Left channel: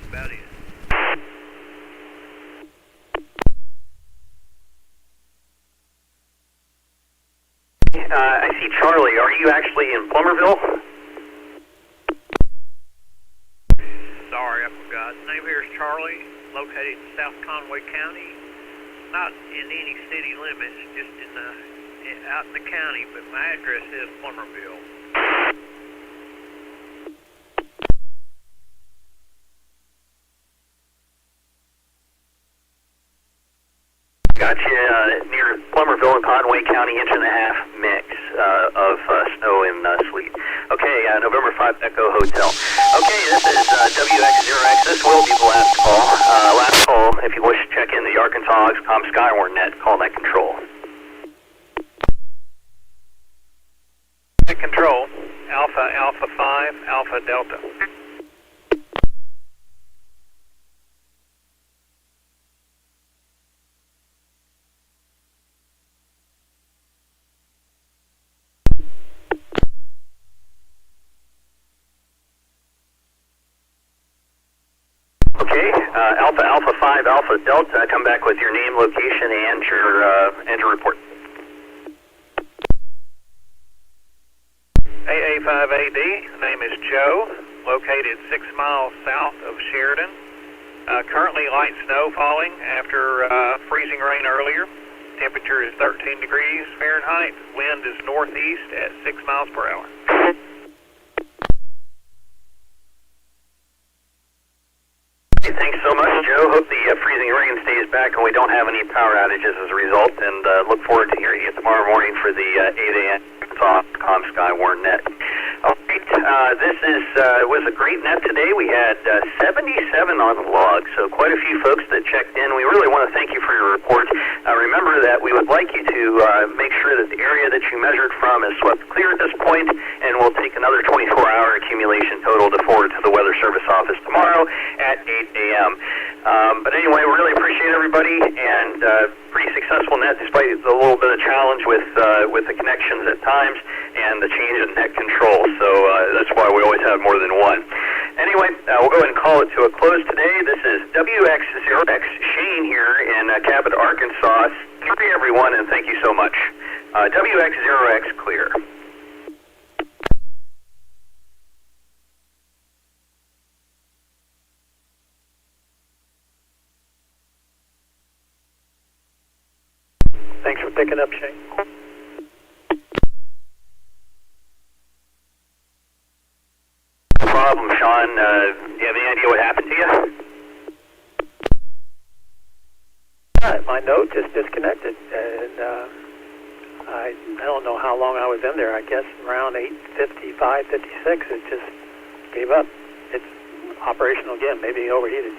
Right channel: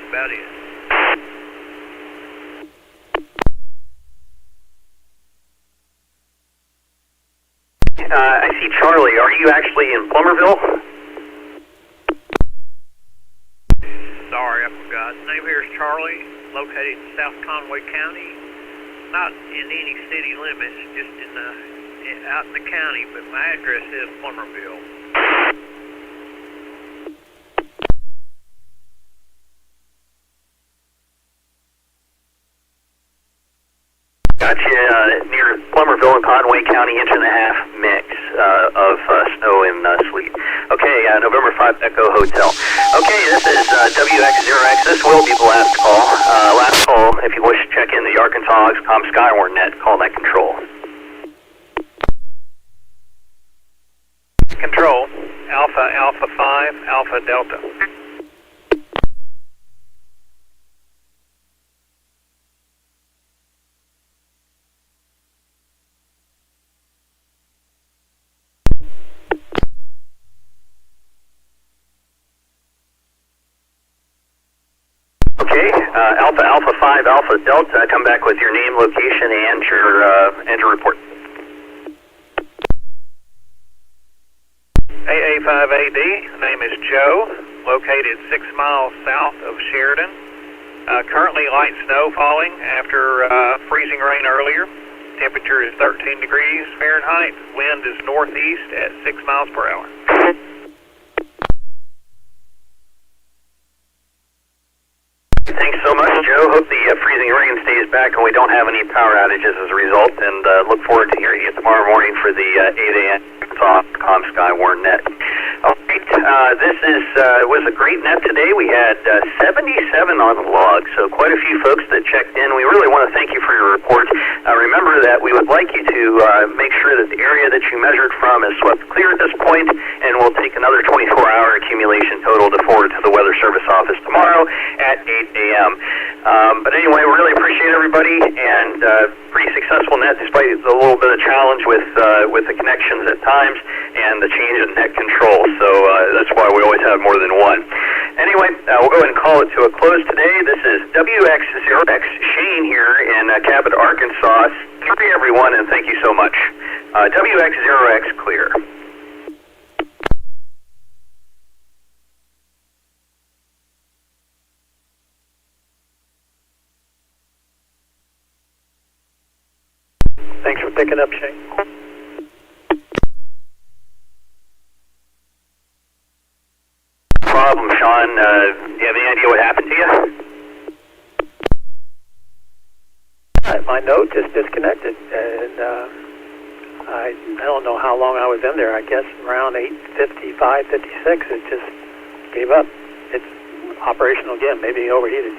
That's about it. I see Charlie. Are you actually in Plummerville? Sorry, I forgot. Name here is Charlie, located in South Conway County. Not in any city limits, just out in the county, but my address is Plummerville. Gotcha. Near Plummerville and Conway County, 1.5 inch mix of snow and sleet. Okay, November 5 Echo Hotel. Okay, this is WX0X. This will be the last call. Last call, if you wish to check in the Arkansas Skywarn net, call net control. Net control, Alpha 5, Alpha Delta. Alpha 5, Alpha Delta, come back with your name, location, and your report. A5AD, name is Joe, located 6 miles south of Sheridan. Currently light snow falling after freezing rain earlier. Temperature is 13 degrees Fahrenheit. Wind is northeast at 6 miles per hour. Thanks so much, Joe. Hope the freezing rain stays back and we don't have any power outages as a result, and look forward to hearing you tomorrow morning for the 8 a.m. Skywarn net. All right, this was a great net today. We had 77 on the log, so quite a few folks that checked in. We really want to thank you for your report. Remember that we would like you to make sure that the area that you measured from is swept clear at this point, and we'll take another 24-hour accumulation total to forward to the Weather Service office tomorrow at 8 a.m. But anyway, we really appreciate everybody, and pretty successful net despite a little bit of challenge with the connections at times and the change in net control. So that's why we always have more than one. Anyway, we'll go ahead and call it to a close today. This is WX0X Shane here in Cabot, Arkansas. Clear everyone, and thank you so much. WX0X clear. Thanks for picking up, Shane. No problem, Sean. Do you have any idea what happened to you? My note just disconnected, and I don't know how long I was in there. I guess around 8:55, 56, it just gave up. It's operational again, maybe overheated.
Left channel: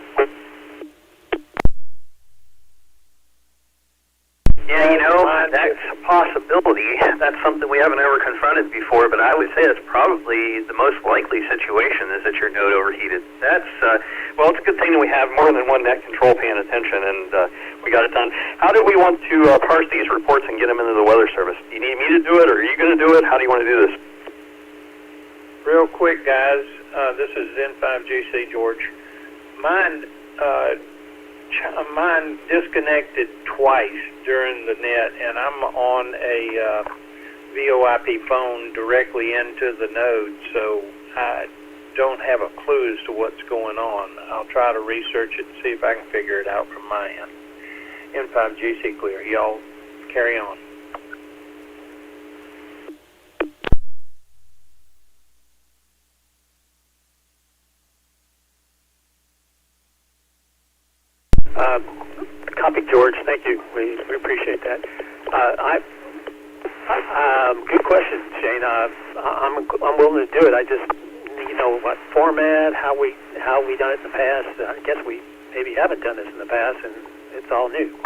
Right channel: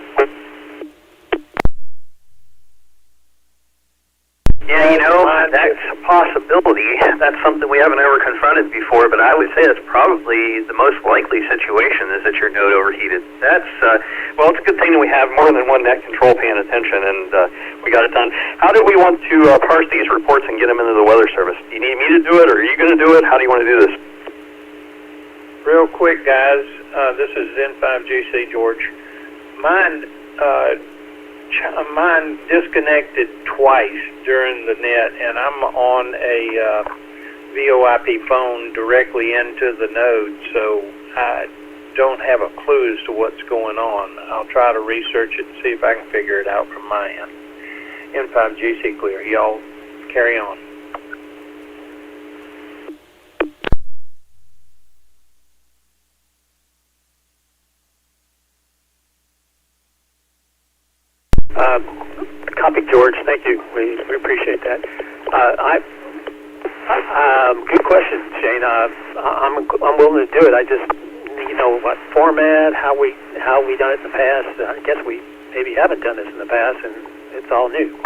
Yeah, you know, that's a possibility. That's something we haven't ever confronted before, but I would say that's probably the most likely situation, is that your node overheated. That's, well, it's a good thing that we have more than one net control paying attention, and we got it done. How do we want to parse these reports and get them into the Weather Service? Do you need me to do it, or are you going to do it? How do you want to do this? Real quick, guys, this is N5CG, George. Mine disconnected twice during the net, and I'm on a VoIP phone directly into the node, so I don't have a clue as to what's going on. I'll try to research it and see if I can figure it out from my end. N5CG clear. Y'all carry on. Copy, George. Thank you. We appreciate that. Good question, Shane. I'm willing to do it. I just, what format, how we done it in the past. I guess we maybe haven't done this in the past, and it's all new.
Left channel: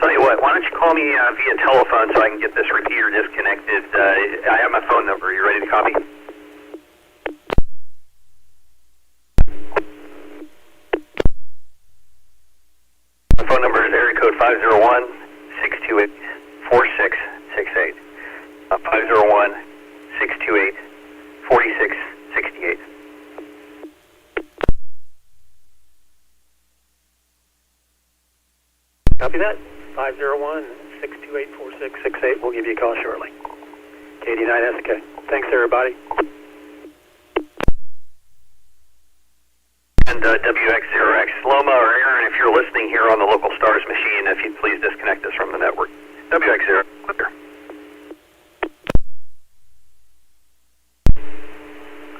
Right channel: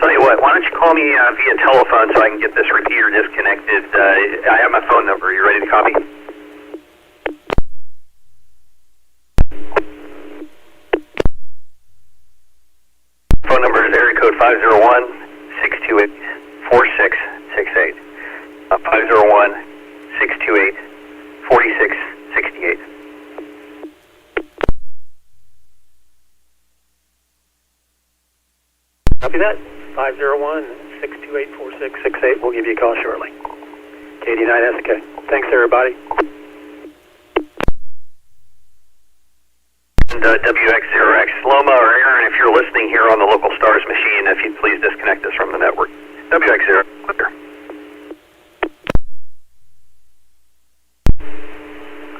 Tell you what, why don't you call me via telephone so I can get this repeater disconnected. I have my phone number. Are you ready to copy? Phone number is area code 501-628-4668. 501-628-4668. 668. Copy that. 501-628-4668. We'll give you a call shortly. KD9SK. Thanks, everybody. And WX0X, Loma or Aaron, if you're listening here on the local STARS machine, if you'd please disconnect us from the network. WX0, clear.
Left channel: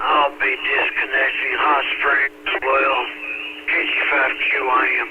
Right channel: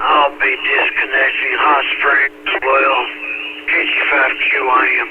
I'll be disconnecting Hot Springs, well, KG5QIM.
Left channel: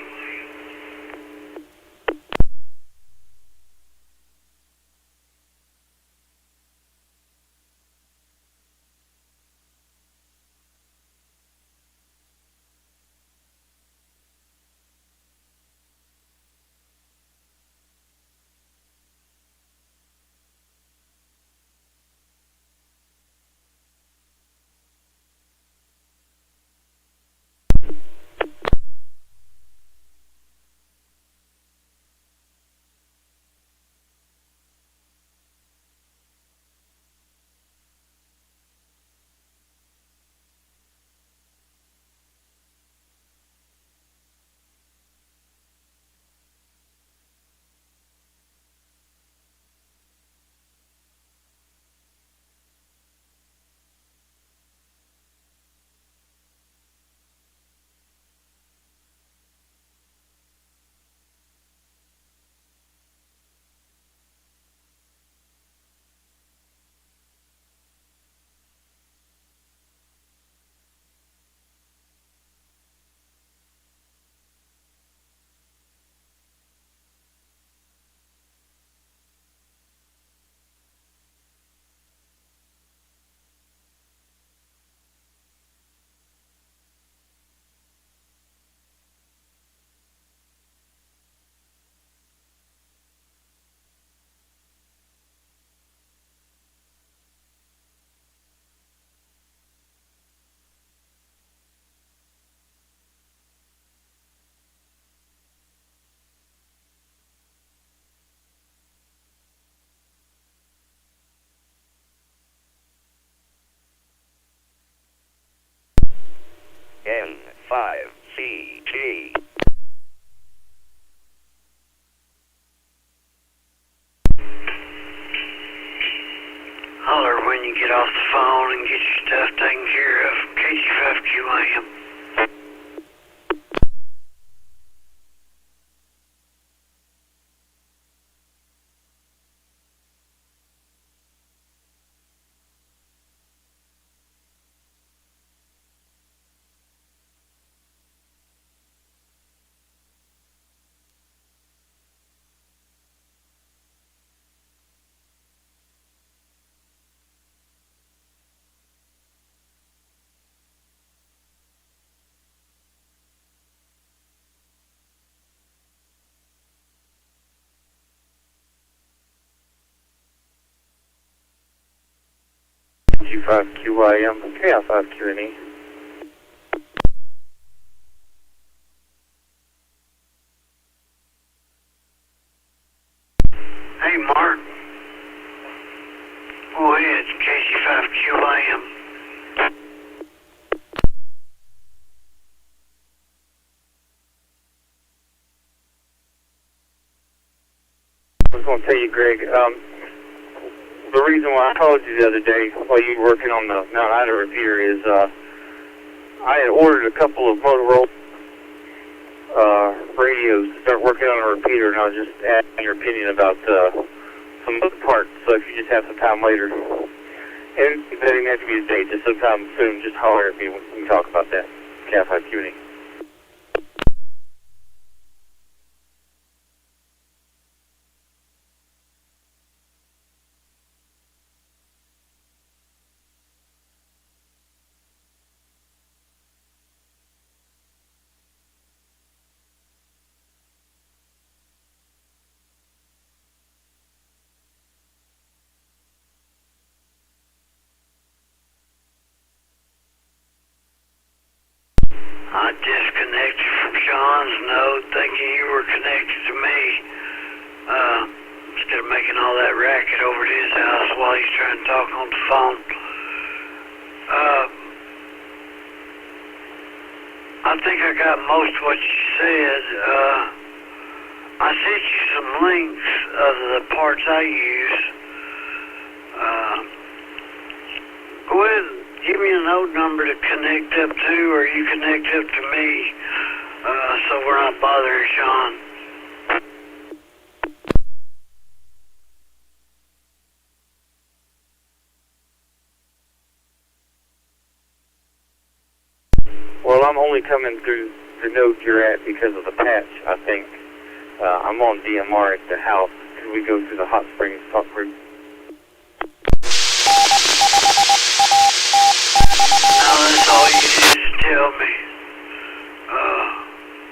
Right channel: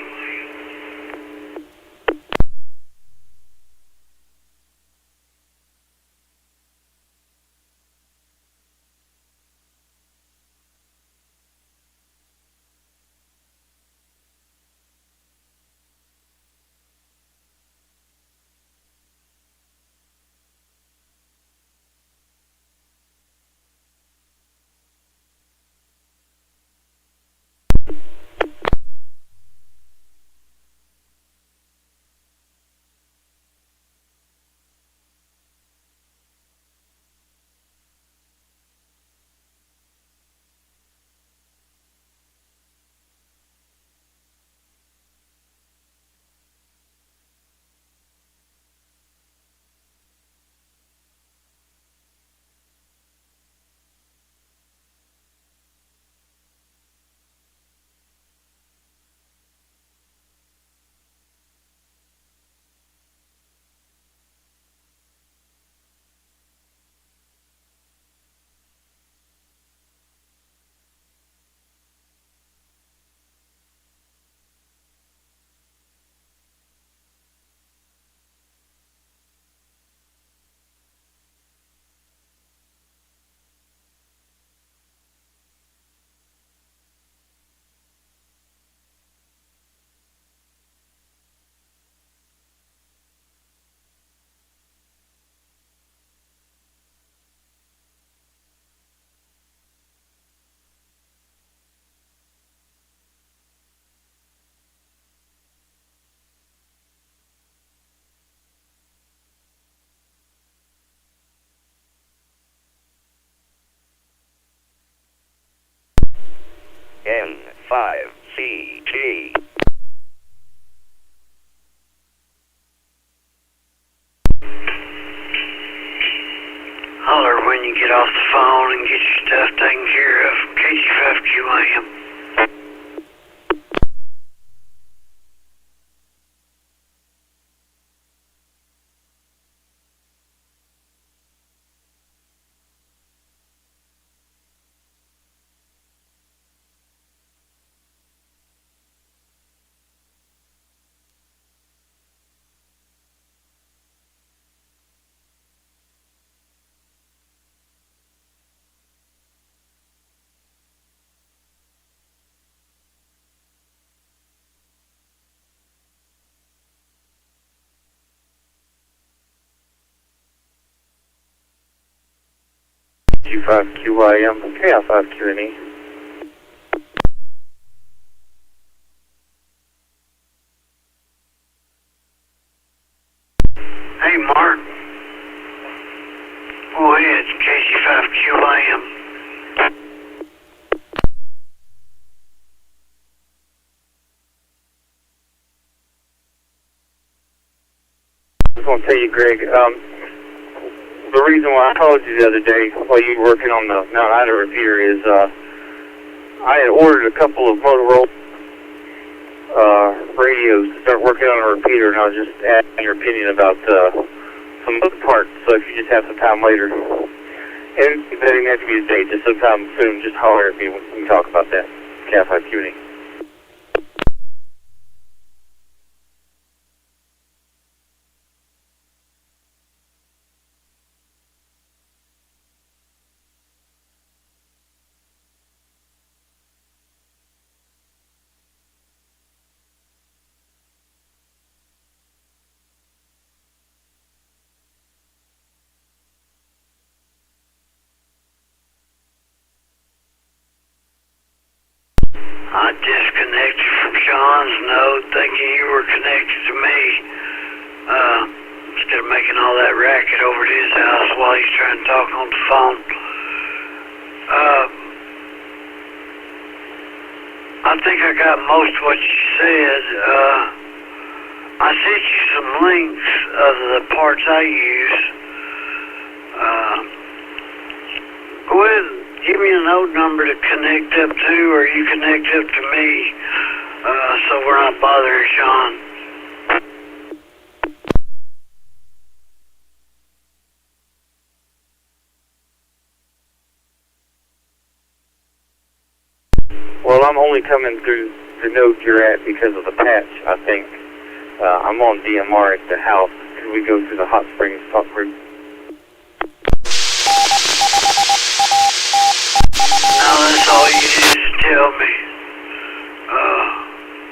N5CG. Holler when you get off the phone and get your stuff taken care of. KG5QIM. G5QIM, KL5QNE. Hey, Mark. Go ahead, KG5QIM. I was going to tell you, Greg, the reason why I called you the other day while you were working on the Mount Ida repeater is I had ordered a couple of Motorola radios to start working on a repeater, and I was just asking your opinion about some of the parts. So if you just have some time later, and it doesn't have to be today, just sometime soon, just holler at me when we can talk about that. KF5QNE. I disconnected from Sean's node thinking you were connected to me. Instead of making all that racket over at his house while he's trying to talk on the phone. think I got most of what you said. I sent you some links of the parts I use. Go ahead and give me a node number to connect up to, or you connect up to me, so we're not bothering Sean. Well, I'm only coming through the node you're at because of the patch, I think. I'm on DMR at the house. Could we go through the Hot Springs talk group? No, that's all you need to tell me.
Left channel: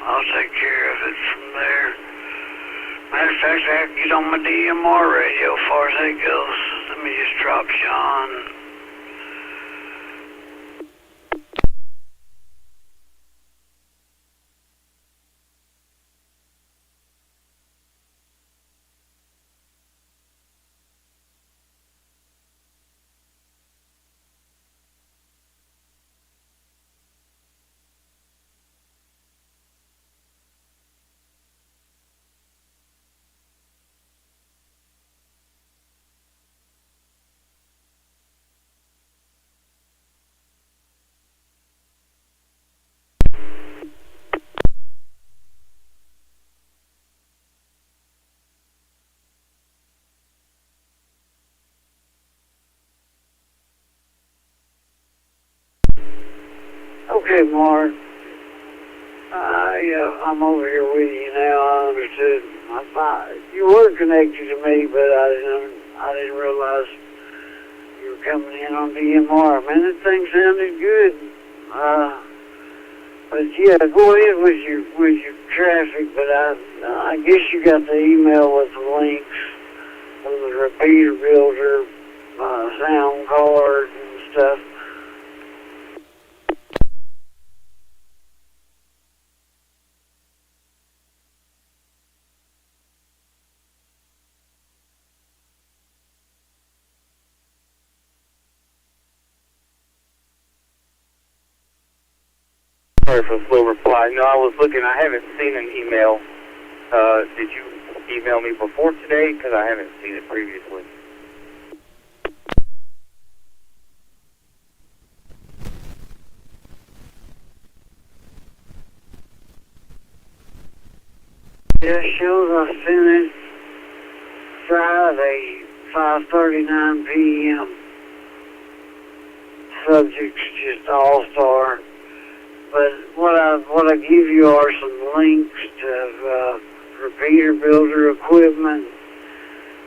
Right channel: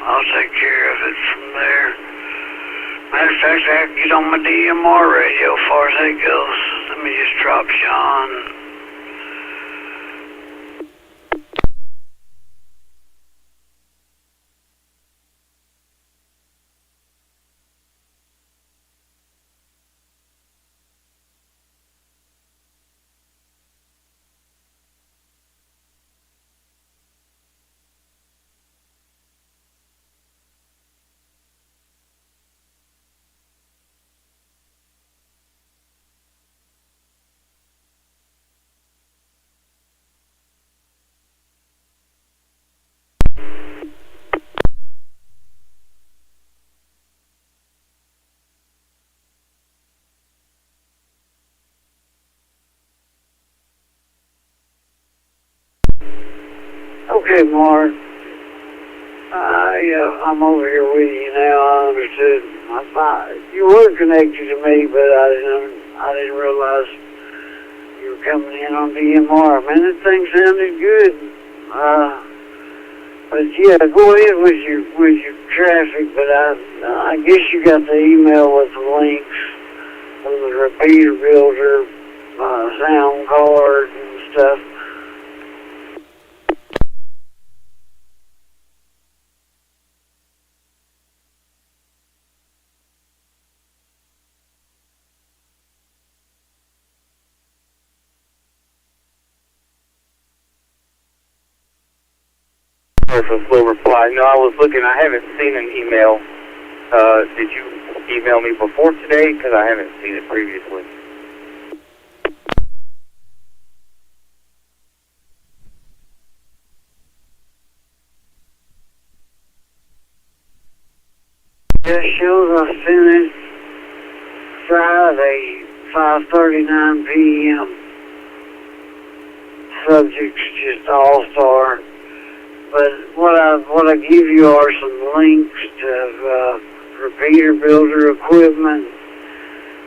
I'll take care of it from there. Matter of fact, I can get on my DMR radio as far as that goes. Let me just drop Sean. Okay, Mark. I'm over here with you now. I understood. I thought you were connected to me, but I didn't realize you were coming in on DMR. Man, that thing sounded good. But yeah, go ahead with your traffic. But I guess you got the email with the links from the repeater builder, sound card and stuff. Sorry for a slow reply. No, I was looking. I haven't seen an email. Did you email me before today? Because I haven't seen it previously. Yeah, it shows I sent it Friday, 5:39 p.m. Subject's just all-star. But what I give you are some links to repeater builder equipment.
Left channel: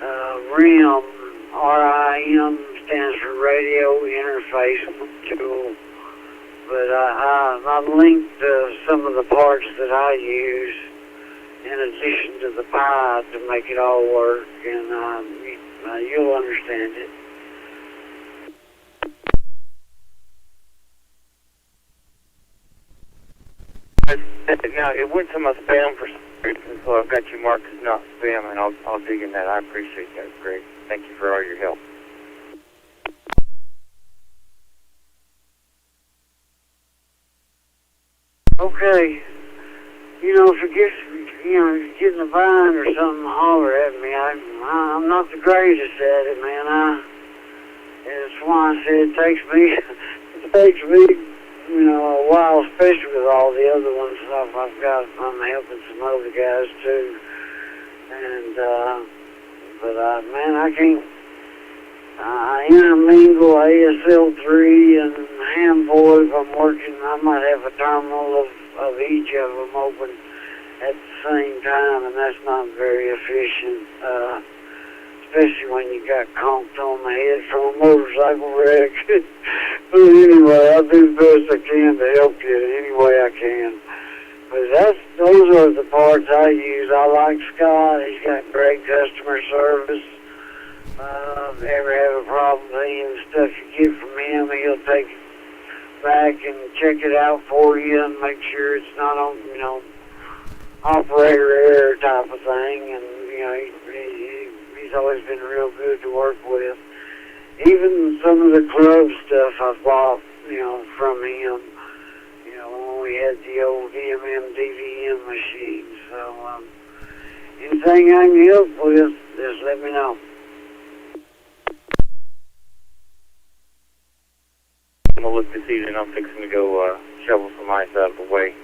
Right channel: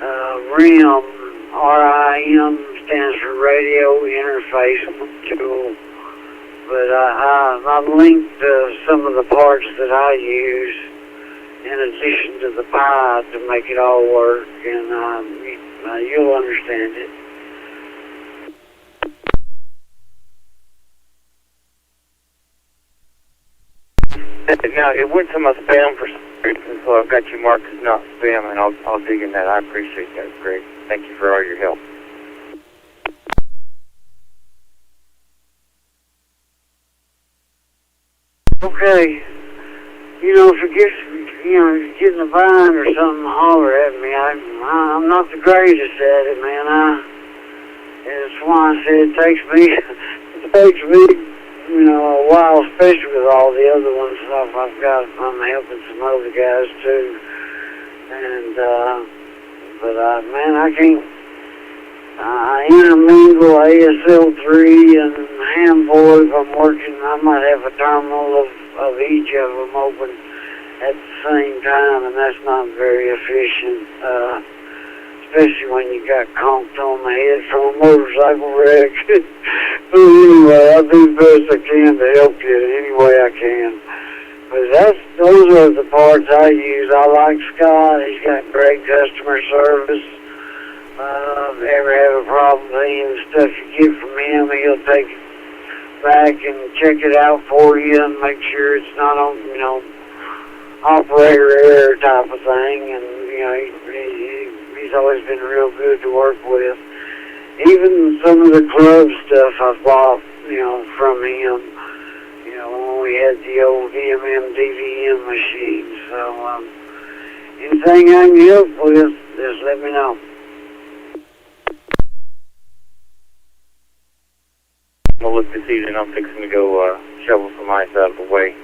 R.I.M. R-I-M stands for radio interface tool. But I linked some of the parts that I use in addition to the Pi to make it all work, and you'll understand it. Now, it went to my spam for some reason, so I've got you marked as not spam, and I'll dig in that. I appreciate that. Great. Thank you for all your help. Okay. If you get in a bind or something, holler at me. I'm not the greatest at it, man. That's why I said it takes me a while, especially with all the other ones stuff I've got. I'm helping some other guys too. And, man, I can't, I intermingle ASL3 and handboard. If I'm working, I might have a terminal of each of them open at the same time, and that's not very efficient, especially when you got conked on the head from a motorcycle wreck. But anyway, I'll do the best I can to help you any way I can. But those are the parts I use. I like Scott. He's got great customer service. If you ever have a problem with any of the stuff you get from him, he'll take it back and check it out for you and make sure it's not on, operator error type of thing. And, he's always been real good to work with. Even some of the club stuff I've bought, from him, when we had the old DMM DVM machine. So anything I can help with, just let me know. I'm going to look this evening. I'm fixing to go shovel some ice out of the way.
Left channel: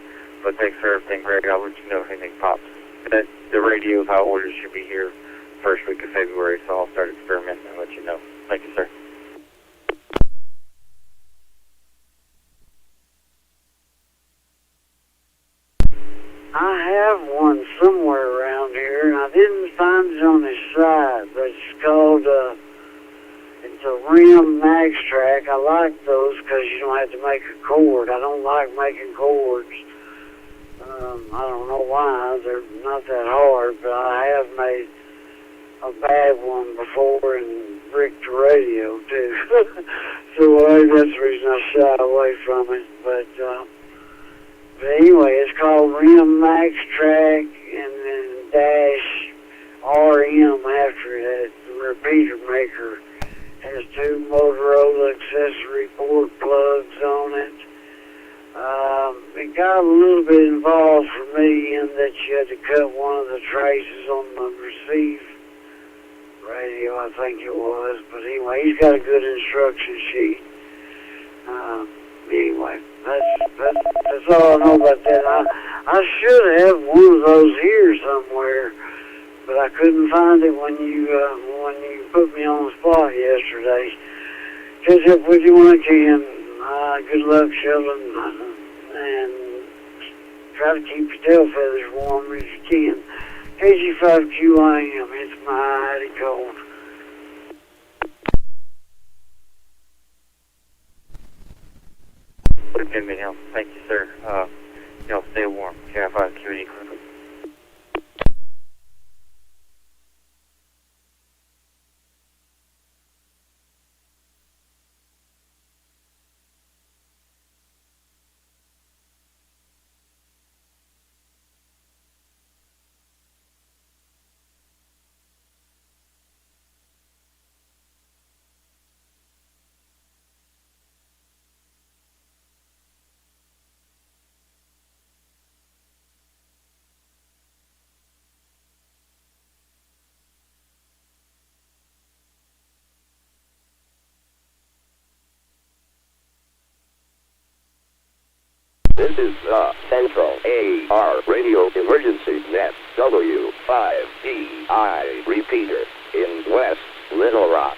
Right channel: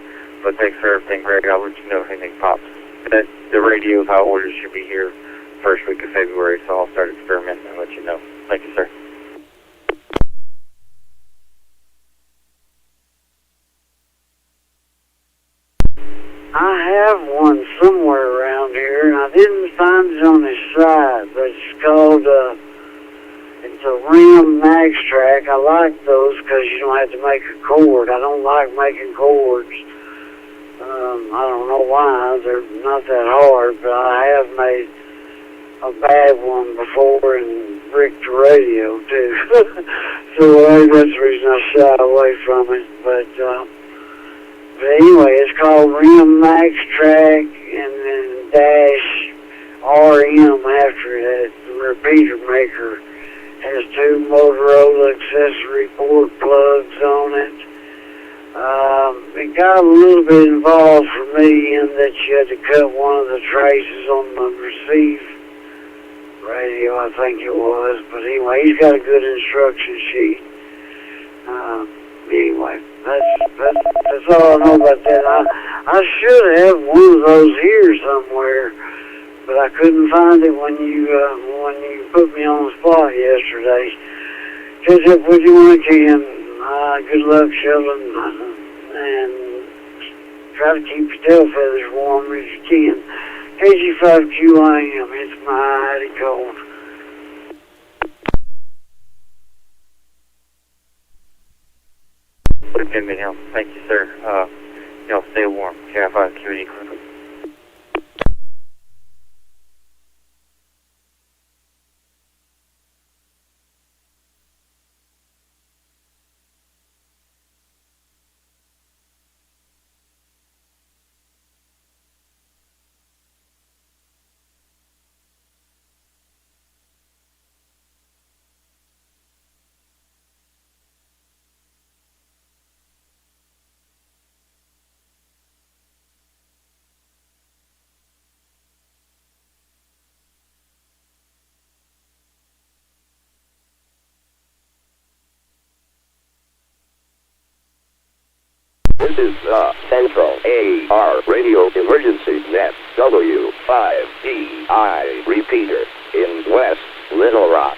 But thanks for everything, Greg. I'll let you know if anything pops. The radio high orders should be here first week of February, so I'll start experimenting and let you know. Thank you, sir. I have one somewhere around here, and I didn't find it on his side, but it's called, it's a C.A.R.E.N Max Track. I like those because you don't have to make a cord. I don't like making cords. I don't know why. They're not that hard, but I have made a bad one before and bricked the radio, too. So that's the reason I shy away from it. But anyway, it's called C.A.R.E.N Max Track and then dash RM after it. The repeater maker has 2 Motorola accessory port plugs on it. It got a little bit involved for me in that you had to cut one of the traces on the receive radio, I think it was. But anyway, he's got a good instruction sheet. Anyway, that's all I know about that. I should have one of those here somewhere, but I couldn't find it when you put me on the spot yesterday. Catch up with you when I can. Good luck shoveling, and try to keep your tail feathers warm as you can. KG5DPK, it's mighty cold. Thank you, sir. Y'all stay warm. K5QD. This is the Central AR Radio Emergency Net W5DI repeater in West Little Rock.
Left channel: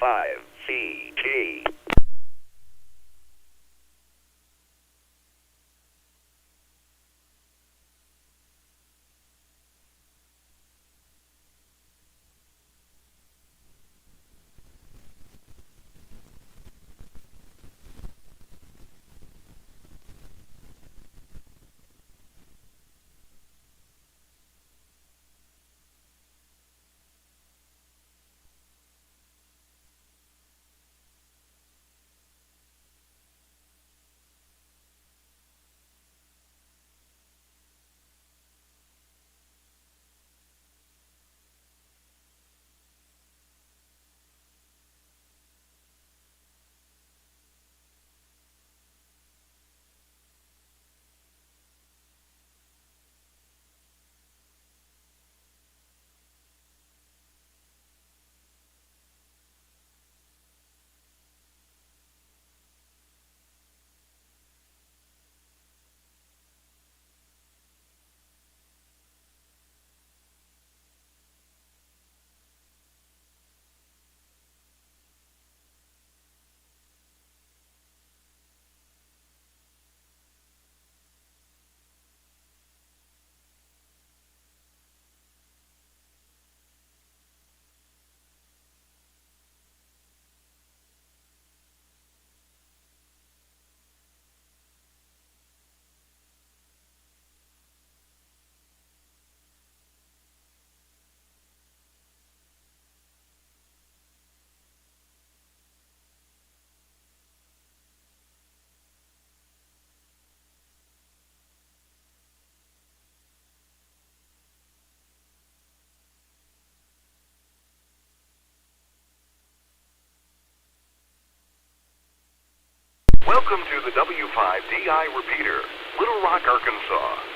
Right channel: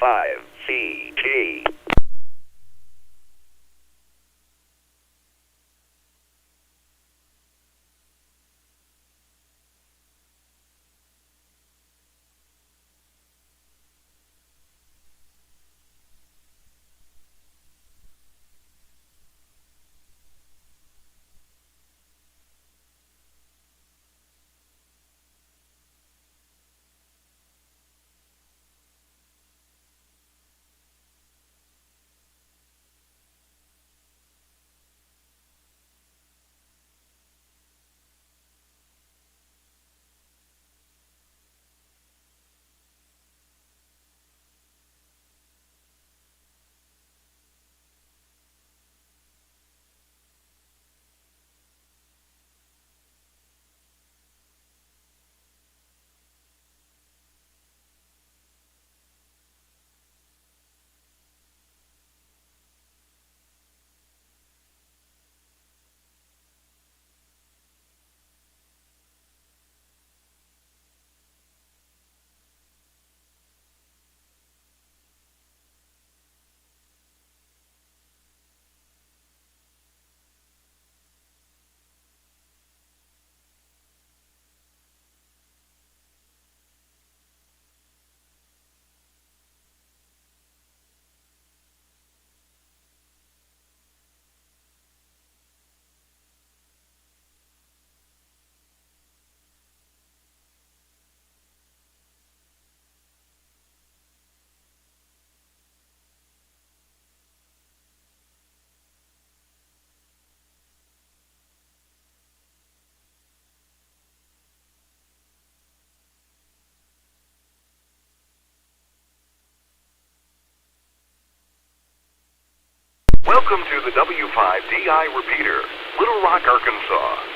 N5CG. Welcome to the W5DI repeater, Little Rock, Arkansas.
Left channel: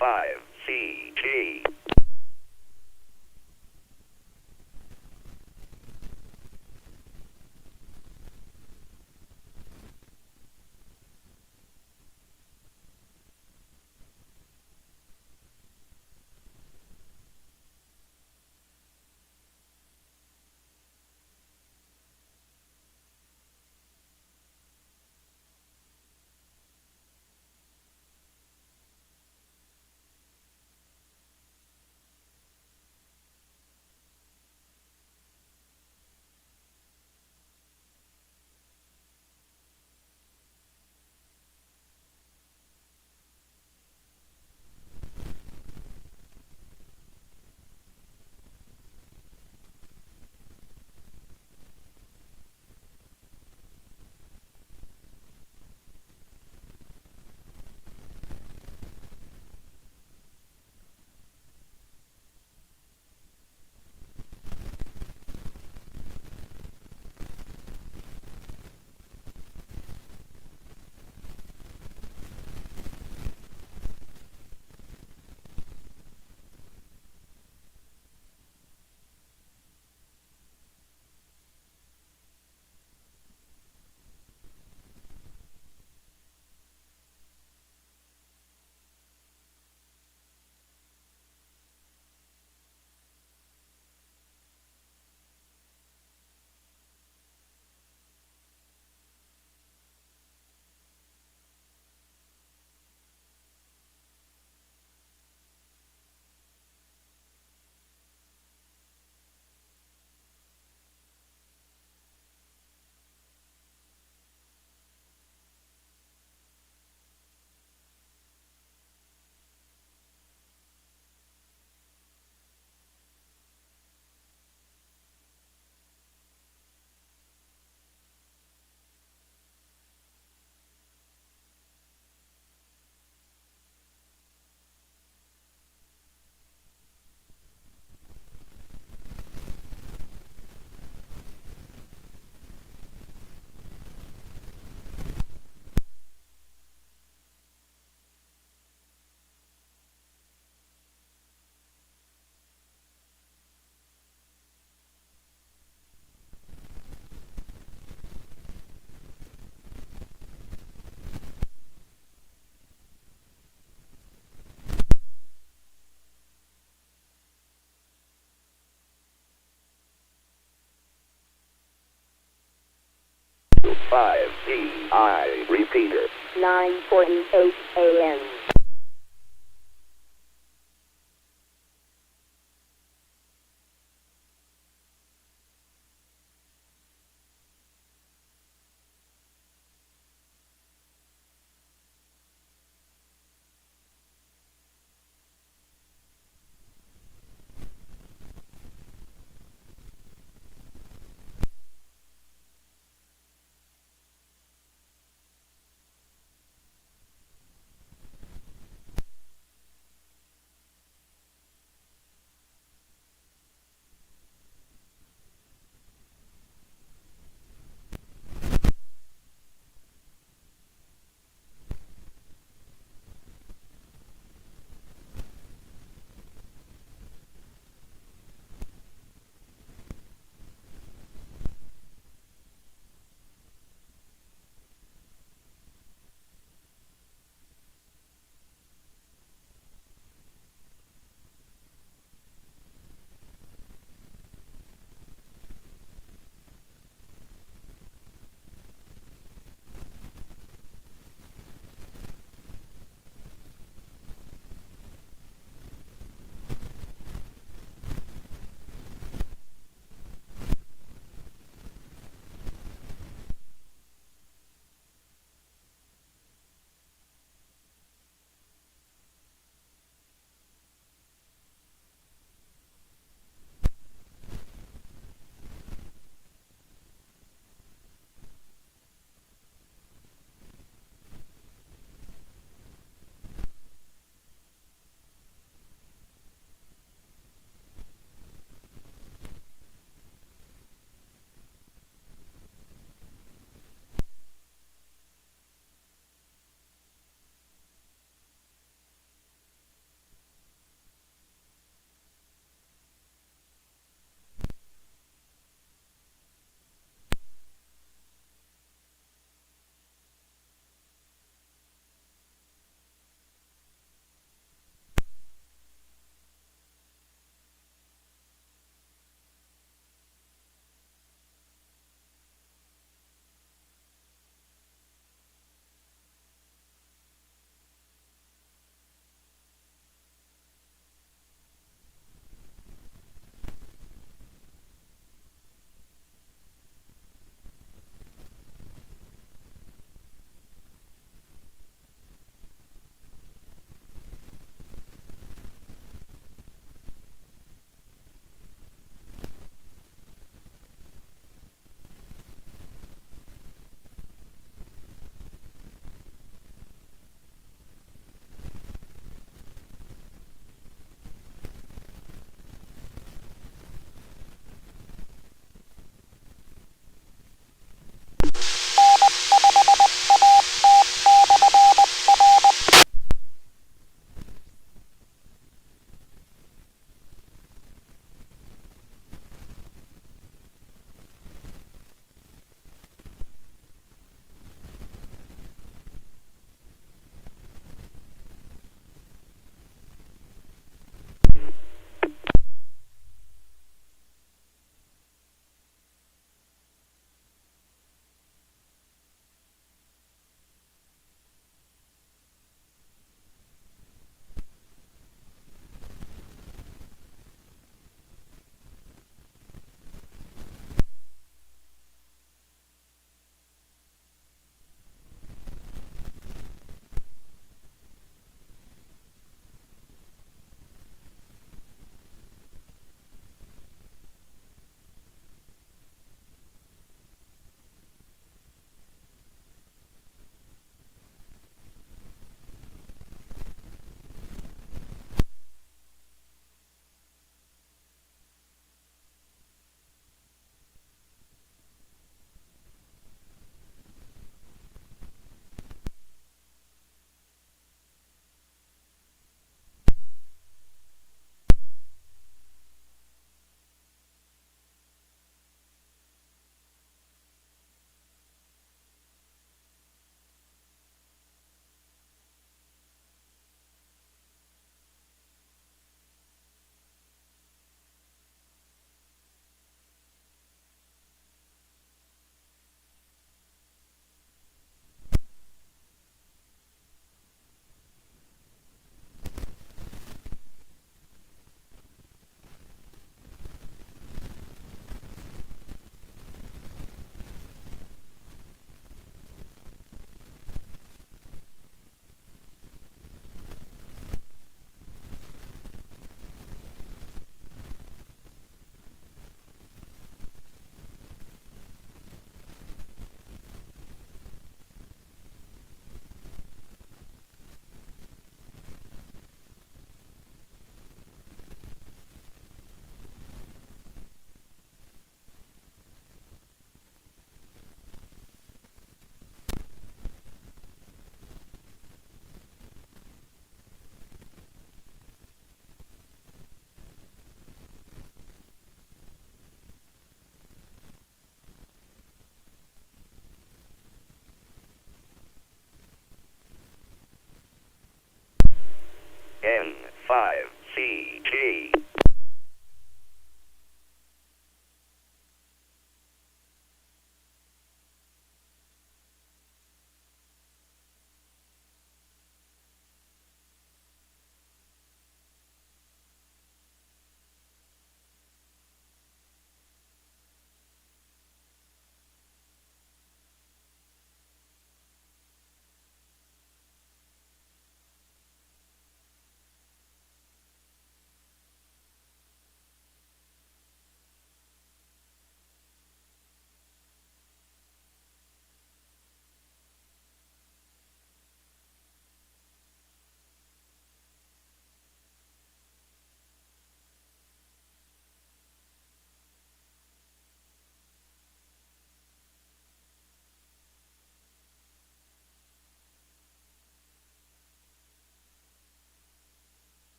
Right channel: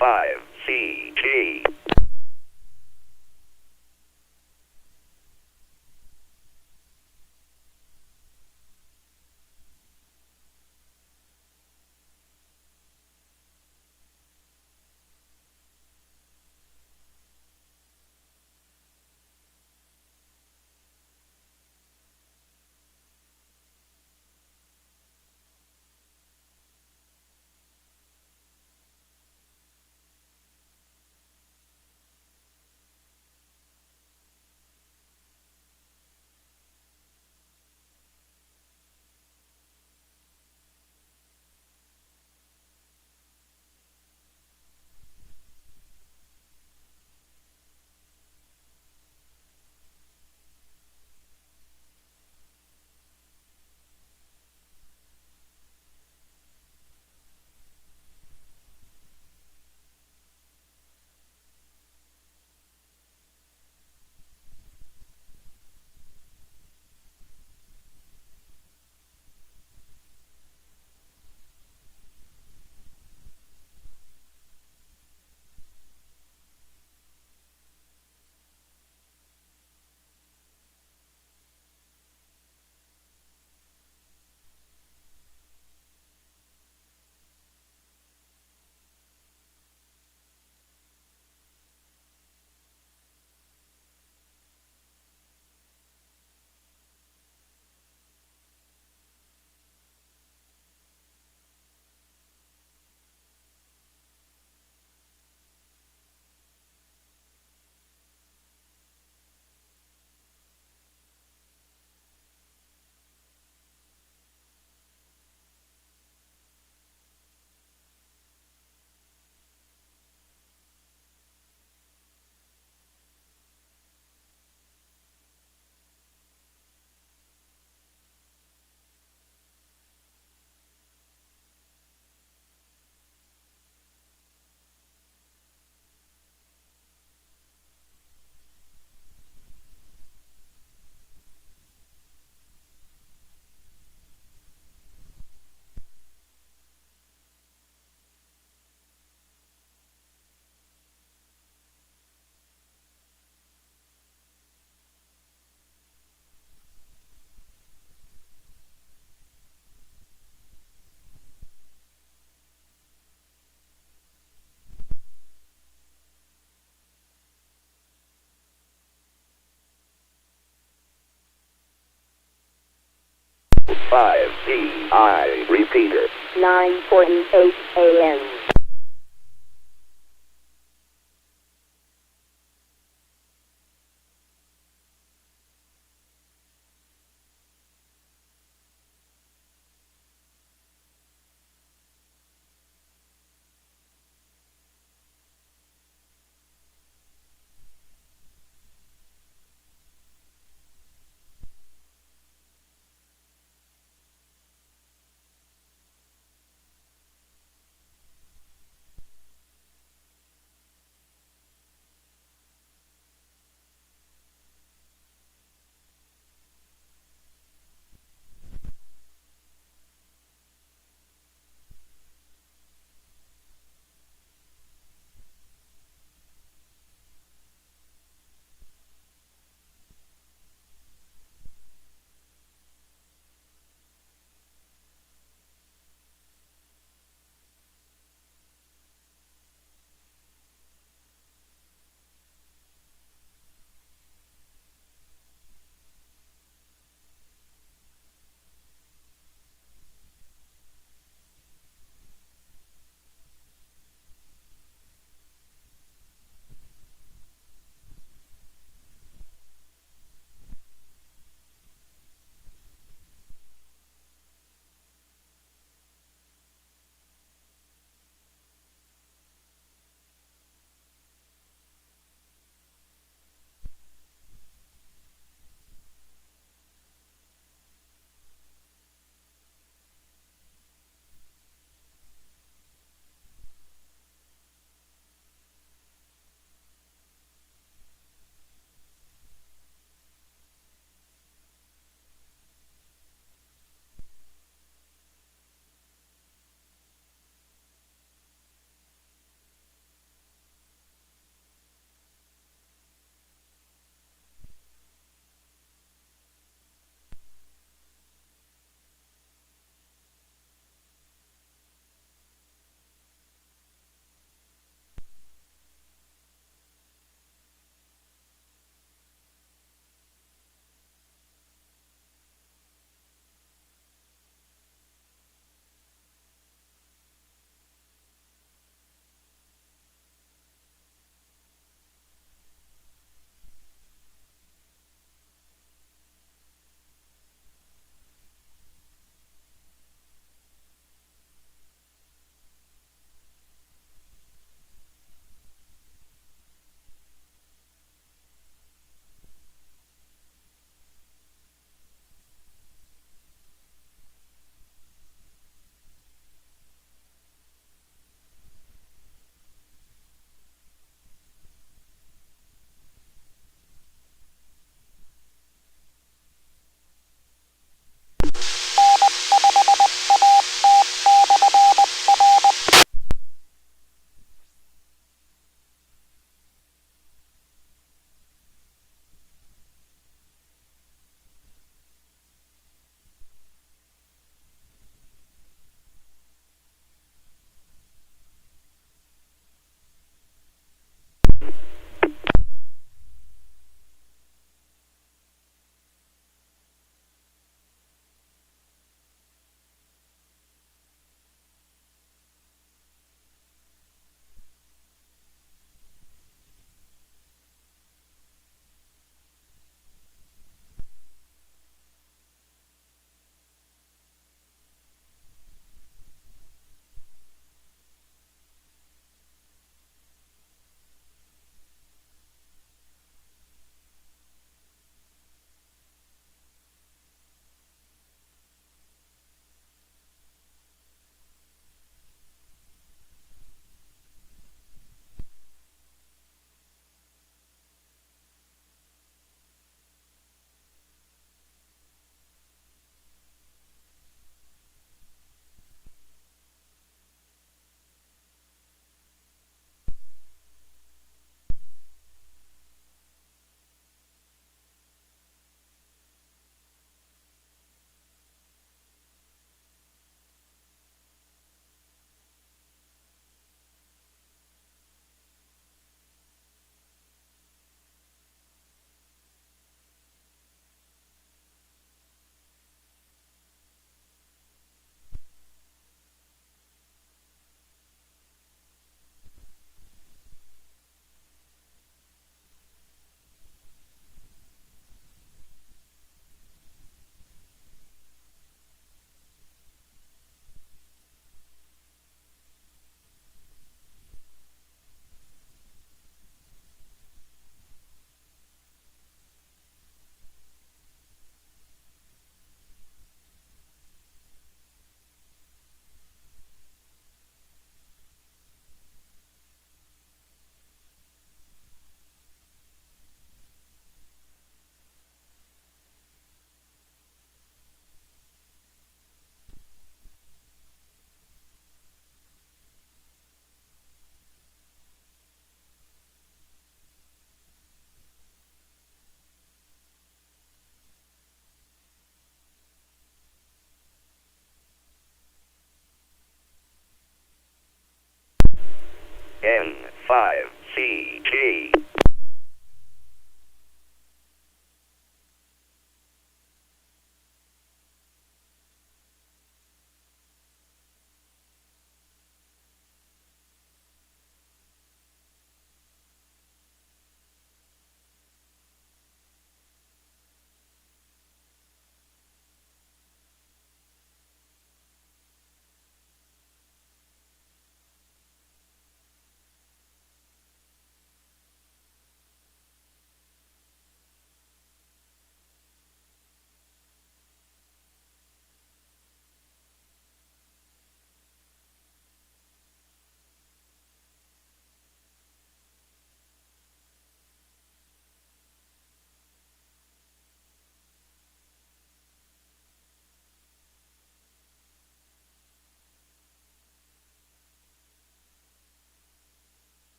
N5CG. A5DI repeater. 9:48 a.m.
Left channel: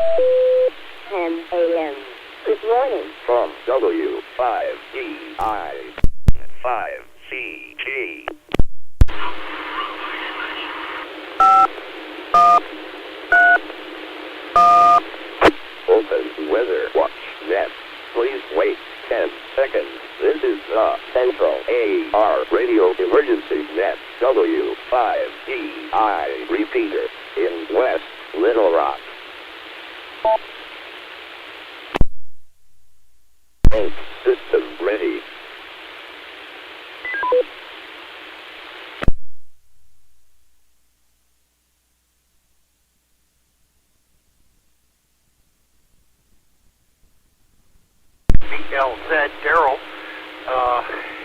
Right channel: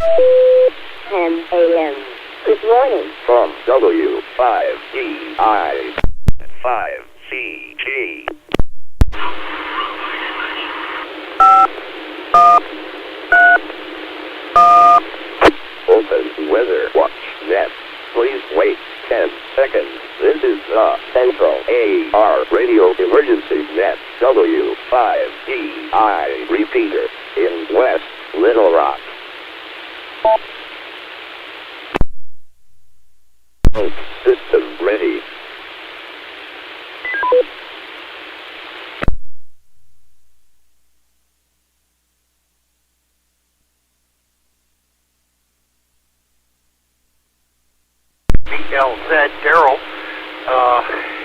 10 a.m. Good morning. From W5DI, 5CG. Open Weather Watch Net. Please wait 10 seconds. This is the Central A.R. Radio Emergency Net W5DI repeater in West Little Rock. Both systems ready. BLZ Daryl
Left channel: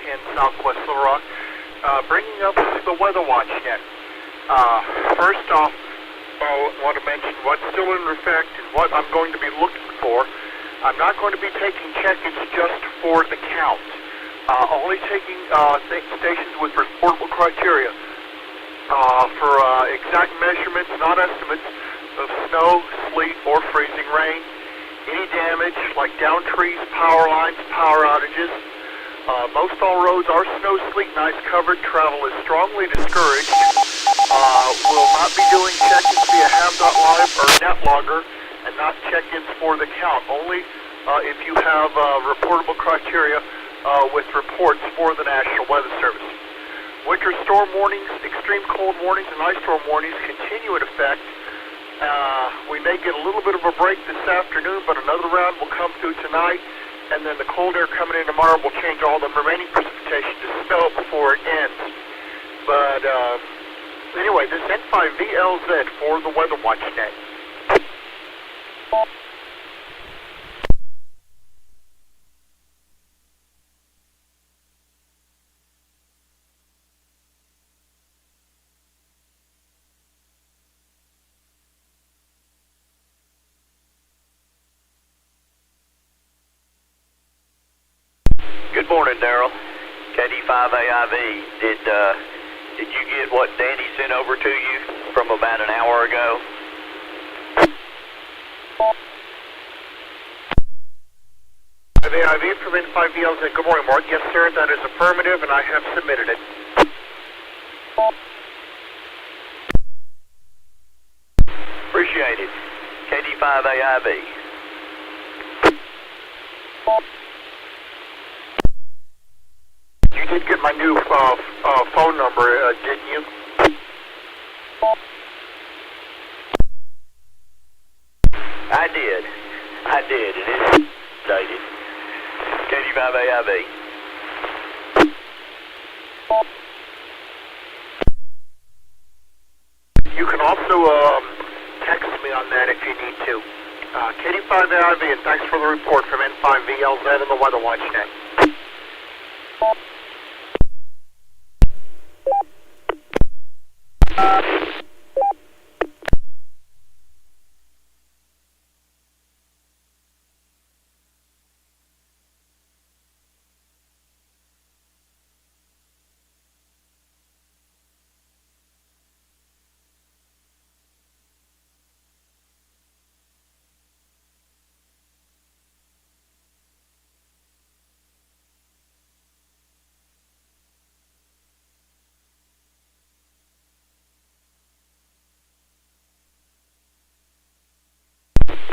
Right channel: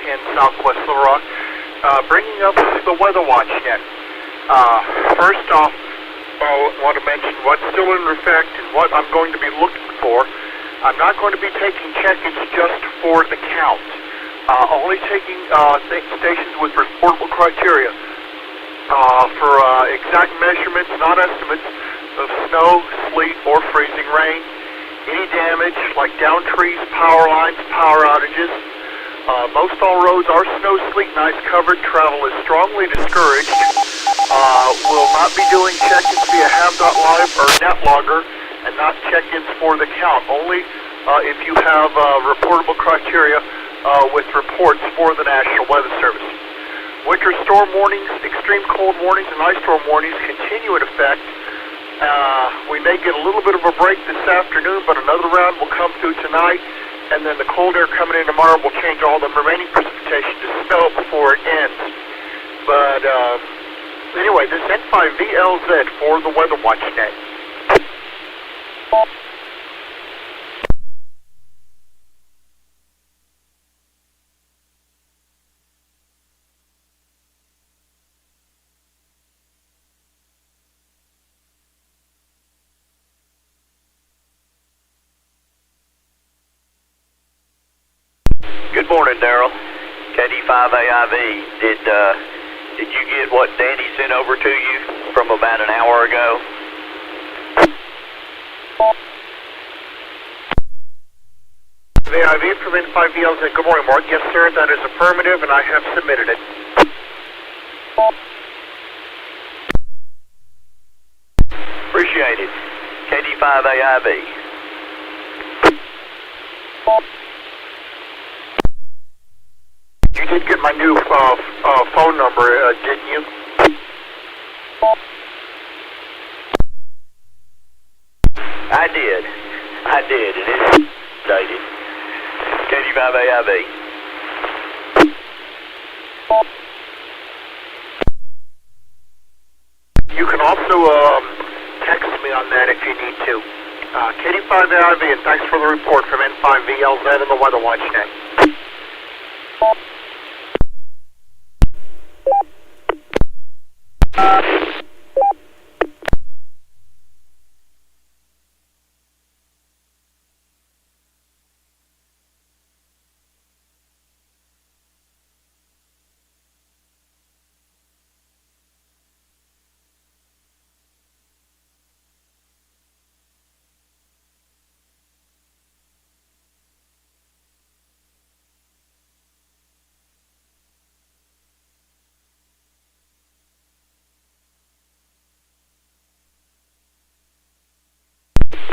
in Southwest Little Rock, bringing up the Weather Watch Net. First off, I want to mention what's still in effect and what I'm going to be looking for. I'm not going to be taking check-ins just for the count. Only taking stations with reportable criteria for exact measurements, not estimates, of snow, sleet, or freezing rain. Any damage, like down trees, power lines, power outages. Most all roads are snow, sleet, and ice covered. Travel is strongly discouraged. Will not be doing check-ins via have.live or NetLogger, and not check-ins for the count. Only if you have reportable criteria with reports for the National Weather Service. Winter storm warnings, extreme cold warnings, and ice storm warnings continue in effect. We may get a little bit of a break this afternoon, but another round will come through tonight, and then the cold air coming in tomorrow will change all the remaining precipitation to snow before it ends. But anyway, this N5VLZ for the Weather Watch Net. Good morning, Daryl. KD5AIV. Did you get what Danny sent over to you from about an hour ago? AIV from N5VLZ. Good morning, Mark. Yes, sir, that is affirmative, and I have submitted it. Appreciate it. KD5AIV. You did get my new phone number, didn't you? I did. It is dated. KD5AIV. You can also text me on that if you need to. KD5AIV, and thanks for the report from N5VLZ and the Weather Watch Net.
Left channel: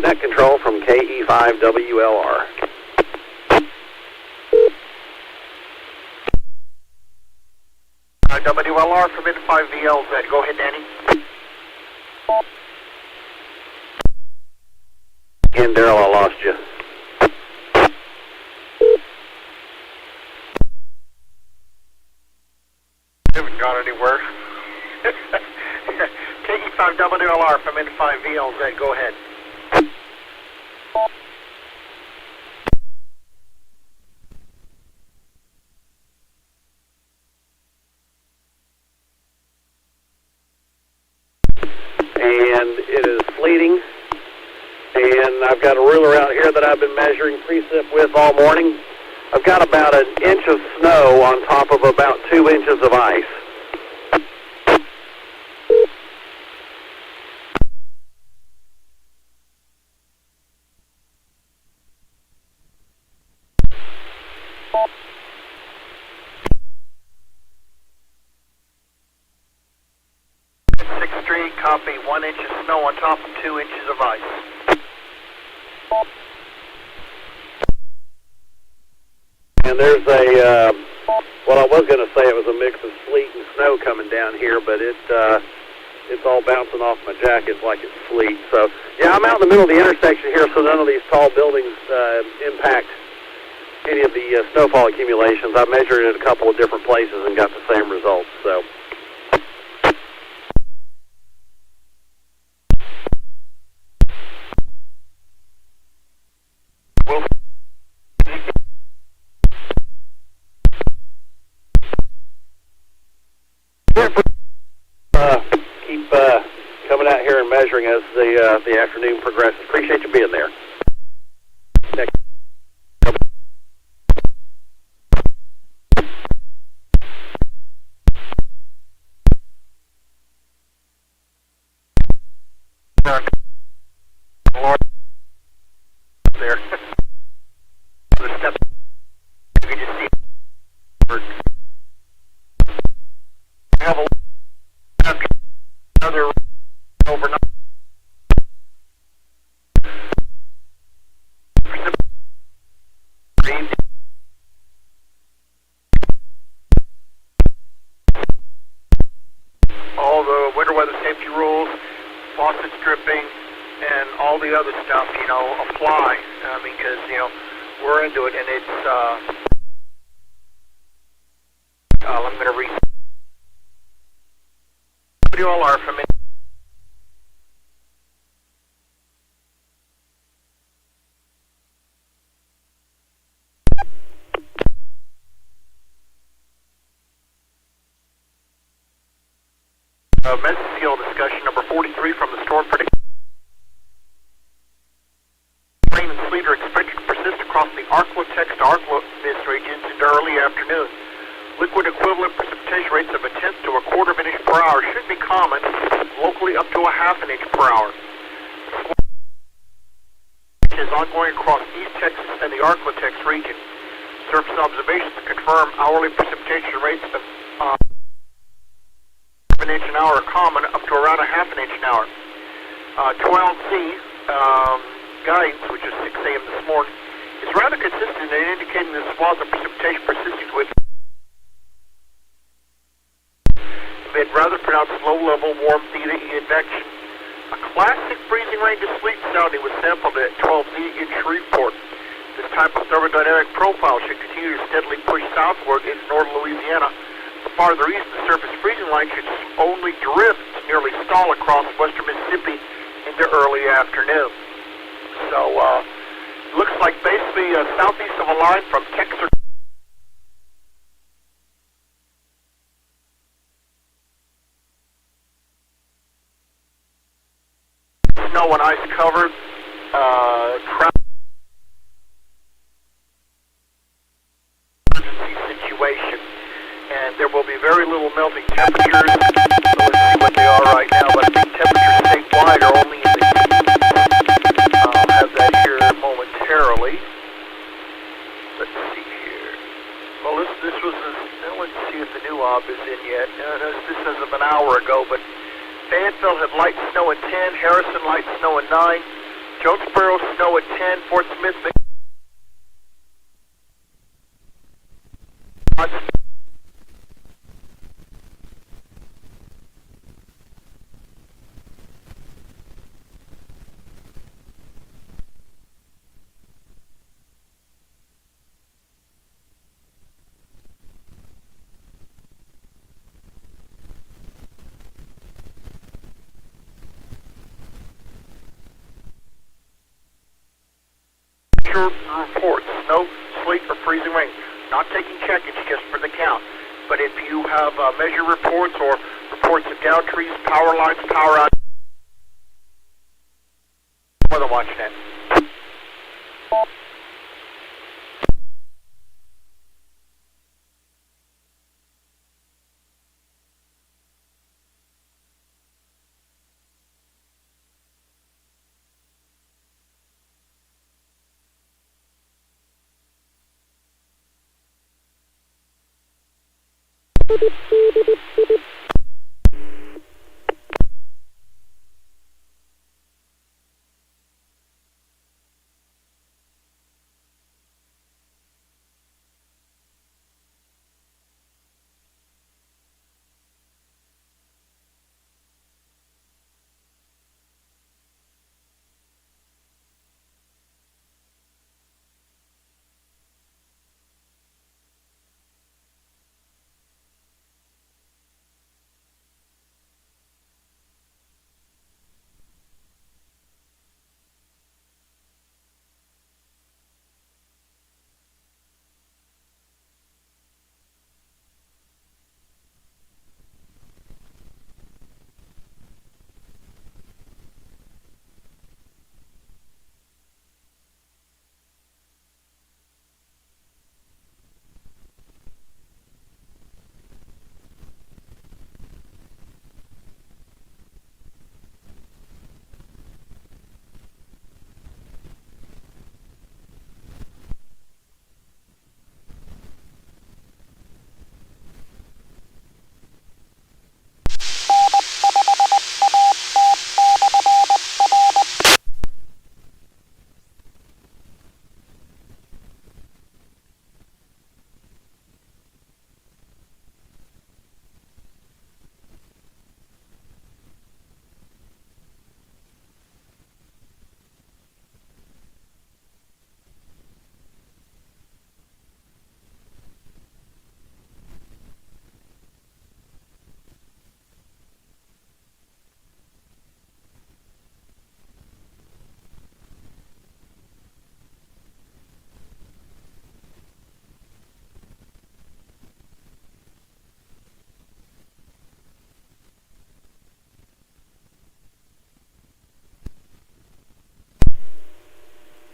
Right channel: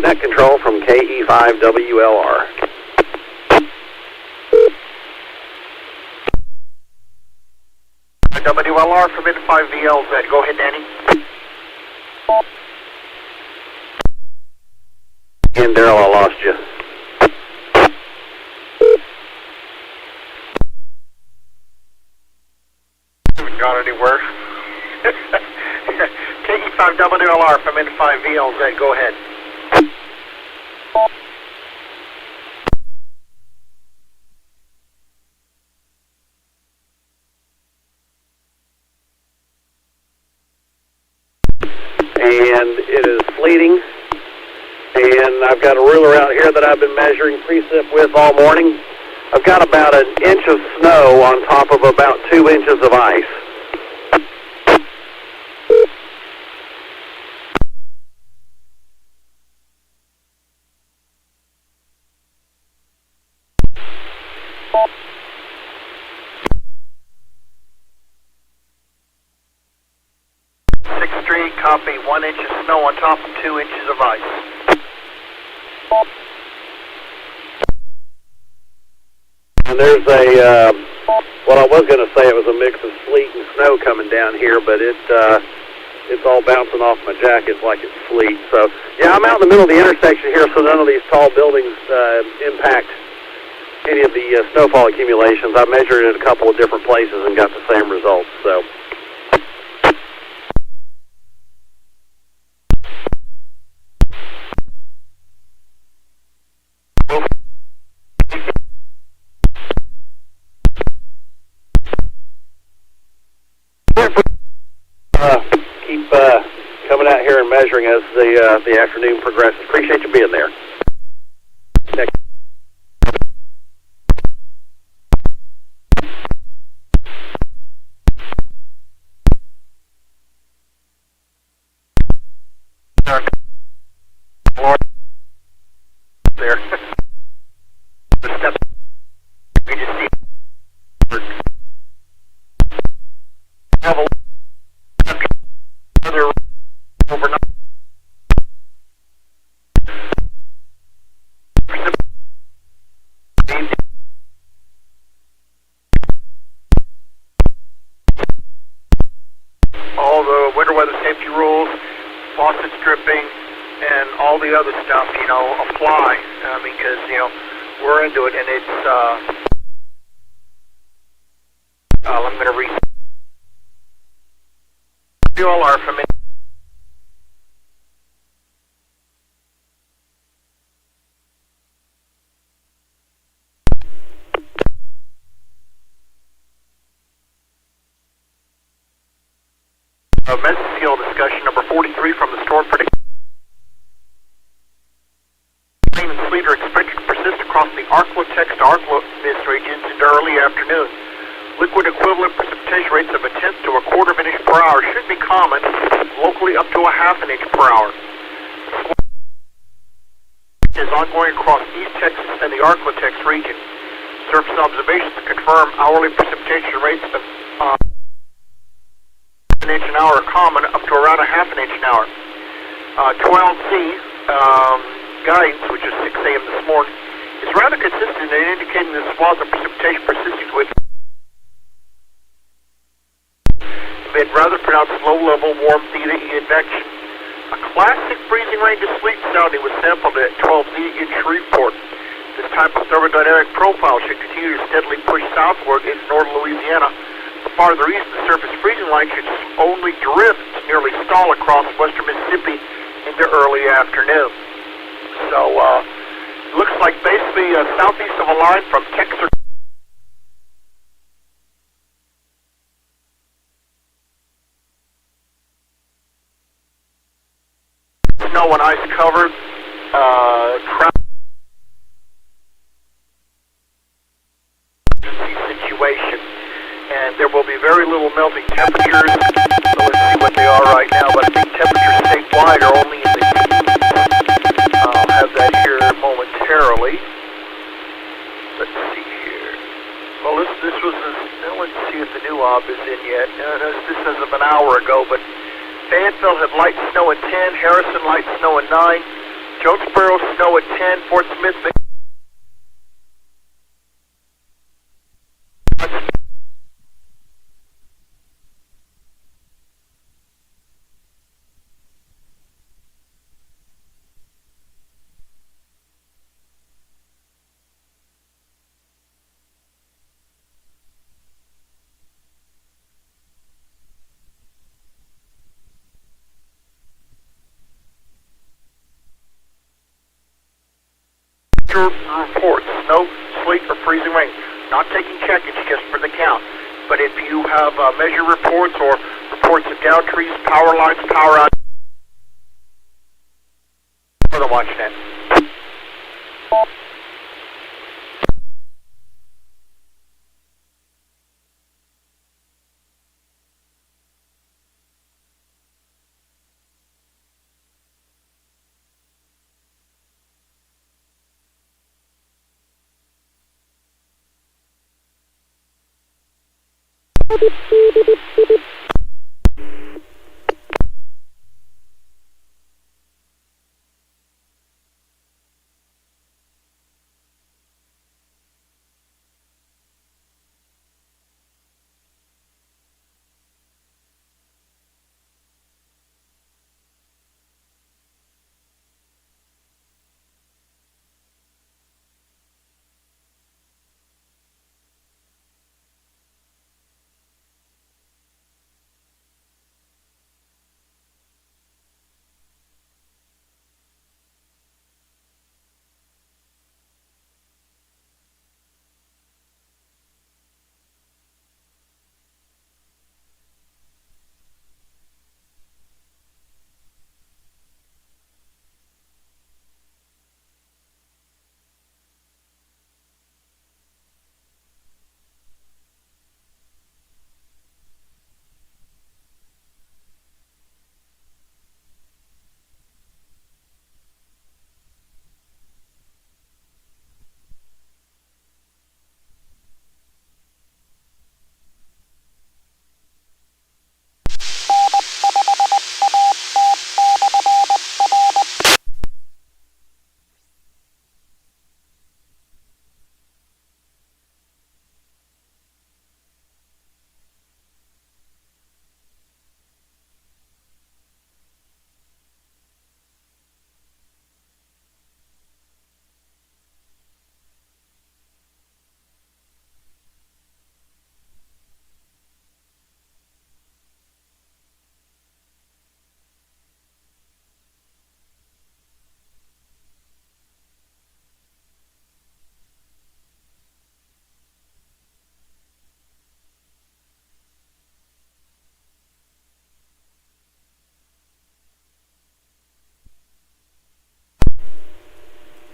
Net control from KE5WLR. WLR from N5VLZ. Go ahead, Danny. And Daryl, I lost you. Haven't gone anywhere. KE5WLR from N5VLZ. Go ahead. And it is sleeting, and I've got a ruler out here that I've been measuring precip with all morning. I've got about an inch of snow on top of about 2 inches of ice. Sixth Street, copy. 1 inch of snow on top of 2 inches of ice. And there's a, well, I was going to say it was a mix of sleet and snow coming down here, but it's all bouncing off my jacket like it's sleet. So, yeah, I'm out in the middle of the intersection here, so none of these tall buildings impact any of the snowfall accumulations. I measured it at a couple of different places and got the same results. So. Keep coming out here and measuring as the afternoon progresses. Appreciate you being there. Next. There. The step. You can just see. Have a another overnight. All the winter weather safety rules, faucet stripping, and all the other stuff, you know, apply because, you know, we're into it, and it's, I'm going to read. You all are from it. Mesofield discussion number 43 from the storm prediction. Rain and sleet are expected to persist across the Arklatex to Arklamis regions into early afternoon. Liquid equivalent precipitation rates of 1/10 to 1/4 inch per hour should be common, locally up to 1/2 inch per hour. Is ongoing across East Texas and the Arklatex region. Surface observations confirm hourly precipitation rates of 1 inch an hour are common, up to around 1/2 inch an hour. 12Z guidance, which is 6 a.m. this morning, is rather consistent in indicating the swath of precipitation persisting with rather pronounced low-level warm theta advection. A classic freezing rain to sleet sounding was sampled at 12Z in Shreveport. This type of thermodynamic profile should continue to steadily push southward into northern Louisiana. The farther east, the surface freezing line should only drift, nearly stall across western Mississippi into early afternoon. So, looks like basically southeast of a line from Texas. Snow and ice covered, emergency situation, and there will be very little melting temperatures. So let's see what they are right now, but I think temperatures statewide are only in the teens. I'll have that here momentarily. Let's see here. Well, this was, let's see if the new ob is in yet. This is of an hour ago, but Fayetteville had light snow at 10, Harrison light snow at 9, Jonesboro snow at 10, Fort Smith. Reports, snow, sleet, or freezing rain. Not taking check-ins just for the count. But if you have measure reports or reports of down trees, power lines, power out, weather watch net.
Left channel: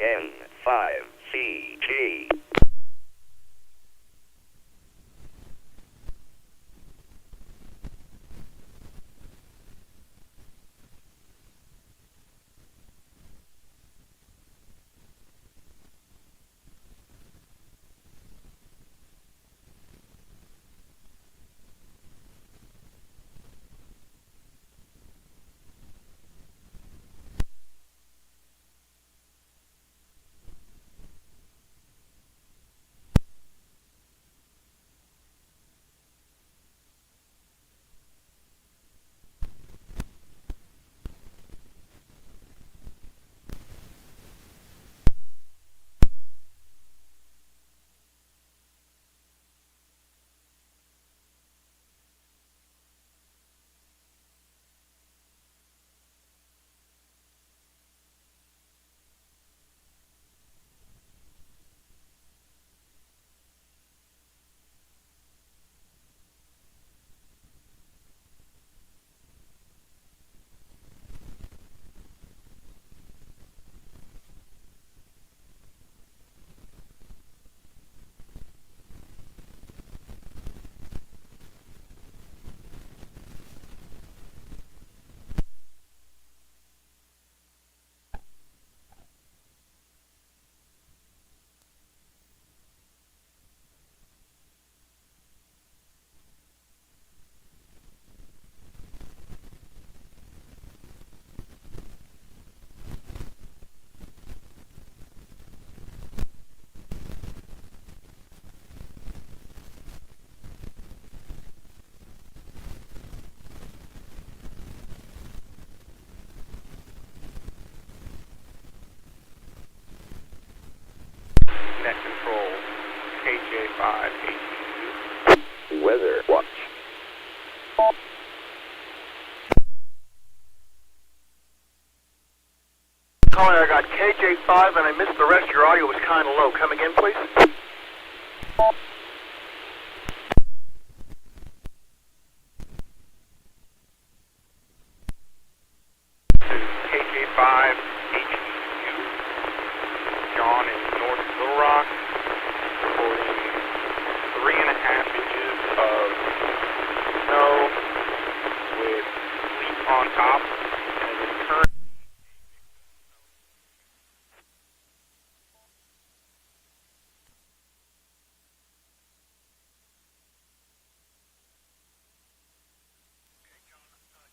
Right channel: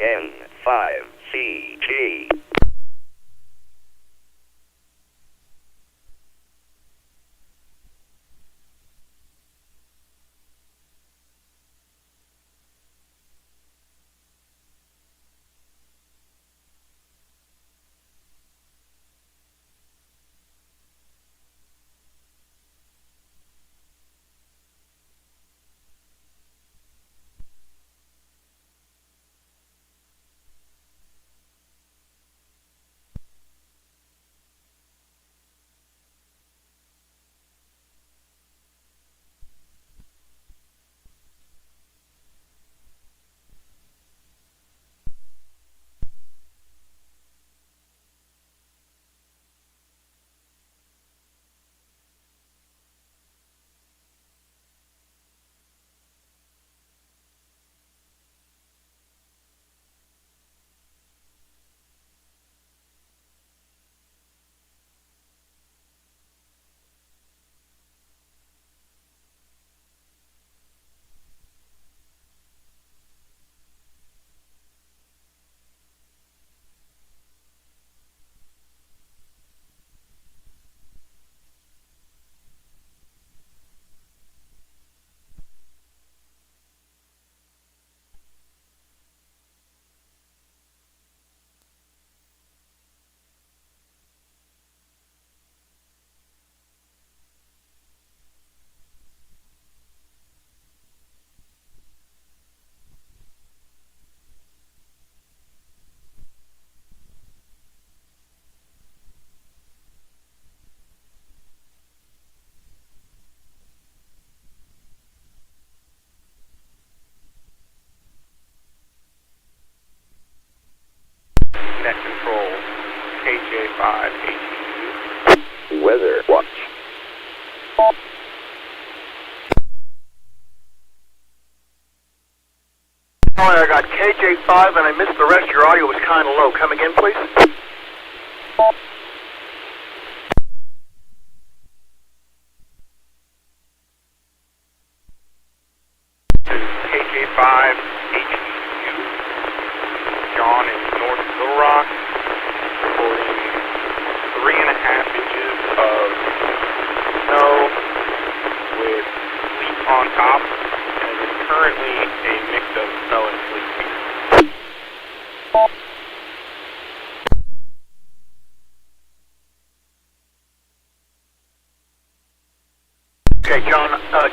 N5CG. Net control, KJ5DI. Weather watch. Caller, I got KJ5 and I missed the rest. Your audio was kind of low. Come again, please. KJ5HU. John in North Little Rock, reporting 3.5 inches of snow with sleet on top, and it is currently a mix of snow and sleet.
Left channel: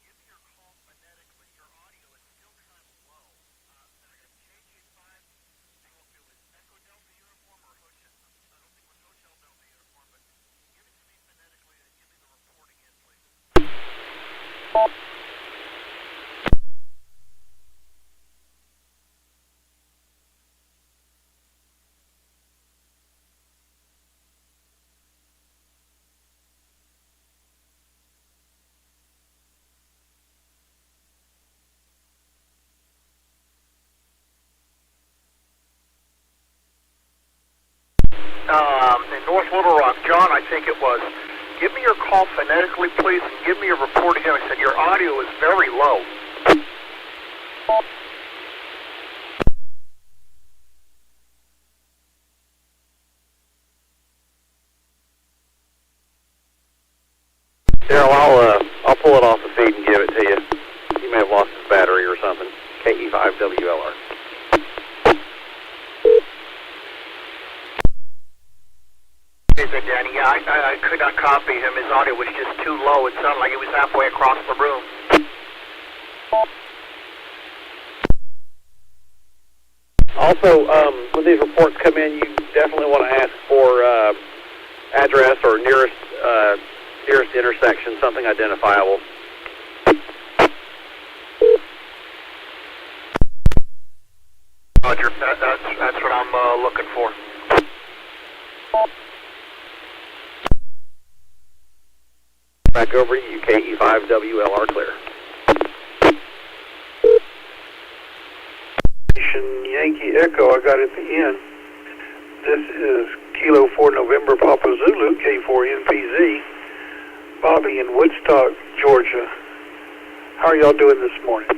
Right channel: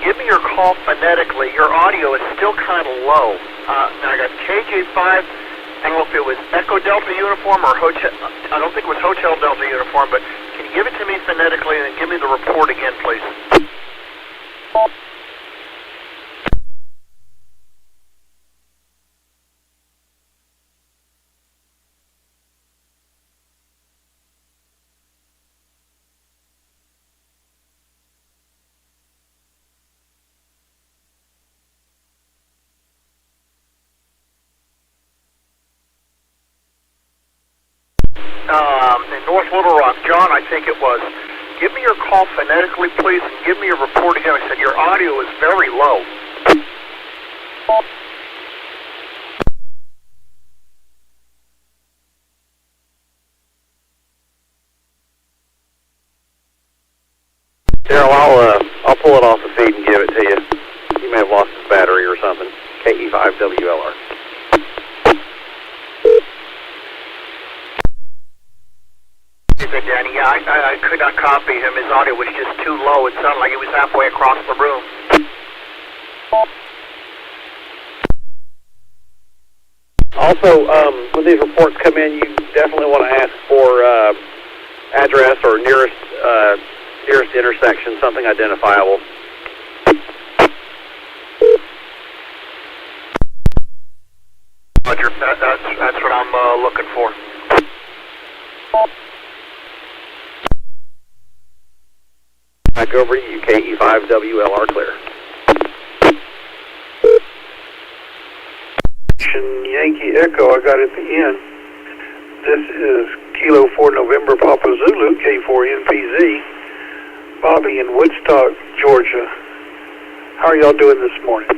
give me your call phonetically. Your audio is still kind of low. Now I got KJ5. I don't know if it was Echo Delta uniform or Hotel. I don't think it was Hotel Delta uniform, but can you give it to me phonetically and then give me the report again, please? In North Little Rock, John, I think it was. Give me your call phonetically, please, and give me your report again. I said your audio is very low. Daryl, I'll pull it off the feed and give it to you. You may have lost his battery or something. KE5WLR. Hey there, Danny. Yeah, I could not copy him. His audio was just too low. It sounded like he was halfway across the room. Also, when these reports come in, you definitely want to ask for address or nearest intersection, something identifiable. Roger. That's what I'm looking for. Back over to you, KE5WLR clear. Yankee Echo, I got at the end. This is Kilo 4 November Papa Zulu, K4NPZ. Bobby in Woodstock, Georgia. How are y'all doing this morning?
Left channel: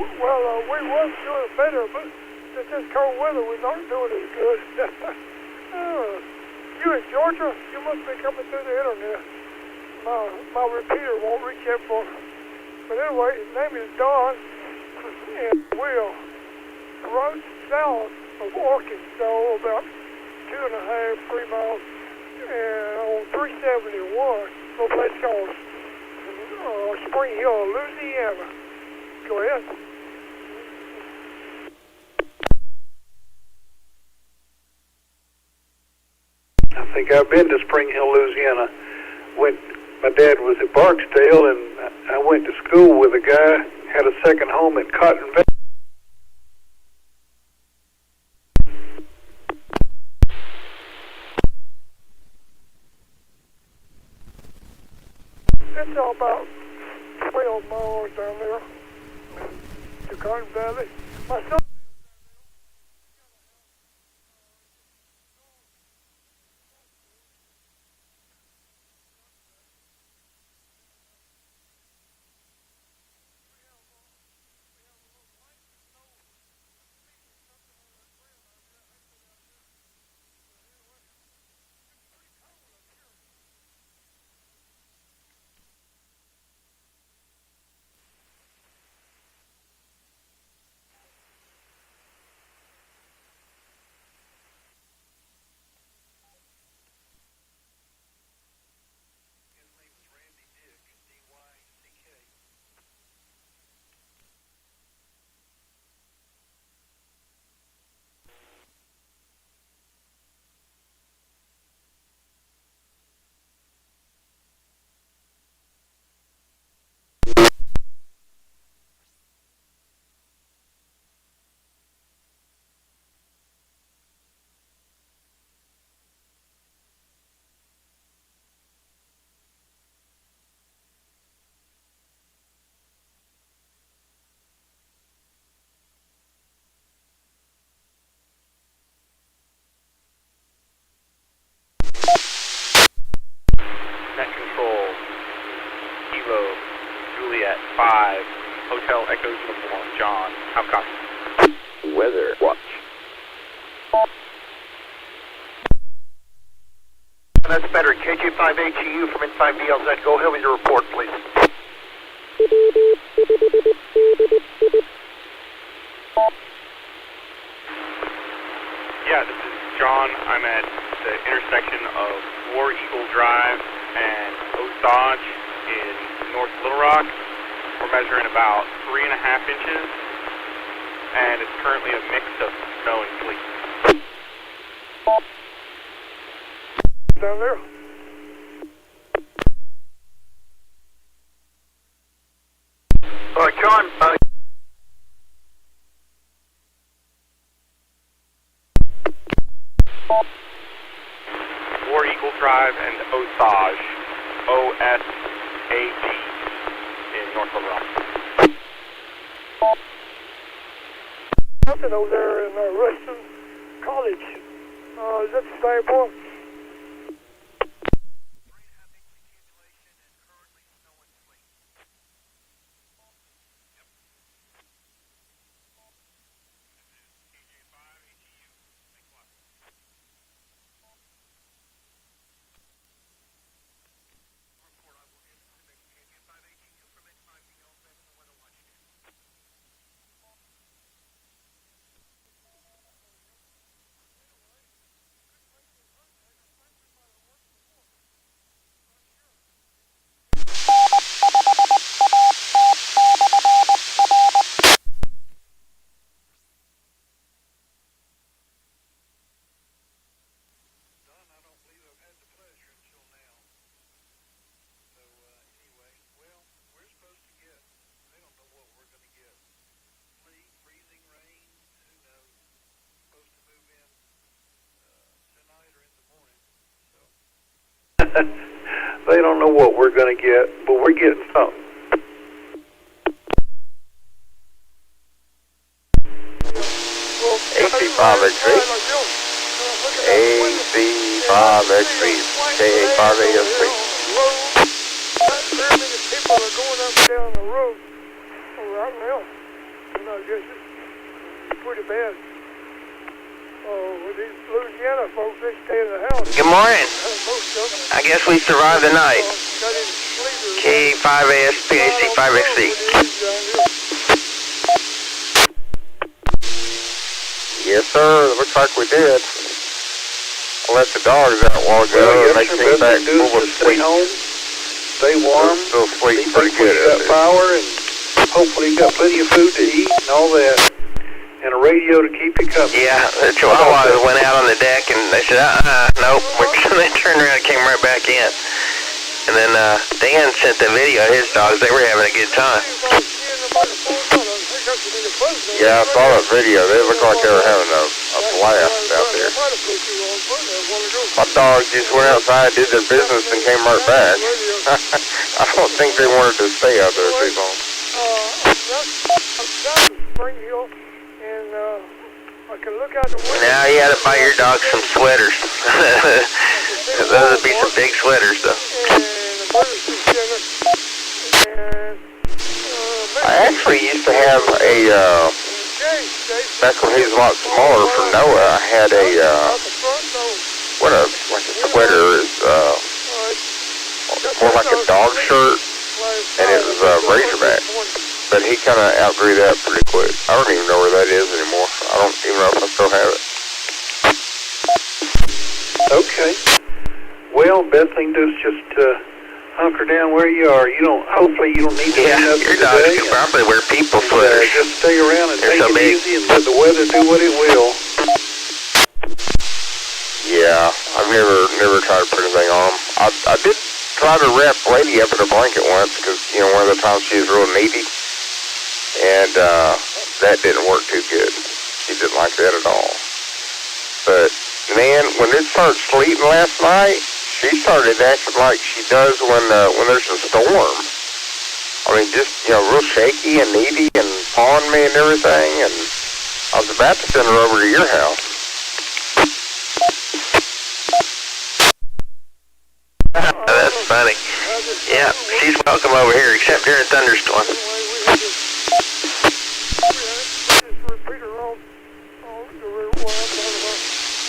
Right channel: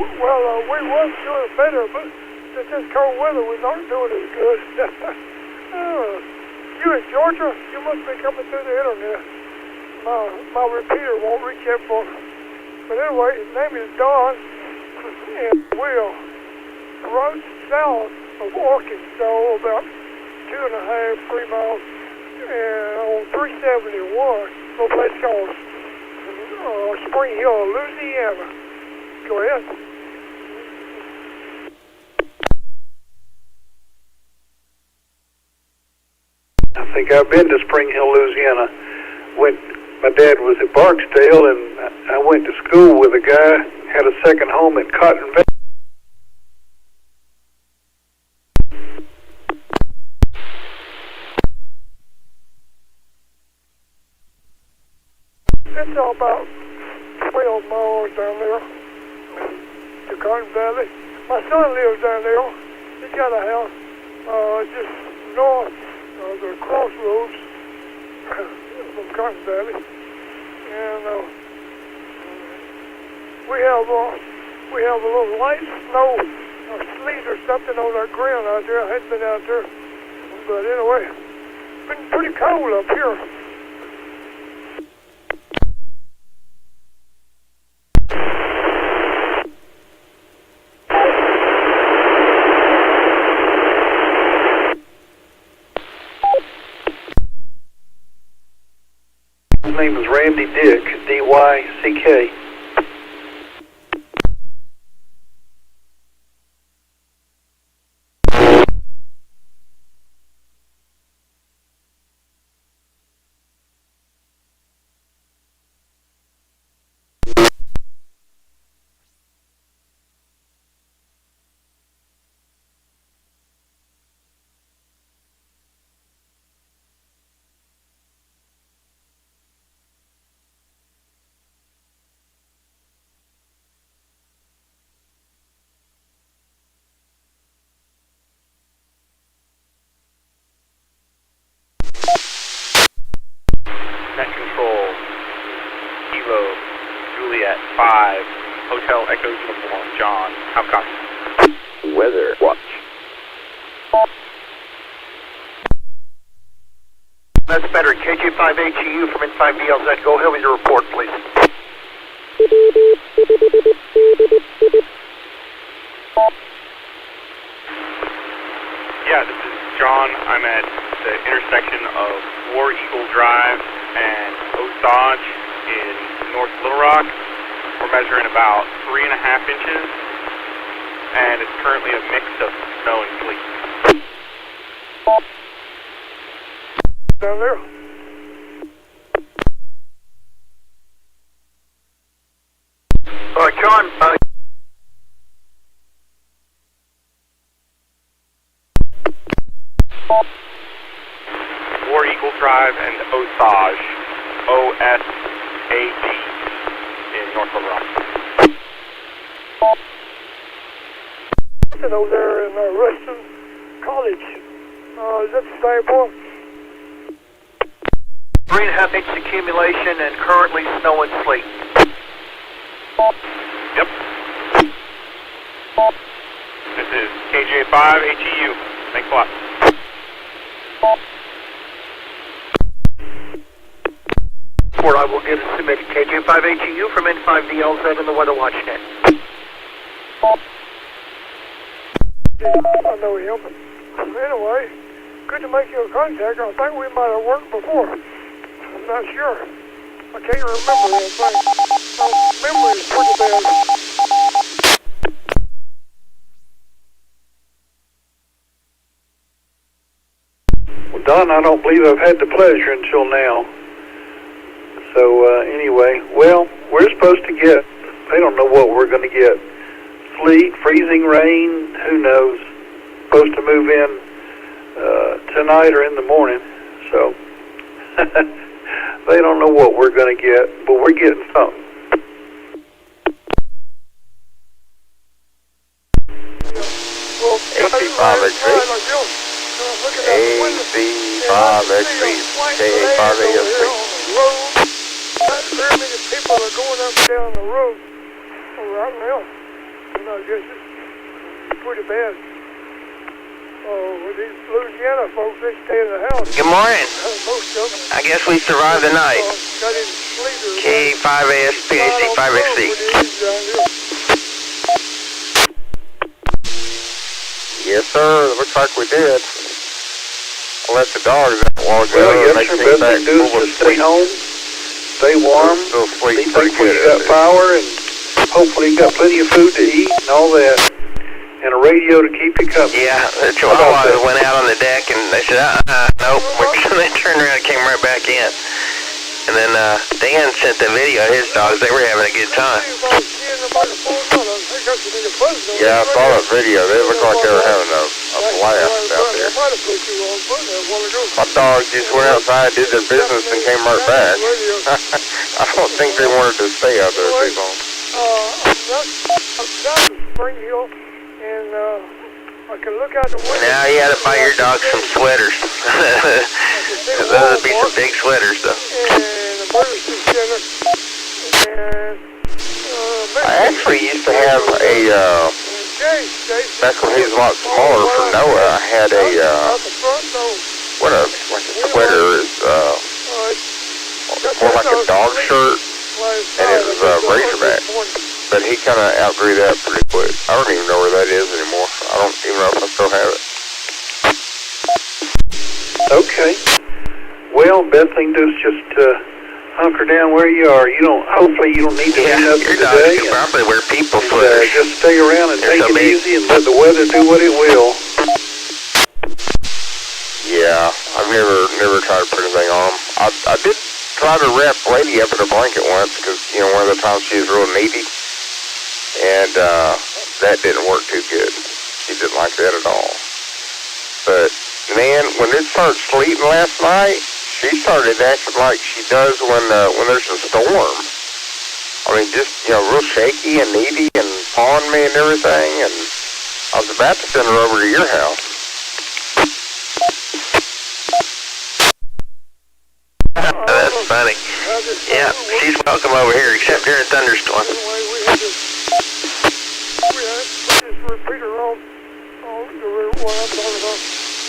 Well, we was doing better, but since this cold weather, we're not doing as good. You in Georgia? You must be coming through the internet. My repeater won't reach that far. But anyway, his name is Don, and we're right south of Arkansas, about 2.5, 3 miles, and on 371, a place called Spring Hill, Louisiana. Go ahead. I think I've been to Spring Hill, Louisiana. My dad was at Barksdale, and I went to school with a guy, had a second home at Cotton Valley. It's all about 12 miles down there to Cotton Valley. My son lives down there. He's got a house just north of the crossroads from Cotton Valley. And we have a little light snow or sleet or something on our ground out there. I hadn't been out there. But anyway, it's been pretty cold up here. His name is Randy Dick, D-Y-C-K. Juliet 5, Hotel Echo Uniform, John. How copy? Weather watch. That's better. KG5HEU from N5BLZ. Go ahead with your report, please. Yeah, this is John. I'm at the intersection of War Eagle Drive and Osage in north of Little Rock. We're measuring about 3.5 inches, and it's currently a mix of snow and sleet. Down there. John, War Eagle Drive and Osage, O-S-A-G, in North Little Rock. Something over there in Ruston College. Is that the same one? 3.5 inch accumulation and currently snow and sleet. Yep. This is KJ5HEU. Thanks a lot. Report I will get a submitted KJ5HEU from N5DLZ in the Weather Watch net. I know him. Anyway, good to make your contact. I think we might have worked before. I'm not sure. I can't remember that thing. My memory is pretty bad. Well, Don, I don't believe I've had the pleasure until now. So, anyway, well, we're supposed to get, they don't know what we're going to get. Sleet, freezing rain, who knows. Supposed to move in tonight or in the morning. So, they don't know what we're going to get, but we're getting something. A5X3, A5X3, K5AF3. Not very many people are going up and down the road right now. And I guess it's pretty bad. With these Louisiana folks, they stay in the house. Good morning. Most of them. I guess we survived the night. Got in sleep. K5AS PHC5XC. Yes, sir. Looks like we did. I let the dogs out a while ago. Well, They yes, sir. came Best back thing to do is full of just stay sleep. home, stay warm. Still sleep Be pretty thankful good. you got power, and hopefully you got plenty of food to eat and all that. And a radio to keep you company. Yeah, the Chihuahuas went out on the deck and they said, nope. They turned around and came right back in. And then Dan sent the video of his dogs. They were having a good time. Yeah, I saw that video. They looked like they were having a blast out there. My dogs just went outside, did their business, and came right back. I don't think they wanted to stay out there too long. Now you had to buy your dog some sweaters. Those would be some big sweaters, though. I actually used to have a, back when he was a lot smaller for Noah, I had a, like a sweater, is more like a dog shirt, and it was Razorback. But he kind of outgrew that pretty quick. I don't even know where that is anymore. I don't even know if I still have it. Okay. Well, best thing to do is just hunker down where you are. Hopefully you don't need to do nothing your dogs today. can probably wear people sweaters. Just stay around and take so it big. easy and let the weather do what it will. Yeah, I've never tried to put anything on them. I did try to wrap Lady up in a blanket once because, one of the times she was real needy. And that didn't work too good. She didn't like that at all. But, man, when it started sleeting last night, she started acting like she does when there's a storm. I mean, just, real shaky and needy and pawing me and everything. And I was about to send her over to your house. That's funny. Yeah, she's welcome over here, except during a thunderstorm.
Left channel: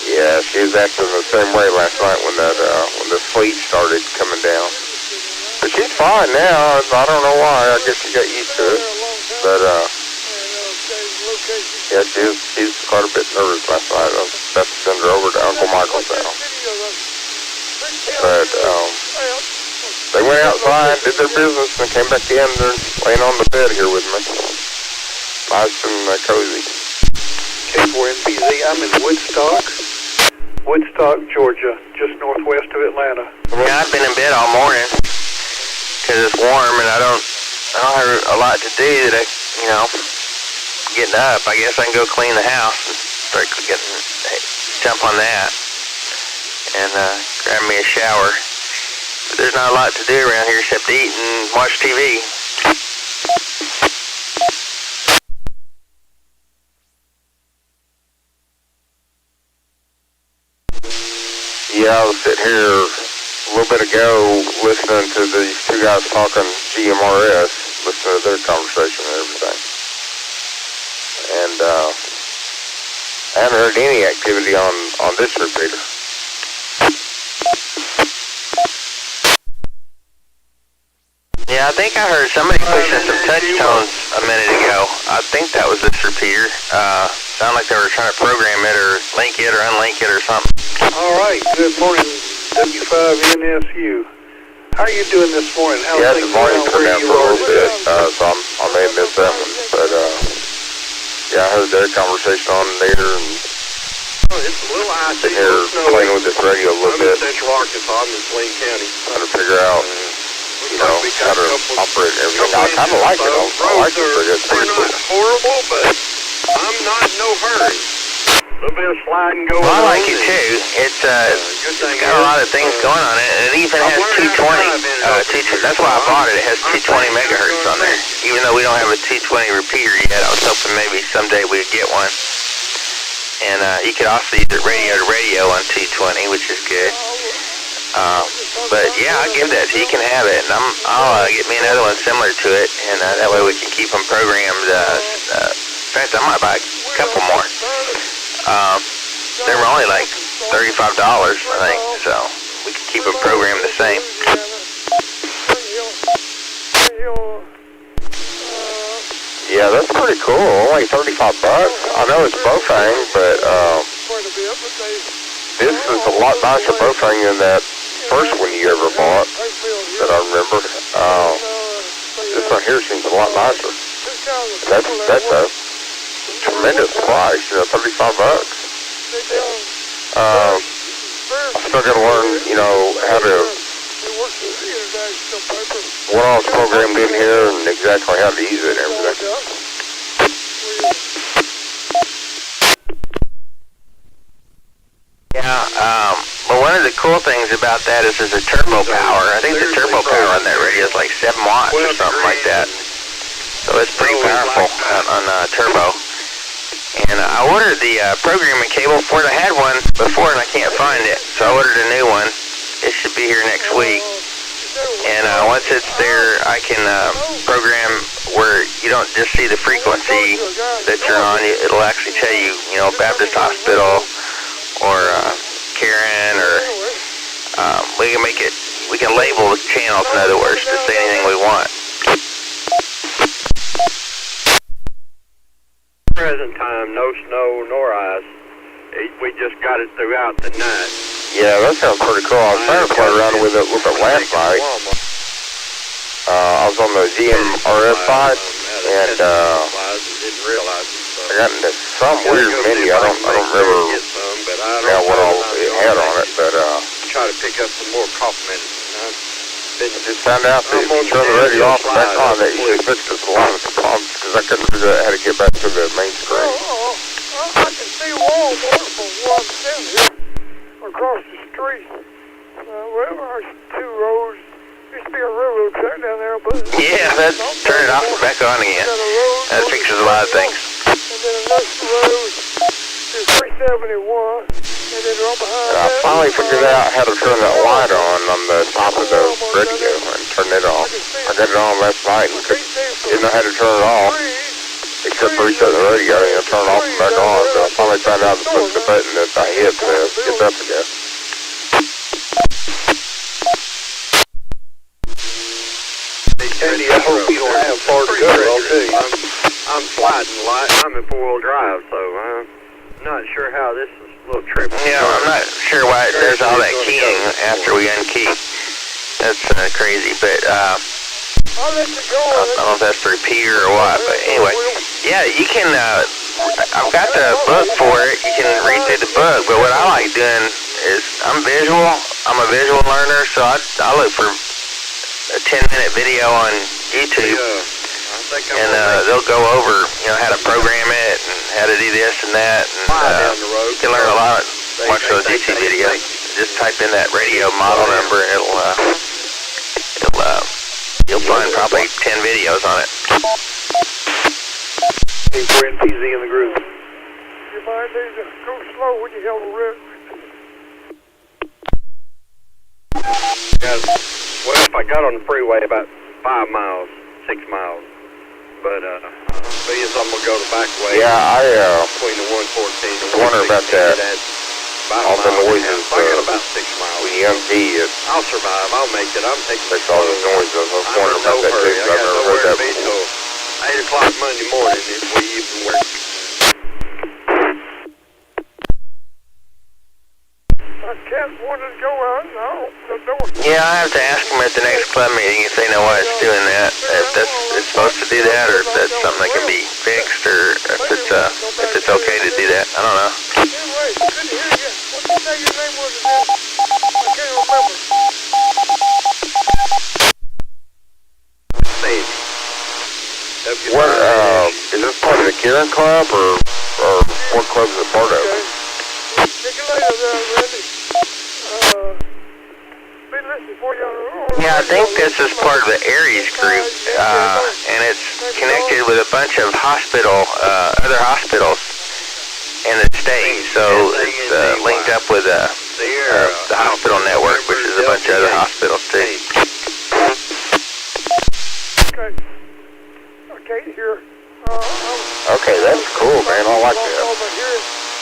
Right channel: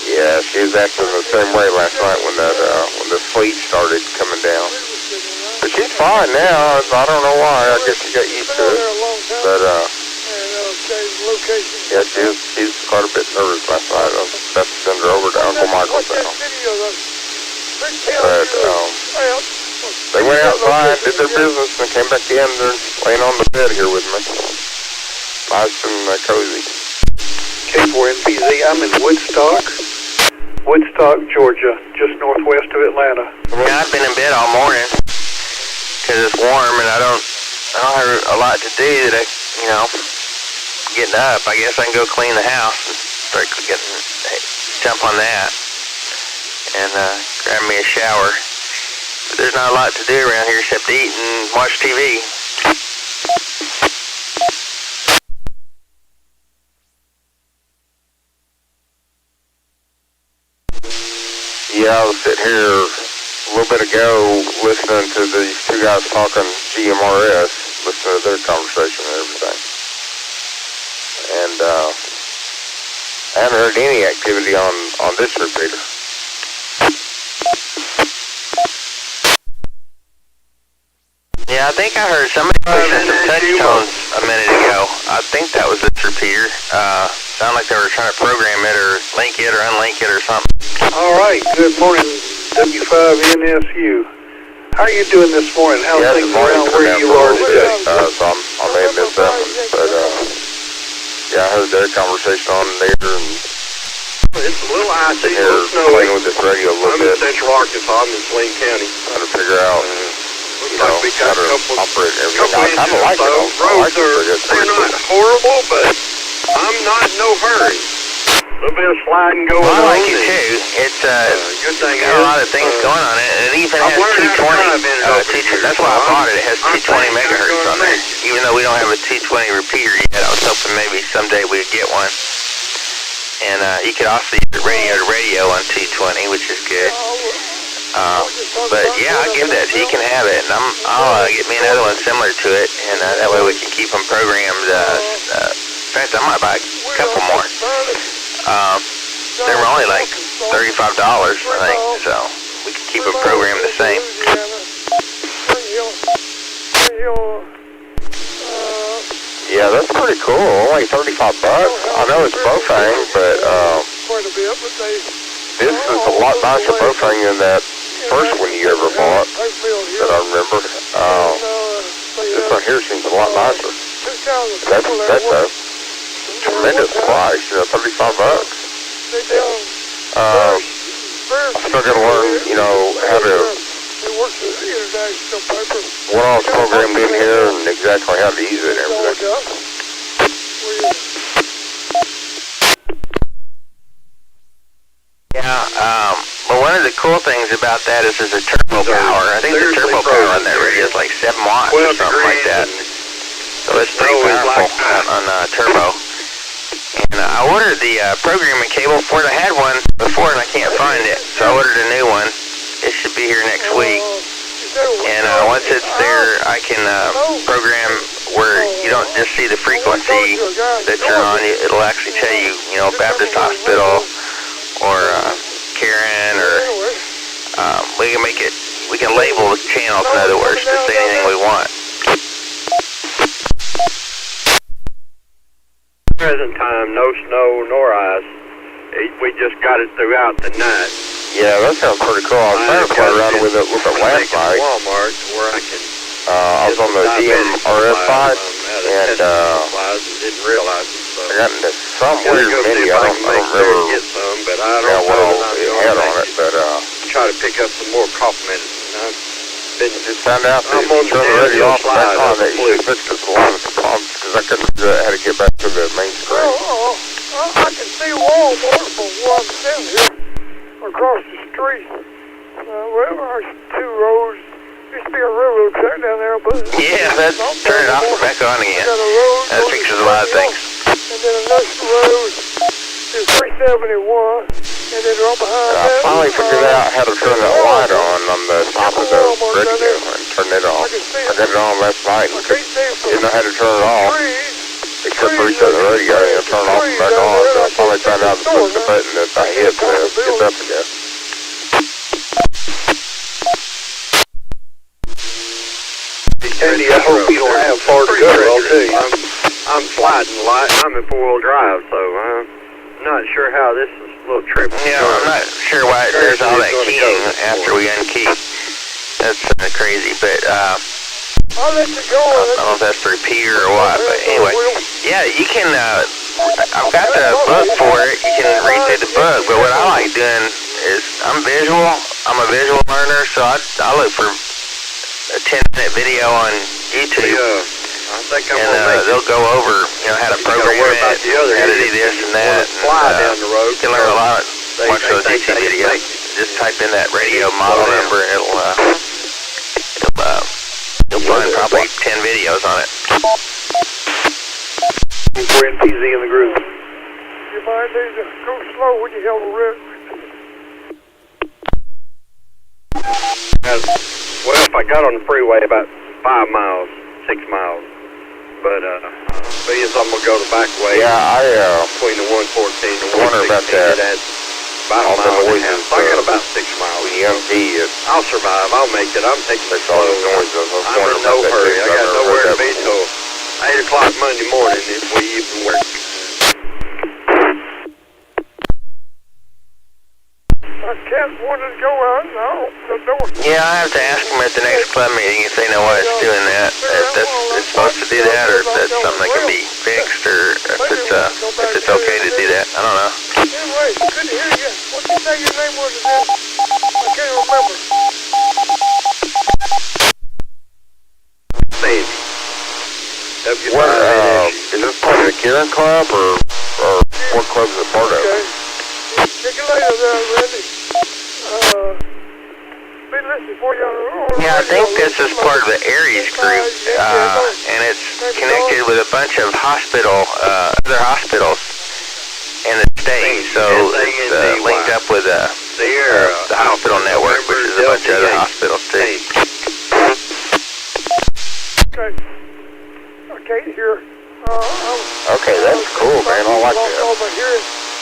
Yeah, she was acting the same way last night when the sleet started coming down. But she's fine now. I don't know why. I guess she got used to it. But yeah, she's quite a bit nervous last night. I was about to send her over to Uncle Michael's house. But They went outside, did their business, and came back in. They're laying on the bed here with me. Nice and cozy. K4NPZ, I'm in Woodstock, Georgia, just northwest of Atlanta. Yeah, I've been in bed all morning because it's warm and I don't have a lot to do that getting up. I guess I can go clean the house and start jump on that and grab me a shower. But there's not a lot to do around here except to eat and watch TV. Yeah, I was sitting here a little bit ago listening to these two guys talking GMRS, listening to their conversation and everything. And I haven't heard any activity on this repeater. Yeah, I think I heard somebody pushing some touch tones a minute ago. I think that was this repeater. Sounded like they were trying to program it or link it or unlink it or something. All right, good morning, W5NSU. How are you doing this morning? How's Yeah, things the morning around turned where out you for a are little bit, today? so I may have missed that one. But yeah, I heard their conversation on there and it's a little icy. sitting here playing with this radio a little bit. I'm in Central Arkansas. I'm in Swain County. Trying to figure out, how to operate and everything. I kind of like it. I like it pretty good. They're not horrible, but I'm not in no hurry. A little bit of sliding going on. Well, I like it too. It's got a lot of things going on it, and it even has 220. That's why I bought it. It has 220 megahertz on there. Even though we don't have a 220 repeater yet, I was hoping maybe someday we'd get one. And you could also use it radio to radio on 220, which is good. But yeah, I'll give that to you. You can have it, and I'll get me another one similar to it, and that way we can keep them programmed. In fact, I might buy a couple more. They were only like $35, I think, so we can keep them programmed the same. Yeah, that's pretty cool. Only $35. I know it's Bofang, but this is a lot nicer Bofang than that first one you ever bought that I remember. This one here seems a lot nicer. That's a tremendous price, $35. I still got to learn, how to what all is programmed in here and exactly how to use it and everything. Yeah, but one of the cool things about that is there's a turbo power. I think the turbo power on that radio is like 7 watts or something like that. So it's pretty powerful on turbo. And I ordered the programming cable for it. I had one before and I can't find it, so I ordered a new one. It should be here next week. And once it's there, I can program where you don't just see the frequency that you're on. It'll actually tell you, Baptist Hospital or C.A.R.E.N. or we can label the channels, in other words, to say anything we want. Present time, no snow nor ice. We just got it throughout the night. Yeah, that sounds pretty cool. I was trying to play around with it a little bit last night. I was on the GMRS side, and didn't realize it. I got into some weird menu. I don't remember what all it had on it, but try to pick up some more cough medicine. just found out that if you turn the radio off and back on, that usually fixes a lot of the problems because I couldn't figure out how to get back to the main screen. I can see Walmart from where I'm standing here across the street. There's 2 roads. Used to be a railroad track down there, but yeah, turn it off and back on again. That fixes a lot of things. And then the next road is 371, and then right behind I finally figured out how to turn that light on the top of the radio and turn it on. I got it on last night and didn't know how to turn it off, except for resetting the radio and turn it off and back on. So I finally found out to push the button that I hit to get up again. Andy, I hope you don't have far to go, I'll tell you. I'm sliding light. I'm in 4-wheel drive, so I'm not sure how this little trip. Yeah, I'm not sure why there's all that keying after we unkey. That's crazy, but I'll let you go. I don't know if that's the repeater or what, but anyway, yeah, you can, I've got the book for it, you can read through the book, but what I like doing is, I'm a visual learner, so I look for a 10-minute video on YouTube, and they'll go over, how to program it, how to do this and that, and you can learn a lot, watch those YouTube videos. Just type in that radio model number, and you'll find probably 10 videos on it. N5CG in the group. You might need to go slow when you have a rip. Well, if I got on the freeway about 5 miles, 6 miles, but because I'm gonna go the back way. Yeah, between the 114 and the 116. Wonder about that. About all the noises. I got about 6 miles. When you empty it, I'll survive. I'll make it. I'm taking it all slow. the noises. I was I'm wondering in no about that hurry. too. I I've got never nowhere heard to that be before. till 8 o'clock Monday morning if we even work. I can't want to go out now. The door. Yeah, I have to ask them at the next club meeting if they know why it's doing that. If it's supposed to do that, or if that's something that can be fixed, or if it's okay to do that. I don't know. Anyway, good to hear you. What did you say your name was again? I can't remember. Sandy. What, is this part of the C.A.R.E.N club, or what club is it part of? Take you later there, Randy. Be listening for you on the Yeah, I think this is part of the ARES group, and it's connected with a bunch of other hospitals in the state. So it's linked up with the hospital network, which is a bunch of other hospitals too. Okay. Okay, here. Okay, that's cool, man. I like that.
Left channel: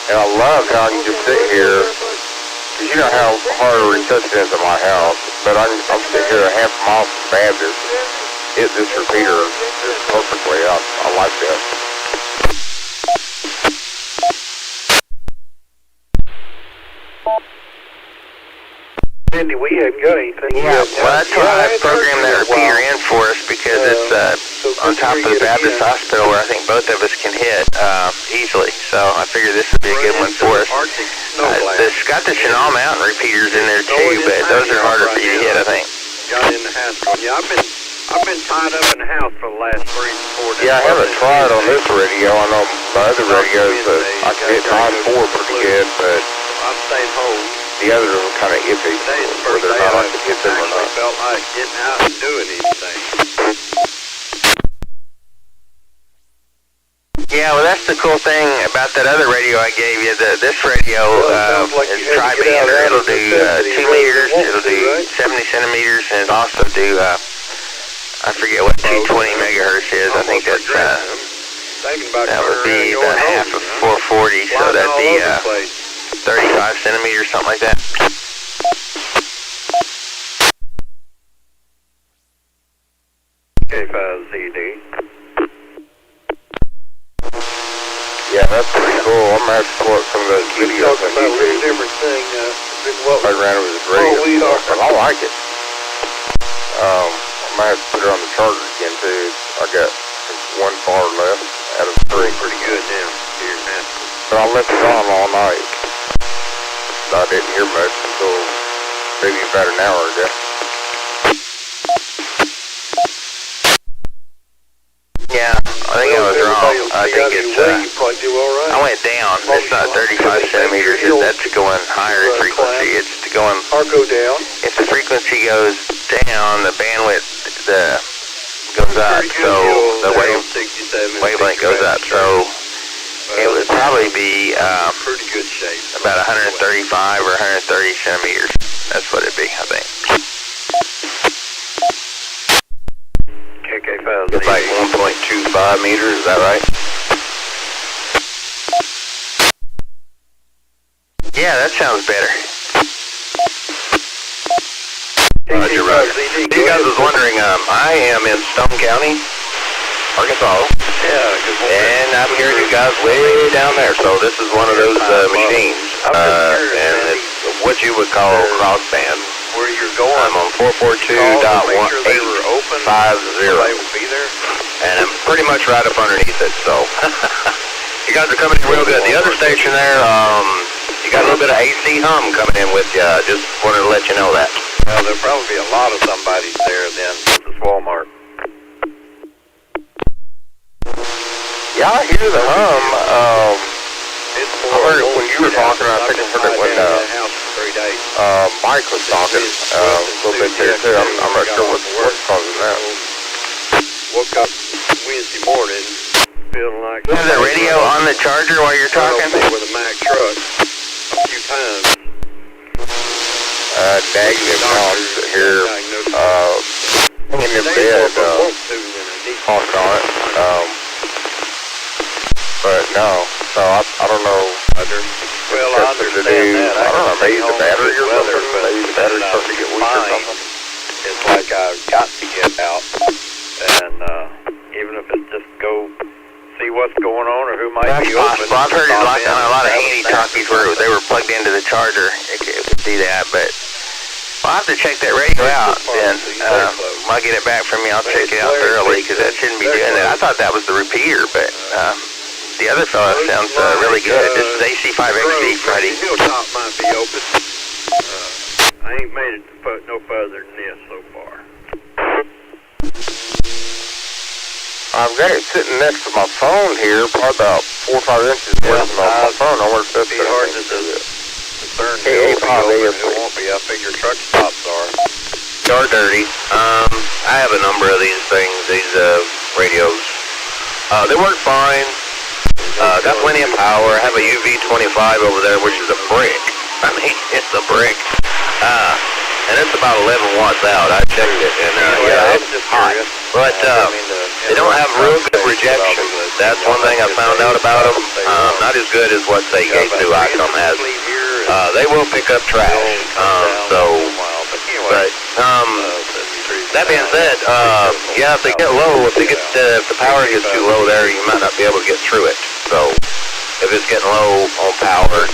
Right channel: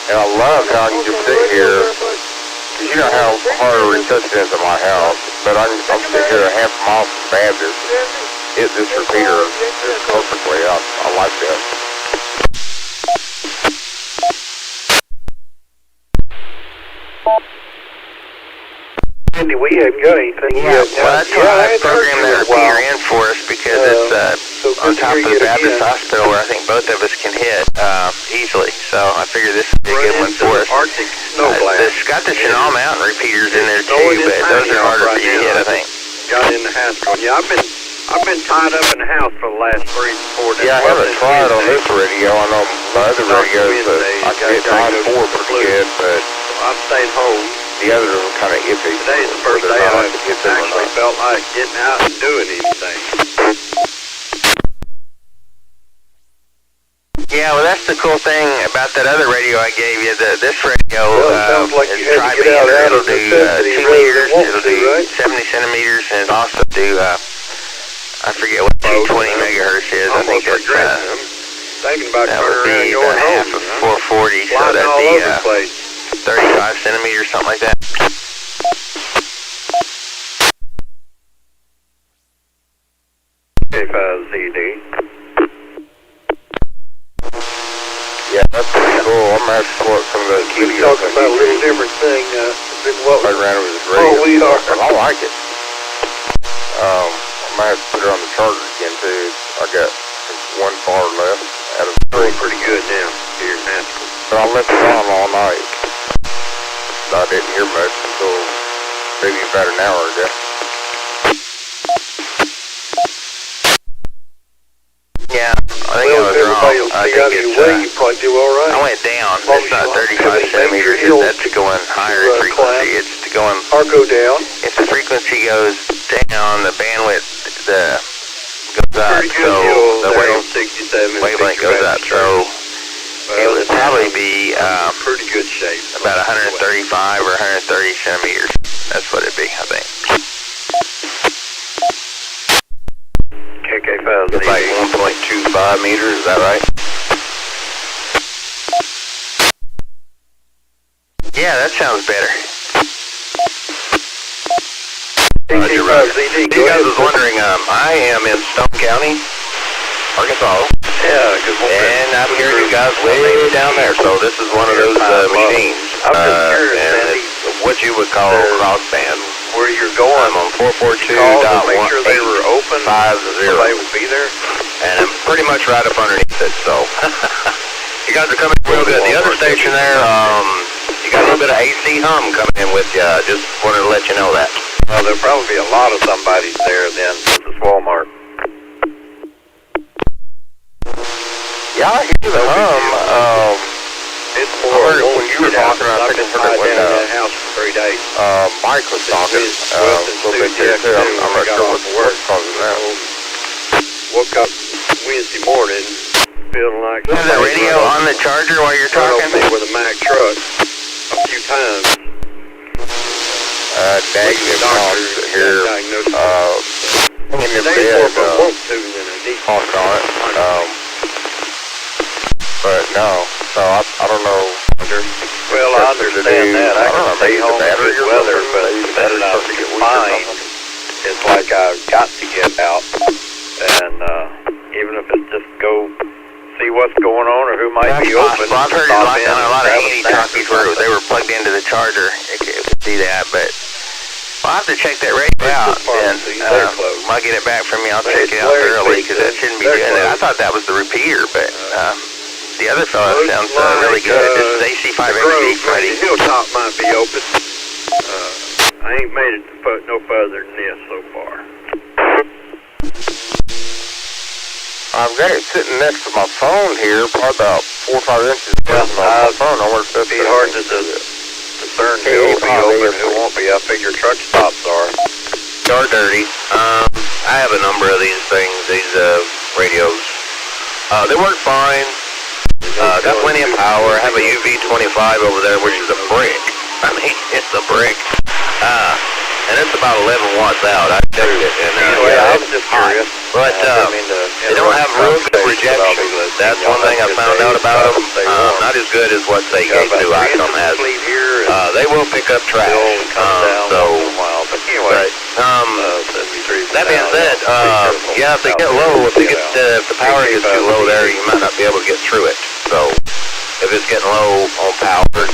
And I love how I can just sit here. You know how hard to resuscitate into my house, but I'm sitting here a half mile from Baptist. Hit this repeater just perfectly. I like that. Andy, we haven't got anything yet. Well, that's why I programmed that repeater in for us, because it's on top of the Baptist Hospital where I think both of us can hit easily. So I figured this would be a good one for us. It's got the Chenal Mountain repeaters in there too, but those are harder for you to hit, I think. Got in the house. Yeah, I've been tied up in the house for the last 3 to 4 days. Yeah, I haven't tried on this radio. I know my other radios, I can hit 9-4 pretty good, but I've stayed home. The others are kind of iffy. Today's the first day I actually felt like getting out and doing anything. Yeah, well, that's the cool thing about that other radio I gave you. This radio is tri-band. It'll do 2 meters, it'll do 70 centimeters, and it'll also do, I forget what 220 megahertz is. I think that's, that would be the half of 440, so that'd be 35 centimeters, something like that. K5ZD. Yeah, that's pretty cool. I'm going to have to pull up some of those videos. We're talking about a little different thing than what I ran with this radio. we are. I like it. I might have to put it on the charger again, too. I got 1 bar left out of 3. Pretty good now. Here in Nashville. But I left it on all night. I didn't hear much until maybe about an hour ago. Yeah, I think I was wrong. I think it's, you probably do all right. I went down. It's not 35 centimeters. That's going higher in frequency. It's going... Or go down. If the frequency goes down, the bandwidth goes up. So the wavelength goes up. So it would probably be pretty good shape. About 135 or 130 centimeters. That's what it'd be, I think. KK5. It's like 1.25 meters, is that right? Yeah, that sounds better. Roger, Roger. You guys was wondering, I am in Stone County, Arkansas. Yeah, and I'm hearing you guys way down there, so this is one of those machines, and it's what you would call crossband. where you're going. I'm on 442.150. Make sure they were open. Somebody would be there. And I'm pretty much right up underneath it, so you guys are coming in real good. The other station there, you got a little bit of AC hum coming in with you. Just wanted to let you know that. Well, there'll probably be a lot of somebody's there then, since it's Walmart. Yeah, I hear the hum. It's I heard it when you were talking. I think I heard it when house for 3 days. Mike was talking a little bit there too. I'm not sure what's causing that. Woke up Wednesday morning feeling like... Is the radio on the charger while you're talking? With a Mack truck a few times. Negative talks here. In your bed, talked on it. But no, so I don't know. Well, I understand that. I can stay home in good weather, but then I'm fine. It's like I've got to get out. And even if it's just go see what's going on or who might be open. Well, I've heard it like on a lot of handy-talkies where they were plugged into the charger. You could see that, but I'll have to check that radio out. And when I get it back from you, I'll check it out thoroughly because that shouldn't be doing that. I thought that was the repeater, but the other fellow sounds really good. This is AC5XD, Freddie. Hilltop might be open. I ain't made it no further than this so far. I've got it sitting next to my phone here, probably about 4 or 5 inches away from my phone. I wonder if that's hard to discern who will be open and who won't be. I figure truck stops are. You're dirty. I have a number of these things, these radios. They work fine. Got plenty of power. I have a UV25 over there, which is a brick. I mean, it's a brick. And it's about 11 watts out. I checked it, and it's hot. But they don't have real good rejection. That's one thing I found out about them. Not as good as what, say, K2 Icom has. They will pick up trash. That being said, yeah, if they get low, if the power gets too low there, you might not be able to get through it. So if it's getting low on power,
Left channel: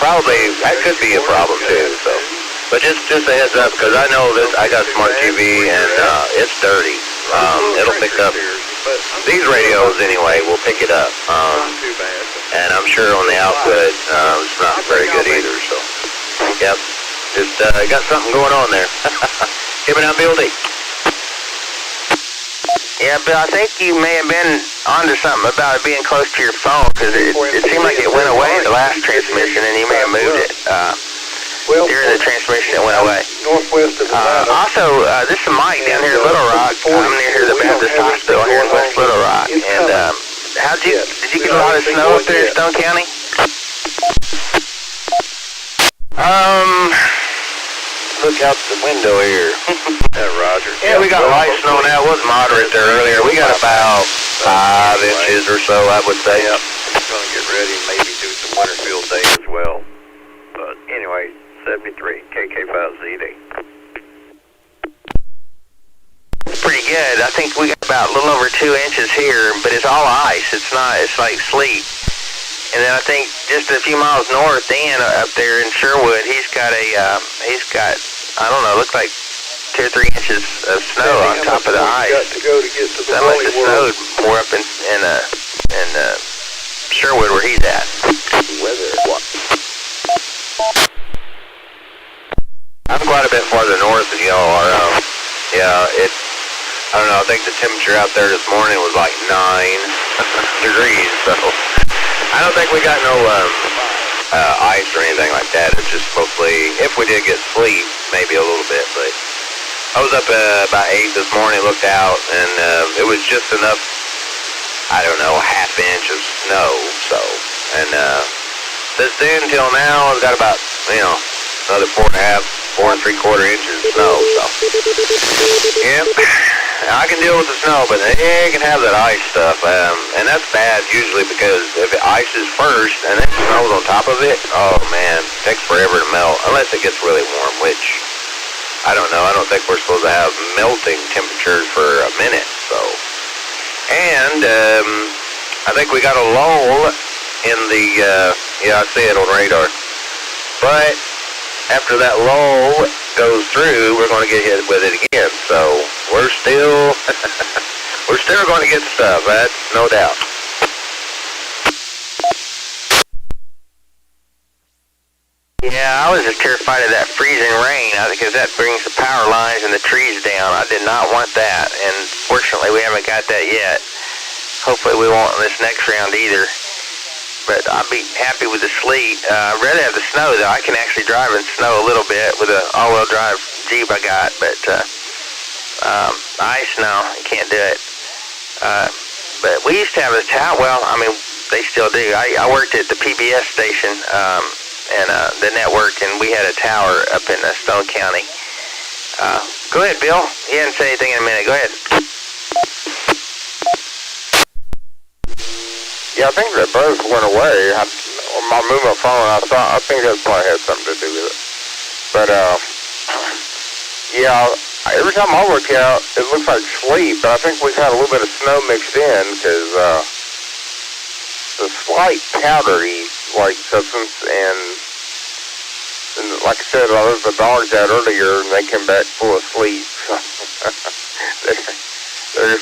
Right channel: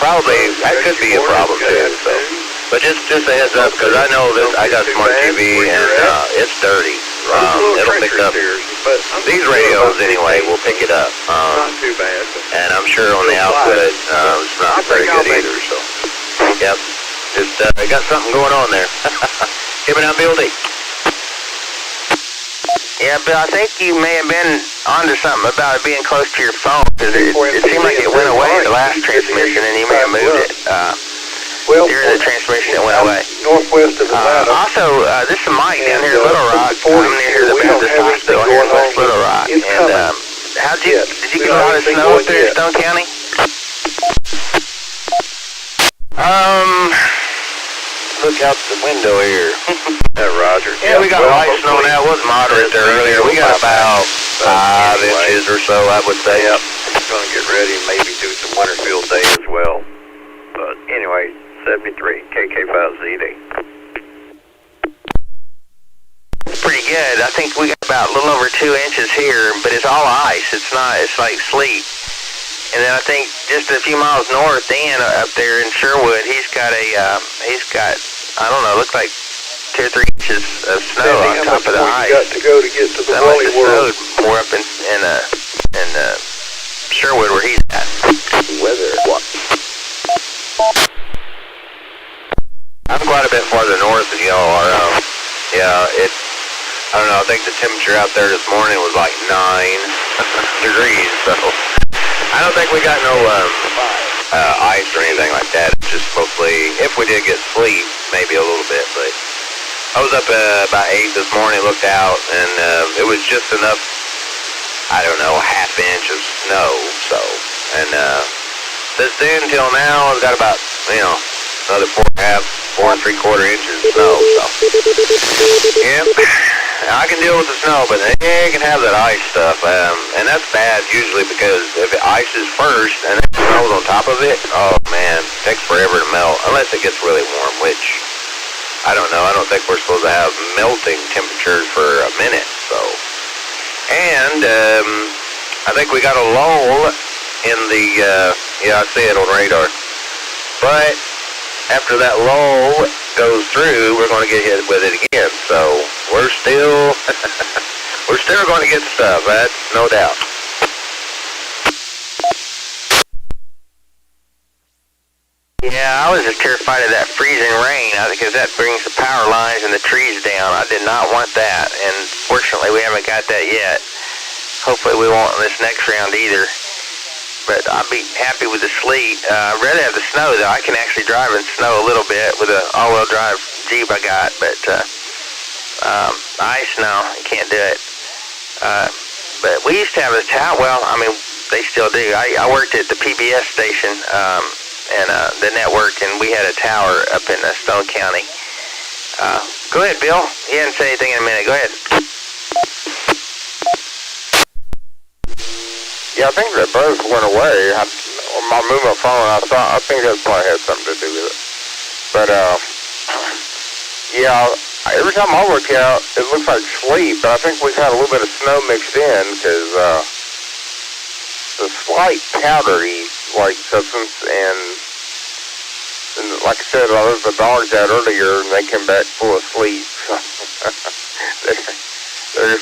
probably that could be a problem too. So. But just a heads up, because I know this. I got smart TV and it's dirty. It'll pick up. These radios anyway will pick it up. And I'm sure on the output it's not very good either. So, yep, just got something going on there. Give me that building. Yeah, but I think you may have been onto something about it being close to your phone, because it seemed like it went away the last transmission, and you may have moved it. During the transmission, it went away. Northwest of also, this is Mike down here in Little Rock. I'm near the Baptist Hospital here in West Little Rock. And did you get a lot of snow up there in Stone County? Look out the window here. Roger. Yeah, we got light snow now. It was moderate there earlier. We got about 5 inches or so, I would say. Yep. Going to get ready and maybe do some winter field day as well. But anyway, 73, KK5DPK. Pretty good. I think we got about a little over 2 inches here, but it's all ice. It's not, it's like sleet. And then I think just a few miles north, Dan, up there in Sherwood, he's got, I don't know, looks like 2 or 3 inches of snow on top of the ice. Got to go to get to the that must have snowed more up in Sherwood where he's at. Weather. What? I'm quite a bit farther north than y'all are. I don't know, I think the temperature out there this morning was like 9 degrees, so I don't think we got no ice or anything like that. It's just mostly, if we did get sleet, maybe a little bit, but I was up about 8 this morning, looked out, and it was just enough, I don't know, a half inch of snow, so, and since then till now, I've got about, another 4 3/4 inches of snow, so, yep, I can deal with the snow, but they can have that ice stuff, and that's bad usually because if it ices first and then snows on top of it, oh man, it takes forever to melt, unless it gets really warm, which, I don't know, I don't think we're supposed to have melting temperatures for a minute, so, and, I think we got a lull in the, I see it on radar, but after that lull goes through, we're going to get hit with it again. So we're still going to get stuff. That's no doubt. Yeah, I was just terrified of that freezing rain because that brings the power lines and the trees down. I did not want that, and fortunately we haven't got that yet. Hopefully we won't in this next round either. But I'll be happy with the sleet. I'd rather have the snow, though. I can actually drive in snow a little bit with an all-wheel drive Jeep I got, but ice, no, you can't do it. But we used to have a tower. Well, I mean, they still do. I worked at the PBS station, and the network, and we had a tower up in Stone County. Go ahead, Bill. He hadn't said anything in a minute. Go ahead. Yeah, I think that buzz went away. I moved my phone, and I think that probably had something to do with it. But, yeah, every time I look out, it looks like sleet, but I think we've had a little bit of snow mixed in, because the slight powdery, like, substance, and like I said, I let the dogs out earlier, and they came back full of sleep. They're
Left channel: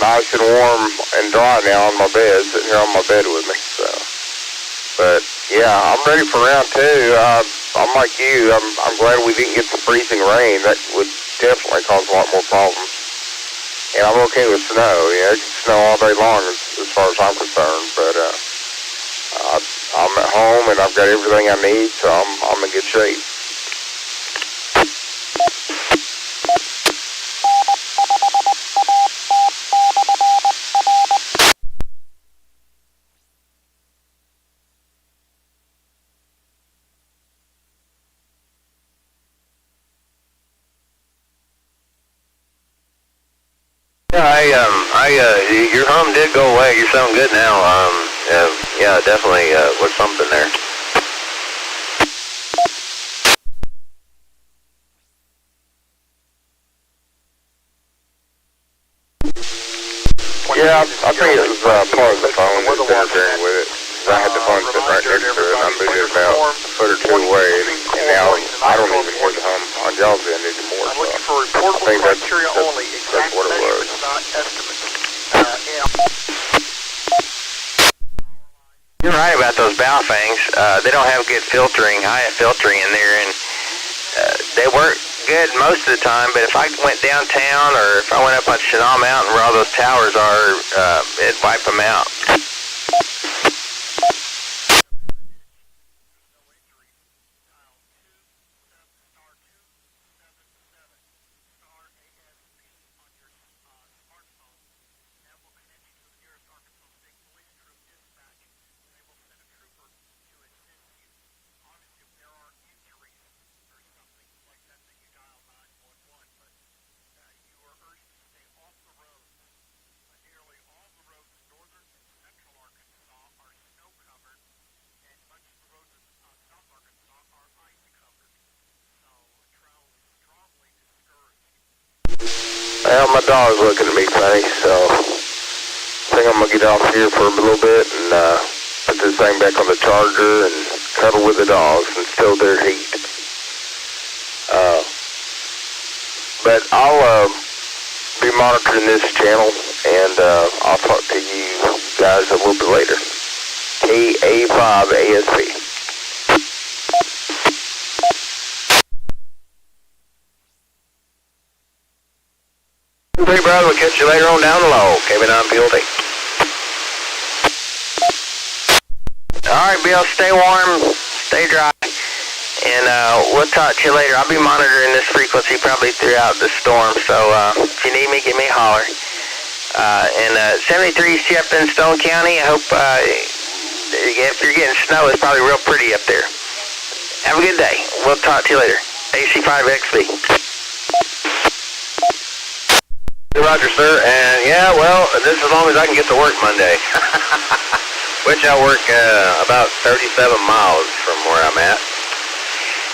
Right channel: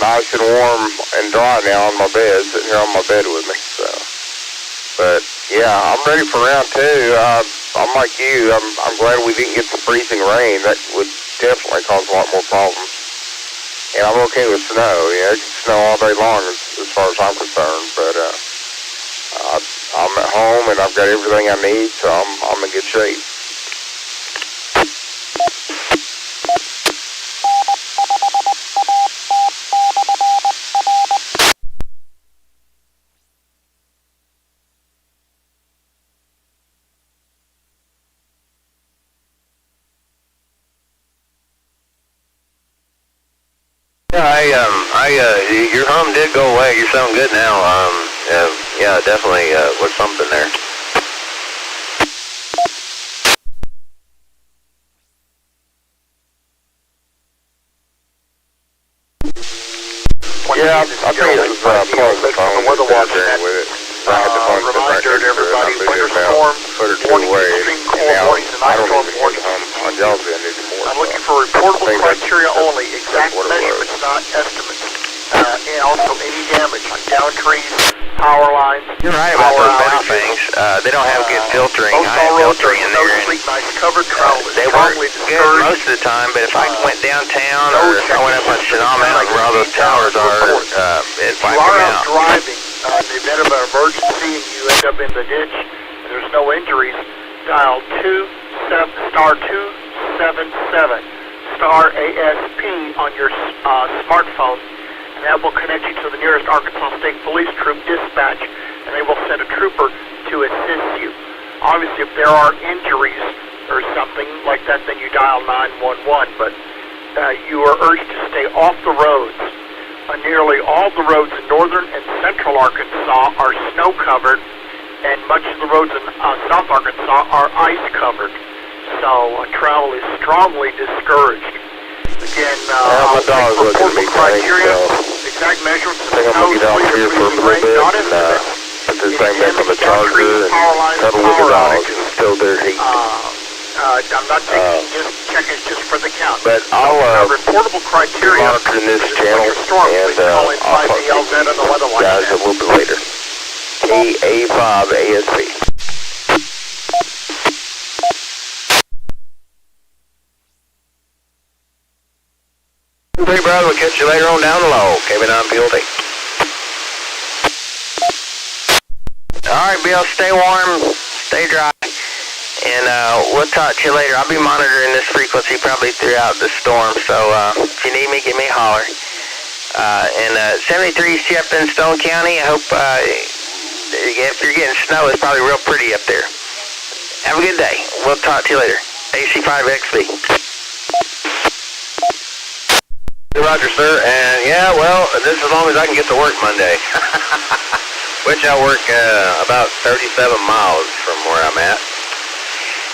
nice and warm and dry now on my bed, sitting here on my bed with me. So, but yeah, I'm ready for round two. I'm like you. I'm glad we didn't get the freezing rain. That would definitely cause a lot more problems. And I'm okay with snow. Yeah, it can snow all day long as far as I'm concerned. But I'm at home and I've got everything I need, so I'm in good shape. Your hum did go away. You sound good now. Yeah, definitely was something there. Yeah, I think it was part of the phone that was interfering with it. I had the phone sitting right next to it. I moved it about a foot or two away, and now I don't even hear the hum on y'all's end anymore. I'm looking for reportable criteria only, exact measurements, not estimates. And also any damage on down trees, power lines. You're right about those bow things. They don't have good filtering, high filtering in there, and they work good most of the time, but if I went downtown or if I went up on Chenal Mountain where all those towers are, it'd wipe them out. In the event of an emergency and you end up in the ditch and there's no injuries, dial star 277 star ASP on your smartphone, and that will connect you to the nearest Arkansas State Police Troop dispatch, and they will send a trooper to assist you. Obviously, if there are injuries or something like that, then you dial 911, but you are urged to stay off the roads. Nearly all the roads in northern and central Arkansas are snow-covered, and much of the roads in south Arkansas are ice-covered. So travel is strongly discouraged. Again, my dog's looking at me funny, so I think I'm going to get off here for a little bit and put this thing back on the charger and cuddle with the dogs and still their heat. I'm not saying just check it just for the count. But I'll be monitoring this channel, and I'll talk to you guys a little bit later. A5ASP. Hey, brother, we'll catch you later on down the low. KB9 PLT. All right, Bill, stay warm, stay dry. And we'll talk to you later. I'll be monitoring this frequency probably throughout the storm, so if you need me, give me a holler. And 73C up in Stone County, I hope if you're getting snow, it's probably real pretty up there. Have a good day. We'll talk to you later. AC5XB. Roger, sir. And yeah, well, this is as long as I can get to work Monday. Which I work about 37 miles from where I'm at.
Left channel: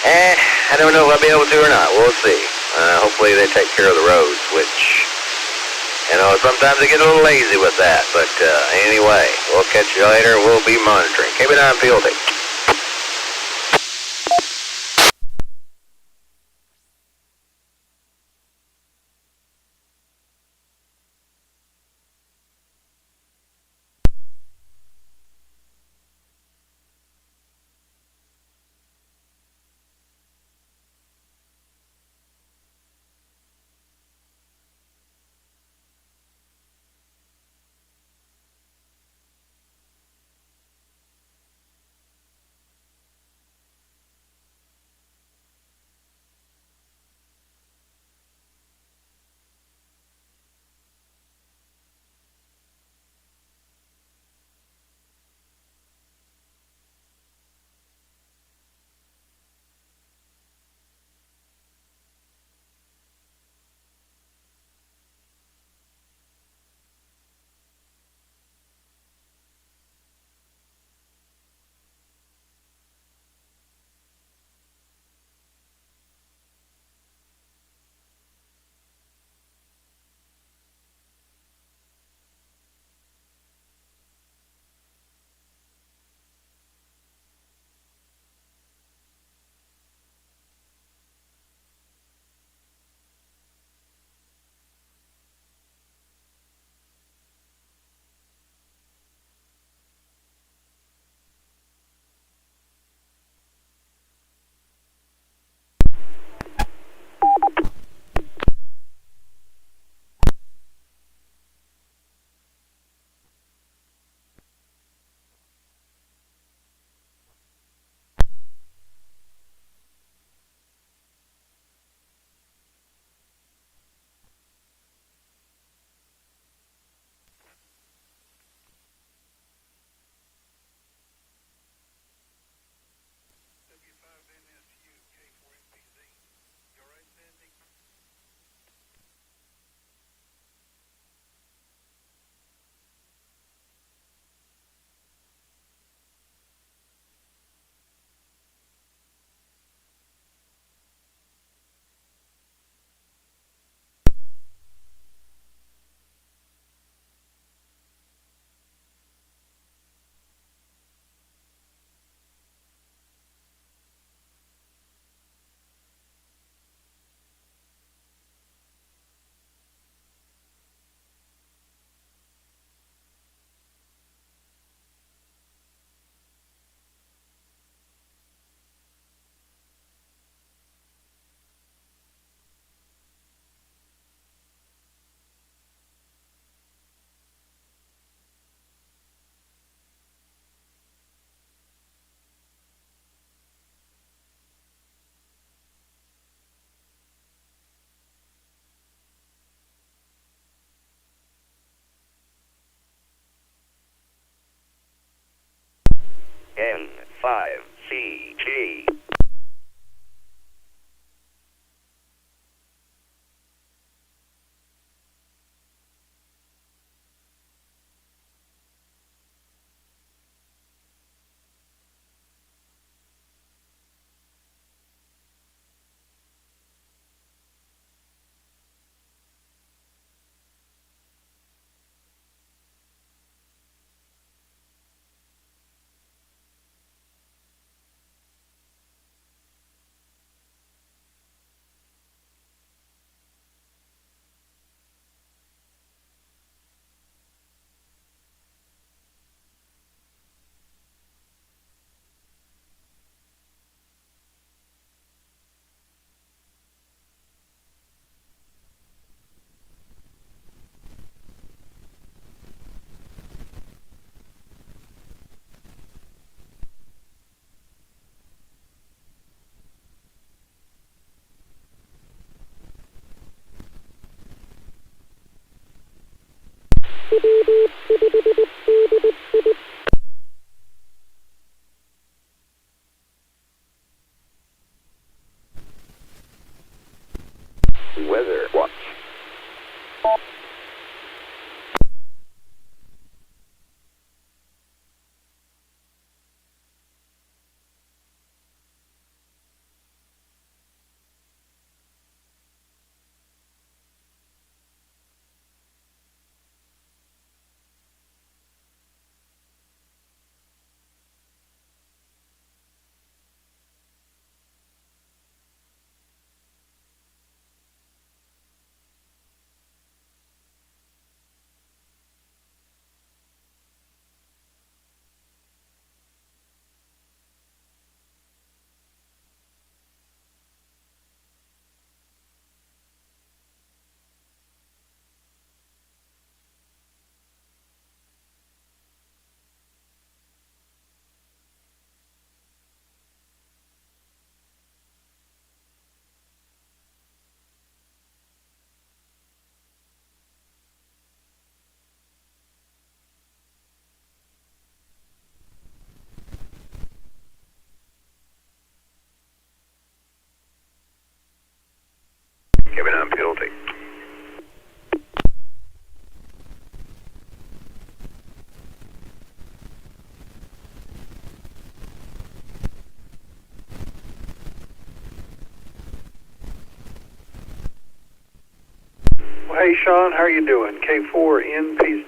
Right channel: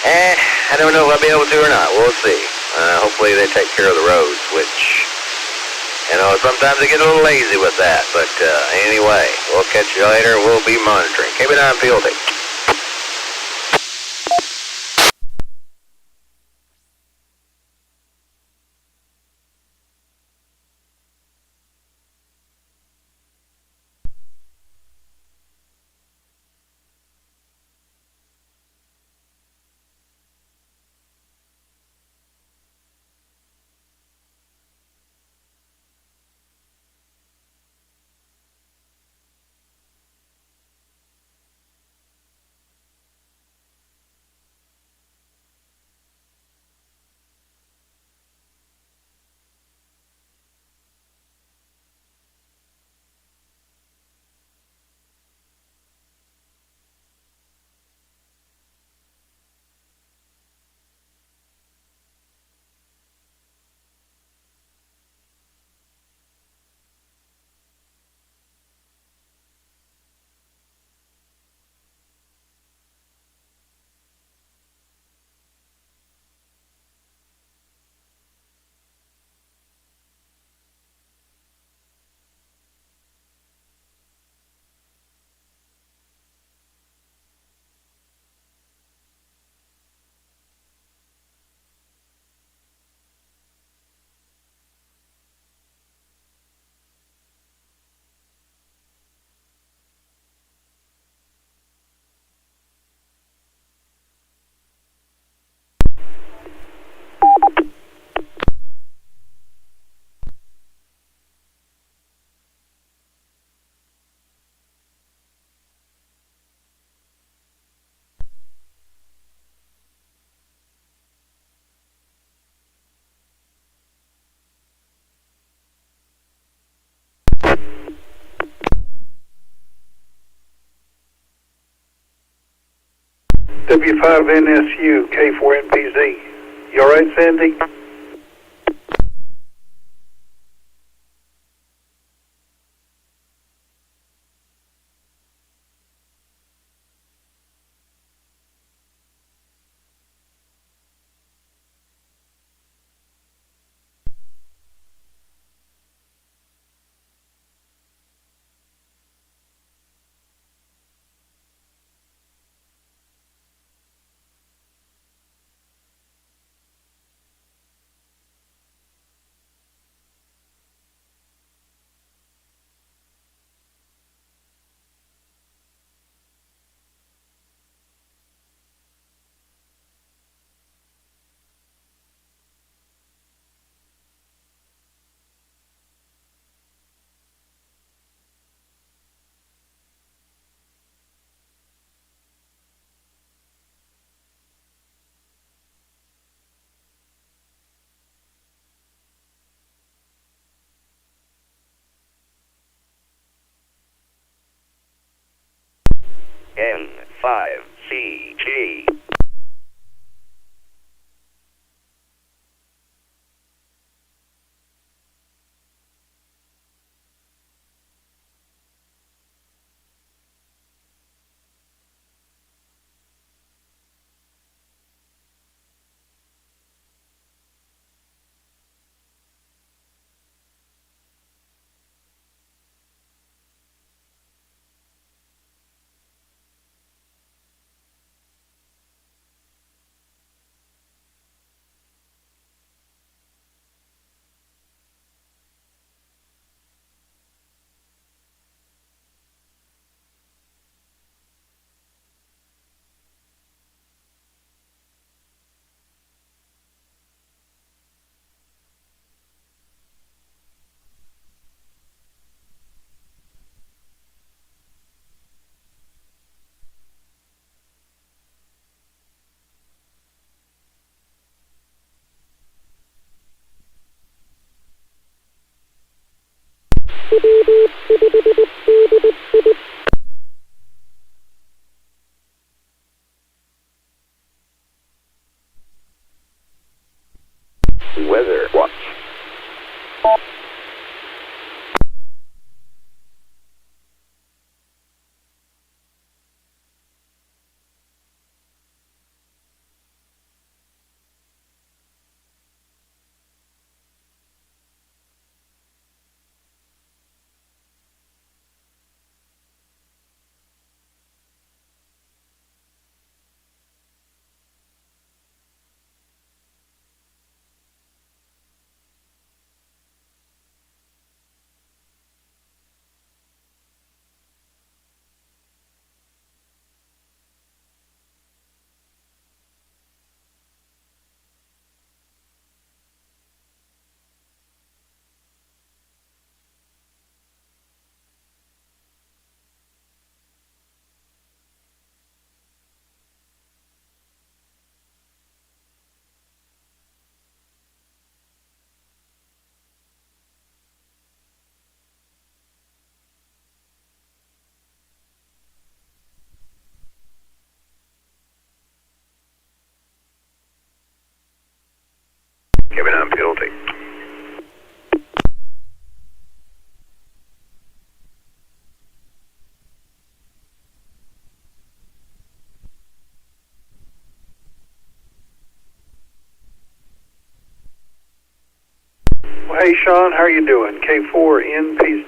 I don't know if I'll be able to or not. We'll see. Hopefully they take care of the roads, which, you know, sometimes they get a little lazy with that. But anyway, we'll catch you later. We'll be monitoring. KB9 PLT. A5NSU K4NPZ. You all right, Sandy? N5CG. Weather watch. Giving on penalty. Well, hey, Sean, how are you doing? K4NPZ.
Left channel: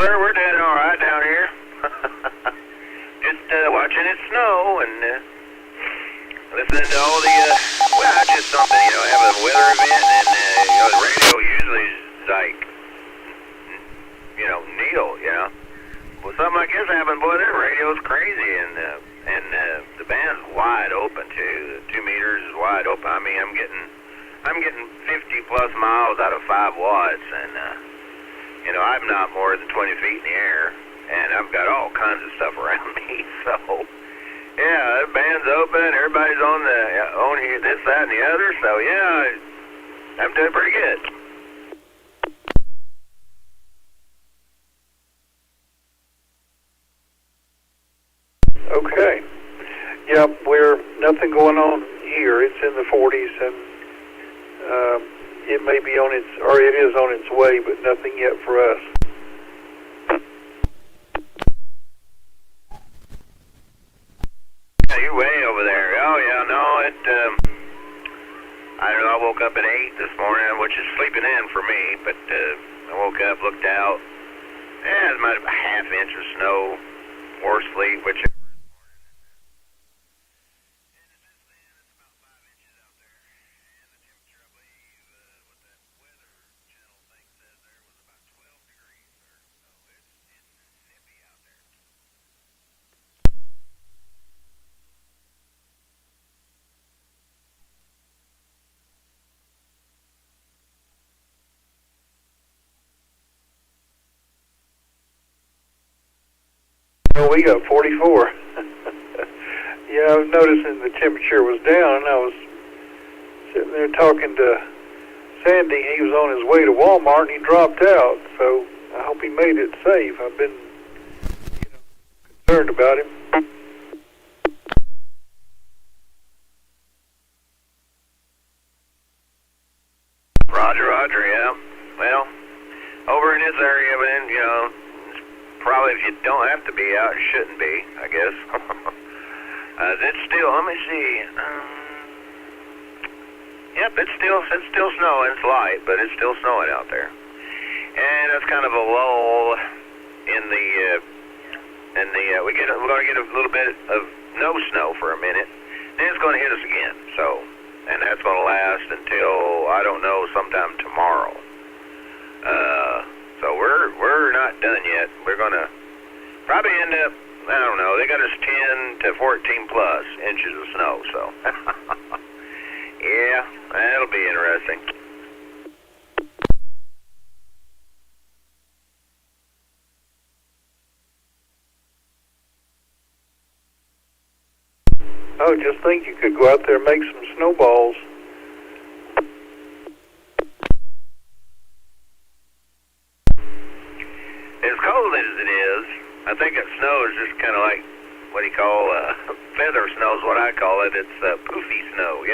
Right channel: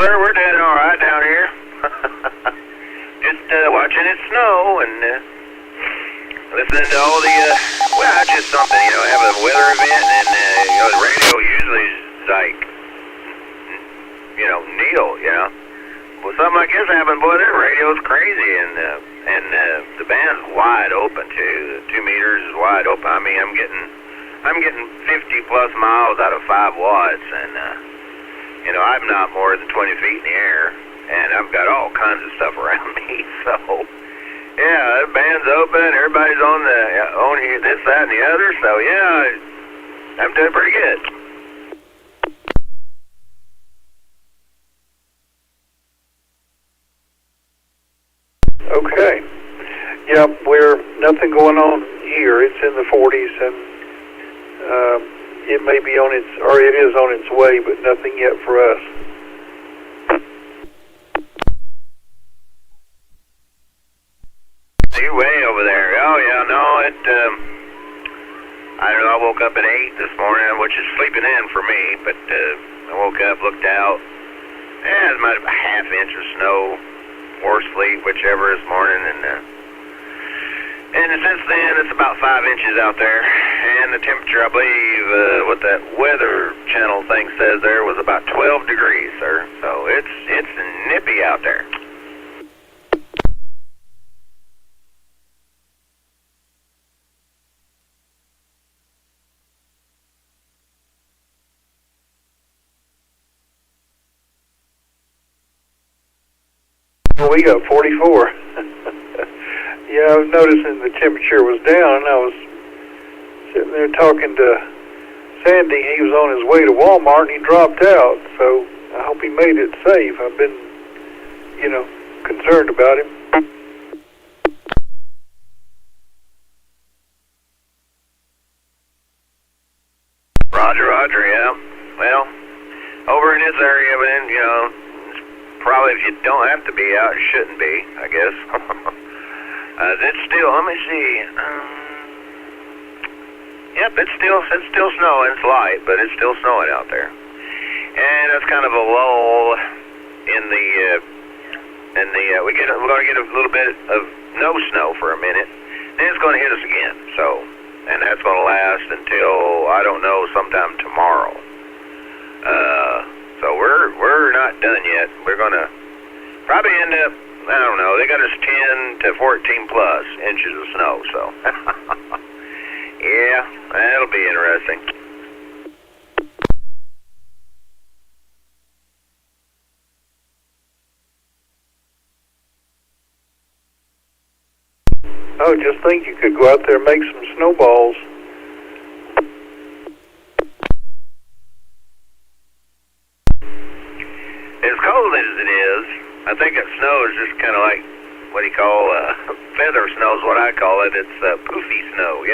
Sir, we're doing all right down here. Just watching it snow and listening to all the, well, just something, you know, have a weather event and, you know, the radio usually is like, you know, needle, you know. Well, something like this happened, boy, their radio's crazy and the band's wide open too. The 2 meters is wide open. I mean, I'm getting 50 plus miles out of 5 watts and, you know, I'm not more than 20 feet in the air, and I've got all kinds of stuff around me, so, yeah, the band's open, everybody's on here, this, that, and the other, so, yeah, I'm doing pretty good. going on here. It's in the 40s, and it may be on its, or it is on its way, but nothing yet for us. You're way over there. Oh, yeah, no, I don't know, I woke up at 8 this morning, which is sleeping in for me, but I woke up, looked out, it might have a half inch of snow, or sleep, whichever this morning, and since then, it's about 5 inches out there, and the temperature, I believe, what that weather channel thing says there was about 12 degrees, sir, so it's nippy out there. Well, we got 44. Yeah, I was noticing the temperature was down, and I was sitting there talking to Sandy. He was on his way to Walmart, and he dropped out, so I hope he made it safe. I've been, concerned about him. Roger, yeah. Well, over in this area, but then, probably if you don't have to be out, it shouldn't be, I guess. It's still, let me see. Yep, it's still snowing. It's light, but it's still snowing out there. And that's kind of a lull in the we're going to get a little bit of no snow for a minute. Then it's going to hit us again. So, and that's going to last until, I don't know, sometime tomorrow. So we're not done yet. We're going to probably end up, I don't know, they got us 10 to 14 plus inches of snow, so. Yeah, that'll be interesting. Oh, just think you could go out there and make some snowballs. As cold as it is, I think that snow is just kind of like what do you call feather snow is what I call it. It's poofy snow,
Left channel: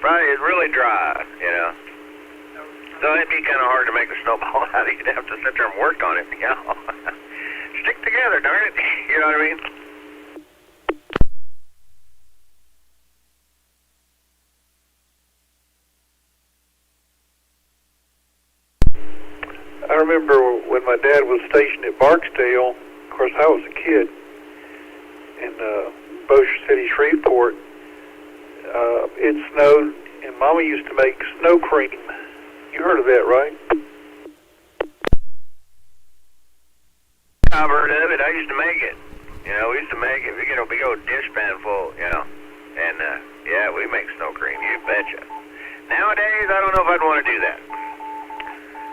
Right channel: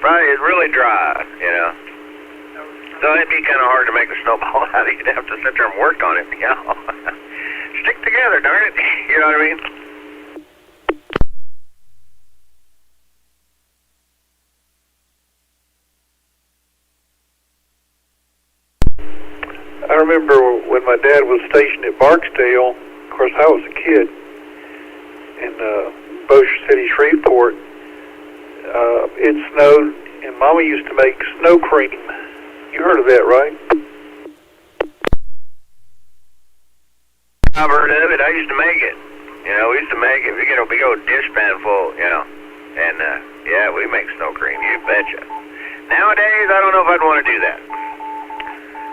Probably it's really dry, So it'd be kind of hard to make a snowball out of it. You'd have to sit there and work on it, Stick together, darn it. You know what I mean? I remember when my dad was stationed at Barksdale. Of course, I was a kid in Bossier City, Shreveport. It snowed, and Mama used to make snow cream. You heard of that, right? I've heard of it. I used to make it. We used to make it. We get a big old dishpan full, and yeah, we make snow cream. You betcha. Nowadays, I don't know if I'd want to do that.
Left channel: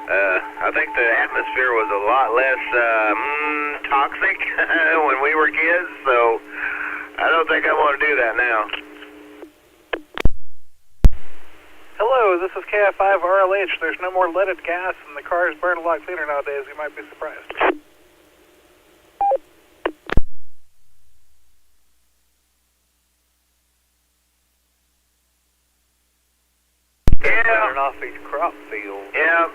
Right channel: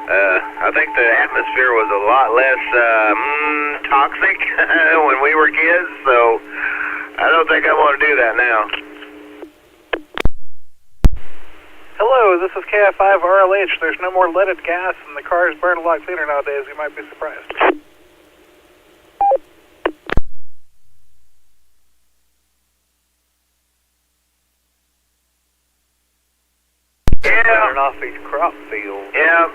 I think the atmosphere was a lot less toxic when we were kids, so I don't think I want to do that now. Hello, this is KF5RLH. There's no more leaded gas, and the cars burn a lot cleaner nowadays. You might be surprised. Yeah. Burn off these crop fields. Yeah.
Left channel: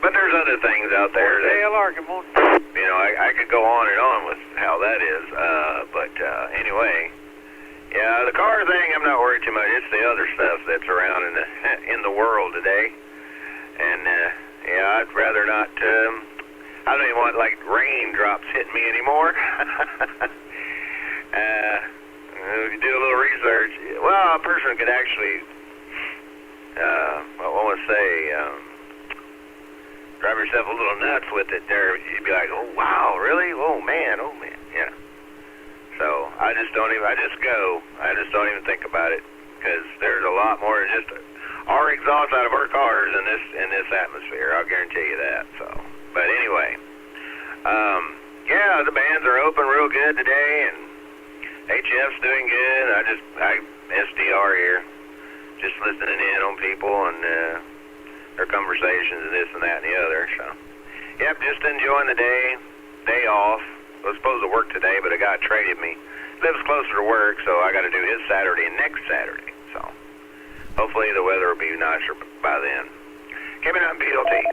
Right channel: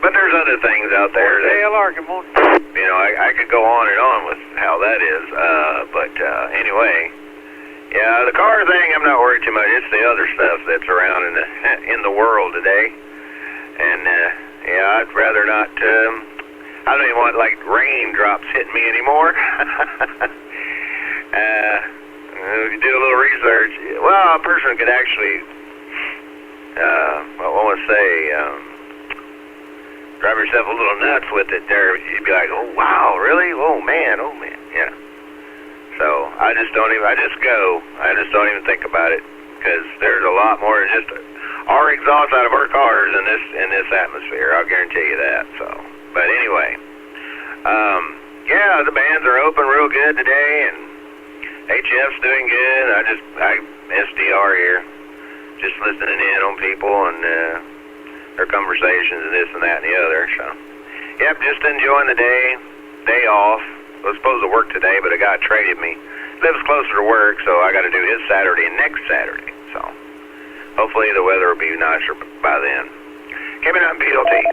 But there's other things out there that, good morning. I could go on and on with how that is, but anyway, yeah, the car thing, I'm not worried too much. It's the other stuff that's around in the world today, and yeah, I'd rather not. I don't even want like raindrops hitting me anymore. If you do a little research, well, a person could actually, I want to say. Drive yourself a little nuts with it there. You'd be like, oh, wow, really? Oh, man, yeah. So I just don't even think about it, because there's a lot more than just our exhaust out of our cars in this atmosphere. I'll guarantee you that. So, but anyway, yeah, the bands are open real good today, and HF's doing good. I SDR here, just listening in on people and their conversations and this and that and the other. So, yep, just enjoying the day off. I was supposed to work today, but a guy traded me lives closer to work, so I got to do his Saturday next Saturday. So hopefully the weather will be nicer by then. Coming up, PLT.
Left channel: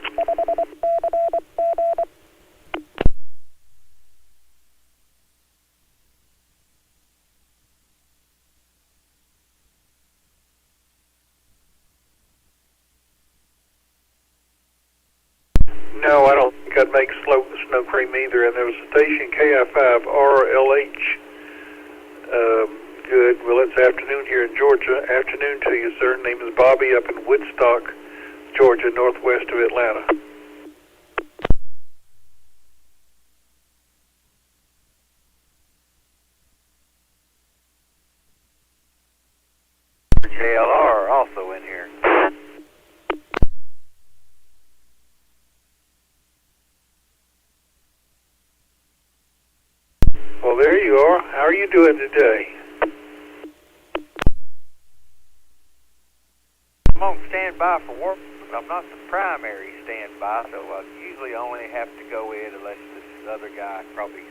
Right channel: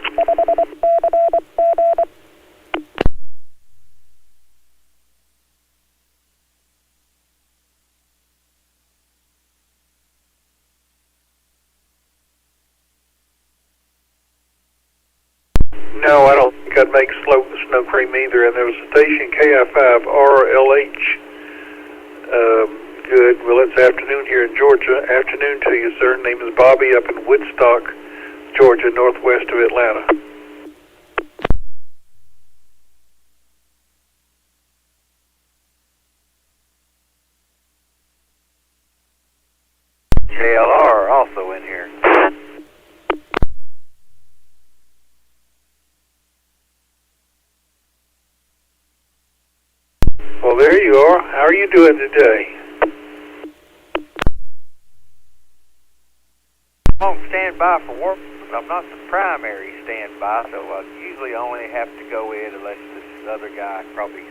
No, I don't think I'd make snow cream either. And there was a station KI5RLH. Good. Well, it's afternoon here in Georgia. Afternoon to you, sir. Name is Bobby up in Woodstock, Georgia, northwest of Atlanta. JLR also in here. Well, there you are. How are you doing today? I'm on standby for work, but I'm not the primary standby, so I usually only have to go in unless this other guy probably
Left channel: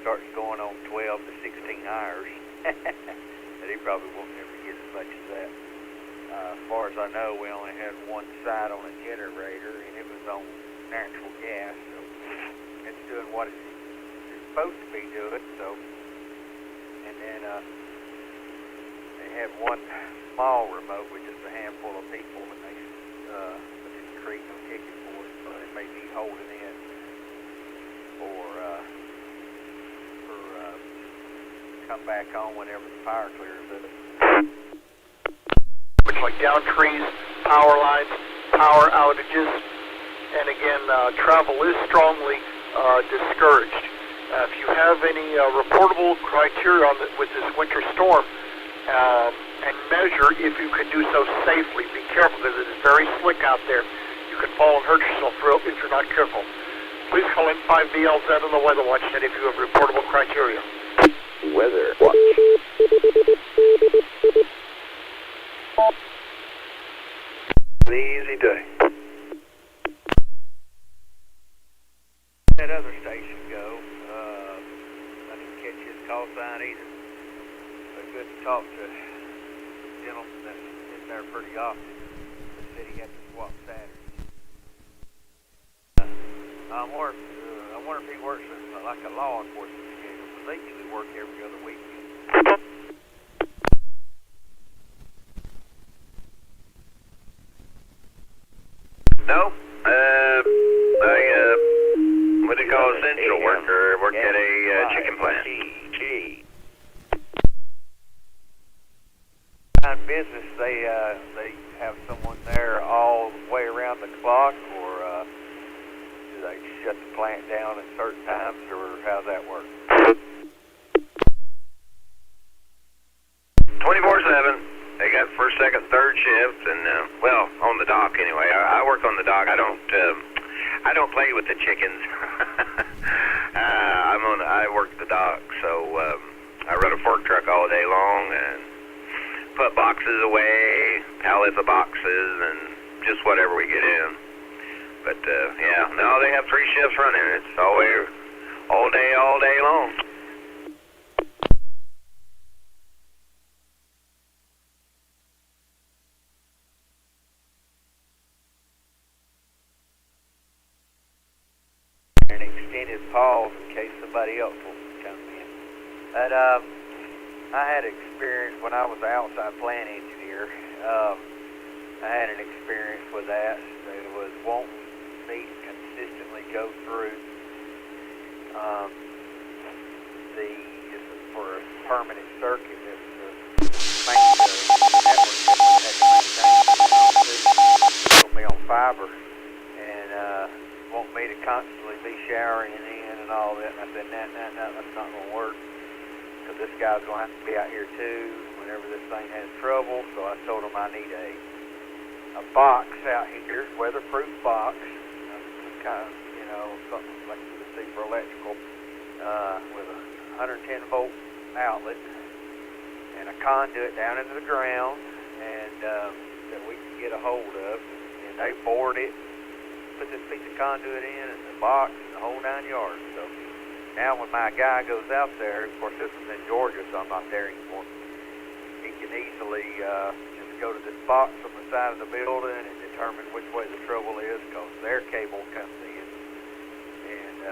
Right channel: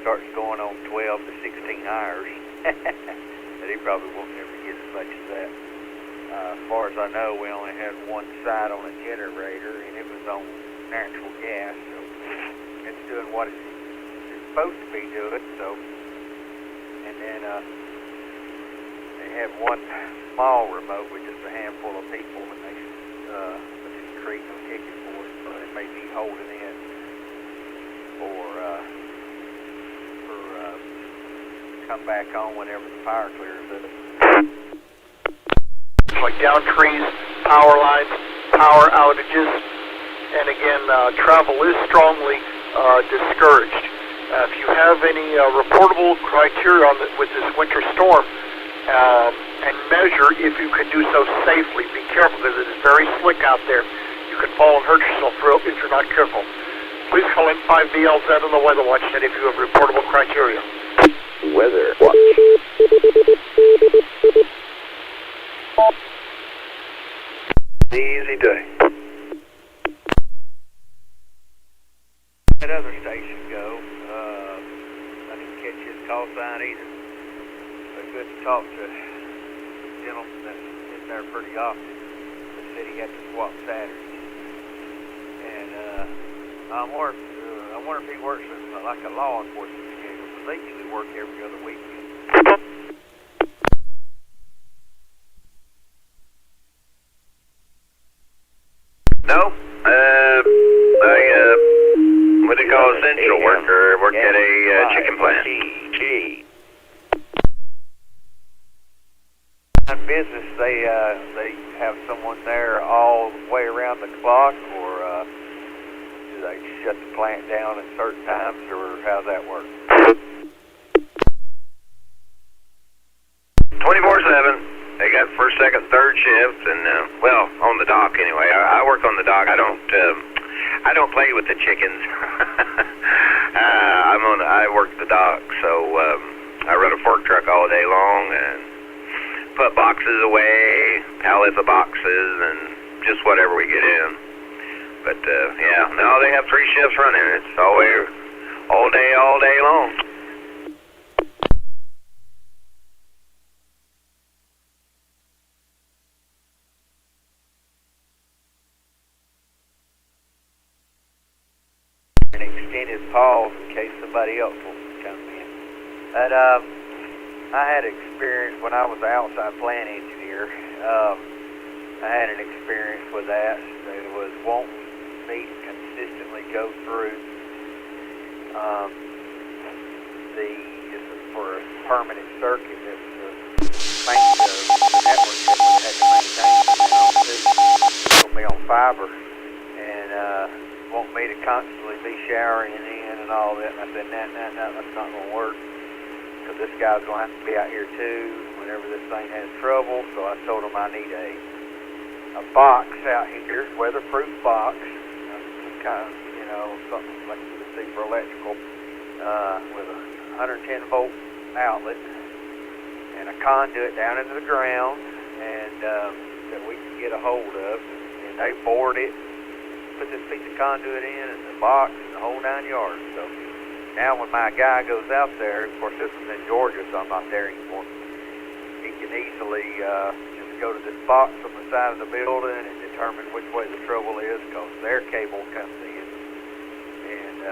starts going on 12 to 16 hours. But he probably won't ever get as much as that. As far as I know, we only had one side on a generator, and it was on natural gas, so it's doing what it's supposed to be doing. So, and then they have one small remote with just a handful of people, and they didn't create no ticket for it, so they may be holding in for come back on whenever the fire clears up. It's like down trees, power lines, power outages, and again, travel is strongly discouraged. If you have any reportable criteria on with this winter storm, and measure if you can do so safely. Be careful because it is very slick out there. You can fall and hurt yourself if you're not careful. Please call N5BLZ on the Weather Watch Net if you have reportable criteria. Weather Watch. An easy day. That other station go. I didn't catch his call sign either. But good to talk to a gentleman that's in there pretty often. He said he had to swap Saturdays. And I wonder if he works with like a law enforcement schedule, because they usually work every other weekend. No. What do you call a central worker? Work at a chicken plant. Business, they have someone there all the way around the clock, or do they shut the plant down at certain times, or how's that work? 24/7. They got first, second, third shift, and well, on the dock anyway. I work on the dock. I don't play with the chickens. I work the dock, so I run a fork truck all day long and put boxes away, pallets of boxes, and just whatever we get in. But yeah, no, they have 3 shifts running. It's always all day long. An extended pause in case somebody else wants to come in. But I had experience when I was an outside plant engineer. I had an experience with that. They was wanting me to consistently go through this was for a permanent circuit that was the network that we had to maintain put me on fiber, and want me to constantly be showering in and all that. And I said, no, that's not going to work, because this guy's going to have to be out here too whenever this thing has trouble. So I told him I need a box out here, weatherproof box, kind of, something like you would see for electrical, with a 110 volt outlet and a conduit down into the ground, and that we can get a hold of. And they bored it, put this piece of conduit in, and the box, and the whole 9 yards. So now when my guy goes out there, of course this is in Georgia, so I'm not there anymore, he can easily just go to this box on the side of the building and determine which way the trouble is, because their cable comes in. And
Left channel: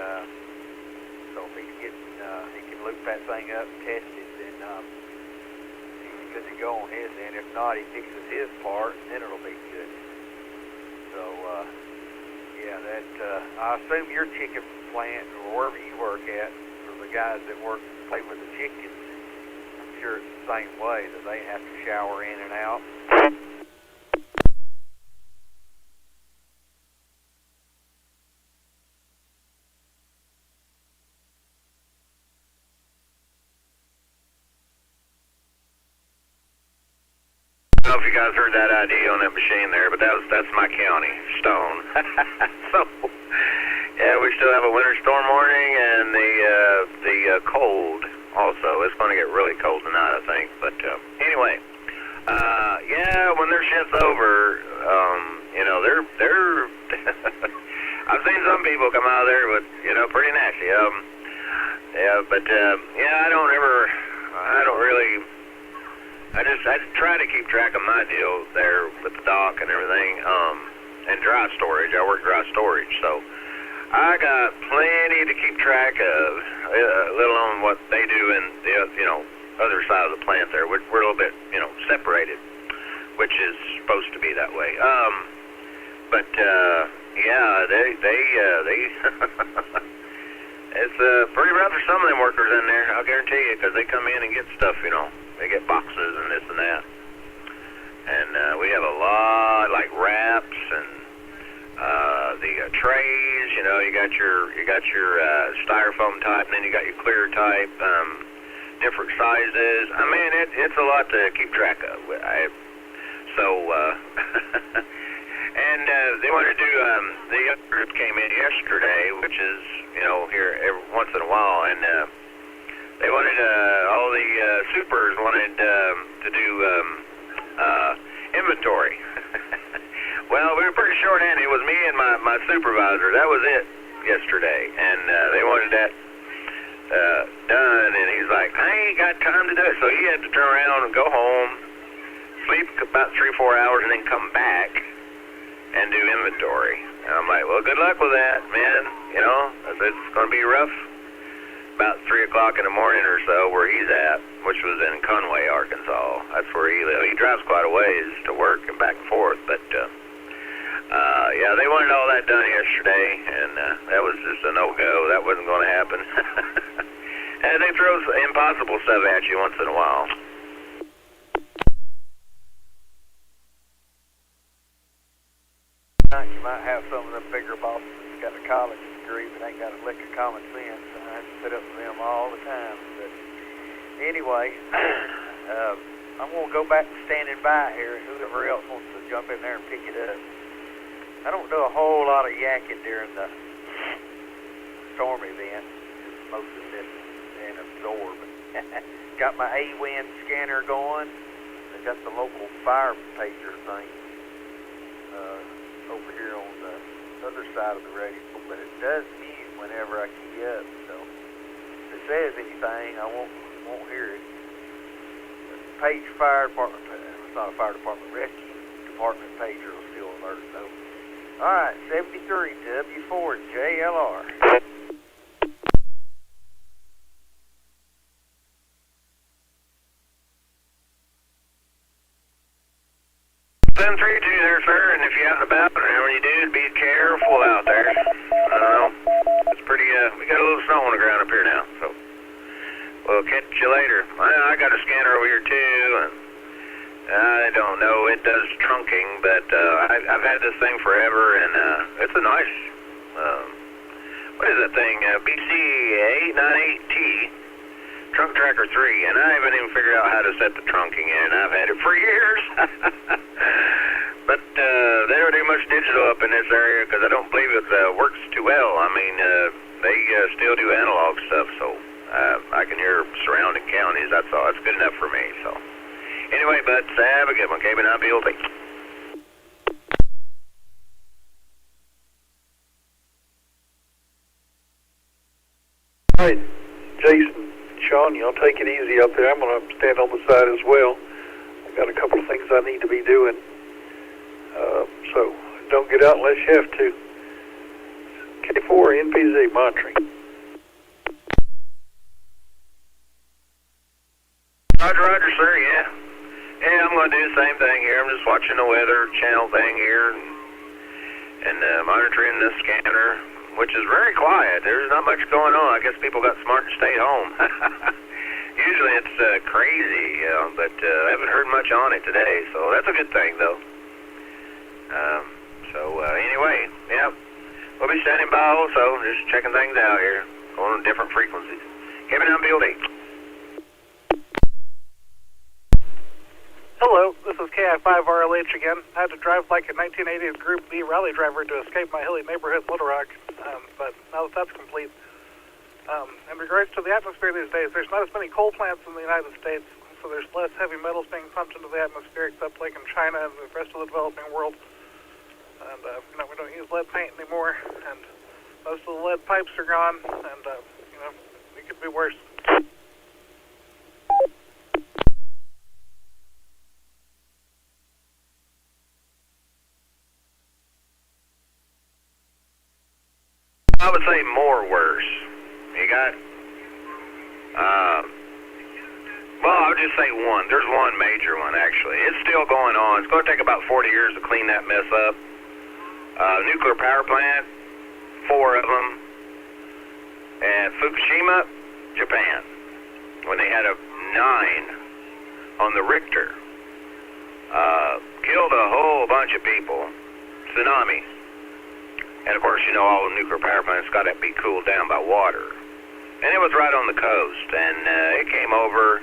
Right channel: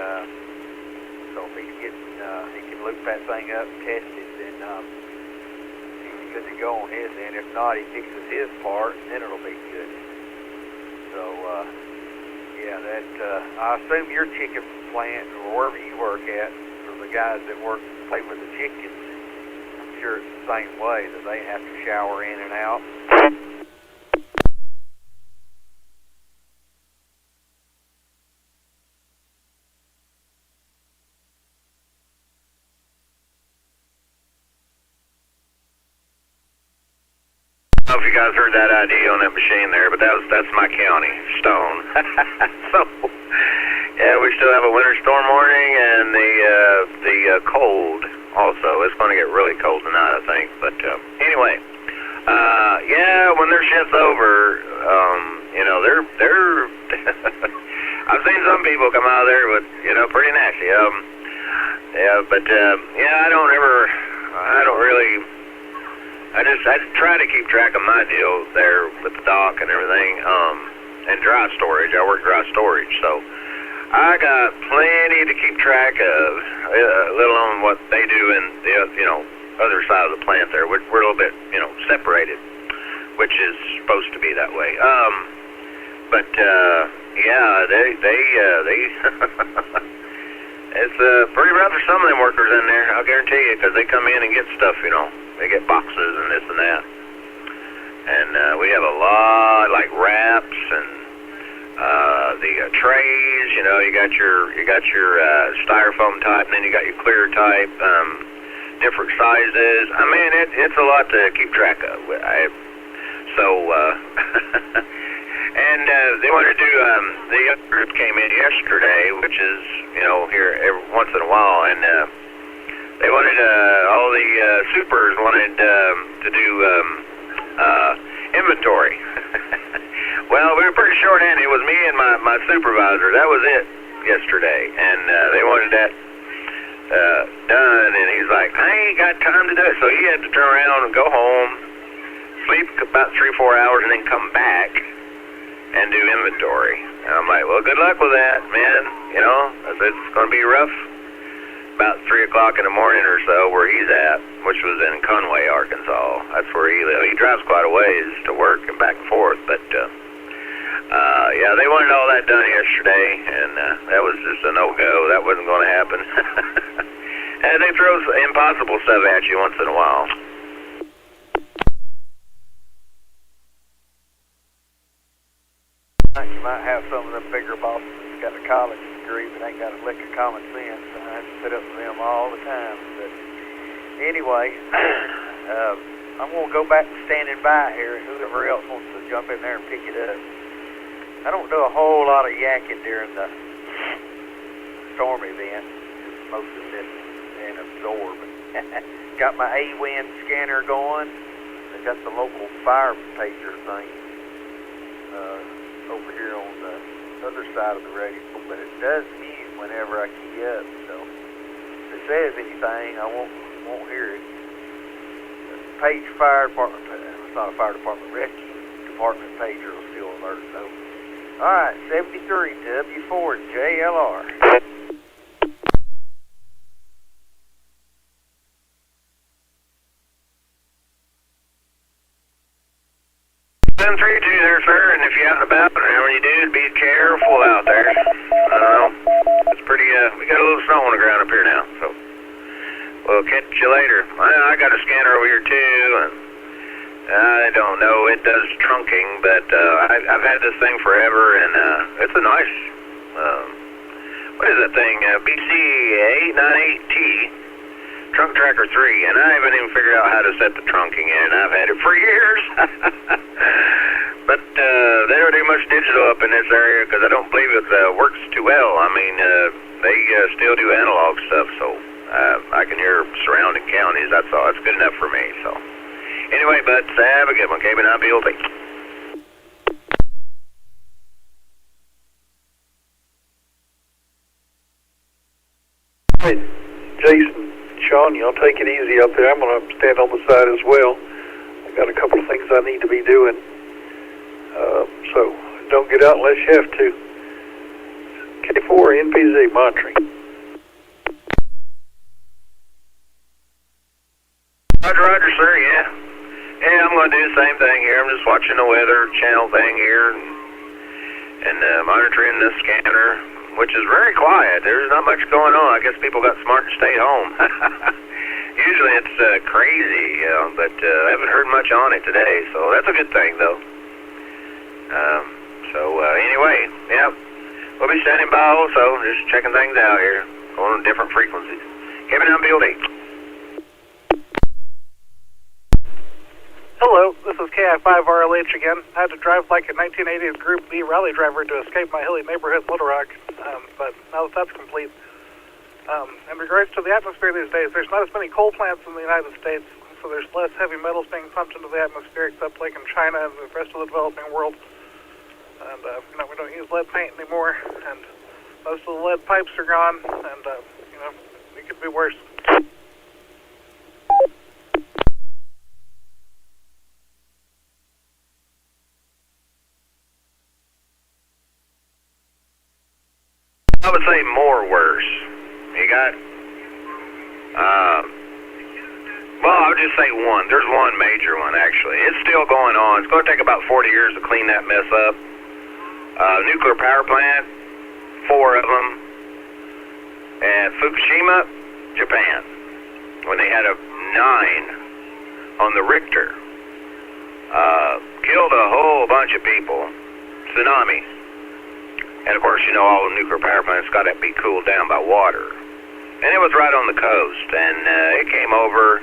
so if he's getting, he can loop that thing up and test it, then he's good to go on his end. If not, he fixes his part, and then it'll be good. So, yeah, that, I assume your chicken plant, or wherever you work at, for the guys that play with the chickens, I'm sure it's the same way, that they have to shower in and out. I don't know if you guys heard that ID on that machine there, but that's my county, Stone. So, yeah, we still have a winter storm warning and the cold also. It's going to get really cold tonight, I think. But anyway, yeah, when their shit's over, you know, they're I've seen some people come out of there with, you know, pretty nasty. Yeah, but yeah, I don't really. I try to keep track of my deal there with the dock and everything, and dry storage. I work dry storage, so I got plenty to keep track of, let alone what they do in the, you know, other side of the plant there. We're a little bit, you know, separated, which is supposed to be that way. But yeah, they it's pretty rough for some of them workers in there, I'll guarantee you, because they come in and get stuff, you know. They get boxes and this and that. And we have a lot, like wraps and the trays, you know, you got your styrofoam type, and then you got your clear type, different sizes. I mean, it's a lot to keep track of. And they want to do, the other group came in yesterday, which is, you know, here every once in a while, and they wanted, all the supers wanted to do inventory. Well, we were pretty short-handed. It was me and my supervisor. That was it yesterday. And they wanted that done, and he's like, I ain't got time to do it. So he had to turn around and go home, sleep about 3-4 hours, and then come back and do inventory. And I'm like, well, good luck with that, man. You know, it's going to be rough. About 3 o'clock in the morning or so, where he's at, which was in Conway, Arkansas. That's where he lives. He drives quite a ways to work and back and forth, but yeah, they wanted all that done yesterday, and that was just a no-go. That wasn't going to happen. And they throw impossible stuff at you once in a while. You might have some of them bigger bosses that's got a college degree but ain't got a lick of common sense. I have to put up with them all the time. But anyway, I'm going to go back to standing by here, and whoever else wants to jump in there and pick it up. I don't do a whole lot of yakking during the storm event. Most of this and absorb. Got my A5FM scanner going. I got the local fire pager thing over here on the other side of the radio, but it does mute whenever I key up, so if it says anything, I won't hear it. The Page Fire Department, it's not a fire department, rescue department pager will still alert, though. Alright, 73 W4 JLR. 732 there, sir, and if you're out and about, whenever you do, be careful out there. It's pretty, we got a little snow on the ground up here now, so we'll catch you later. I got a scanner over here, too, and I don't know, it does trunking, but I've had this thing forever, and it's a nice, what is that thing, BC898T. Trunk Tracker 3, and I haven't even figured out how to set the trunking in. I've had it for years. But they don't do much digital up in this area because I don't believe it works too well. I mean, they still do analog stuff, so I can hear surrounding counties. That's all. It's good enough for me. So anyway, bud, have a good one. KB9BLT. 732 Hey, Jason, Sean, y'all take it easy up there. I'm going to stand on the side as well. I got a couple of things I need to be doing. So don't get out unless you have to. K4 NPZ monitoring. Roger, sir, yeah. Yeah, I'm going to do the same thing here. I'm just watching the weather channel thing here and monitoring the scanner, which is very quiet. There's not much going on. I guess people got smart and stayed home. Usually it's crazy, you know, but I haven't heard much on it today, so that's a good thing, though. Anyway, yeah, we'll be standing by also, just checking things out here, going on different frequencies. Kevin on building. Hello, this is KI5RLH again. I had to drive like a 1980s Group B rally driver to escape my hilly neighborhood, Little Rock, but now that that's complete. In regards to the atmosphere these days, there's not as many coal plants in the United States, so there's less heavy metals being pumped into the atmosphere, except like in China and the rest of the developing world. And, we don't use lead paint anymore, and most of the lead pipes are gone, and, it could be worse. I would say more worse. You got, I'll just say one. There's one major one, actually. It's still going on. It's going to take about 40 years to clean that mess up. Nuclear power plant, 4 of them, at Fukushima, Japan, when they had a 9 on the Richter. Killed a whole bunch of people. Tsunami. And of course, all the nuclear power plants got to be cooled down by water. And it was right on the coast, and it came over,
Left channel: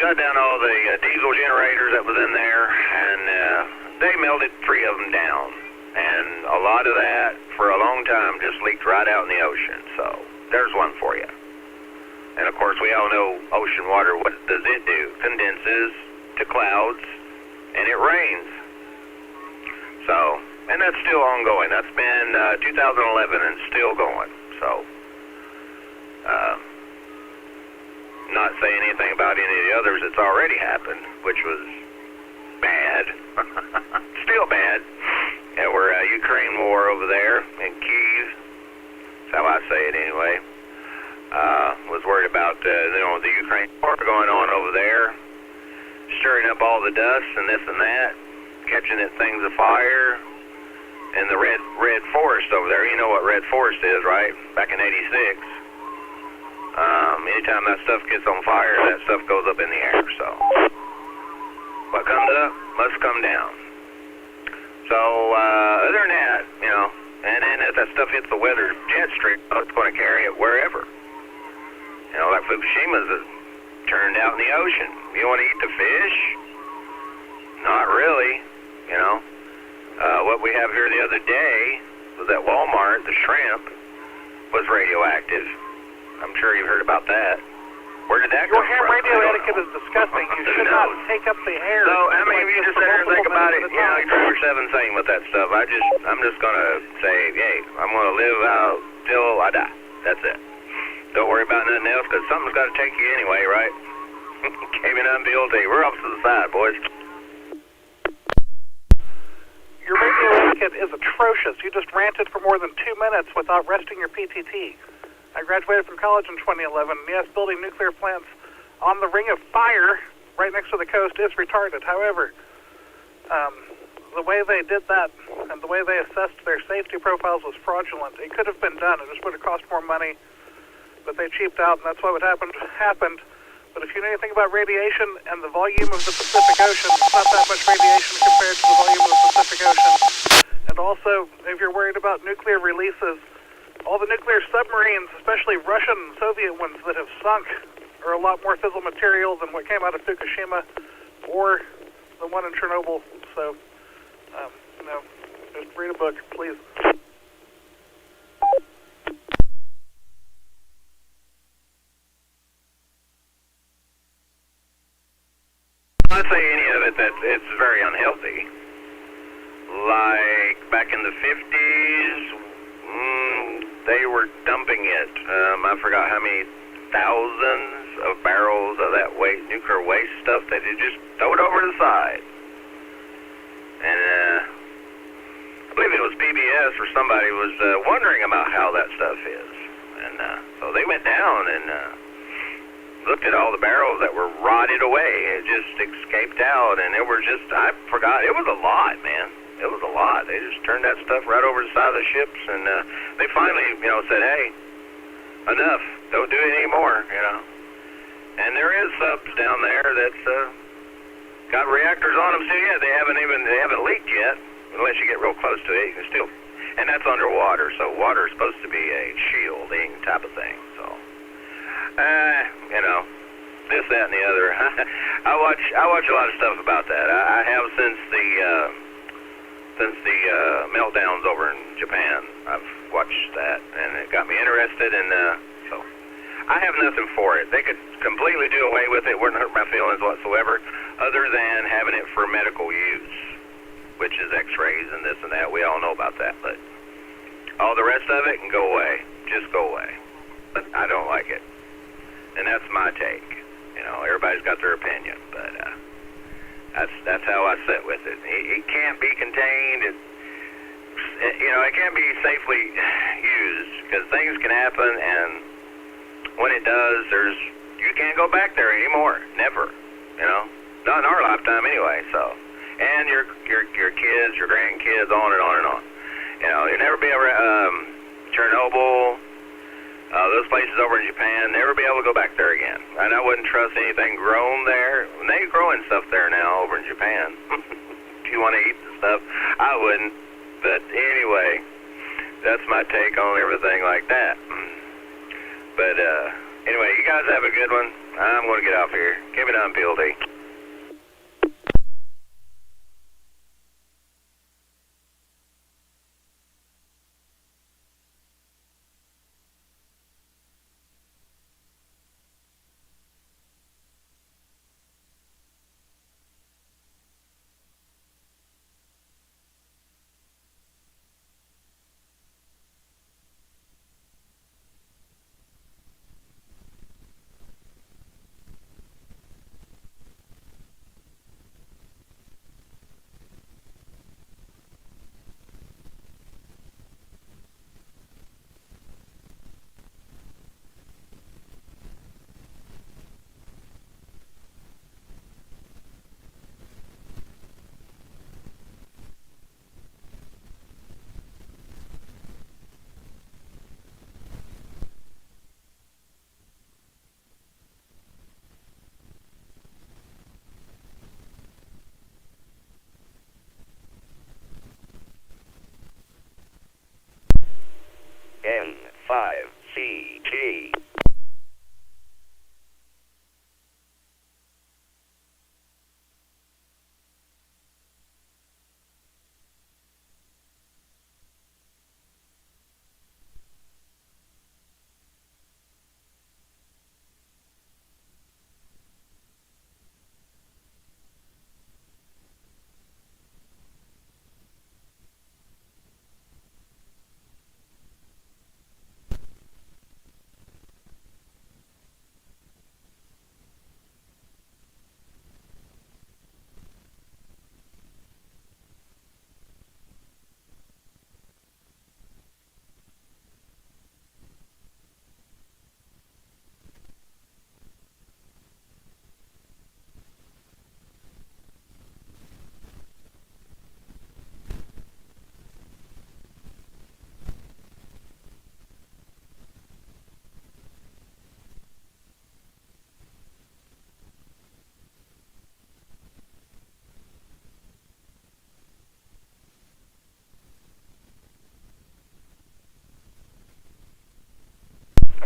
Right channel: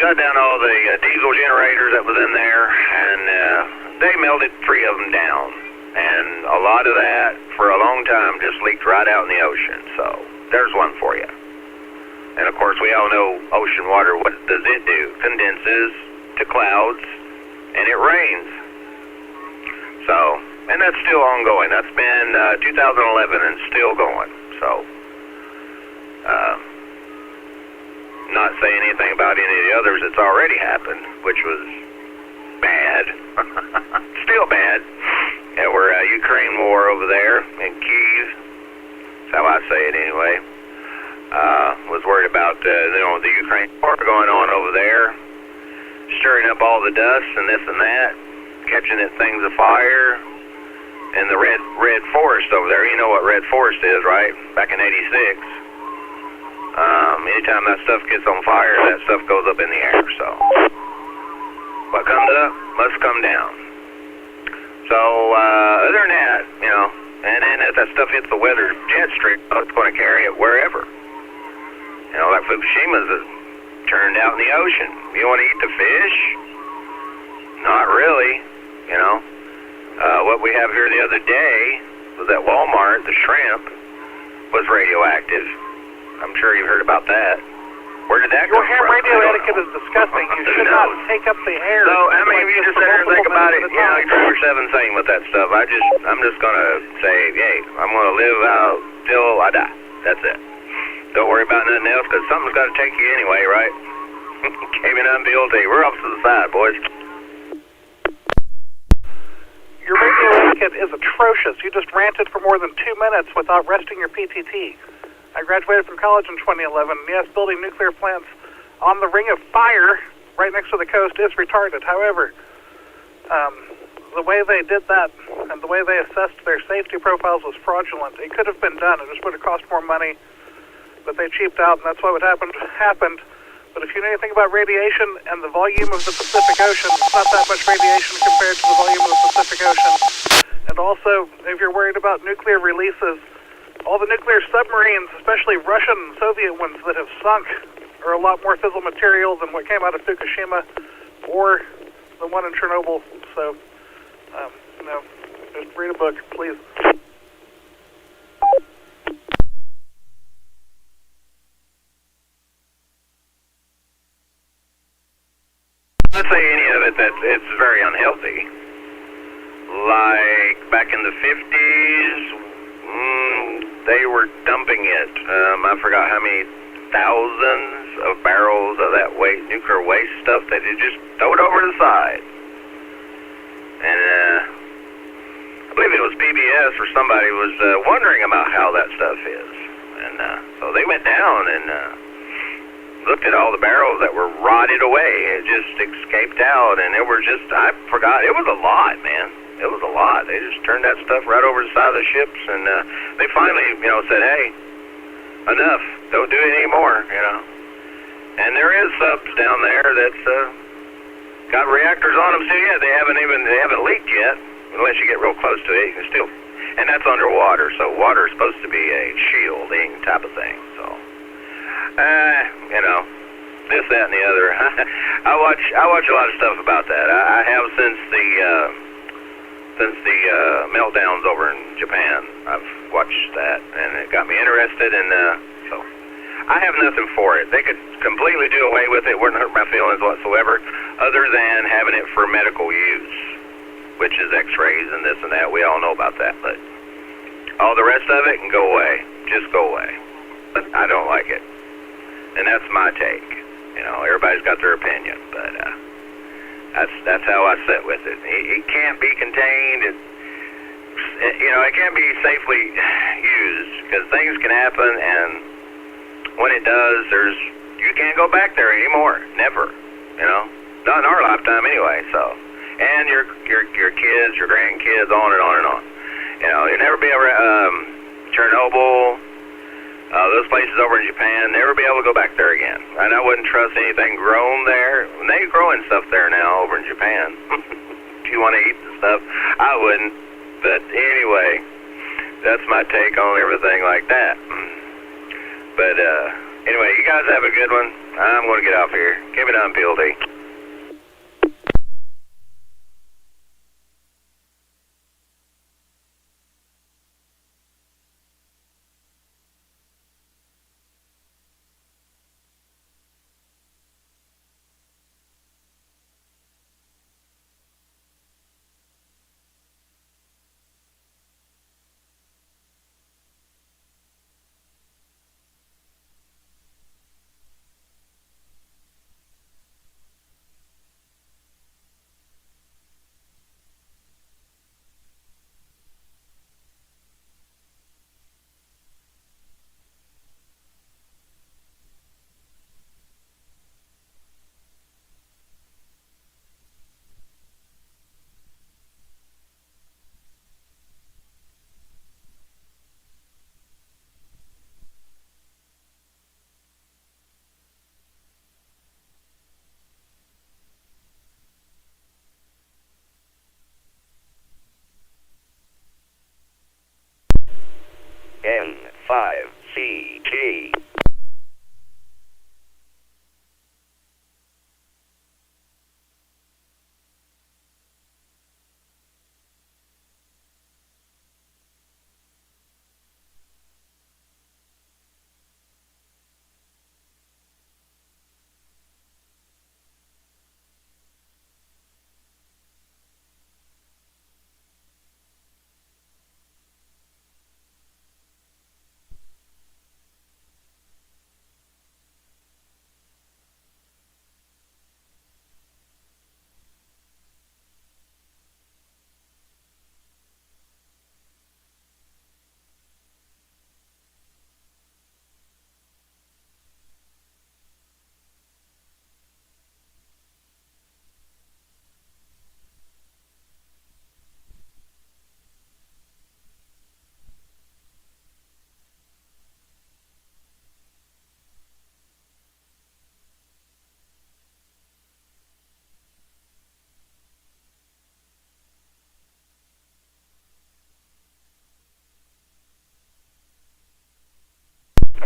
shut down all the diesel generators that was in there, and they melted 3 of them down. And a lot of that, for a long time, just leaked right out in the ocean. So there's one for you. And of course, we all know ocean water, what does it do? Condenses to clouds, and it rains. So, and that's still ongoing. That's been 2011 and still going. So, not saying anything about any of the others that's already happened, which was bad. Still bad. Yeah, we're Ukraine war over there in Kyiv. That's how I say it anyway. Was worried about the Ukraine war going on over there, stirring up all the dust and this and that, catching things afire. And the red forest over there, you know what red forest is, right? Back in '86. Anytime that stuff gets on fire, that stuff goes up in the air. So what comes up must come down. So other than that, and then if that stuff hits the weather jet stream, it's going to carry it wherever. Like Fukushima's turned out in the ocean. You want to eat the fish? Not really. What we have here the other day was at Walmart, the shrimp was radioactive. I'm sure you've heard about that. Where did that come from? Your ham radio etiquette is disgusting. You should not take up the air. So, I mean, if you just sit there and think about it, like Driver 7 saying with that stuff, I'm just going to say, hey, I'm going to live out till I die. That's it. Don't worry about nothing else, because something's got to take you anyway, right? Caving on BLT. We're off to the side, boys. Your radio etiquette is atrocious. You just ranted for more than 2 minutes without resting your PTT. I graduated from college in 2011, and yes, building nuclear plants on the ring of fire right next to the coast is retarded. However, the way they did that and the way they assessed their safety profiles was fraudulent. It could have been done. It just would have cost more money, but they cheaped out, and that's why what happened. But if you know anything about radiation and the volume of the Pacific Ocean, it's not that much radiation compared to the volume of the Pacific Ocean. And also, if you're worried about nuclear releases, all the nuclear submarines, especially Russian and Soviet ones that have sunk, are a lot more fissile material than what came out of Fukushima or the one in Chernobyl. So, just read a book, please. I'd say any of it that it's very unhealthy. Like back in the 50s, they were dumping it. I forgot how many thousands of barrels of that nuclear waste stuff that they just throw it over to the side. And I believe it was PBS or somebody was wondering about how that stuff is. And so they went down and looked at all the barrels that were rotted away. It just escaped out, and it were just, I forgot, it was a lot, man. It was a lot. They just turned that stuff right over the side of the ships, and they finally, said, hey, enough, don't do it anymore, And there is subs down there that's got reactors on them, so yeah, they haven't leaked yet, unless you get real close to it. You can still, and that's underwater, so water is supposed to be a shielding type of thing, so. This, that, and the other. I watch a lot of stuff about that. I have since the meltdowns over in Japan. I've watched that, and it got me interested, and so I have nothing for it. They could completely do away with it. It wouldn't hurt my feelings whatsoever, other than having it for medical use, which is X-rays and this and that. We all know about that, but all the rest of it can go away. Just go away. But I don't like it. And that's my take. Everybody's got their opinion, but that's how I sit with it. It can't be contained. It can't be safely used because things can happen, and when it does, you can't go back there anymore. Never. Not in our lifetime anyway. So, and your kids, your grandkids, on and on and on. You'll never be able to Chernobyl. Those places over in Japan, never be able to go back there again. And I wouldn't trust anything grown there. They're growing stuff there now over in Japan. If you want to eat the stuff, I wouldn't. But anyway, that's my take on everything like that. But anyway, you guys have a good one. I'm going to get off here. Give it on, PLD. N5CG.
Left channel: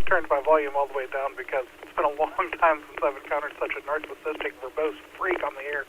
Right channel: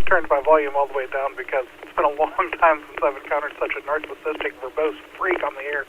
Turned my volume all the way down because it's been a long time since I've encountered such a narcissistic, verbose freak on the air.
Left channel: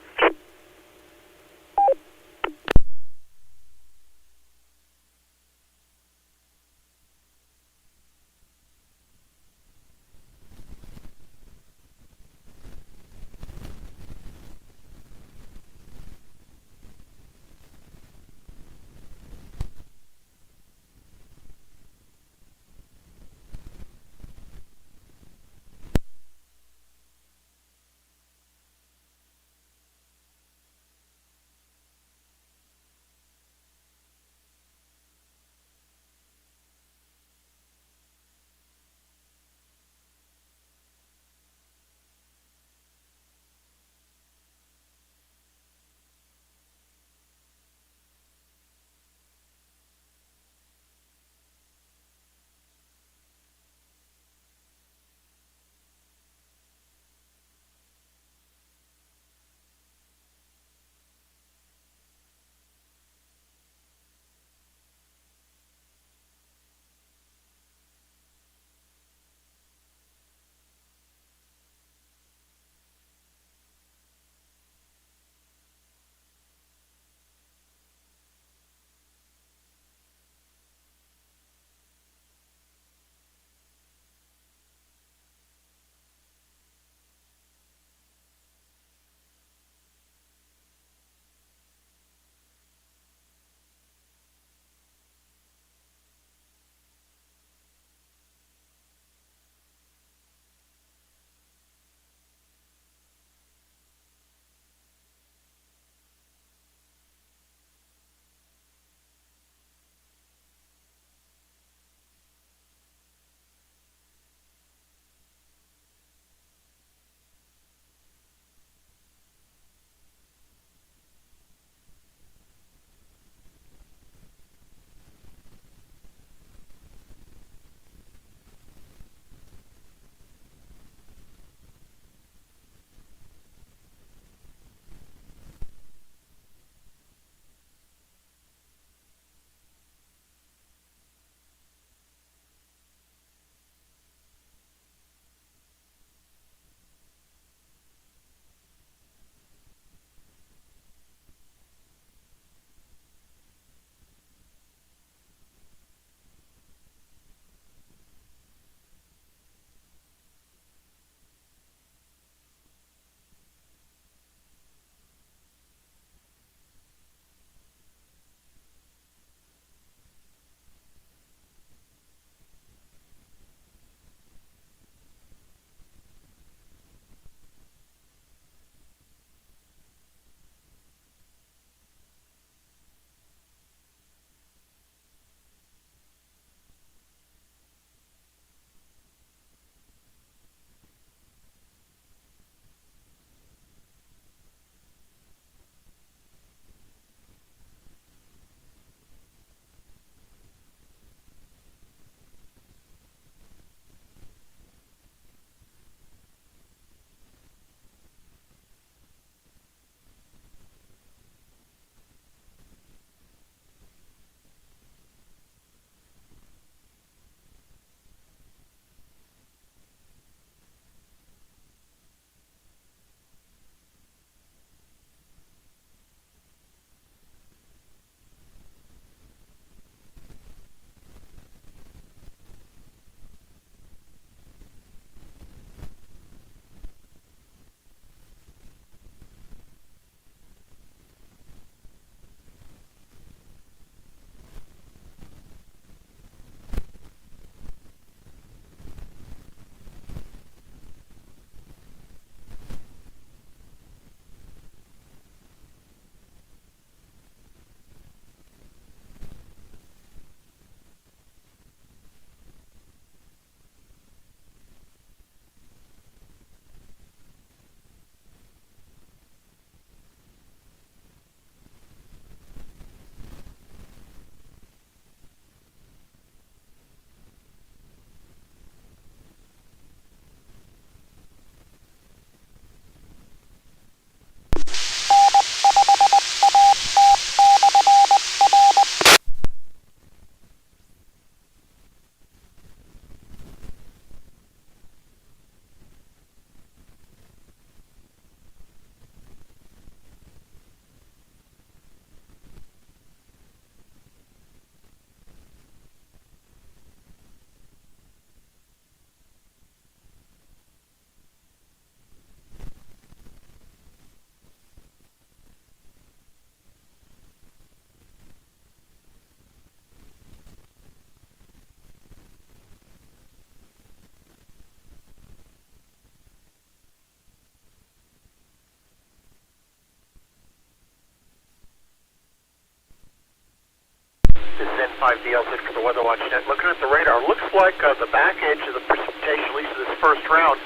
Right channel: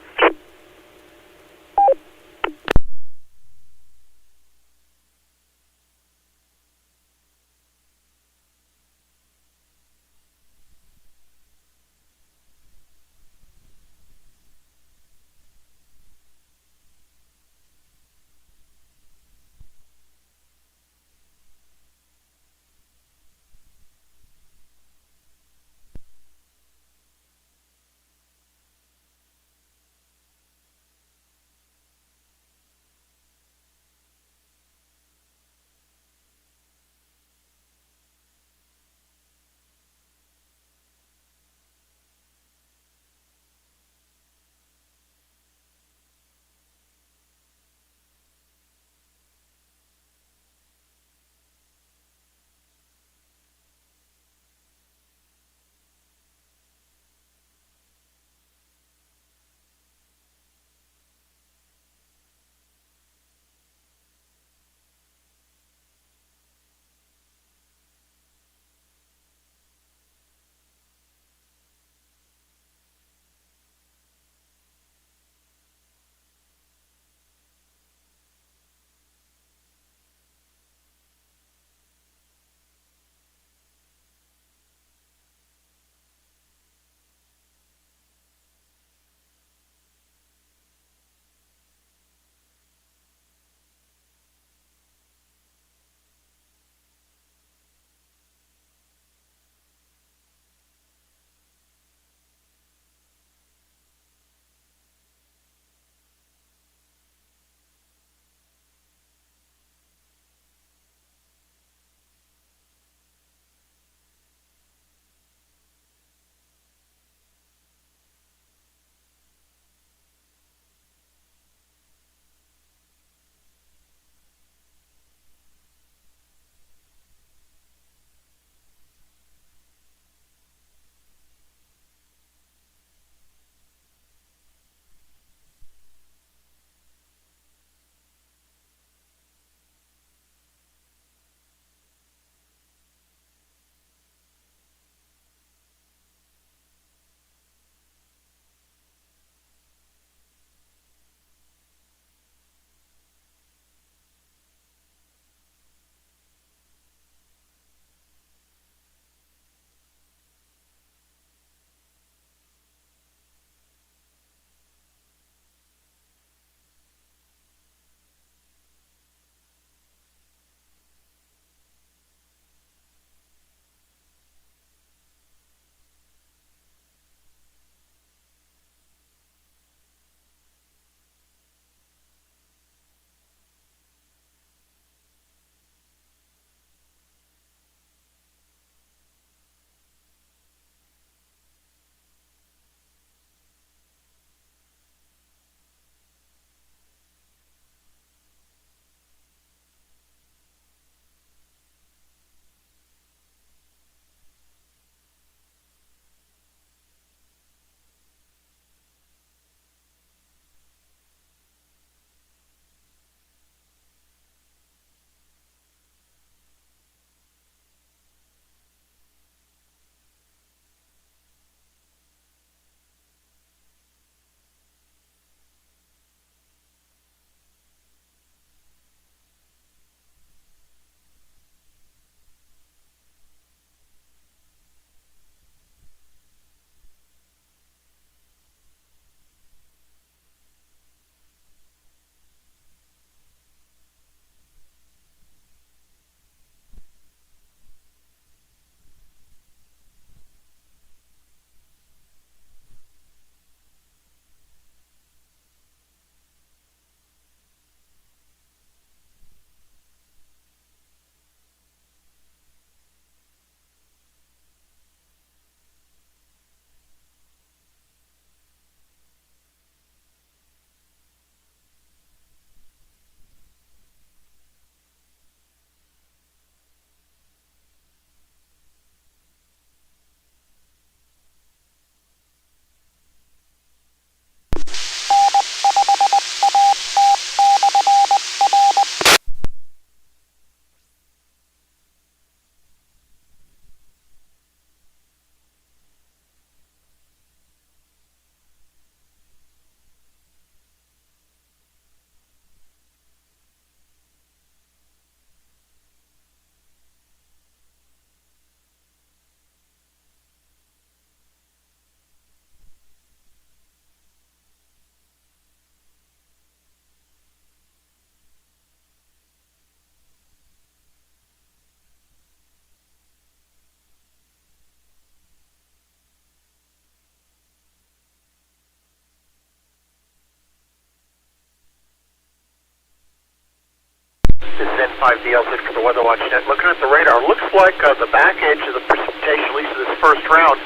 This is N5DLZ for the Weather Watch Net. Looking at the radar, looks like the back edge of the precipitation, at least of this first round,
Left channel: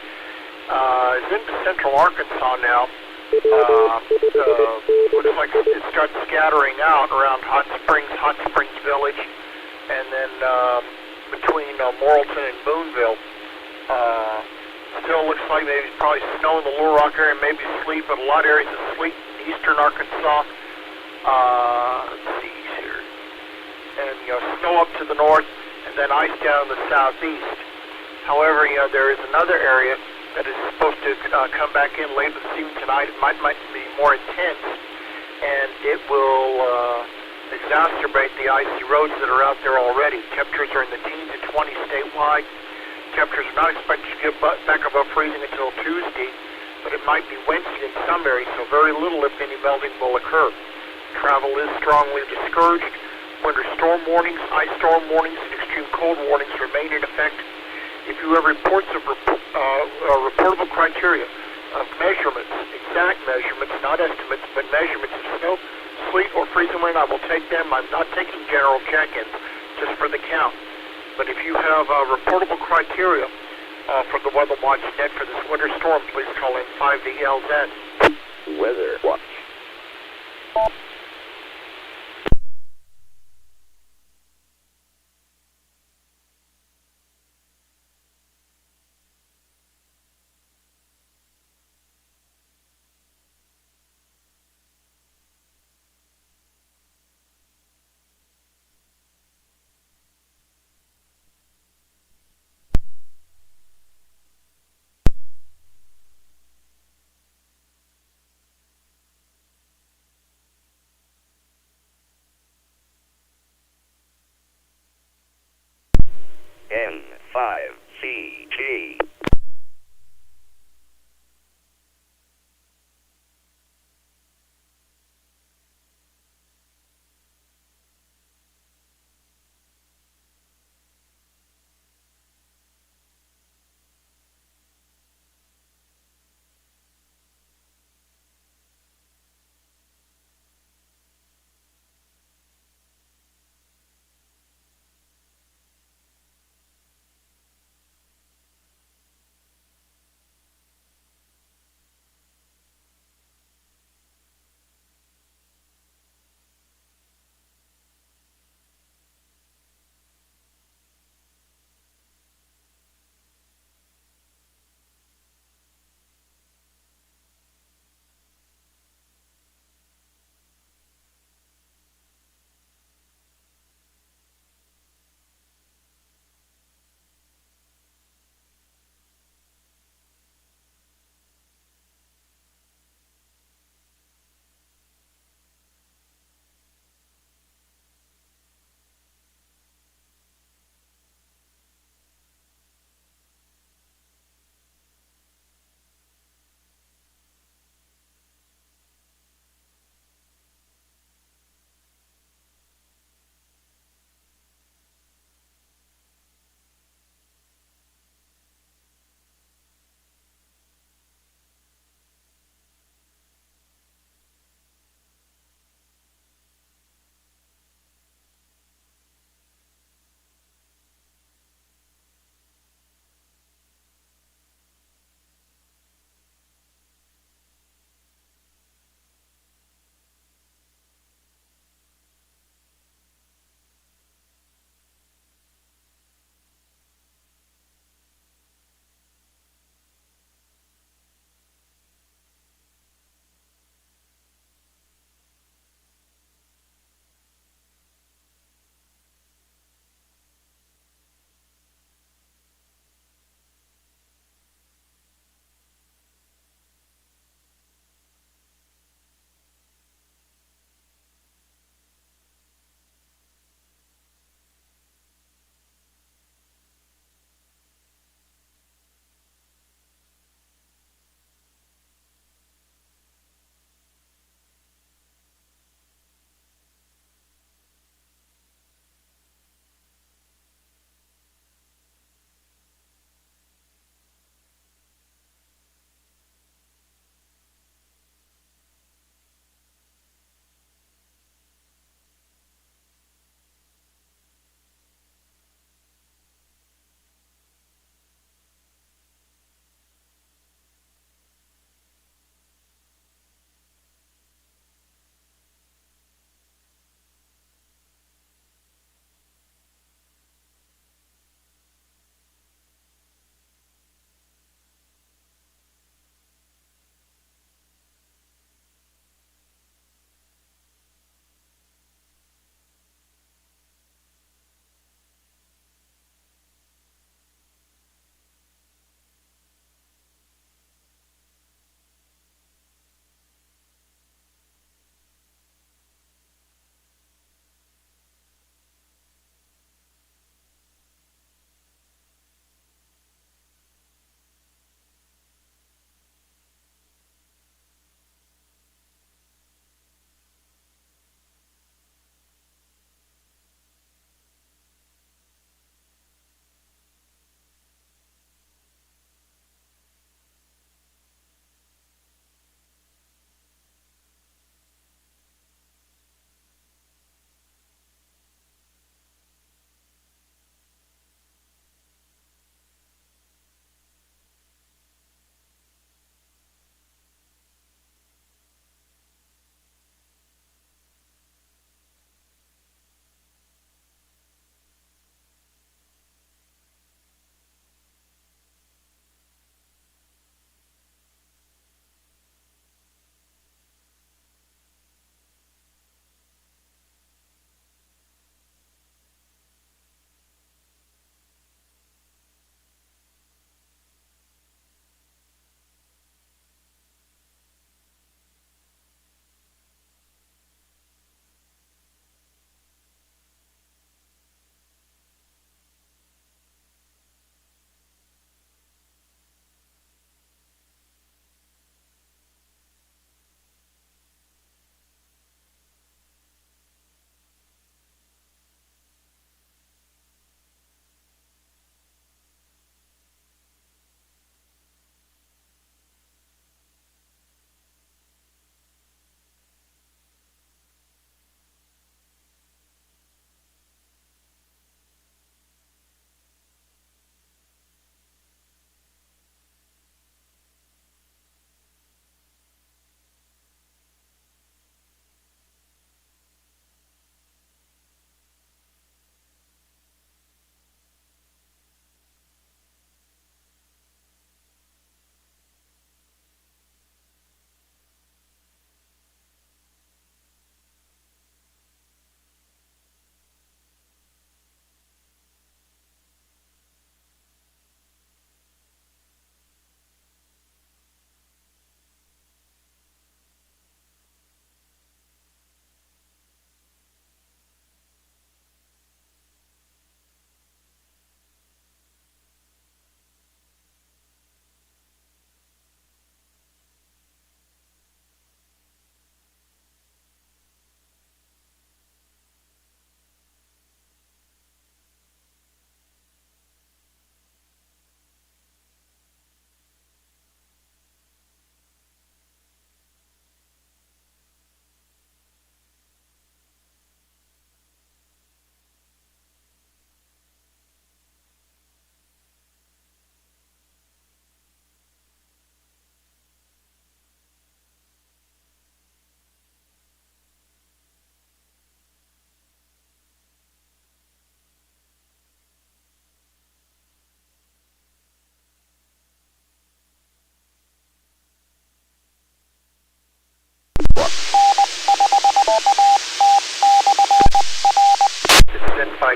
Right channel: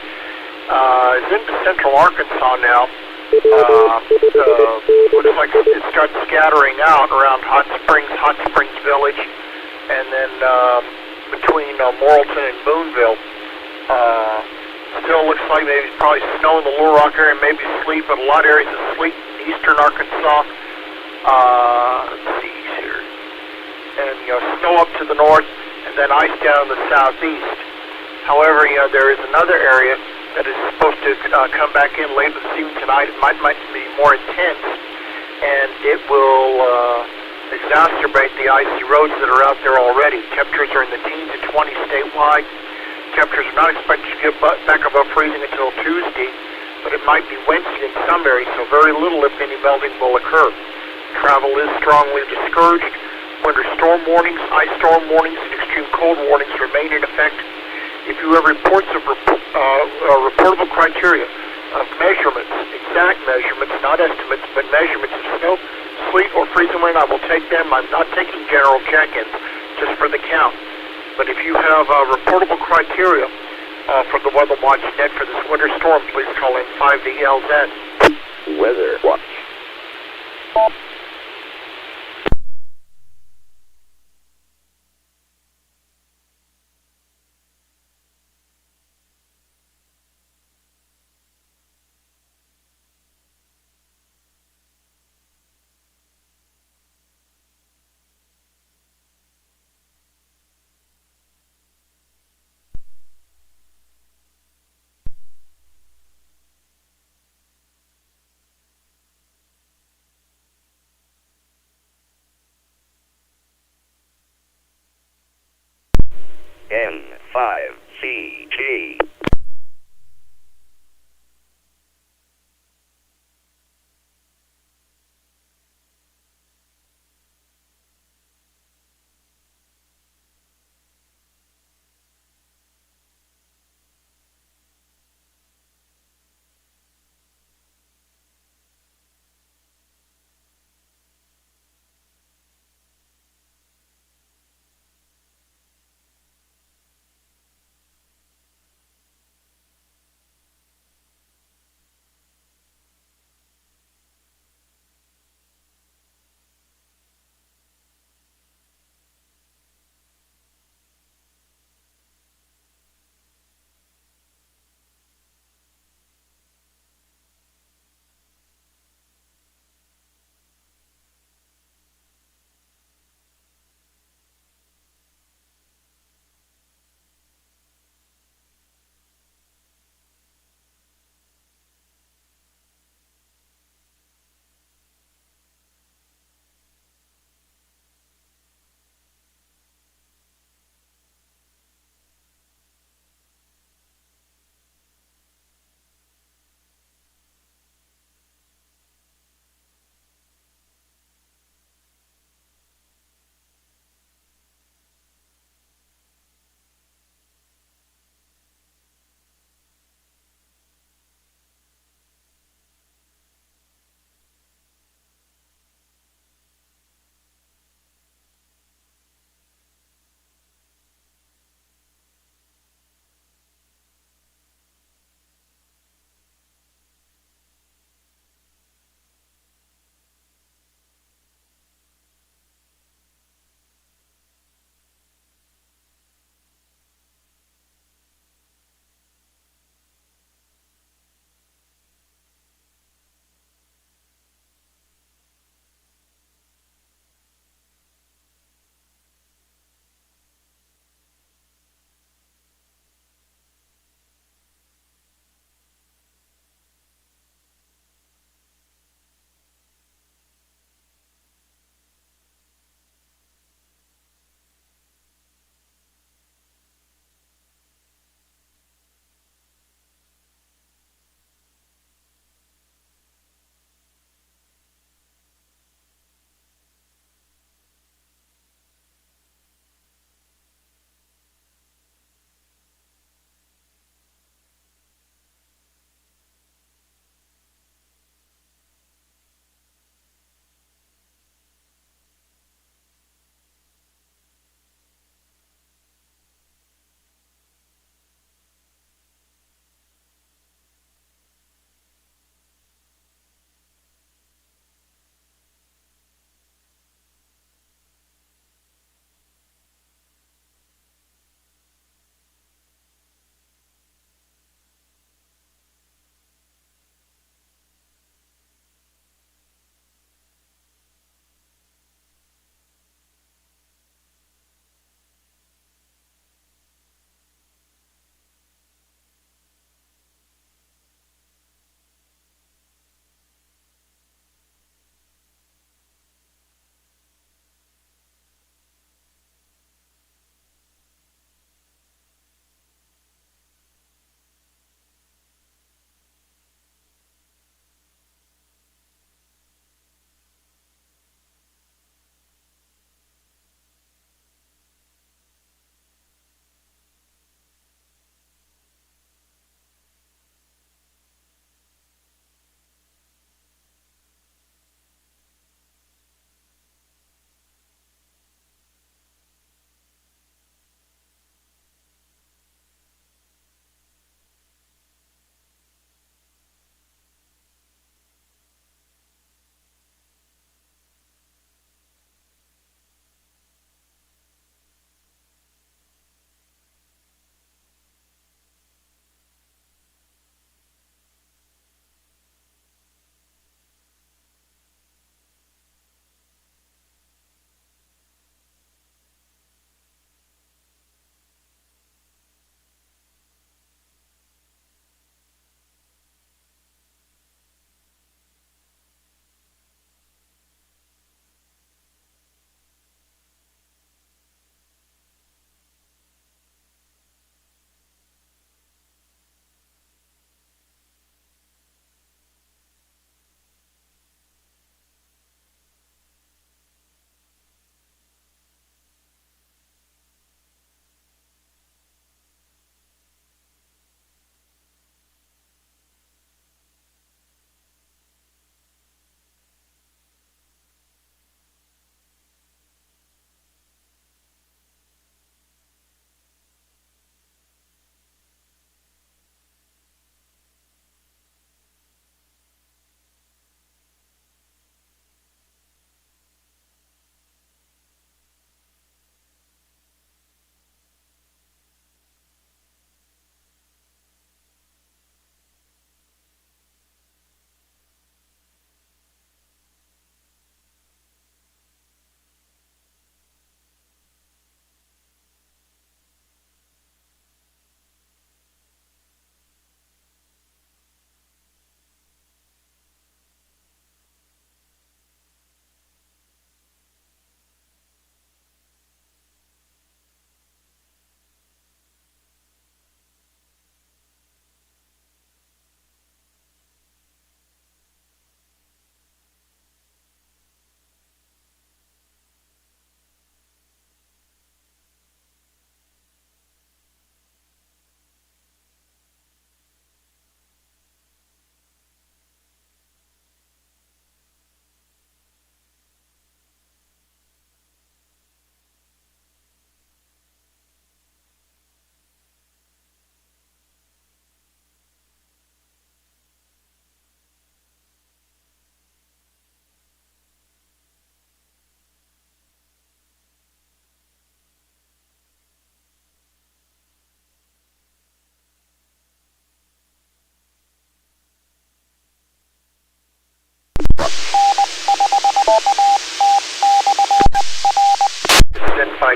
is into Central Arkansas now. Looks like it starts scattering out around Hot Springs Village, and then between Morrilton and Boonville. Still looks like maybe probably snow in the Little Rock area, maybe sleet, but a lot of areas of sleet in eastern Arkansas. Let's see here. And, snow up to the north, and then ice down in the southeast. However, there is another area that is supposed to come back in later this evening tonight. It might be more intense, and it will exacerbate the icy roads that are out there already. Temperatures are in the teens to 20 statewide. Temperatures are not expected to get back above freezing until Tuesday, but it might be Wednesday in some areas, so very little, if any, melting will occur. Travel is strongly discouraged. Winter storm warnings, ice storm warnings, and extreme cold warnings remain in effect. If you have reports of reportable criteria of measurements, exact measurements, not estimates, but measurements of snow, sleet, or freezing rain, I will take them. I'm not taking general check-ins, just for the count. But if you have reportable criteria for the Weather Watch Net for this winter storm, please call in 5DLZ. Weather Watch. N5CG.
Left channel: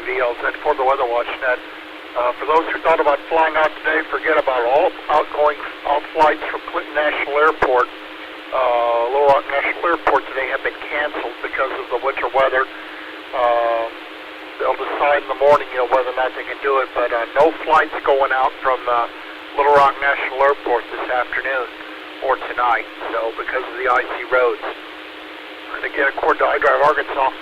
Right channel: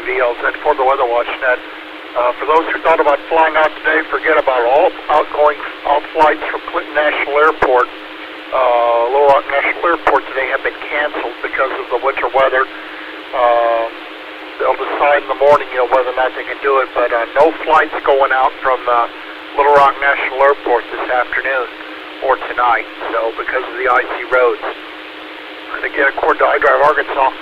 N5VLZ for the Weather Watch Net. For those who thought about flying out today, forget about all flights from Clinton National Airport. Little Rock National Airport today have been canceled because of the winter weather. They'll decide in the morning, whether or not they can do it, but no flights going out from Little Rock National Airport this afternoon or tonight, so because of the icy roads. And again, according to iDrive Arkansas,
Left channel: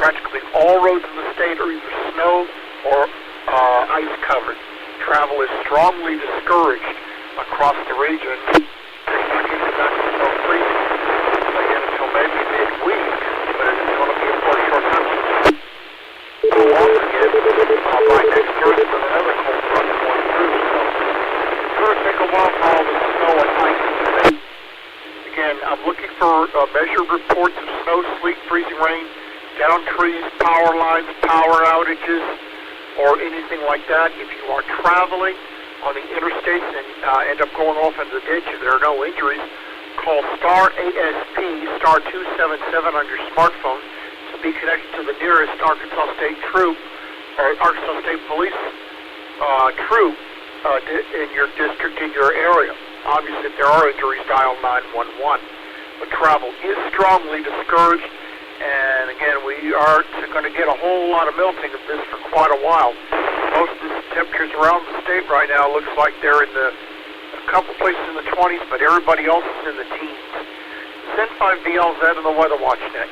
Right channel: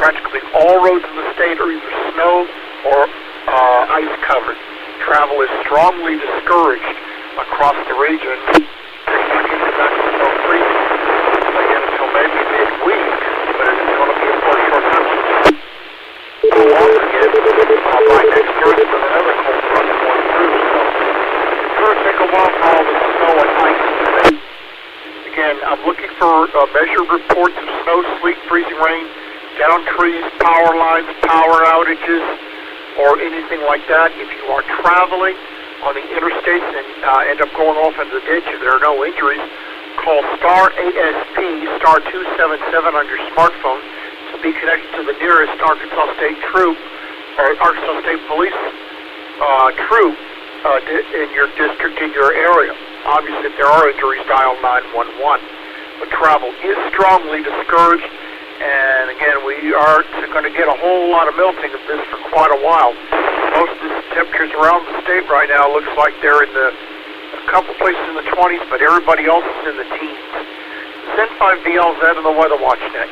practically all roads in the state are either snow or ice covered. Travel is strongly discouraged across the region. It's not getting back to snow freezing again until maybe midweek, but it's going to be for a short time. We'll walk again by next Thursday with another cold front going through, so it's going to take a while for all the snow and ice to fade. Again, I'm looking for measured reports of snow, sleet, freezing rain, down trees, power lines, power outages, or anything like that. If you are traveling on the interstates and end up going off into the ditch and there are no injuries, call star ASP, star 277 on your smartphone to be connected to the nearest Arkansas State troop or Arkansas State Police troop in your district, in your area. Obviously, if there are injuries, dial 911. But travel is strongly discouraged. And again, we are going to get a whole lot of melting of this for quite a while. Most of the temperatures around the state right now looks like they're in a couple places in the 20s, but everybody else is in the teens. N5VLZ and the Weather Watch Net.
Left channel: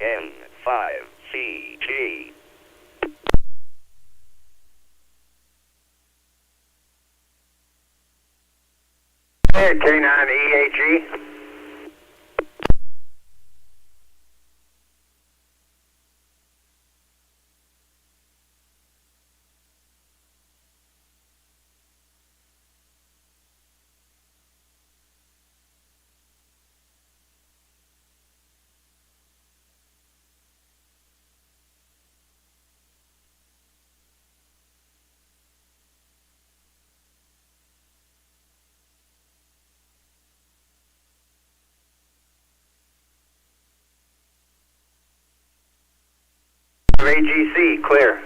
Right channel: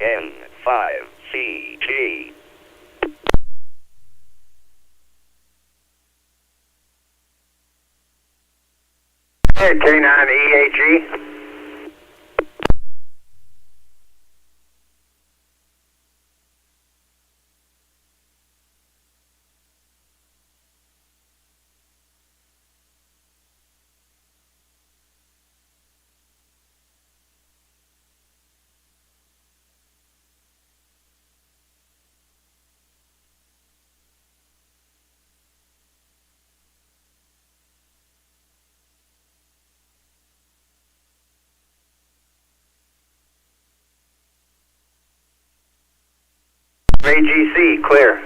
N5CG. K9EAG. AGC, clear.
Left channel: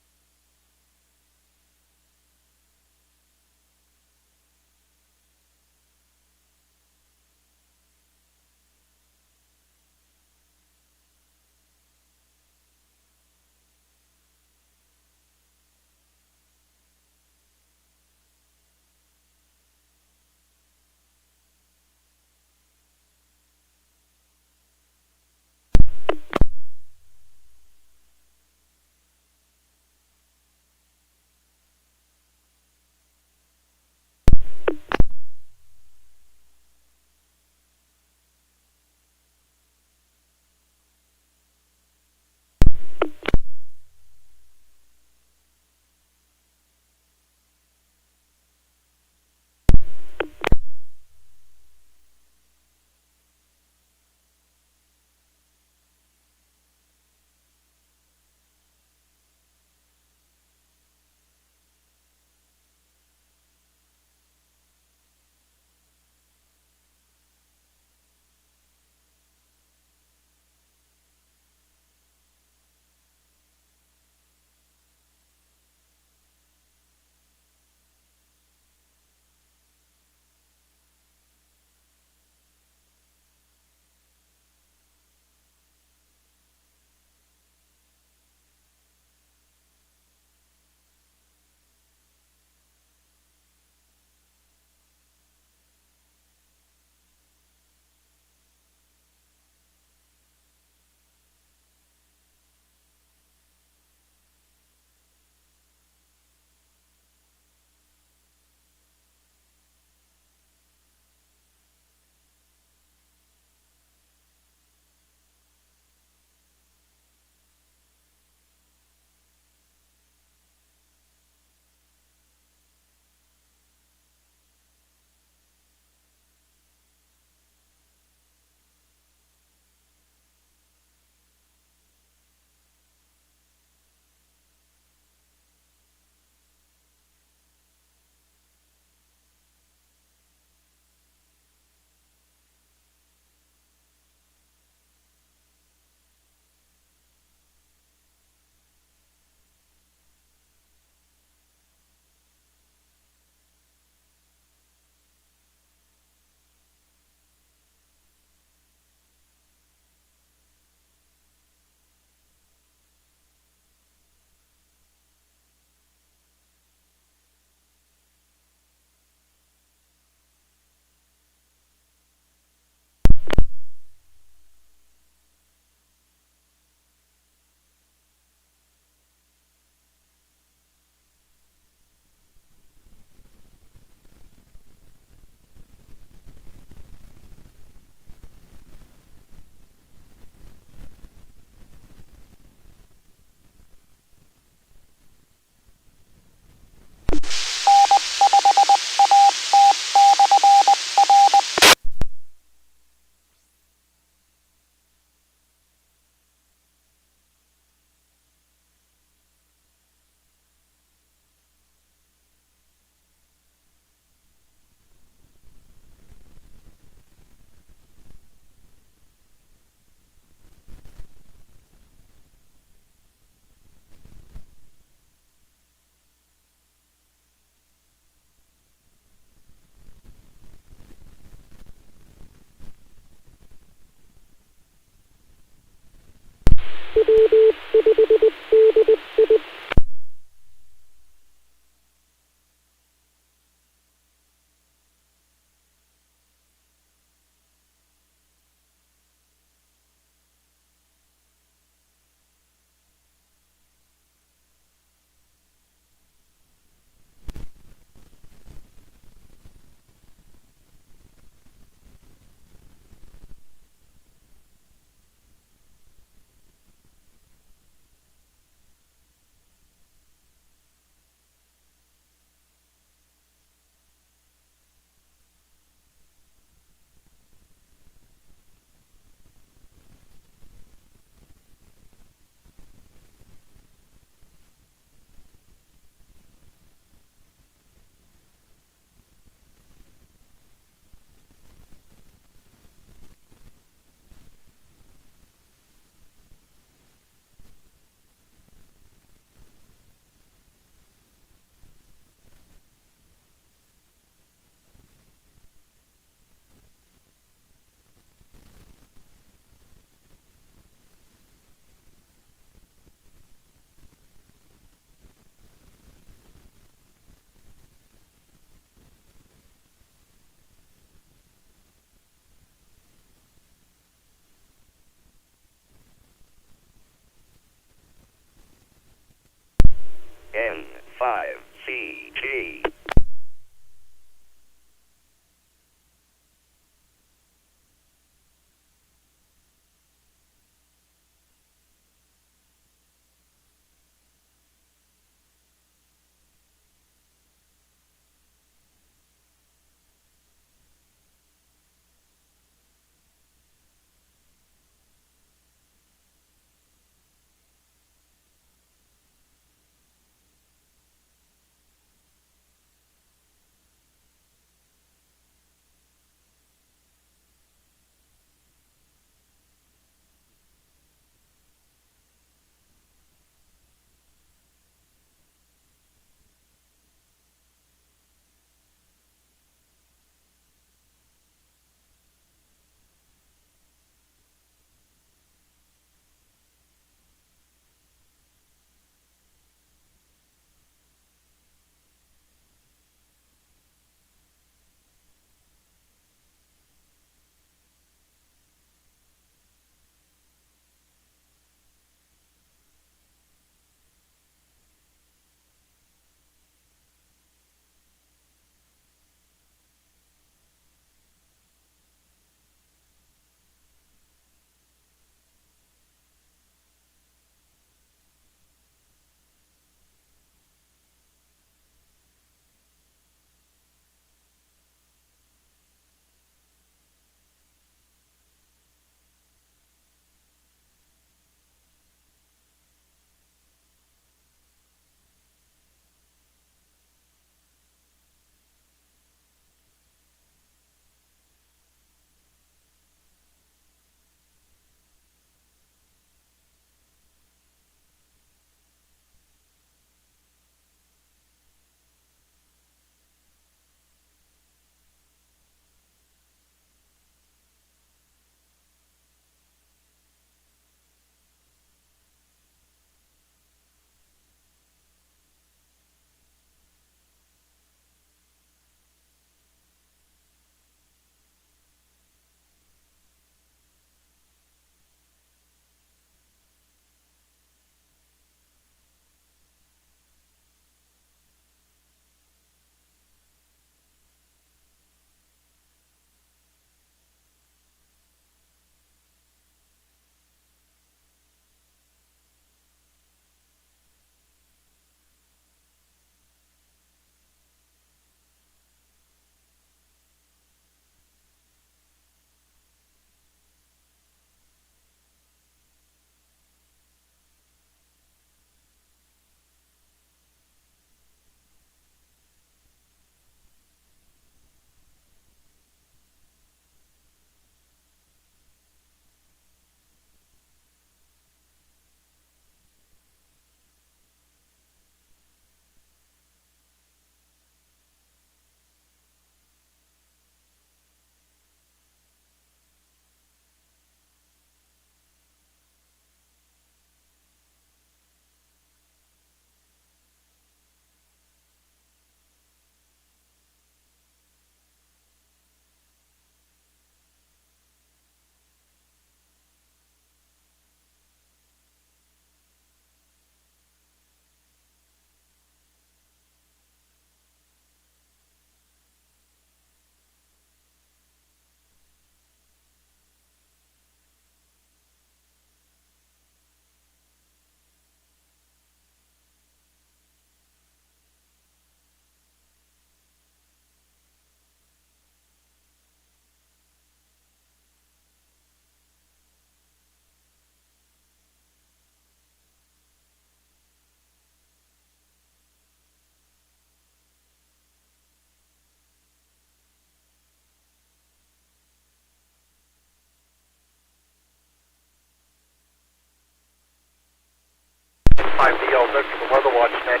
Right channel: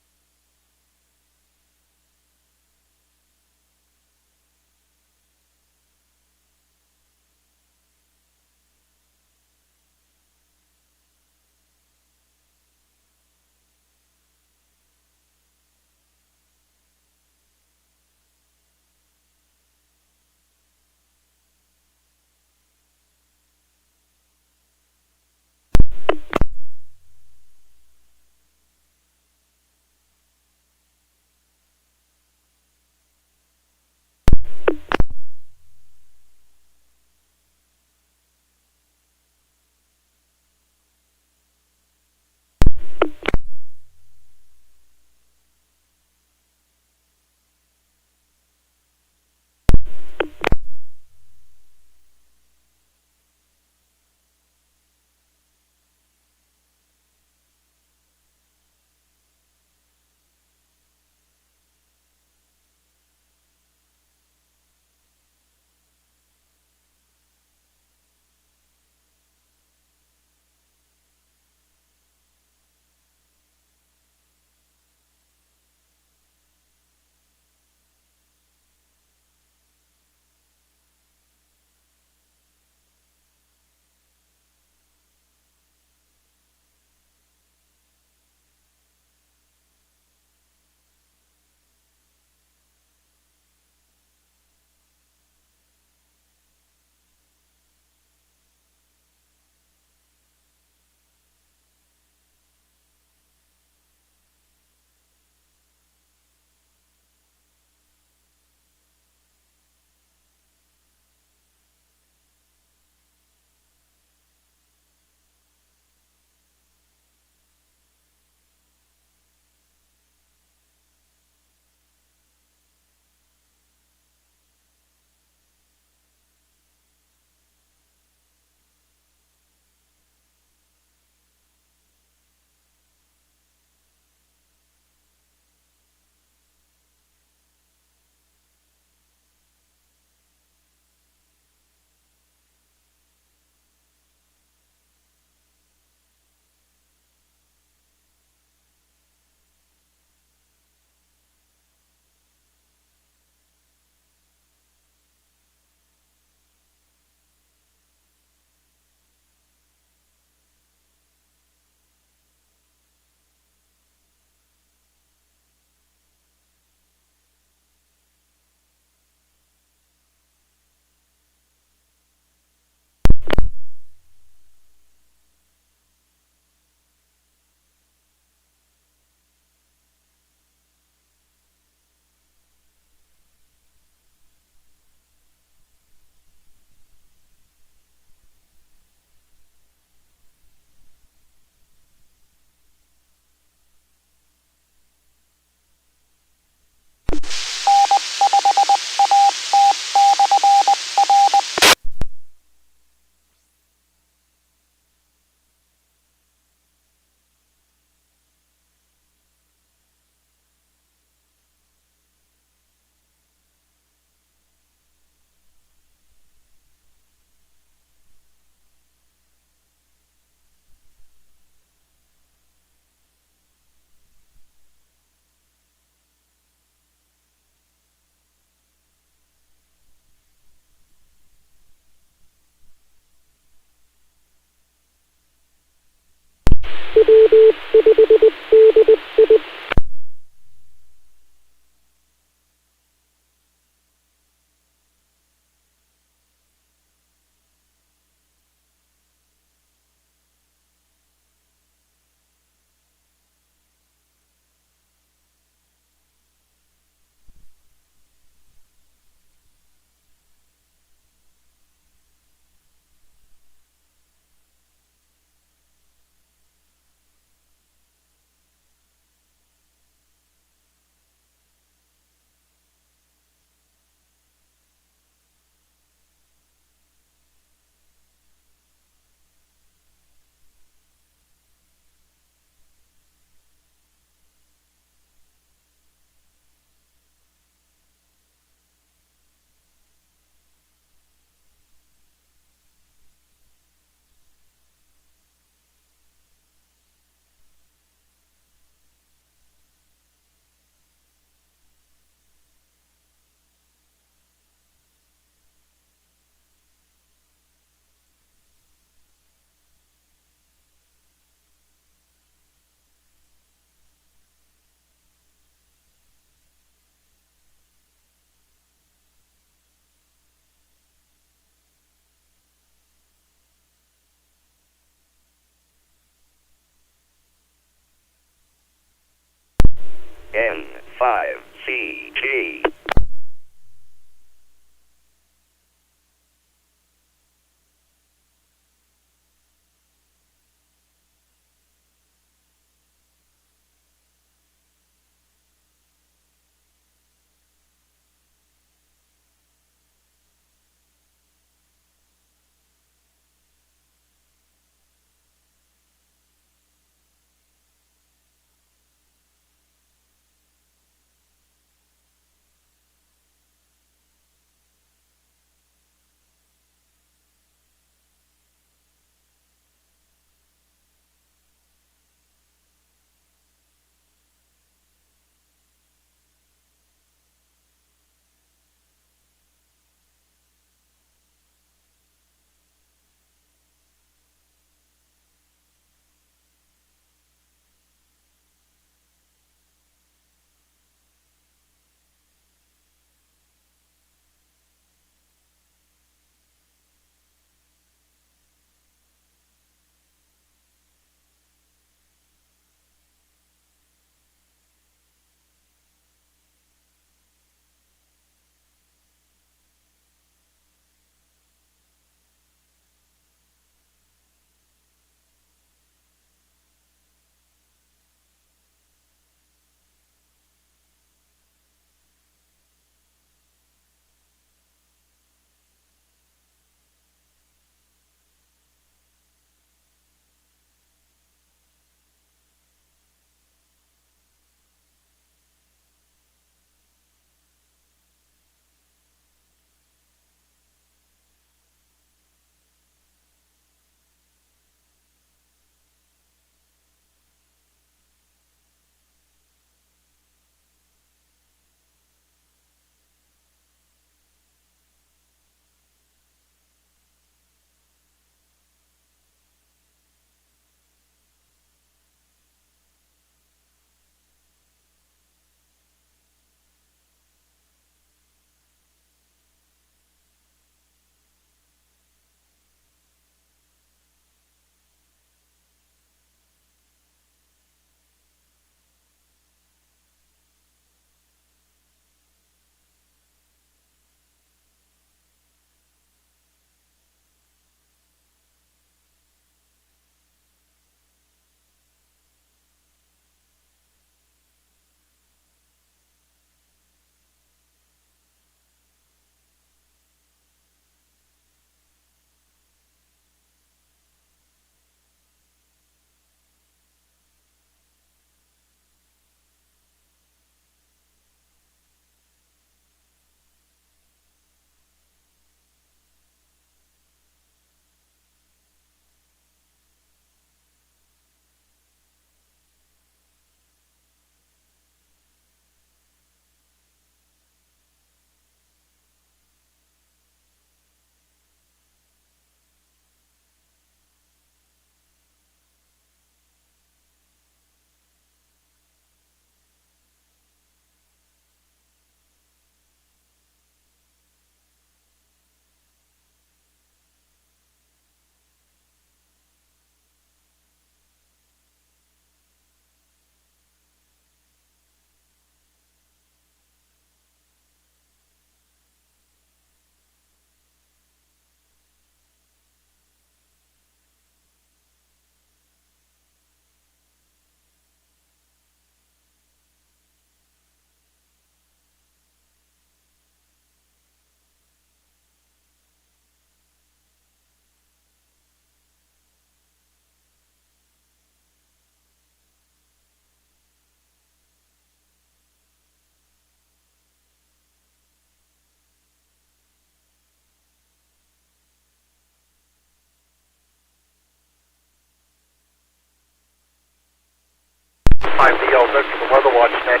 5VLZ for the Weather Watch Net.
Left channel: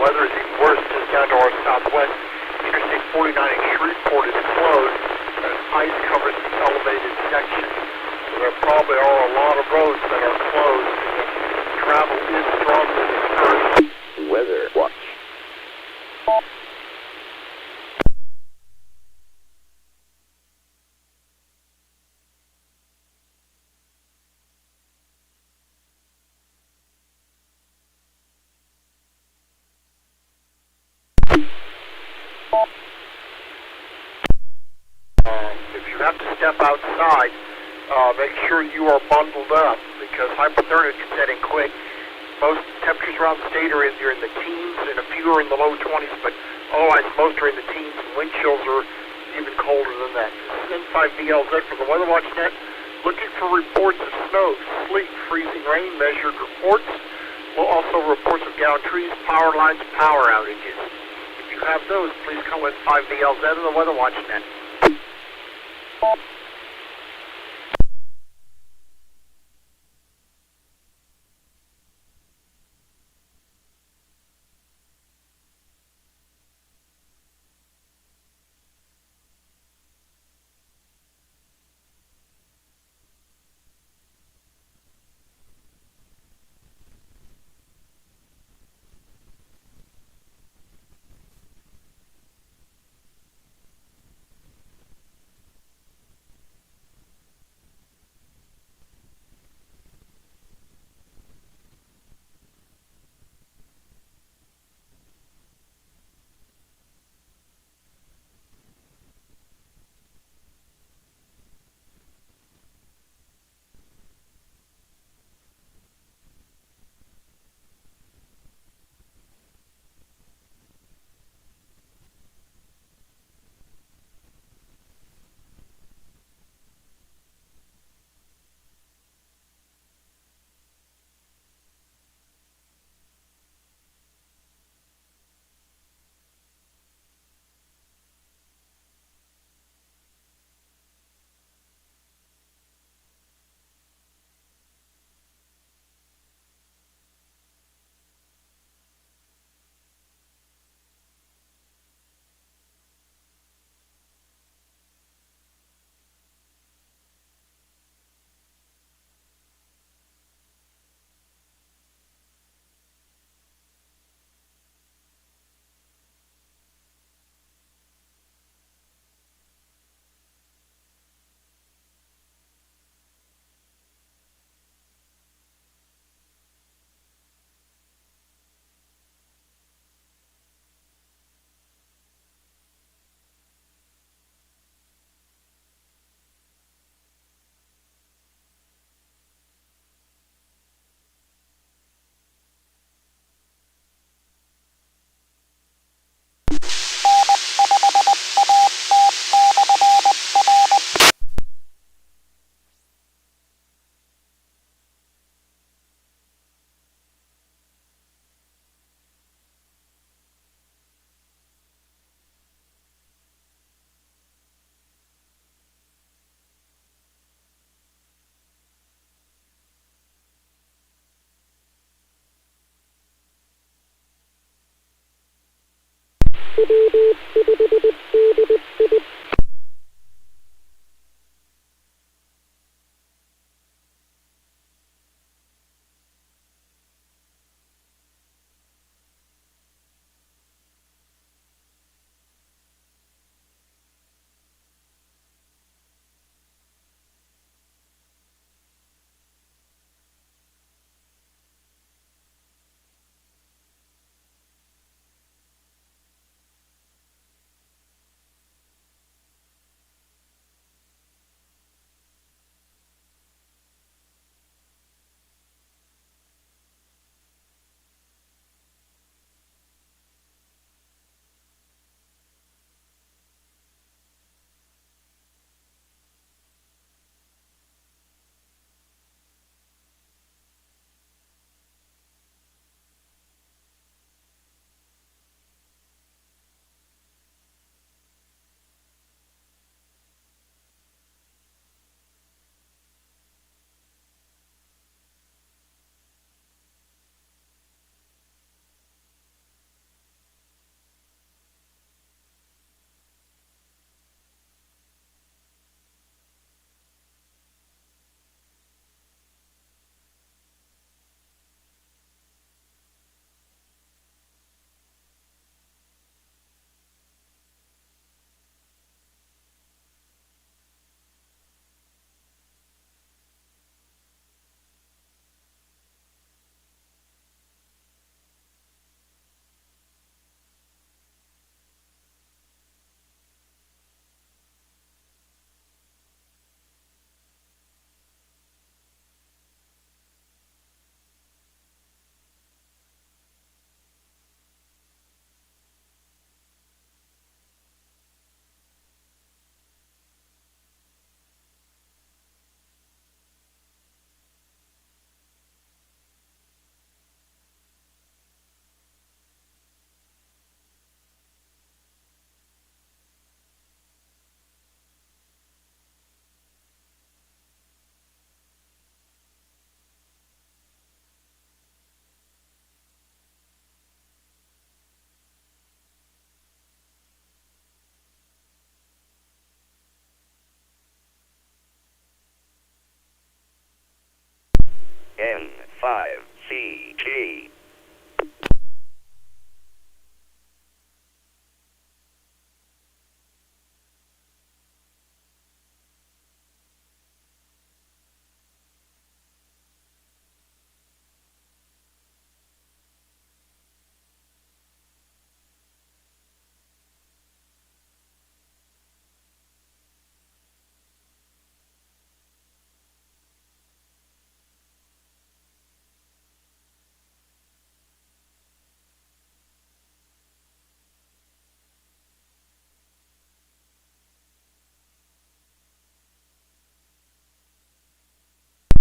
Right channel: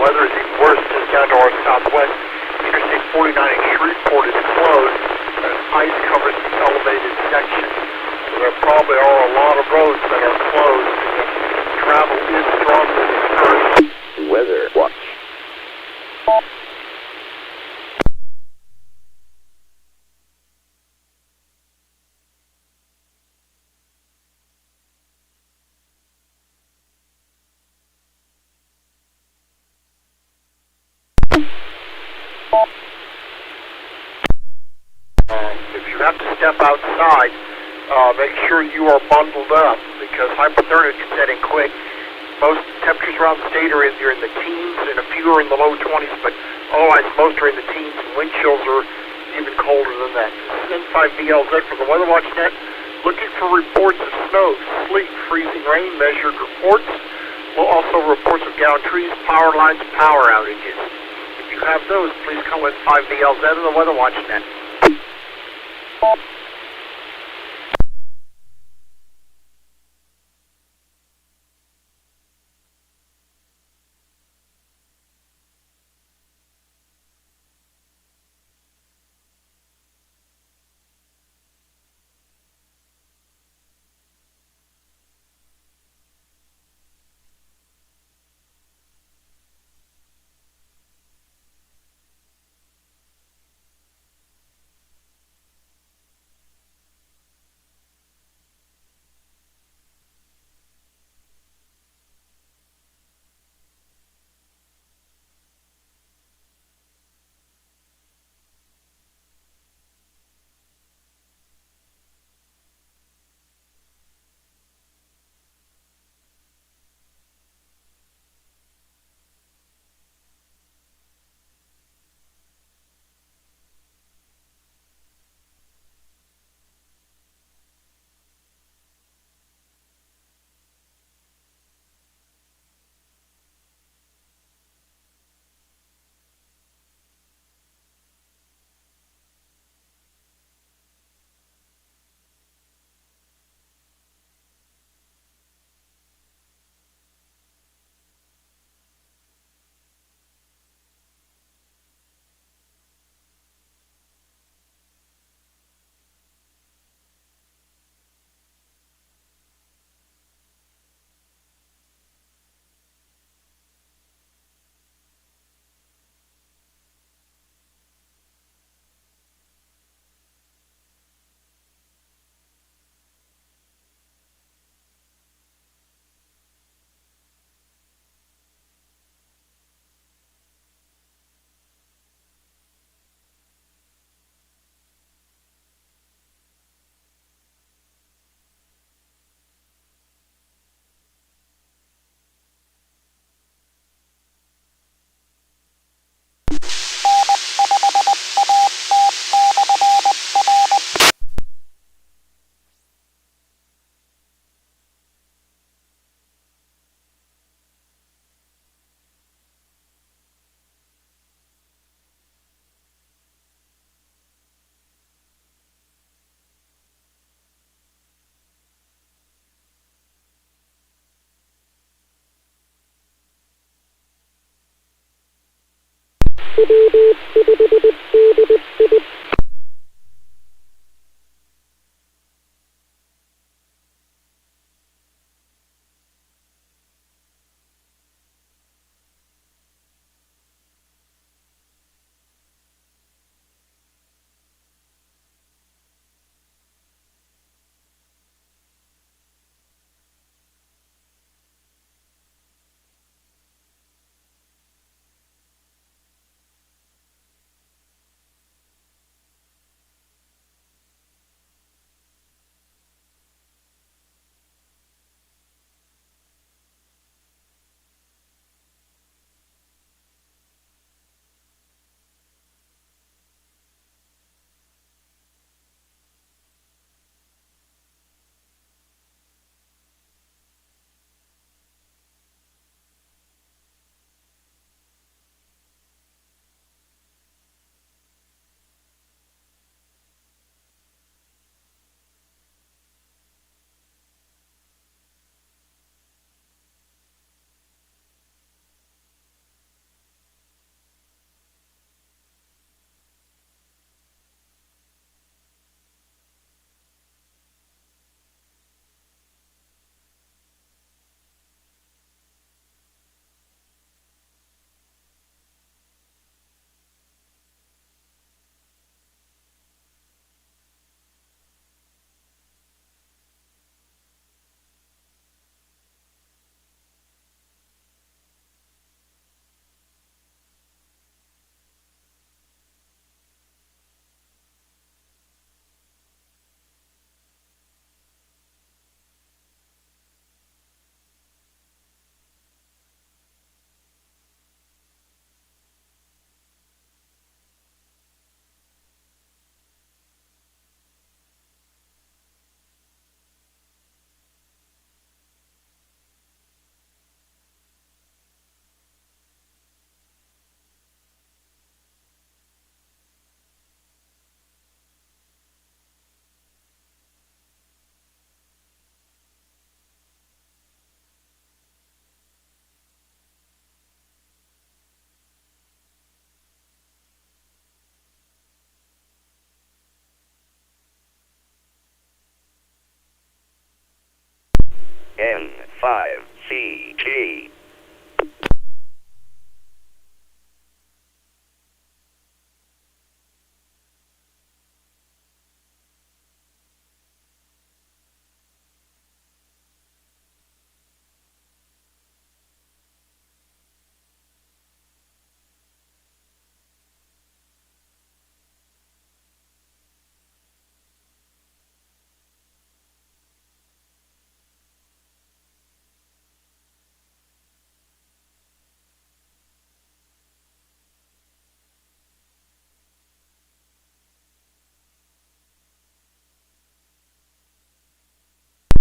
Weather is even worse just down to our southwest. Interstate 49 in Shreveport is closed, and ice covers the elevated section. So there probably are a lot of roads that are closed, and travel is strongly discouraged. Weather Watch. If you have to step outside, make sure you are bundled up because hypothermia can set in quick. Most temperatures around the state are either in the teens and a few are in the low 20s, but otherwise most are in the teens and wind chills are even colder than that. This is N5VLZ for the Weather Watch Net. Looking for reports of snow, sleet, freezing rain, measured reports. We'll also reports of downed trees, power lines, power outages. If you have those, please come with 5VLZ and the Weather Watch Net. N5CG.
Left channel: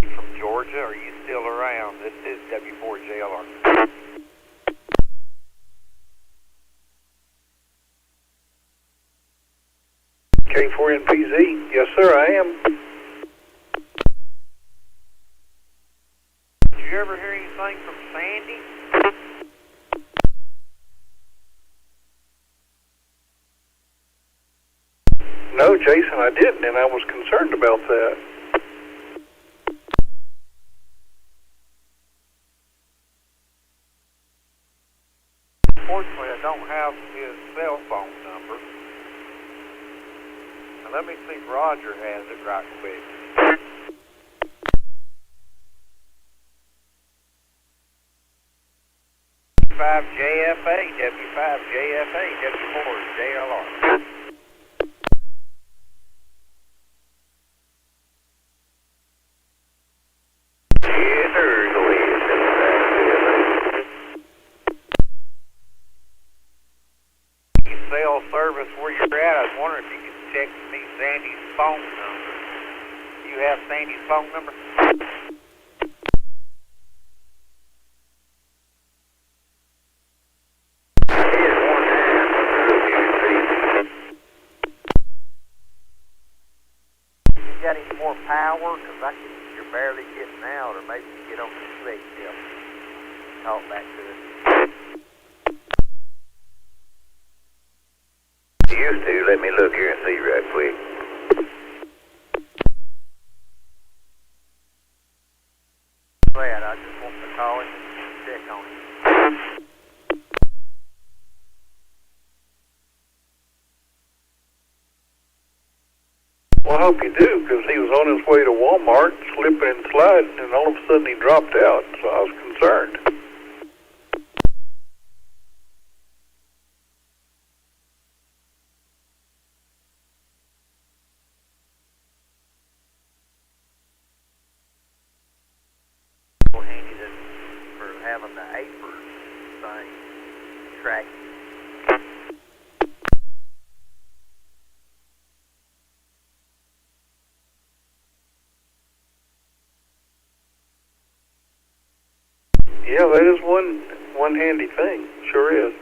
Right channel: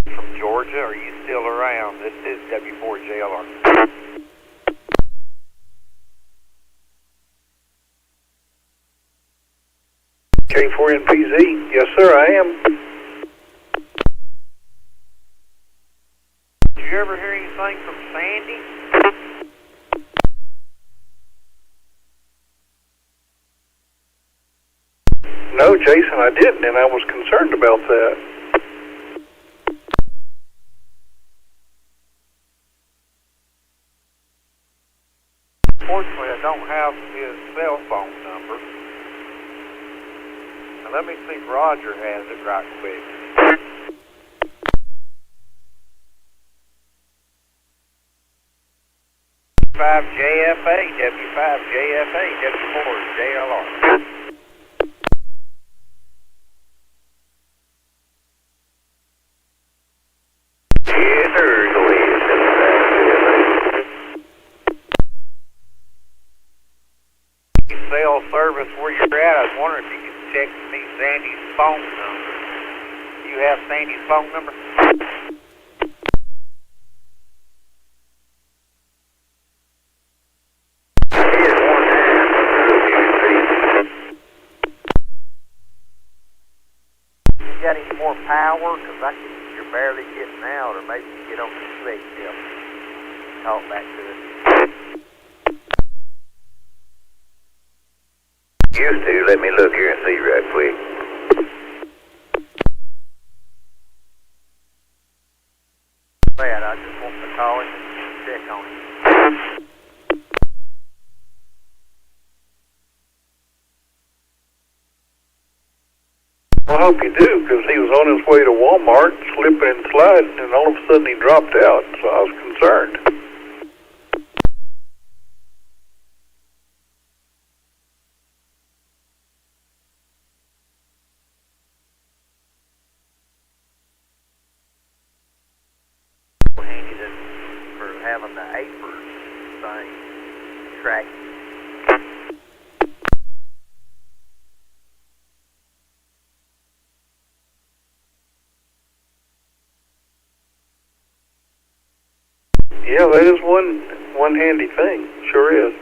From Georgia, are you still around? This is W4JLR. K4NPZ, yes sir, I am. Did you ever hear anything from Sandy? No, Jason, I didn't, and I was concerned about that. Fortunately, I don't have his cell phone number. Now, let me see if Roger has it right quick. W5JFA, W5JFA, W4JLR. Yes, sir. Go ahead. Cell service where you're at, I was wondering if you could text me Sandy's phone number. You have Sandy's phone number? You got any more power? Because you're barely getting out, or maybe you get on the slick tip. Talk back to us. Used to. Let me look here and see right quick. Glad I just want to call him and check on him. Well, I hope you do, because he was on his way to Walmart, slipping and sliding, and all of a sudden he dropped out, so I was concerned. Handy for having the APERS thing track. Yeah, that is one handy thing. Sure is.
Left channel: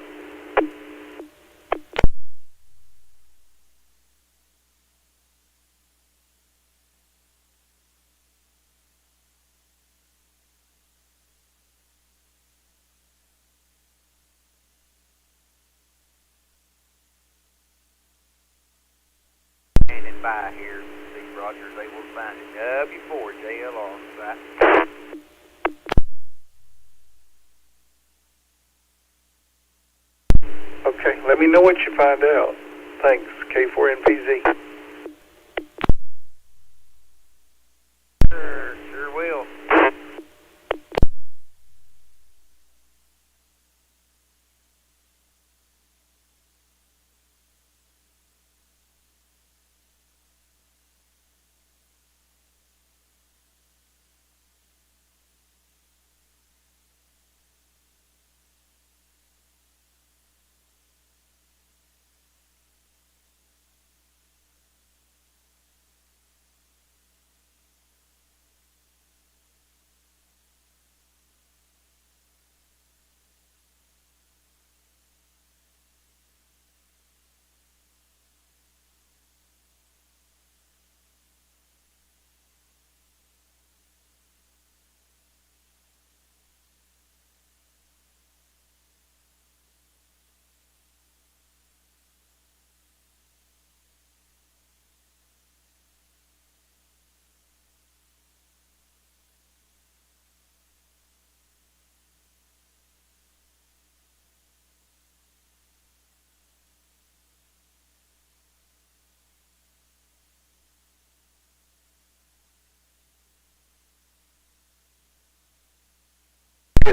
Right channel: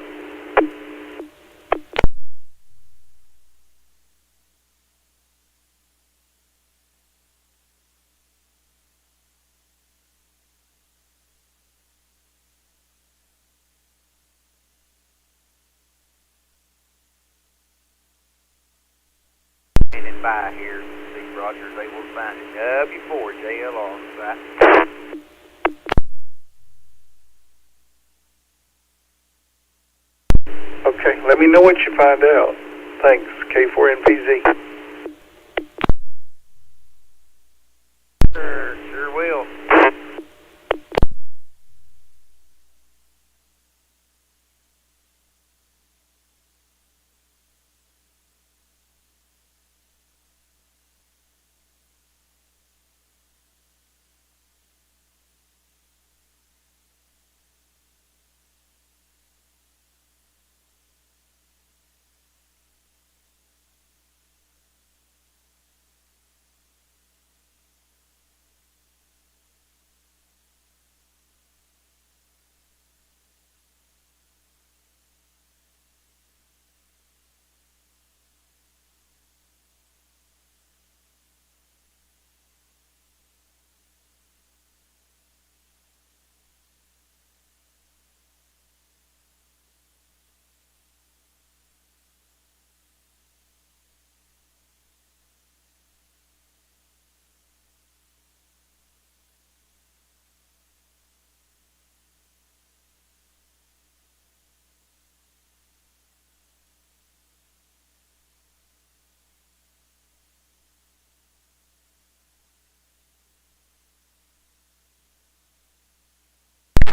Standing by here to see if Roger's able to find it. W4JLR. Right? Okay, let me know what you find out. Thanks, K4NPZ. Sure will.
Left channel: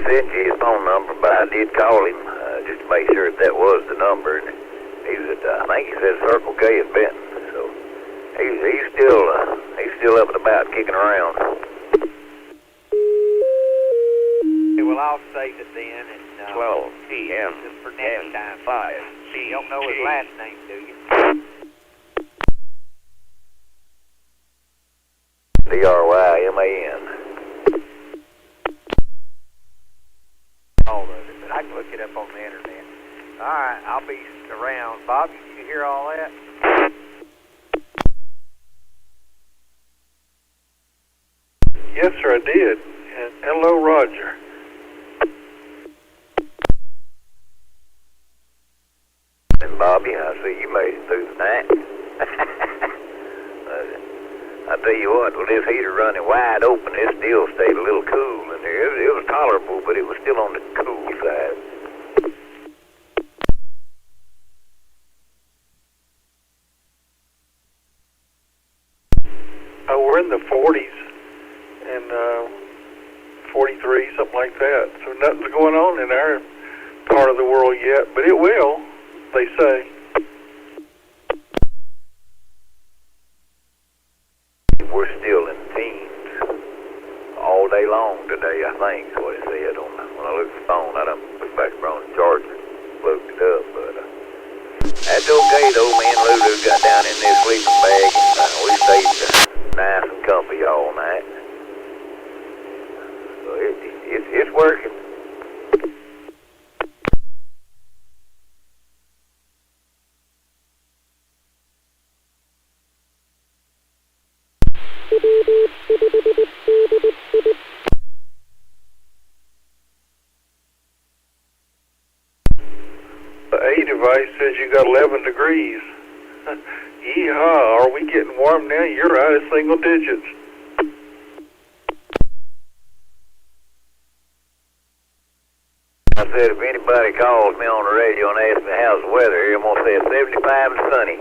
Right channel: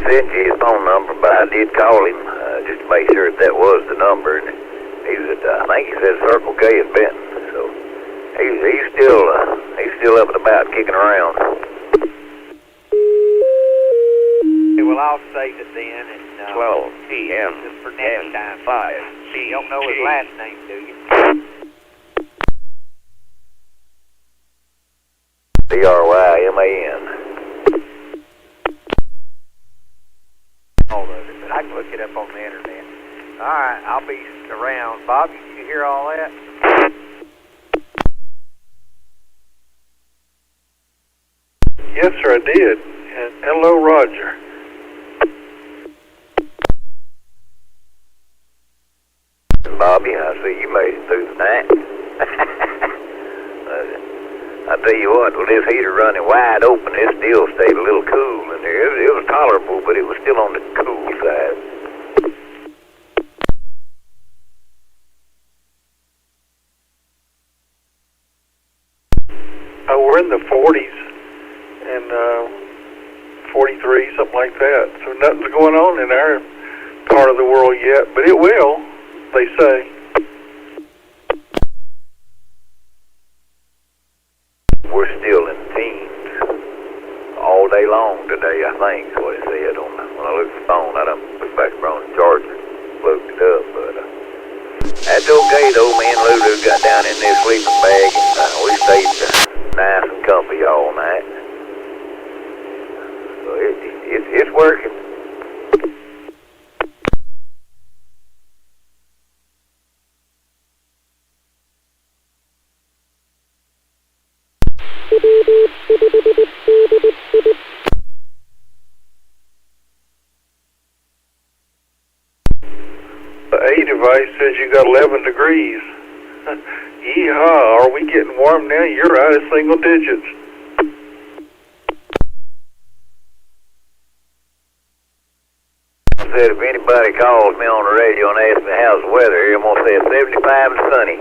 sent you his phone number, but I did call him just to make sure that was the number. And he's at, I think he said Circle K at Benton. So he's still up and about, kicking around. Okay, well, I'll save it then. And 12 p.m. Just for next time. N5CG. You don't know his last name, do you? C.A.R.E.N. All of it, but I can look it up on the internet. All right, I'll be around. Bob, did you hear all that? Yes, sir, I did. And hello, Roger. And Bobby, I see you made it through the night. I tell you what, with this heater running wide open, it still stayed a little cool in there. It was tolerable, but it was still on the cool side. We're in the 40s and 43, something like that. So nothing's going on in our part of the world yet, but it will, they say. We're still in teens all day long today, I think, is what it said. When I looked at the phone, I done put back around the charger, plugged it up, but that's okay though. Me and Lulu got down in this sleeping bag and we stayed nice and comfy all night. So it's working. The A device says you got 11 degrees. Yeehaw, are we getting warm now? You're out of single digits. I said if anybody calls me on the radio and asks me how's the weather here, I'm going to say it's 75 and sunny.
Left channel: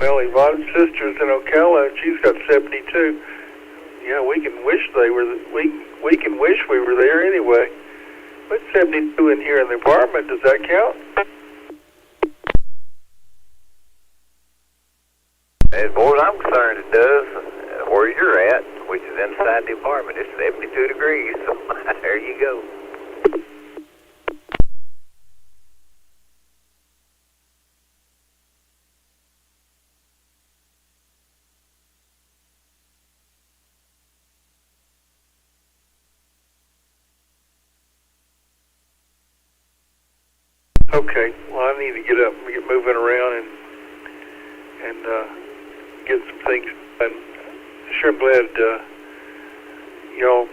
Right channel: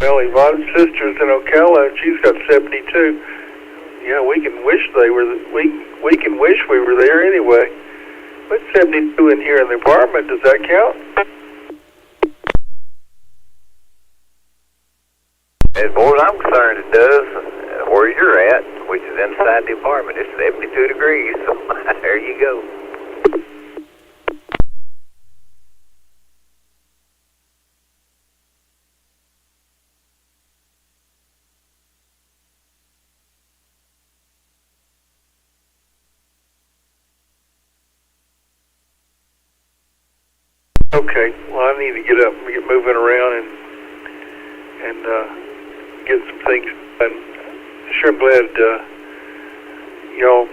Well, Yvonne's sister's in Ocala, and she's got 72. Yeah, we can wish we can wish we were there anyway. But 72 in here in the apartment, does that count? As far as I'm concerned, it does. Where you're at, which is inside the apartment, it's 72 degrees. So there you go. Okay, well, I need to get up and get moving around and get some things done. Sure, I'm glad y'all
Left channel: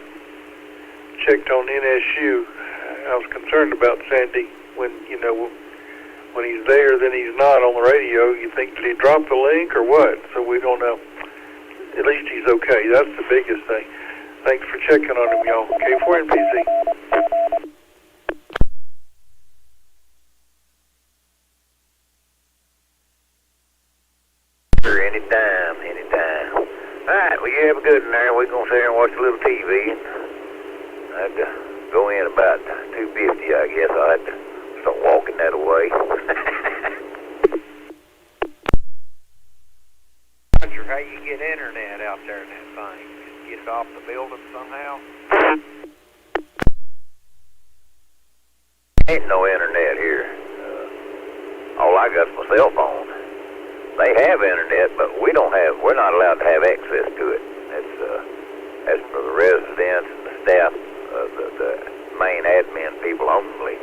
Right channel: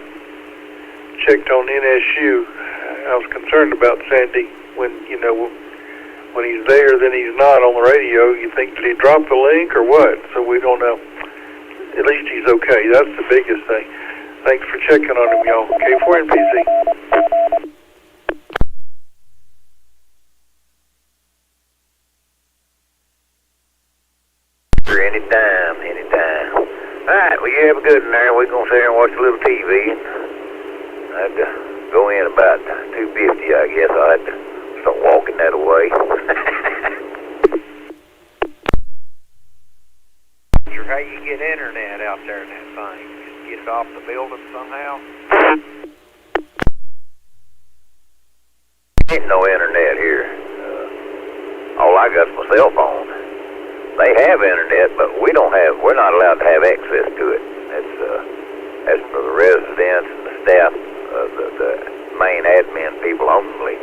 checked on NSU. I was concerned about Sandy when he's there, then he's not on the radio. You think, did he drop the link or what? So we don't know. At least he's okay. That's the biggest thing. Thanks for checking on him, y'all. K4NPC. Anytime. Alright, well, you have a good one there. We're going to sit here and watch a little TV. I'd go in about 2:50, I guess. I'll have to start walking that away. Roger, how you get internet out there in that thing? Just get it off the building somehow? Ain't no internet here. All I got is my cell phone. They have internet, but we're not allowed to have access to it. That's for the residents and the staff, the main admin people only.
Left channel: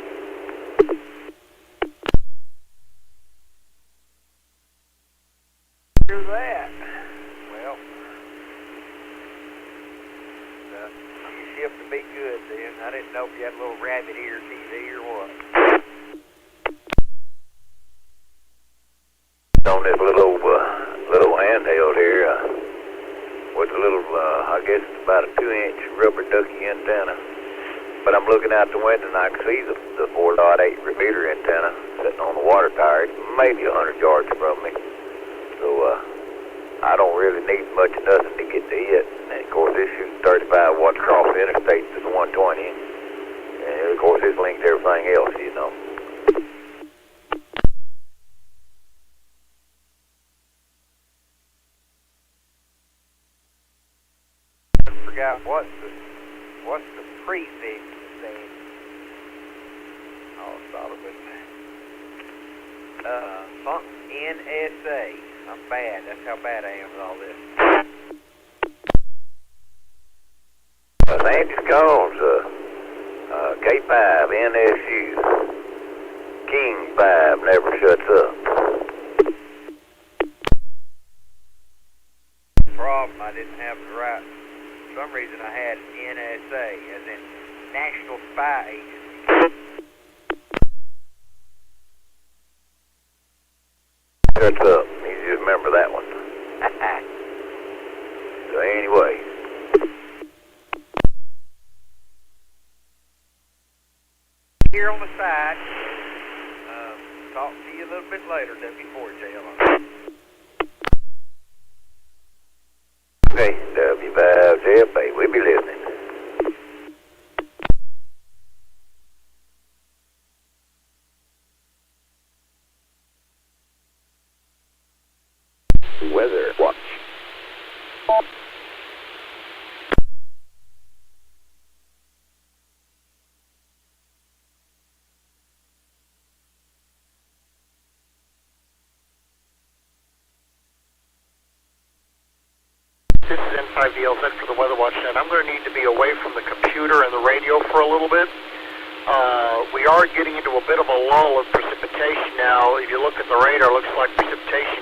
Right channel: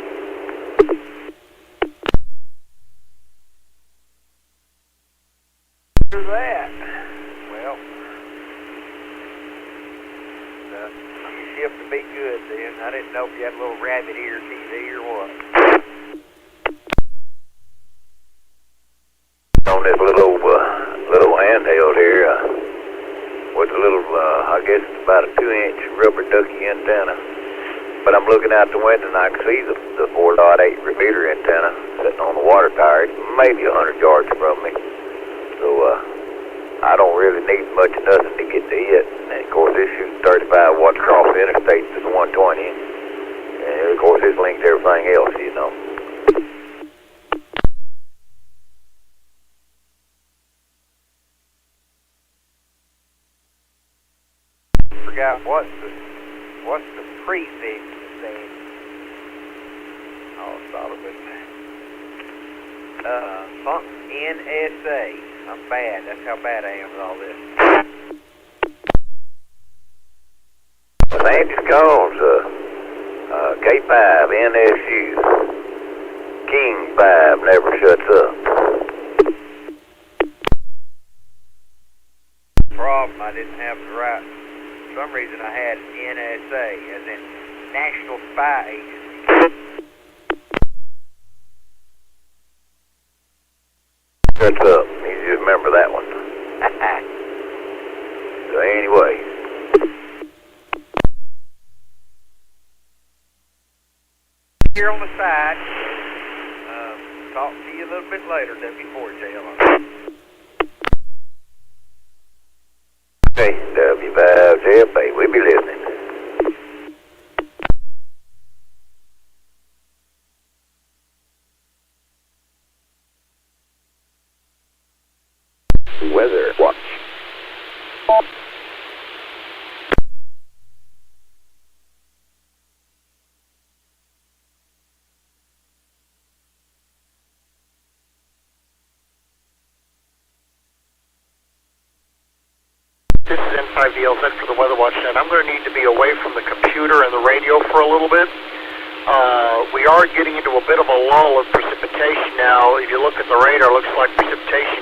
Hear that? Well, you shift to be good then. I didn't know if you had a little rabbit ear TV or what. On this little handheld here, with a little, I guess it's about a 2-inch rubber ducky antenna. but I'm looking out the window and I can see the 4.8 repeater antenna sitting on the water tower. It's maybe 100 yards from me. So I don't really need much of nothing to get to it. And of course, this shoots 35 watts across the interstate to the 120. And of course, it's linked to everything else, you know. I forgot what's the prefix thing. Oh, I thought it was something NSA. I'm bad. That's how bad I am with all this. Andy Scones, K5, NSU. King 5 never shuts up. Problem, I didn't have the right. For some reason, I had NSA, as in National Spy Agency. Shuts up. You just remember that one. So anyway. Here on the side. Talk to you a little bit later, W4JL. Okay, W5DI, we'll be listening. Weather watch. This is N5CG for the Weather Watch Net. I'm going to need to be away from the computer and the radio for a little bit. We are getting into a bit of a lull of precipitation now. If you look at the radar, it looks like precipitation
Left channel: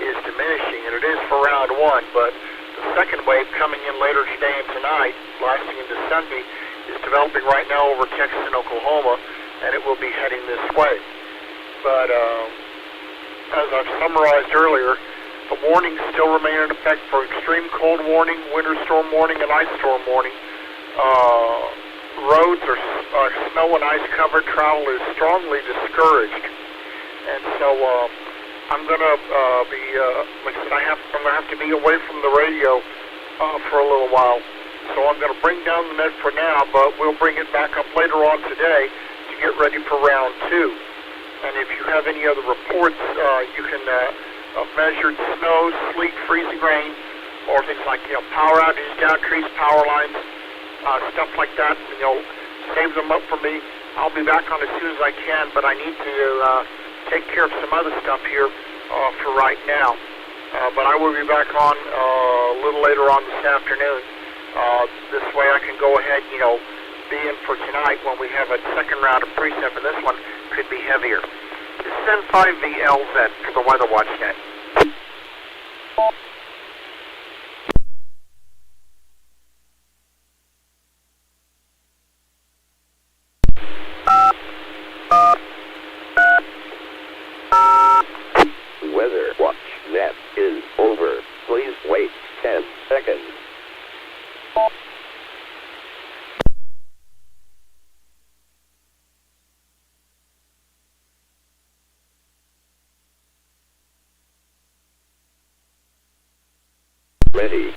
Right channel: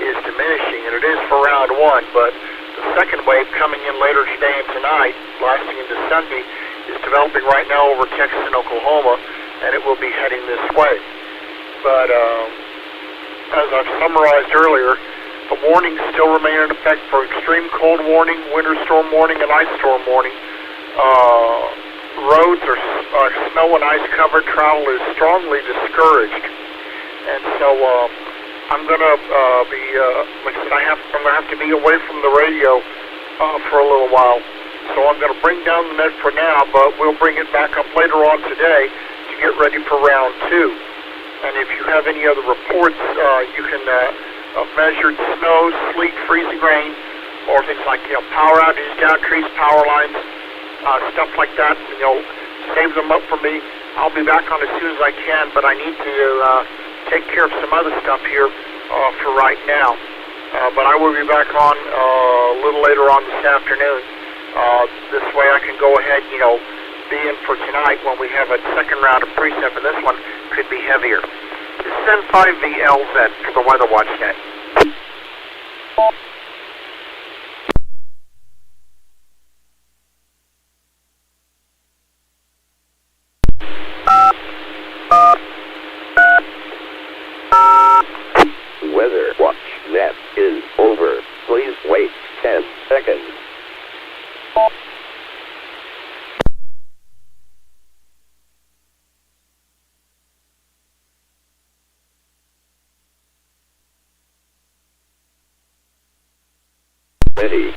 is diminishing, and it is for round one, but the second wave coming in later today and tonight, lasting into Sunday, is developing right now over Texas and Oklahoma, and it will be heading this way. But as I've summarized earlier, the warnings still remain in effect for extreme cold warning, winter storm warning, and ice storm warning. Roads are snow and ice covered. Travel is strongly discouraged, and so I'm going to be, like I said, I'm going to have to be away from the radio for a little while. So I'm going to bring down the net for now, but we'll bring it back up later on today to get ready for round two. And if you have any other reports, you can measured snow, sleet, freezing rain, or things like power outages, down trees, power lines, stuff like that. Save them up for me. I'll be back on as soon as I can, but I need to take care of some other stuff here for right now. But I will be back on a little later on this afternoon. This way I can go ahead, be in for tonight when we have a second round of precip, and this one could be heavier. This is N5VLZ for the Weather Watch Net. Weather watch net is over. Please wait 10 seconds. Ready.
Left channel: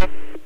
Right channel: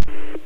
Welcome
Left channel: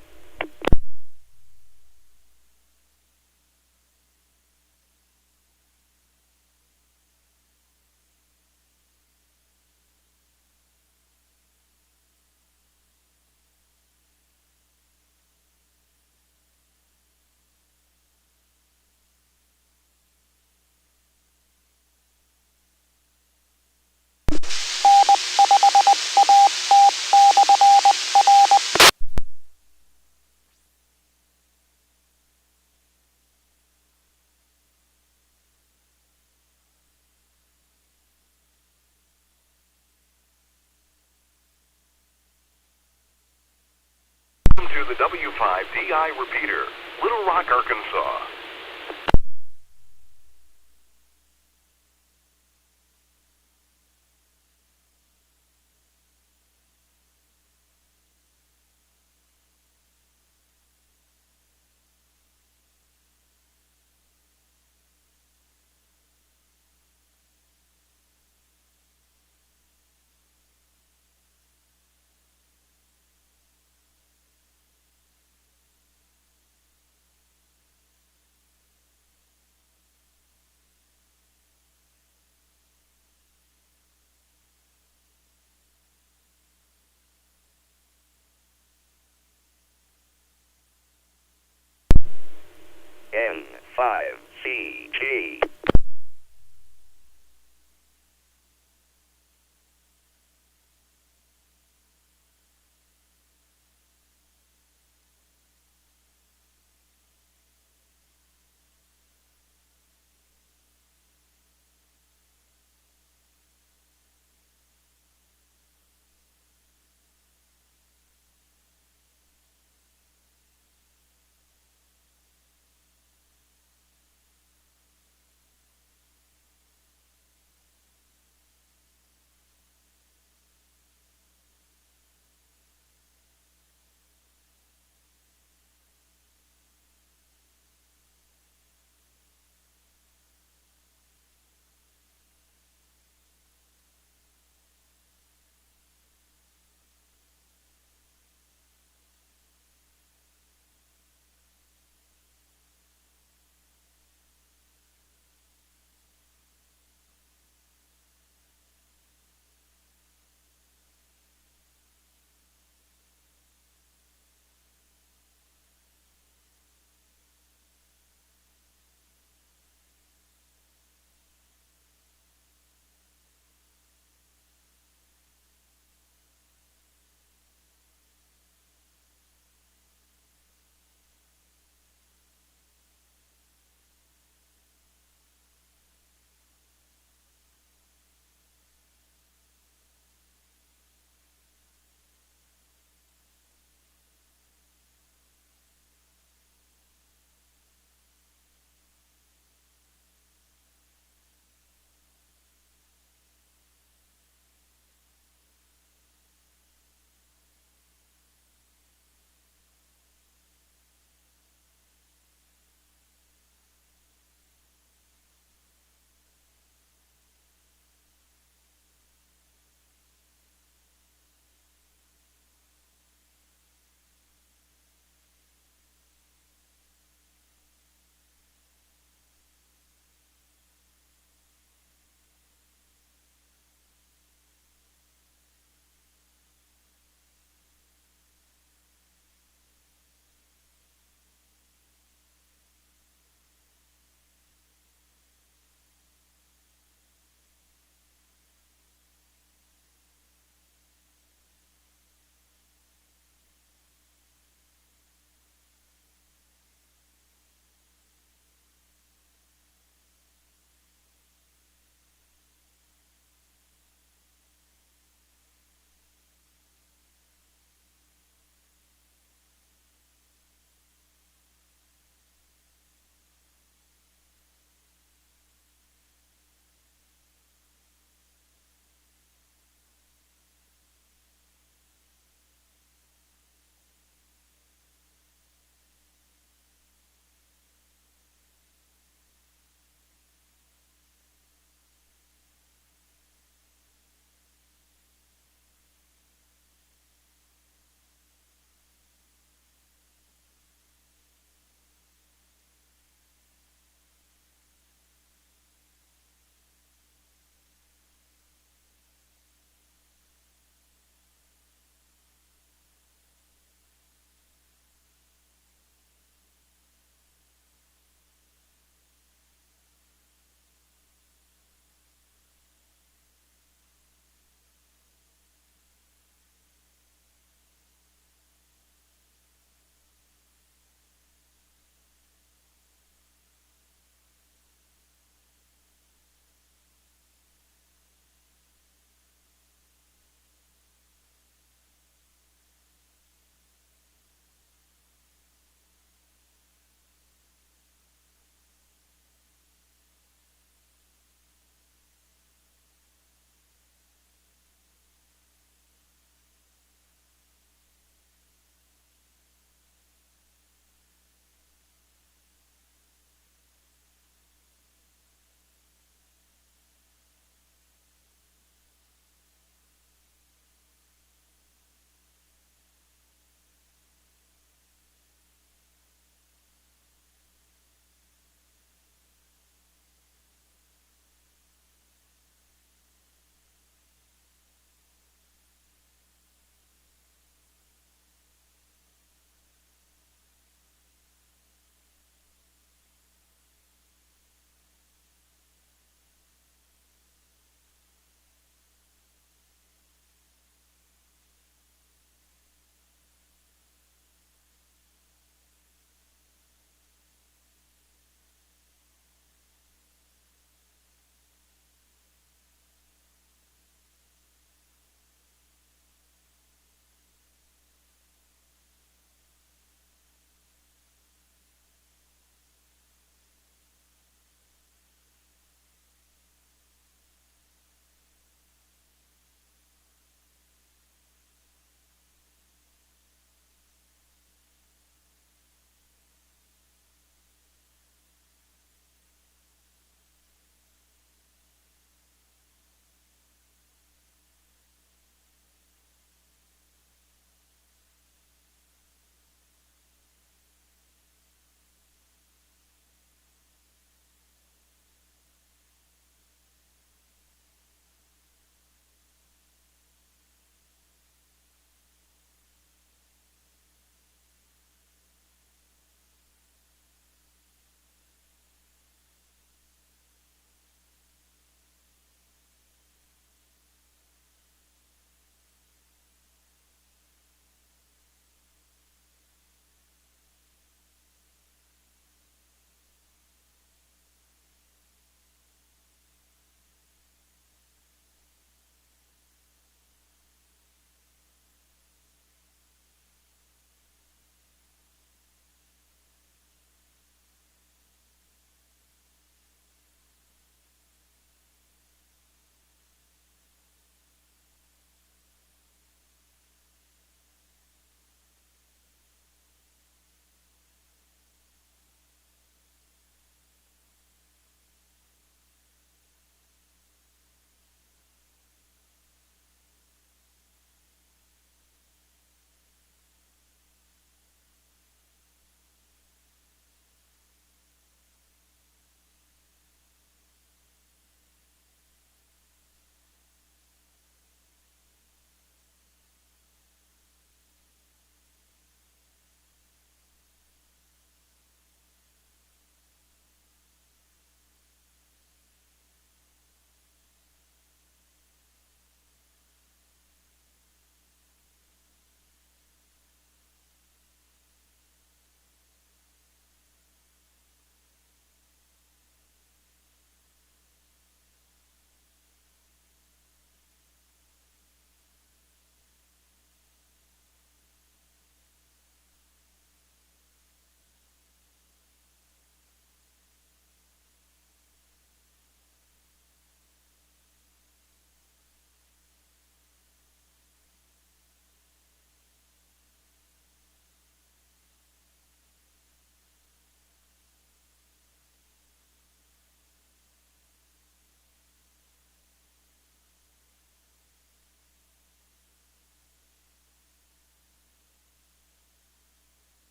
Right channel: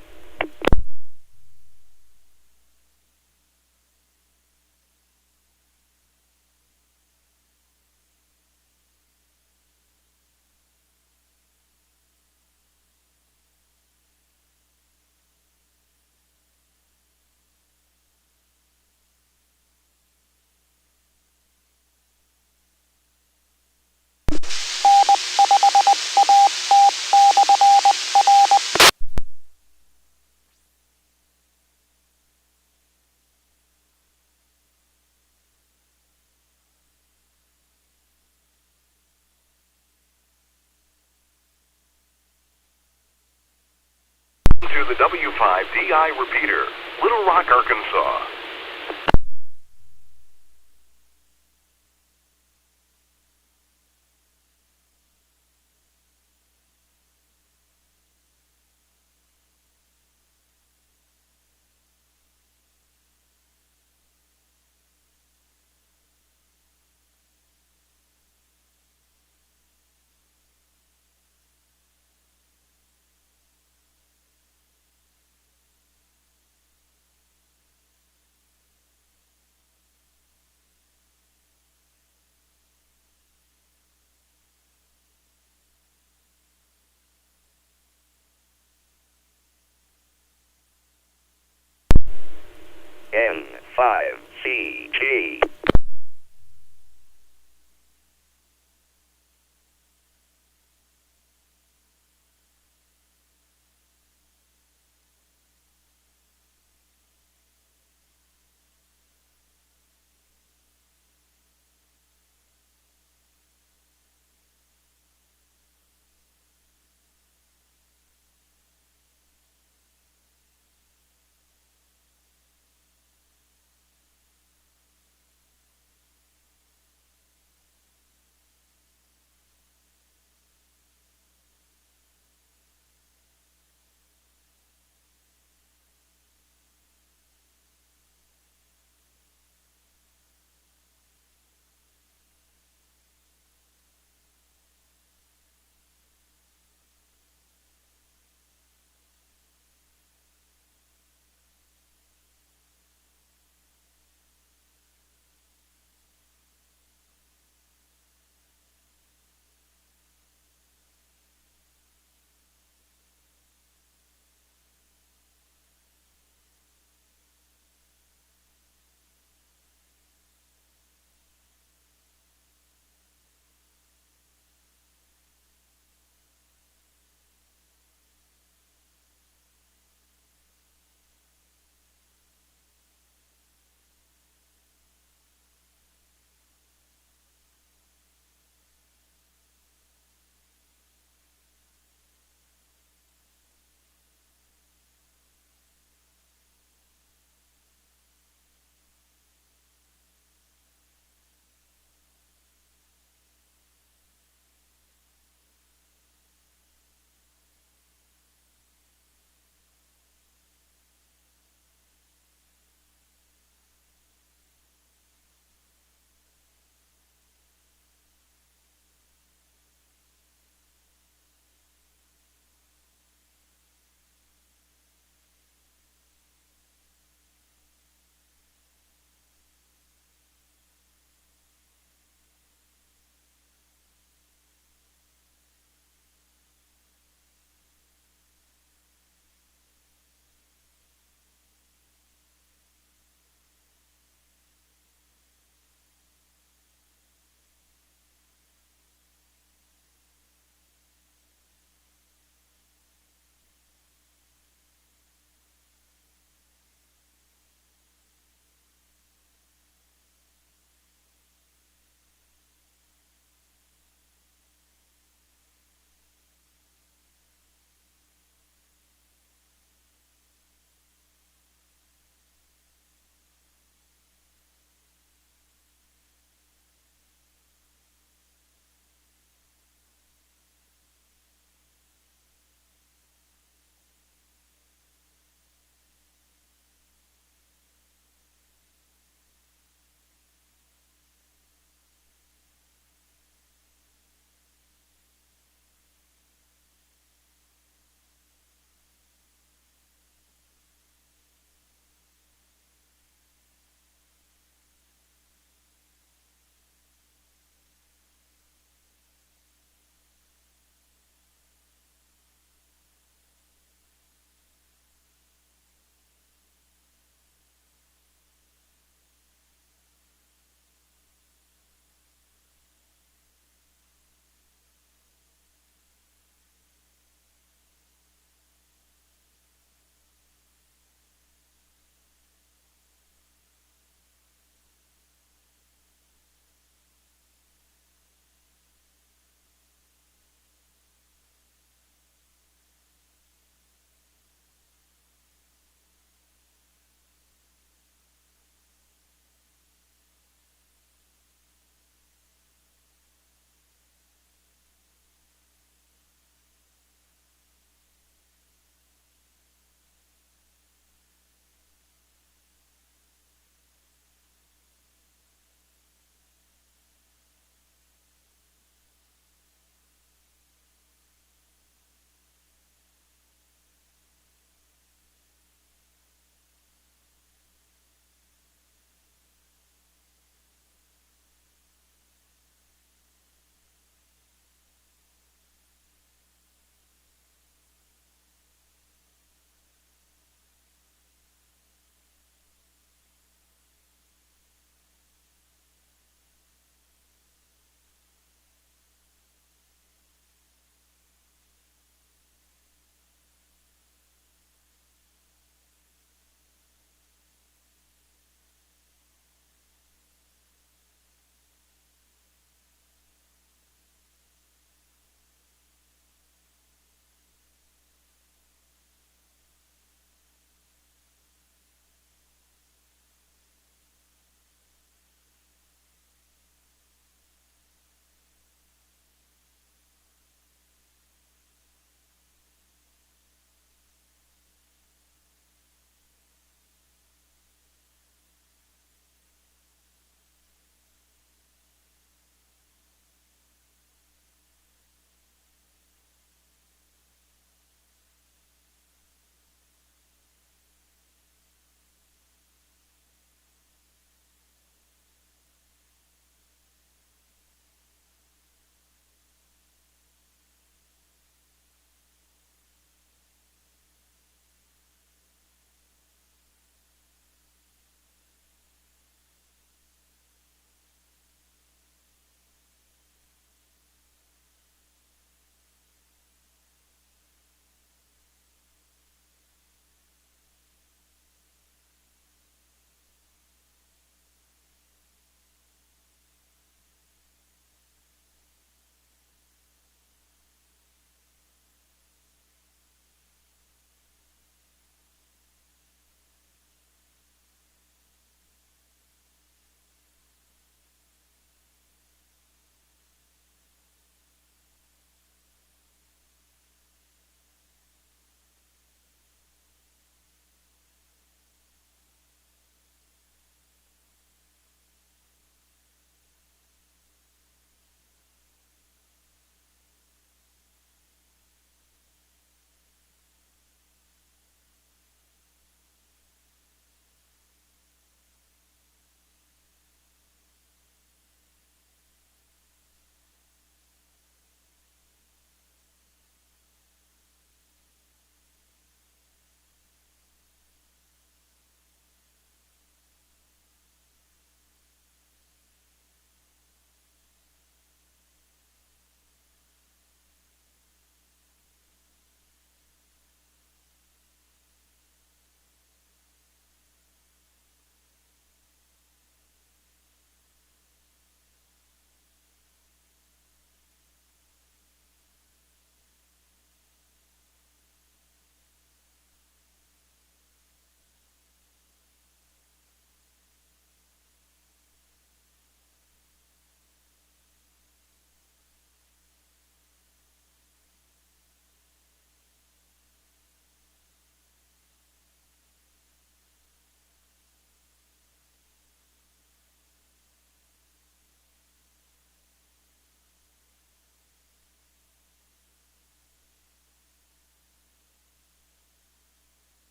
to the W5DI repeater, Little Rock, Arkansas. N5CG.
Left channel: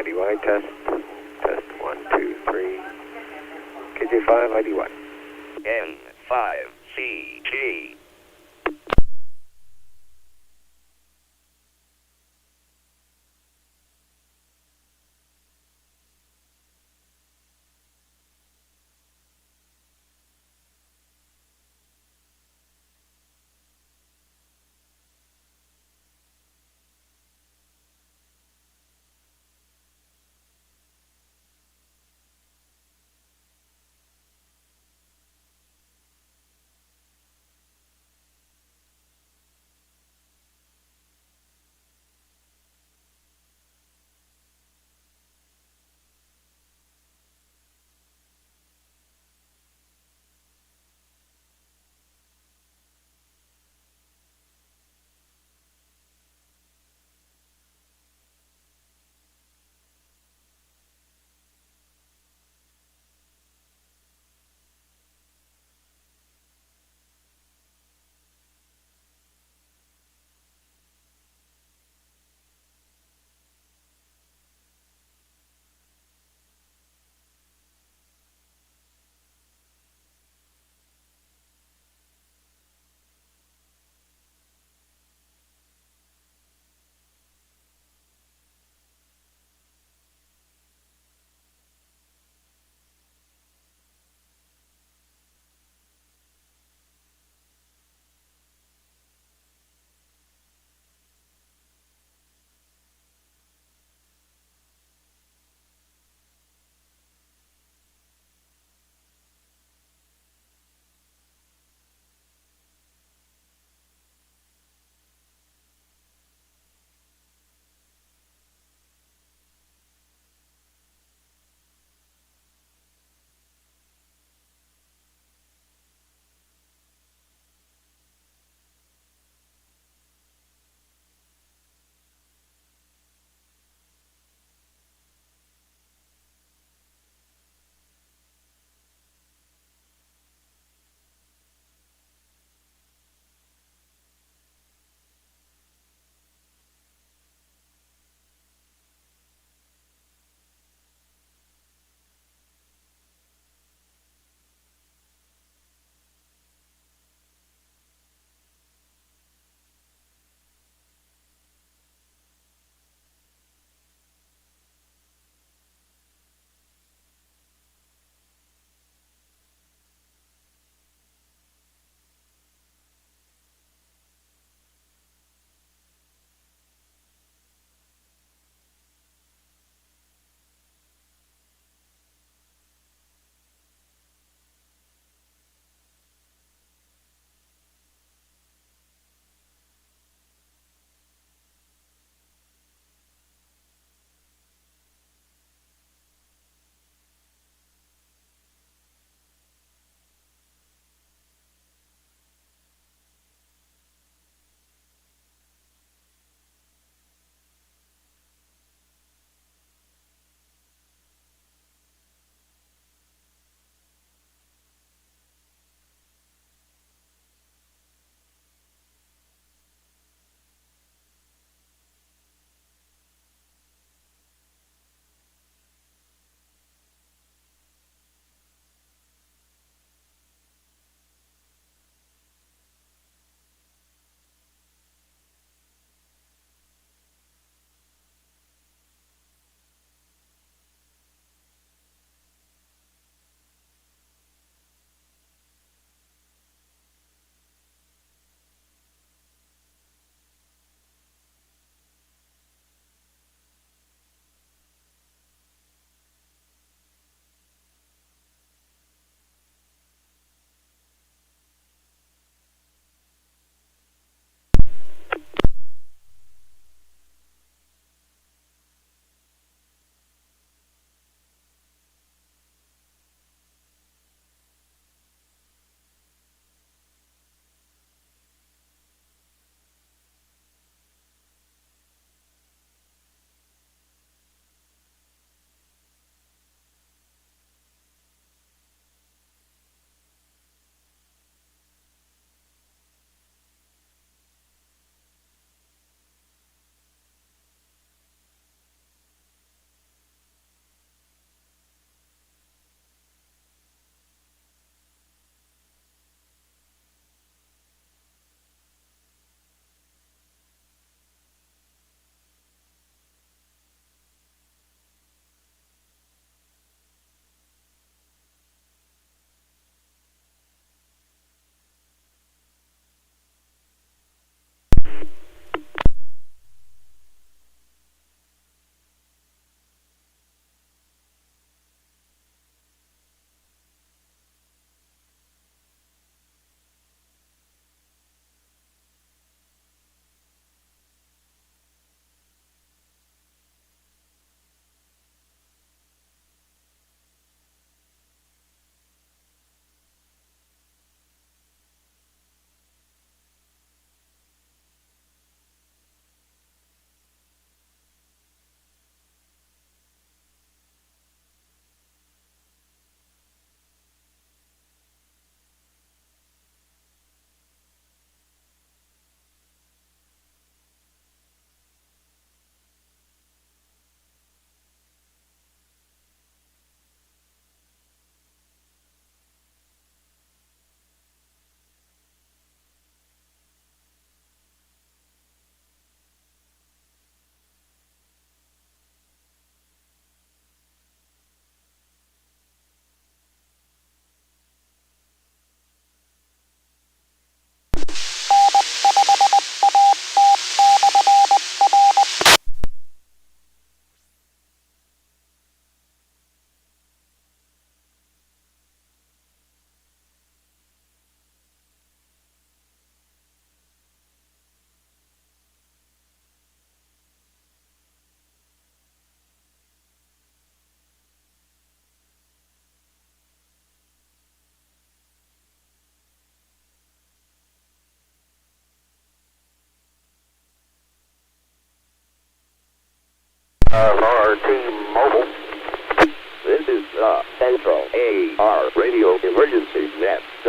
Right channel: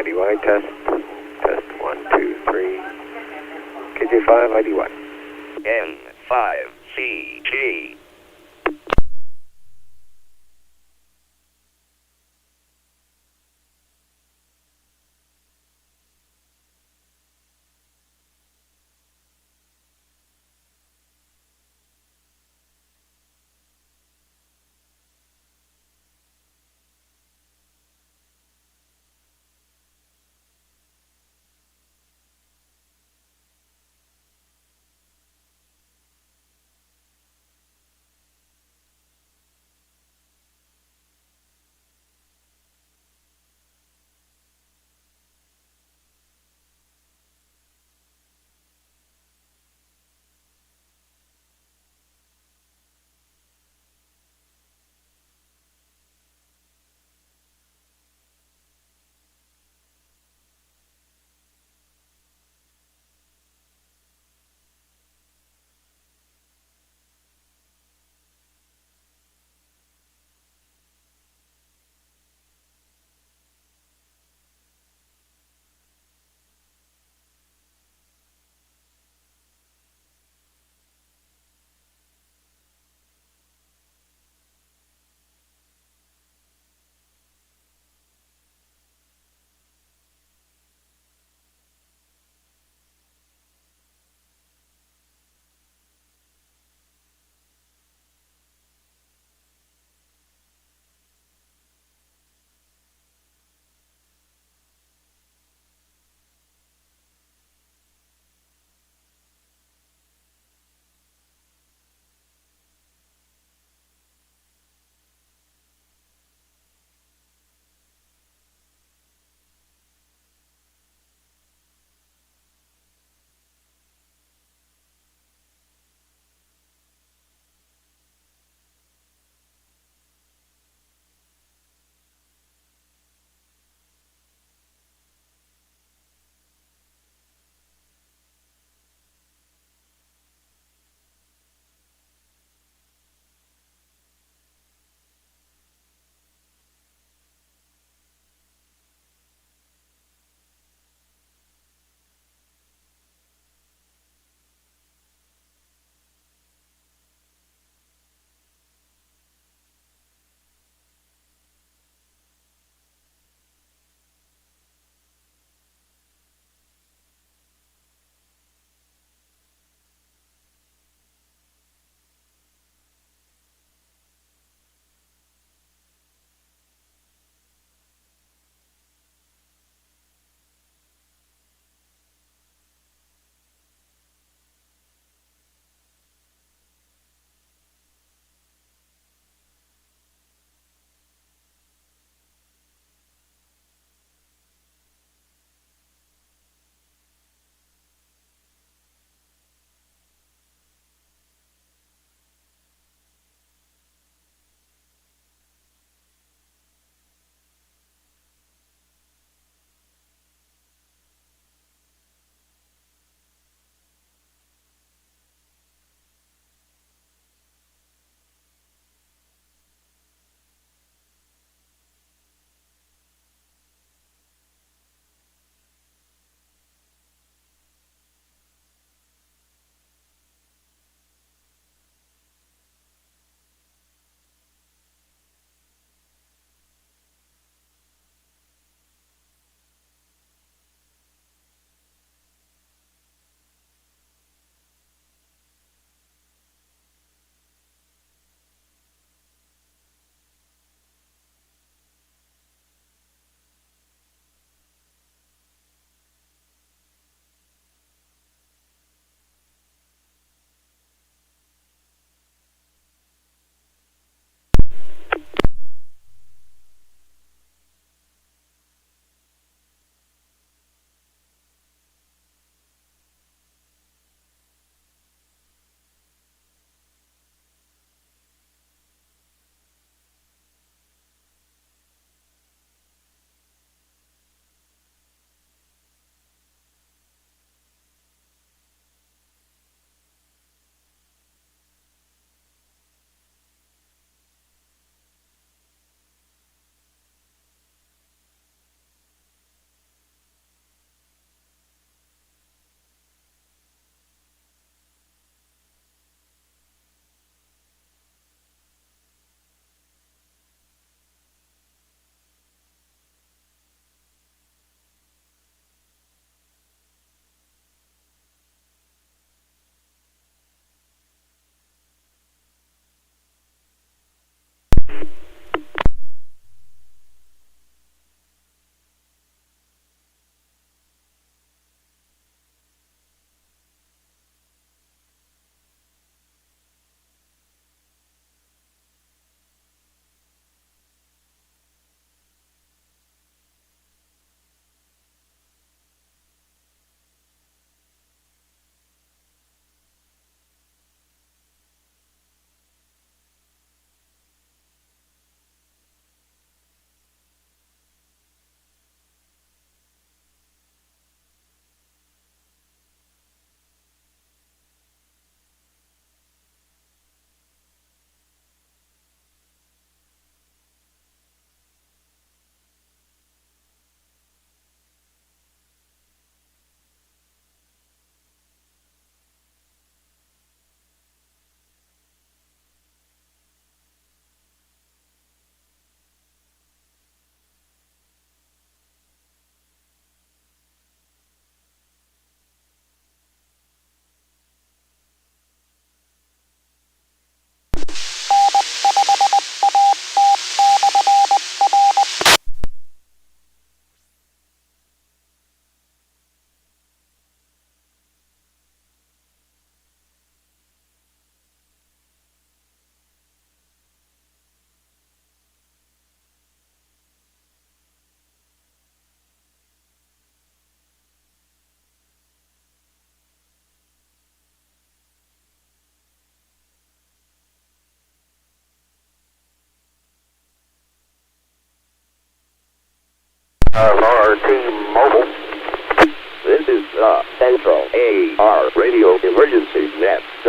KG5DPK, test 1, 2, 3, KG5DPK. N5CG.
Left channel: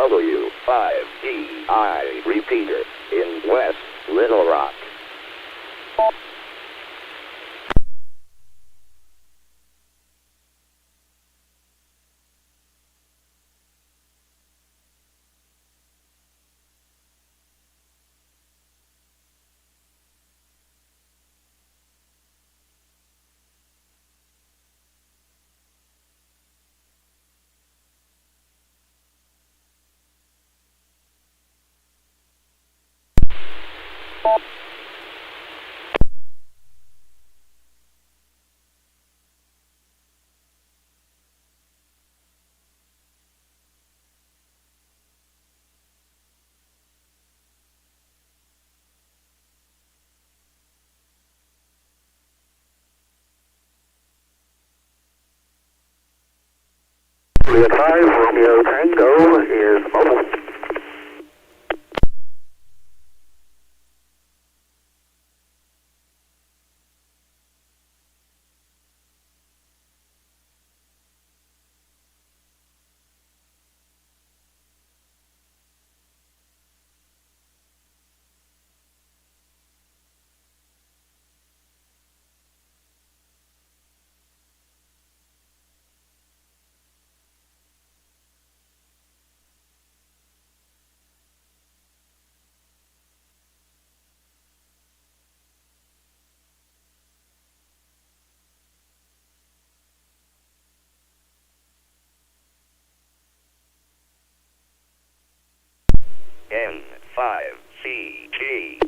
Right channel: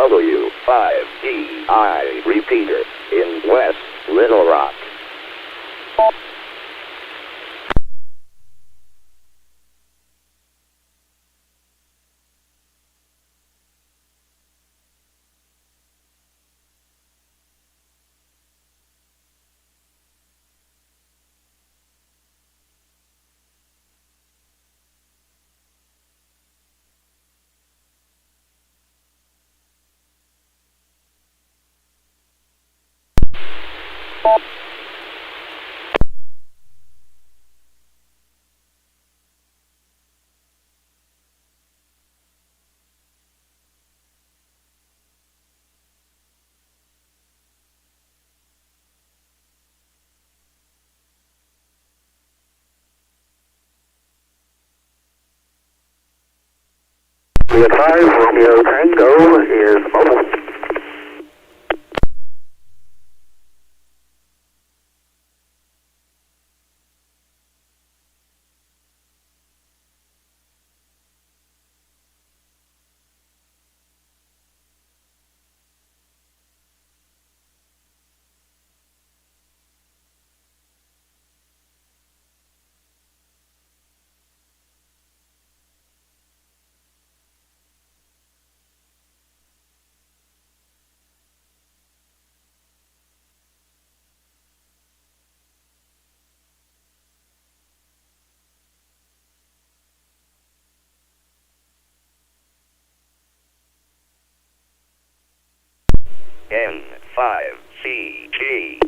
W5DI repeater in West Little Rock. We advise Romeo Tango is mobile. N5CG.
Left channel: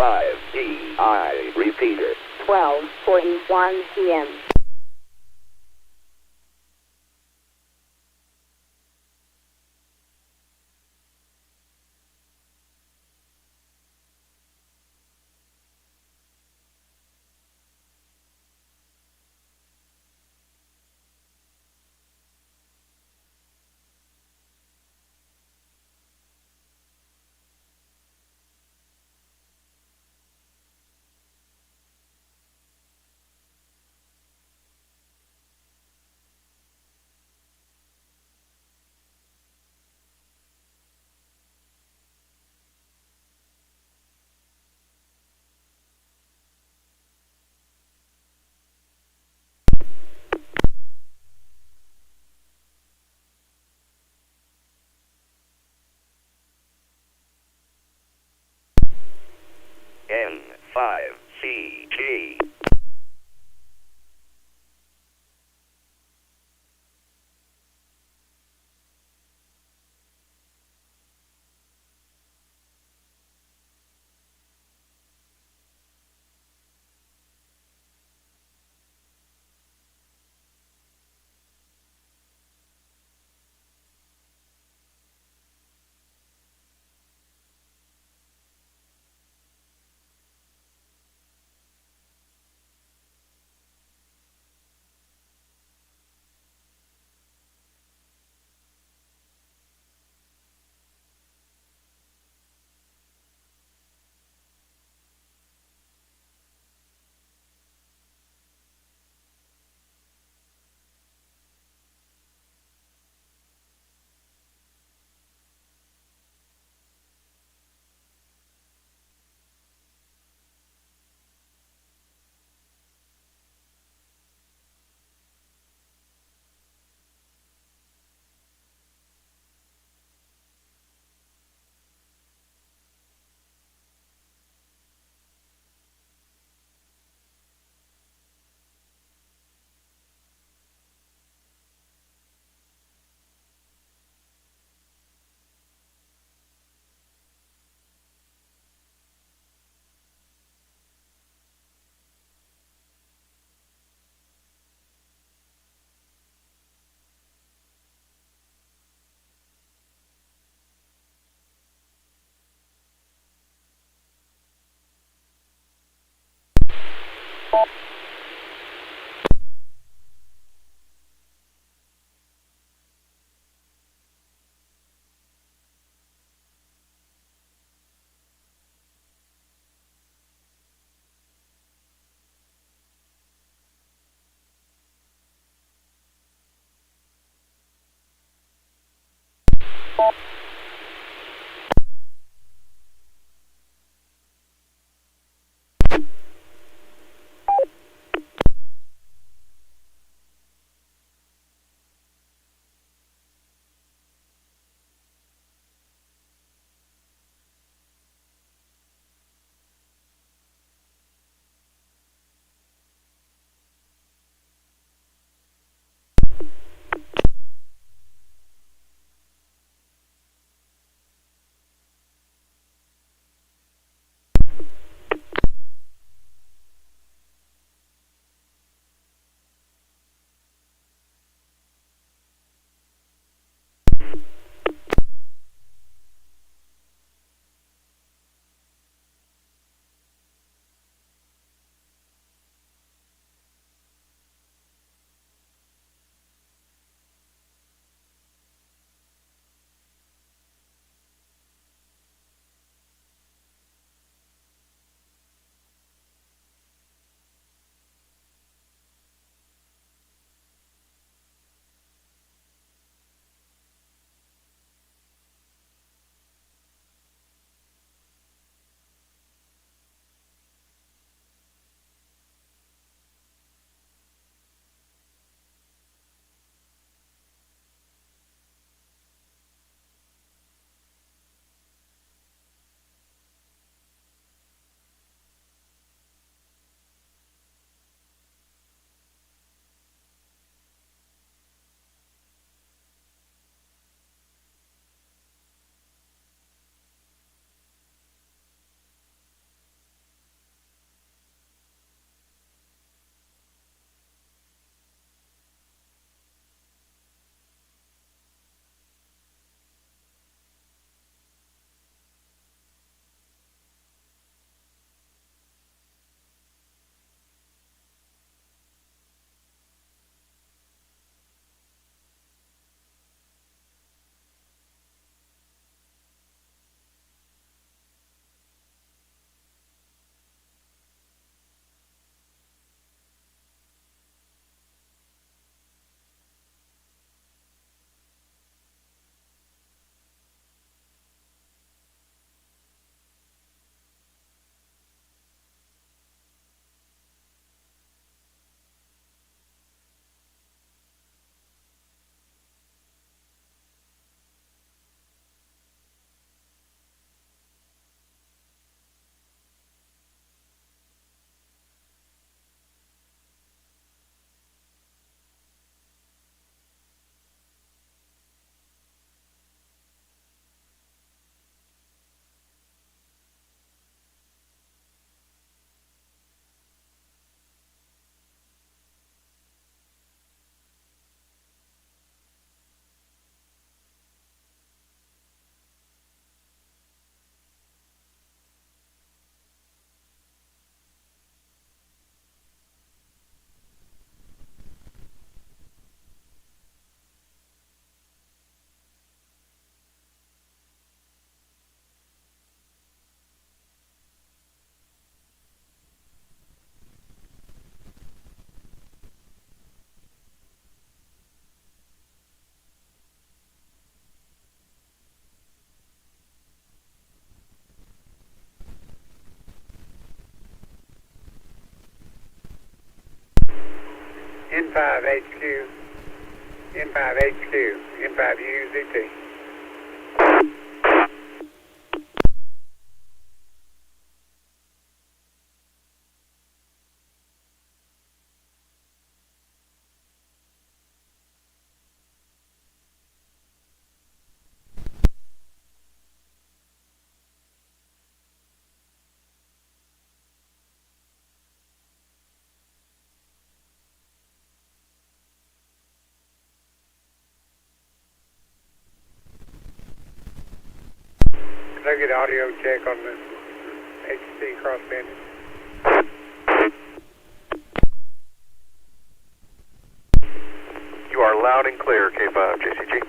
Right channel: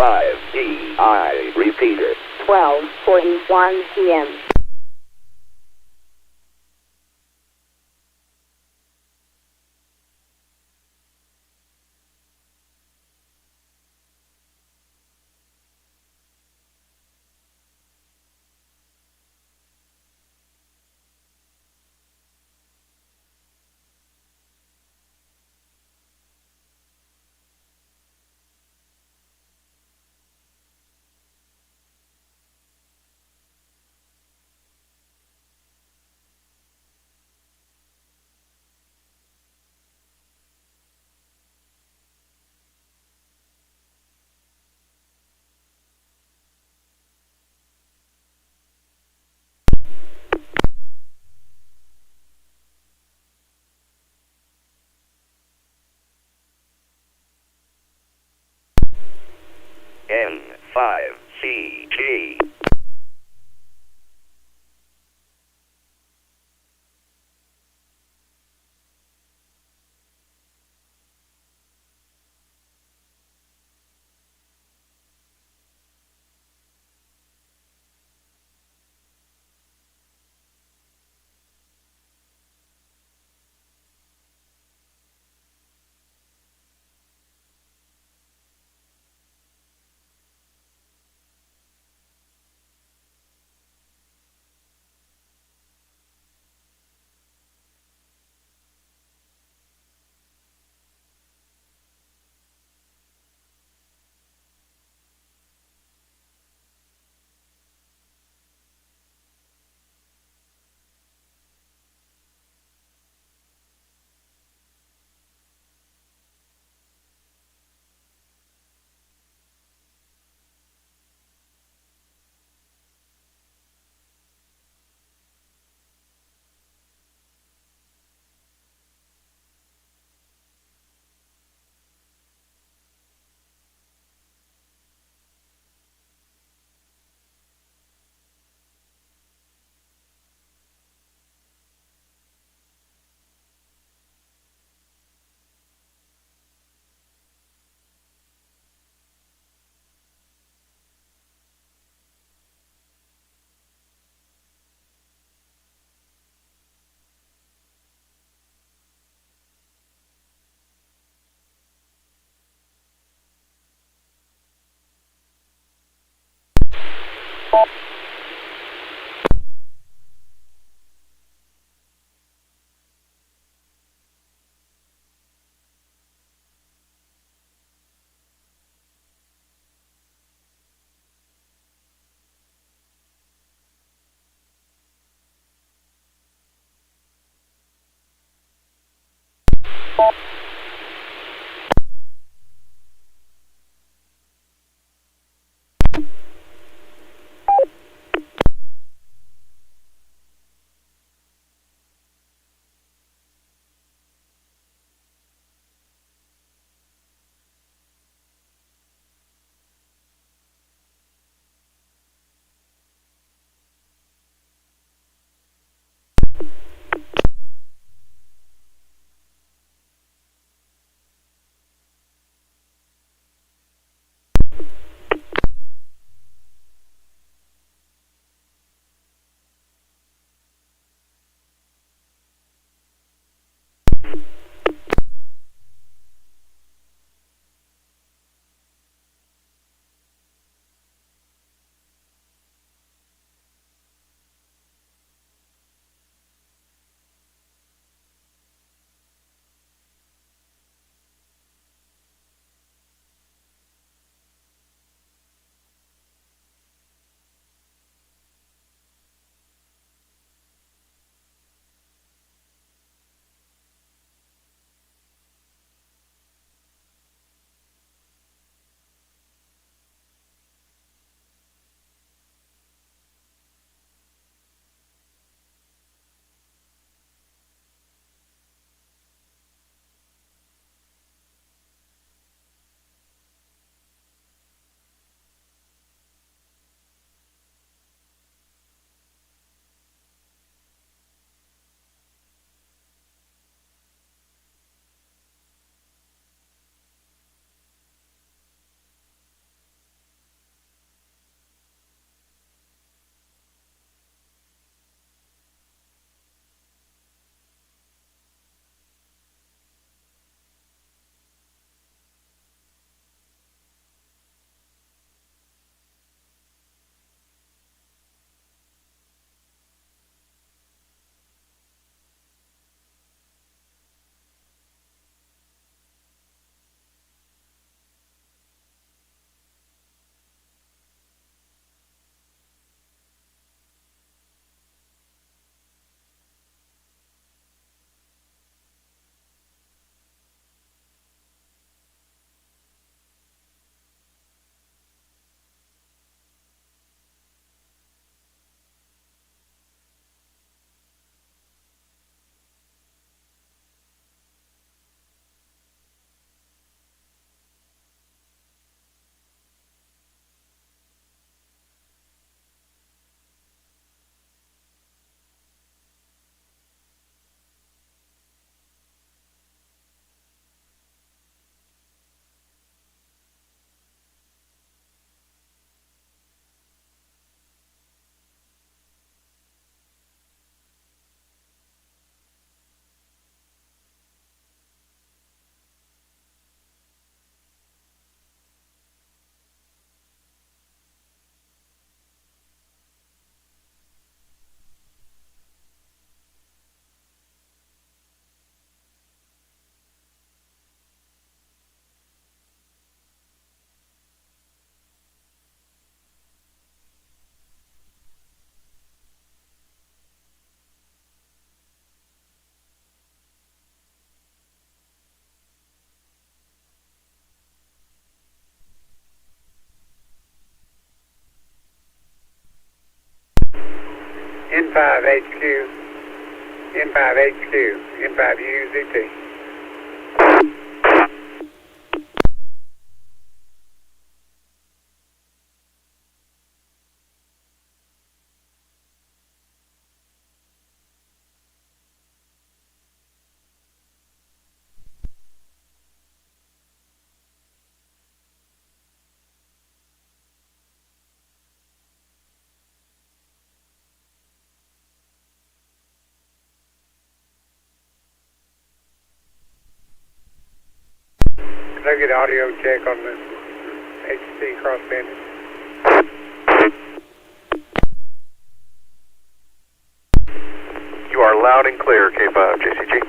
5DI repeater. 12:41 p.m. N5HQ, N5HQ, N5UZT. Can I get audio check on the HC crossband? loud and clear, K5JCG.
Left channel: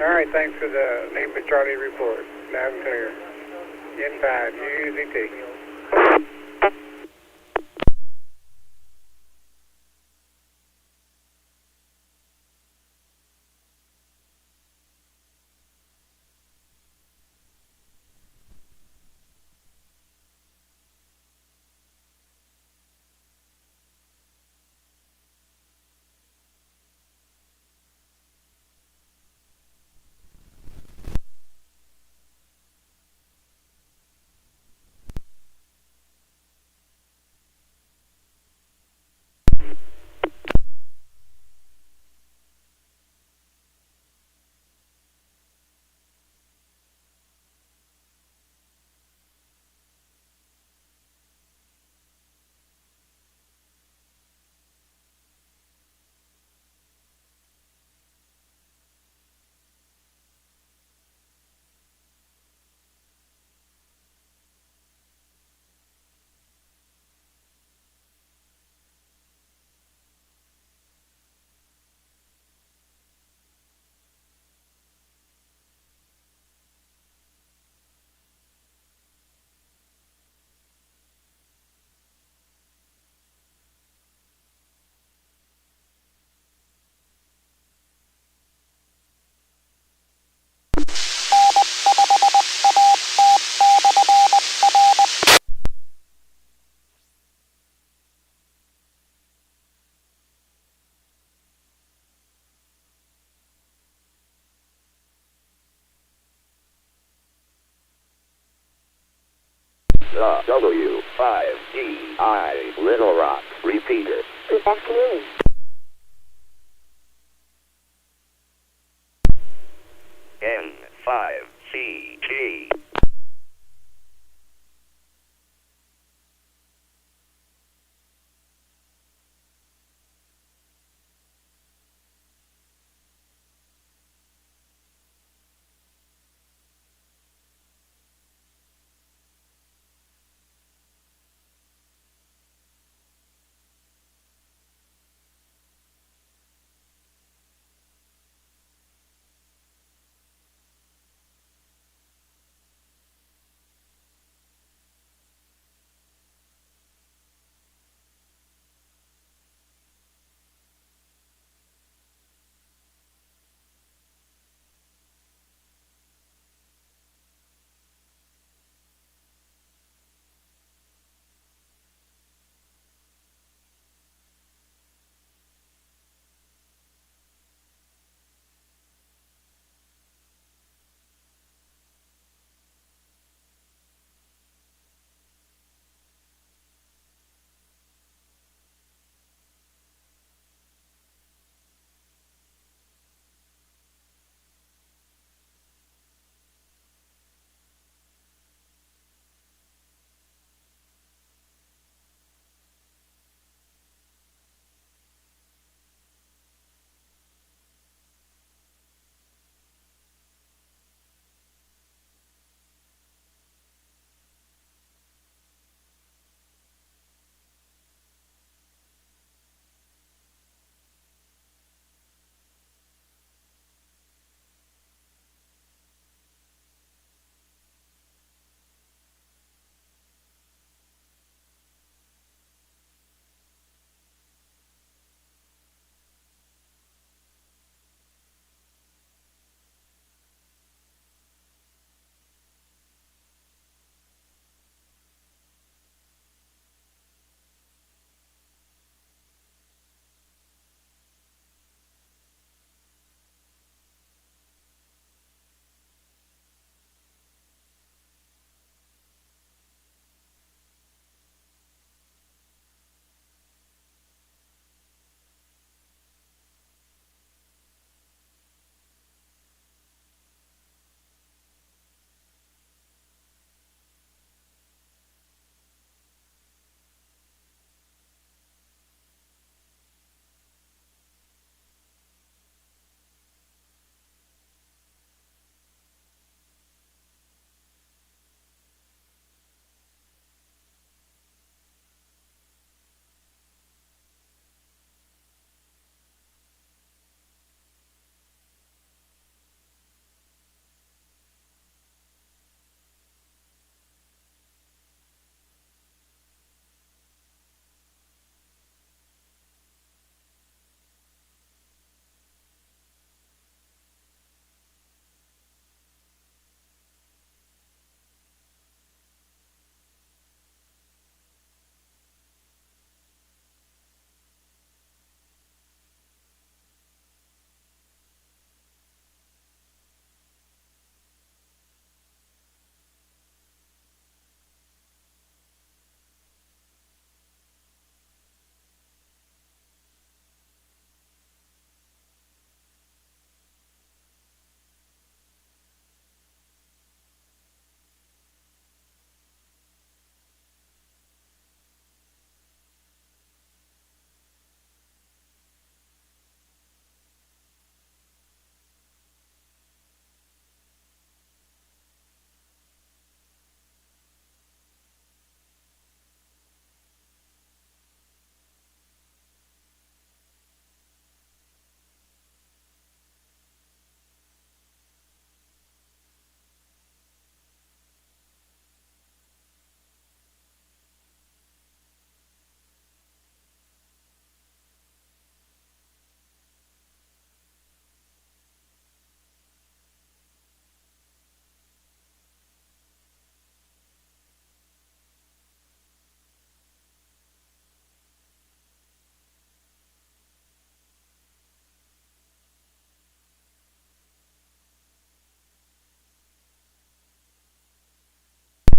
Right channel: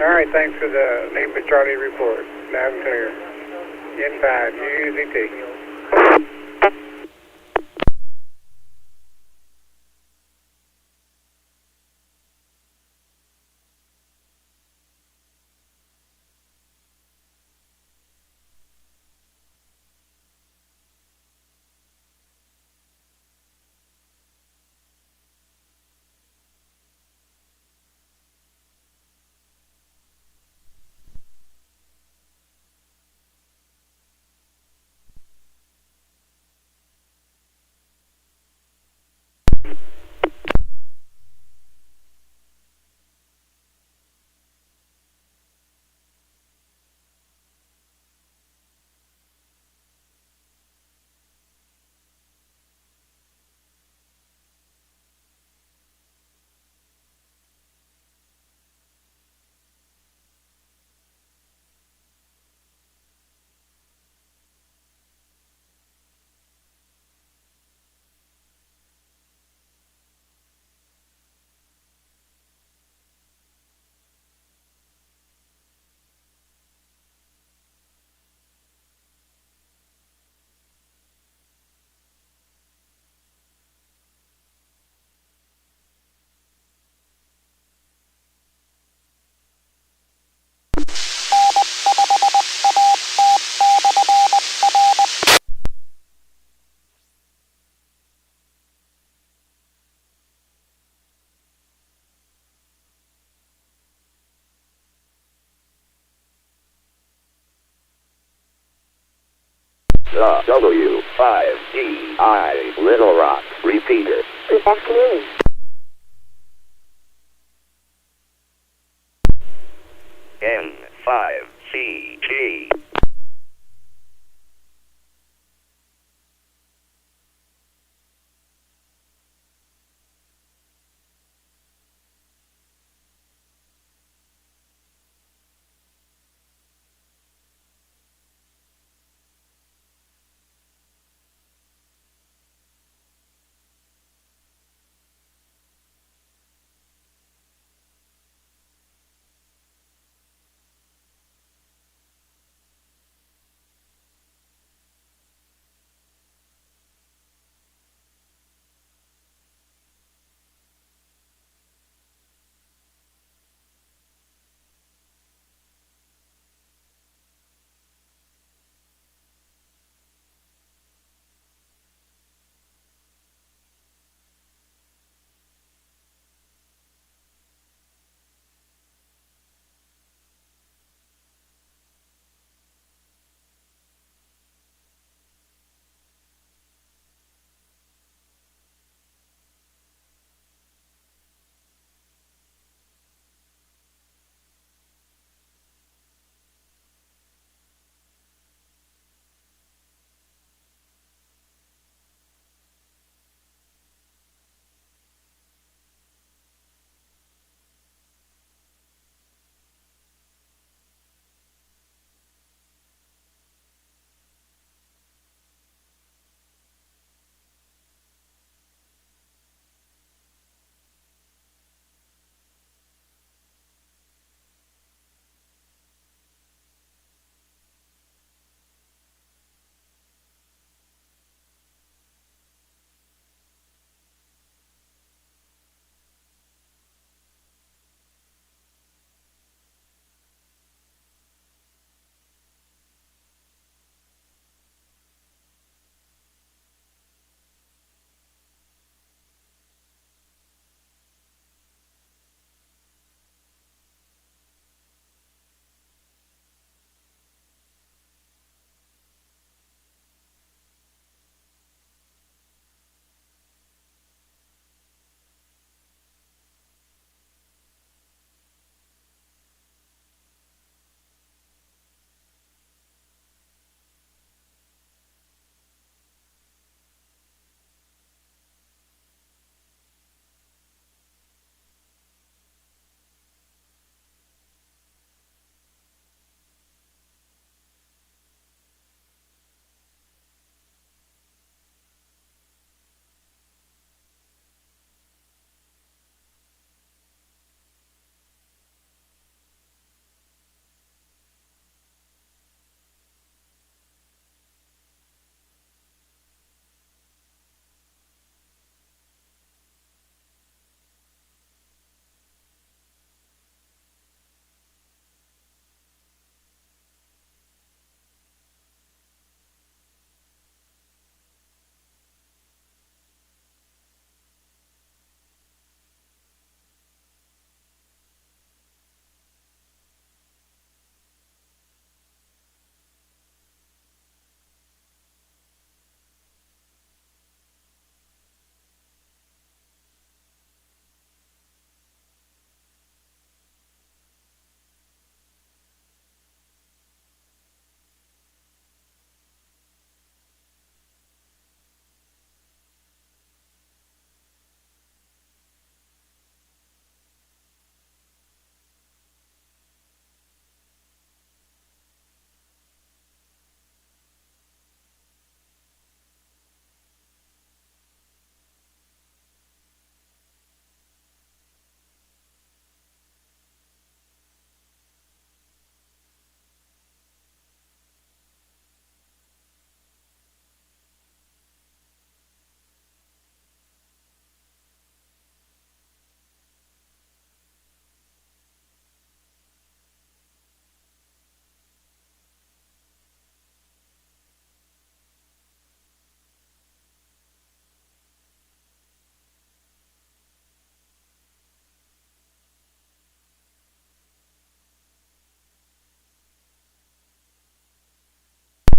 All right, thanks for the Lima Charlie report. Loud and clear. N5, UZT. The W5DI Little Rock repeater. Good afternoon. N5CG.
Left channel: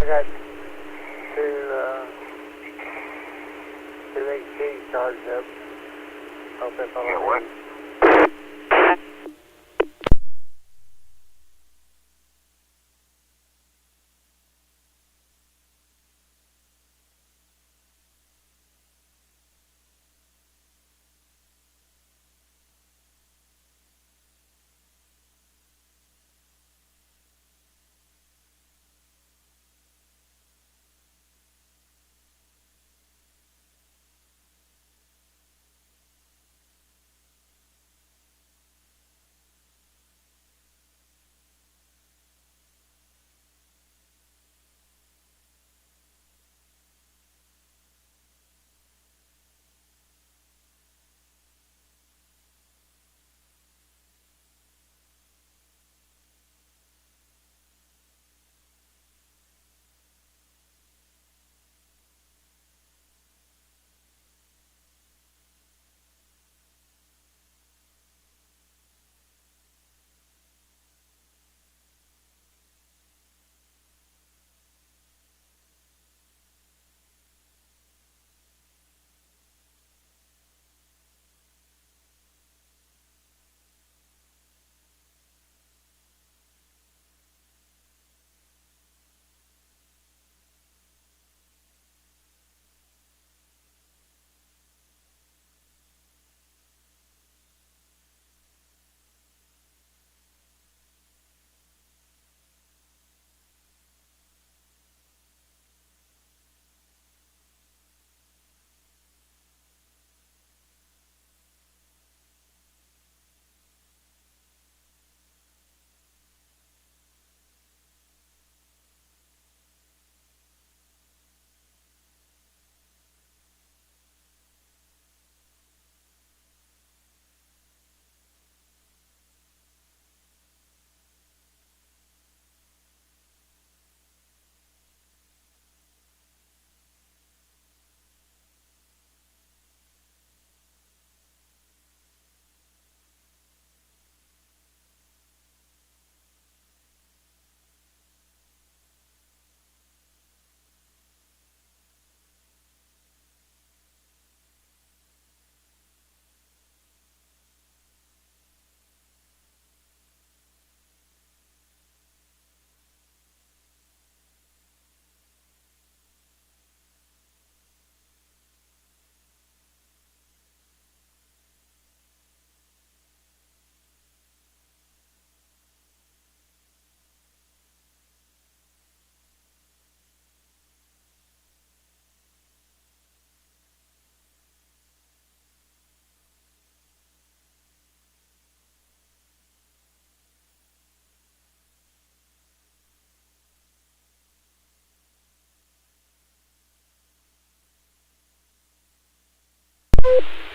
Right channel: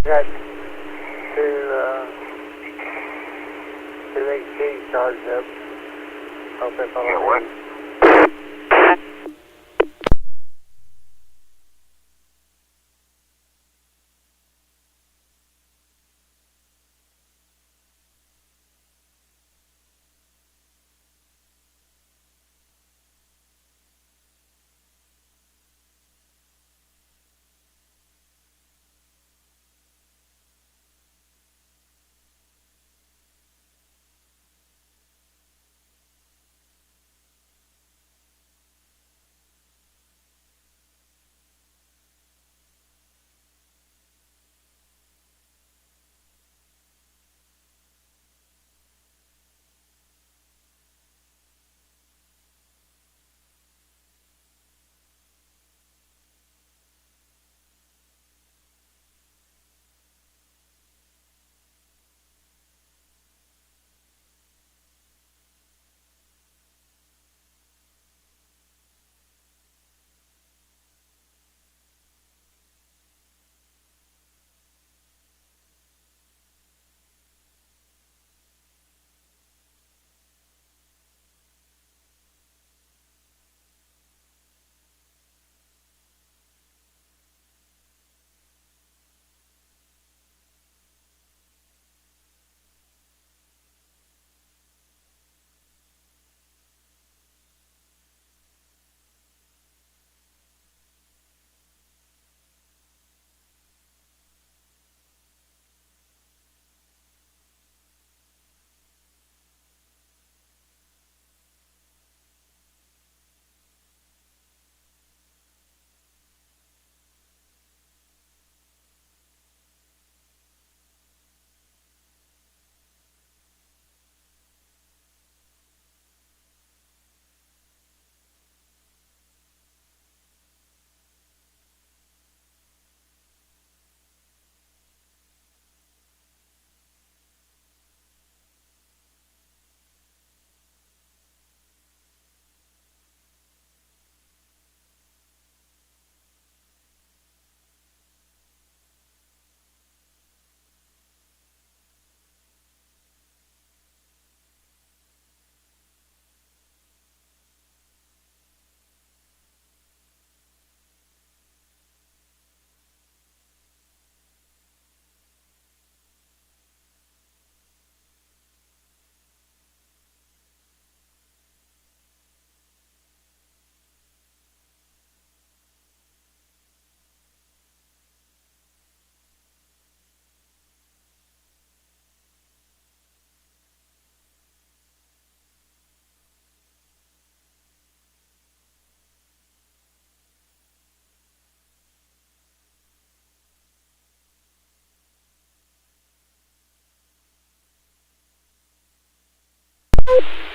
got two HTs charged up. Hope that's all right.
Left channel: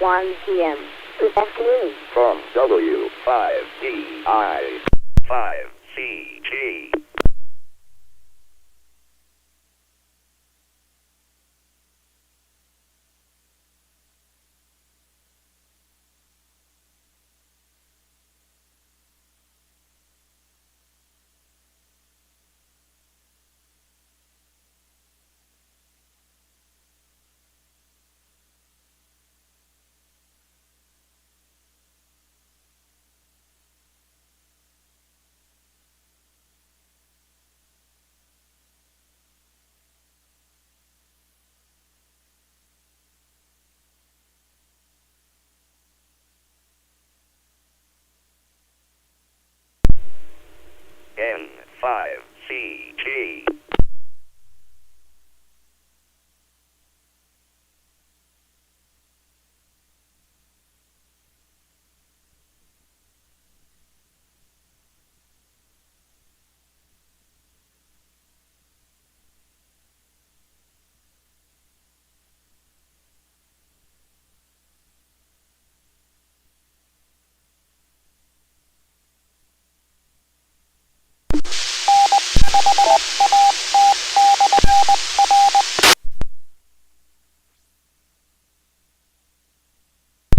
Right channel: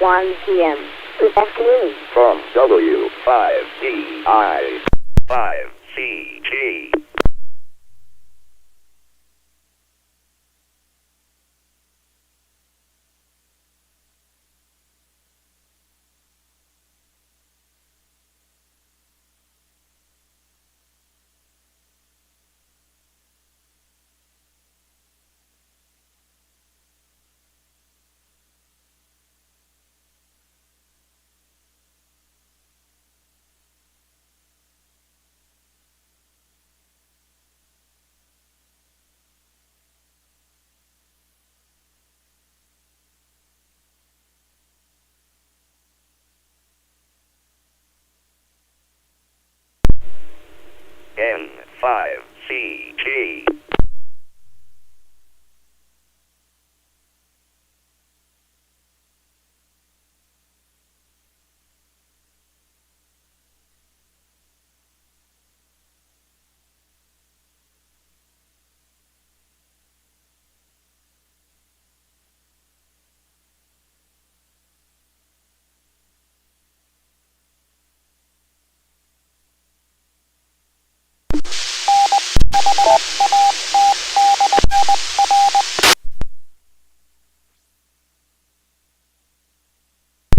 One p.m. Good afternoon. From W5DI, 5CG. N5CG.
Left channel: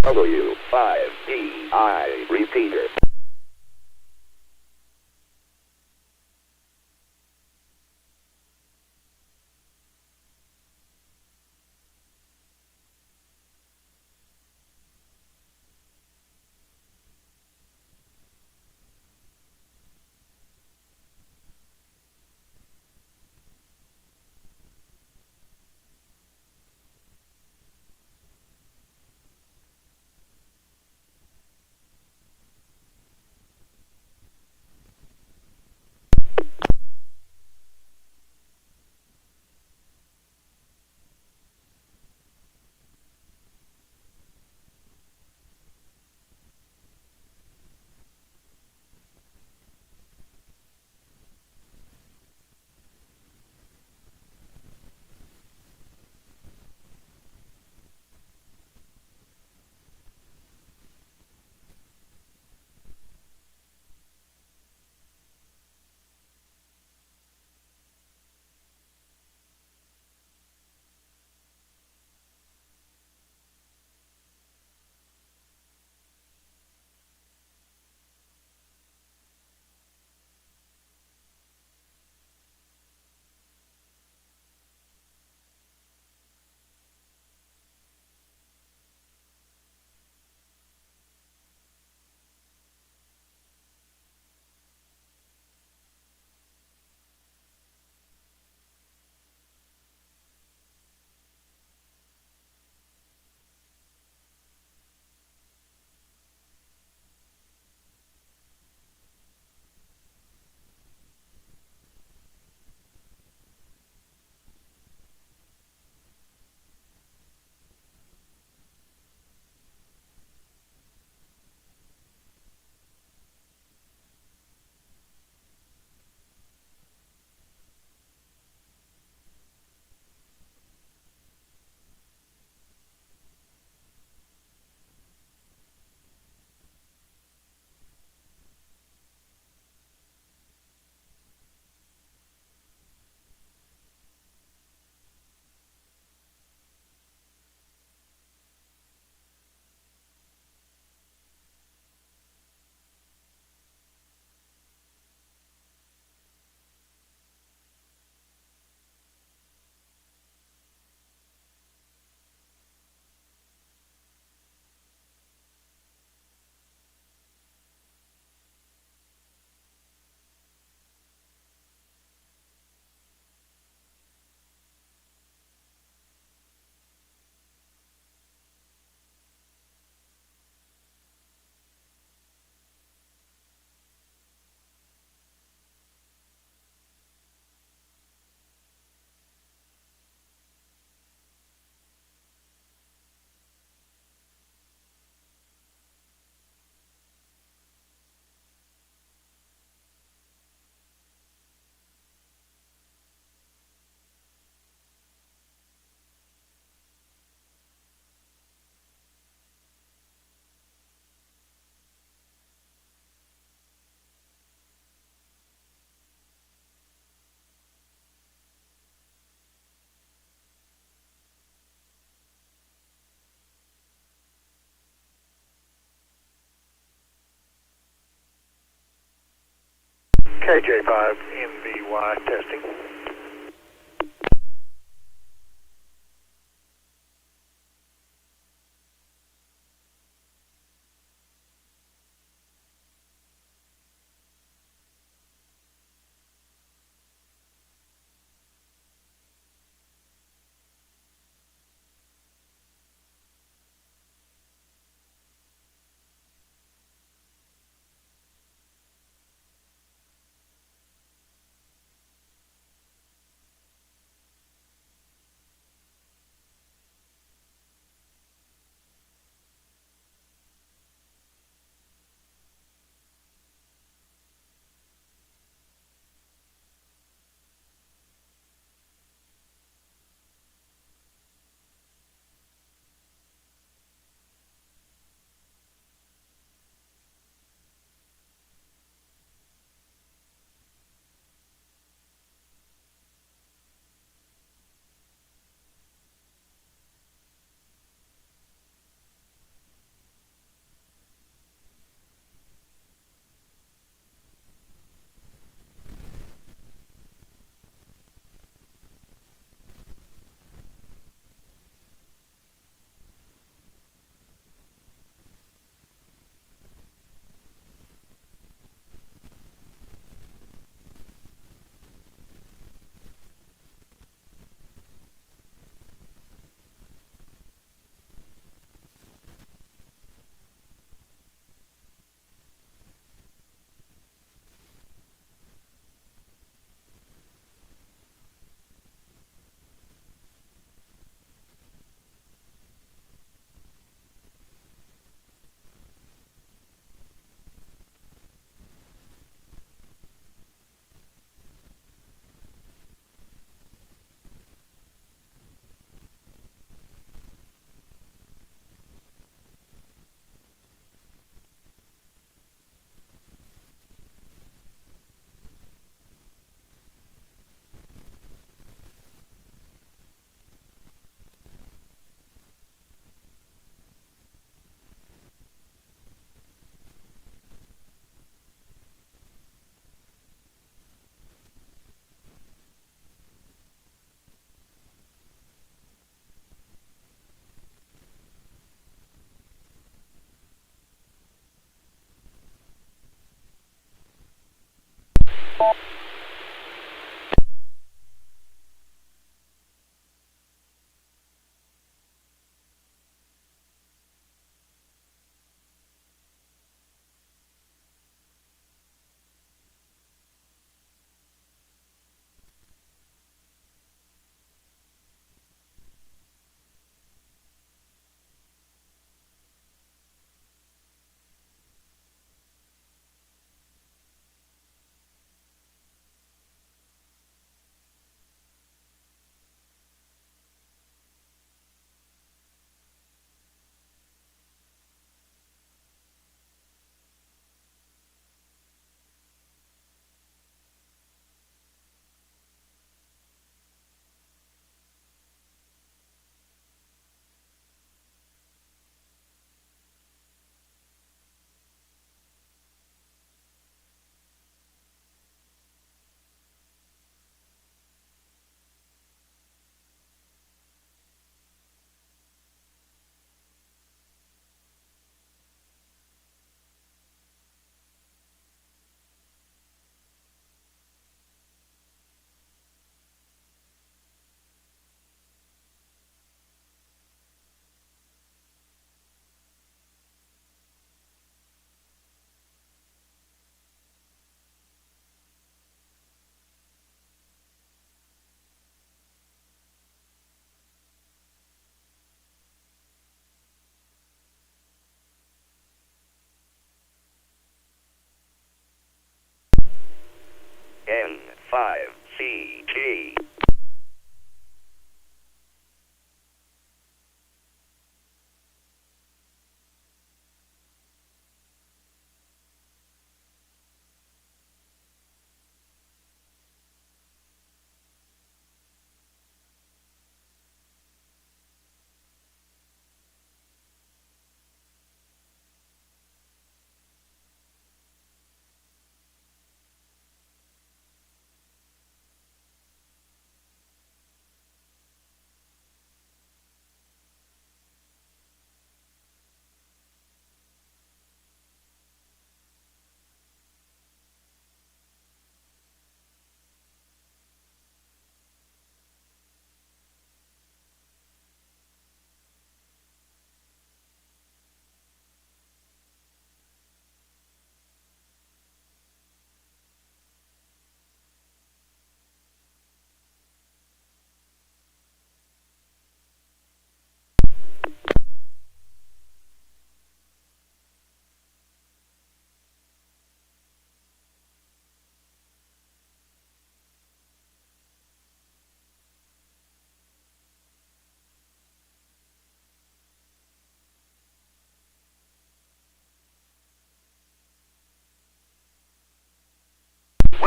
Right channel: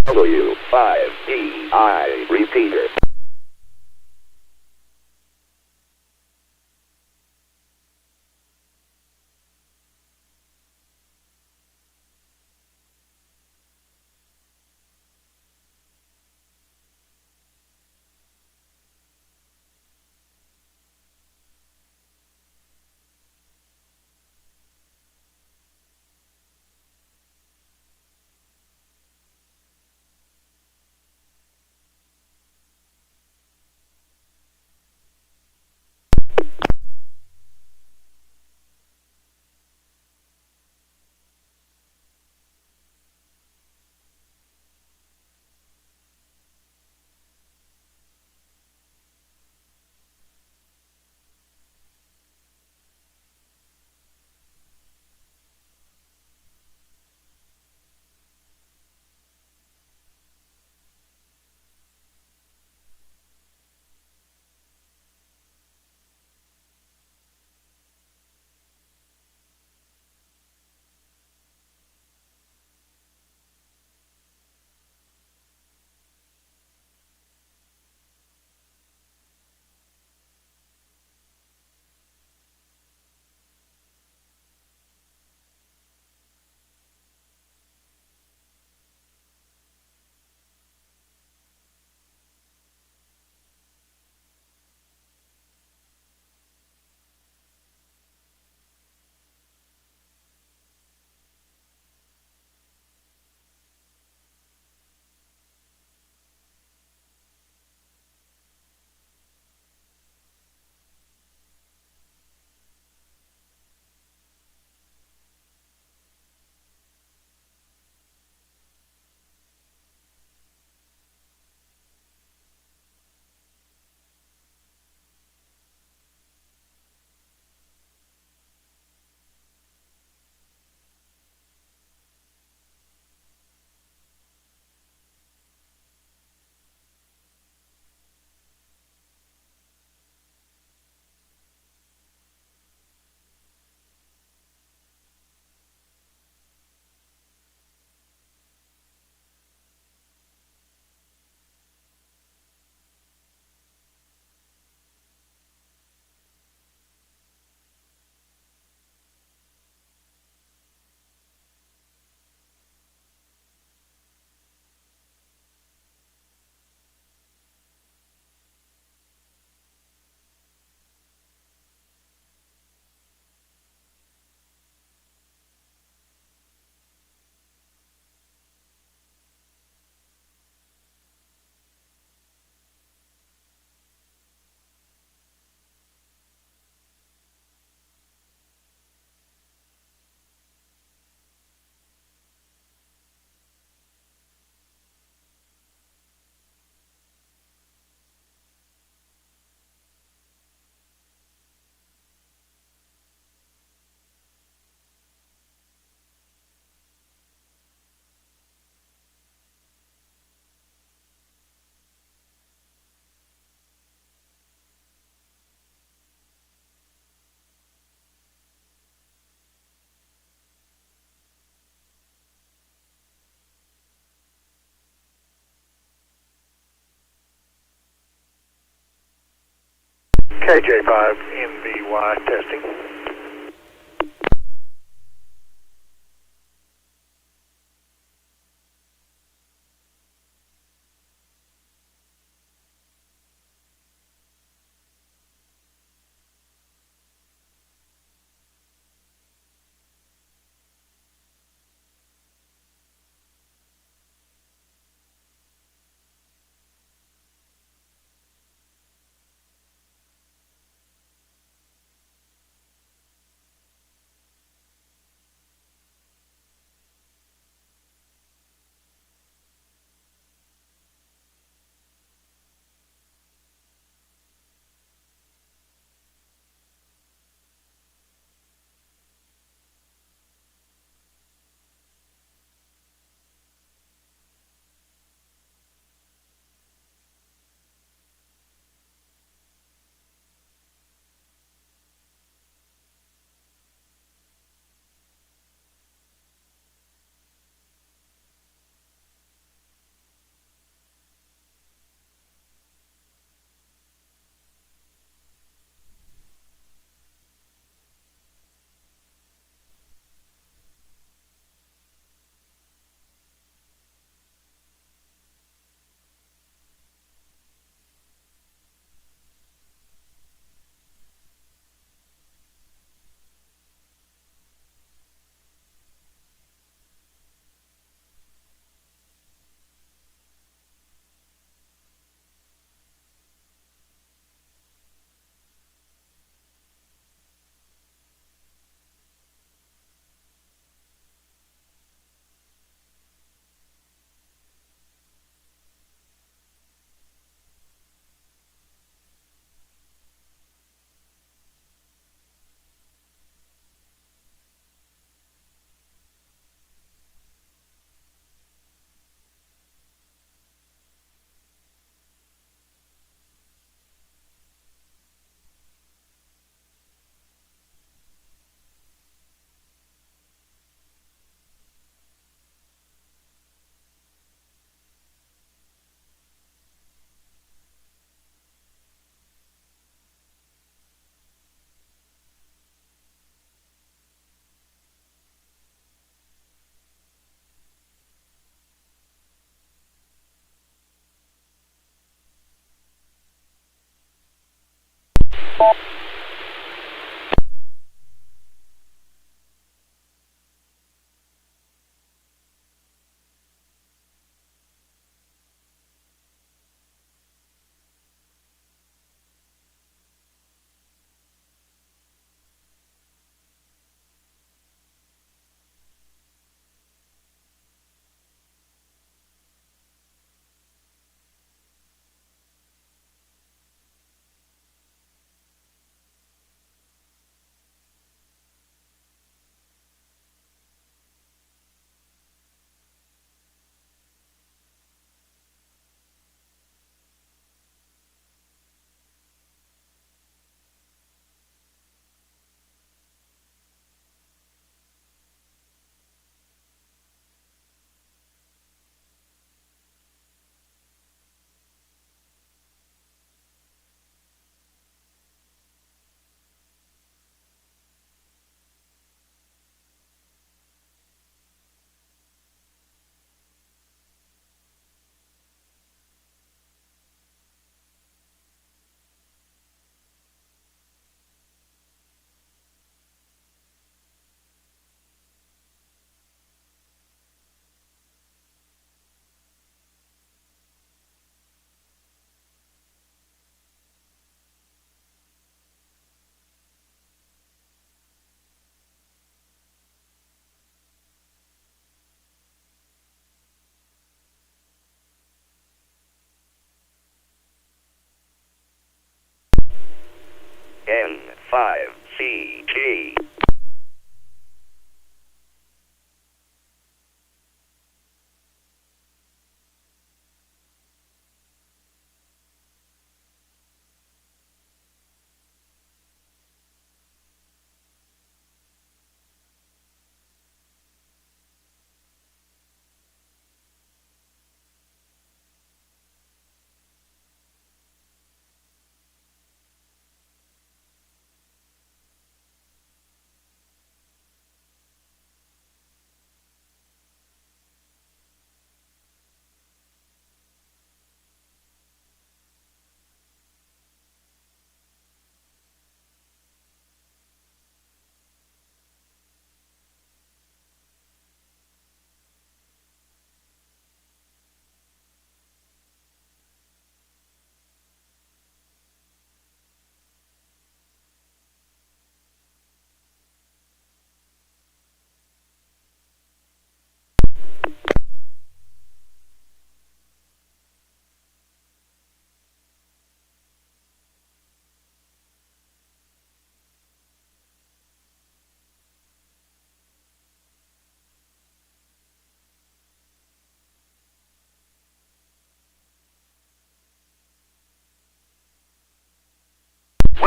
W5DI repeater. KJ5NBY testing.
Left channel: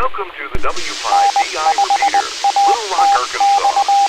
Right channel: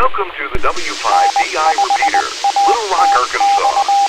Welcome to the W5DI repeater, Little Rock, Arkansas.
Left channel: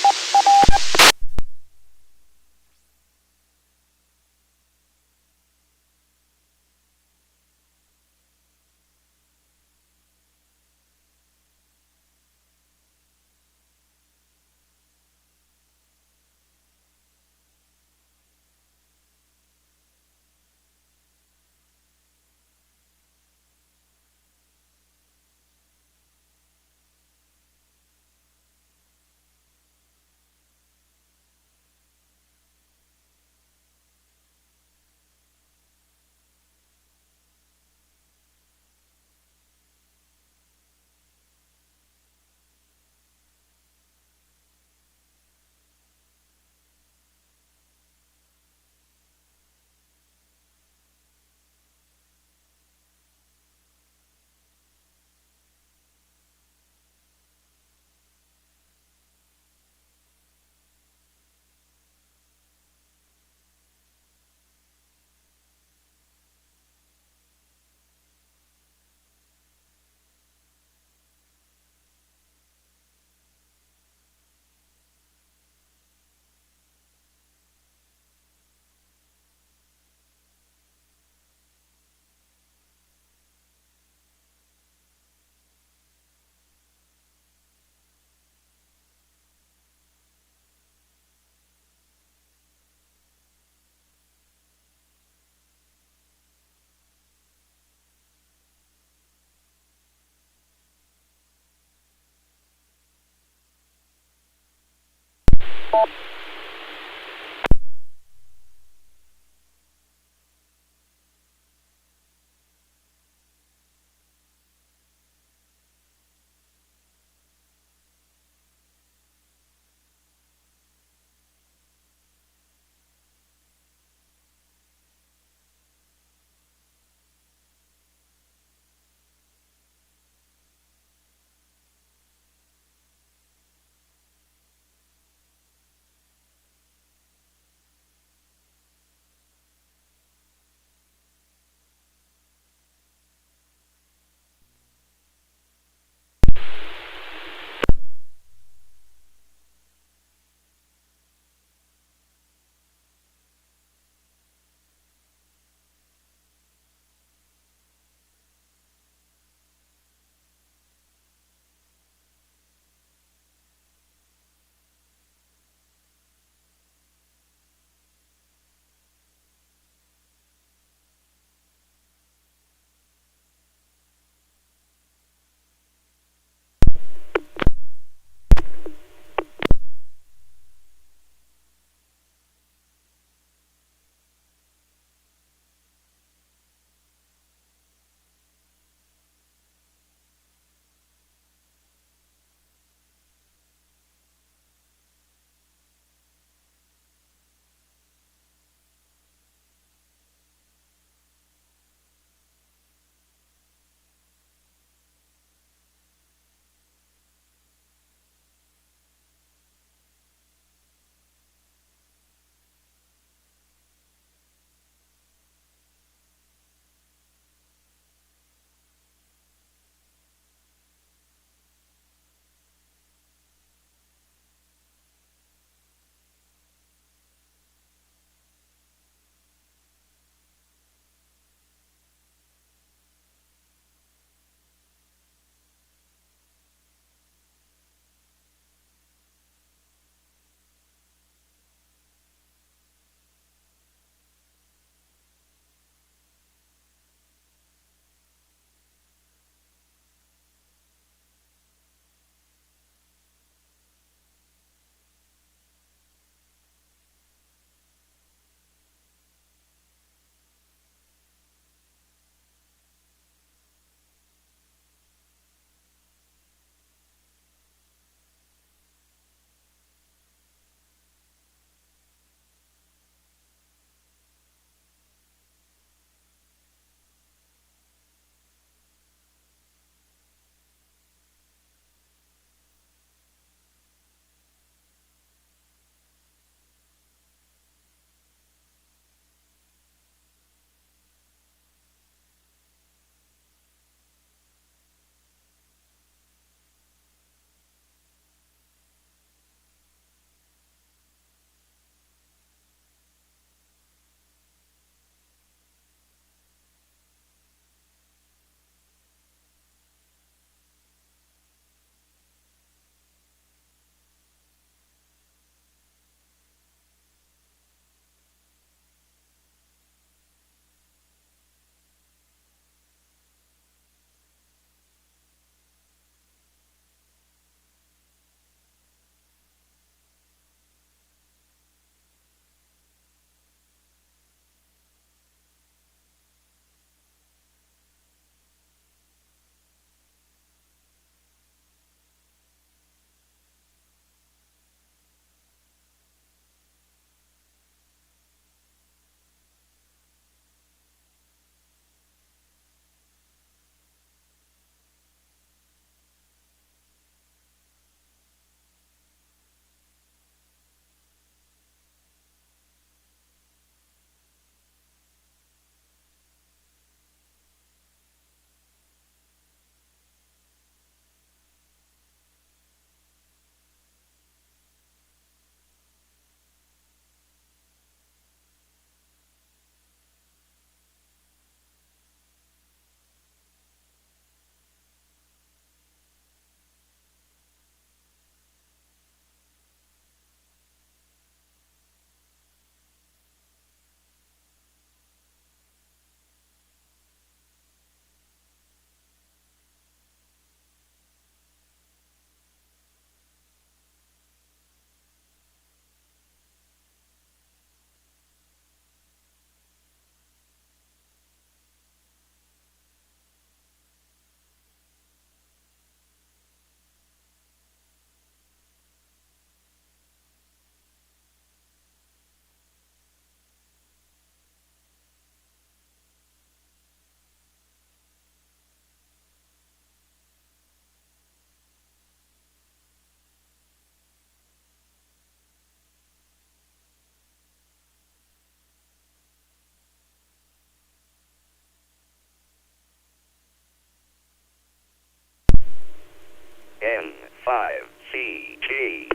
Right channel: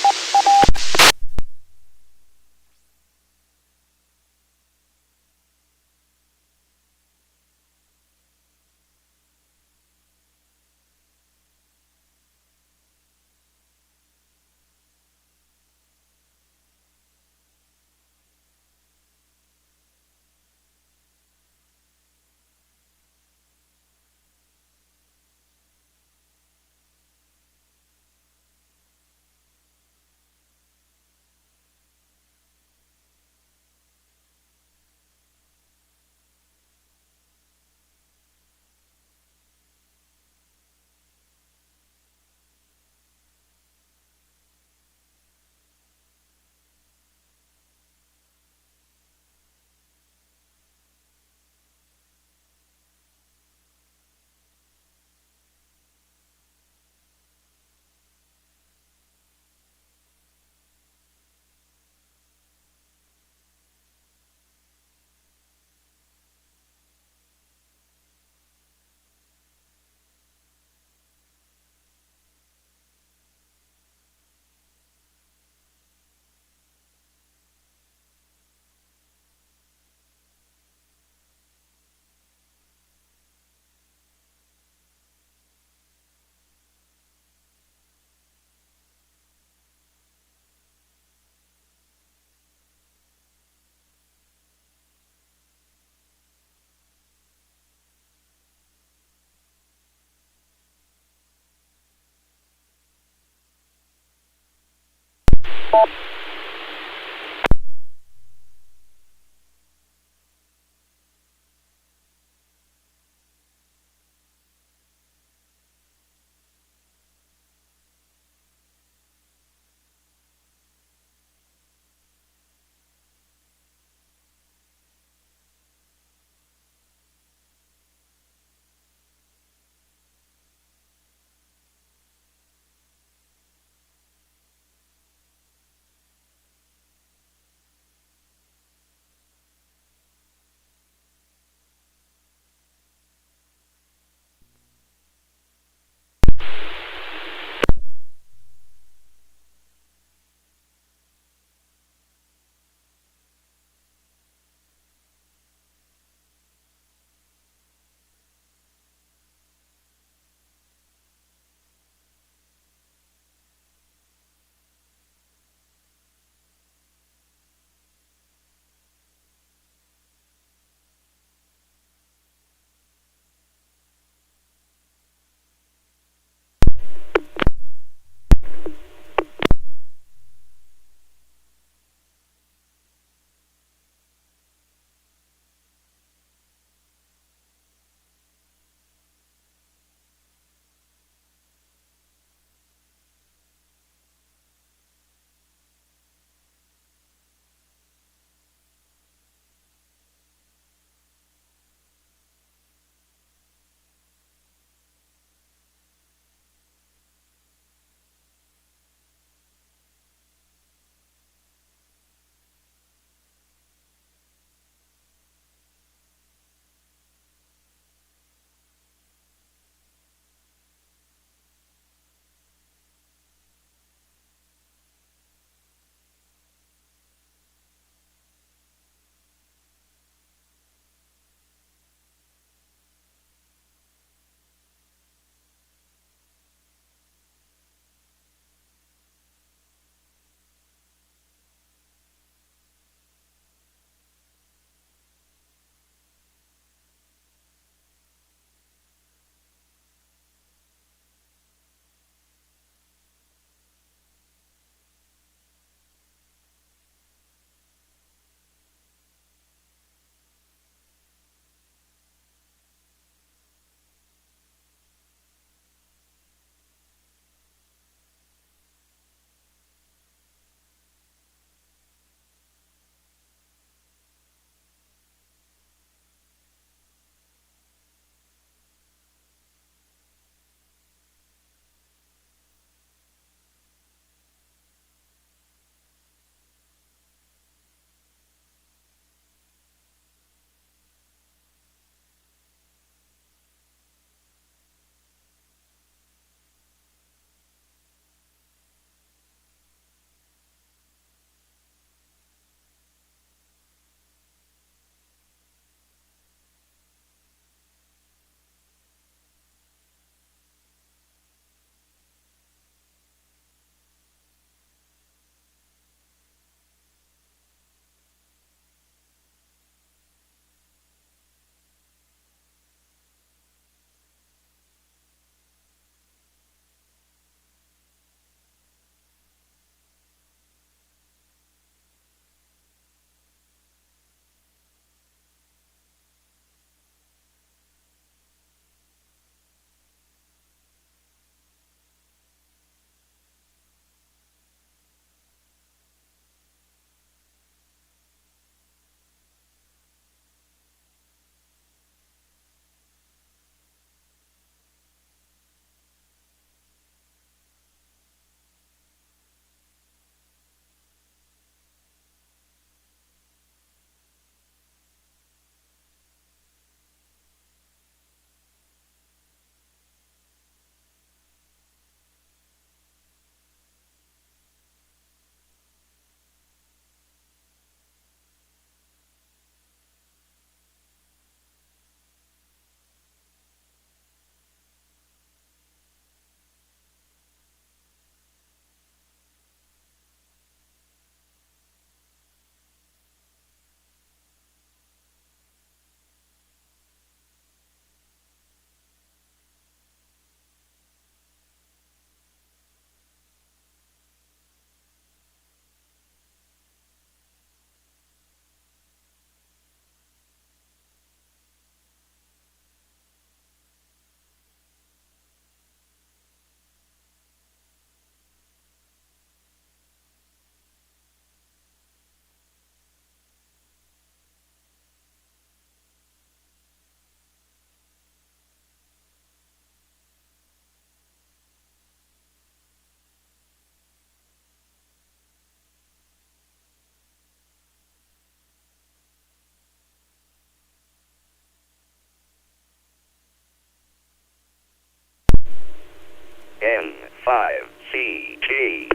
N5CG.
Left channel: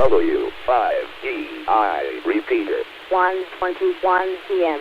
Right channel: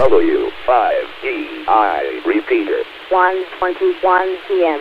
W5DI repeater. 1:21 p.m.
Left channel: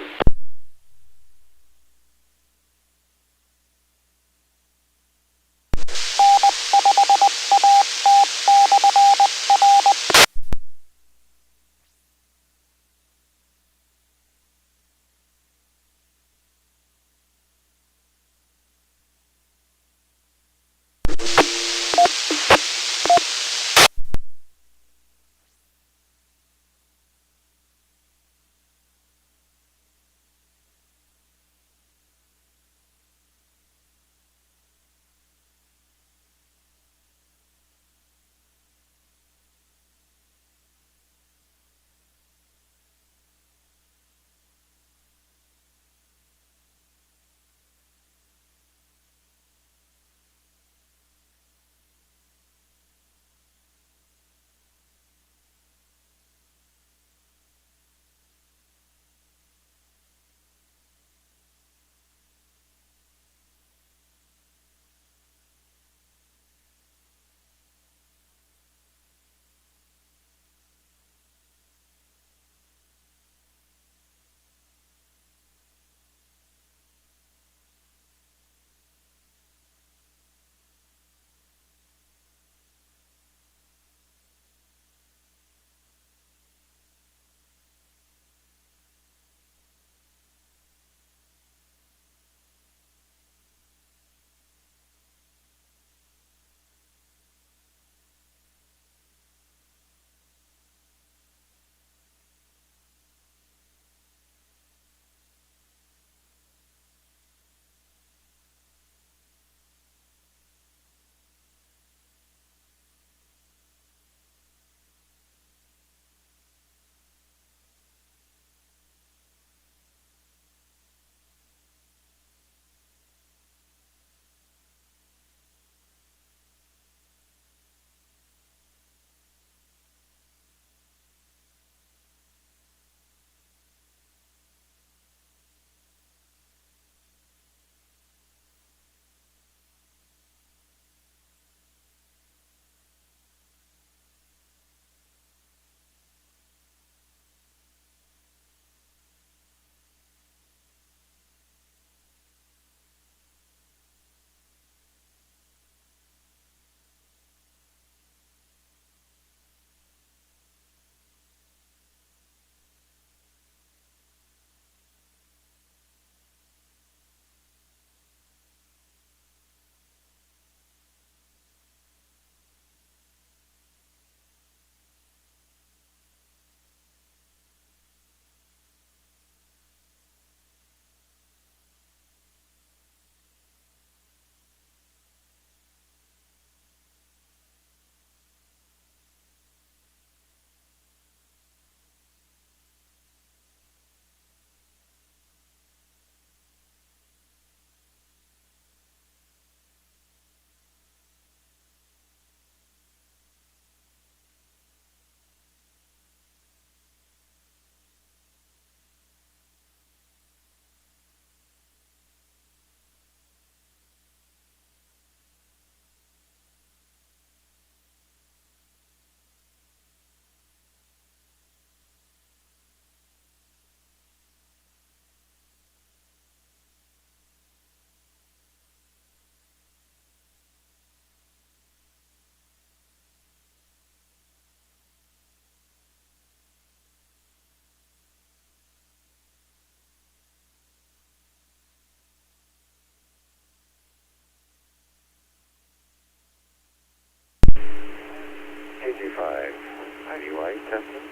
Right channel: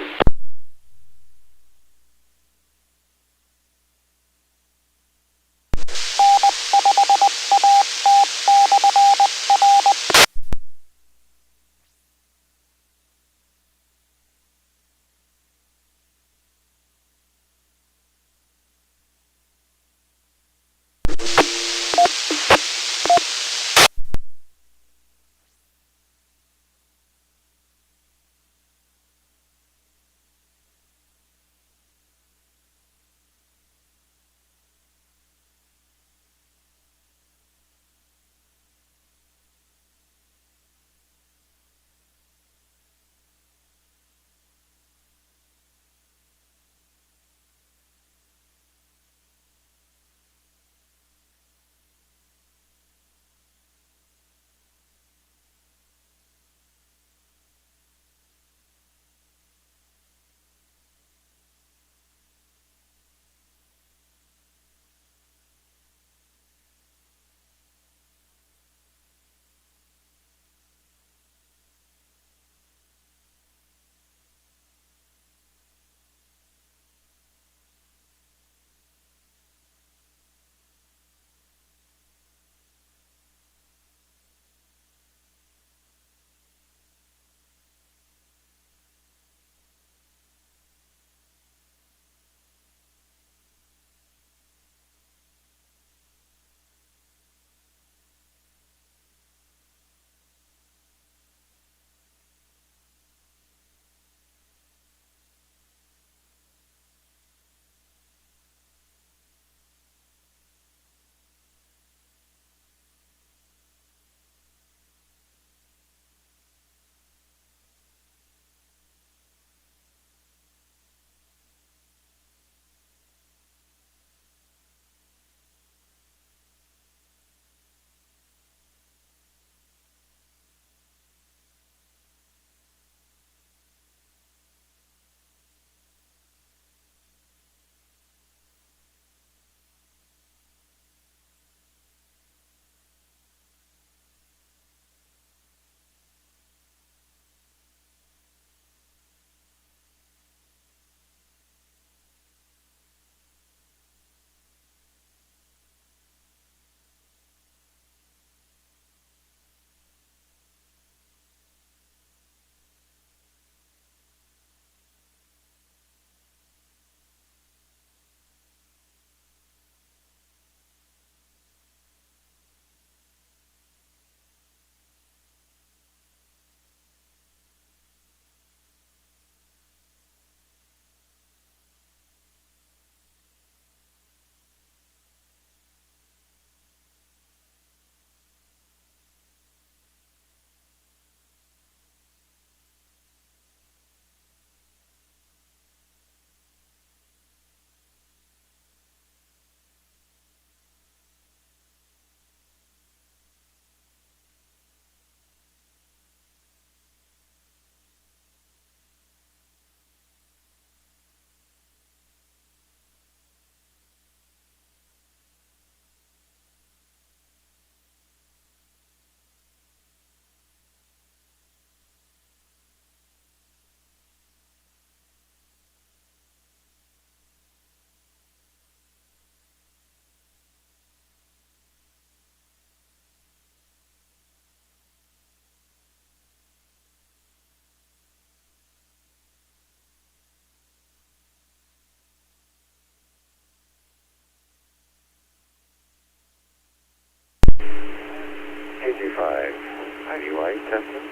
Light testing.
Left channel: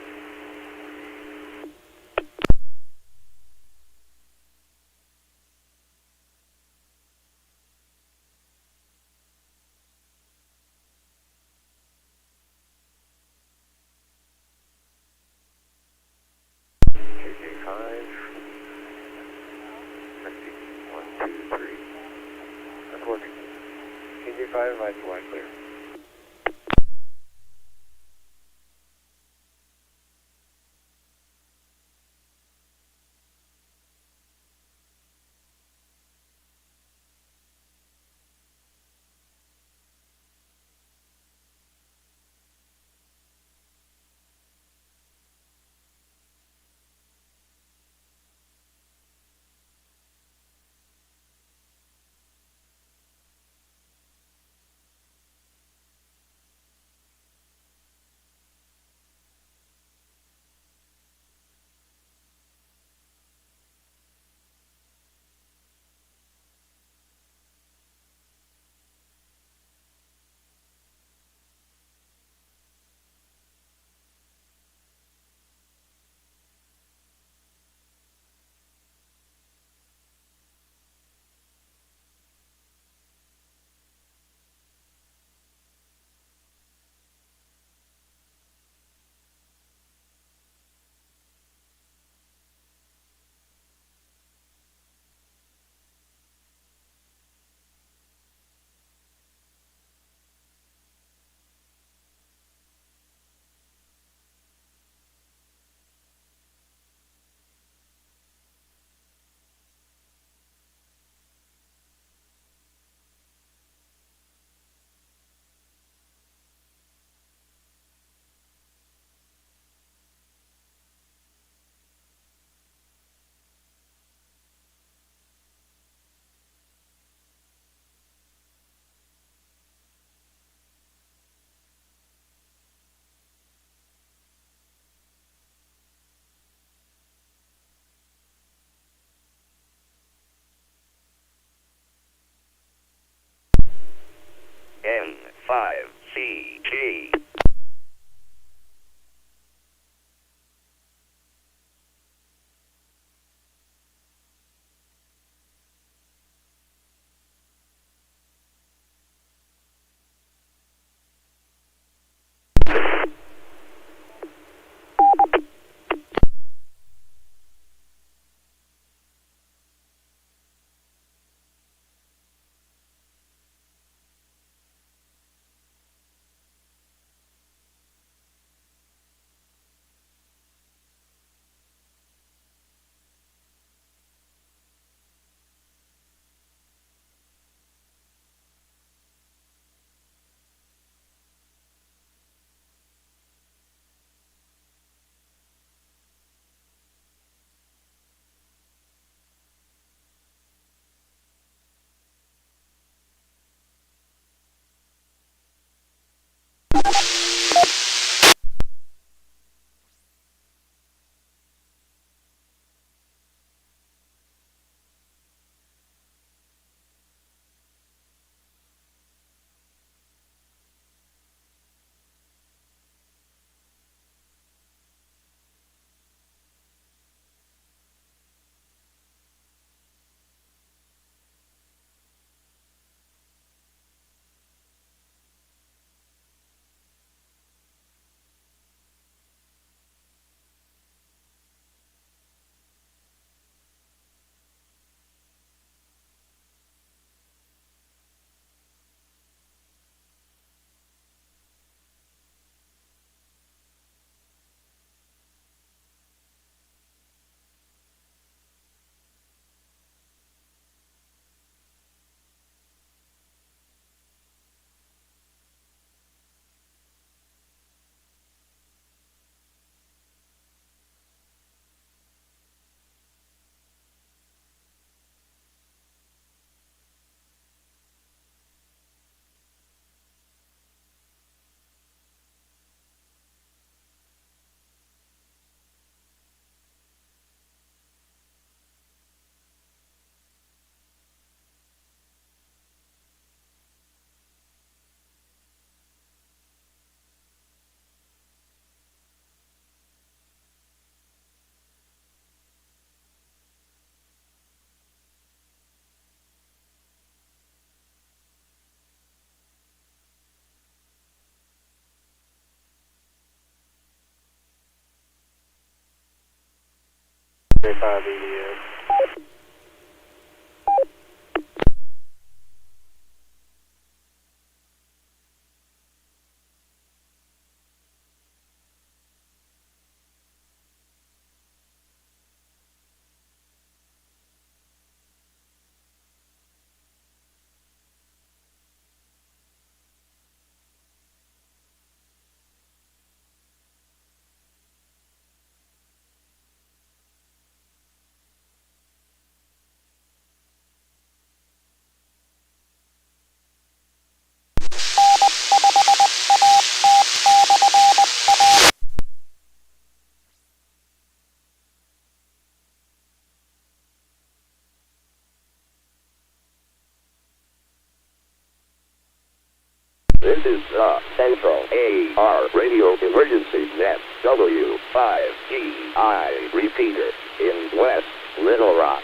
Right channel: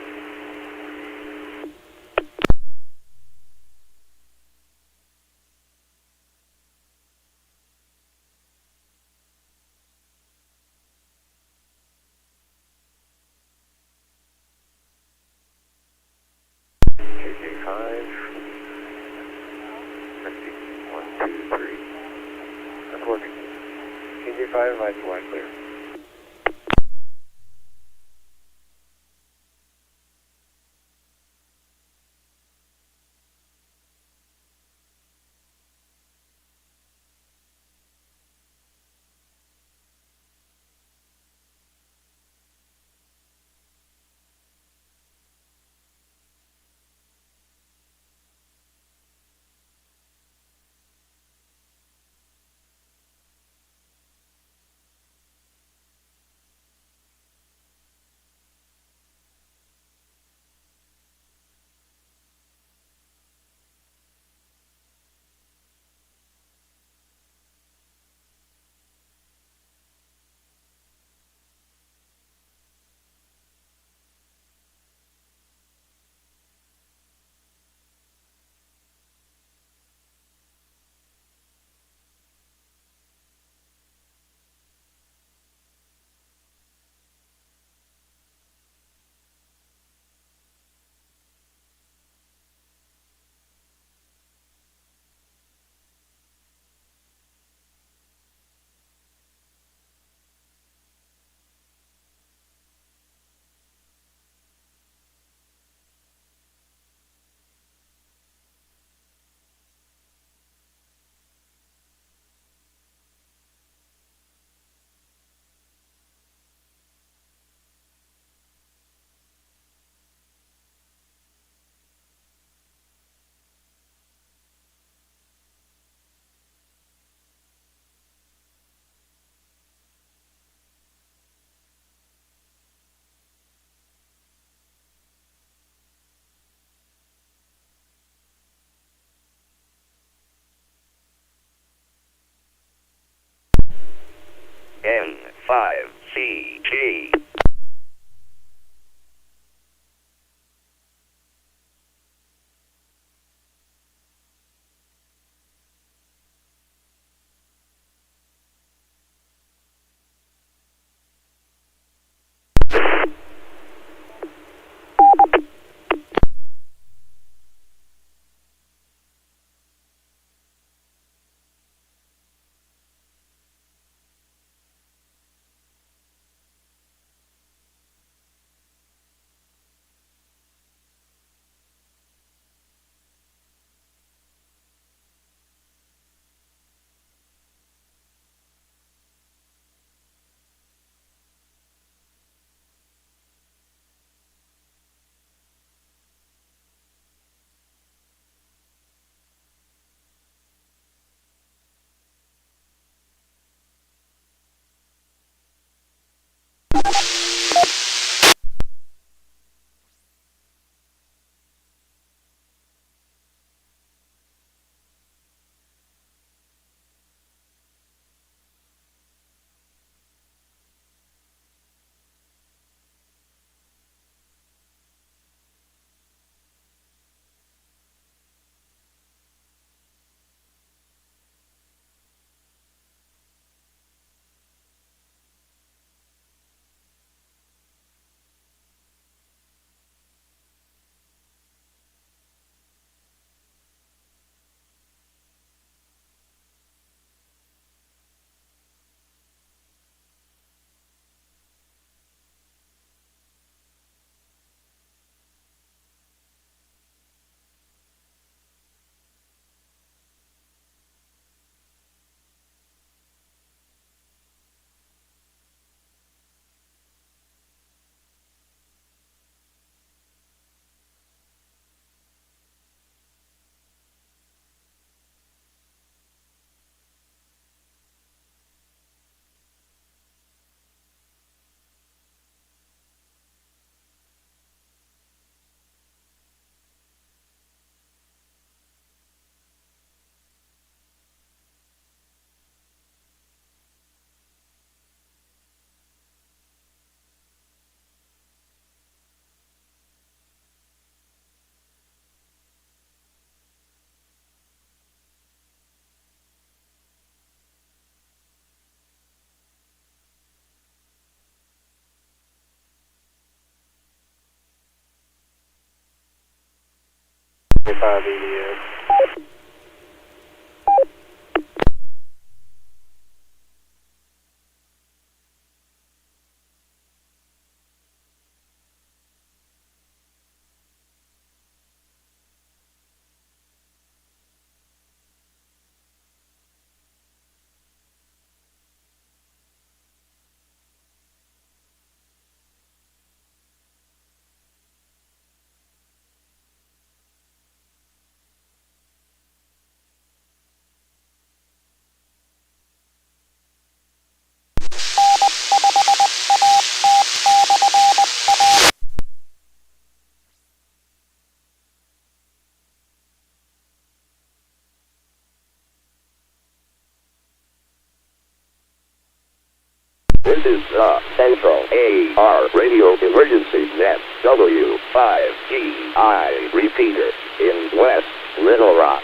KG5. Testing 1, 2, 3. That's working. KG5, lights wide clear. N5CG. W5DI. This is the Central AR Radio Emergency Net W5DI repeater in West Little Rock.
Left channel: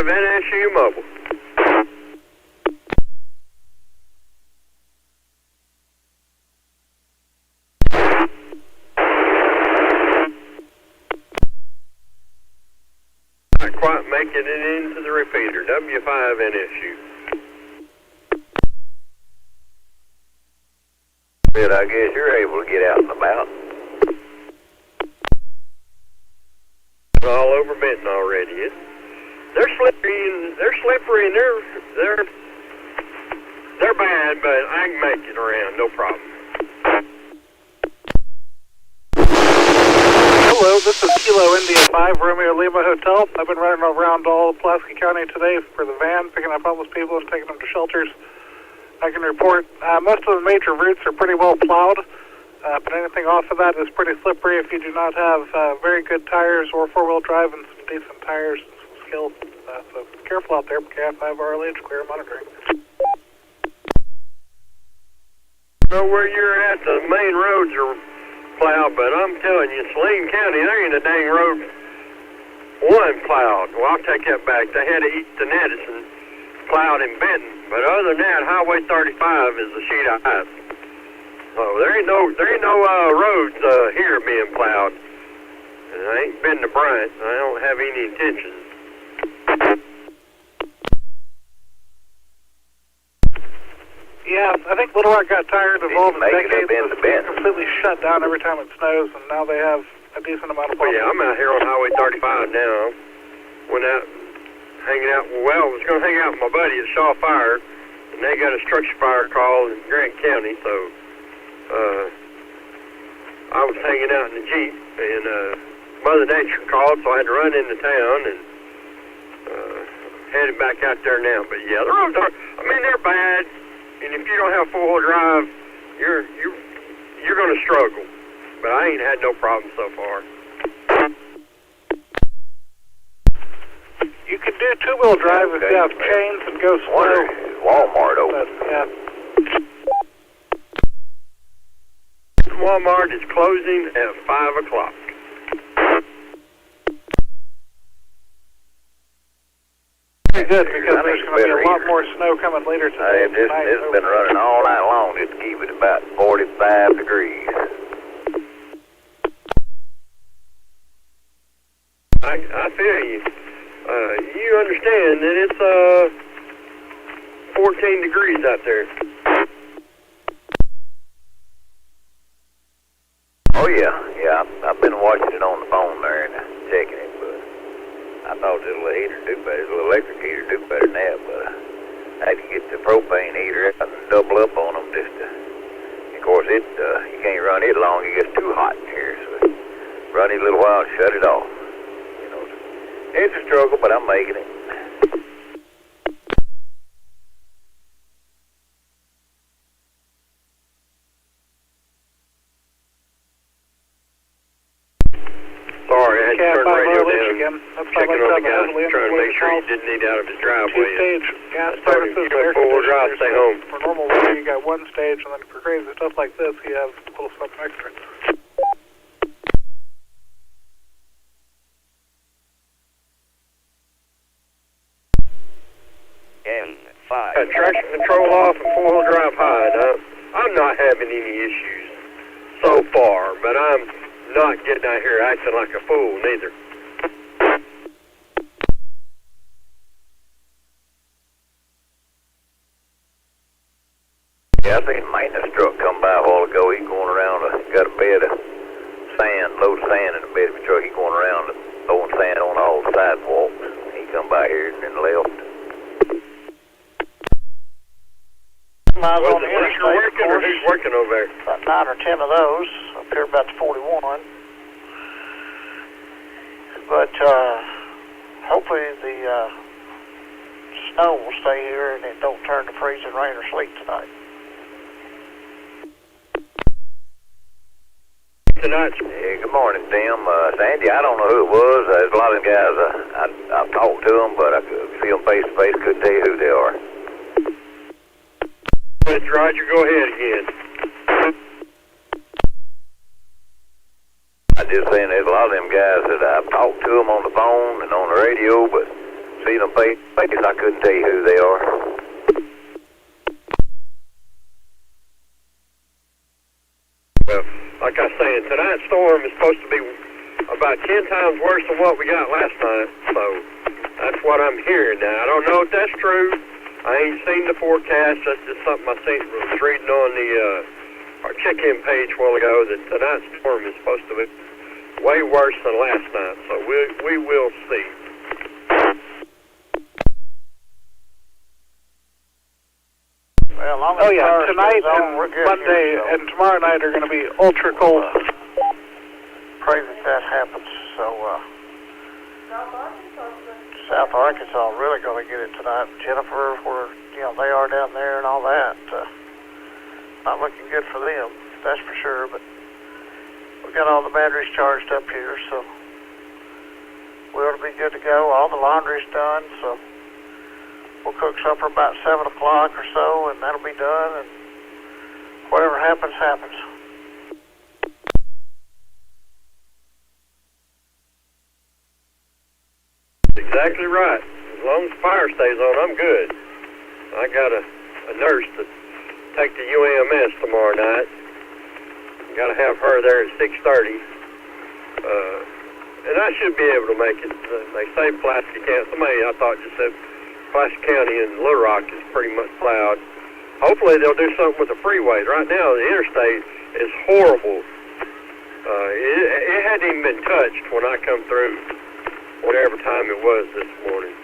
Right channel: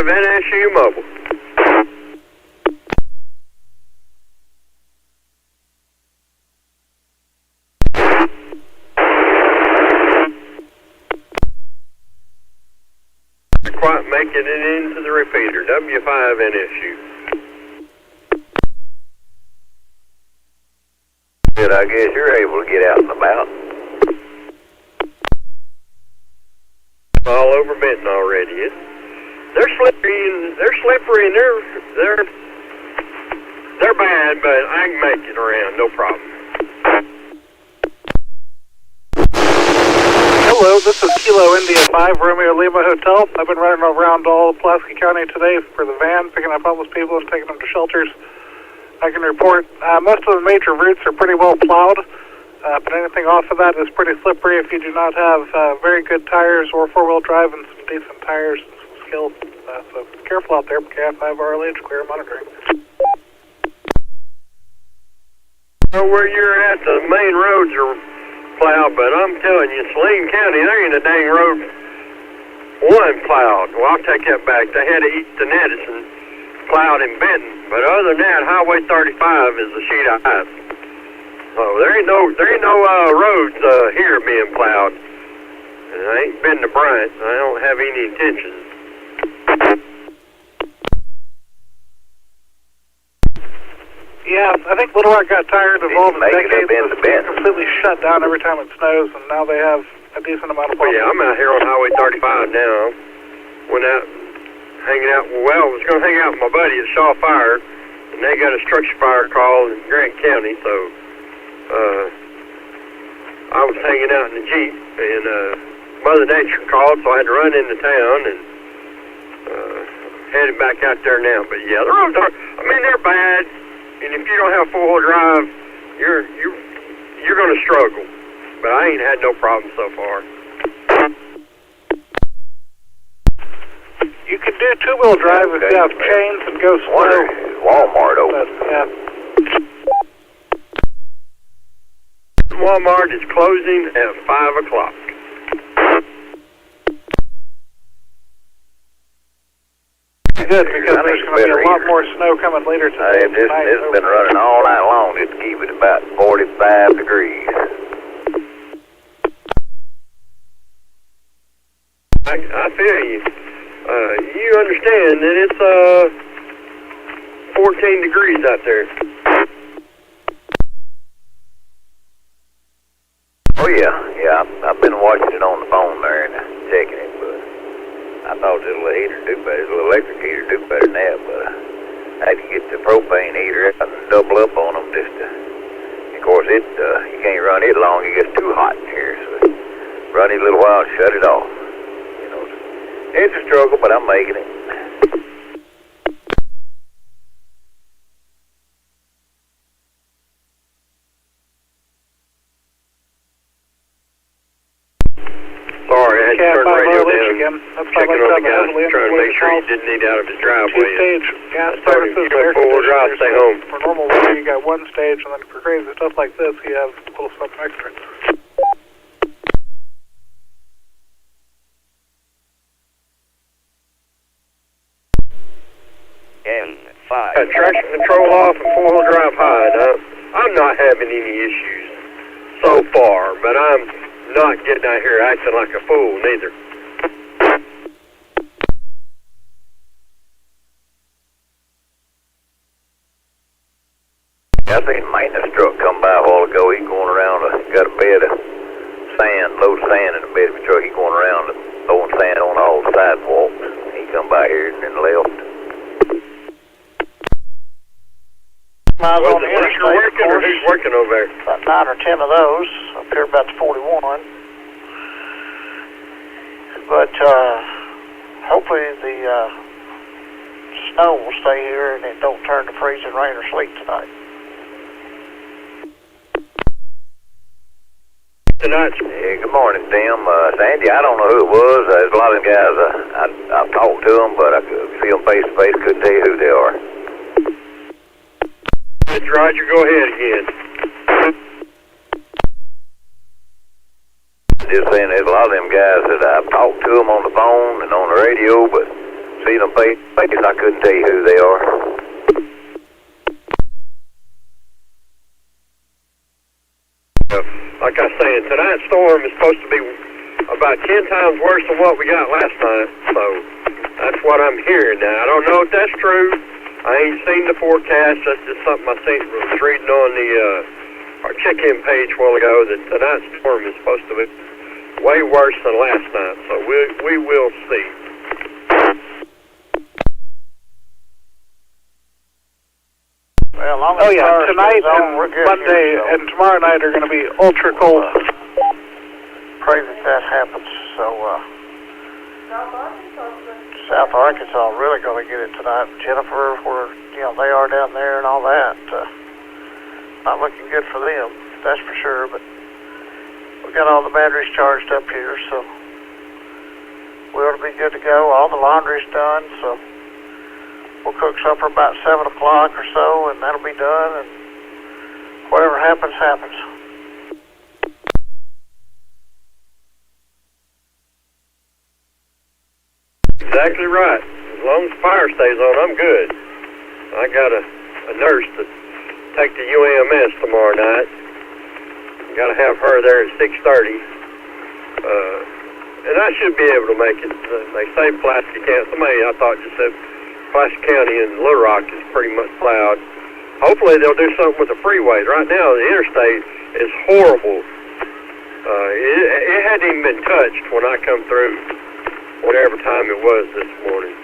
NSU Mobile. Not quite making it into the repeater. W5NSU. Good, I guess you're able to get out and about. All over Benton already, is it? They're slippery and they're bad, but I can make it around, no problem. Hello, this is Kilo India 5, Romeo Lima Hotel. I've been running around all of Pulaski County today for the van, picking up homeless people and taking them to shelters. I can report most of the major routes are pretty well plowed, but anything off of that is pretty slippery if you do not have very good tires or four-wheel drive and some decent tires and some skills. So be careful out there. KF5 RLH, clear monitoring. Know where you're at, the main roads are plowed, but I'm telling you, Saline County, there ain't a dang road one plowed. Well, I'll take that back. They had to eat the Madison plowed in Benton, but other than that, Highway 35 is a sheet of ice. So there ain't no roads here being plowed. And I ain't been to Bryant. I don't have any intentions. Yeah, I think Little Rock got tired of all the decades of being completely shut down every time it snows, and now they have a decent amount of Well, yeah, I'm out here on Highway 35 now. Went out hanging out, well, I was going to hang out with my buddy at Shaw Fire, and they got a structure fire call in Grant County, so I was hanging out in the Jeep, and Mother Nature called, so I had to run into town, and headed back out there now. But yeah, the roads are, I mean, they're bad, and if you don't have four-wheel drive, you're going to struggle. But I ain't had no problem so far. You can do two-wheel drive if you have chains and go slow. Walmart open. Yeah. Walmart is closing at 5 o'clock. Good, because there's going to be a lot more snow coming later today. This has been running all night long just to keep it about 45 degrees. I feel you. You understand that it's 14 degrees out there. Oh yeah. I've been watching it on the phone there and checking it, but I thought the little heater do better. The little electric heater do better than that, but I had to get the propane heater out and double up on them just to. Of course, you can't run it long. It gets too hot in here, so run it a little while and shut it off. You know, it's a struggle, but I'm making it. Sorry, I had to turn the radio down. Checking on the guy, trying to make sure he didn't need out of his driveway. Two-stage gas So services you for air got 4-wheel drive, stay home. For normal weather, you got one stage, and then for crazy stuff like this, you have a little something extra. N5. Traction control off and 4-wheel drive high. I'm not having any issues so far, but I'm not getting out here acting like a fool neither. Yeah, I seen a maintenance truck come by a while ago. He's going around, got a bed of sand, load of sand in the bed of the truck. He's going around throwing sand on all the sidewalks. He come by here and then left. Miles Was on it the interstate, working or who's working over there? about 9 or 10 of those, up here about to 41. But hopefully the snow will stay here and it don't turn to freezing rain or sleet tonight. Tonight. Yeah, good morning, Tim. Sandy, I don't know who it was. There's a lot of them guys. I've talked to them, but I could see them face to face. Couldn't tell you who they are. Roger, go ahead again. I just saying there's a lot of them guys that I've talked to them on the phone and on the radio, but see them face to face, I couldn't tell you who they are. Well, like I was saying, tonight's storm is supposed to be about 10 times worse than what we got last night, so that's what I'm hearing now. I don't know if that's true. I ain't seen the forecast. That's just something I was reading on our check-in page a while ago, that tonight's storm is supposed to be way worse than last night, so we will see. Well, tonight and Monday and tomorrow night are going to be ultra cold. Pray that happens. So, South Arkansas really going to get it tonight. Jennifer, where they are down there and all that. Not looking good for them, that's for sure. But we got all the batteries charged up here, so we ought to be good to go. All the laundry's done, so we'll cook supper about 7 o'clock or so, and that'll be done. And whatever happens, happens. Exactly right. As long as the fire stays on, I'm good. I got a nurse to take to UAMS tomorrow night. Got to have her there at 6:30. And I should be able to make it. They say Pulaski County. Somebody I thought just said Pulaski County and Little Rock is pretty much plowed. Hopefully they'll do something with the freeways. Right now the interstate is horrible. It hadn't even been touched when I come through, whatever time it was this morning.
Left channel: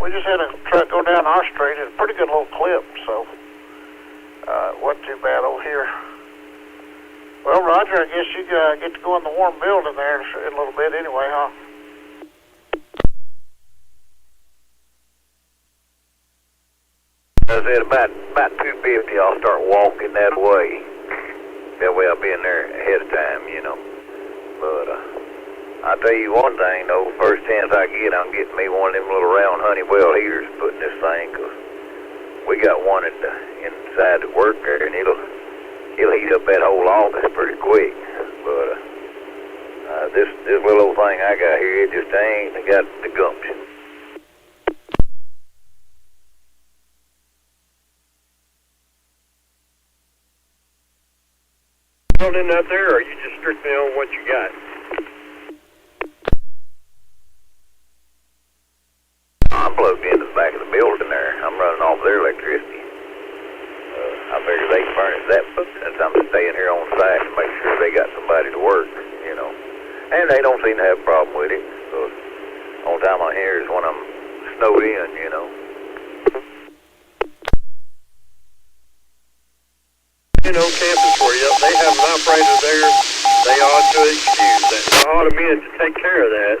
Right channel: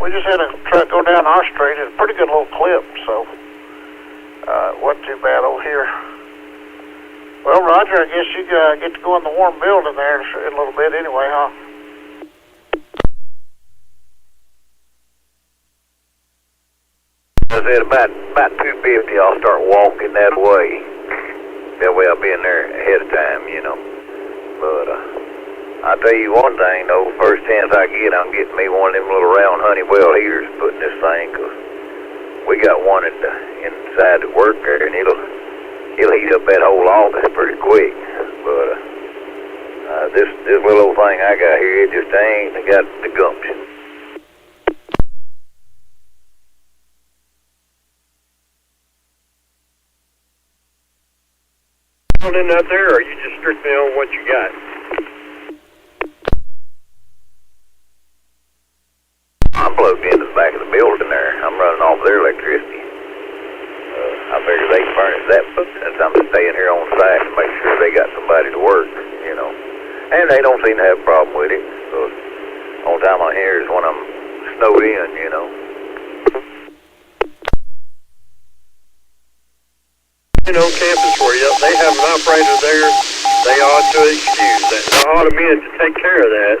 We just had a truck go down our street at a pretty good little clip, so it wasn't too bad over here. Well, Roger, I guess you get to go in the warm building there in a little bit anyway, huh? I said about 2:50 I'll start walking that way. That way I'll be in there ahead of time, But I'll tell you one thing though, first chance I get, I'm getting me one of them little round Honeywell heaters to put in this thing, 'cause we got one inside the work there, and it'll heat up that whole office pretty quick. But this little old thing I got here, it just ain't got the gumption. in out there, or are you just strictly on what you got? I'm plugged into the back of the building there. I'm running off their electricity. I figure they can furnish that, but since I'm staying here on site and make sure they got somebody to work, you know. And they don't seem to have a problem with it. So the only time I hear is when I'm snowed in, you know. You know, campus for you, they have an operator there. They ought to excuse that. They ought to be in to take care of that.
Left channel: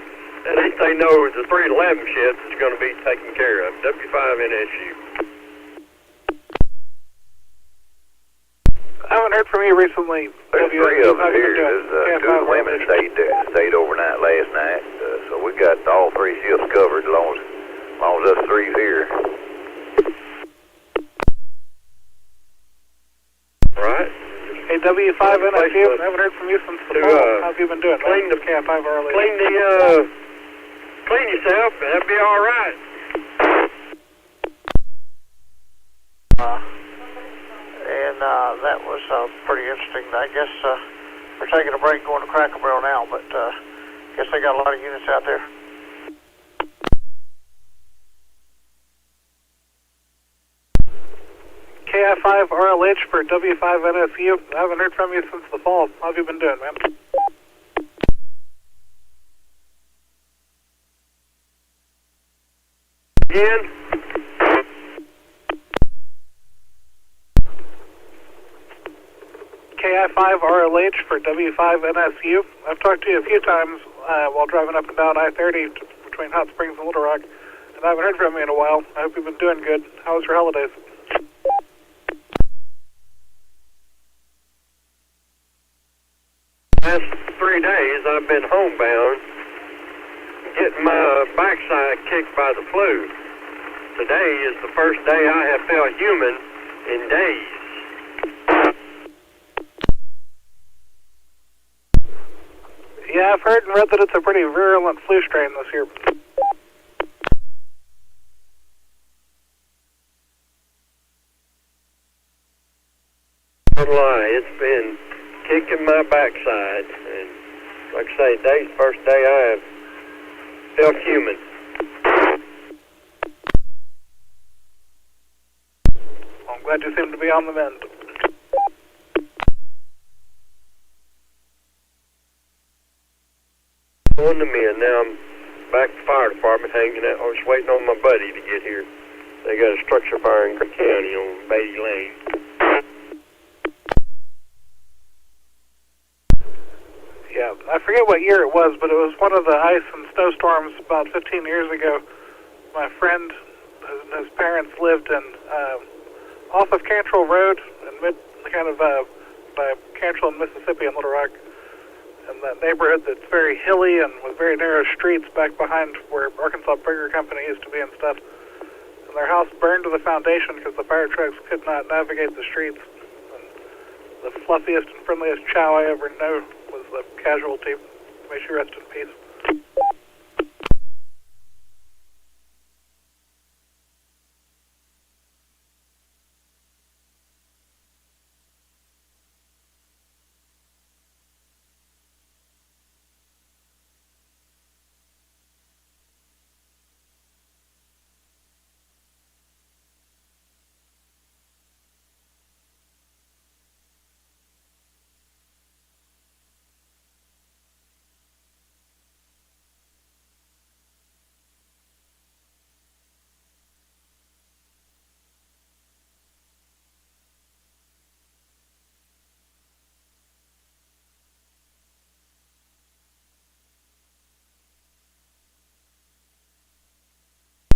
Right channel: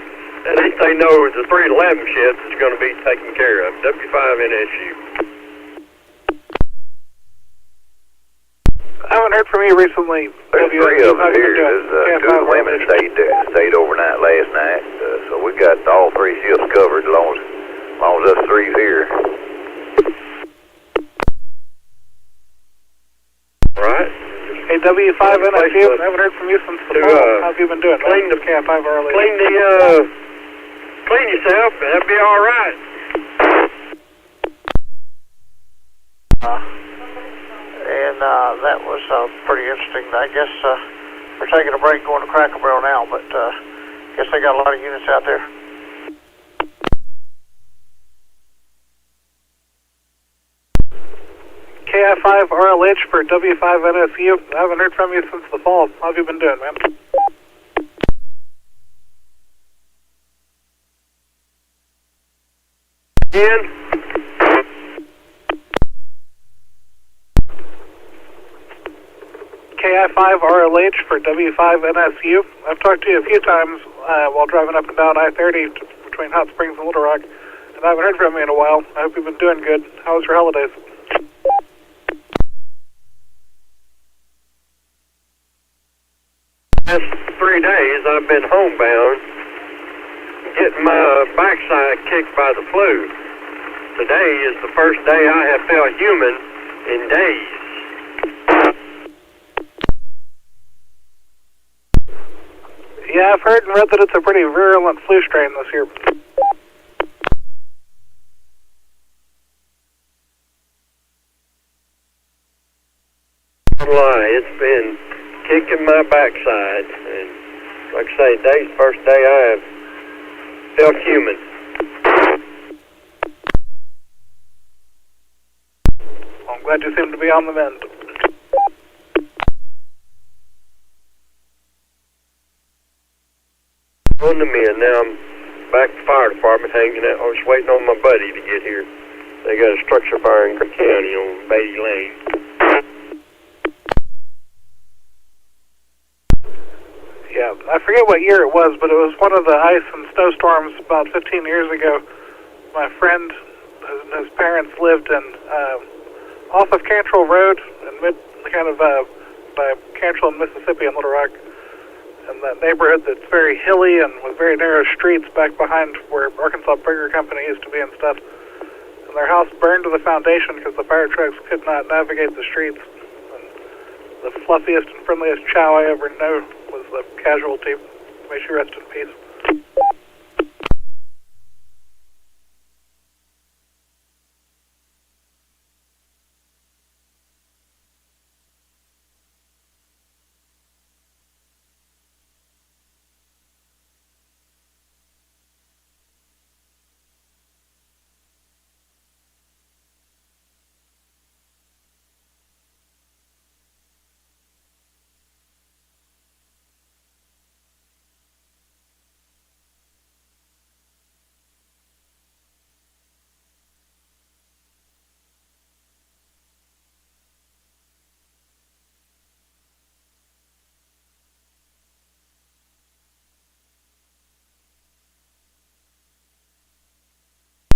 At least they know the 3 to 11 shift is going to be taken care of. W5NSU. I haven't heard from you recently. There's 3 of us here. There's 2 of the women stayed overnight last night. So we got all 3 shifts covered as long as us 3's here. Right. Hey, W5NSU, I haven't heard from you since the fall. How have you been doing? Clean the K5 early. Clean yourself, and that'll be all right. That was pretty interesting. I guess we're taking a break going to Cracker Barrel now, but guess they got a lot of units out there. KI5 RLH for W5NSU. I haven't heard from you since the fall. How have you been doing, man? Again? KI5 RLH for W5NSU. I've talked to you a few times while driving up and down I-30 between Hot Springs and Little Rock, and I haven't heard from you in a while. I hope you've been doing good. How was your holidays? Last 3 days I've been homebound, getting my backside kicked by the flu. Today is the first day I have felt human in days. Yeah, I've heard and read that it's a pretty virulent flu strain this year. Don't lie, it's been kicking my backside, and like I say, today's the first day I have felt human. Well, I'm glad you seem to be on the mend. On the mend. Now I'm back to the fire department hanging out. I was waiting on my buddy to get here. They got a structure fire in Cook County on Beatty Lane. Yeah, I forget what year it was, but it was one of the ice and snowstorms about 15 years ago. My friend and his parents lived in off of Cantrell Road, in by Cantrell and Mississippi and Little Rock, and that neighborhood that's very hilly and with very narrow streets back behind where Arkansas Burger Company used to be and stuff. And their house burned to the foundation because the fire trucks could not navigate the streets. And the fluffiest and friendliest chow I ever knew was the casualty. May she rest in peace.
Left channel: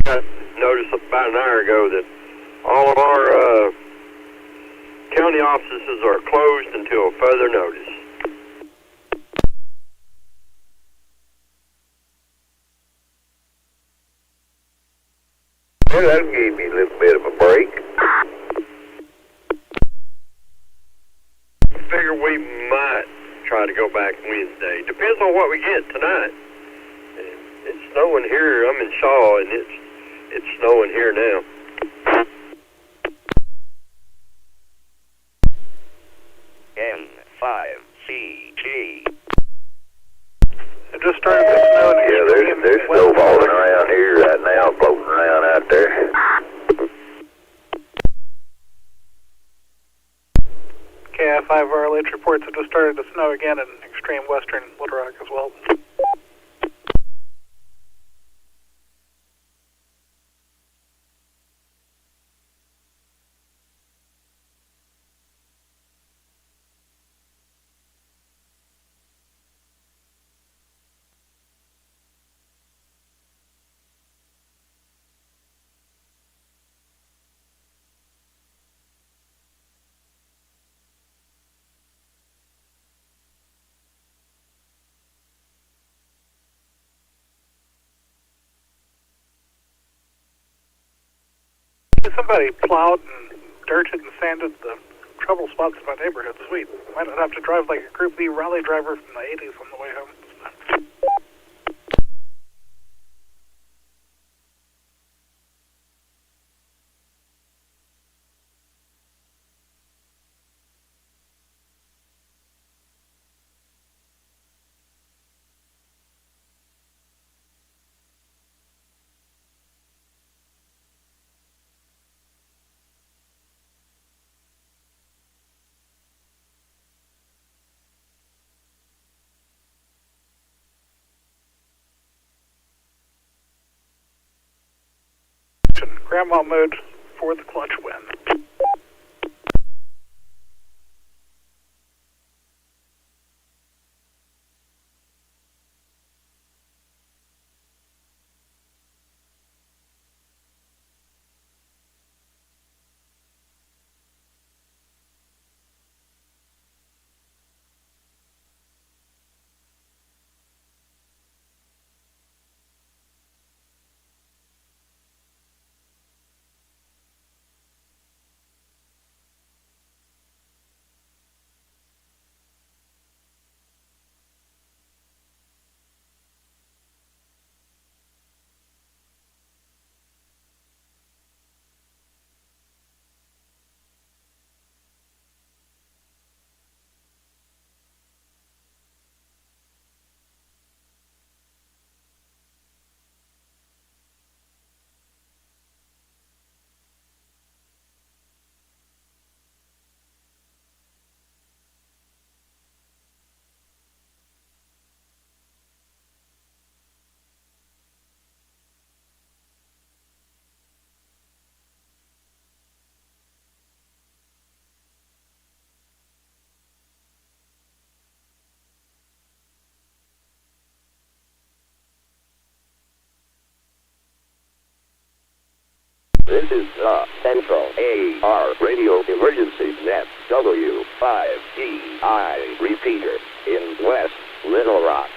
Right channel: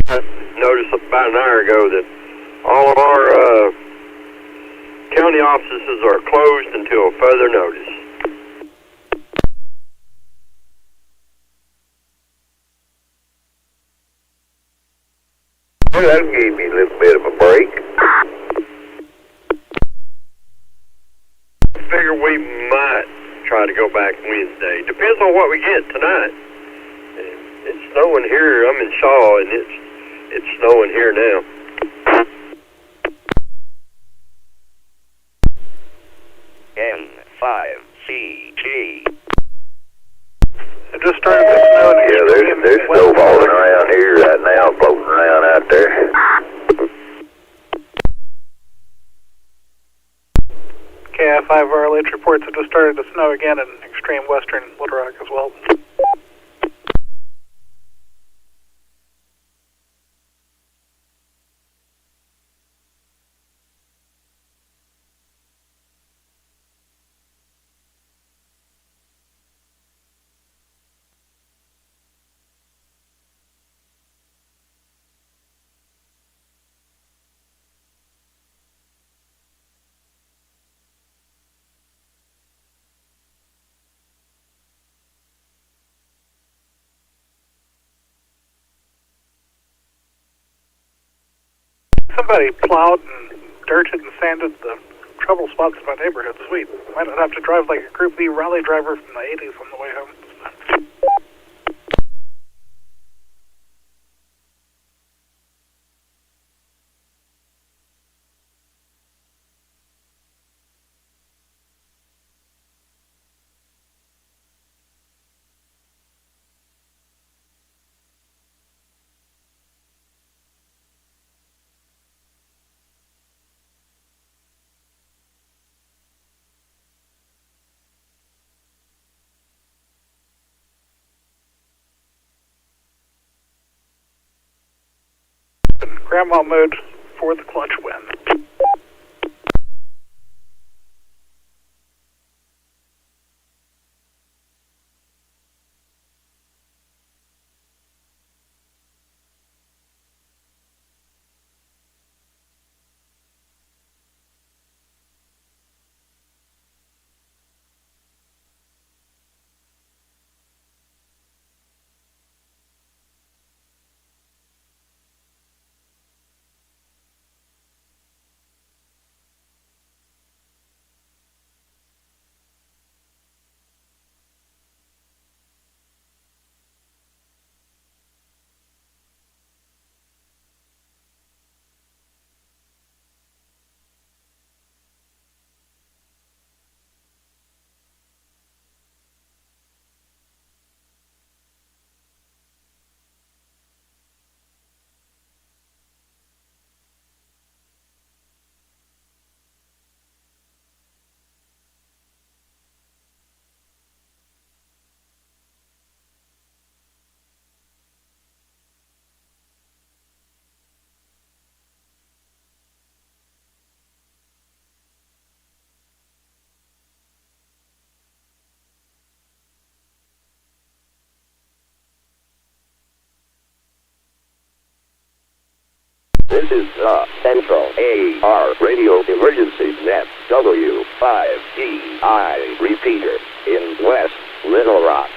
I noticed about an hour ago that all of our county offices are closed until further notice. Well, that'll give me a little bit of a break. I figure we might try to go back Wednesday. Depends on what we get tonight. It's snowing here. I'm in Shaw, and it's snowing here now. N5 started to snow. Yeah, there's snow falling around here right now, floating around out there. KI5 RLH reports it just started to snow again in extreme western Little Rock as well. Somebody plowed and dirted and sanded the trouble spots in my neighborhood. Sweet. Might not have to drive like a Group B rally driver from the 80s on the way home. Grandma mode for the clutch win. This is the Central AR Radio Emergency Net W5DI repeater in West Little Rock.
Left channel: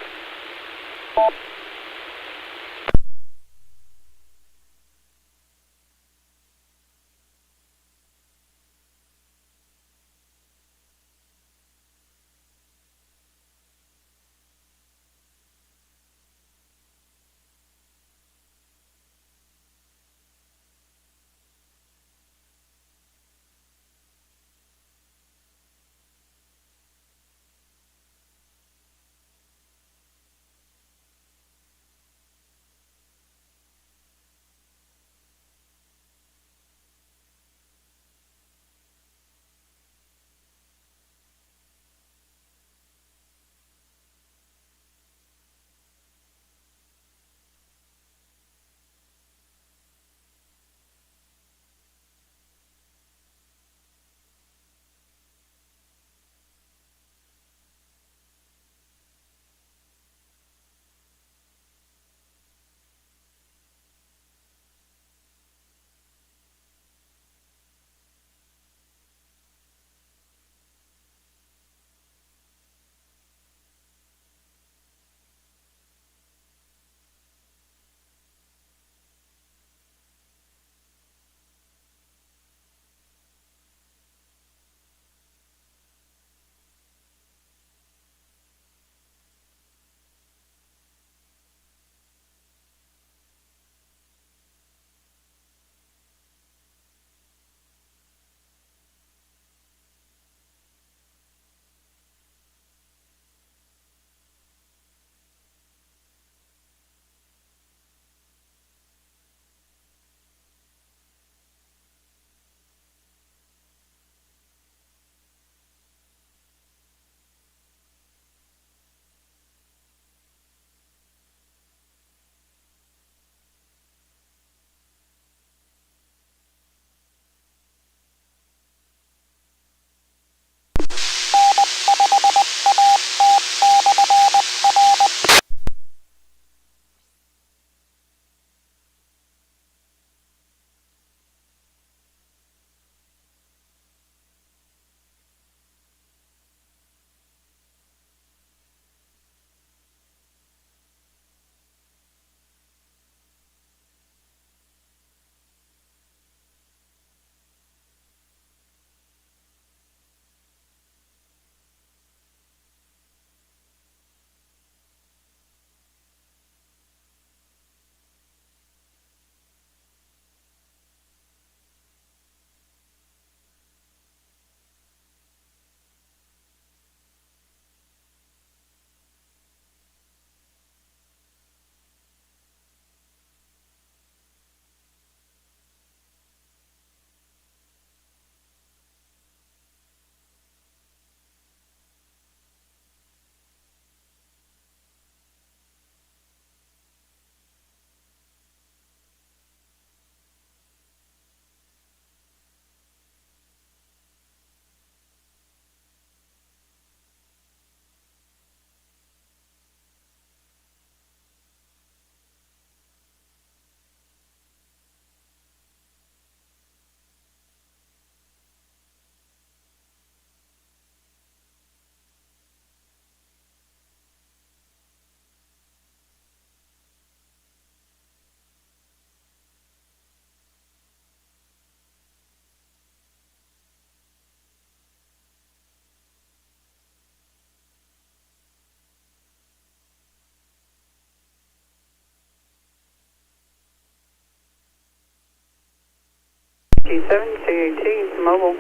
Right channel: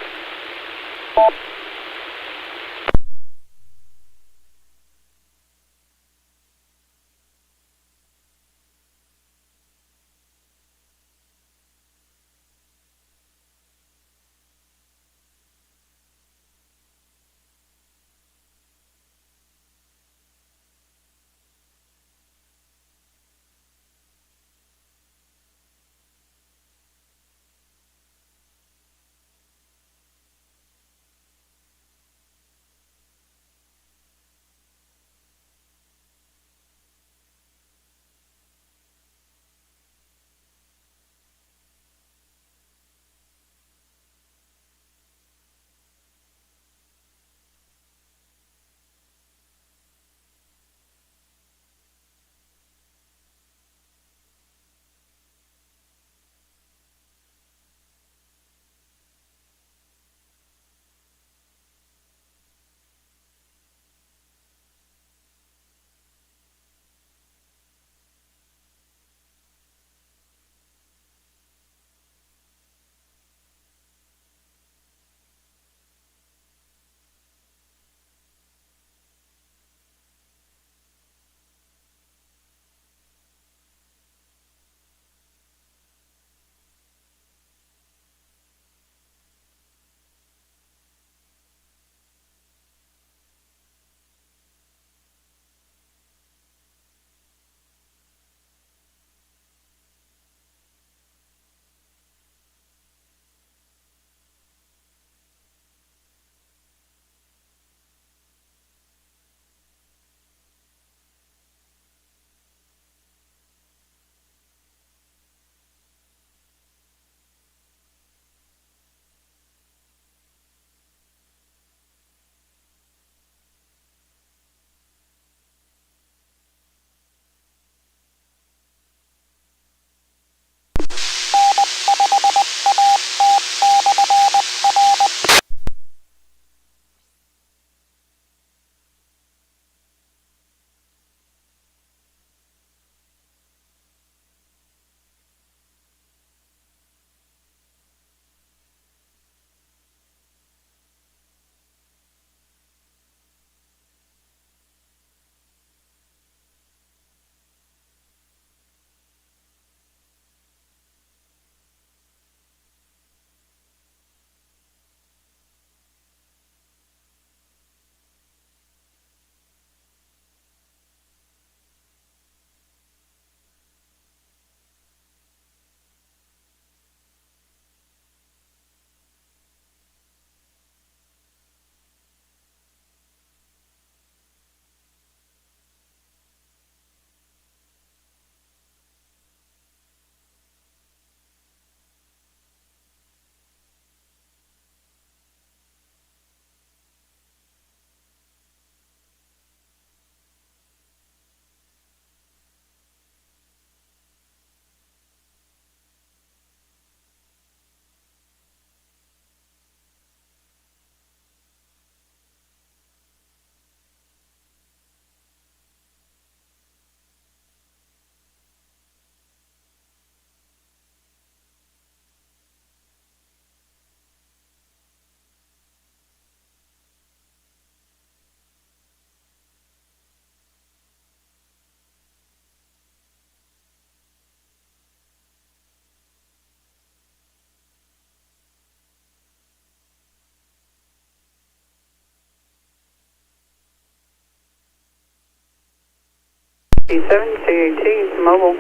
KG7, C.A.T. Mobile.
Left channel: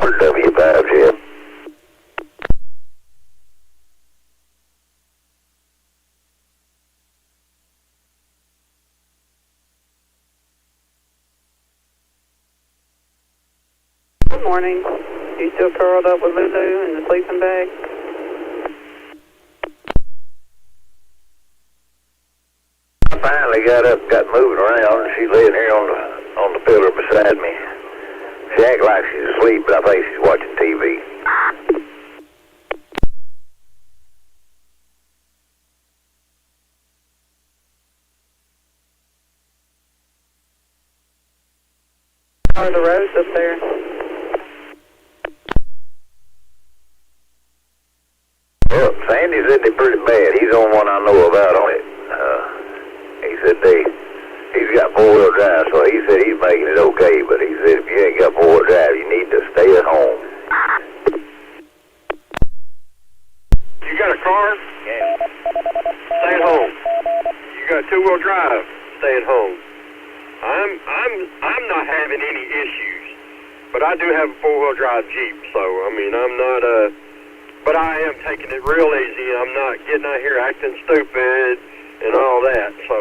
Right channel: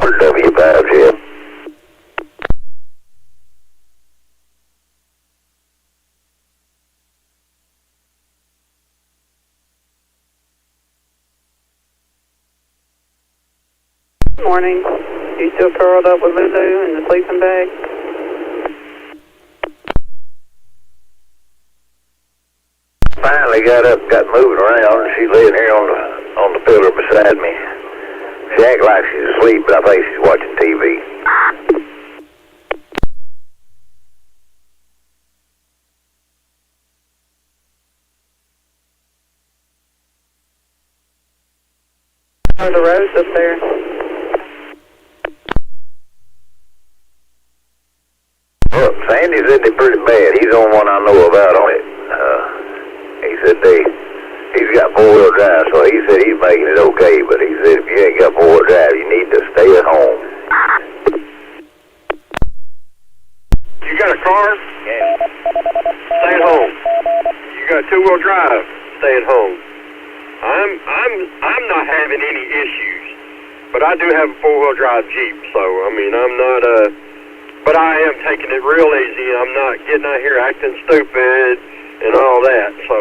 For W5FM. Good morning. You still curled up with Lulu in the sleeping bag? I finally got up, got moving around, and she's laying here on the pillar beside me. She acts like she's asleep, but I think she's watching TV. How are the roads up there? Well, Sandy said they're pretty bad. He's the only one I know about on it. He said he's got four-wheel drive, so he said he's making it okay, but he said if you ain't got four-wheel drive, you need to stay at home. You got a car? Yeah. Stay at home. You got two-wheel drive? Stay at home. I'm not having any issues, but I do have a four-wheel drive Jeep, so I mean I'm not but I am taking it real easy. I'm not getting out here acting stupid and all that. So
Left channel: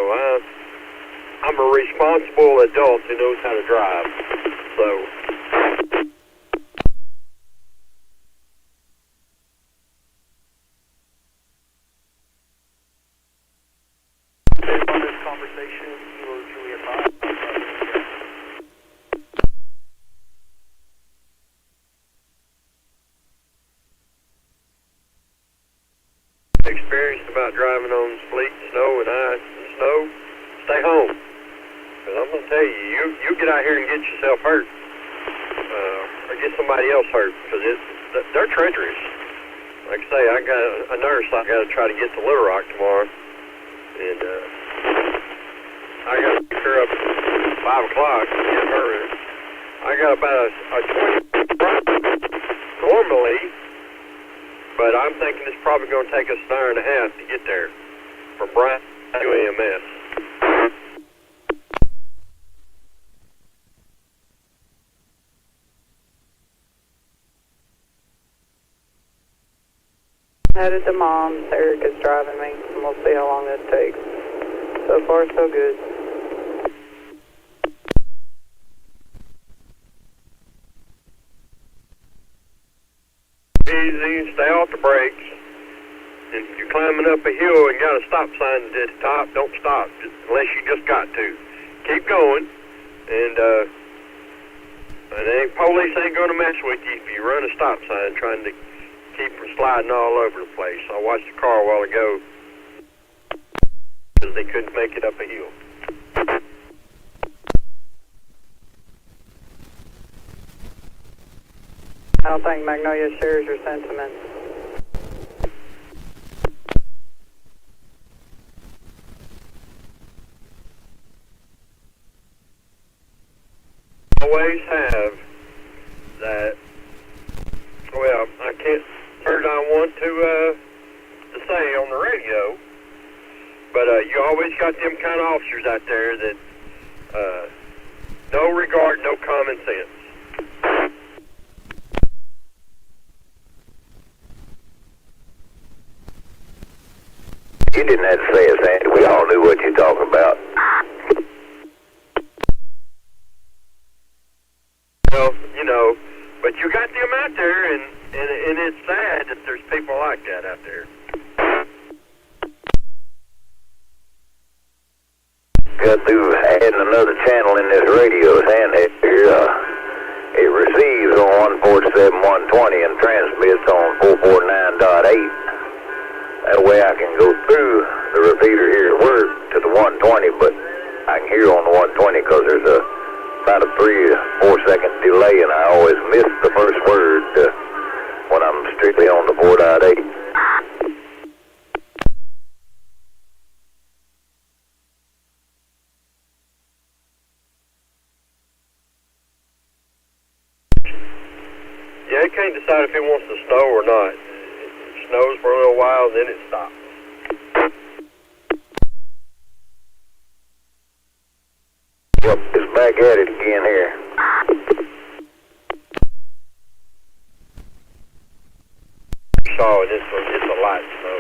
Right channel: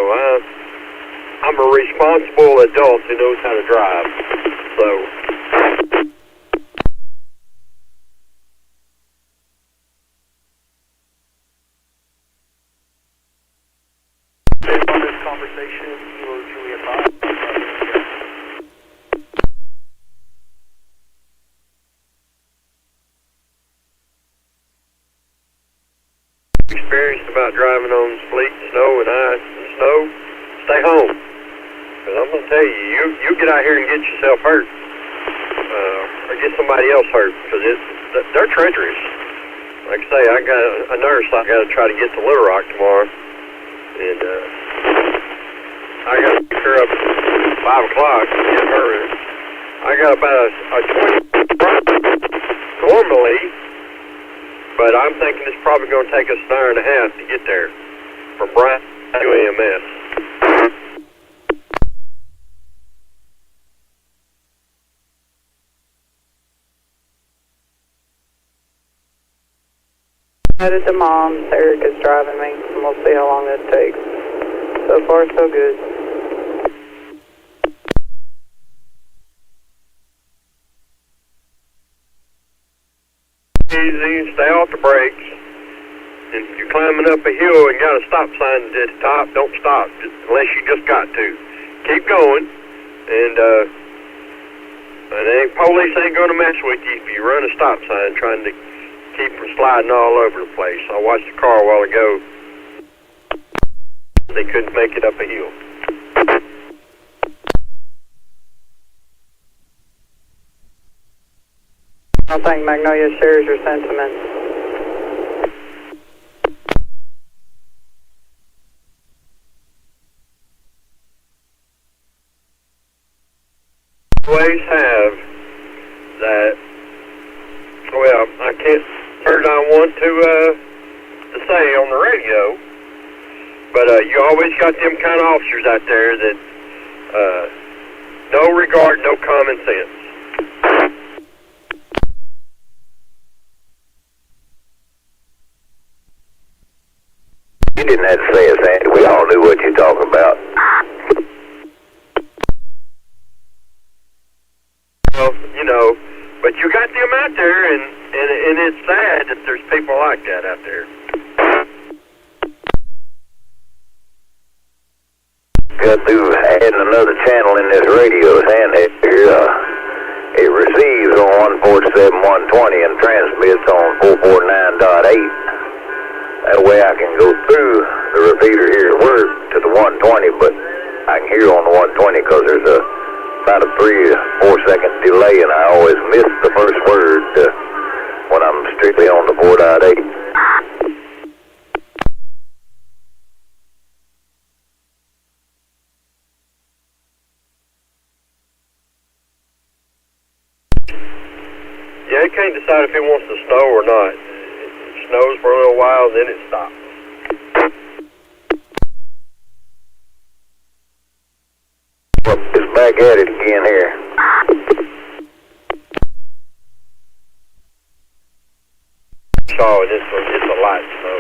I'm a responsible adult who knows how to drive. So. On this conversation, you were truly advised. Experienced about driving on sleet, snow, and ice and snow, stay home. Because I'm going to tell you, you get out here and get yourself hurt. Or get somebody else hurt. Because they're treacherous. Like I say, I got a nurse I got to try to get to Little Rock tomorrow. And I got to pick her up at 5 o'clock and get her. I got about a 20 normally. But I'm thinking it's probably going to take us an hour and a half to get there from Bryant to EMS. Headed to Mom's. Eric is driving me, and we'll see how long this takes. So far, so good. Easy, stay off the brakes. And if you're climbing up a hill and got a stop sign at the top, don't stop unless you just got to. Keep going, and police ain't going to mess with you if you run a stop sign trying to keep from sliding all over the place. I watched a car a while ago because they couldn't make it up a hill. I don't think Magnolia shares your sentiments. Always have that. Well, I can't turn I want to say on the radio, but you always got them kind of officers out there that no regard, no common sense. You didn't have to say it, Sandy. We all knew what you're talking about. Well, you know, but you got them out there, and it's sad that there's people like that out there. Got through adding another channel in this radio, Sandy. It receives on 147.120 and transmits on 449.8. That way I can go through the repeater here at work to the 120, but I can hear on the 120 because there's a about a 3 or 4 second delay, and I always miss the first word when I'm strictly on the 4.8. Yeah, it can't decide if it wants to snow or not. It snows for a little while, then it stops. Well, it's back at it again here. Saw it. It's a light snow.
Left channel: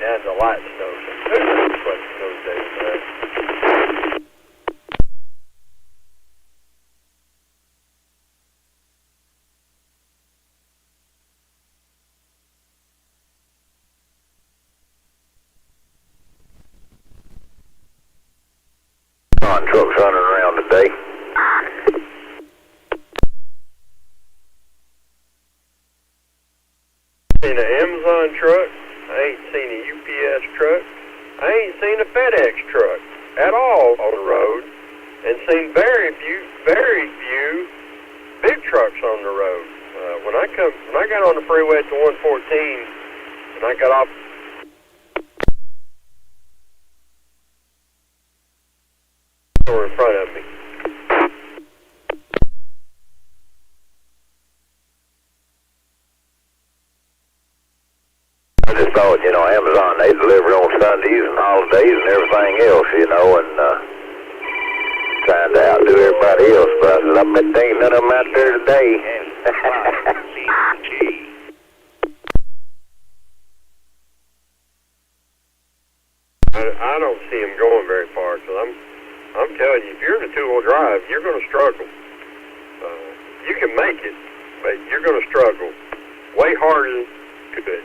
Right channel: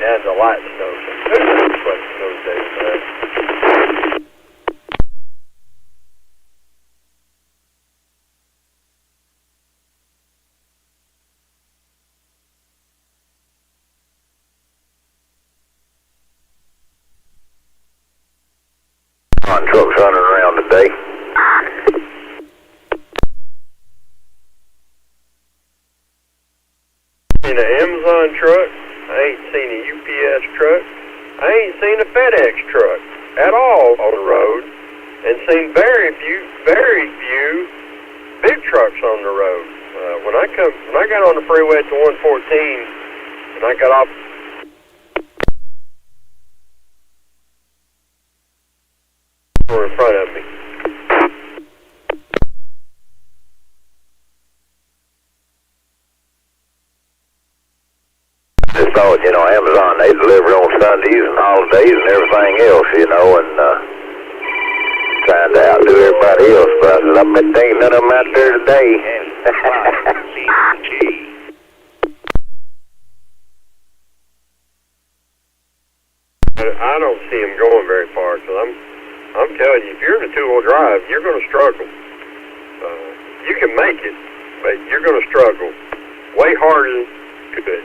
Yeah, it's a light snow. That's what those days are. Trucks running around today. Seen an Amazon truck. I ain't seen a UPS truck. I ain't seen a FedEx truck at all on the road, and seen very few big trucks on the road. When I got on the freeway at the 114, and I got off. In front of me. I just thought, Amazon, they deliver on Sundays and holidays and everything else, and trying to outdo everybody else. But I said, I bet there ain't none of them out there today. N5CG. I don't see them going very far, because I'm telling you, if you're in a two-wheel drive, you're going to struggle. You can make it, but you're going to struggle way harder than you could.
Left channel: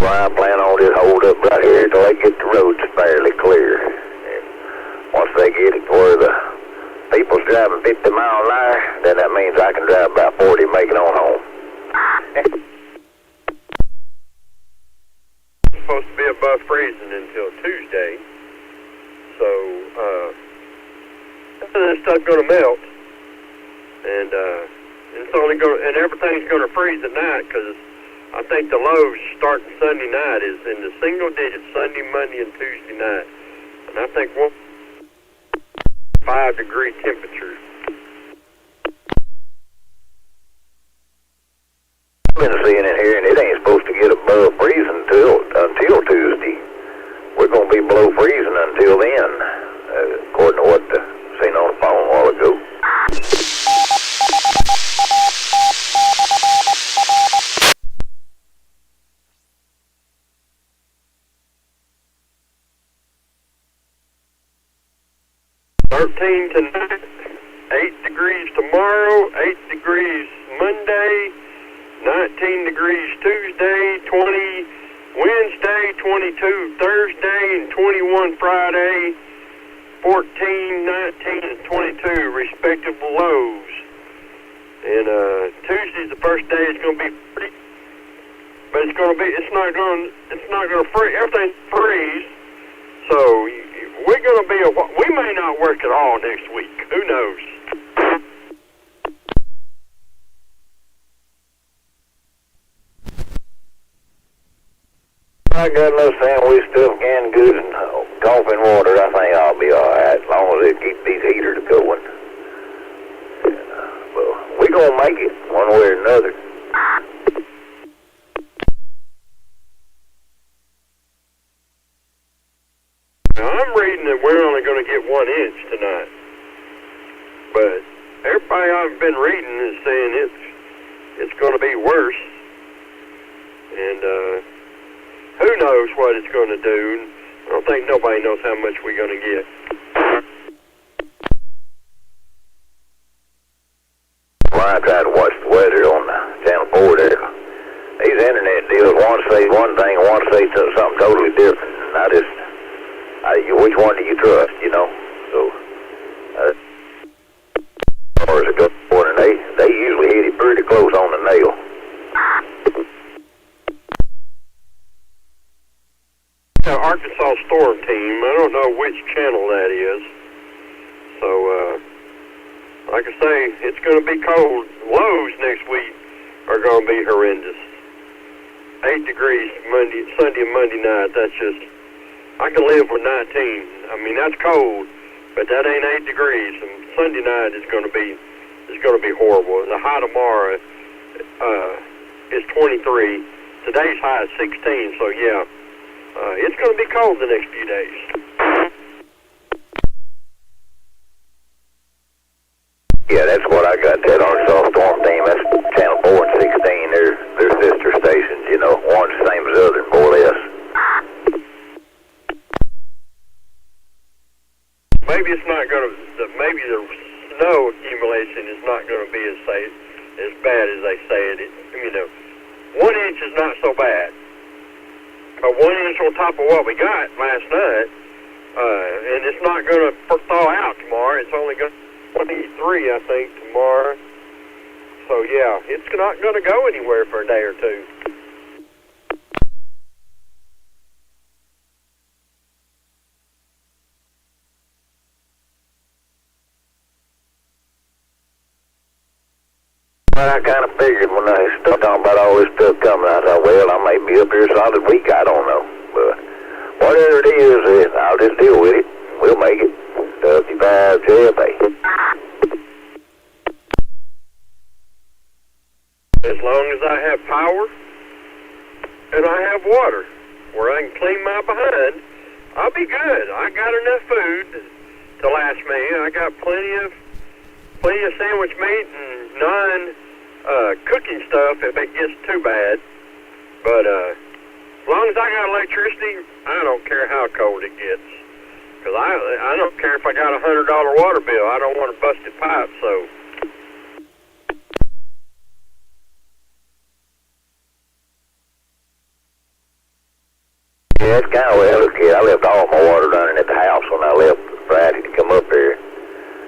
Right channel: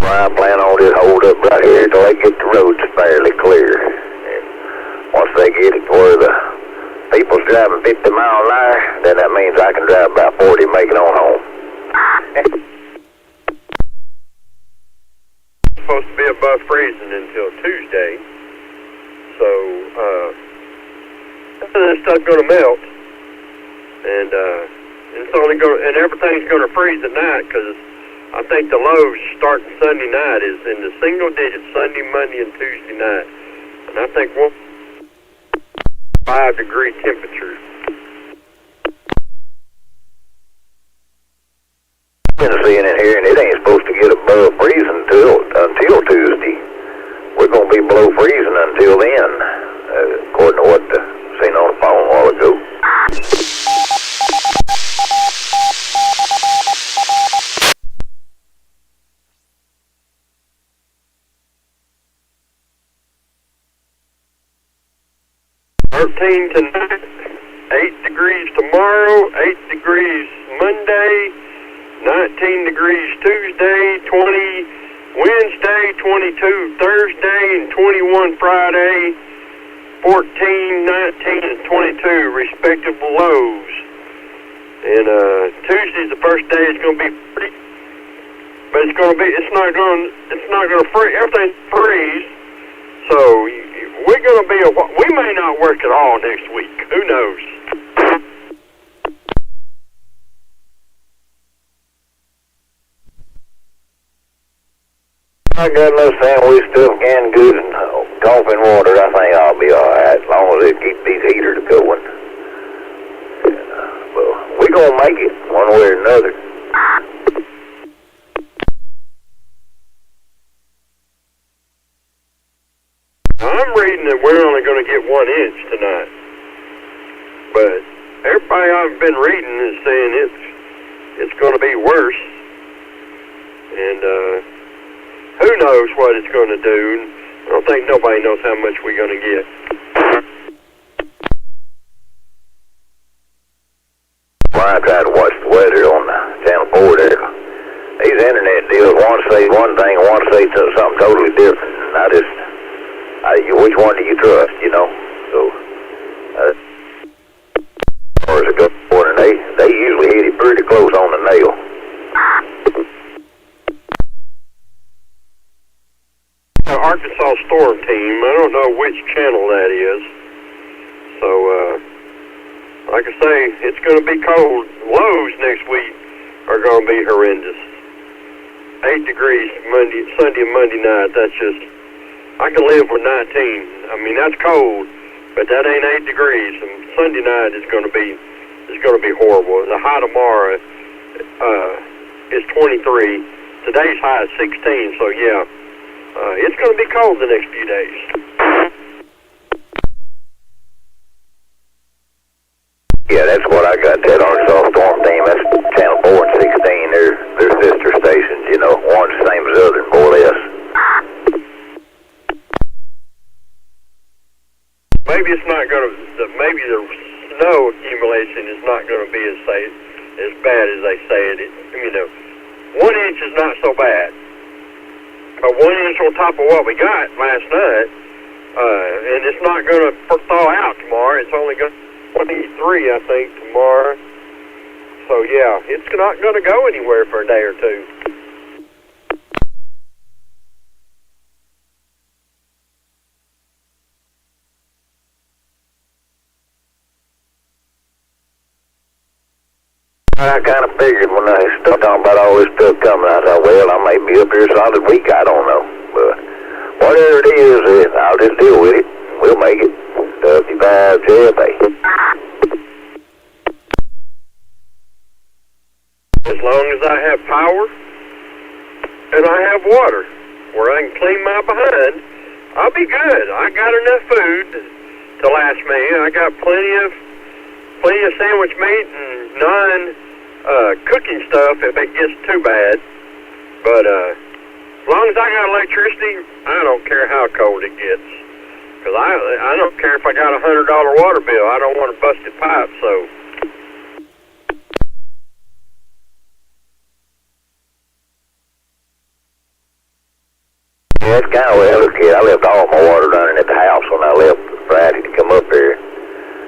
Well, I plan on just hold up right here till they get the roads fairly clear. And once they get it where the people's driving 50 miles an hour, then that means I can drive about 40 and make it on home. Supposed to be above freezing until Tuesday, so this stuff's going to melt, and it's only going, and everything's going to freeze at night, because I think the lows starting Sunday night is in the single digits Sunday, Monday, and Tuesday night, and I think 5-degree temperatures. I've been seeing it here, and it ain't supposed to get above freezing until Tuesday. We're going to be below freezing until then, according to what I seen on the phone a while ago. 13 tonight, 8 degrees tomorrow, 8 degrees Monday, 19 degrees Tuesday, 20 Wednesday, 22 Thursday, and 21 Friday, 14, 19, and 22 respective lows. And Tuesday's the first day it's going to be pretty, but it's not going to freeze. Everything's freeze. So we're going to be we may not work at all next week. Who knows? I got enough sandwich stuff, canned goods, and coffee and water. I think I'll be all right as long as they keep these heaters going. And, well, we're going to make it one way or another. Now, I'm reading that we're only going to get 1 inch tonight. But everybody I've been reading is saying it's going to be worse. And who knows what it's going to do. I don't think nobody knows how much we're going to get. Well, I tried to watch the weather on Channel 4 there. These internet deals, one say one thing, one say something totally different. And which one do you trust, So, as far as it goes, and they usually hit it pretty close on the nail. Arkansas Storm Team. I don't know which channel that is. So, like I say, it's going to be cold. Lows next week are going to be horrendous. 8 degrees Sunday and Monday night. That's just, I can live with 19. I mean, that's cold, but that ain't 8 degrees. And Sunday night is going to be horrible. The high tomorrow is 23. Today's high is 16. So yeah, it's going to be cold the next few days. Yeah, that's what I got, that Arkansas Storm Team. That's channel 4 and 16. They're sister stations, you know, one's the same as the other, more or less. Maybe it's not going to, maybe the snow accumulation is not going to be as bad as they say it. You know, 1 inch is not so bad. But 1 inch on top of what we got last night, and it's not going to thaw out tomorrow. It's only going to 23, I think, tomorrow. So yeah, it's not going to go anywhere for a day or two. I kind of figured when I started talking about all this stuff coming, I thought, well, I may be up here a solid week, I don't know. But whatever it is, I'll just deal with it. We'll make it. W5DI. As long as I have power and I have water where I can clean my behind, I'll be good. I got enough food to last me. I got plenty of sandwich meat and cooking stuff if it gets too bad. But as long as I got electricity, I don't care how cold it gets. Because I don't care if I got a $100 water bill. I don't want a busted pipe, so. Yeah, it's kind of well, look here, I left all my water running at the house when I left Friday to come up here.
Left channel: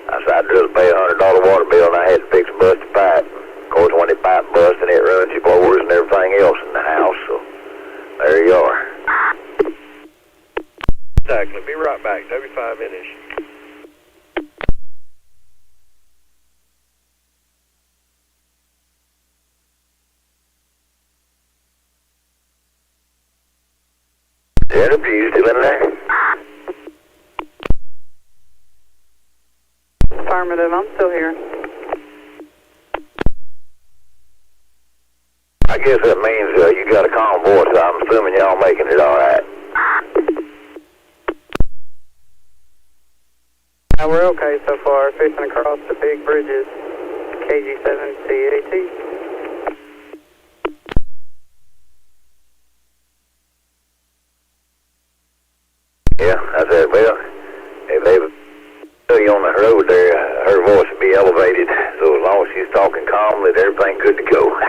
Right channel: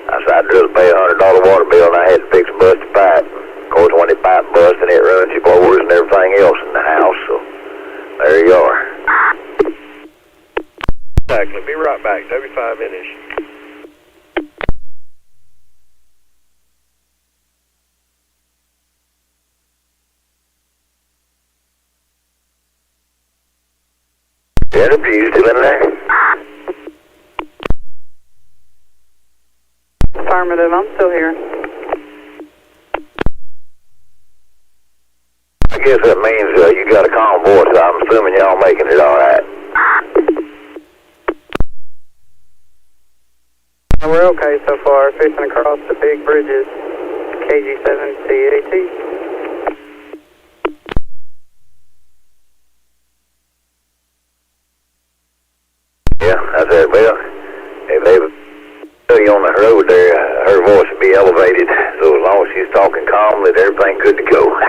I said I'd rather pay a $100 water bill and I had to fix a busted pipe. Of course, when the pipe busts and it runs your blowers and everything else in the house, so there you are. Exactly. Be right back. W5 issue. Jennifer, you still in there? Affirmative, I'm still here. I guess that means you got a calm voice, so I'm assuming y'all making it all right. We're okay so far, fixing across the big bridges, KG5DPK. Yeah, I said, well, if they put you on the road there, her voice would be elevated, so as long as she's talking calmly, everything good to go.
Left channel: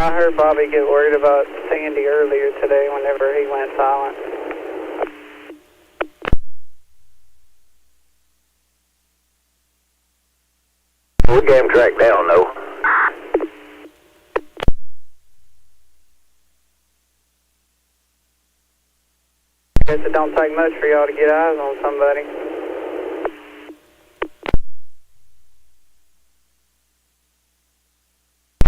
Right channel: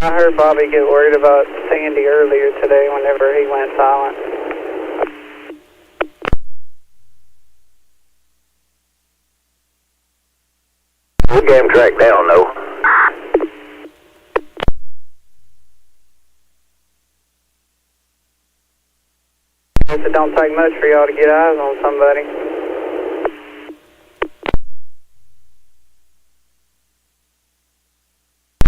I heard Bobby get worried about Sandy earlier today whenever he went silent. We'll get him tracked down, though. Guess it don't take much for y'all to get eyes on somebody.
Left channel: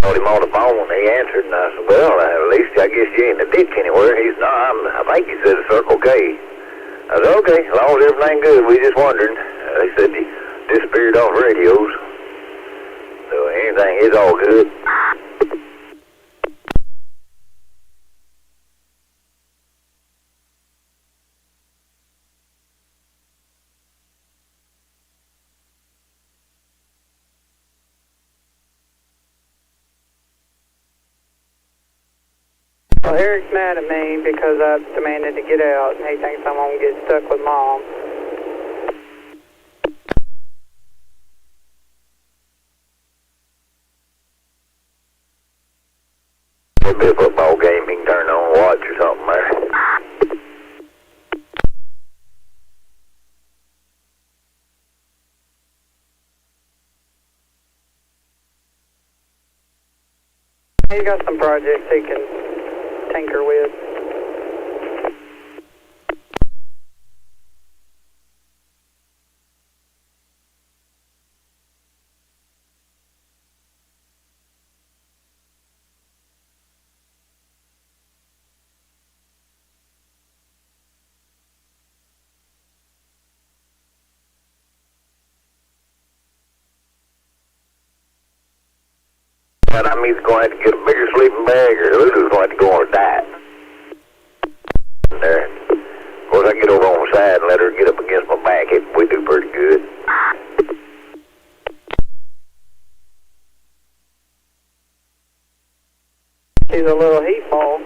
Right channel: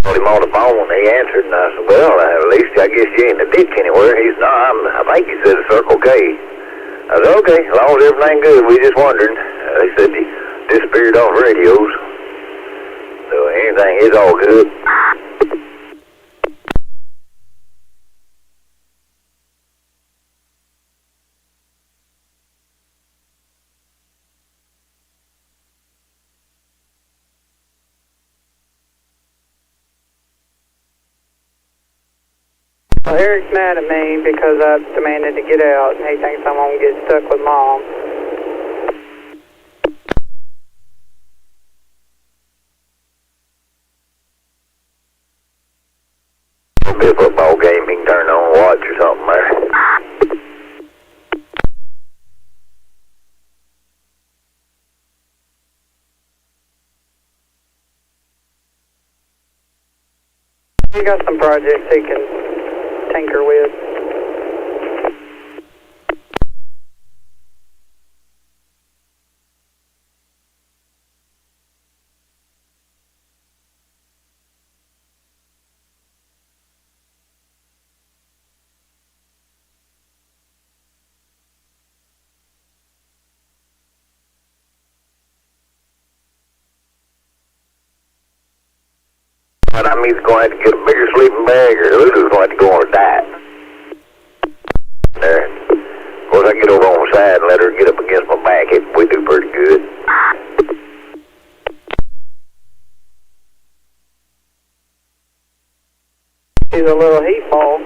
Told him on the phone, he answered, and I said, well, at least I guess you ain't in the ditch anywhere. He's not, I think he said a Circle K. I said, okay, as long as everything good, we just wondering. They said he disappeared off radios. So anything is all good. Well, Eric's mad at me because I demanded to get out, and he thinks I'm going to get stuck with Mom. It'll be a football game you can turn on and watch or something there. He got some projects he can tinker with. But I'm either going to have to get a bigger sleeping bag or Lulu's going to have to go on a diet. There. Of course, I get over on the side and let her get up against my back. We do pretty good. She's a little heat ball.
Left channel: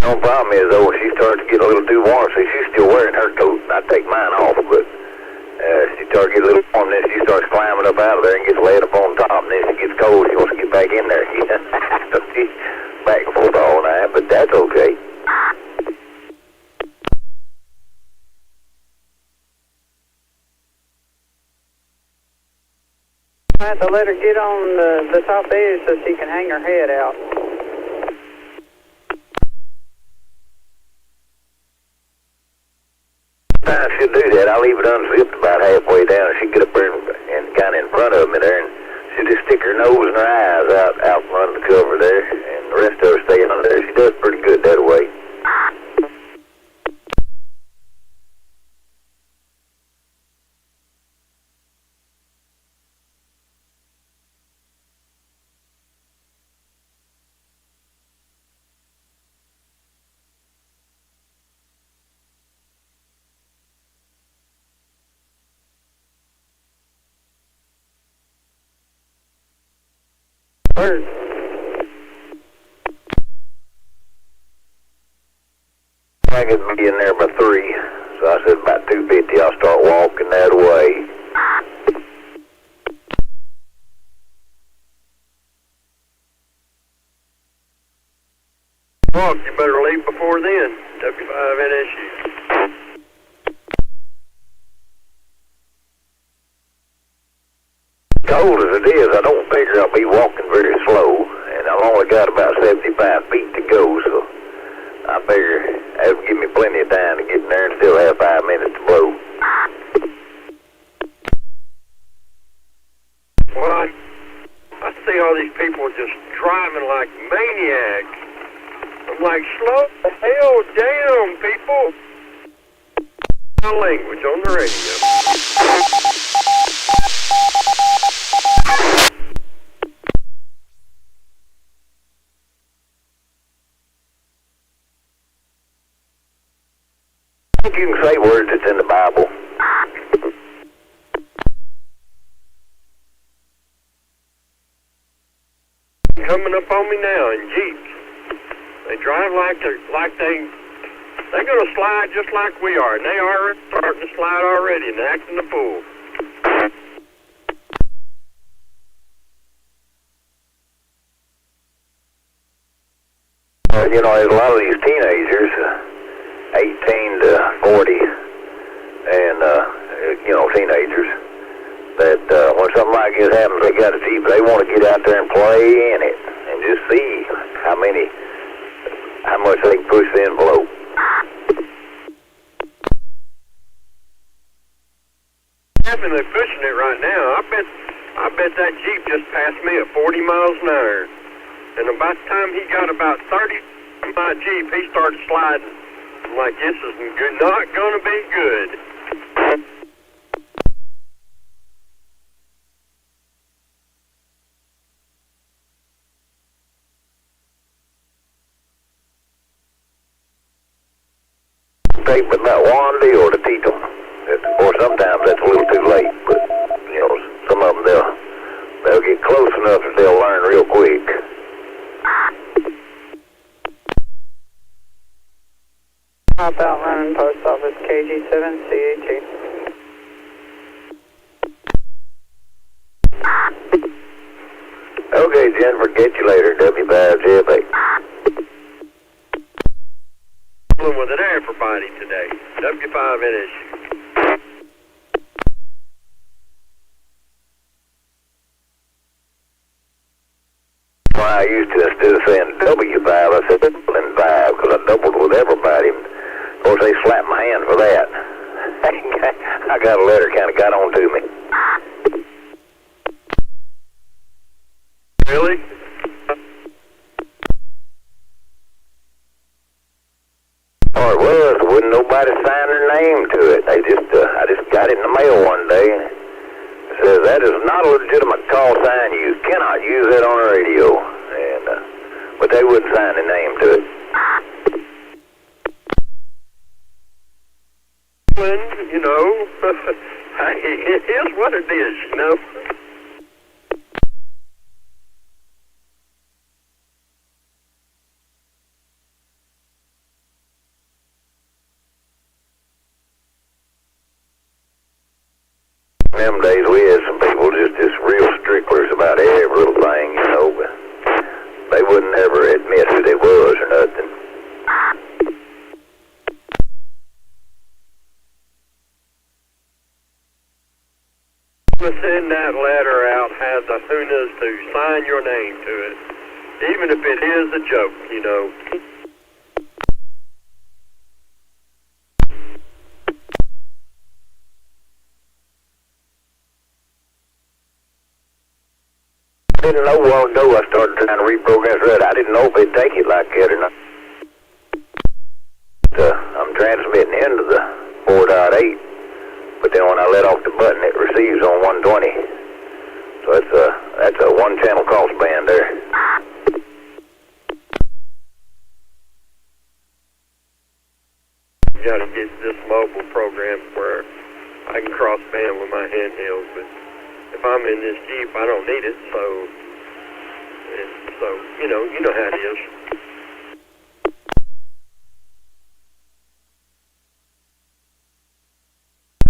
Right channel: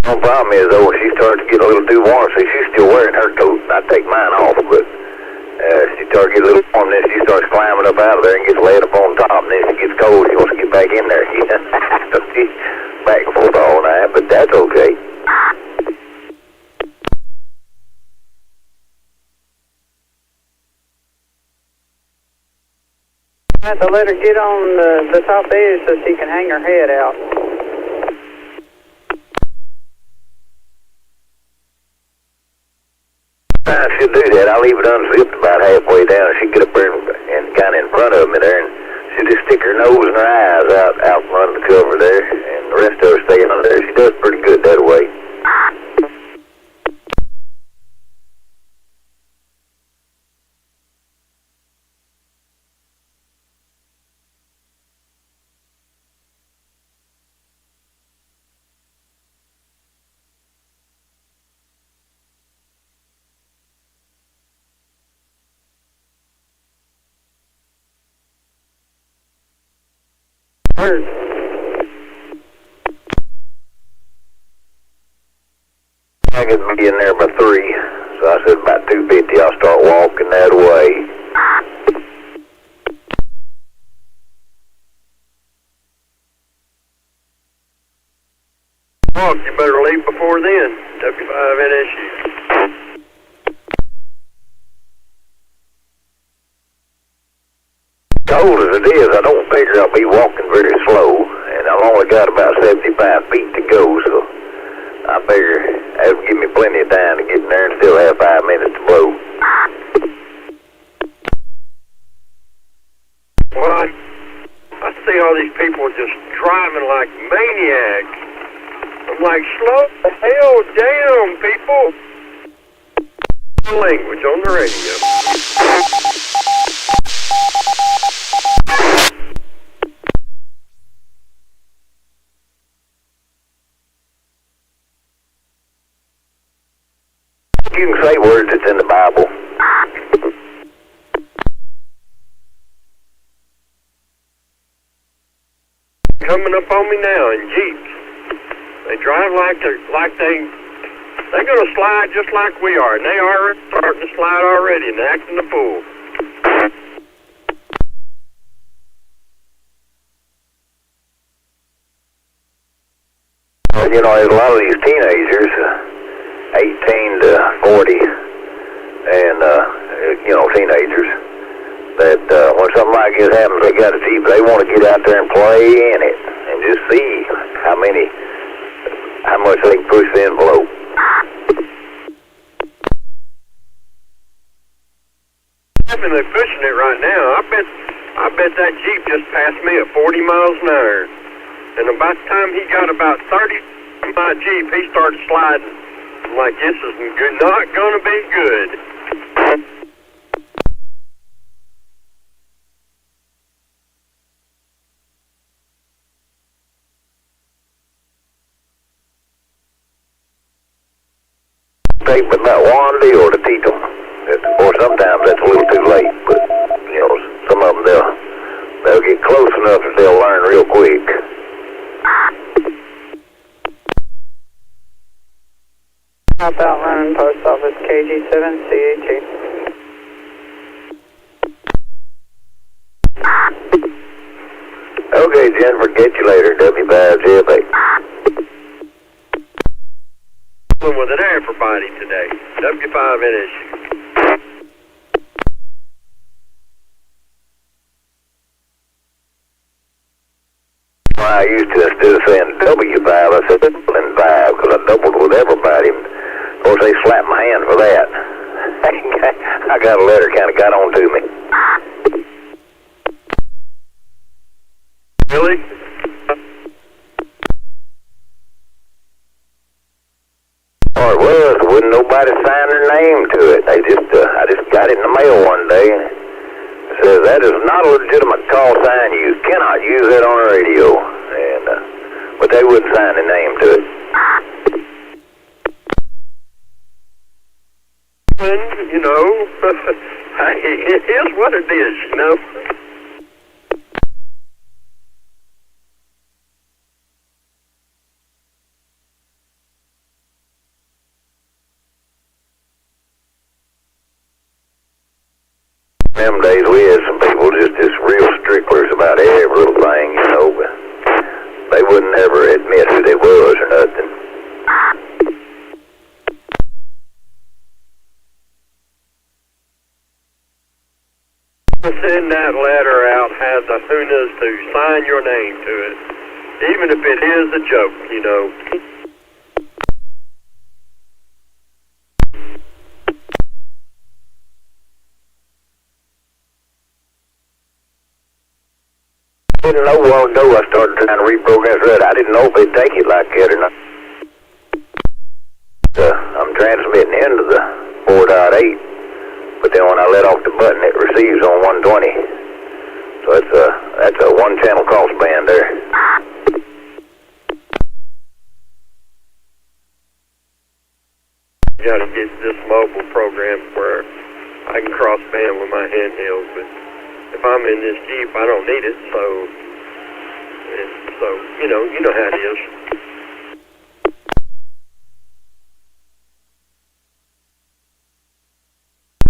The problem is, though, when she starts to get a little too warm, see, she's still wearing her coat, and I take mine off, but she starts to get a little warm, then she starts climbing up out of there and gets laid up on top, and then she gets cold, she wants to get back in there. So she's back and forth all night, but that's okay. I have to let her get on the top edge so she can hang her head out. I should do that. I'll leave it unzipped about halfway down. She get up there and kind of in front of me there, and she just stick her nose and her eyes out from under the cover there, and the rest of her staying under there. She does pretty good that way. Bird. I could be in there by 3, so I said about 2:50 I'll start walking that way. Well, you better leave before then, W5NSU. Cold as it is, I don't figure I'll be walking very slow, and I've only got about 75 feet to go, so I figure that'll give me plenty of time to get in there and still have 5 minutes to blow. Well, I see all these people just driving like maniacs. I'm like, slow the hell down, people. Language on the radio. You can say words that's in the Bible. Coming up on me now in Jeeps. They drive like they're gonna slide just like we are, and they are starting to slide already and acting the fool. You know, there's a lot of these teenagers, 18 to 40, and, you know, teenagers, that when something like this happens, they got a Jeep, they want to get out there and play in it, and just see how much they can push the envelope. They're pushing it right now. I bet that Jeep just passed me at 40 miles an hour. And about the time he got about 30 from my Jeep, he started sliding. I'm like, this is not going to be good. Take but about one deal to teach them. Or sometimes that's a little too late, but, you know, some of them, they'll get close enough that they'll learn real quick. Hop out running post office KG7CAT. Okay, Jennifer, get you later, W5DI. With it everybody today. W5NSU. I used to, instead of saying W5, I said N5 because I doubled with everybody. Of course, they slapped my hand for that. I got a letter kind of got on to me. Really? Oh, it was. Wouldn't nobody sign their name to it. They just, I just got it in the mail one day. It says that is not a legitimate call sign. You cannot use that on the radio. And, but they wouldn't sign the name to it. You know, it is what it is, you know. In them days, we had some people just real stricklers about every little thing, you know, but they wouldn't ever admit who they was or nothing. Send that letter out, have the Hunas to sign your name to it, even if it is a joke, you know. I didn't know a while ago I started trying to reprogram it. I didn't know if they'd take it like that or not. I'm transmitting into the 4.8. But then when I let off the button, it receives on 120. So that's a one-channel crossband there. You got to get this mobile program where I can crossband with my handheld. But if I'm in this Jeep, I don't need it. So you know how it is.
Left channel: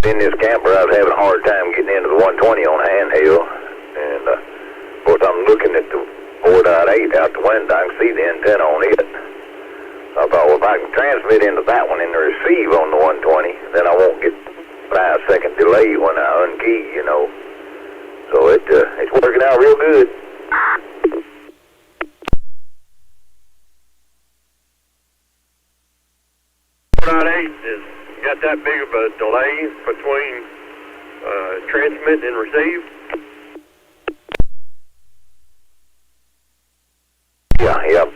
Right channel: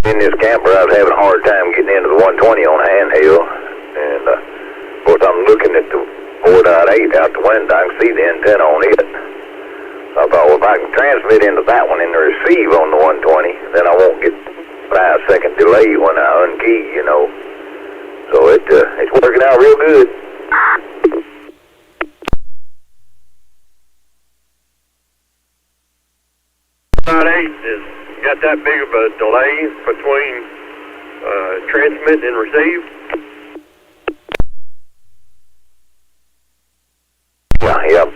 In this camper, I was having a hard time getting into the 120 on handheld, and of course I'm looking at the 4.8 out the window. I can see the antenna on it. I thought, well, if I can transmit into that one and receive on the 120, then I won't get 5-second delay when I unkey, you know. So it's working out real good. Is got that big of a delay between transmit and receive? Yeah.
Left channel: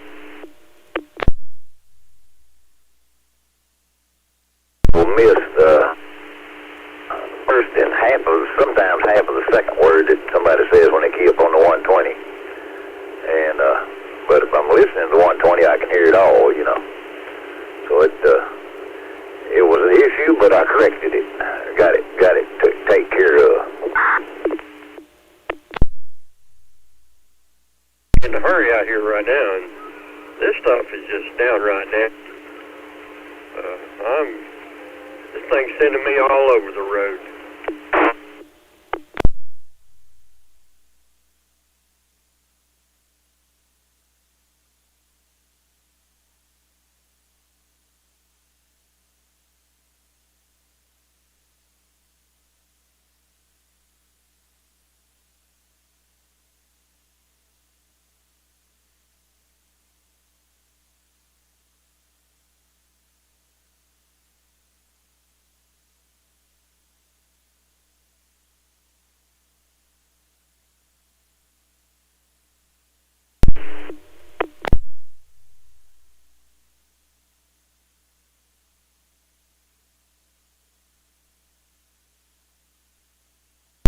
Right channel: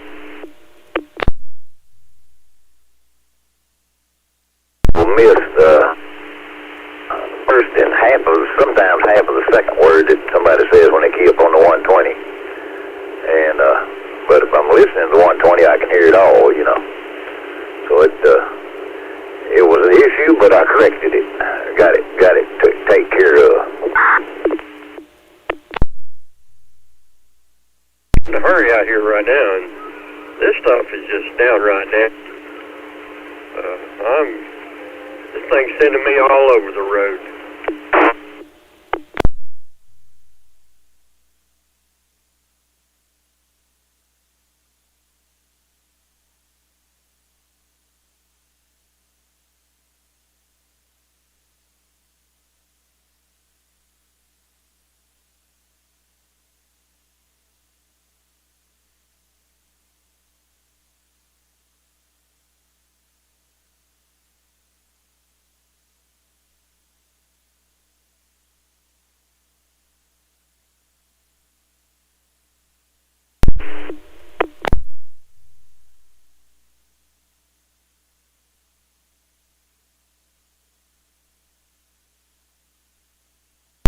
We'll miss first and sometimes half of the second word that somebody says when they key up on the 120. And but if I'm listening to the 120, I can hear it all, you know. So it was an issue, but I corrected it. Got it to take care of. In a hurry out here right now, and this stuff is just downright nasty. This thing's sending me all over the road.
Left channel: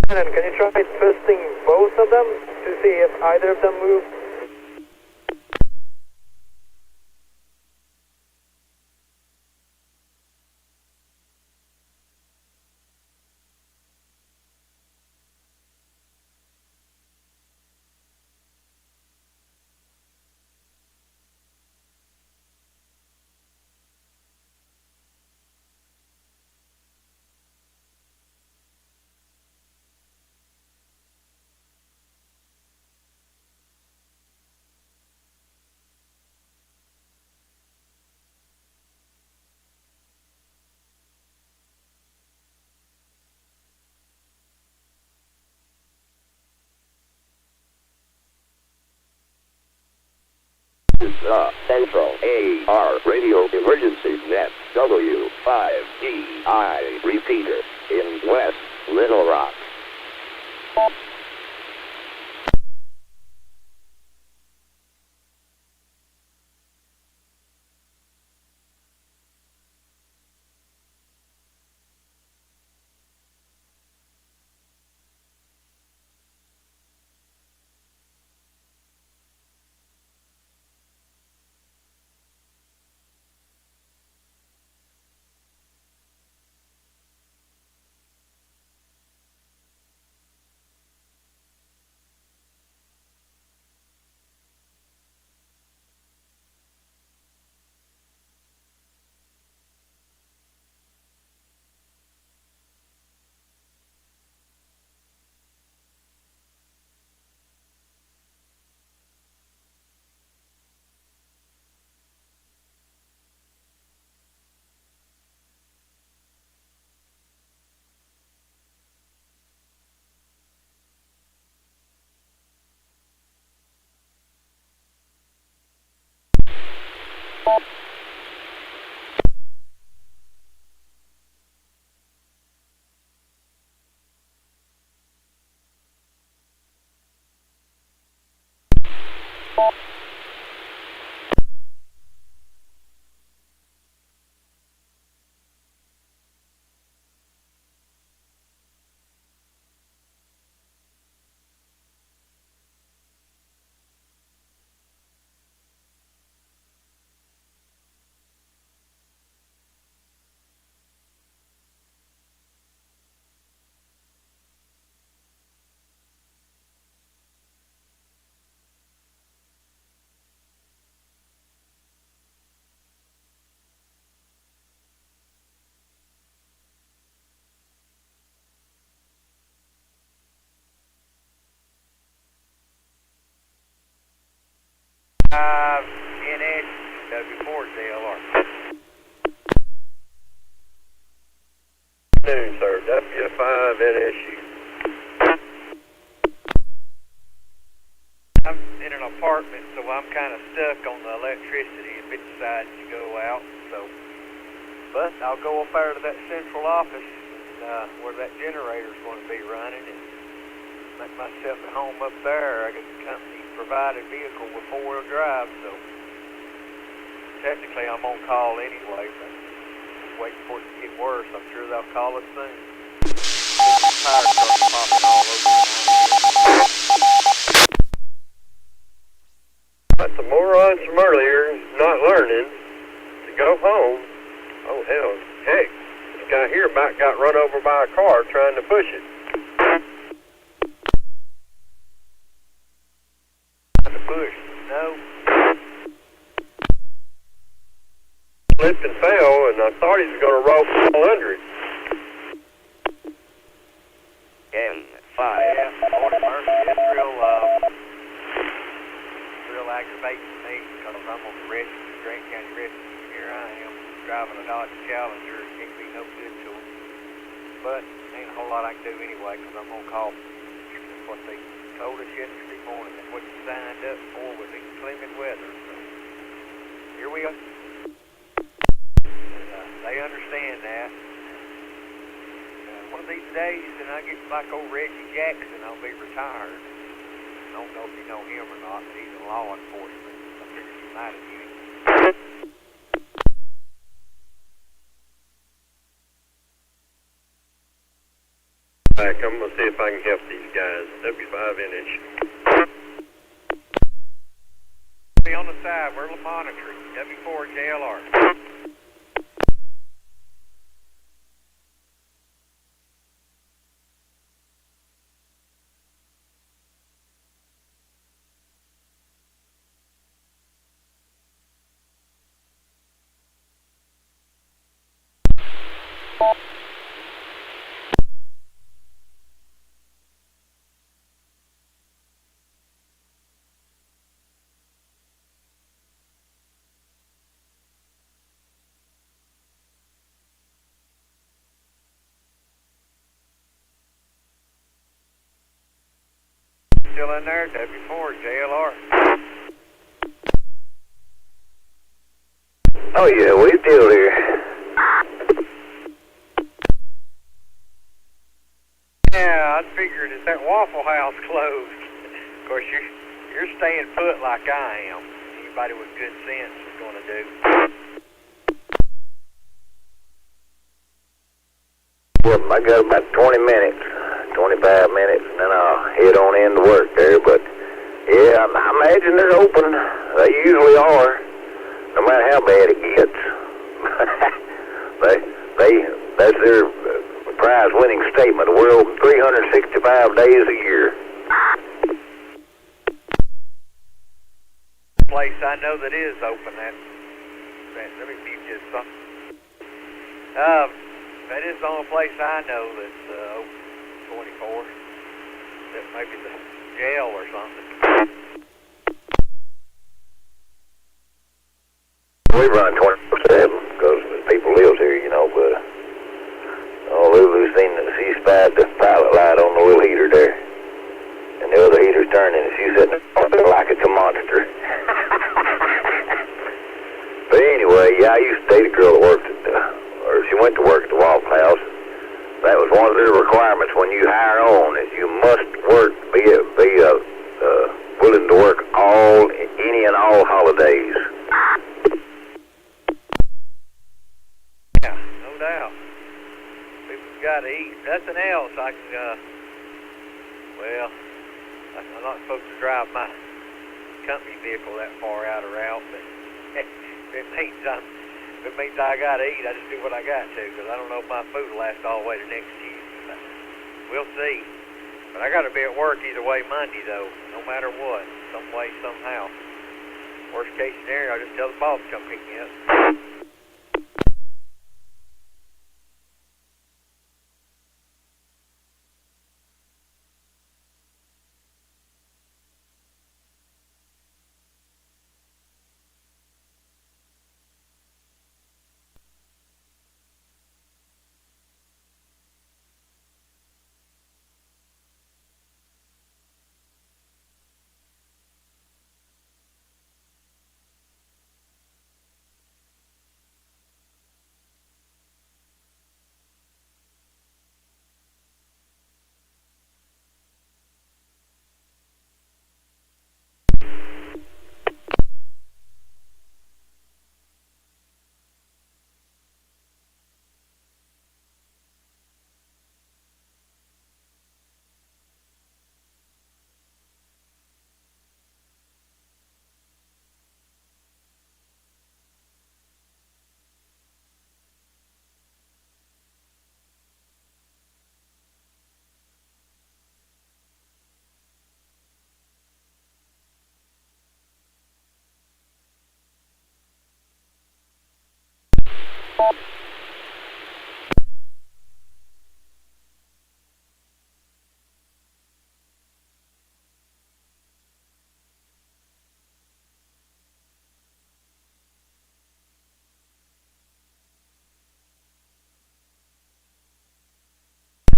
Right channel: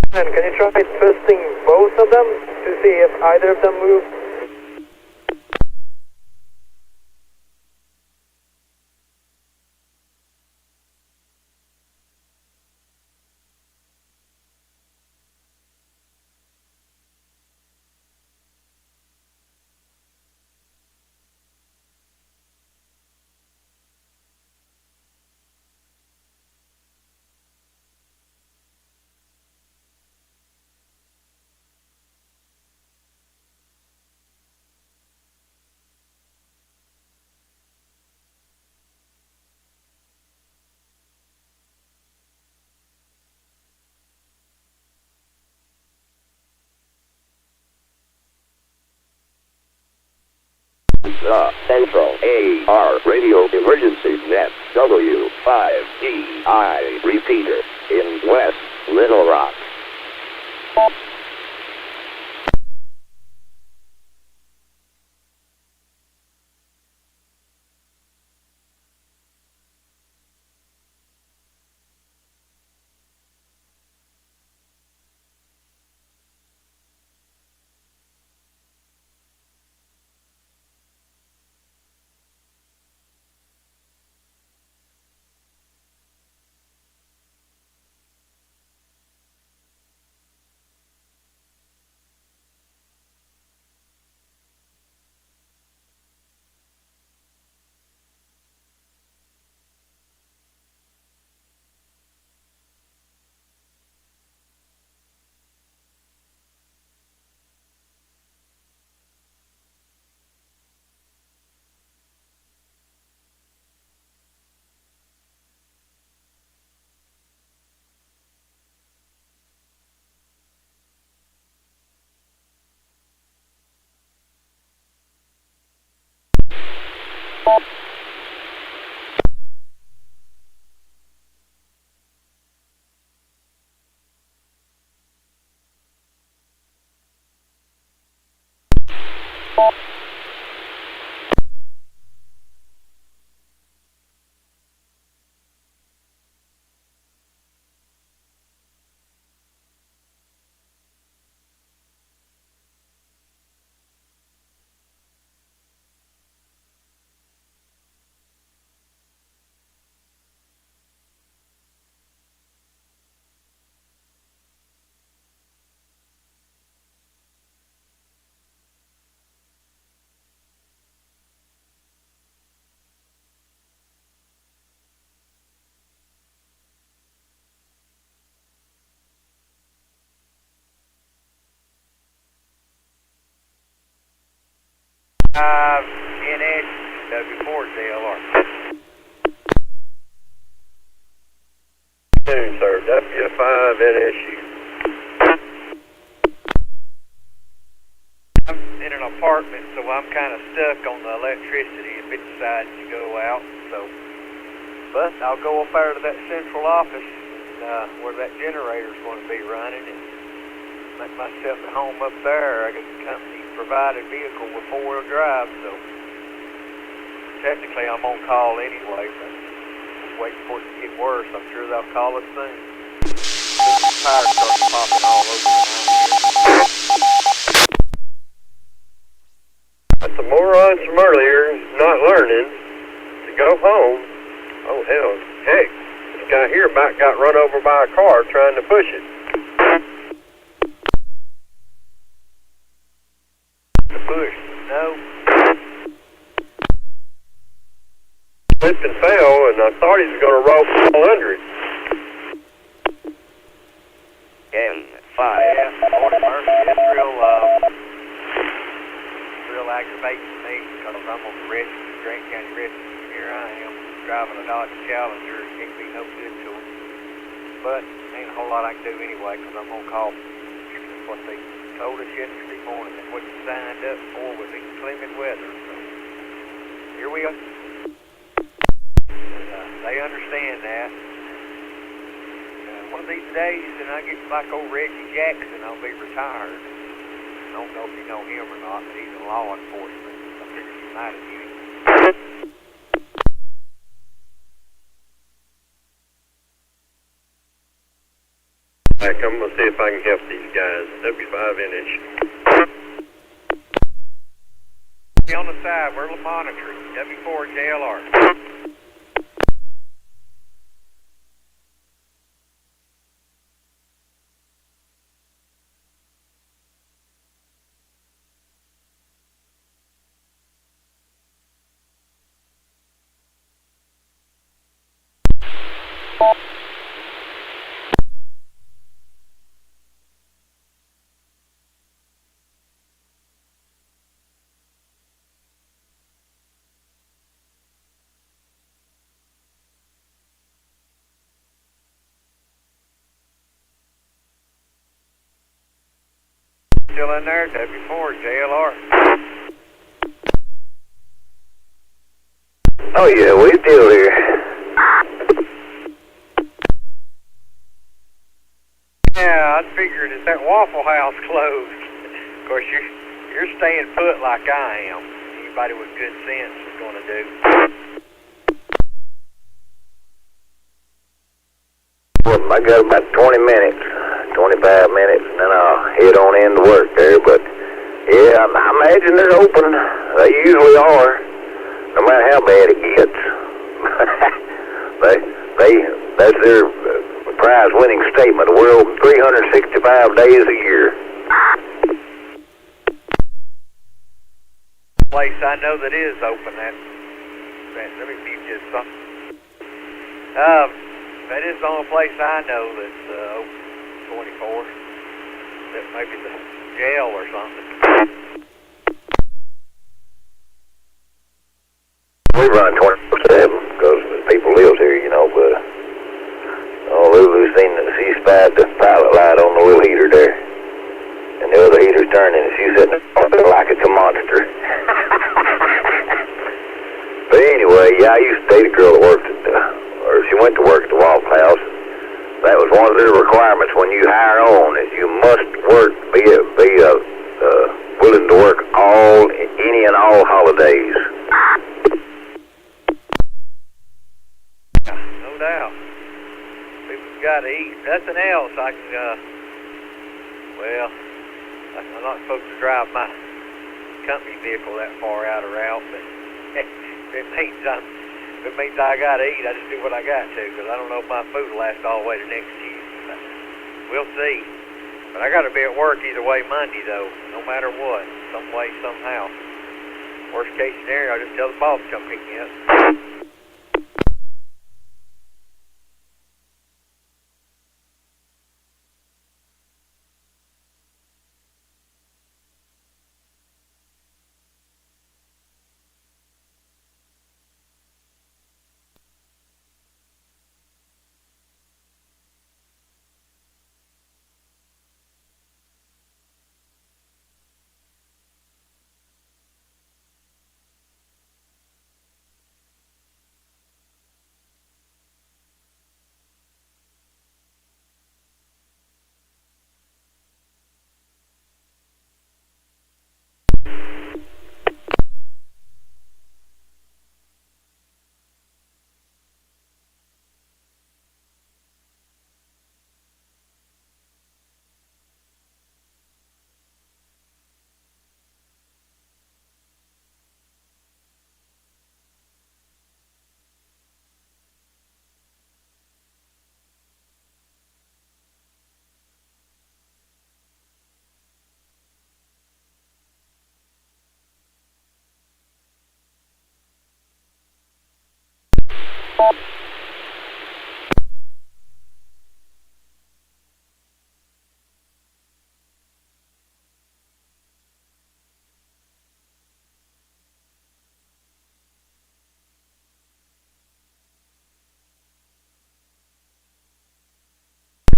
Can you try twisting both of them to see if either of them move? the Central AR Radio Emergency Net W5DI repeater in West Little Rock. NS W4DLR. Noon, sir. W5NSU. I'm in an apartment, so I'm kind of stuck on the electricity if it decides to go out. But I'll go up there to that central office where that generator's going to be running and make myself at home up there. I got the company-provided vehicle with four-wheel drive, so technically I'm on call anyway, but just waiting for it to get worse. I'm sure they'll call us soon. The tires start popping all over the house. That's the morons from earlier not learning to go home. Oh, hell. Heck, this guy here about got run over by a car trying to push it. The push, no. Slipped and fell, and I thought he was going to roll under it. N5. Yeah, morning, Murphy. It's real aggravating to me because I'm on the rescue, Grant County Rescue. Here I am driving a Dodge Challenger. It can't be no good to them. But ain't a whole lot I can do anyway because I'm on call. That's what they told us yesterday morning. That's what you signed up for was inclement weather. So here we are. They understand that. One of these days, and I get like old Reggie Jackson, I'll be retired. I don't know if you know him or not, but he's in law enforcement. I figured you might have knew him. I'm going to see if I can help these guys. W5NSU. Be on the side, we're monitoring. W4JLR. Still in there, W4JLR. Oh, yeah, we still here. Yeah, I figured that Waffle House closed. Of course, you're staying put like I am. Anybody with good sense is going to do. Well, I got about 20 minutes, 25 minutes, and then I'll head on into work there. But, yeah, I imagine they're open. They usually are, no matter how bad it gets. That's their prize-winning statement. We're open 365 days a year. Place I know that is open. Let me give you something. That is the only place I know that's open 24. That maybe the jail or something. We run 24/7 because people live here, you know, but Lulu's she spied the pilot light on the little heater there. And the other heater's turning and she's sitting there like it's a monster. But anyway, yeah, I used to date a girl that worked at, or she went to work at the Waffle House. That was one of their requirements when you hire on, is you must work, be willing to work any and all holidays. Yeah, no doubt. People's got to eat. Nothing else I can, I'm not supposed to drive my company vehicle that far out of route, but if it means I got to eat, I just do what I got to, because I don't know if my food will last all the way to next Tuesday. We'll see. But I got to be at work either way Monday, though, no matter what, some way, somehow. Worst case scenario, I'll just tell the boss to come pick me up.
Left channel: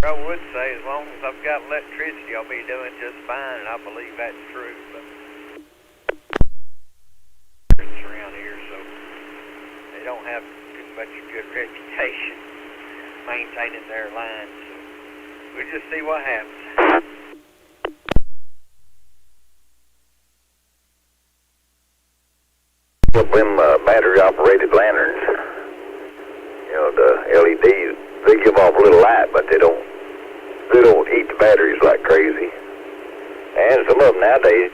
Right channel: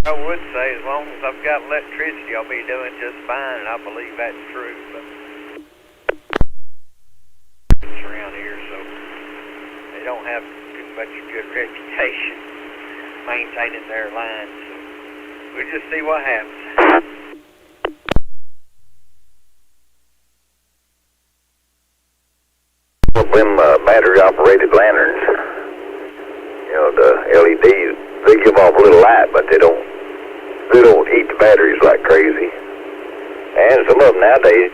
I would say as long as I've got electricity, I'll be doing just fine, and I believe that's true. But it's around here, so they don't have too much good reputation maintaining their lines. So we'll just see what happens. Them battery-operated lanterns, you know, the LEDs, they give off a little light, but they don't eat the batteries like crazy. And some of them nowadays,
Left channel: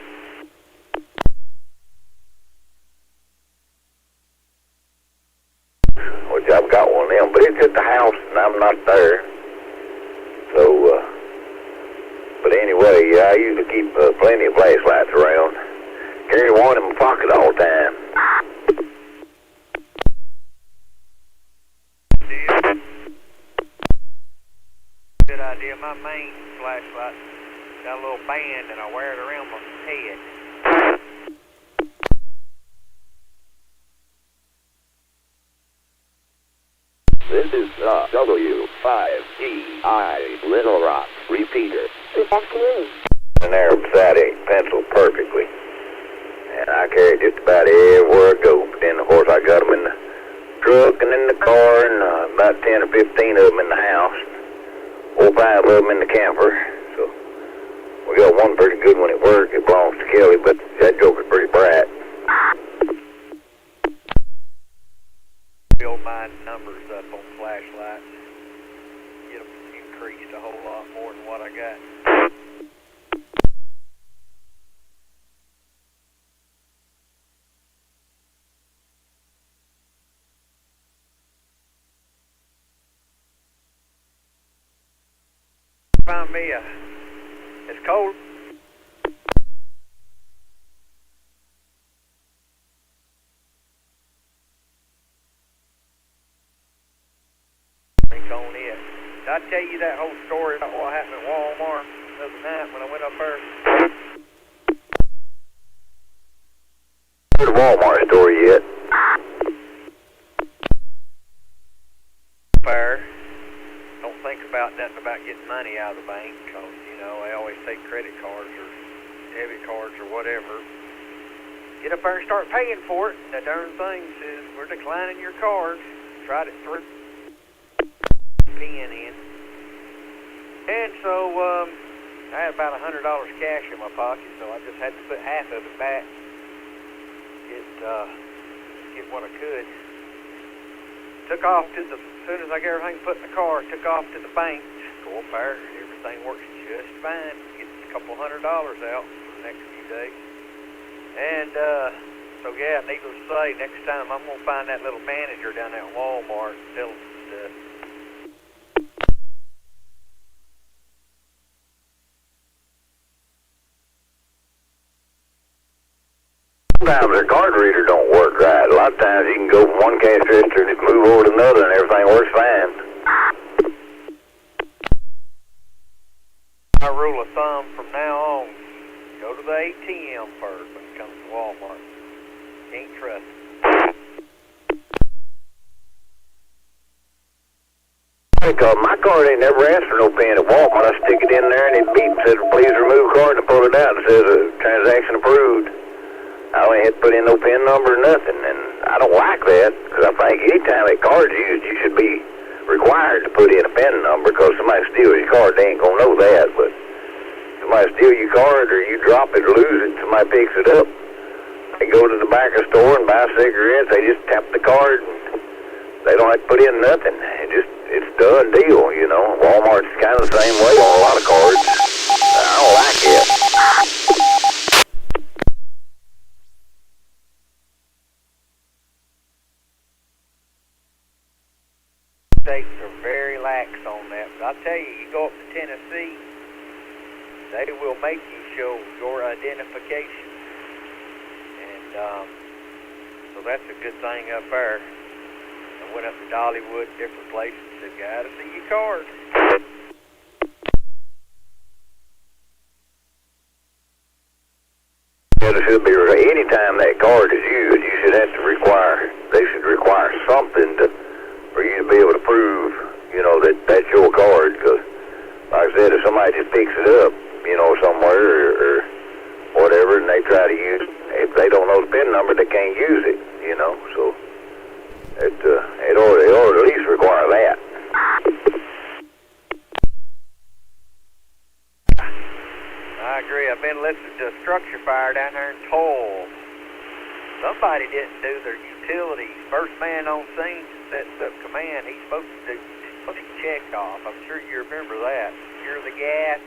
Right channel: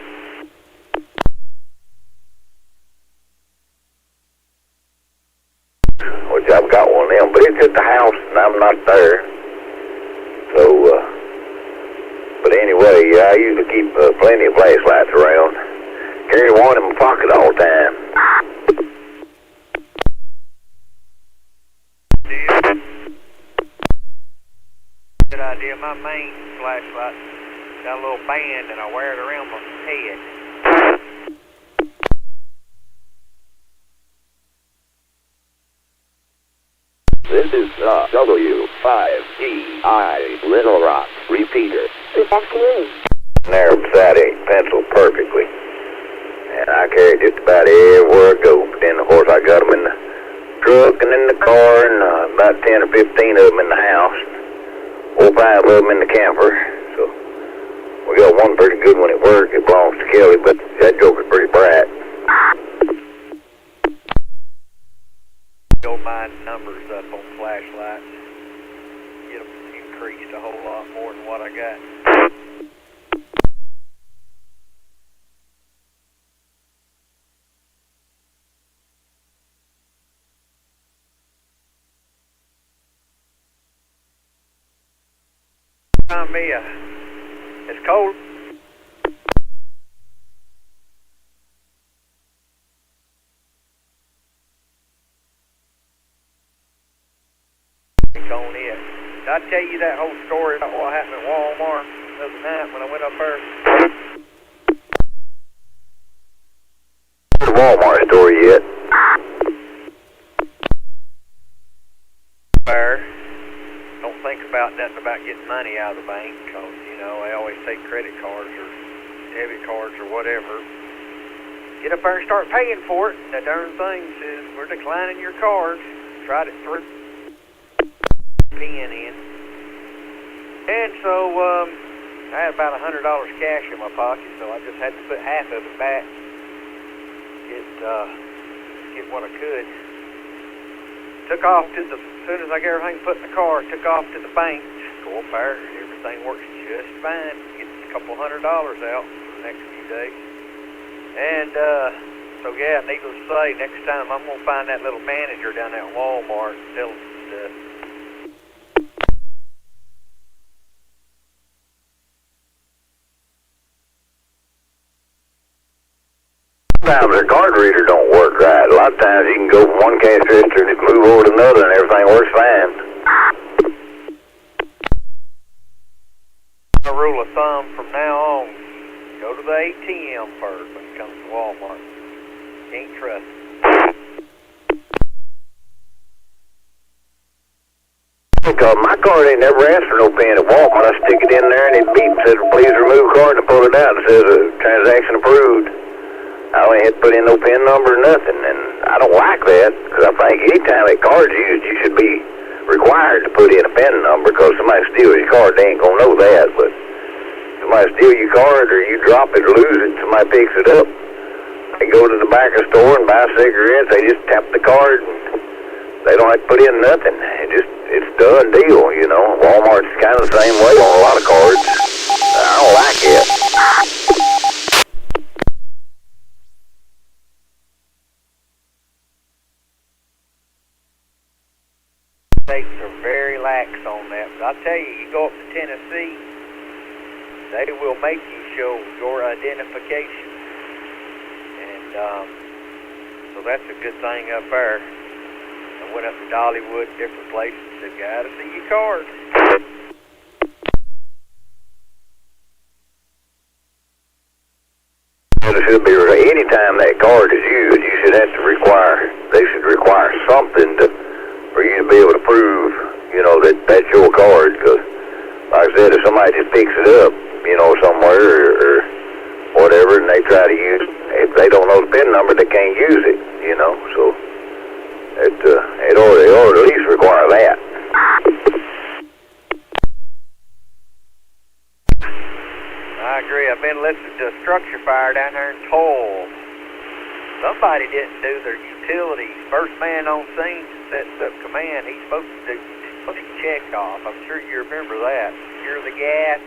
which I've got one of them, but it's at the house and I'm not there. So, but anyway, I usually keep plenty of flashlights around. Carry one in my pocket all the time. Good idea. My main flashlight got a little band and I wear it around my head. This is the W5DI Little Rock repeater. Good afternoon. And there beside it, penciled perfectly. And I carry just about everywhere I go. But then, of course, I got them in 7 in the car and about 10 or 15 of them in the house. 4 or 5 of them in the camper. So we got one pretty good one at work. It belongs to Kelly, but that joker's pretty bright. Build my numbers up on flashlights. Get them increased a whole lot more than what I got. Find me it's cold. On it. Did I tell you that whole story about what happened at Walmart the other night when I went up there? The Walmart story yet? Fair. Don't think about nothing about getting money out of the bank because, you know, they always take credit cards or debit cards or whatever. Get up there and start paying for it. That darn thing says, we're declining your card. Tried it through. Pen in. And so, I had about $100 cash in my pocket, so I just had to put half of it back. Get what I could. Took off to the, as soon as I got everything put in the car, took off to the bank. Go up there, everything works just fine. Get a couple $100 out for the next few days. And, so yeah, needless to say, next time I'm going to find that little manager down there at Walmart and tell him stuff. Sometimes their card reader don't work right. A lot of times you can go from one cash register and just move over to another and everything works fine. My rule of thumb from now on, go to the ATM first when it comes to Walmart. Can't trust it. Because my card ain't never asked for no pin at Walmart. I stick it in there and it beeps, says please remove card, and I pull it out and says transaction approved. I don't have to put in no PIN number or nothing, and I don't like that, because I think anytime that card's used, you should be required to put in a PIN number, because somebody steals your card, they ain't going to know that, but somebody steals your card, or you drop it or lose it, somebody picks it up, they go to the back of the store and buy cigarettes, they just tap the card, and they don't have to put in nothing, it's done deal, you know. Walmart's kind of the same way on a lot of cards. I don't like it. States are very lax on that, but I'll tell you, you go up to Tennessee, they will make you show your identification, and so that's a good thing up there. I went up to Dollywood, different places, said, gotta see your card. It should be, anytime that card is used, you should have to they should require something for you to be able to prove, you know, that that's your card, because, like I said, if somebody just picks it up, you know, somewhere or whatever, and they try to use it, if they don't know the PIN number, they can't use it, you know, so they ought to at least require that. I agree. I've been listening to a structure fire down there in Toll. Somebody didn't do their utilities. First man on scene sets up command. He's supposed to check off. I'm sure you remember that. Secure the gas.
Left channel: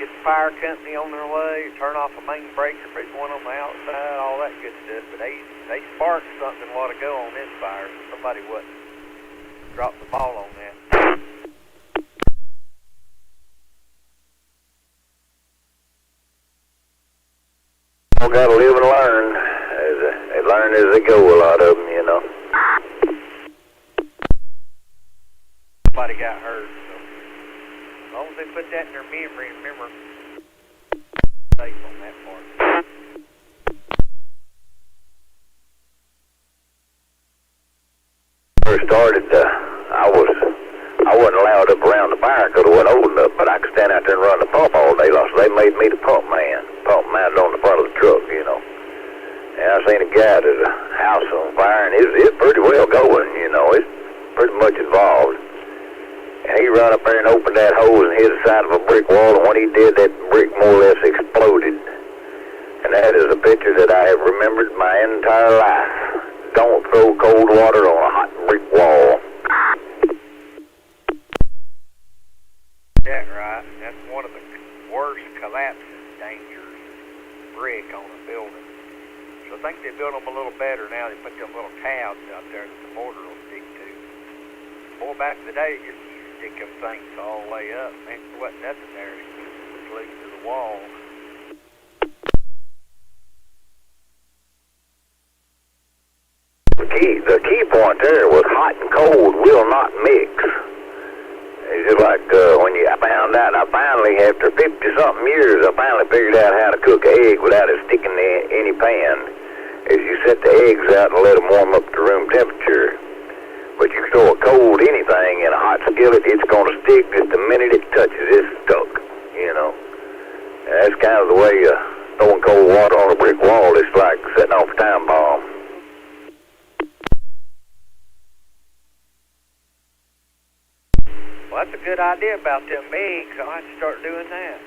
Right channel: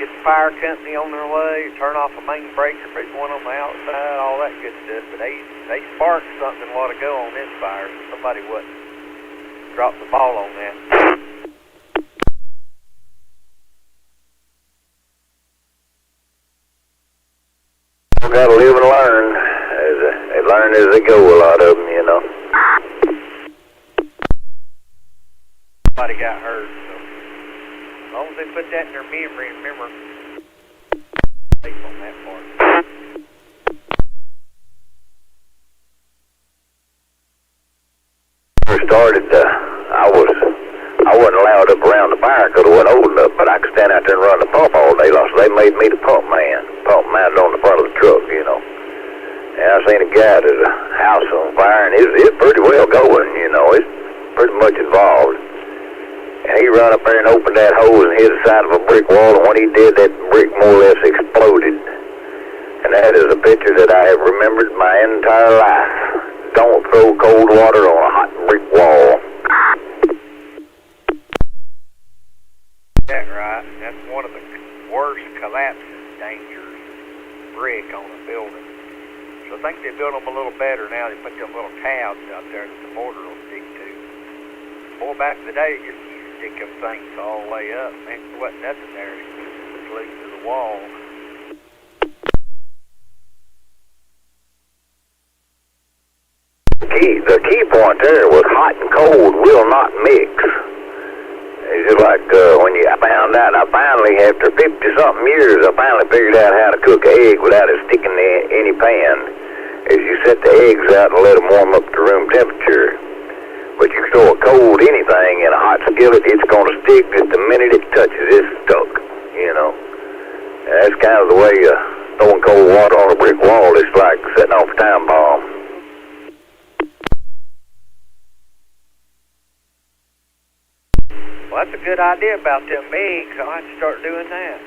Get the fire company on their way. Turn off a main breaker. Put one on the outside. All that good stuff. But they sparked something a while ago on this fire. Somebody dropped the ball on that. Got to live and learn. They learn as they go, a lot of them, you know. Somebody got hurt, so as long as they put that in their memory, remember, safe on that part. First started, I wasn't allowed up around the fire because I wasn't old enough, but I could stand out there and run the pump all day long, so they made me the pump man. Pump mounted on the front of the truck, you know. And I seen a guy at a house on fire, and it's pretty well gone. got up there and opened that hose and hit the side of a brick wall, and when he did, that brick more or less exploded. And that is a picture that I have remembered my entire life. Don't throw cold water on a hot brick wall. That's right. That's one of the worst collapsing dangers, brick on a building. So I think they built them a little better now. They put them little tabs out there that the mortar will stick to. Boy, back in the day, you used to stick them things all the way up. Man, there wasn't nothing there to glue to the wall. The key point there was hot and cold will not mix. It's just like when I found out, I finally, after 50-something years, I finally figured out how to cook an egg without it sticking to any pan. Is you set the eggs out and let them warm up to room temperature. But you throw a cold anything in a hot skillet, it's going to stick just the minute it touches. It's stuck, you know. And that's kind of the way throwing cold water on a brick wall is like setting off a time bomb. Well, that's a good idea about them eggs. I'll have to start doing that.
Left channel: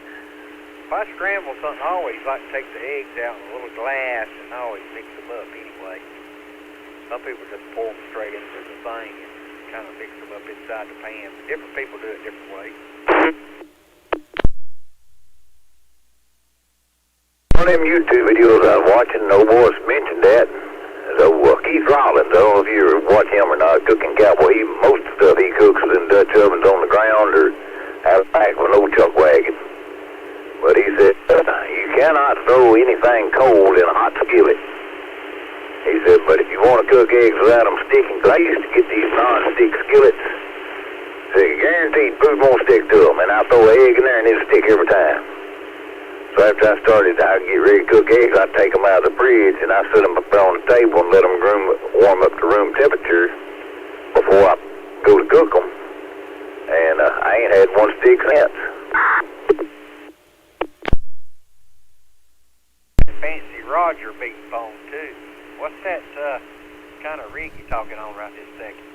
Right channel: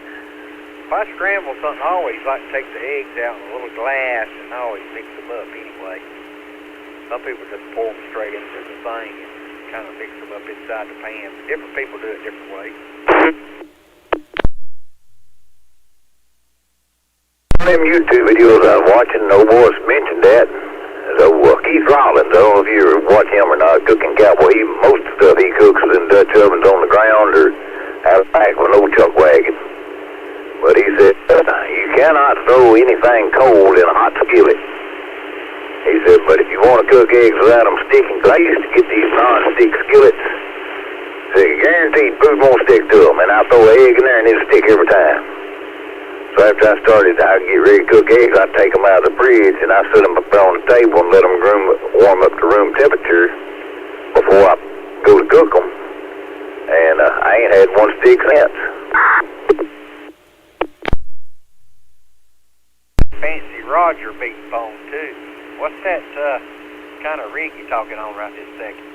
If I scramble something, I always like to take the eggs out in a little glass and I always mix them up anyway. Some people just pour them straight into the thing and kind of mix them up inside the pan. Different people do it different ways. One of them YouTube videos I was watching, no boys mentioned that. So Keith Rollins, I don't know if you watch him or not, cooking cowboy. Most of the stuff he cooks is in Dutch ovens on the ground or out back with an old chuck wagon. But he said, you cannot throw anything cold in a hot skillet. He said, but if you want to cook eggs without them sticking, because I used to get these non-stick skillets, so guaranteed food won't stick to them, and I'll throw an egg in there and it'll stick every time. So after I started, I'd get ready to cook eggs, I'd take them out of the fridge, and I'd set them up on the table and let them warm up to room temperature before I go to cook them. And I ain't had one stick since. Fancy Roger beating phone, too. What's that kind of rig you talking on right this second?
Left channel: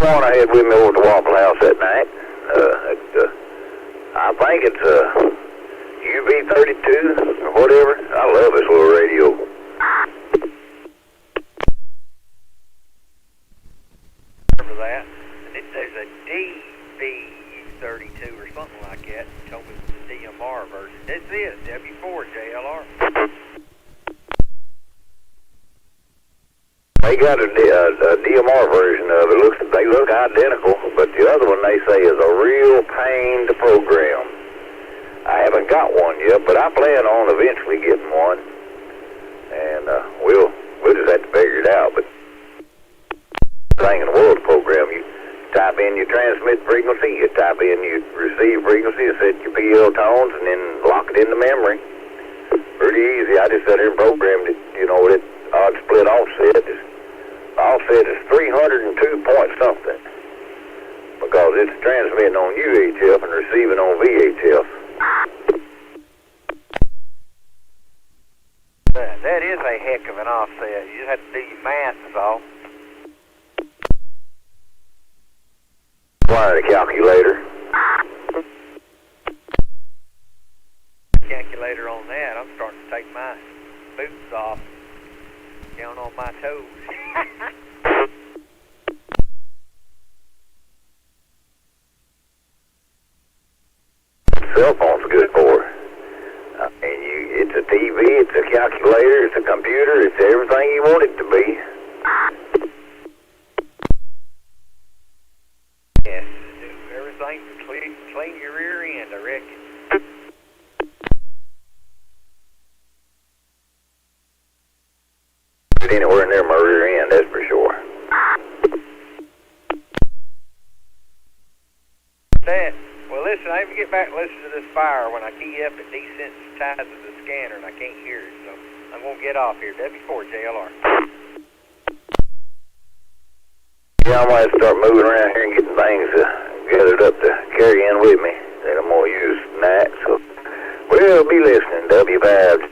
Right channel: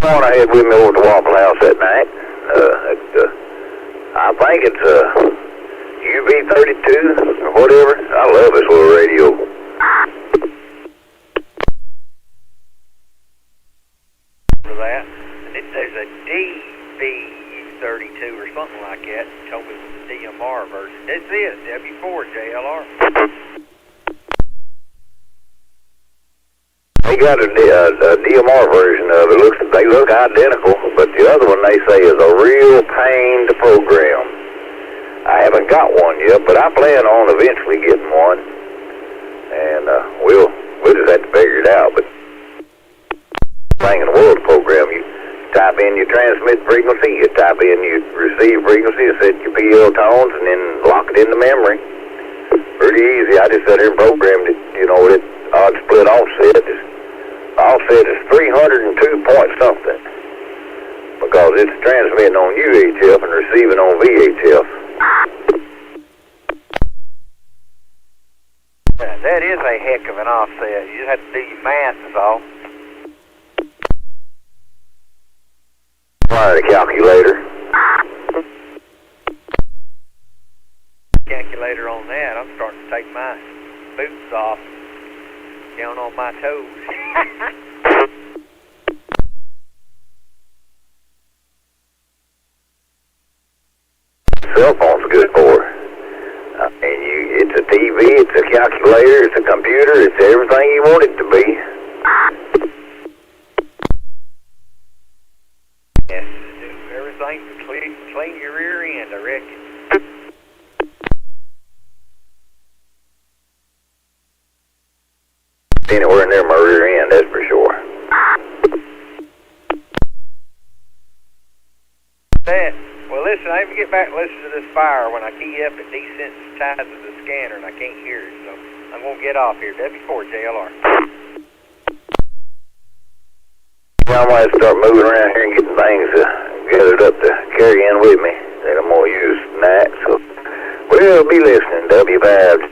The one I had with me over at the Waffle House that night. I think it's UV32 or whatever. I love this little radio. Remember that? And there's a DV32 or something like that. He told me it was the DMR version. This is W5DI. They got a DMR version of it. They look identical, but the other one they say is a real pain to program. I haven't got one yet, but I plan on eventually getting one, and we'll just have to figure it out. But thing in the world to program, you type in your transmit frequency, you type in your receive frequency, you set your PL tones, and then lock it into memory. Pretty easy. I just sat here and programmed it, you know, with odd split offset. Offset is 302 point something because it's transmitting on UHF and receiving on VHF. That is a heck of an offset. You just have to do your math, is all. Wire the calculator. Calculator on that. I'm starting to take my boots off, down on my toes. Cell phone's good for. It's a TV, it's a calculator, it's a computer, it's everything you want it to be. Yes, do everything to clean your rear end, I reckon. Anywhere near my rear end, that's for sure. Well, listen, I even get back and listen to this fire. When I key up, it desensitizes the scanner, and I can't hear it. So I'm going to get off here. W5JLR. Yeah, I might start moving around here and getting things gathered up to carry in with me that I'm going to use tonight. So we'll be listening, W5.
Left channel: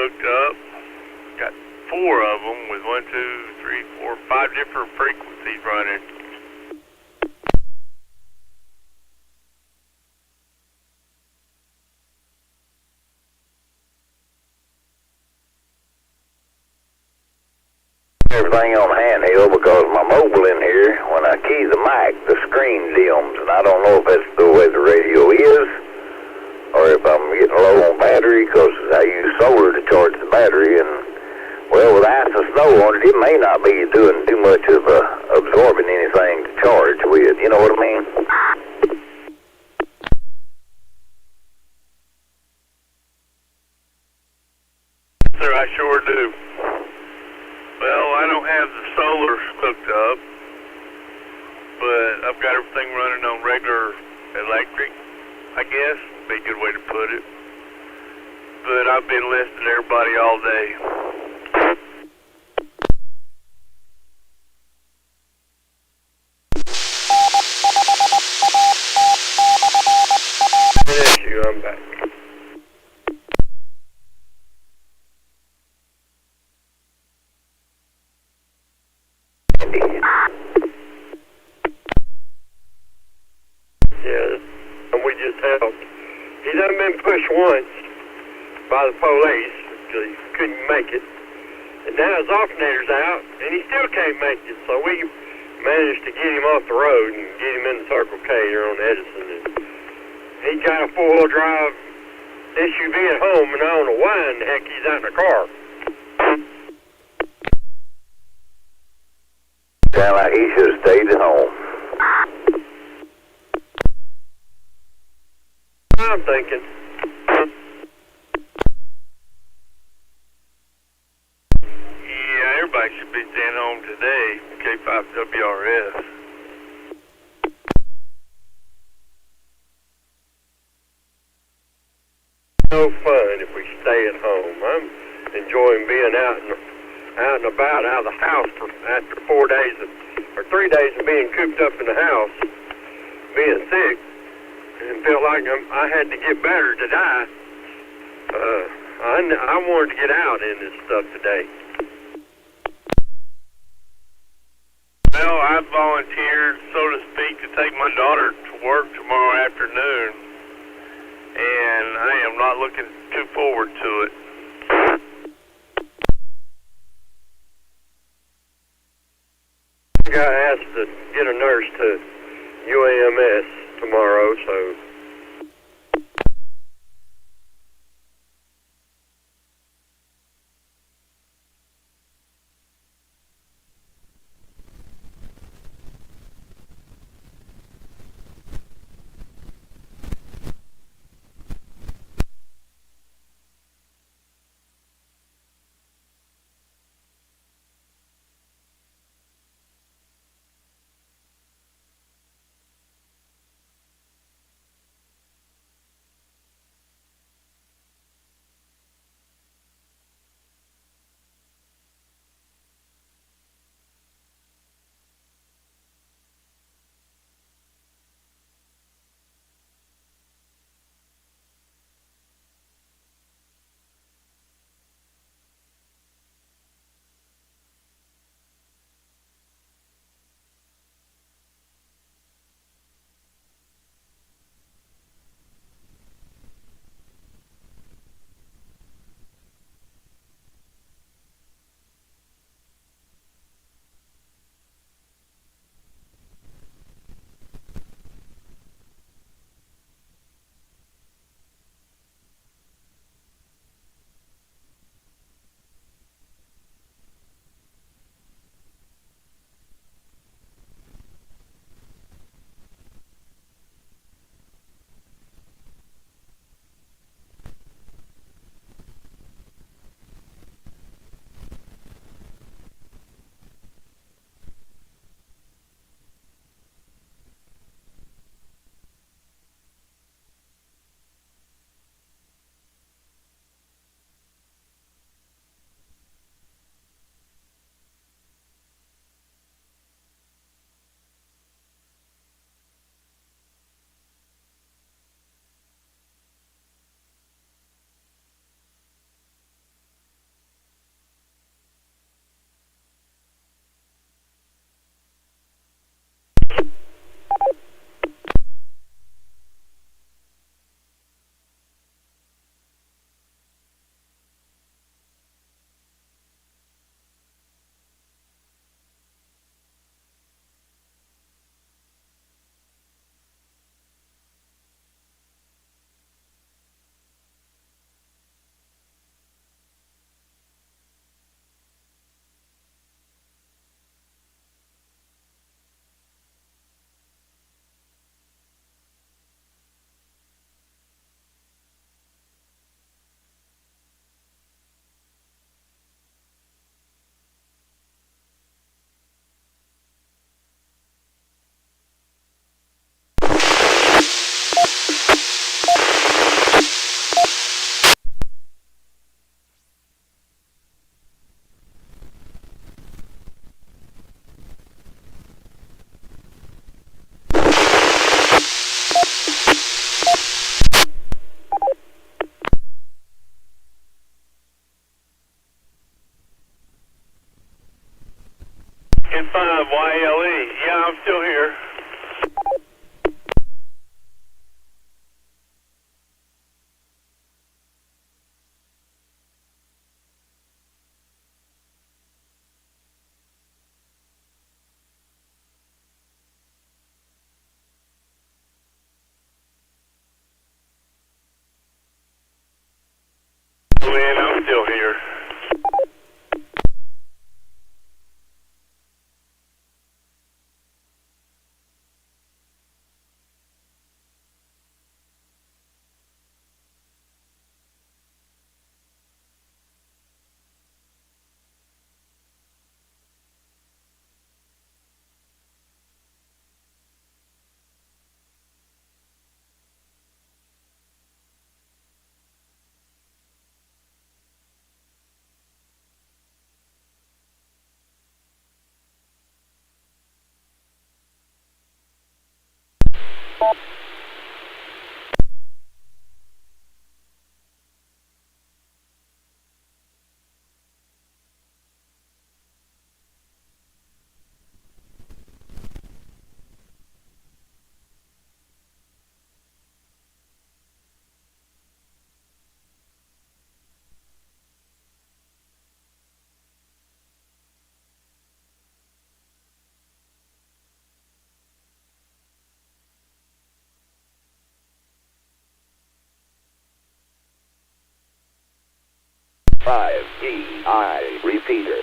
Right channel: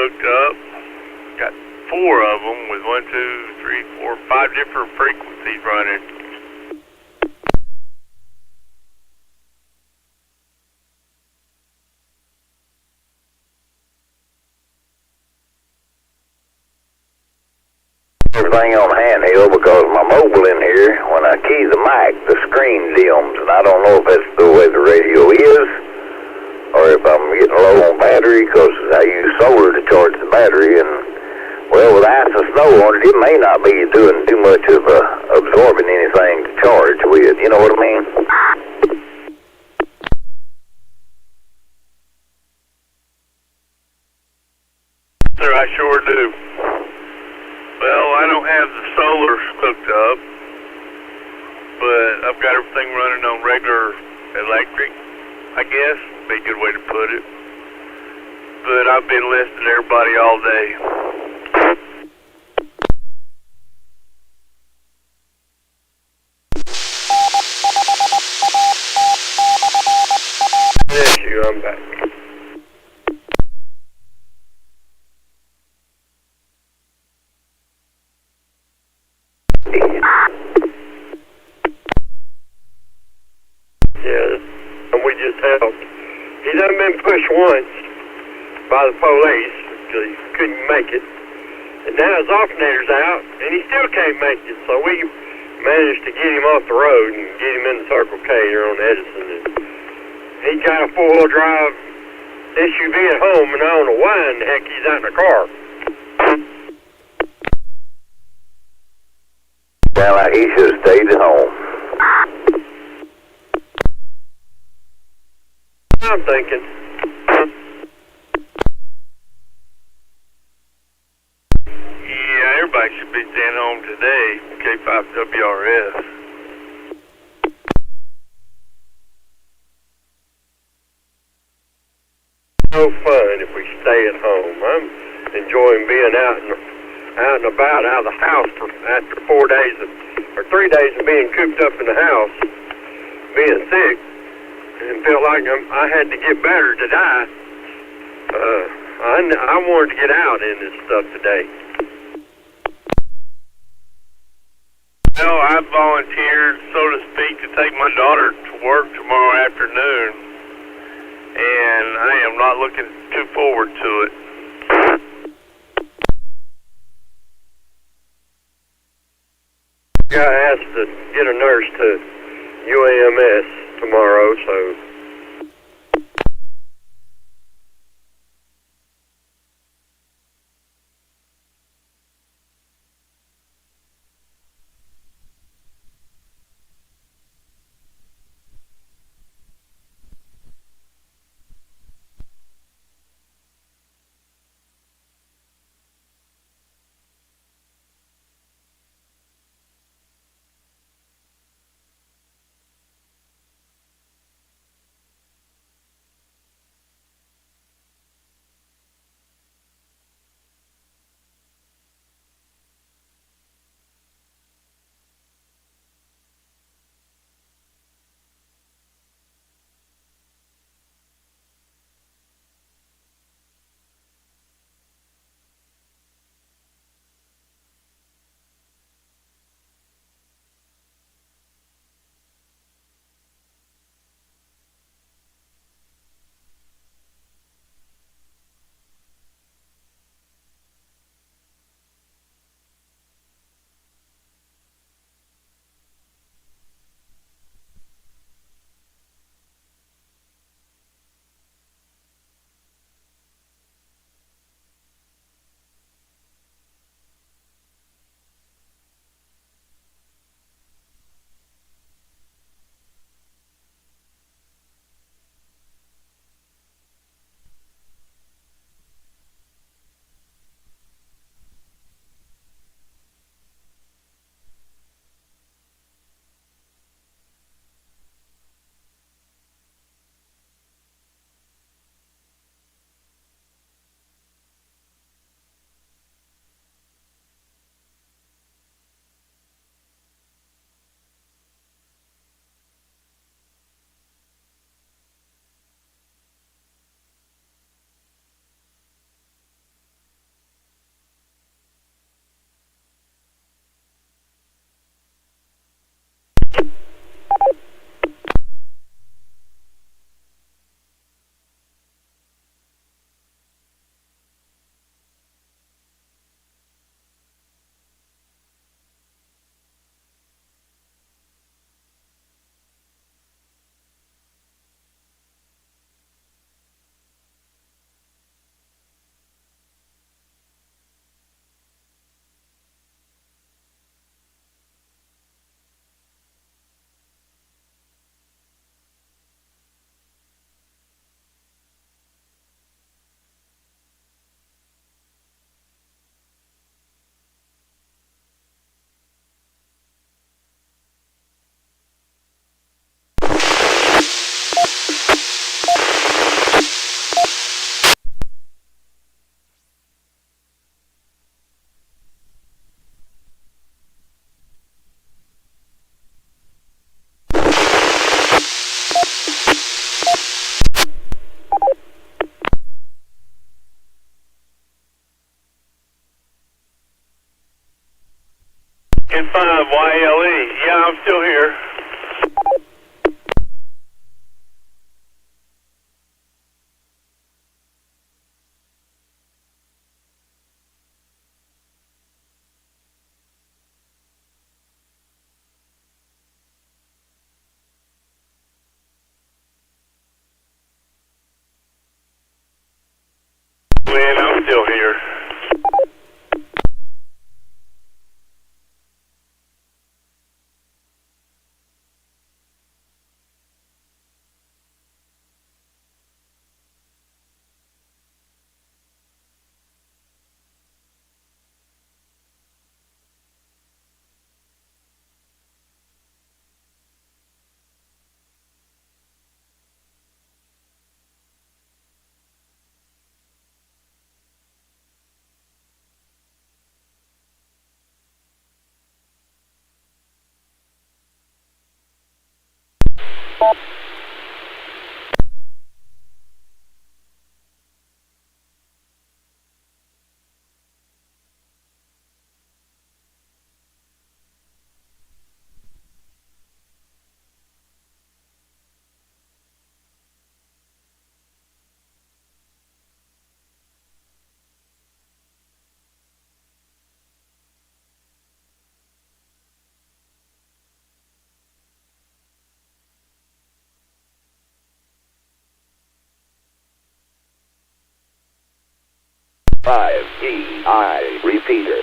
hooked up. Got 4 of them with 1, 2, 3, 4, 5 different frequencies running. Everything on handheld because my mobile in here, when I key the mic, the screen dims, and I don't know if that's the way the radio is, or if I'm getting low on battery because I use solar to charge the battery, and well, with ice and snow on it, it may not be doing too much of absorbing anything to charge with, you know what I mean? Sir, I sure do. Well, I don't have the solar hooked up, but I've got everything running on regular electric, I guess, would be a good way to put it. But I've been listening to everybody all day. Yes, I'm back. Yeah, and we just helped. He done been pushed once by the police because he couldn't make it. And now his alternator's out, and he still can't make it. So we managed to get him off the road and get him in the Circle K here on Edison. And he got a four-wheel drive SUV at home, and I don't know why in the heck he's out in the car. Sound like he should have stayed at home. I'm thinking. Yeah, everybody should be staying home today, K5WRS. No fun if we stay at home. I'm enjoying being out and about, out of the house after 4 days or 3 days of being cooped up in the house, being sick, and felt like I had to get better to die. I wanted to get out in this stuff today. Well, I volunteered, so to speak, to take my daughter to work tomorrow afternoon, and I am not looking too forward to it. I got asked to get a nurse to UAMS tomorrow, so N5YLE. Yeah, I'm still here. Lynn, I'm still here. N5CG repeater.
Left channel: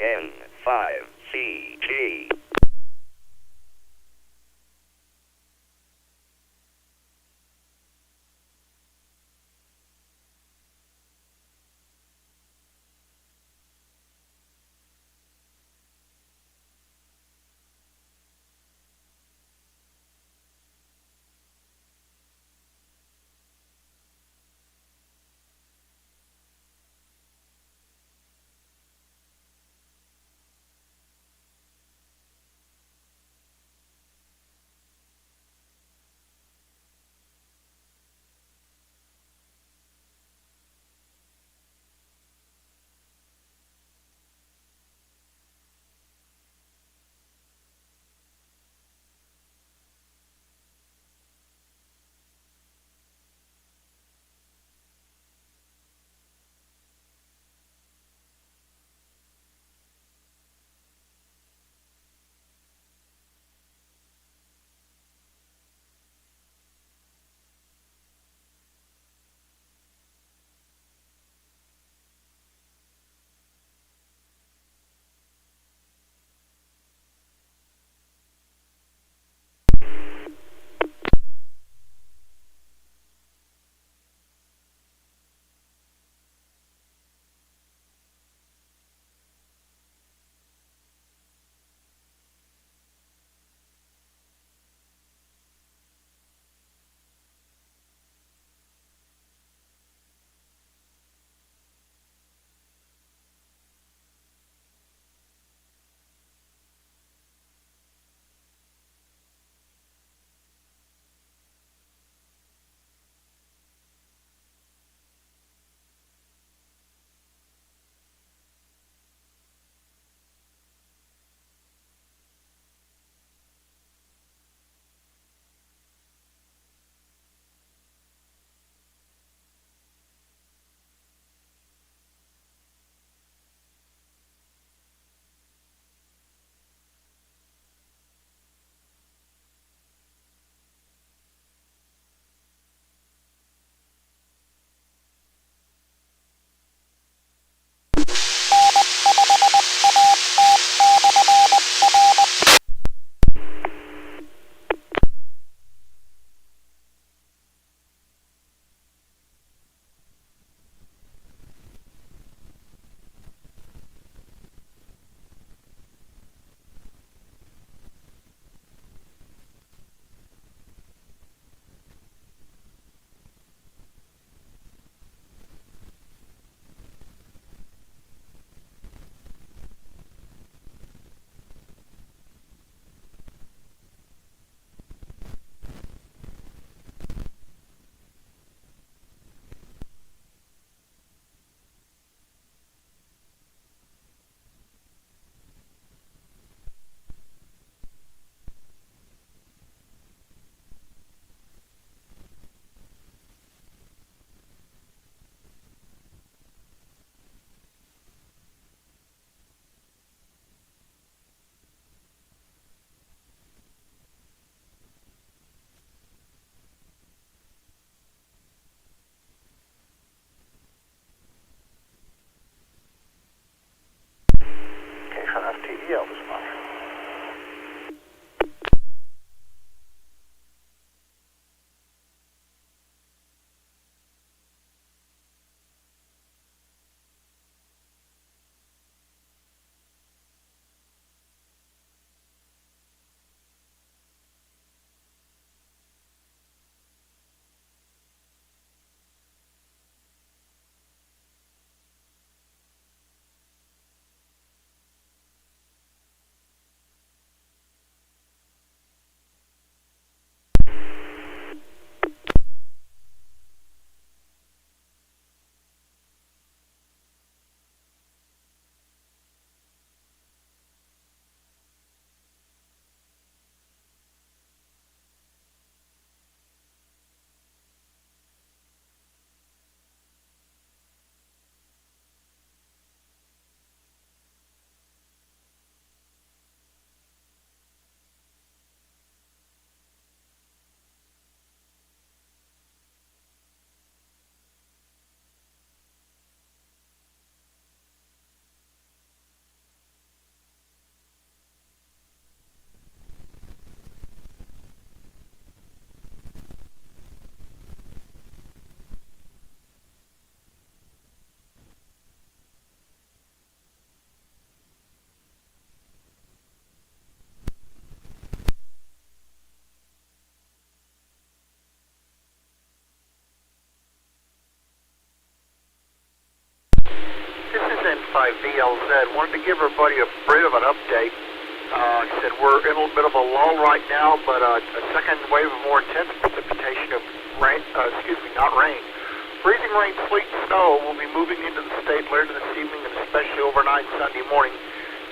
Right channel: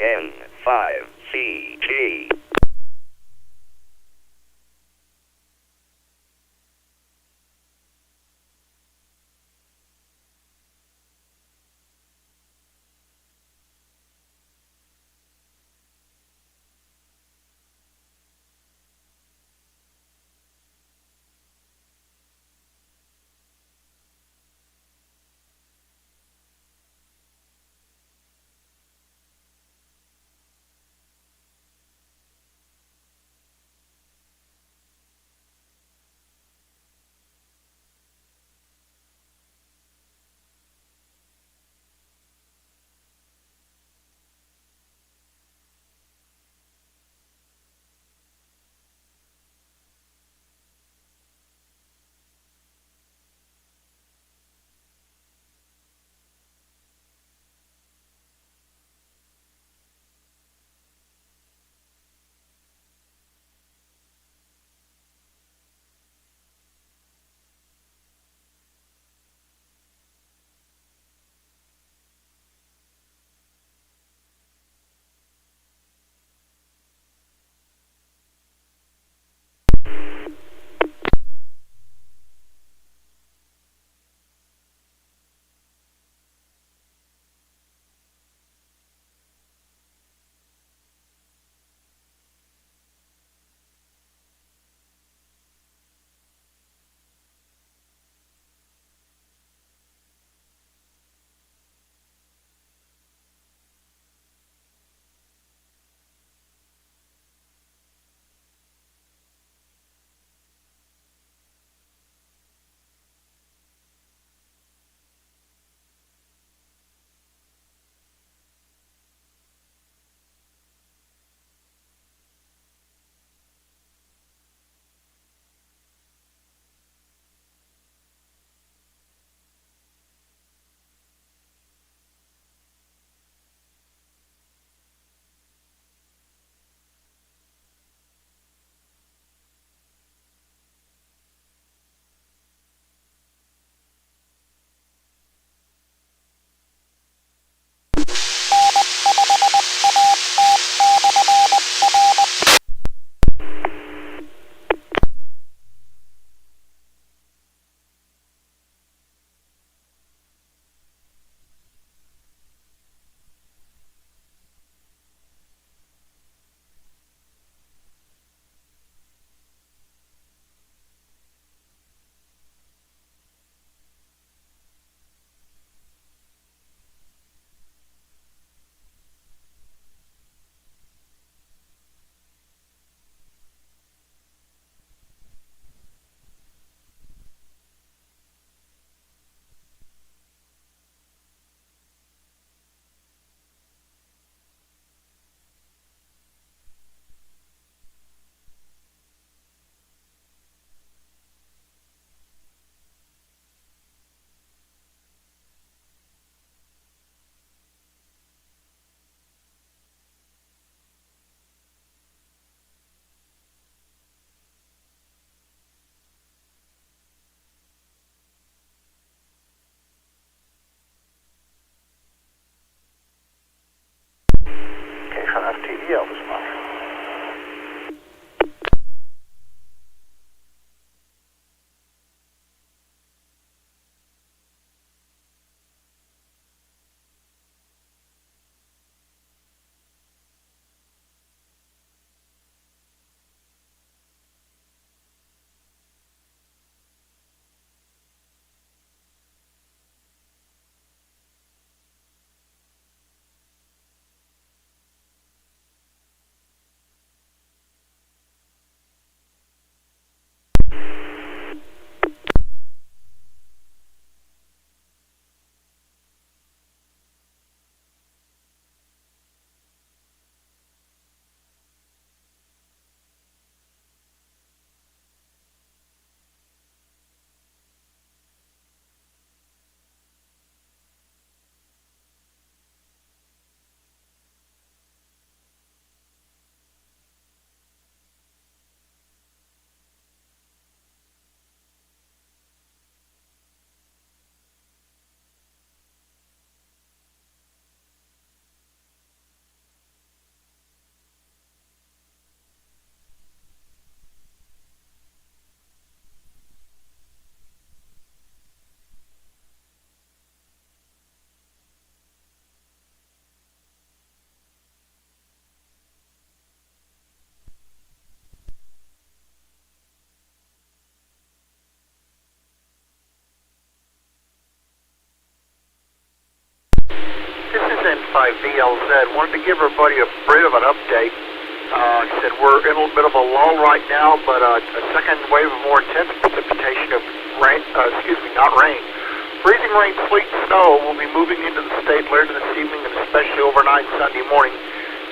N5CG. N5VLZ. Wanted to give everybody a bit of an update. Like I said, we're in a little bit of a lull right now, but a second wave of more intense precipitation of rain, not rain. Freezing rain, sleet, and snow will be moving into the state later this evening and especially overnight Sunday morning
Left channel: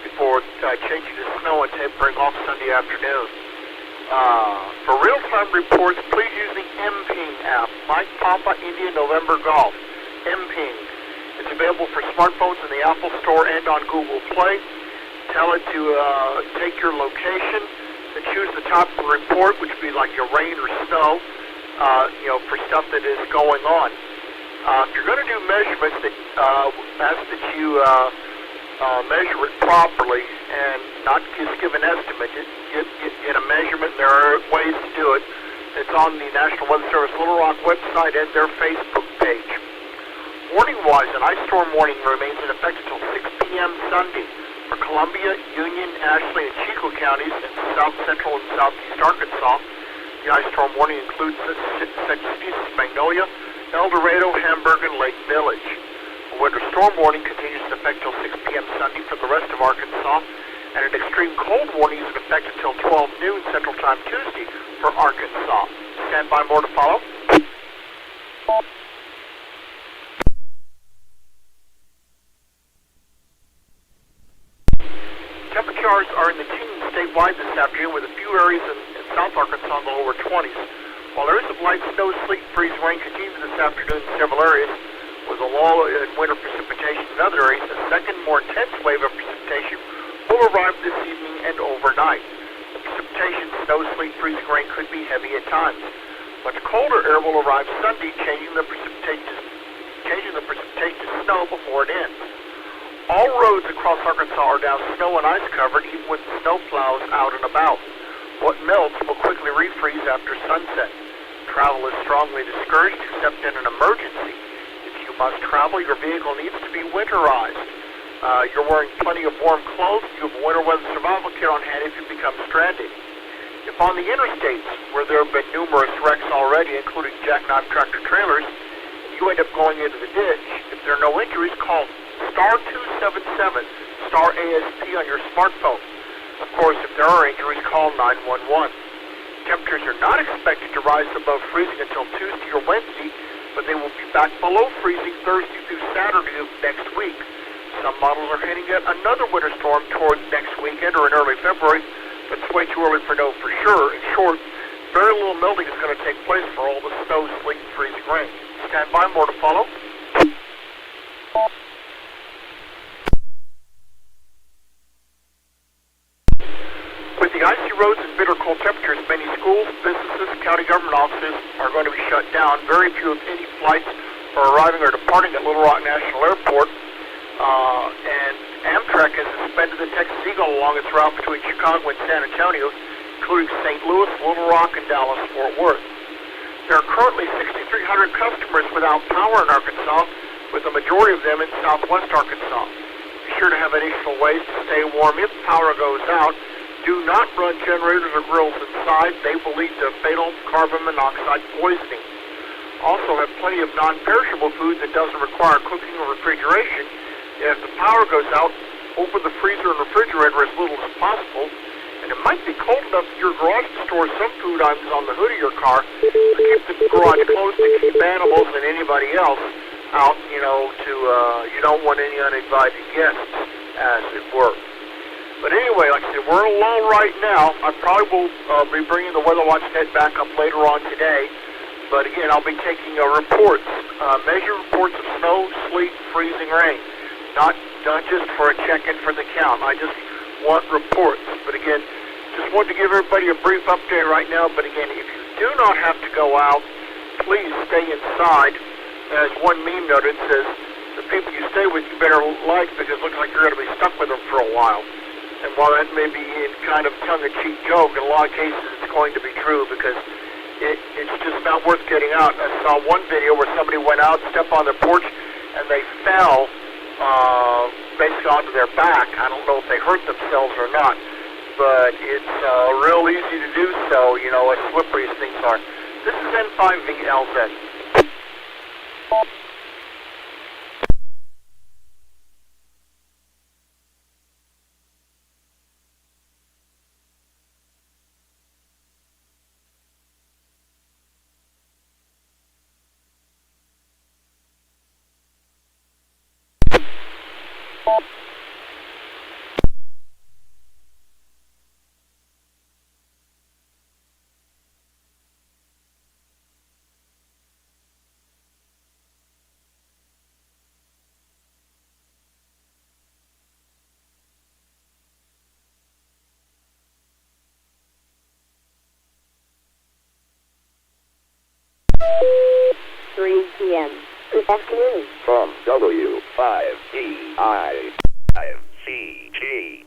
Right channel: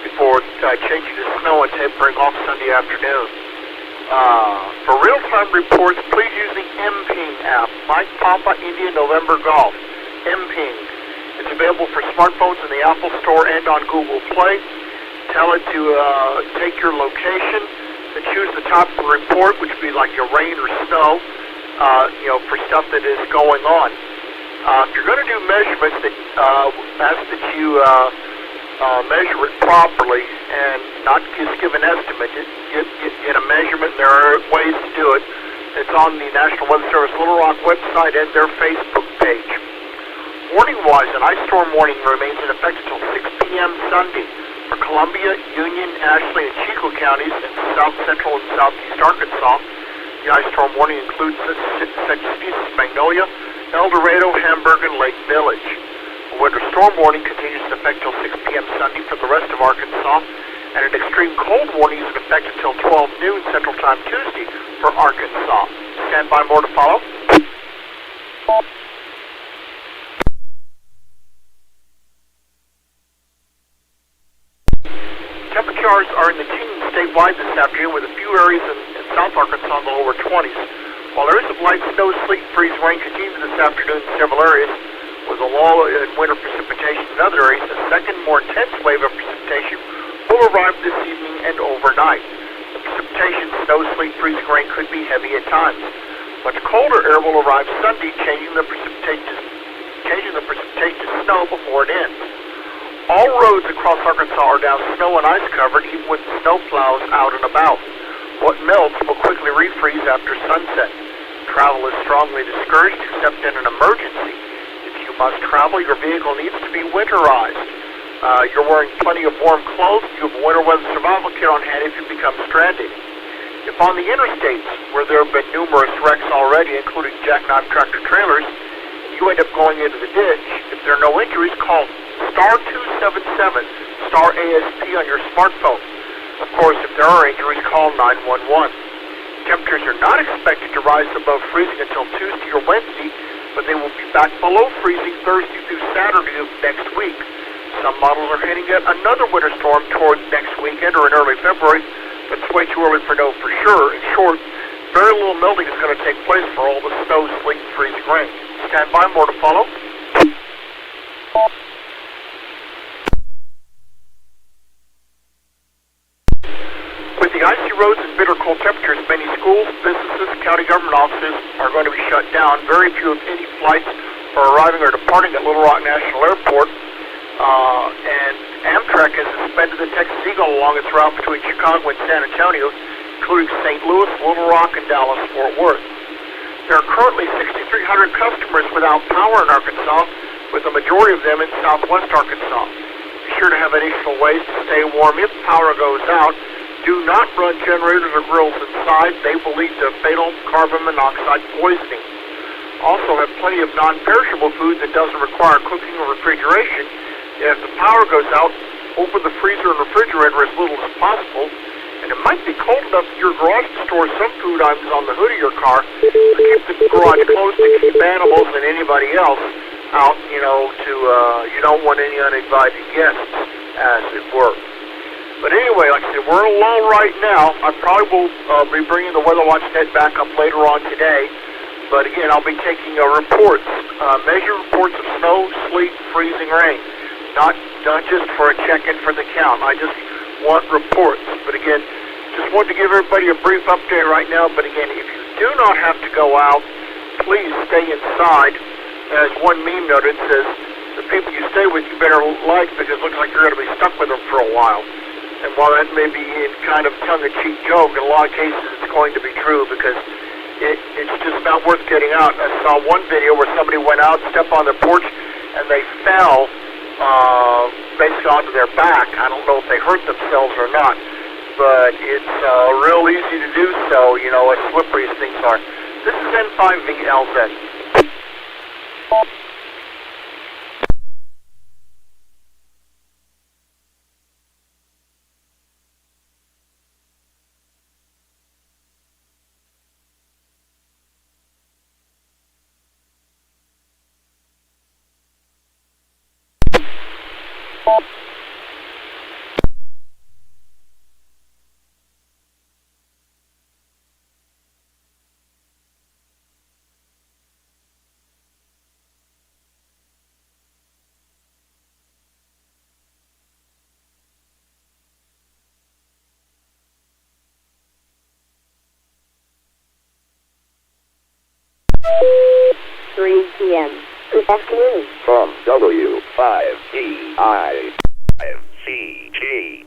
before changing to snow and tapering off Sunday afternoon. For real-time reports, please use the MPing app, Mike Papa India November Golf. MPing. It's available for smartphones in the Apple Store and on Google Play. Tell it to take your location and choose the top of the report, which would be like your rain or snow, for stuff that is going on. If you're going to do measurements, ask that you measure it properly and not just give an estimate. Get a measurement. There are ways to do it. It's on the National Weather Service Little Rock website and their Facebook page. Warning-wise, an ice storm warning remains in effect until 6 p.m. Sunday for Columbia, Union, Ashley, and Chico counties in south central and southeast Arkansas. The ice storm warning includes such cities as Magnolia, El Dorado, Hamburg, and Lake Village. A winter storm warning continues in effect until 6 p.m. Sunday for the rest of Arkansas, and an extreme cold warning is in effect until 12 noon Central Time Tuesday for Arkansas. Stand by, more to follow. Temperatures are in the teens statewide this afternoon with a few areas in South Arkansas in the lower 20s. While areas of light snow, sleet, and freezing rain continue this afternoon in several areas, with a lull in winter precipitation in other areas, a second, more intense wave of precipitation will arrive this evening and overnight. The precipitation, snow, sleet, freezing rain could be heavy at times. Much colder air will arrive Sunday, changing the precipitation to snow before it ends. All roads across Arkansas are now snow and ice covered, even with snow plows out and about. What melts will quickly refreeze after sunset. Travel is strongly discouraged except in an emergency. If you must travel, your vehicle needs to be winterized. You're wearing plenty of warm clothes. You have a winter weather survival kit on hand if you become stranded. If on the interstates, where there have been numerous wrecks already, including jackknife tractor trailers, you end up going into the ditch, if there are no injuries, call star 277, star ASP on your smartphone. Of course, if there are injuries, call 911. Temperatures are not expected to rise above freezing until Tuesday or Wednesday, but they will be back below freezing Thursday through Saturday of next week. Some models are hinting at another winter storm towards next weekend or in early February, but it's way too early to know for sure. In short, very little melting is going to take place for all the snow, sleet, and freezing rain. Stand by, more to follow. With the icy roads and bitter cold temperatures, many schools, businesses, county government offices are going to be shut down. Very few, if any, flights are arriving or departing at Little Rock National Airport. And Amtrak has suspended the Texas Eagle along its route between Chicago and San Antonio, including St. Louis, Little Rock, and Dallas-Fort Worth. There are currently 6,300 customers without power in Arkansas, with the majority of them in southwest Arkansas. Be sure to have additional ways to stay warm if power goes out. Do not run generators or grills inside. They will lead to fatal carbon monoxide poisoning. Also, have plenty of non-perishable food that doesn't require cooking or refrigeration. If the power goes out, open the freezer and refrigerator as little as possible. And it might be cold enough in your garage to store some food items on the hood of your car, but keep the garage closed to keep animals and anybody else out, you don't want any uninvited guests, as it were. But anyway, like I said, we're in a lull right now. I probably will be bringing the Weather Watch net back up later on today. But again, I'll be taking reports, measure reports of snow, sleet, freezing rain. Not just for a check-in for the count. I just want reports. But again, just wanted to give everybody a brief update right now. But again, if you do not have to go out, please stay inside. As one meme noted, says, the people you stay with you better like because it looks like you're going to be stuck with them for a while. And while that may be in kind of tongue-in-cheek joke, in a lot of cases it's going to be true because it's just not worth getting out. I saw one video where somebody went out, stepped on their porch, and they fell basically onto their back. I don't know if they hurt themselves or not, but it's real easy to do so, as slippery as things are. This is N5VLZ. 3 p.m. Good afternoon. From W5DI 5CG.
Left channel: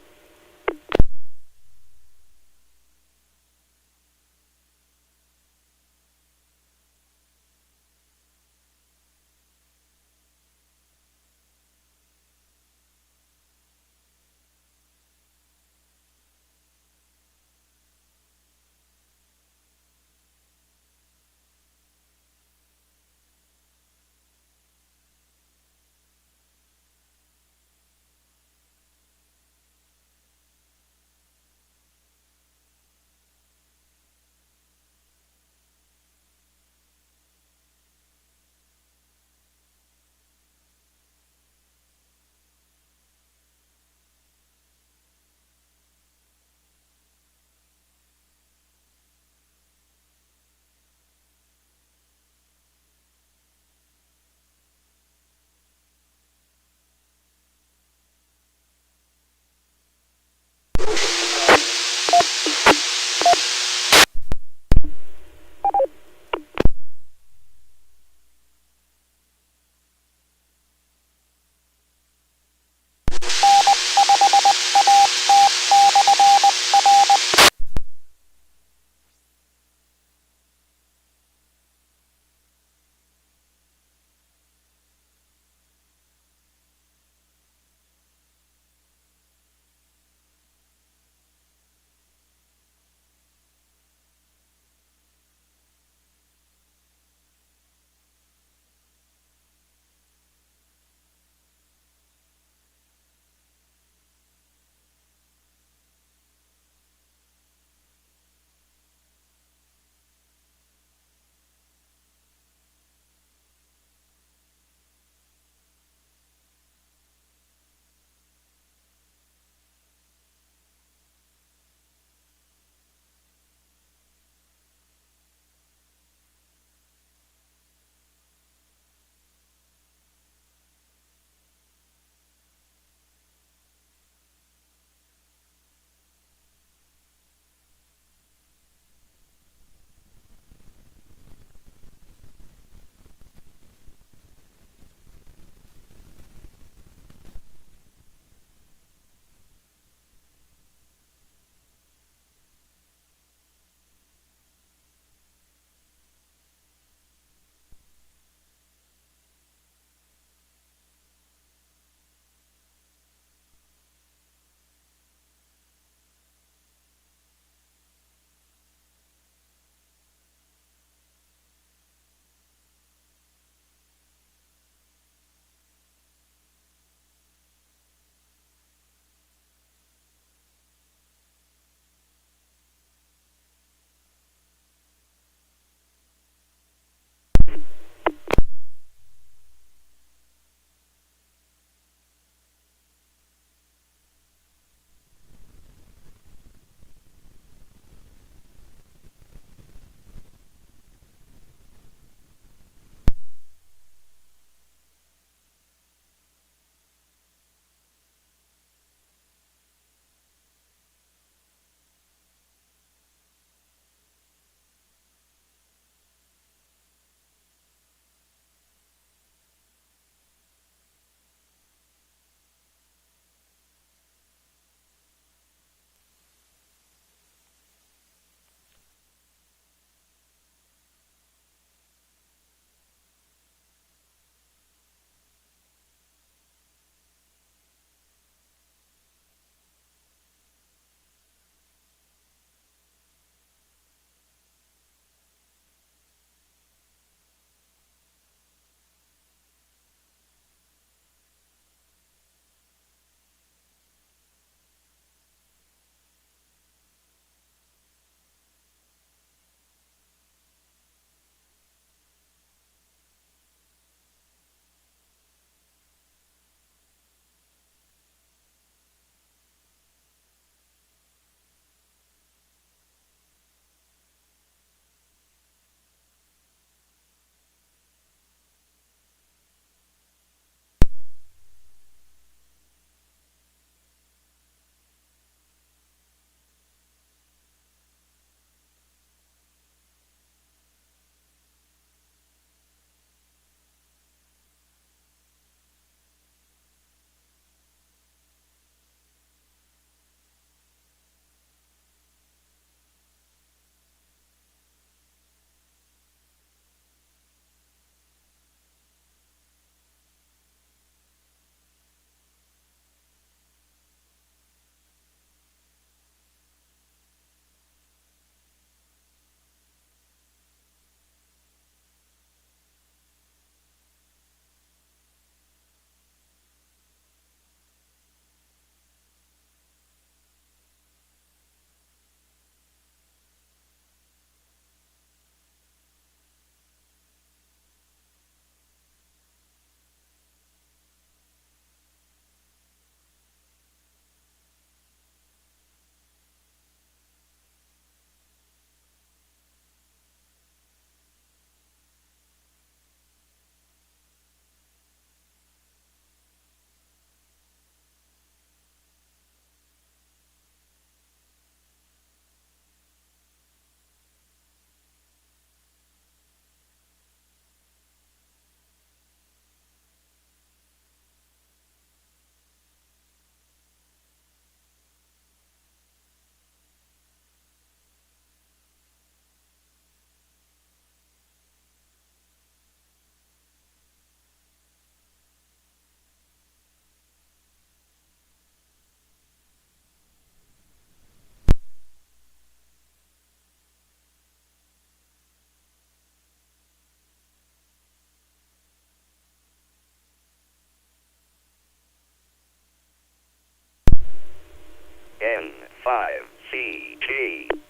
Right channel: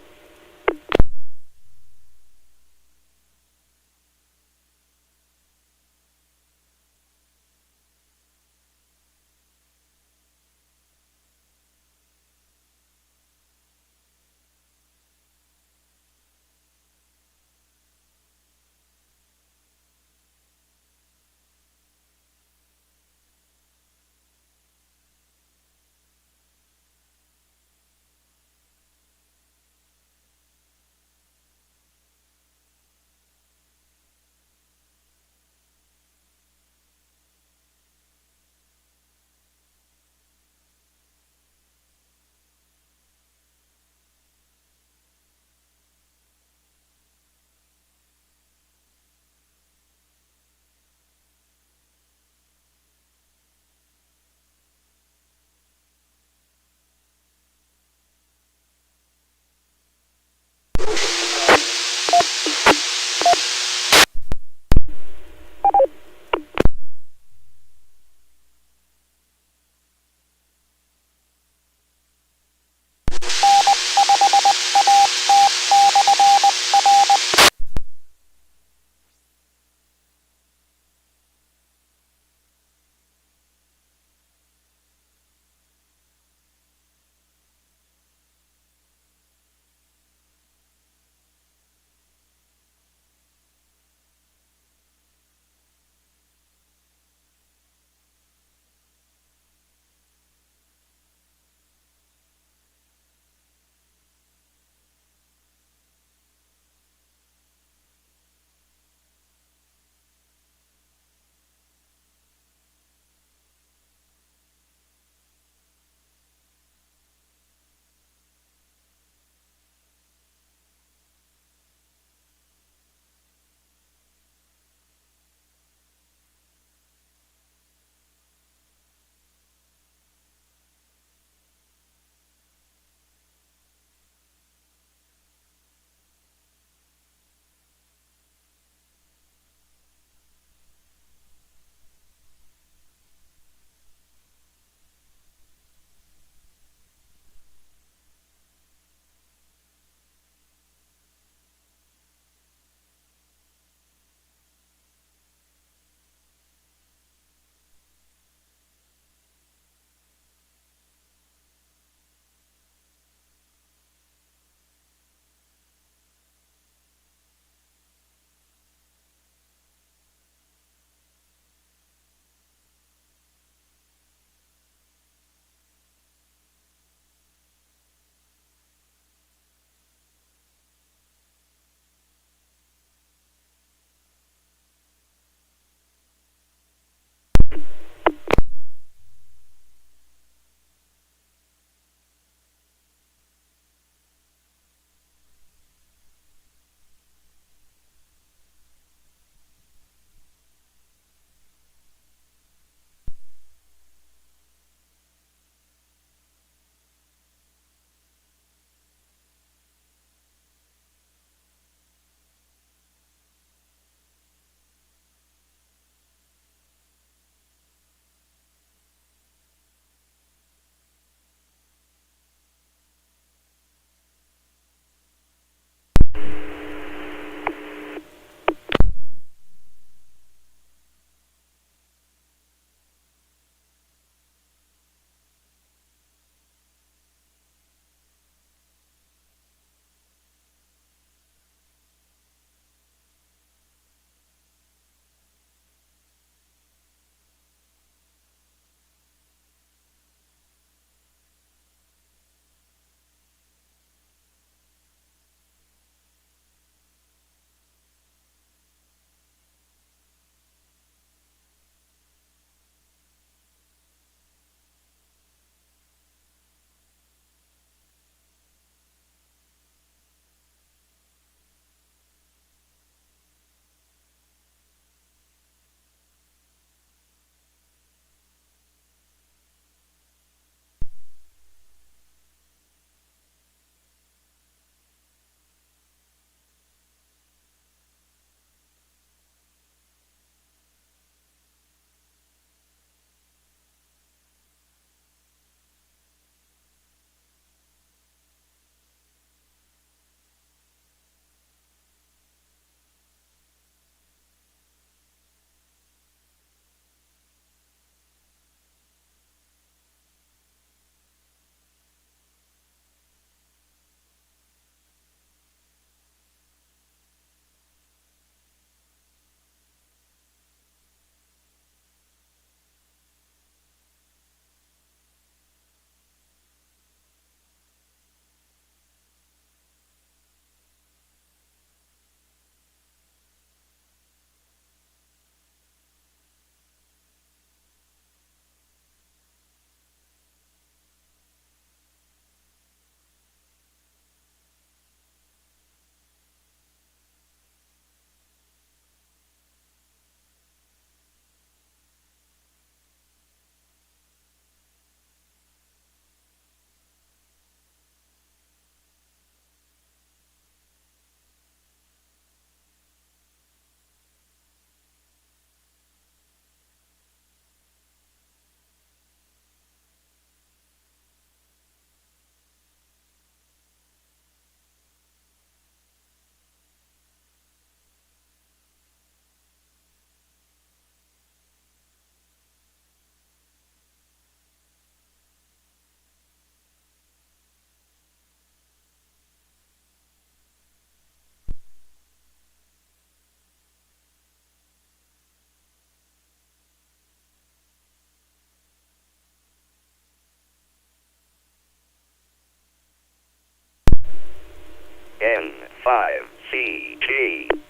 N5CG.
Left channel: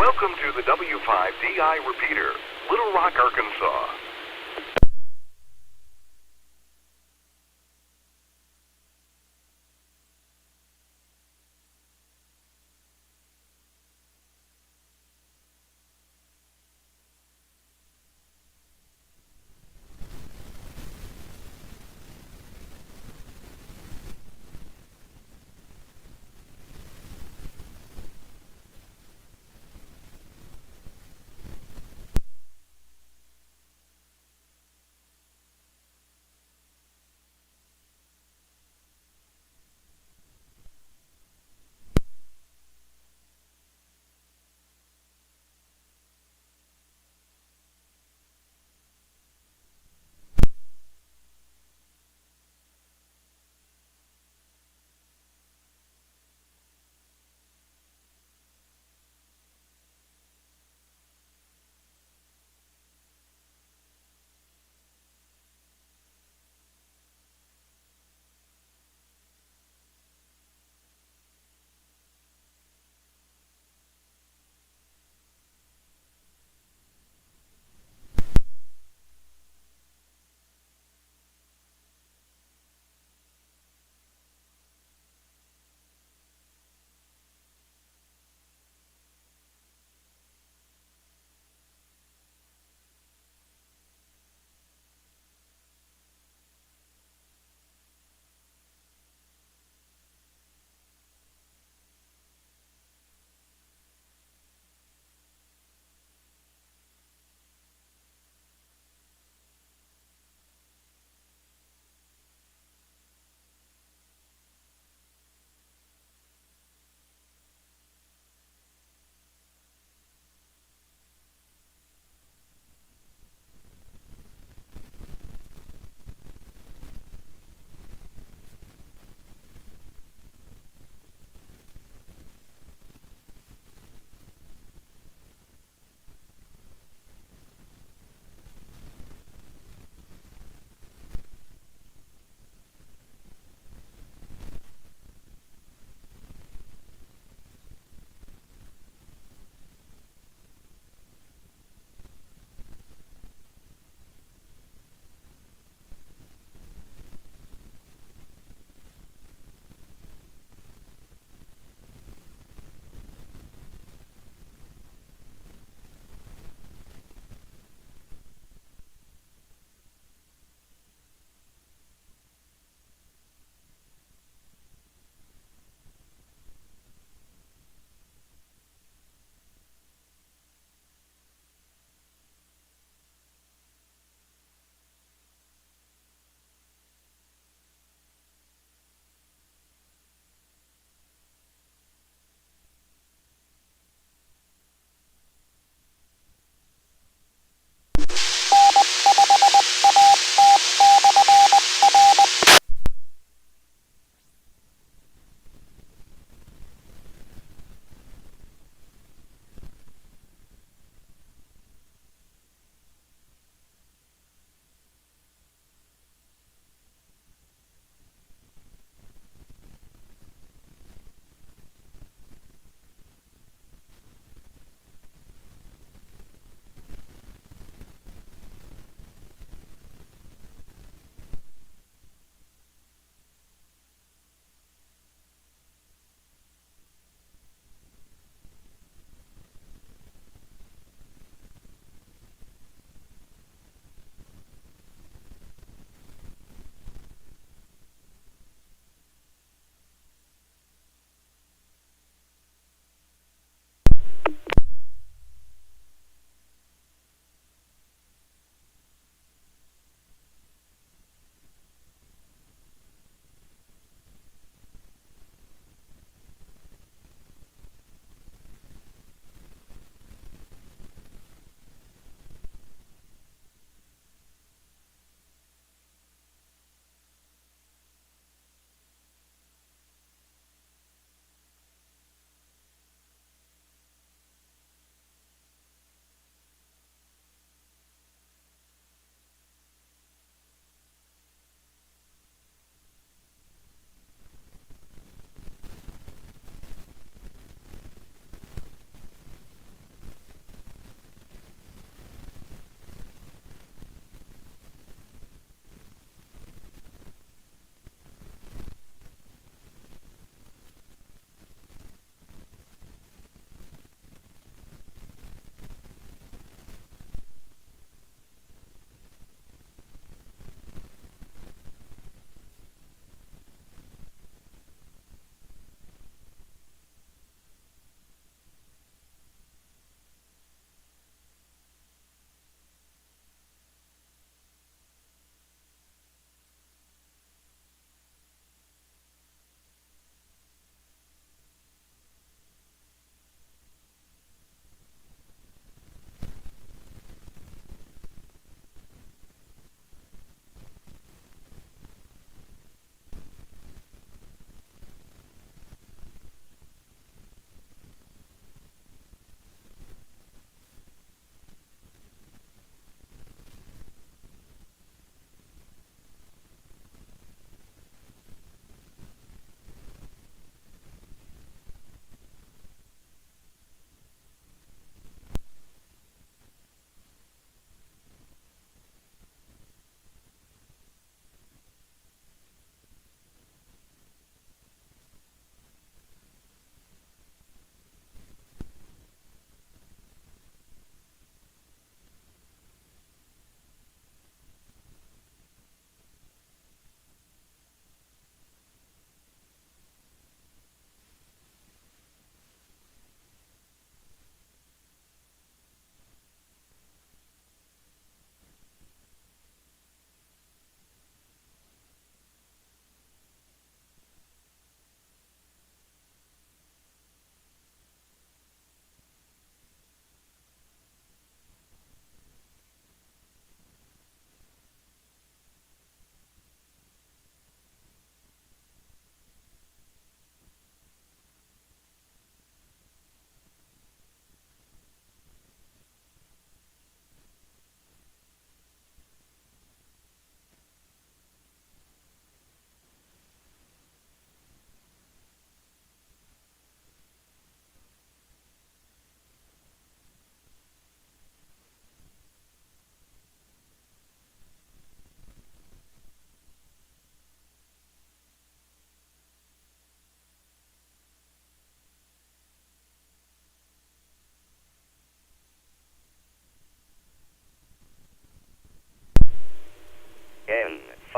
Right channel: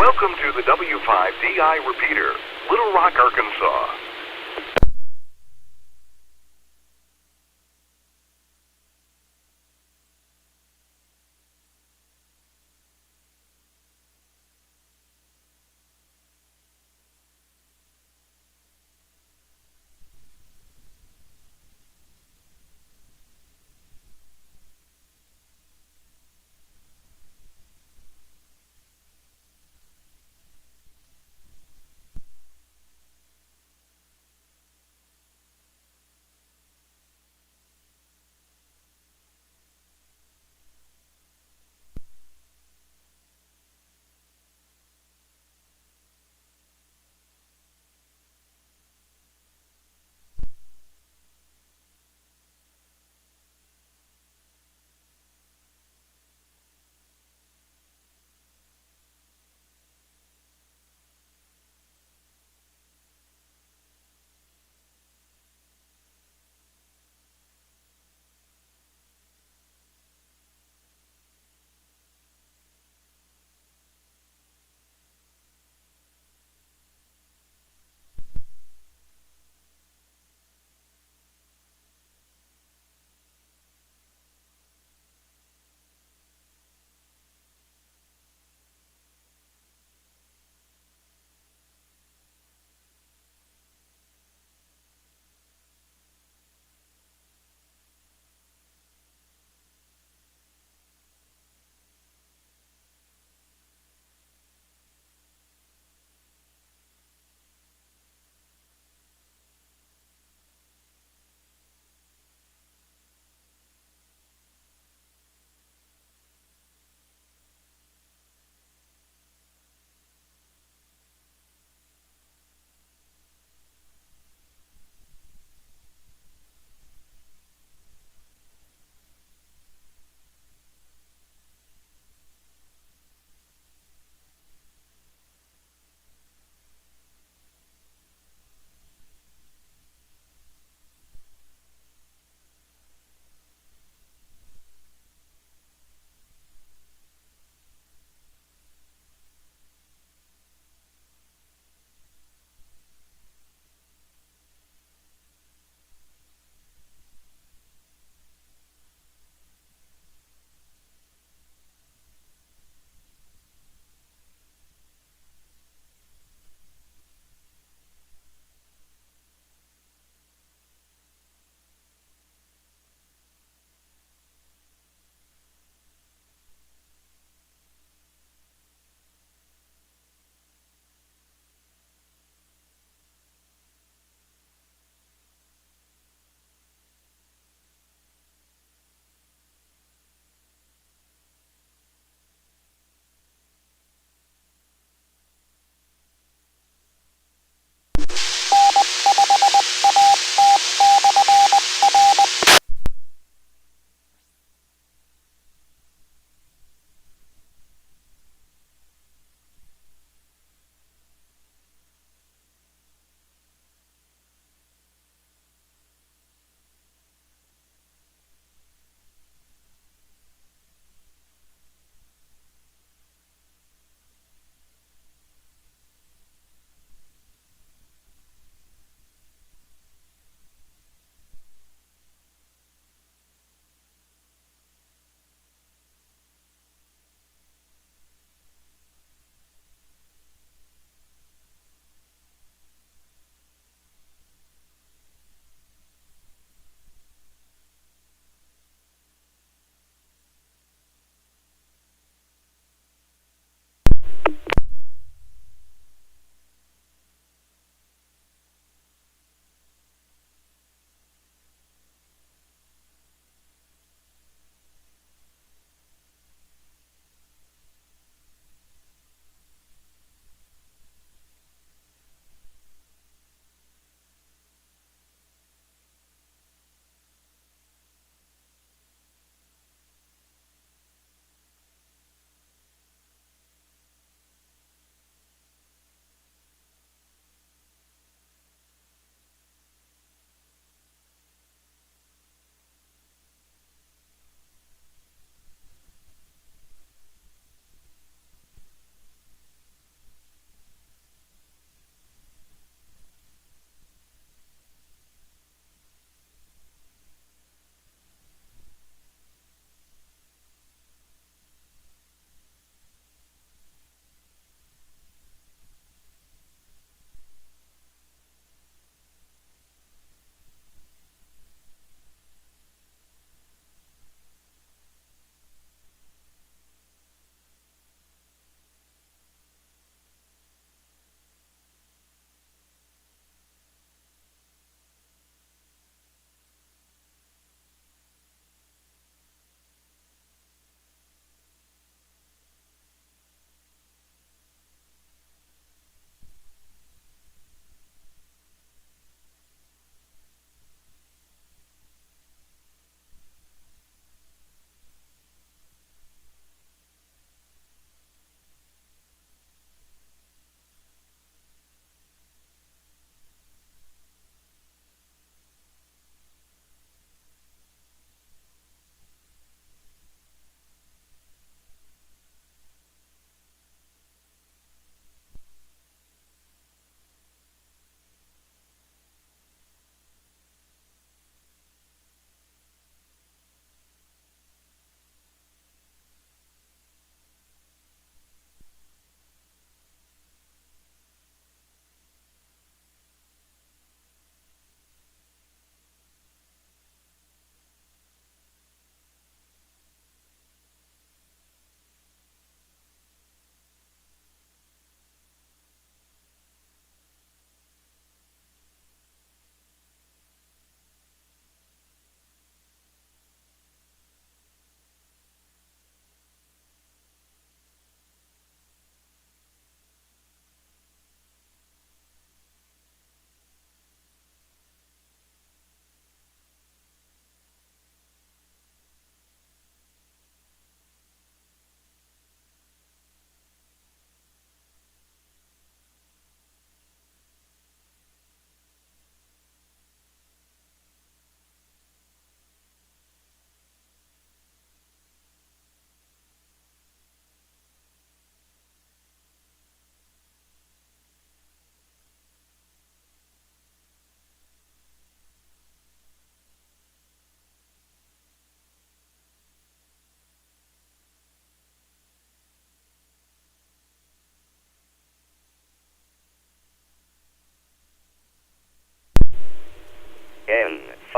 Welcome to the W5DI repeater, Little Rock, Arkansas.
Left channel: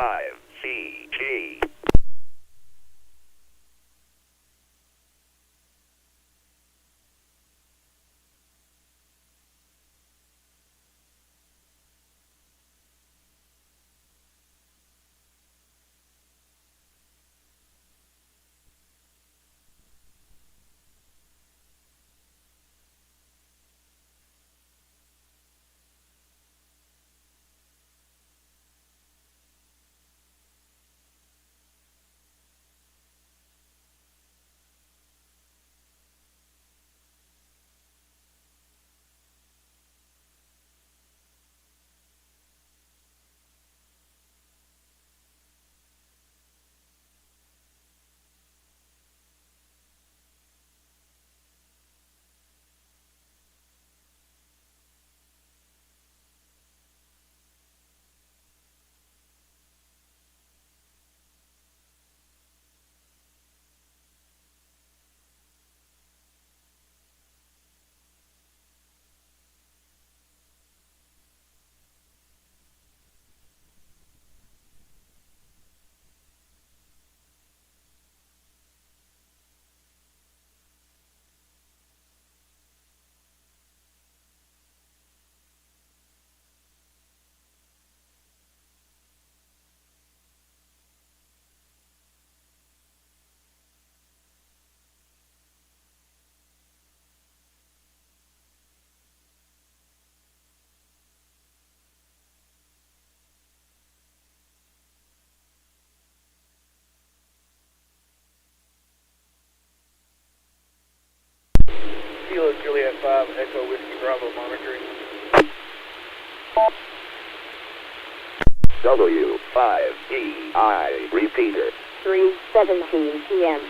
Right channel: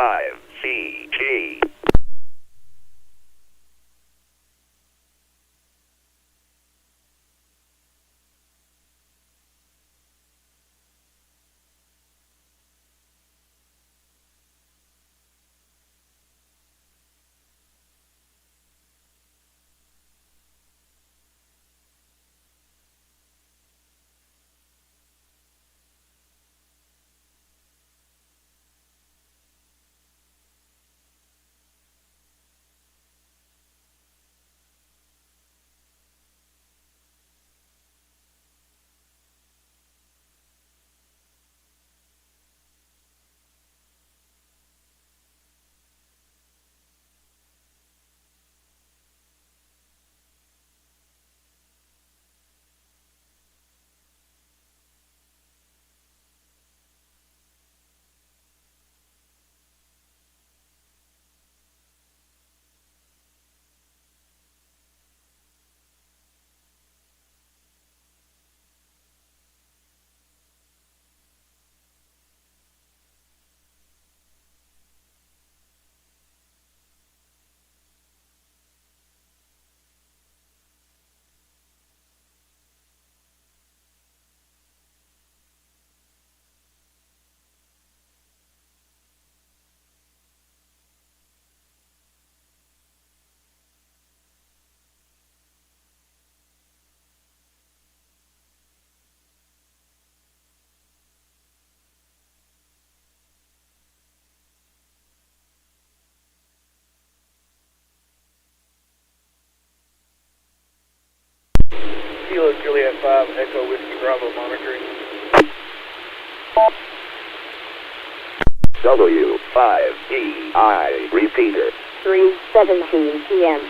N5CG. Kilo Juliet 5, Echo Whiskey Bravo monitoring. W5DI repeater. 3:17 p.m.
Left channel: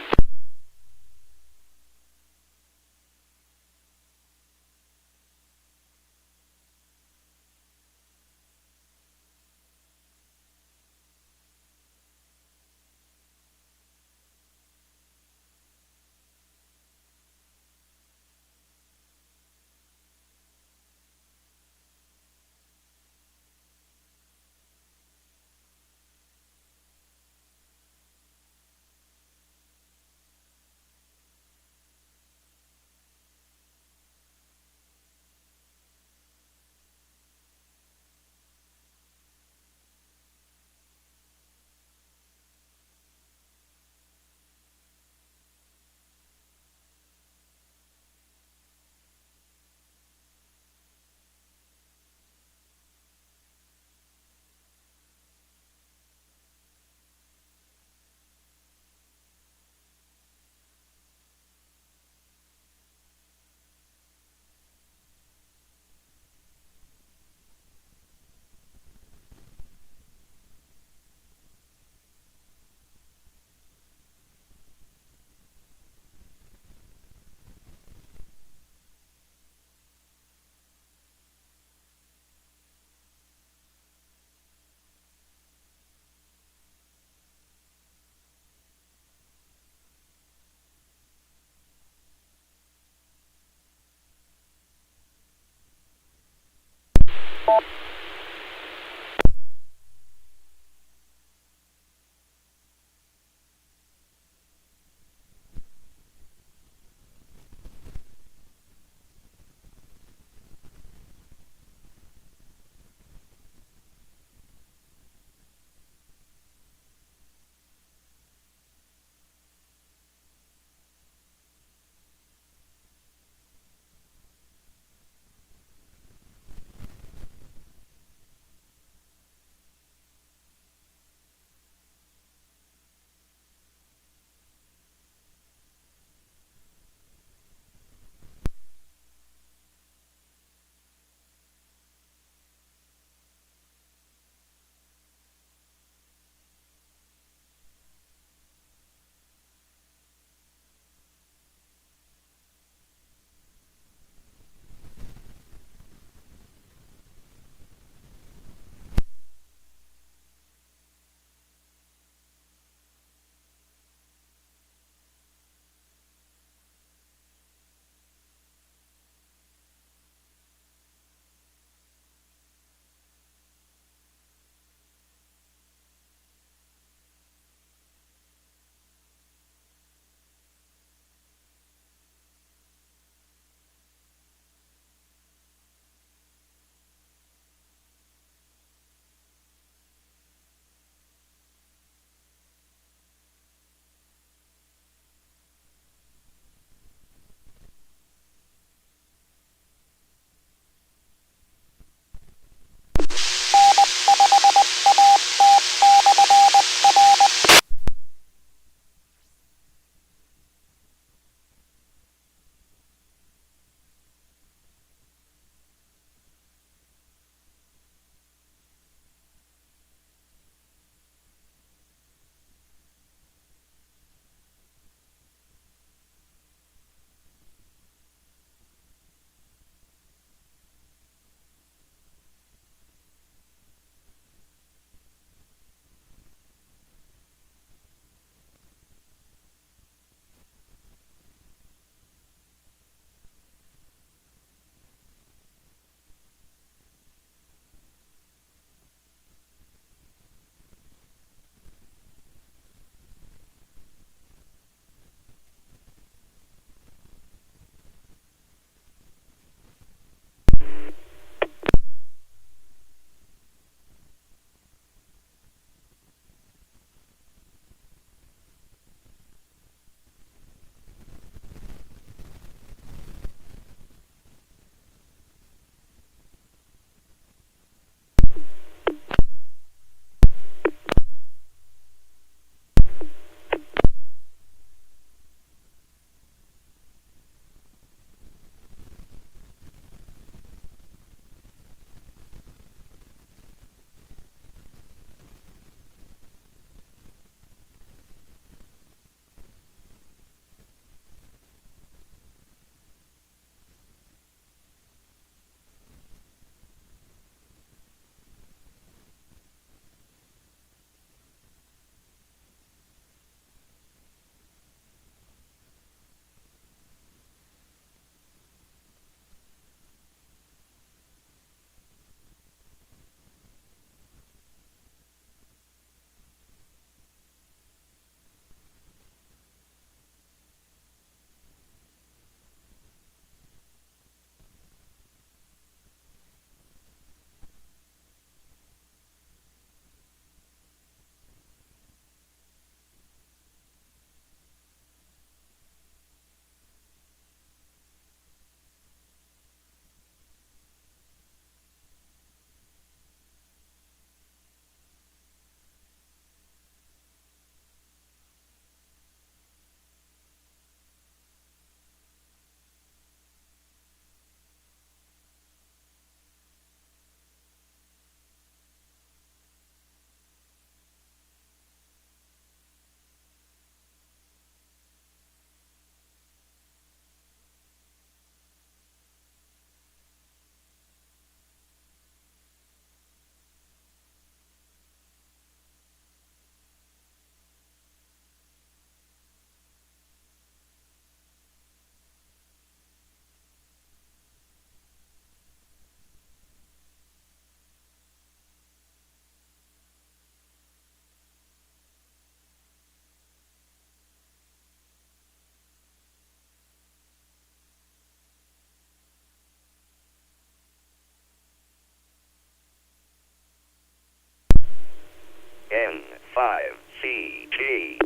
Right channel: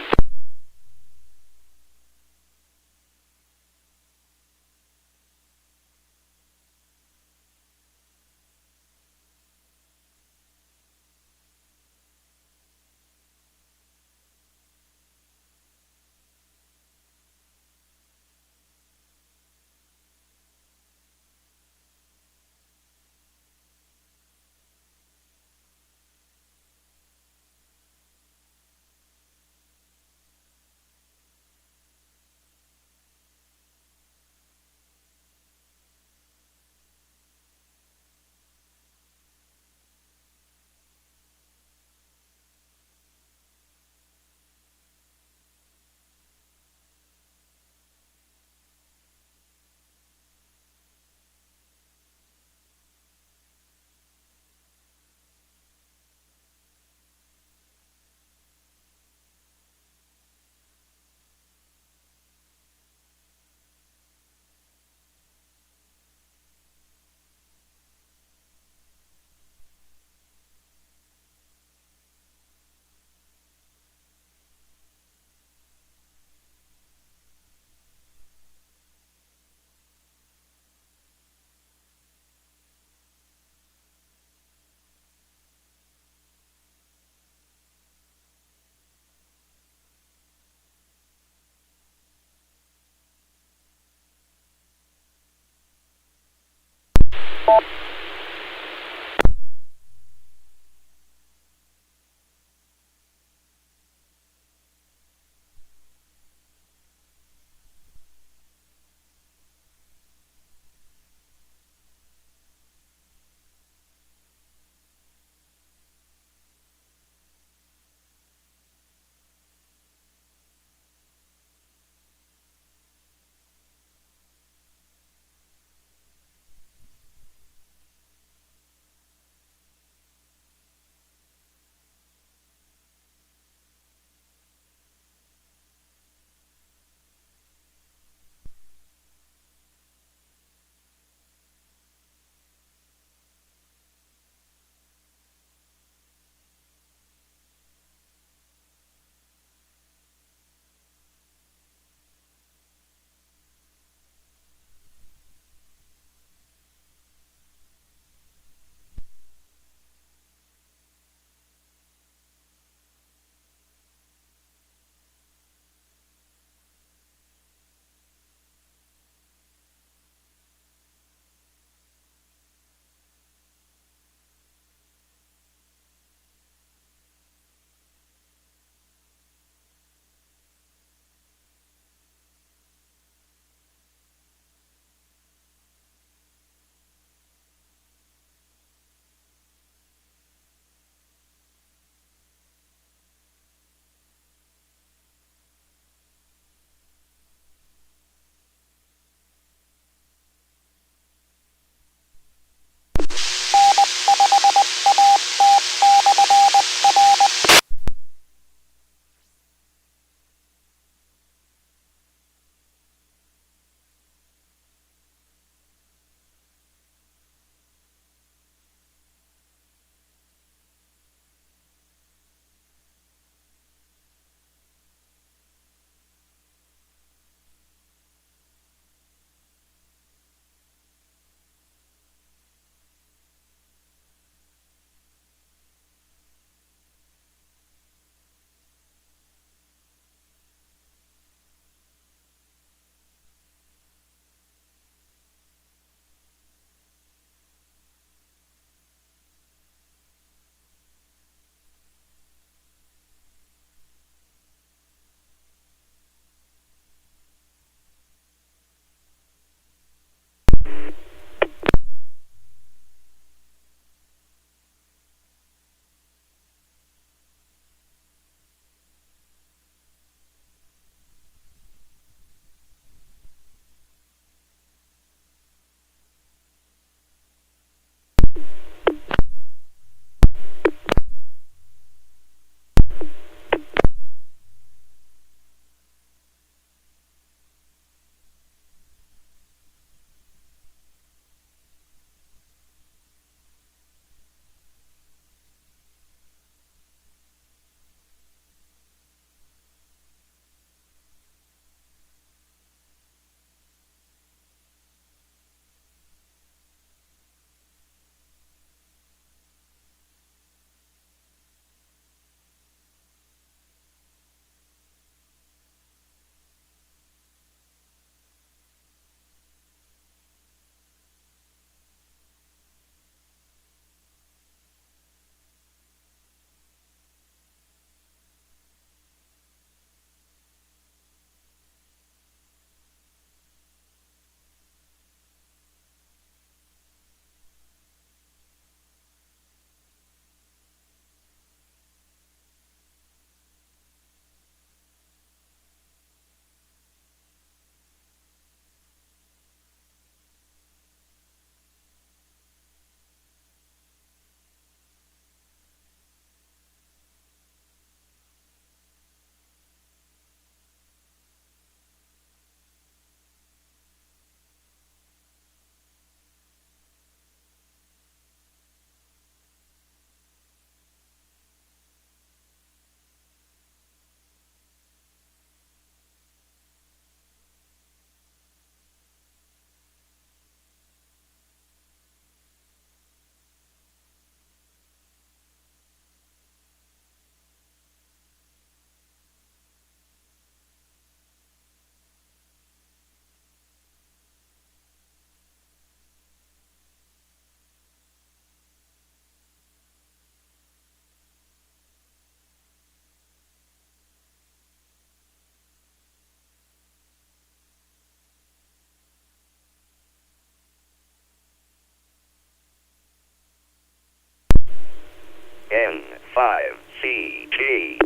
N5CG.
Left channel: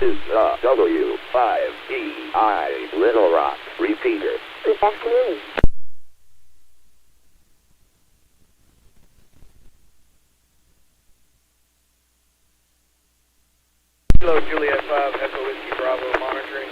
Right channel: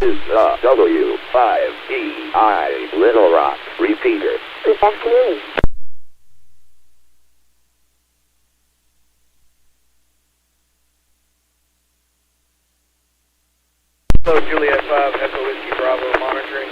This is the W5DI Little Rock repeater. Good afternoon. Hello, Juliet 5, Echo Whiskey Bravo monitoring.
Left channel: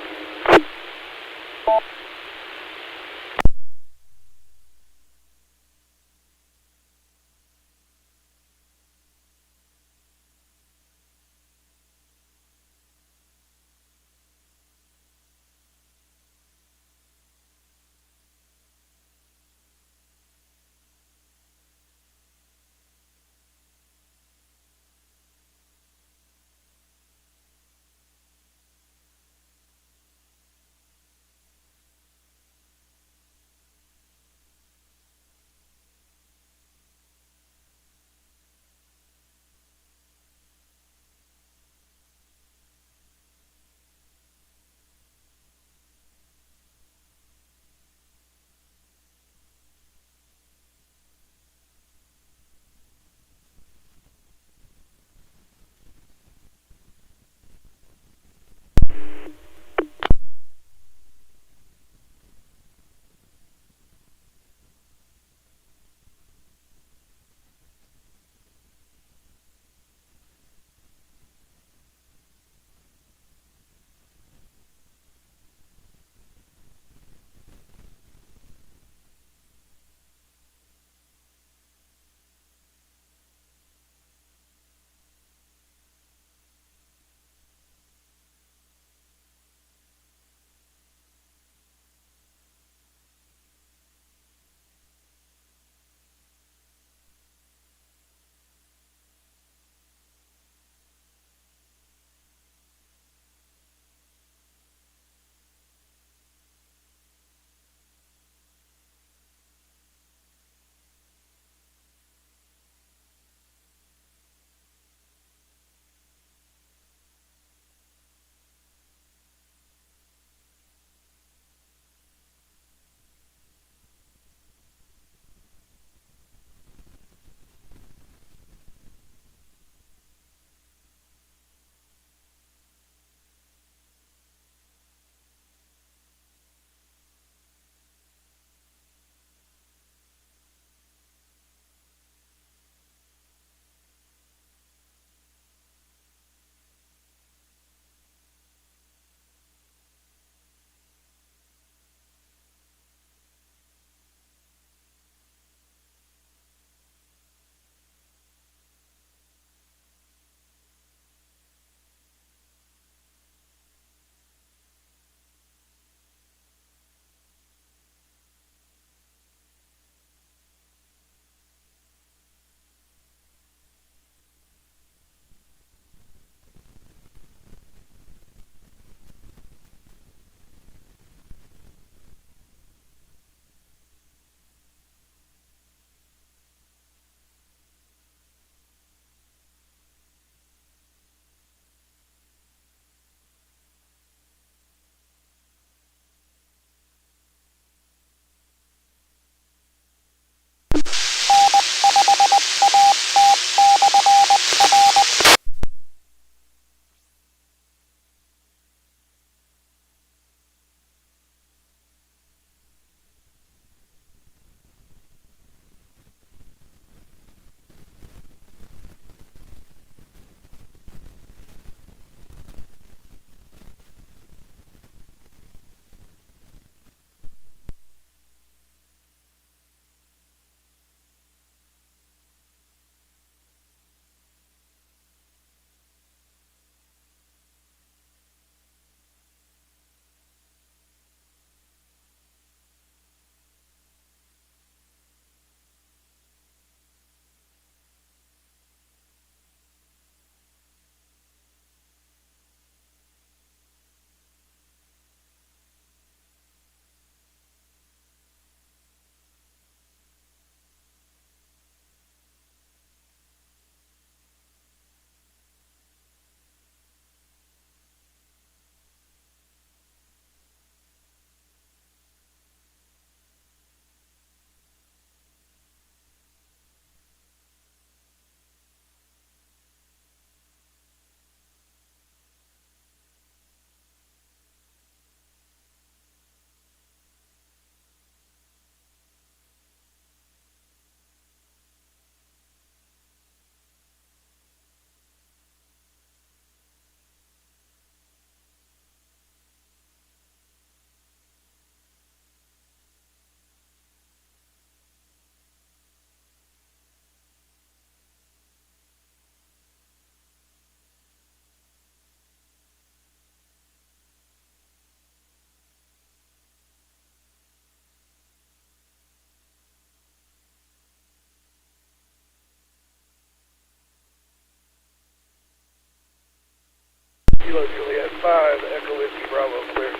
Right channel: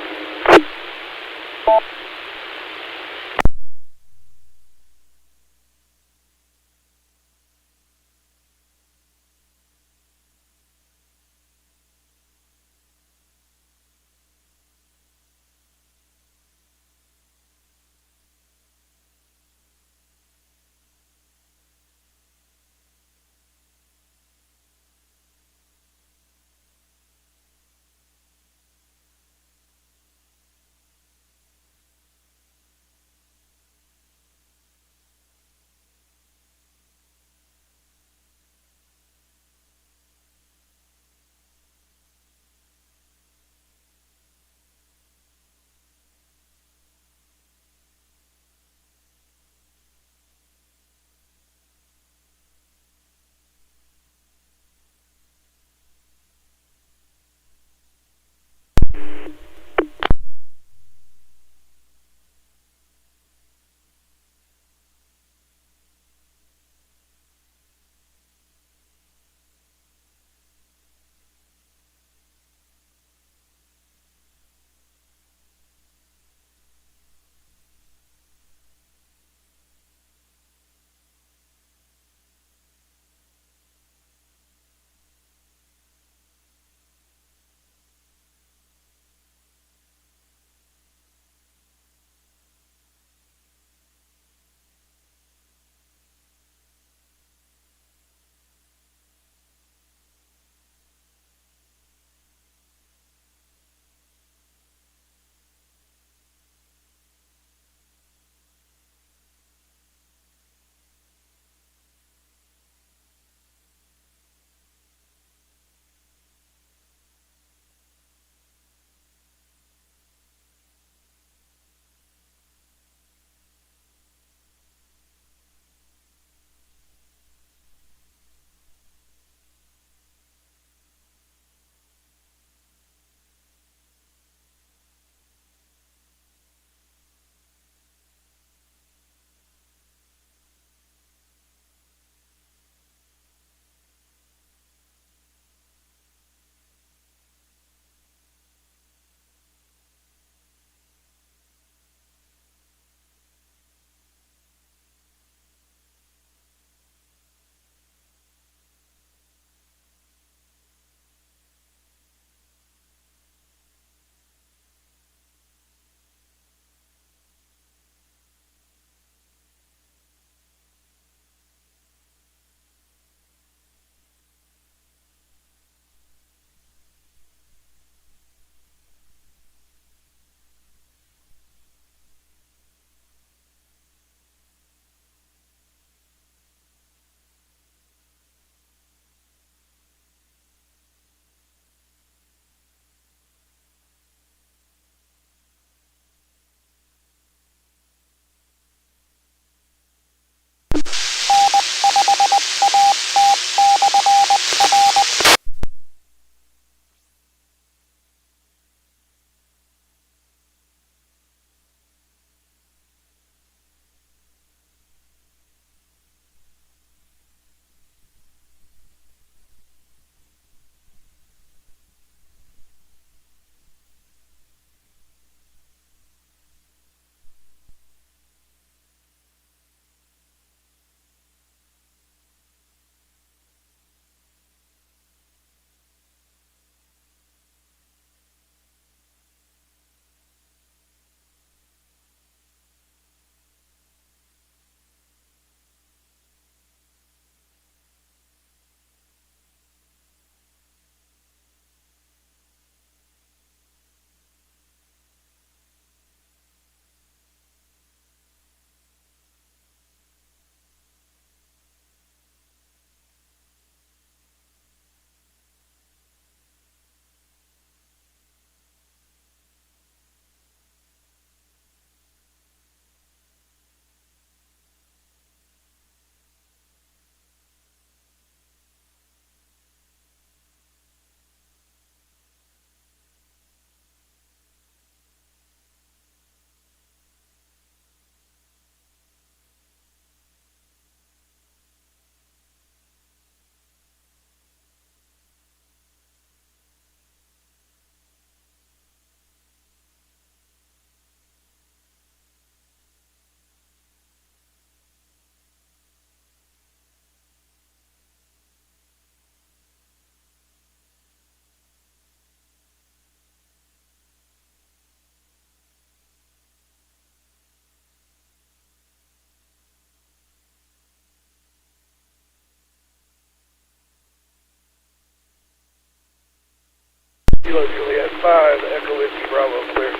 Kilo Juliet 5, Echo Whiskey Bravo, clear.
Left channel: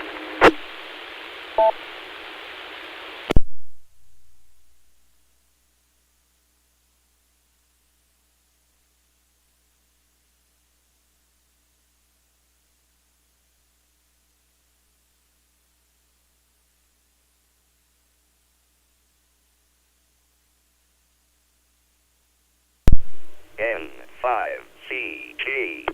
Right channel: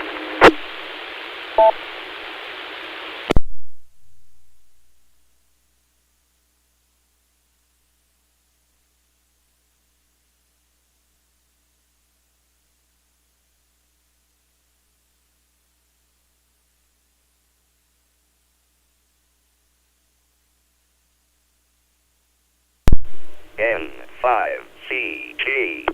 N5CG.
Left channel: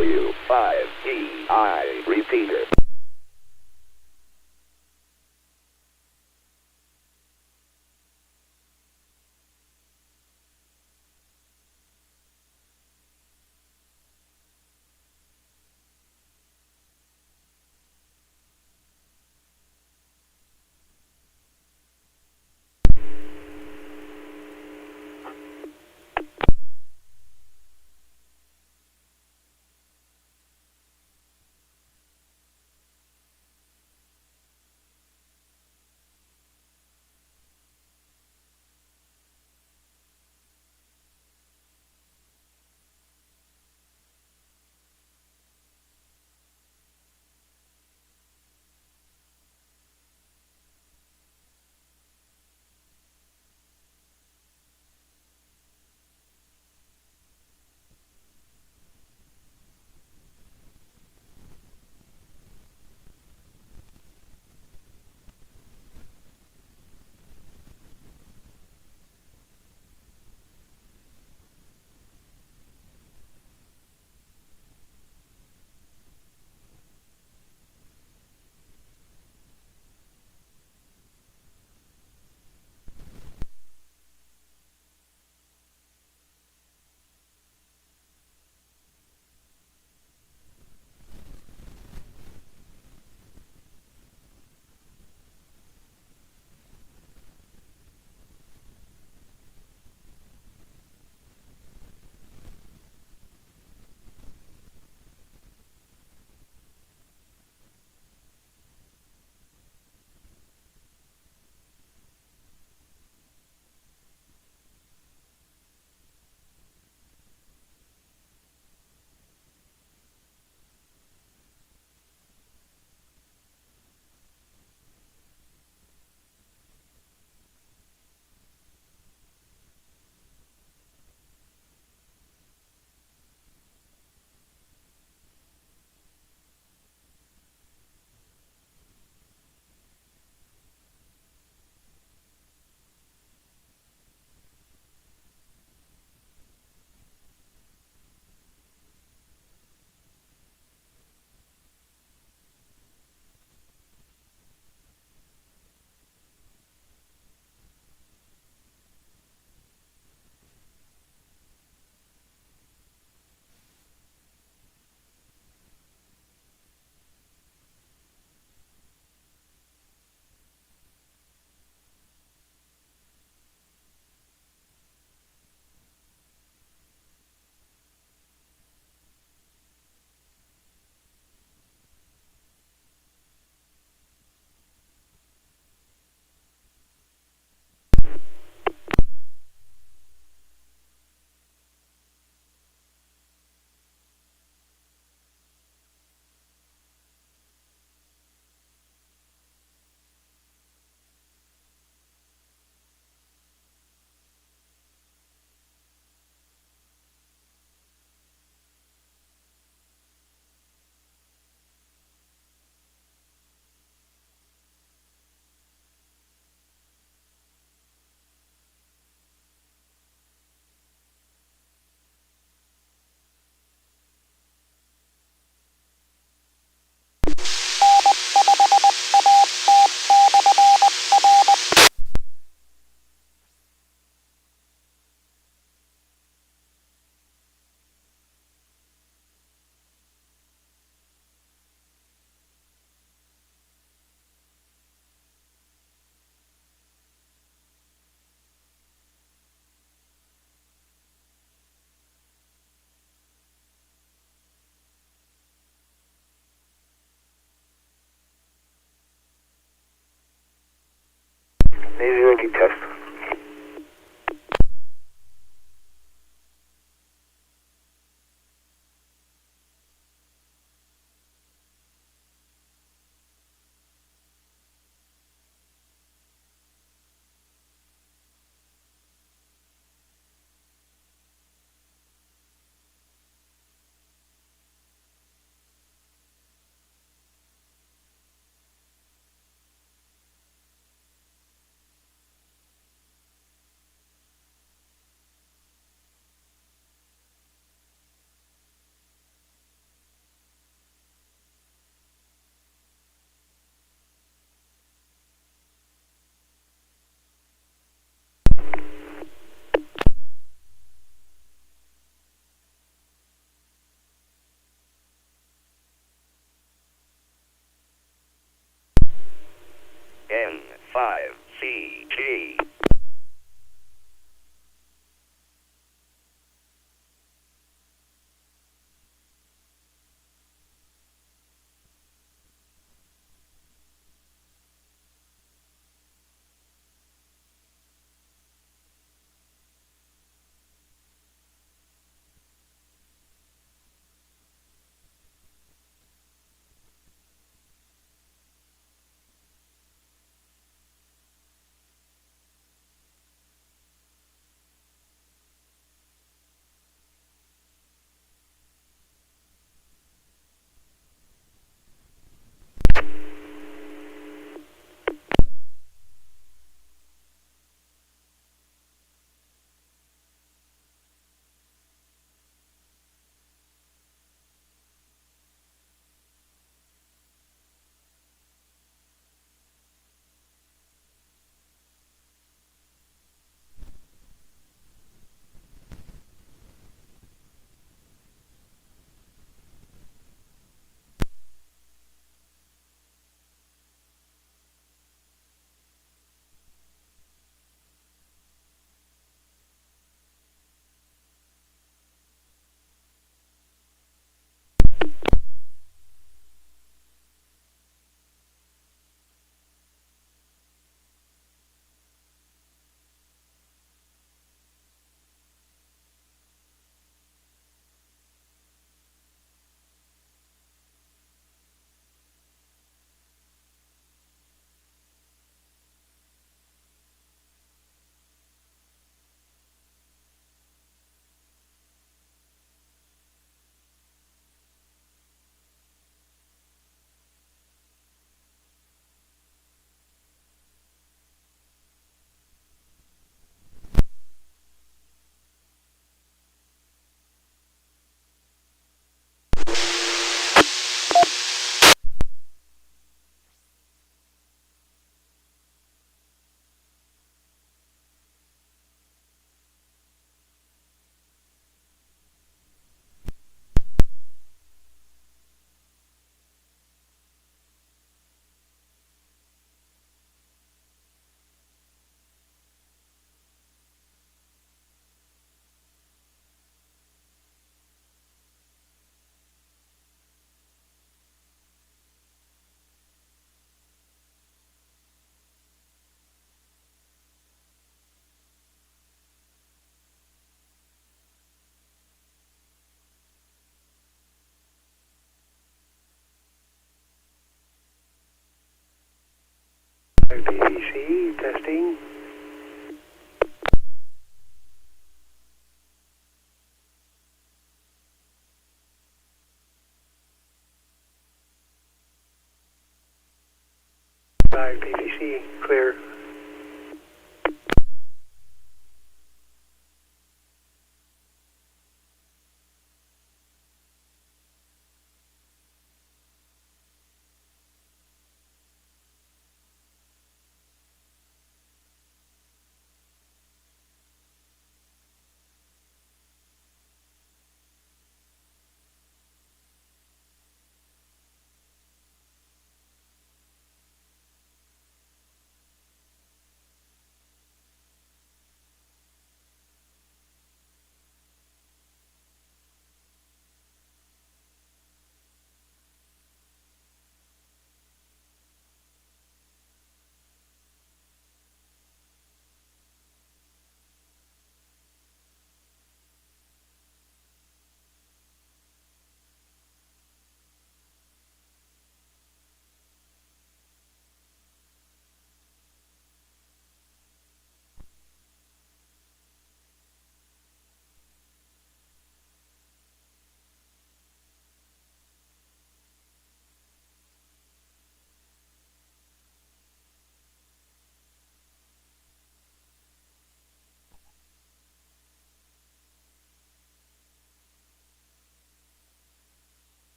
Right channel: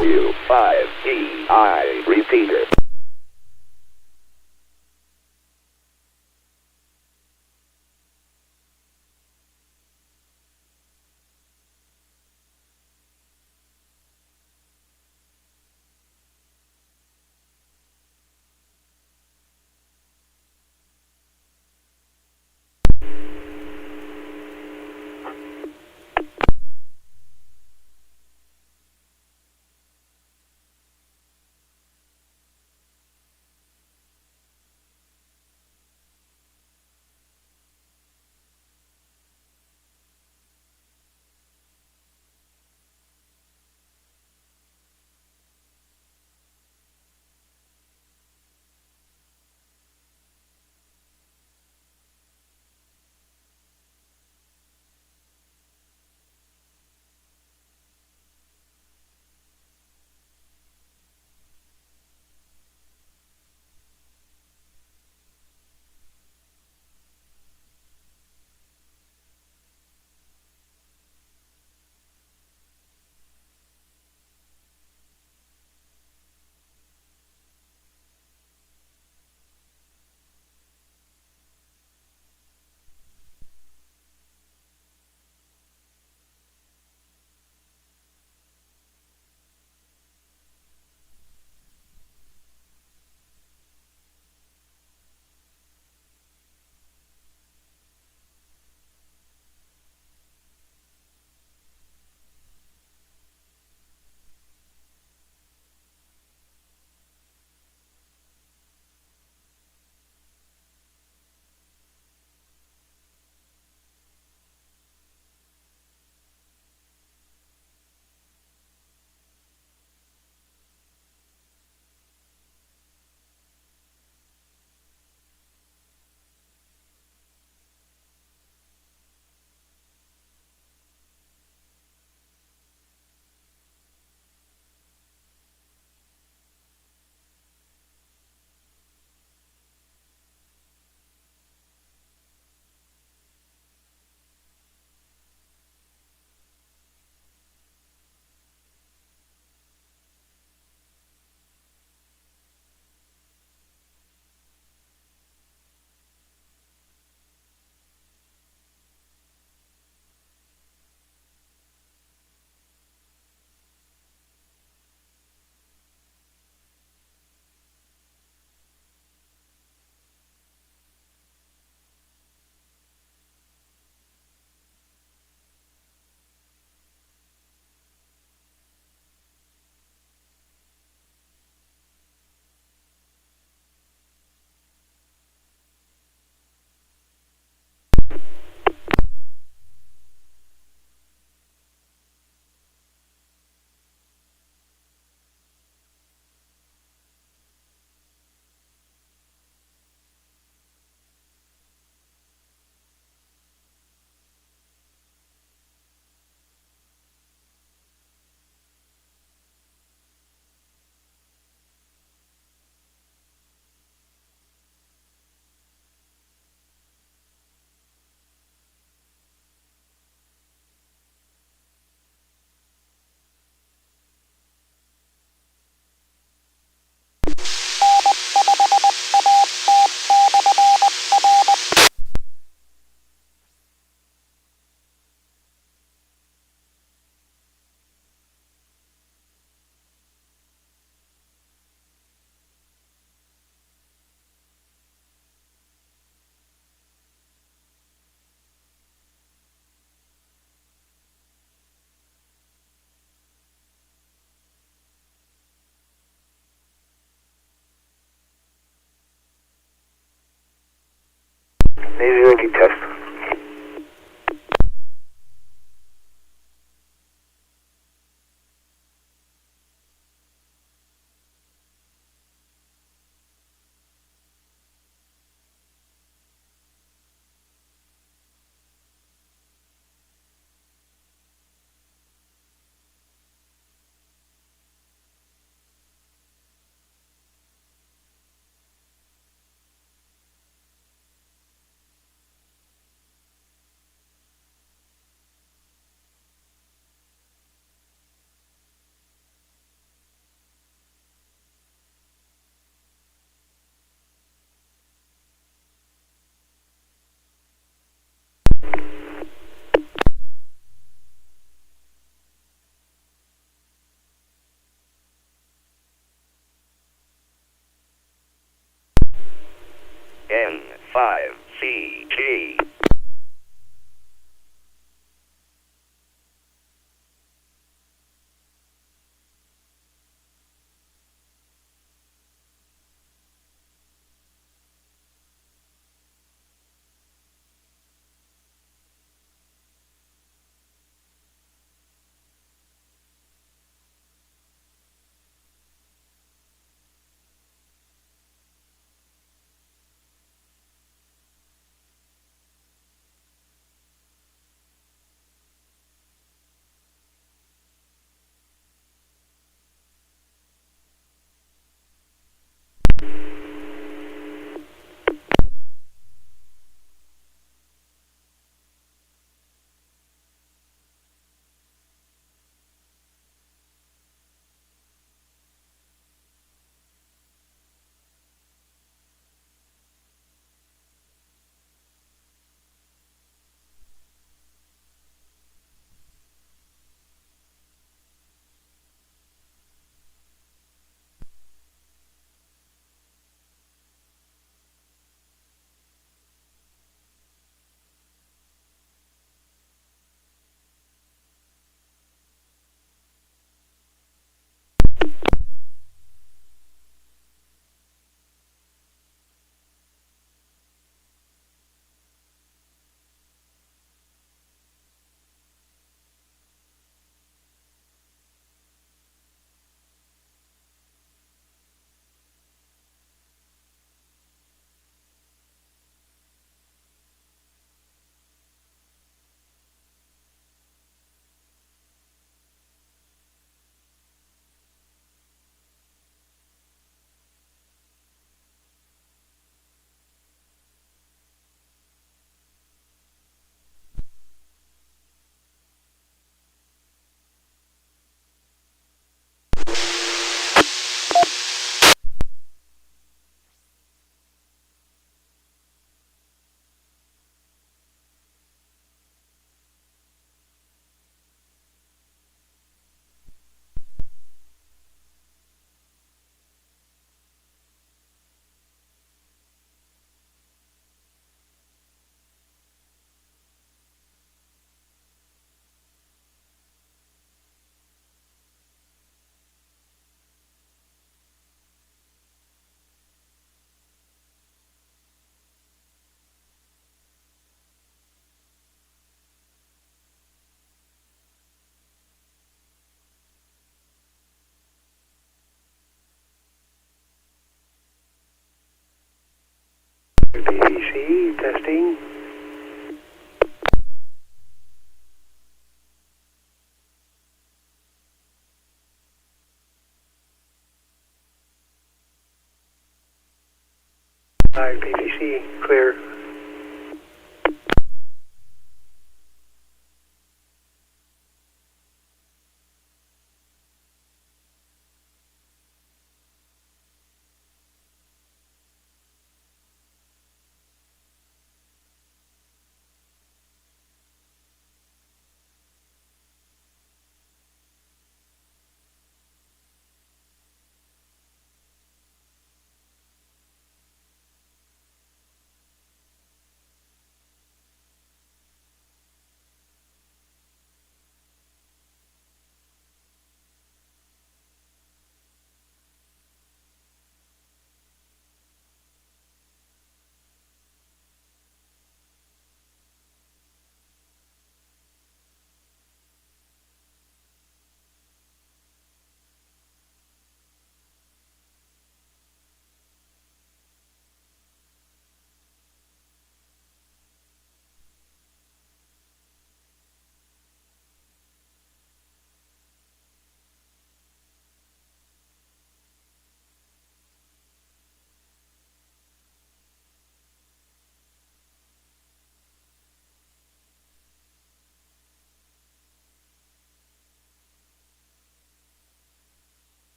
W5DI repeater. Navy ready test. N5CG. BBC testing. BBC clear.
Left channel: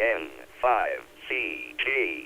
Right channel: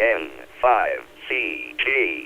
N5CG.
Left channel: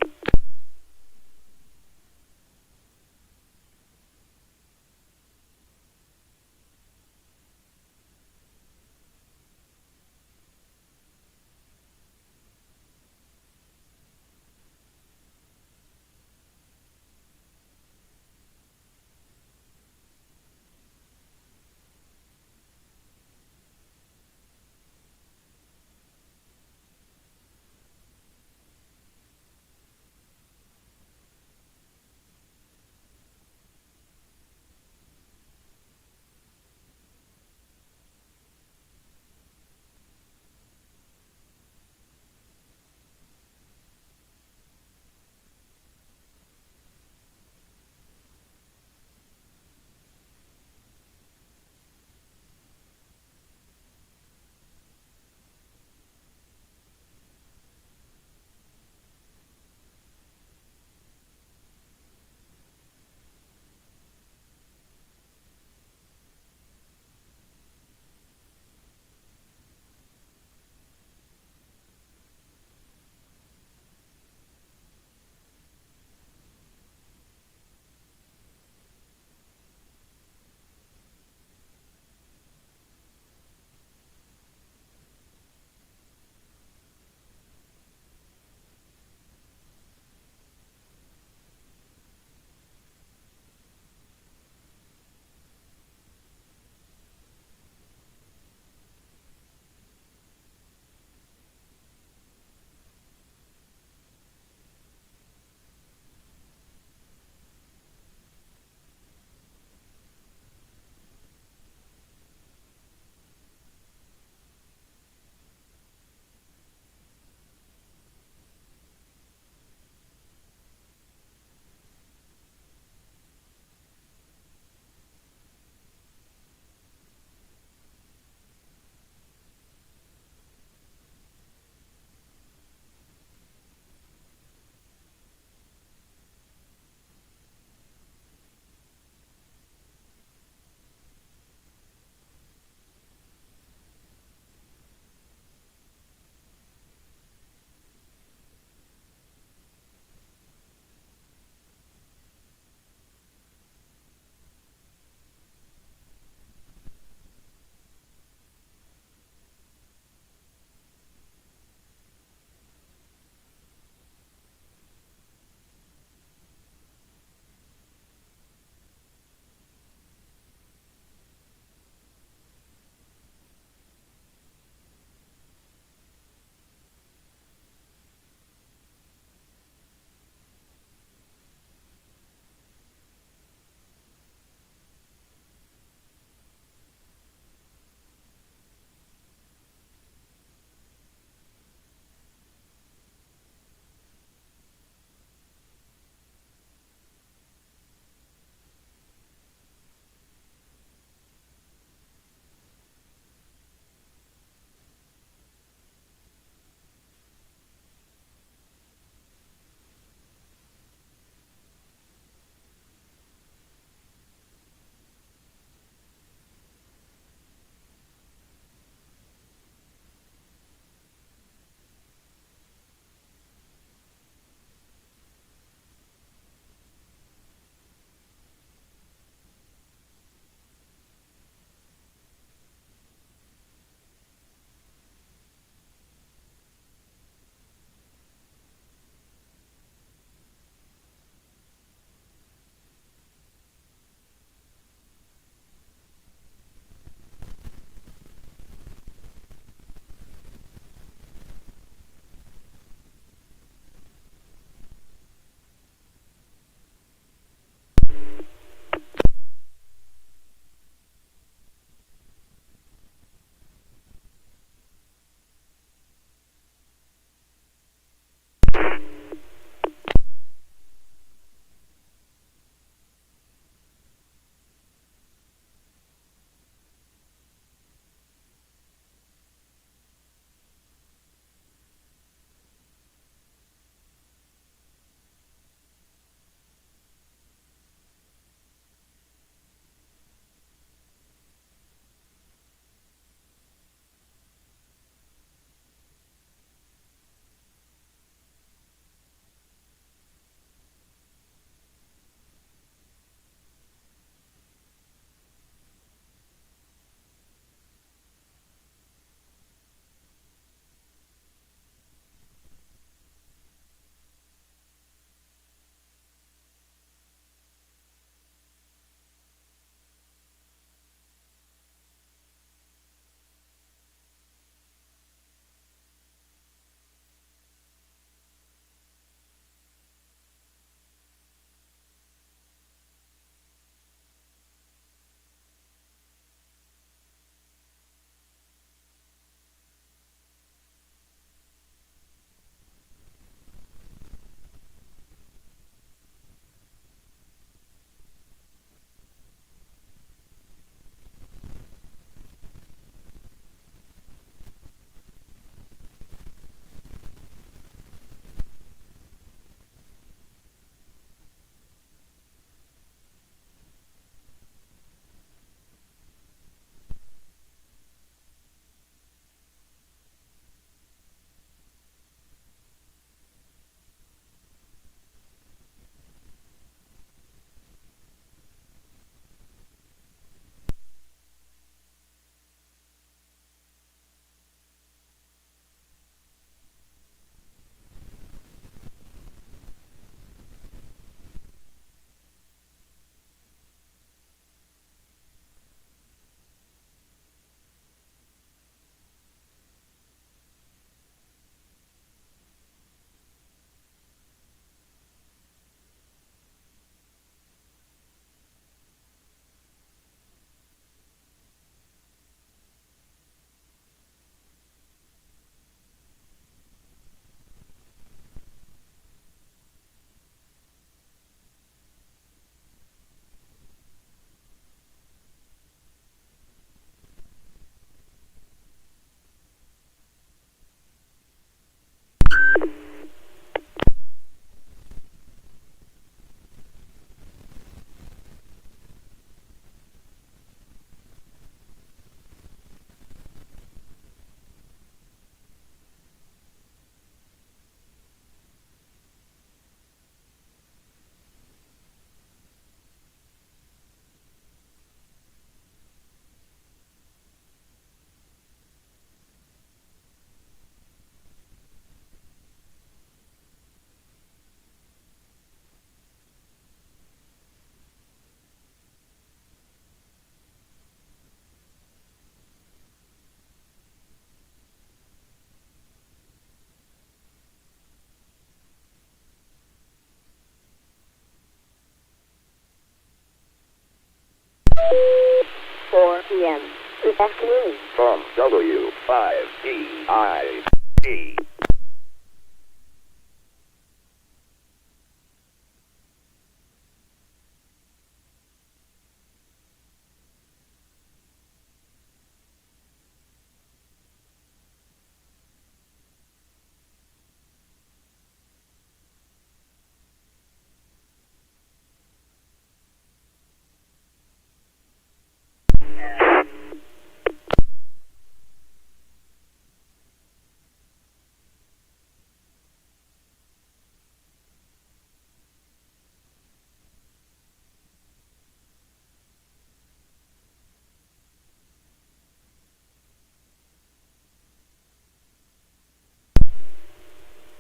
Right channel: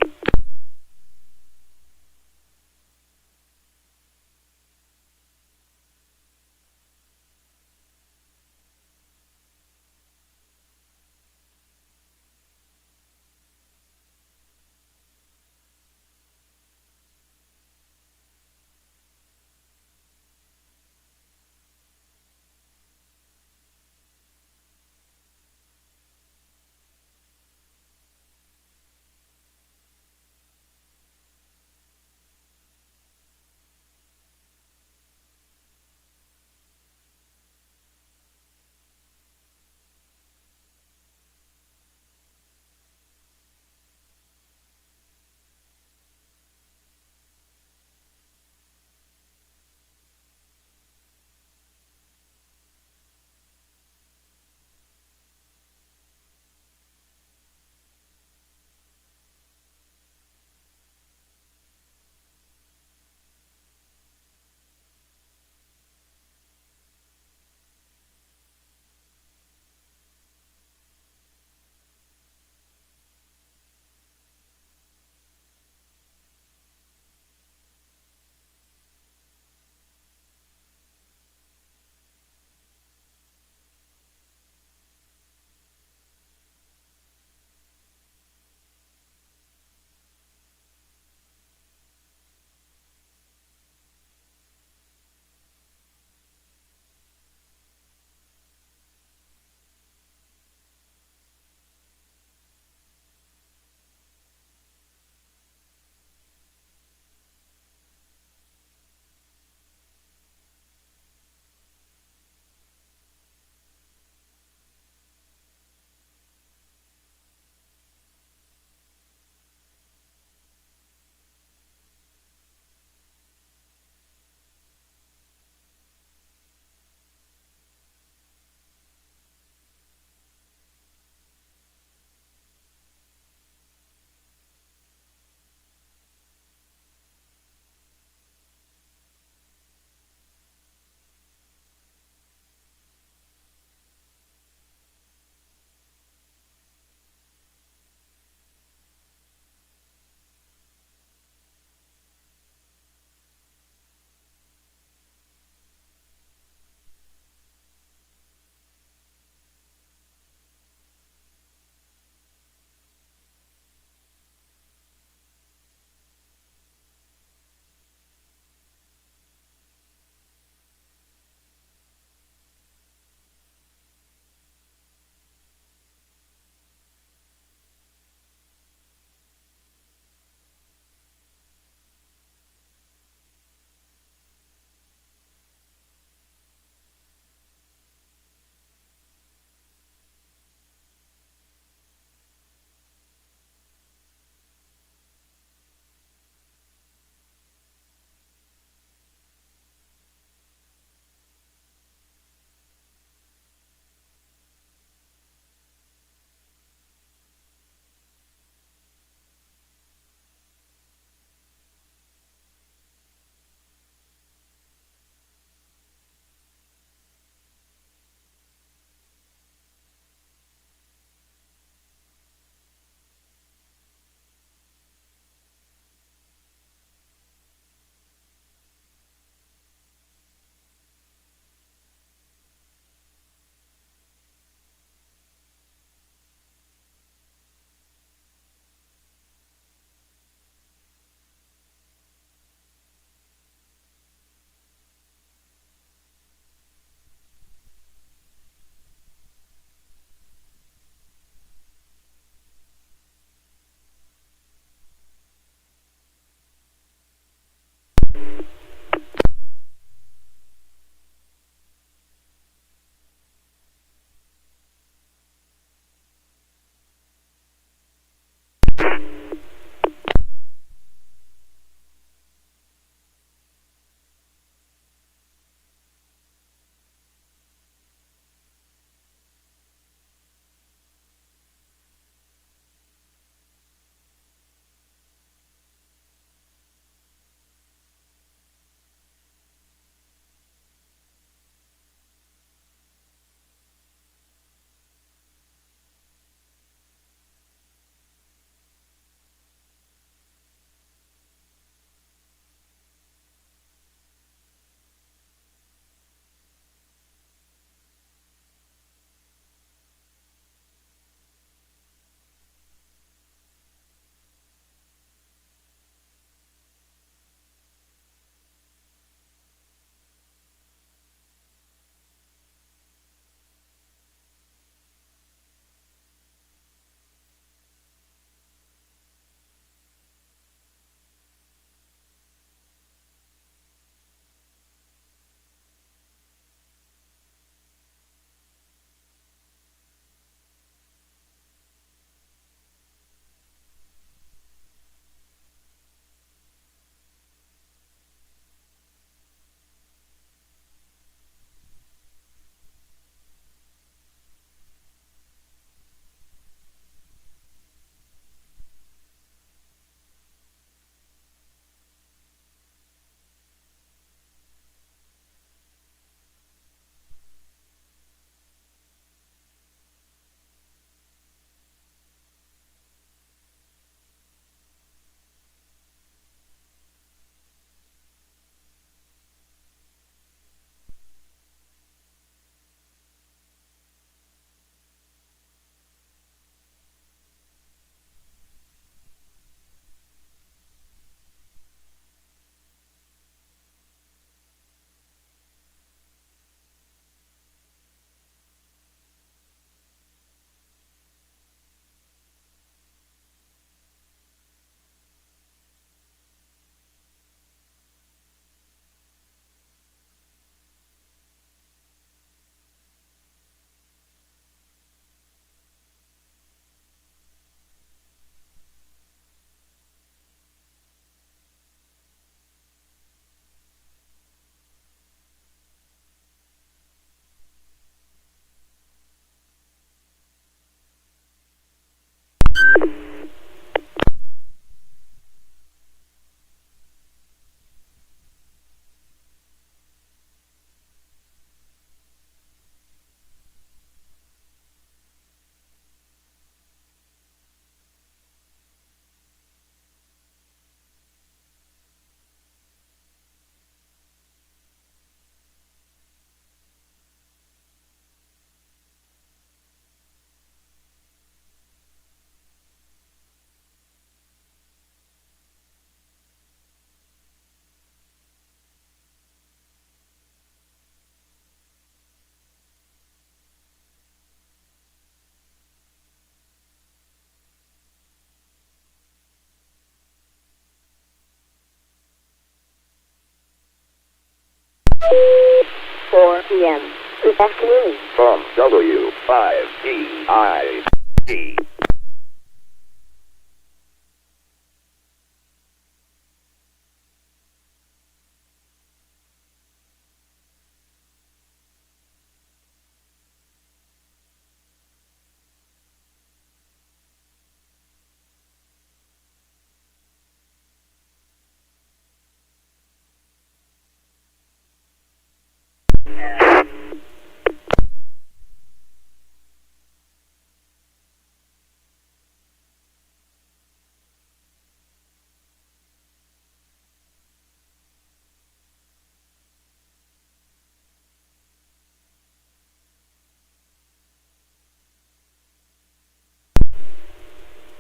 4 p.m. this afternoon. From W5DI.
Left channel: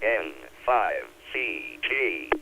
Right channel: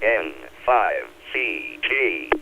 N5CG.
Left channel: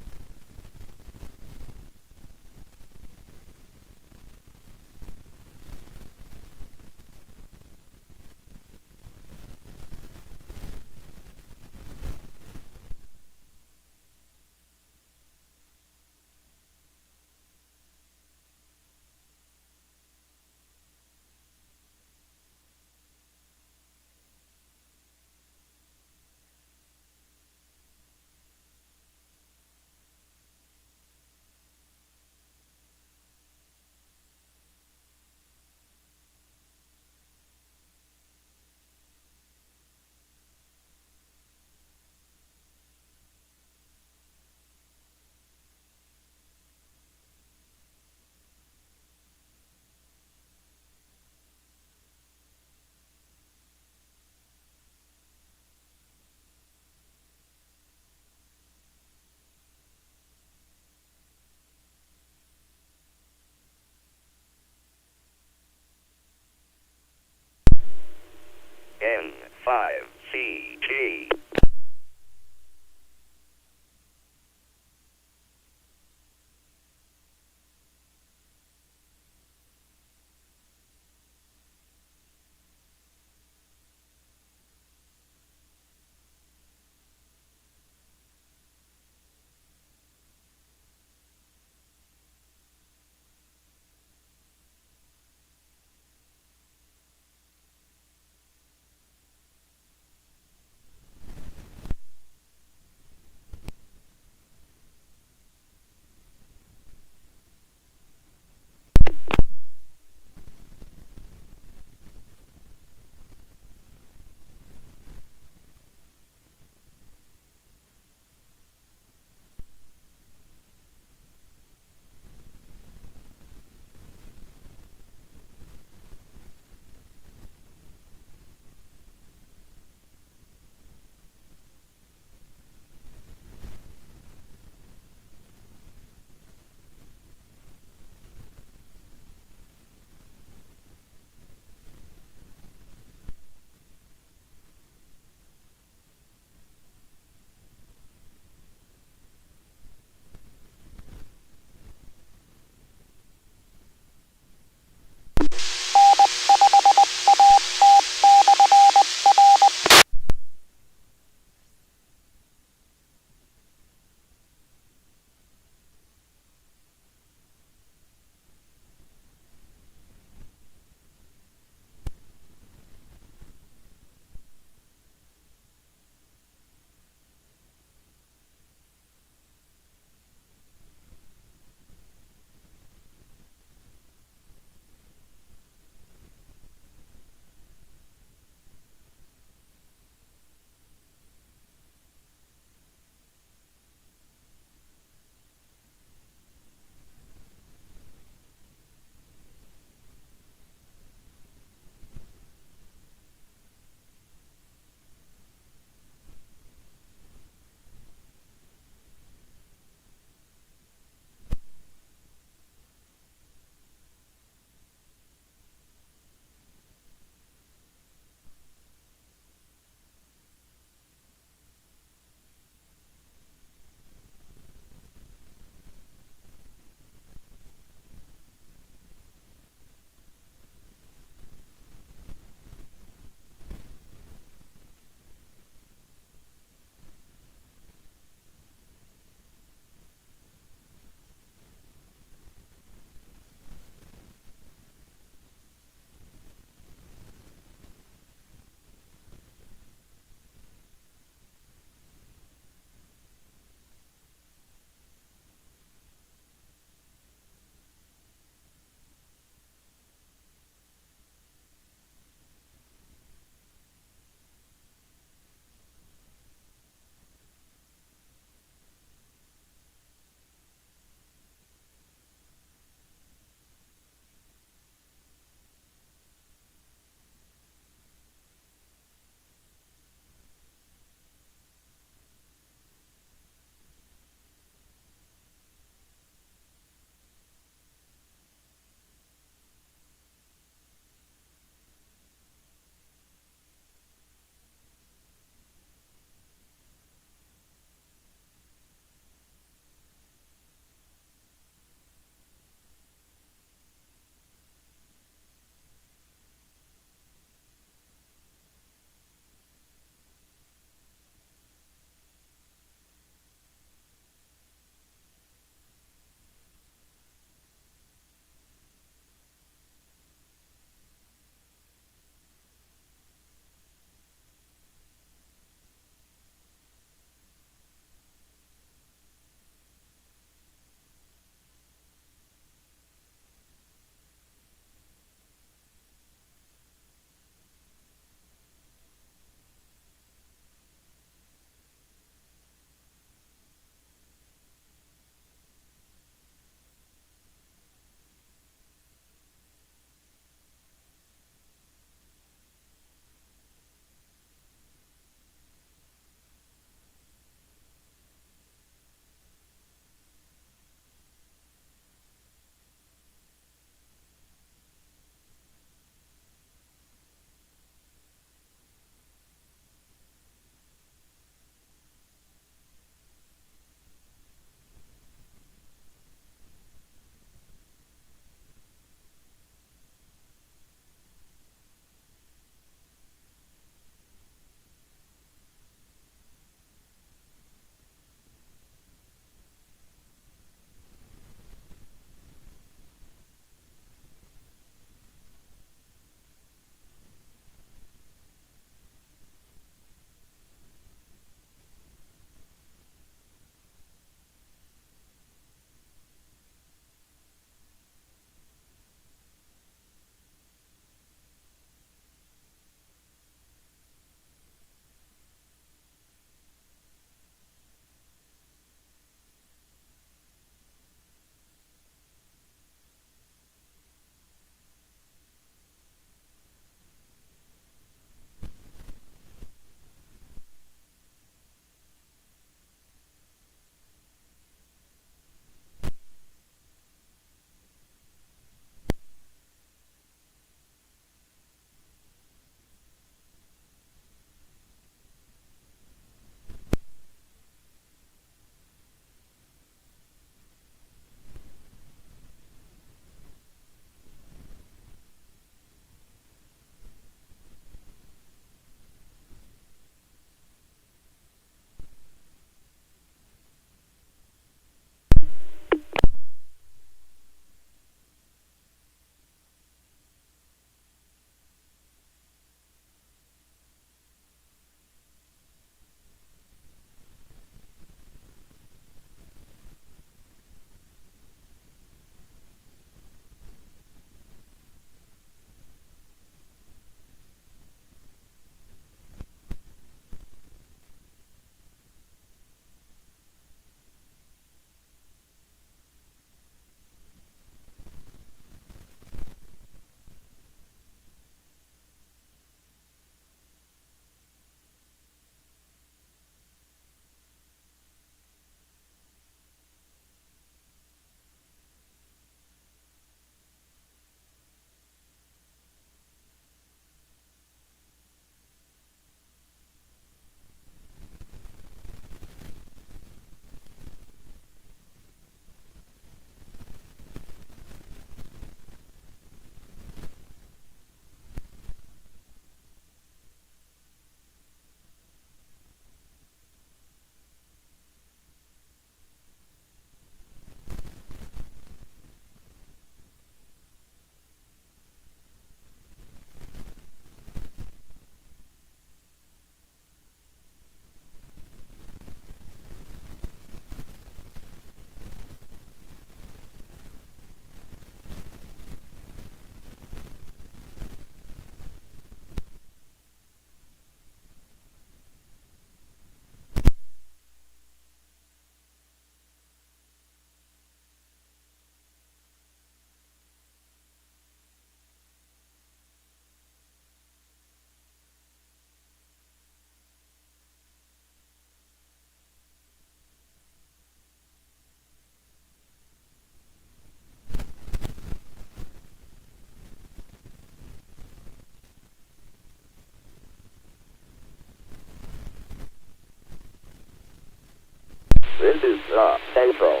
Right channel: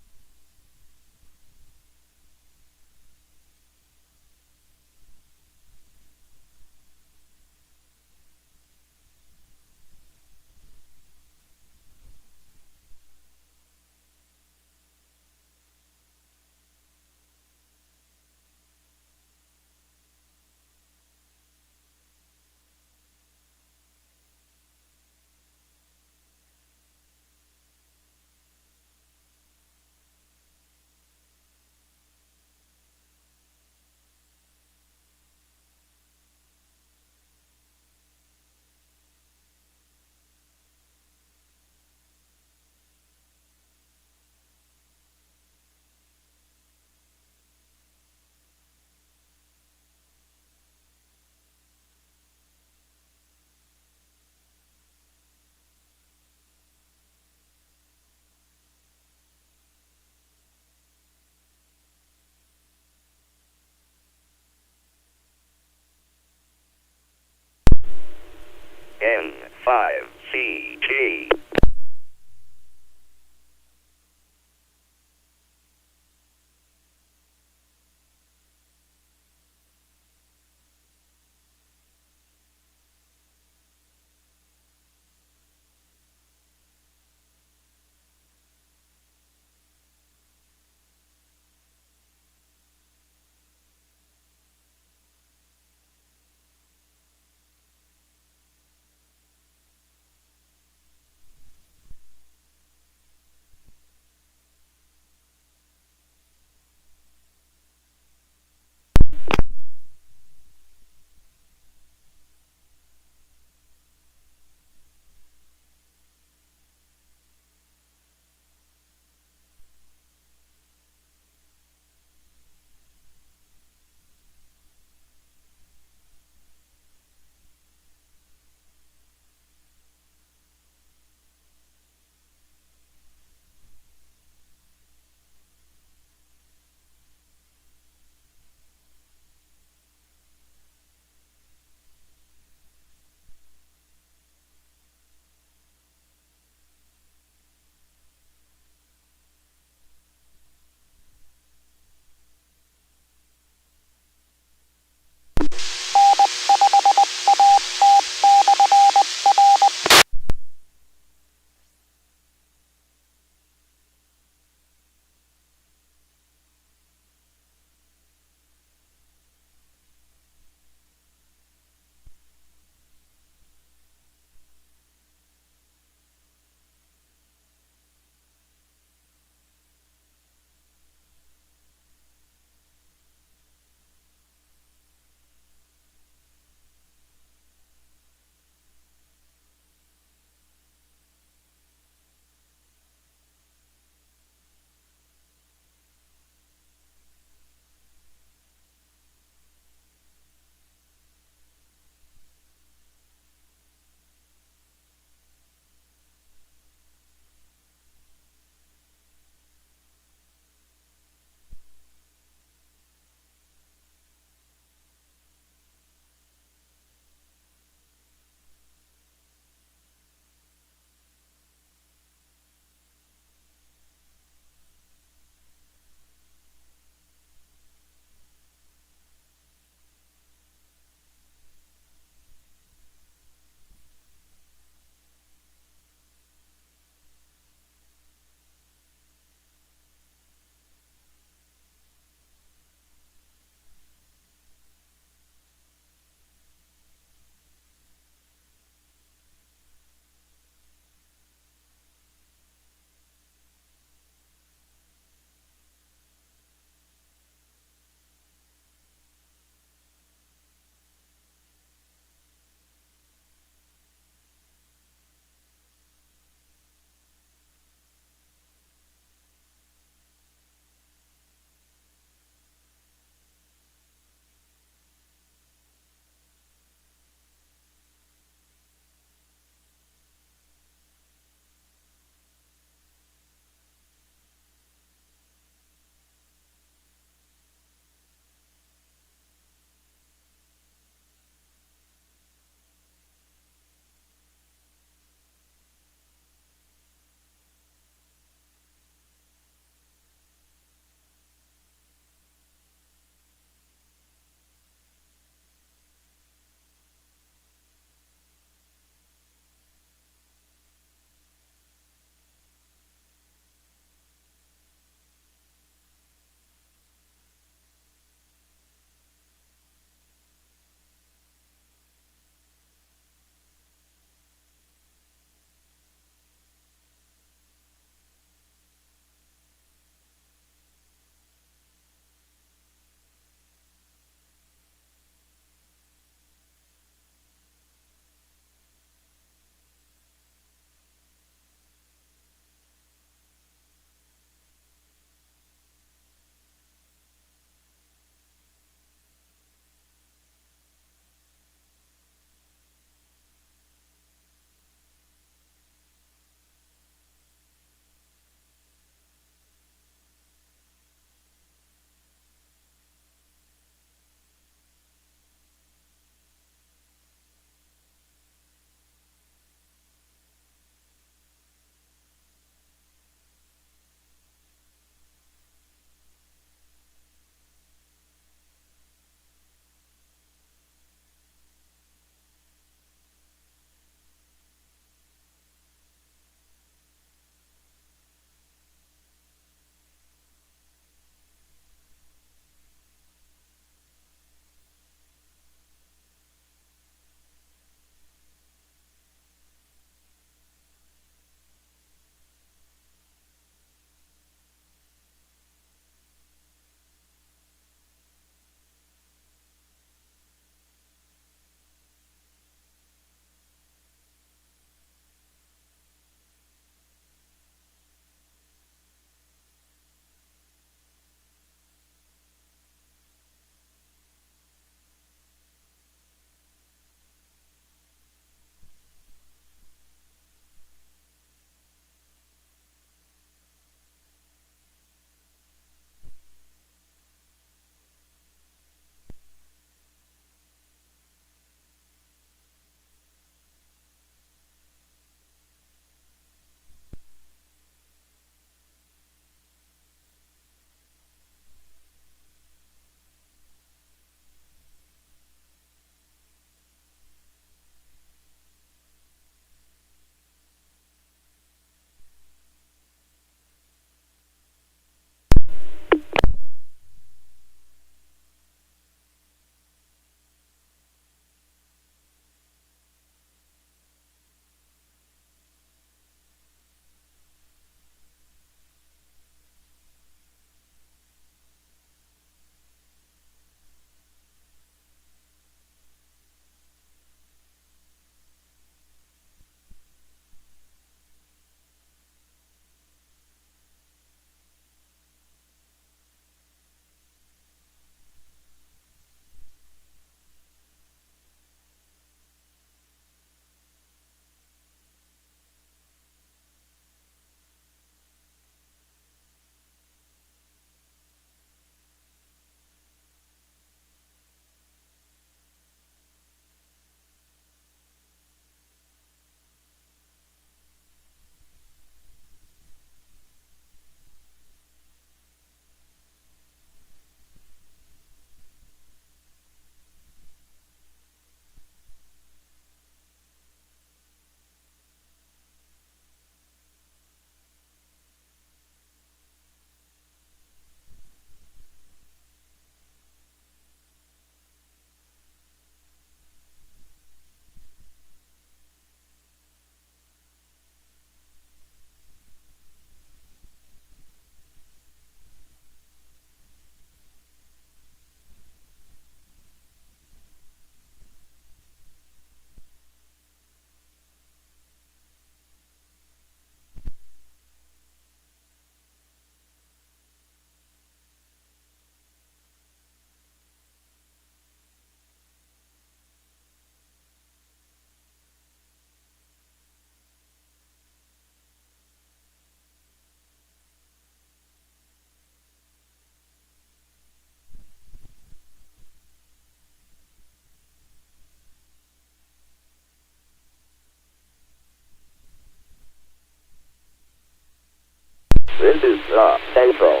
This is the Central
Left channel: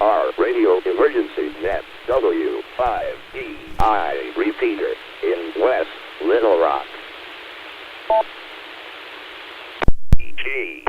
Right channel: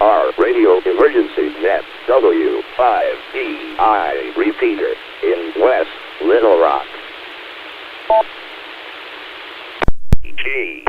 AR Radio Emergency Net W5DI repeater in West Little Rock. G.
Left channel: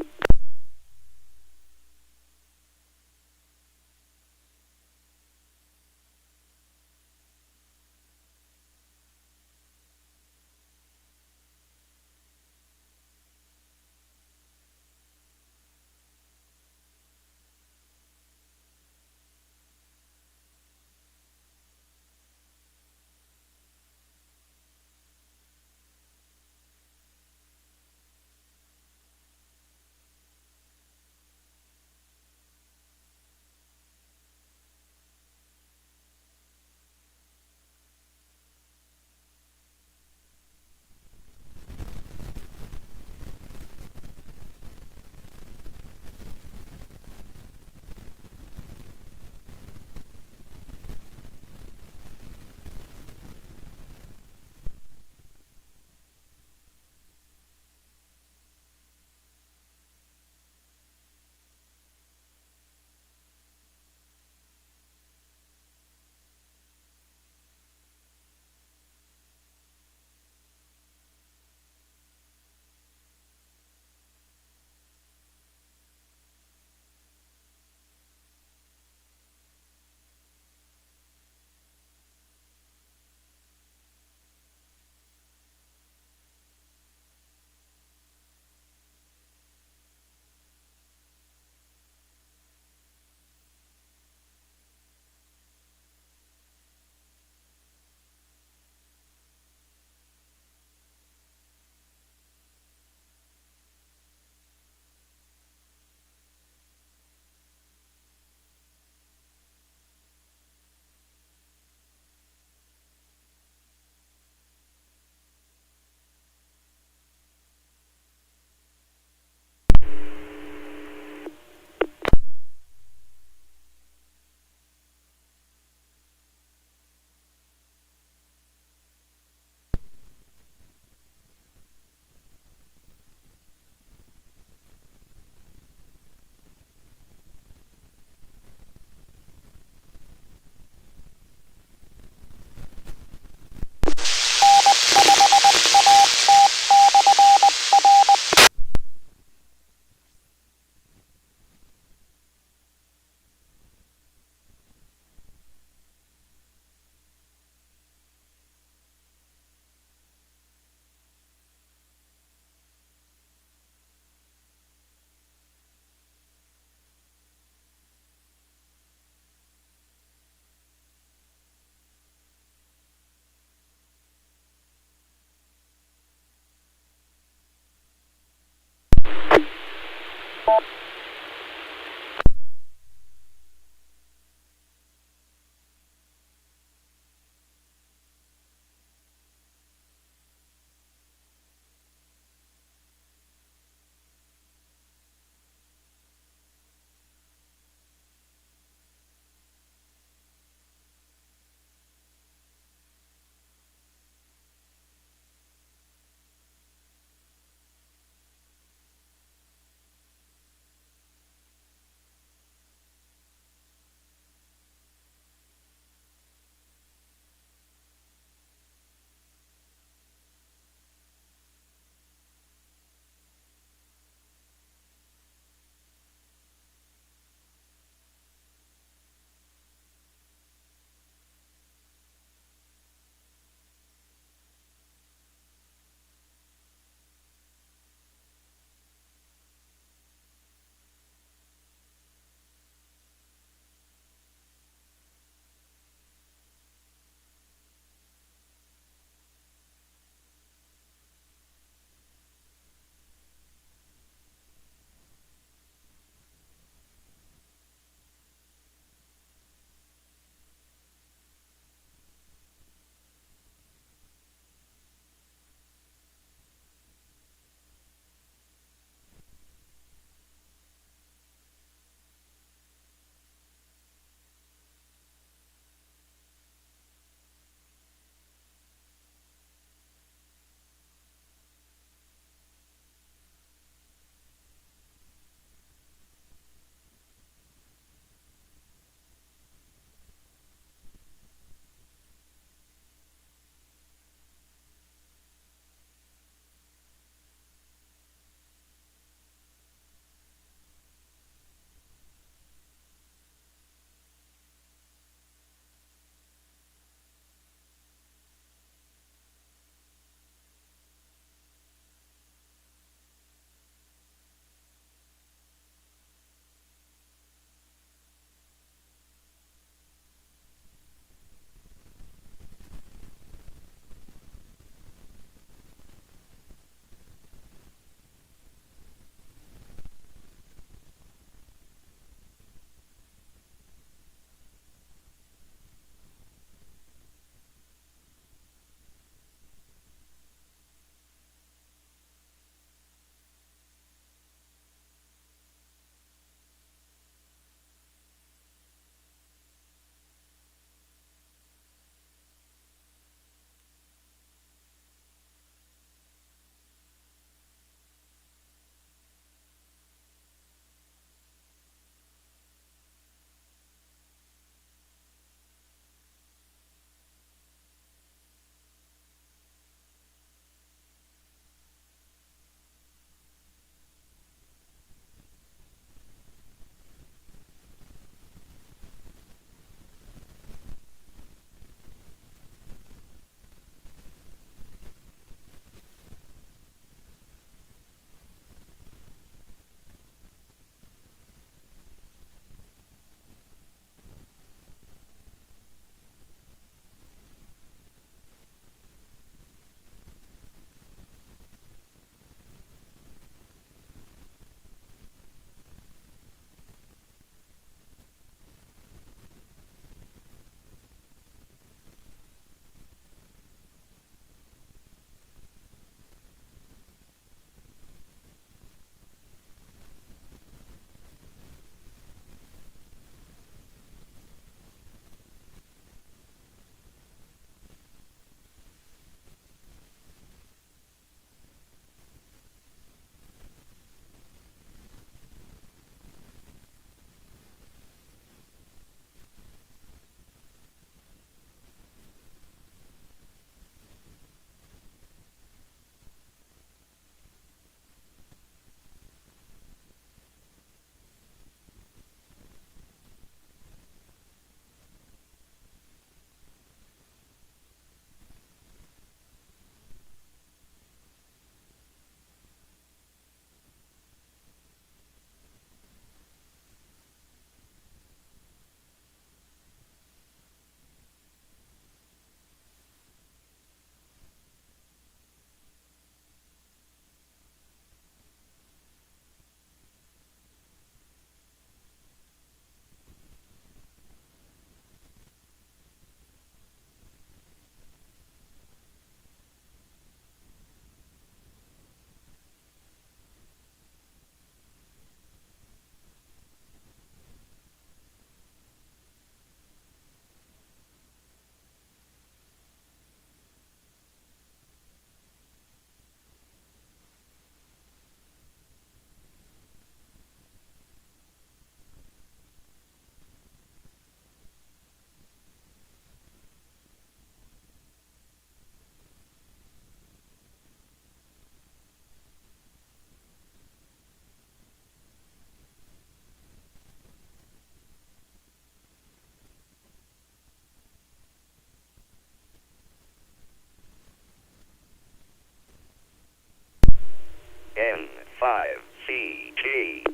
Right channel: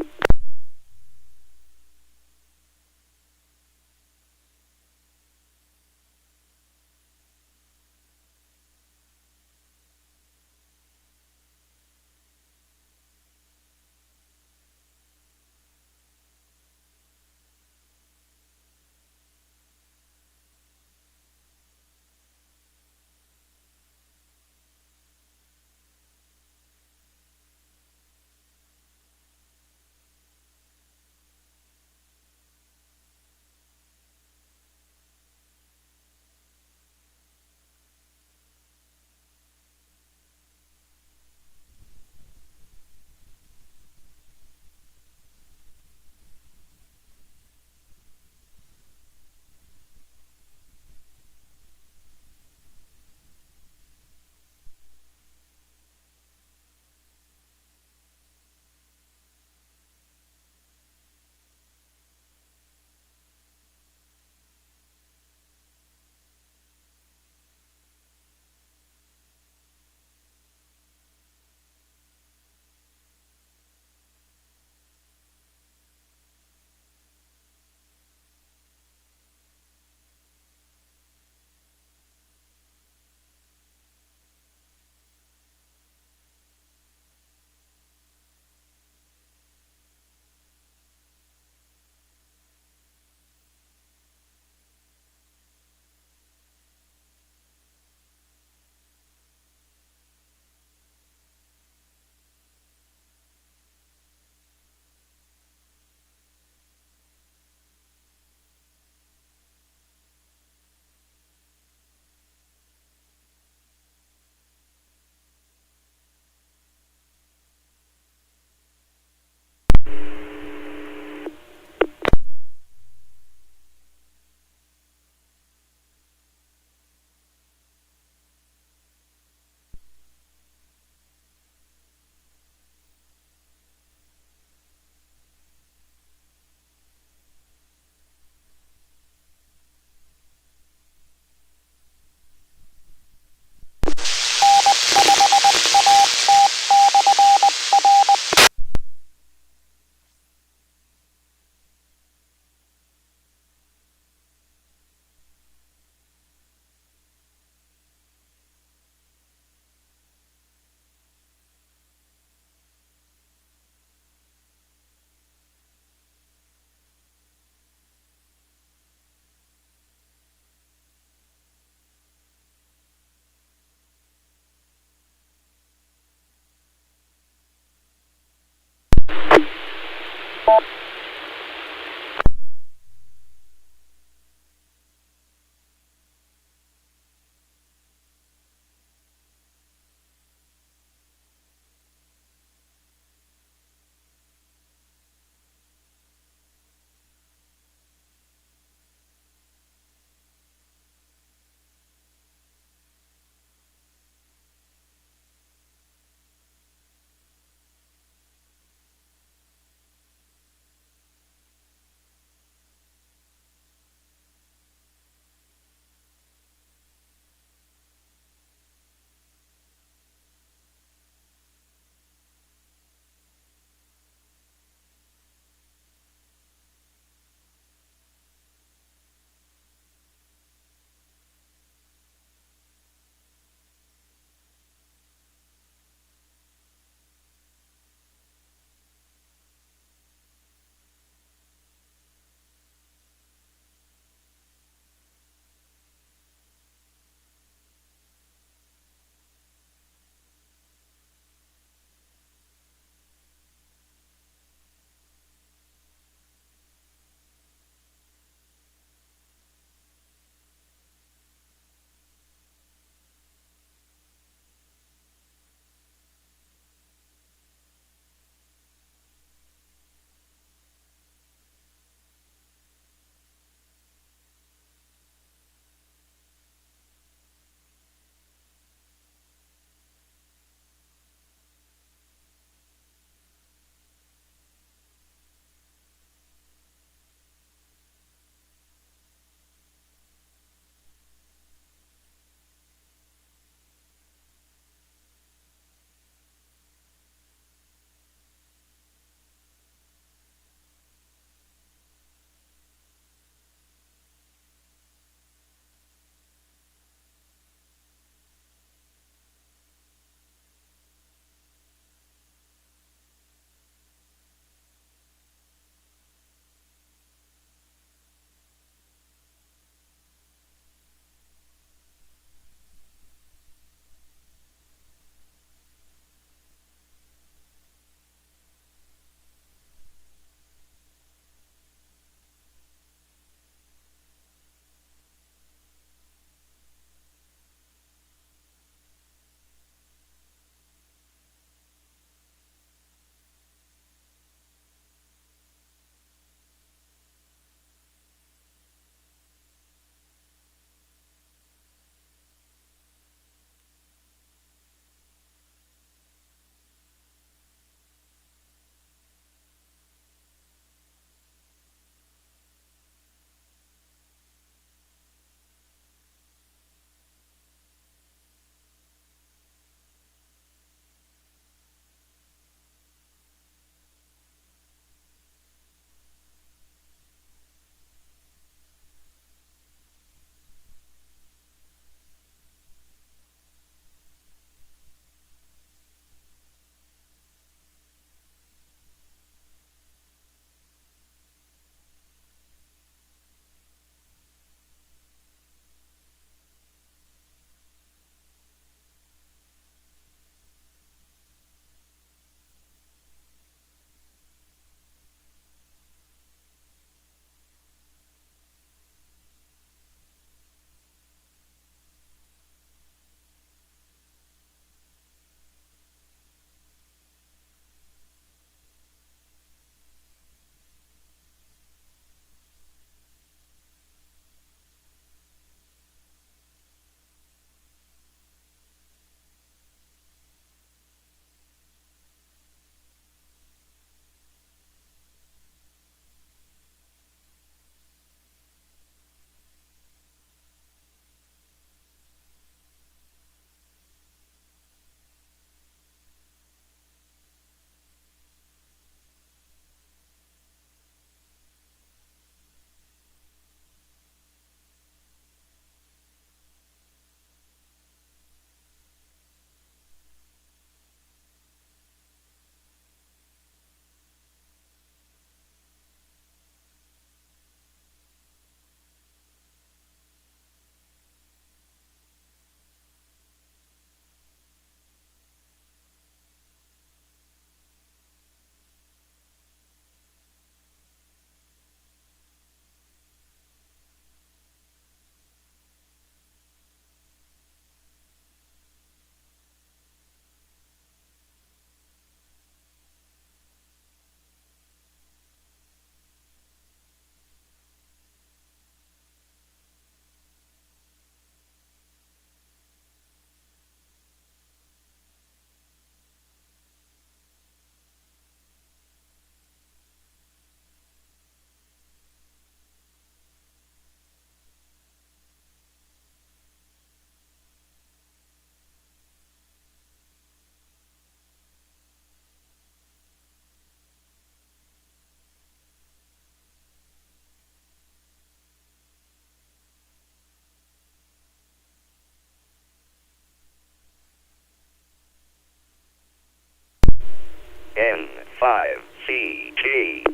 N5CG.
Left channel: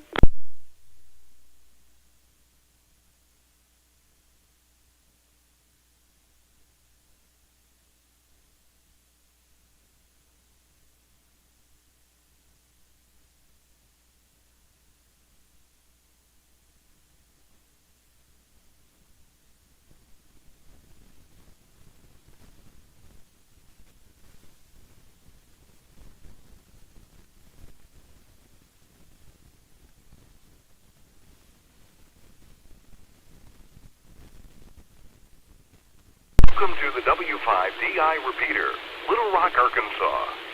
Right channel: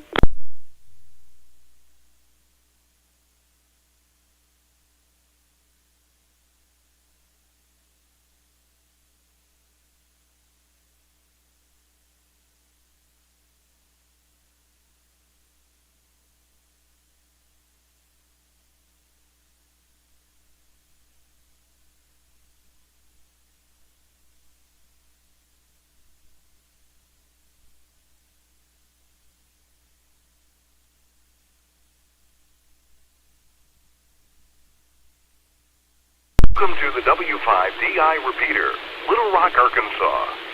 Welcome to the W5DI repeater, Little Rock, Arkansas.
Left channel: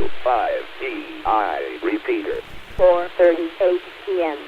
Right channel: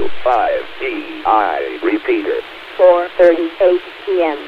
W5DI repeater. 4:38 p.m.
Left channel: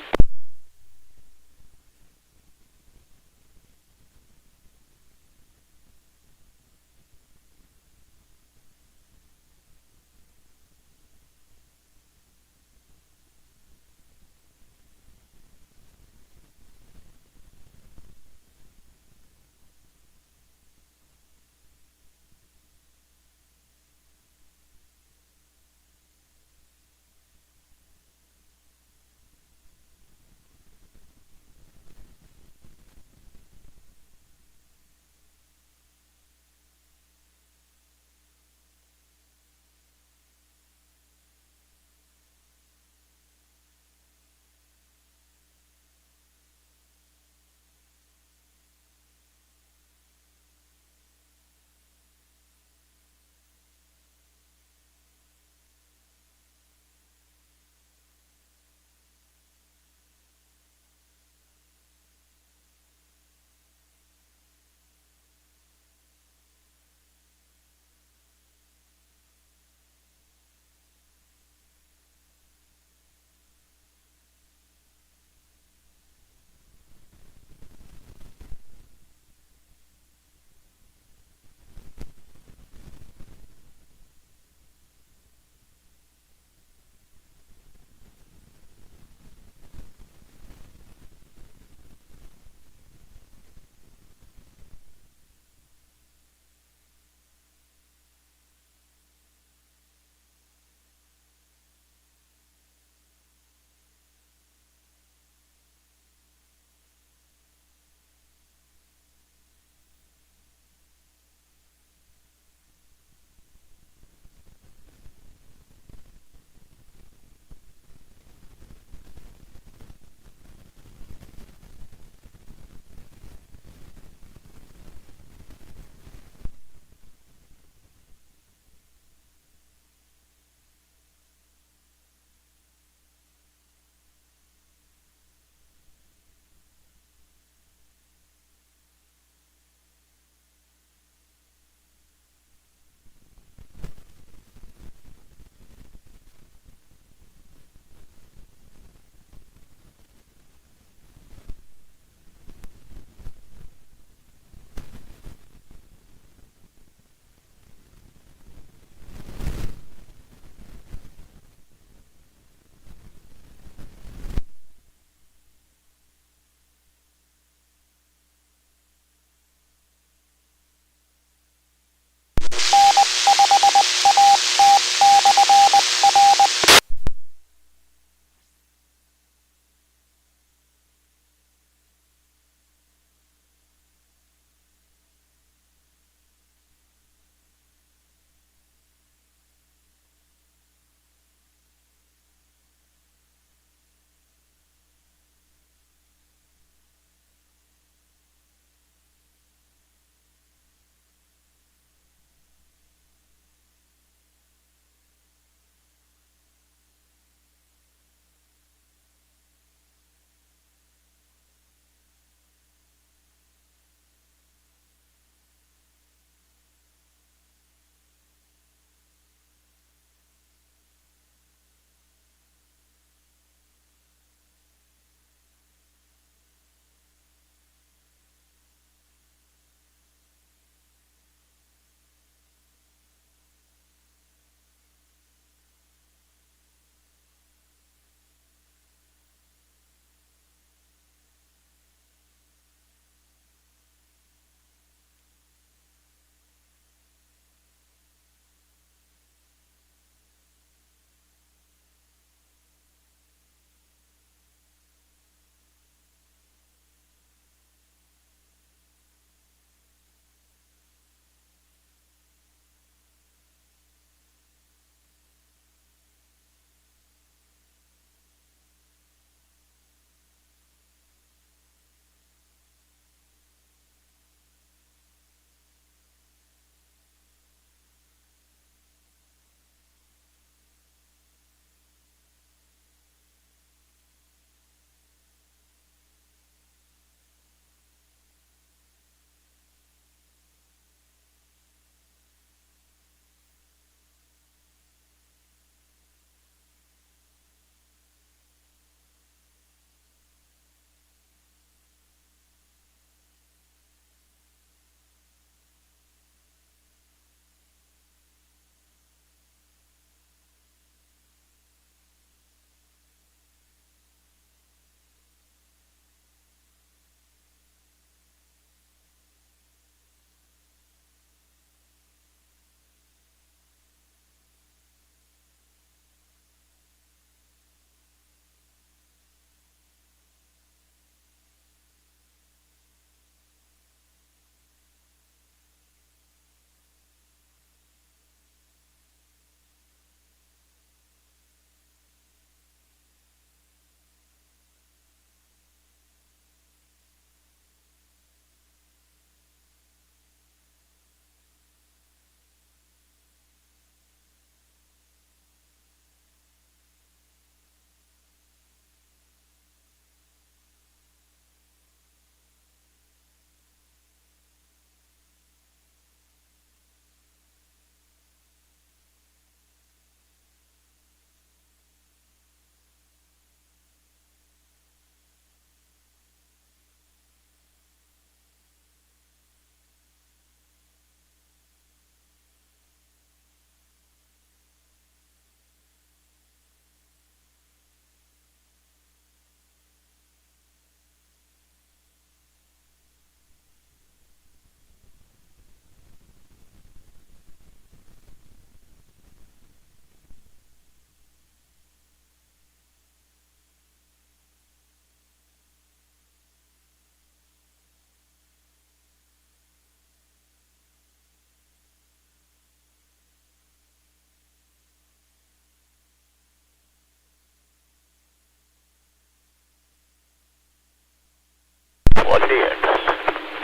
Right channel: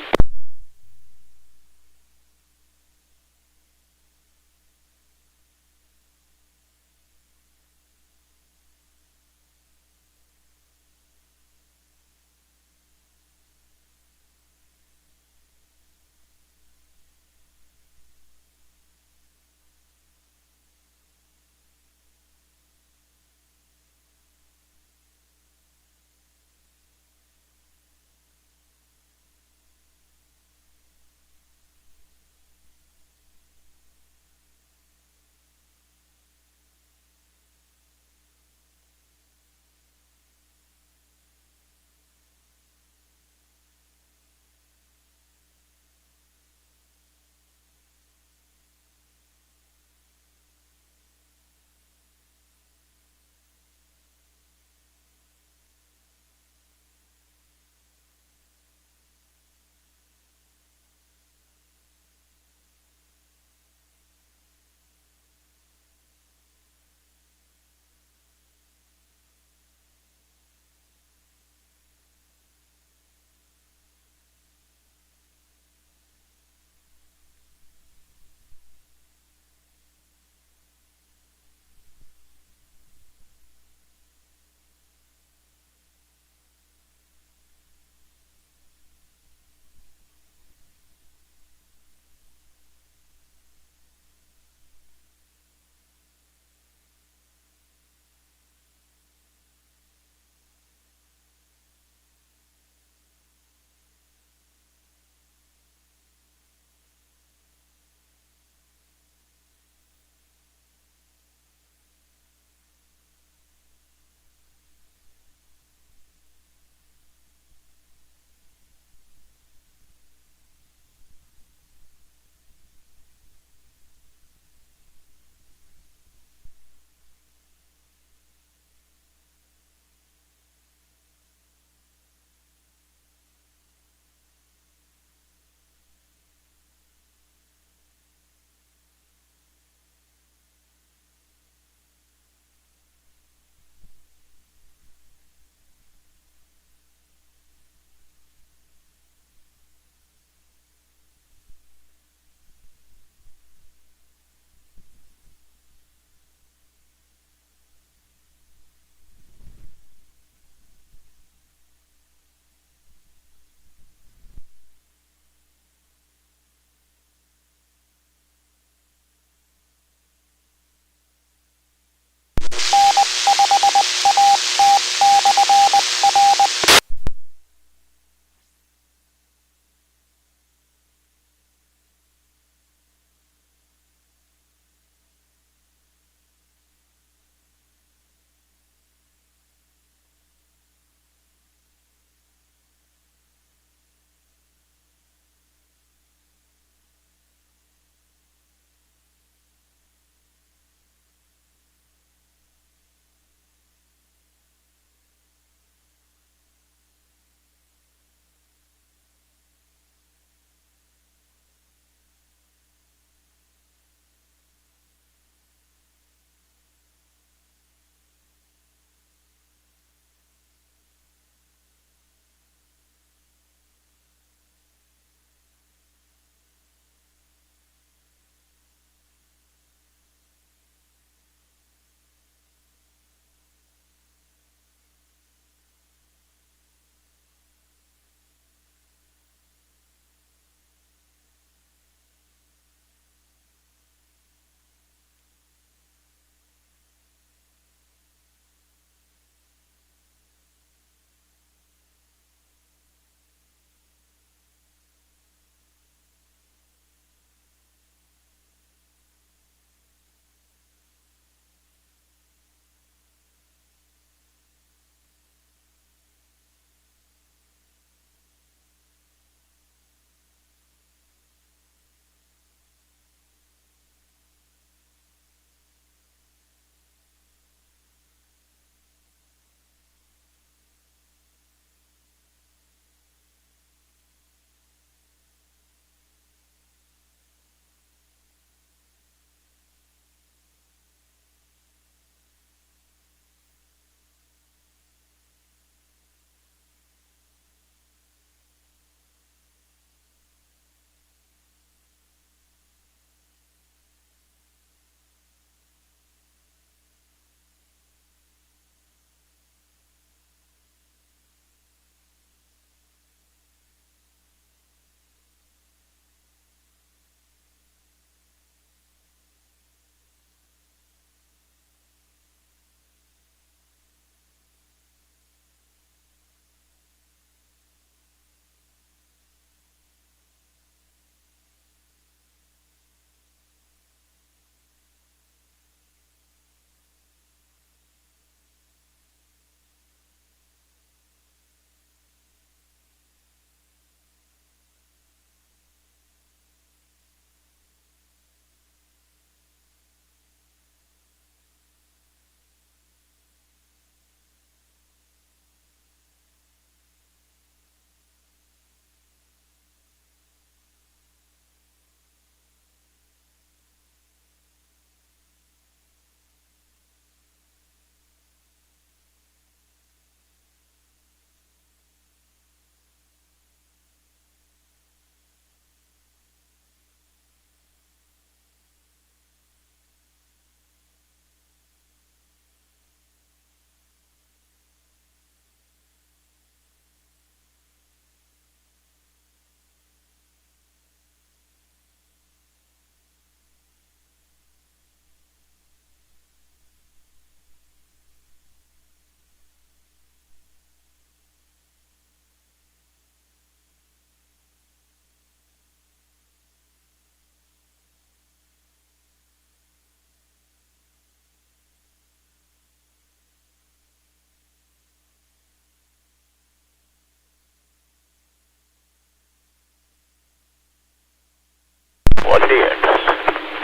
Plugged in.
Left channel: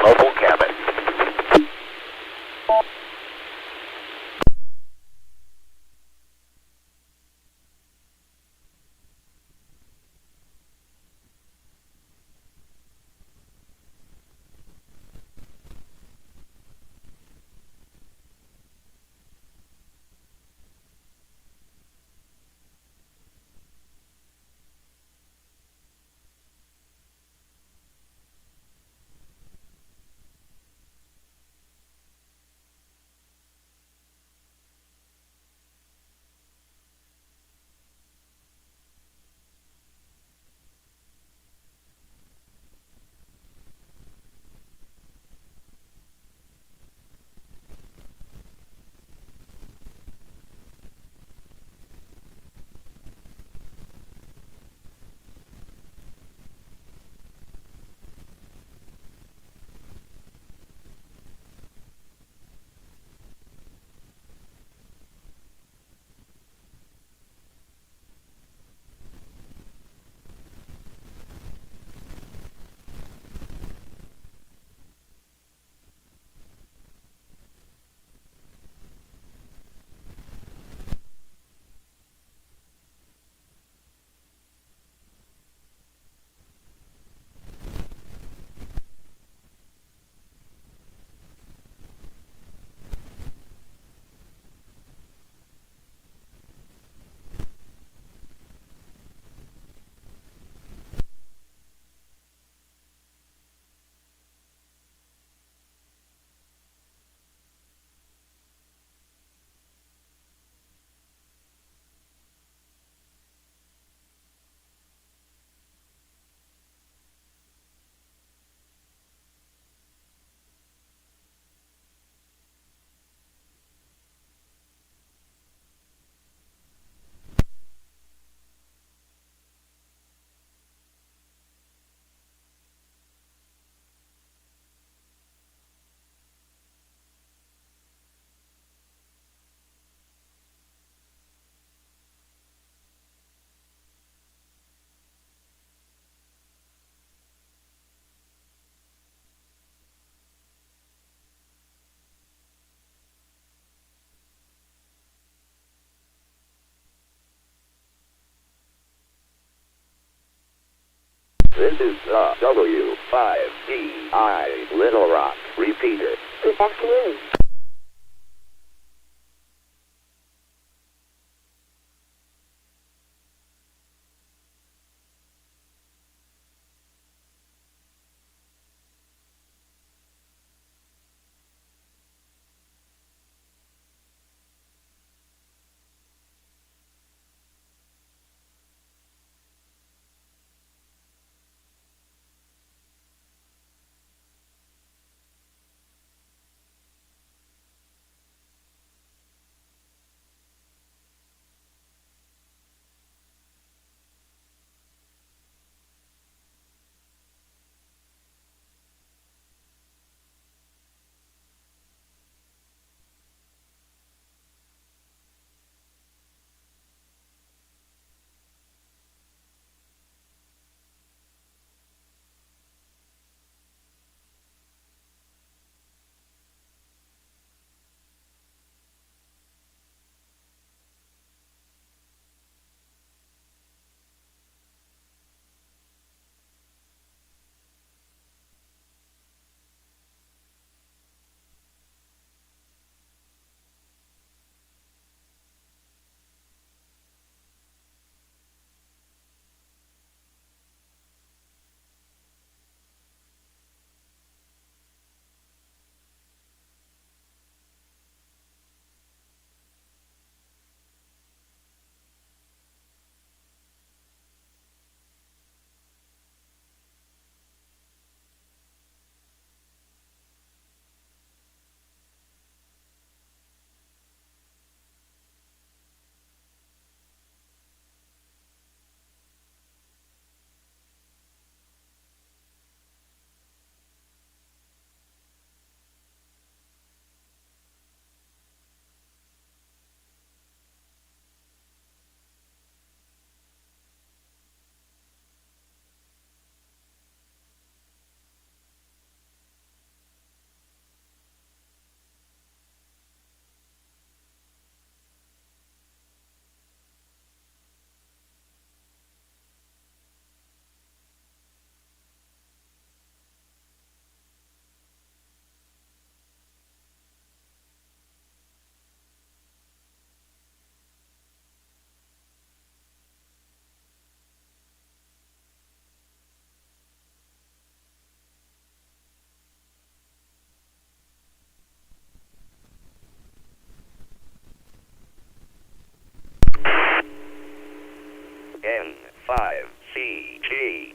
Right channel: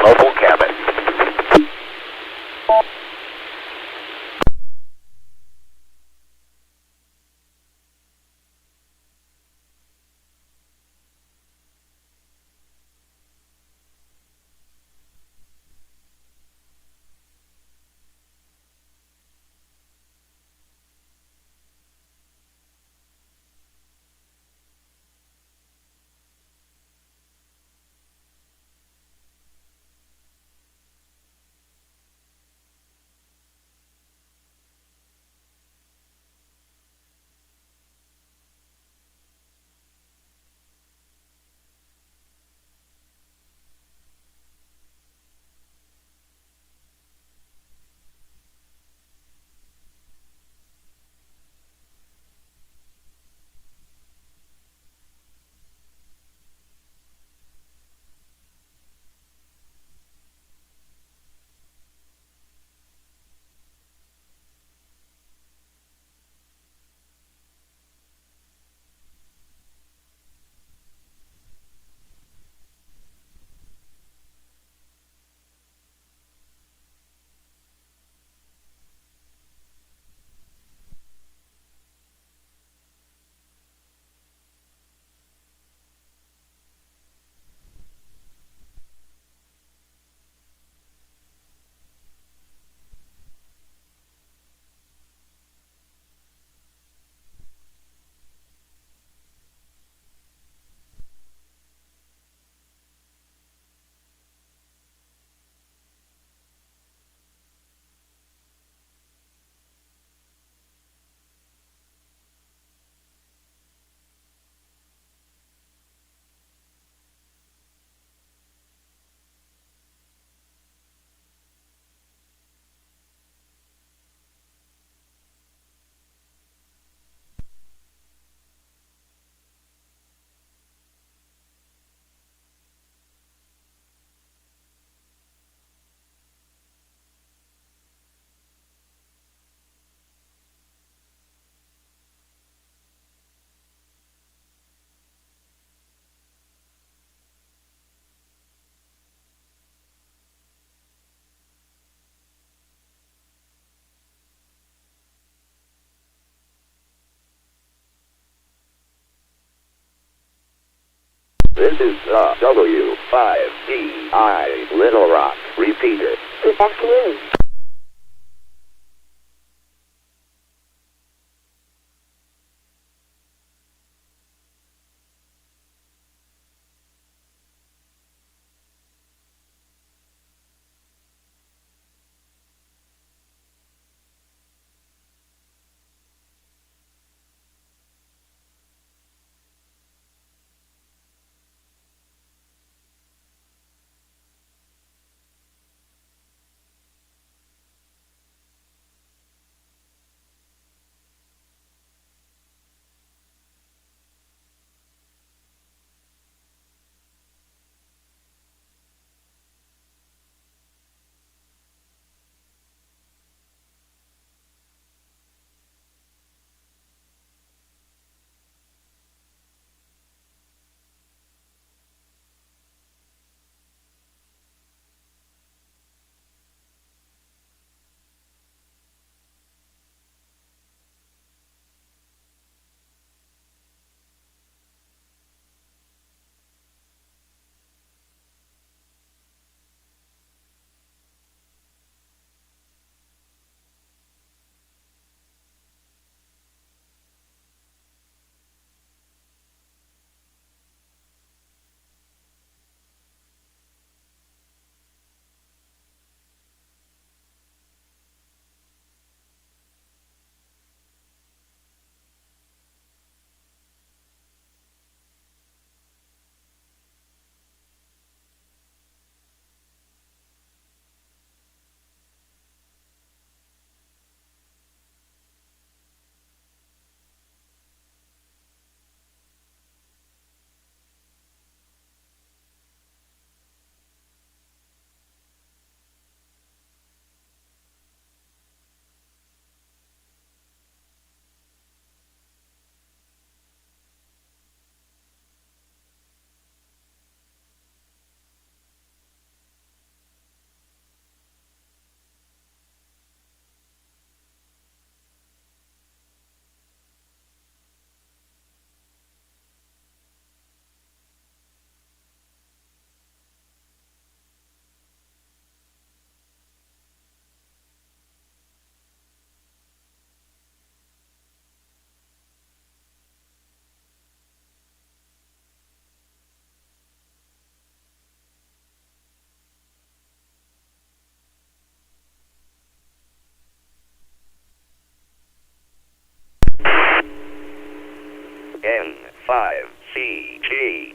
Mobile cabin. This is the W5DI Little Rock repeater. Good afternoon. N5CG.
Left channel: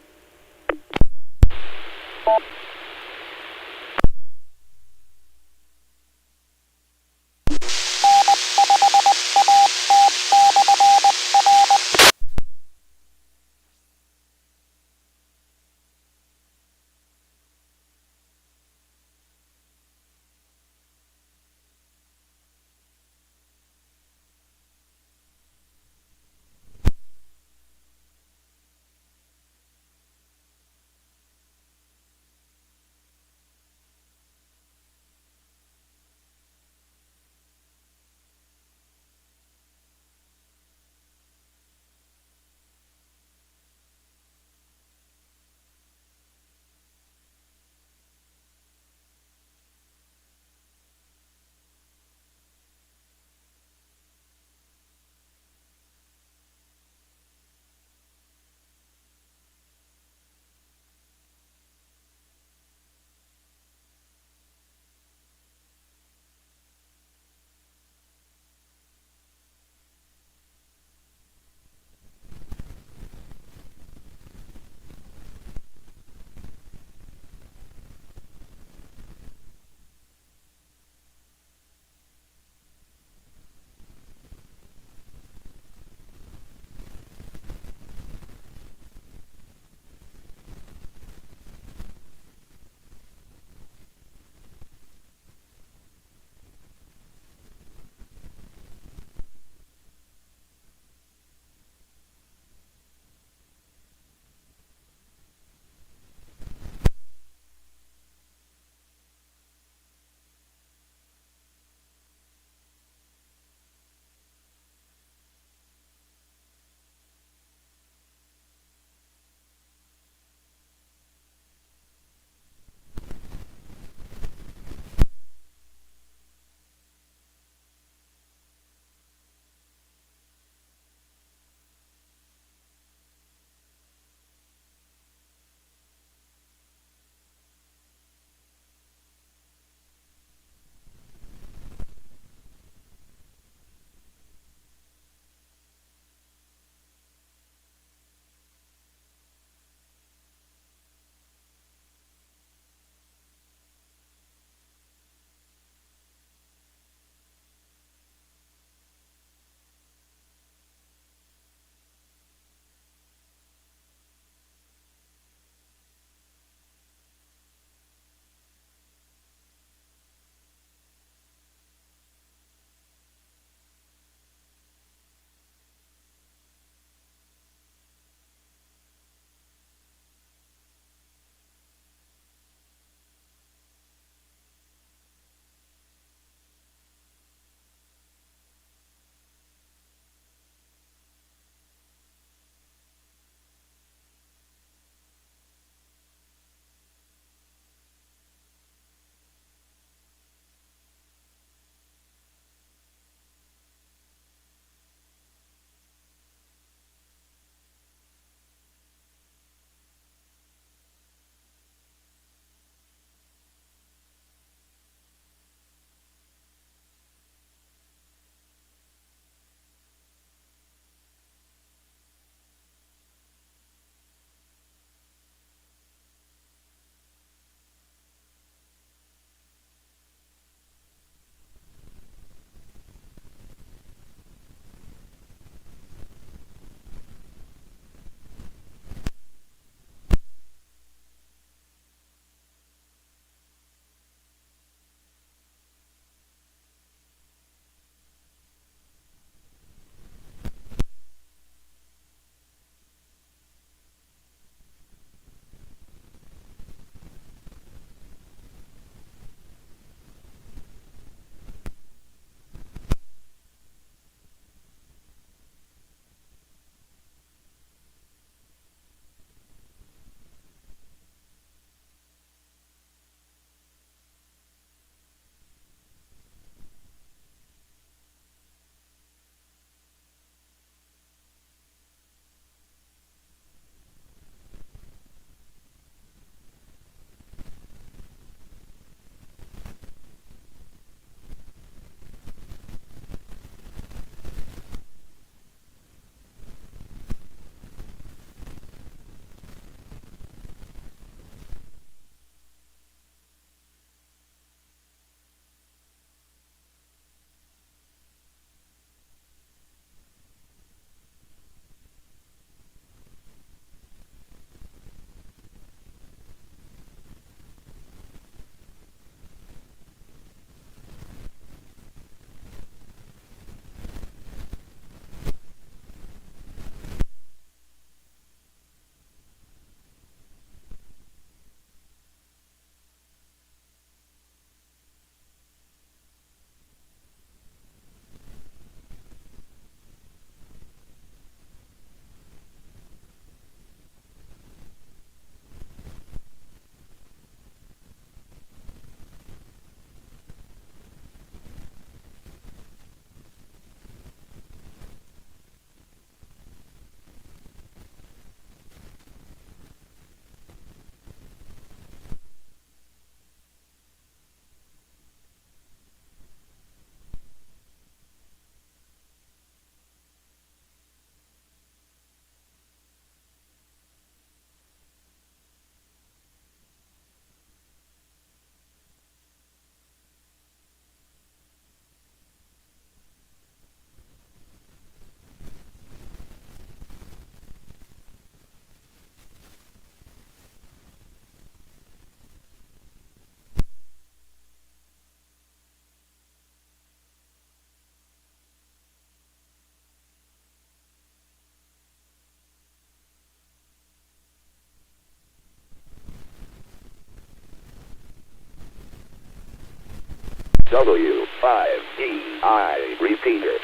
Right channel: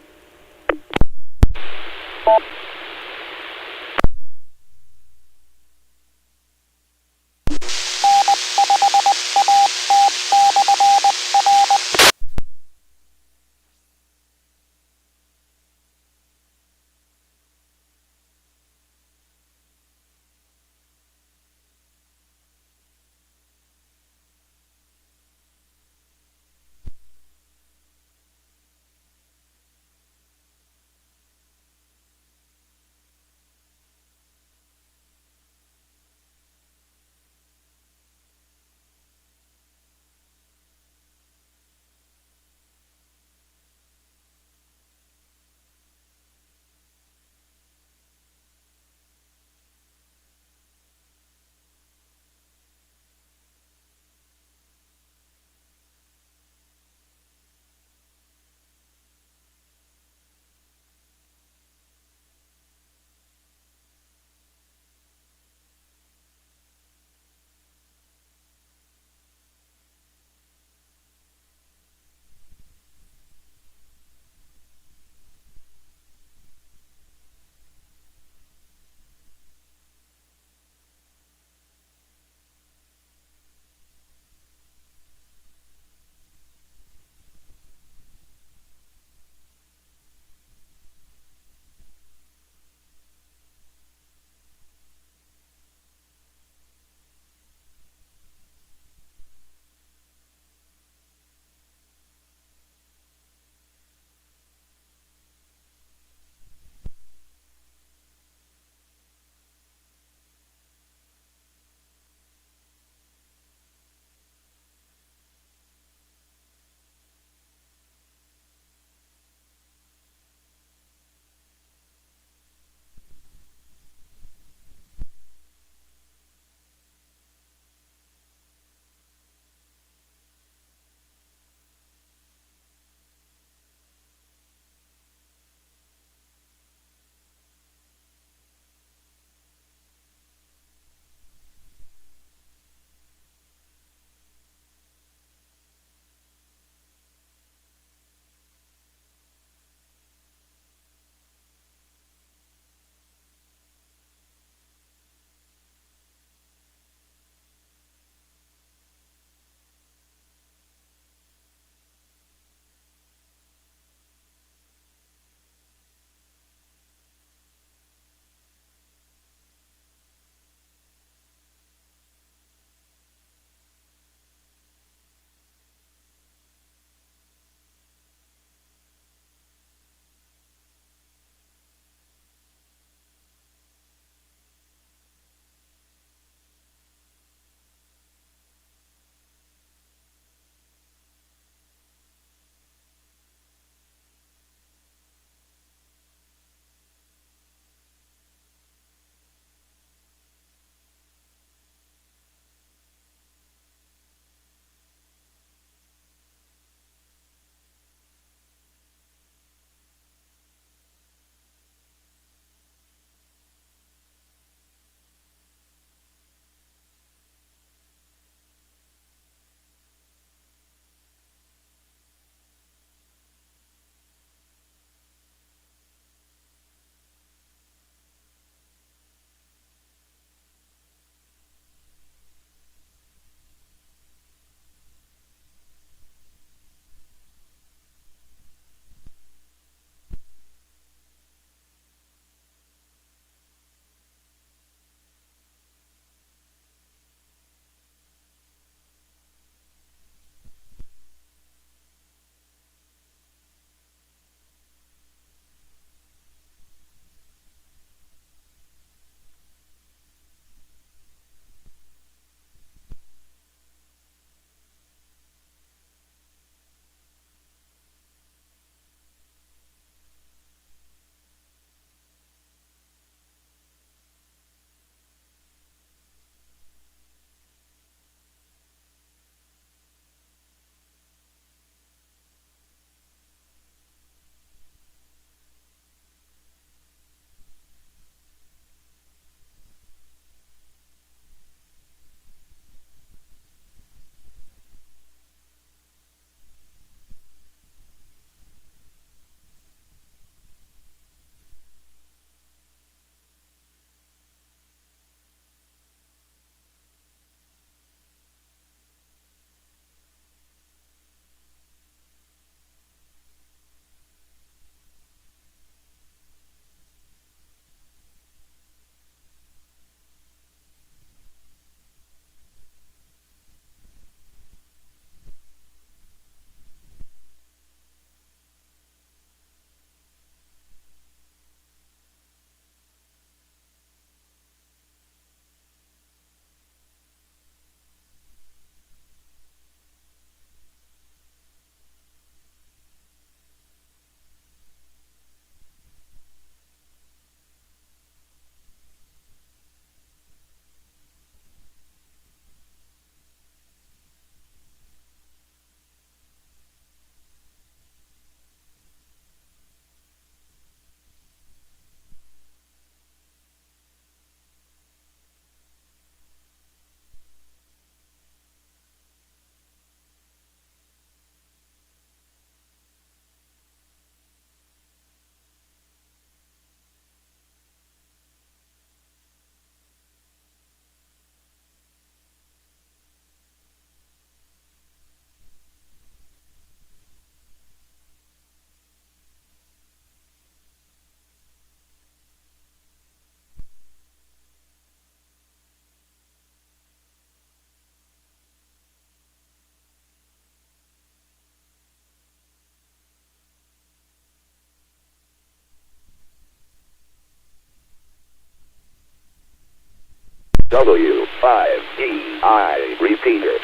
W5DI repeater.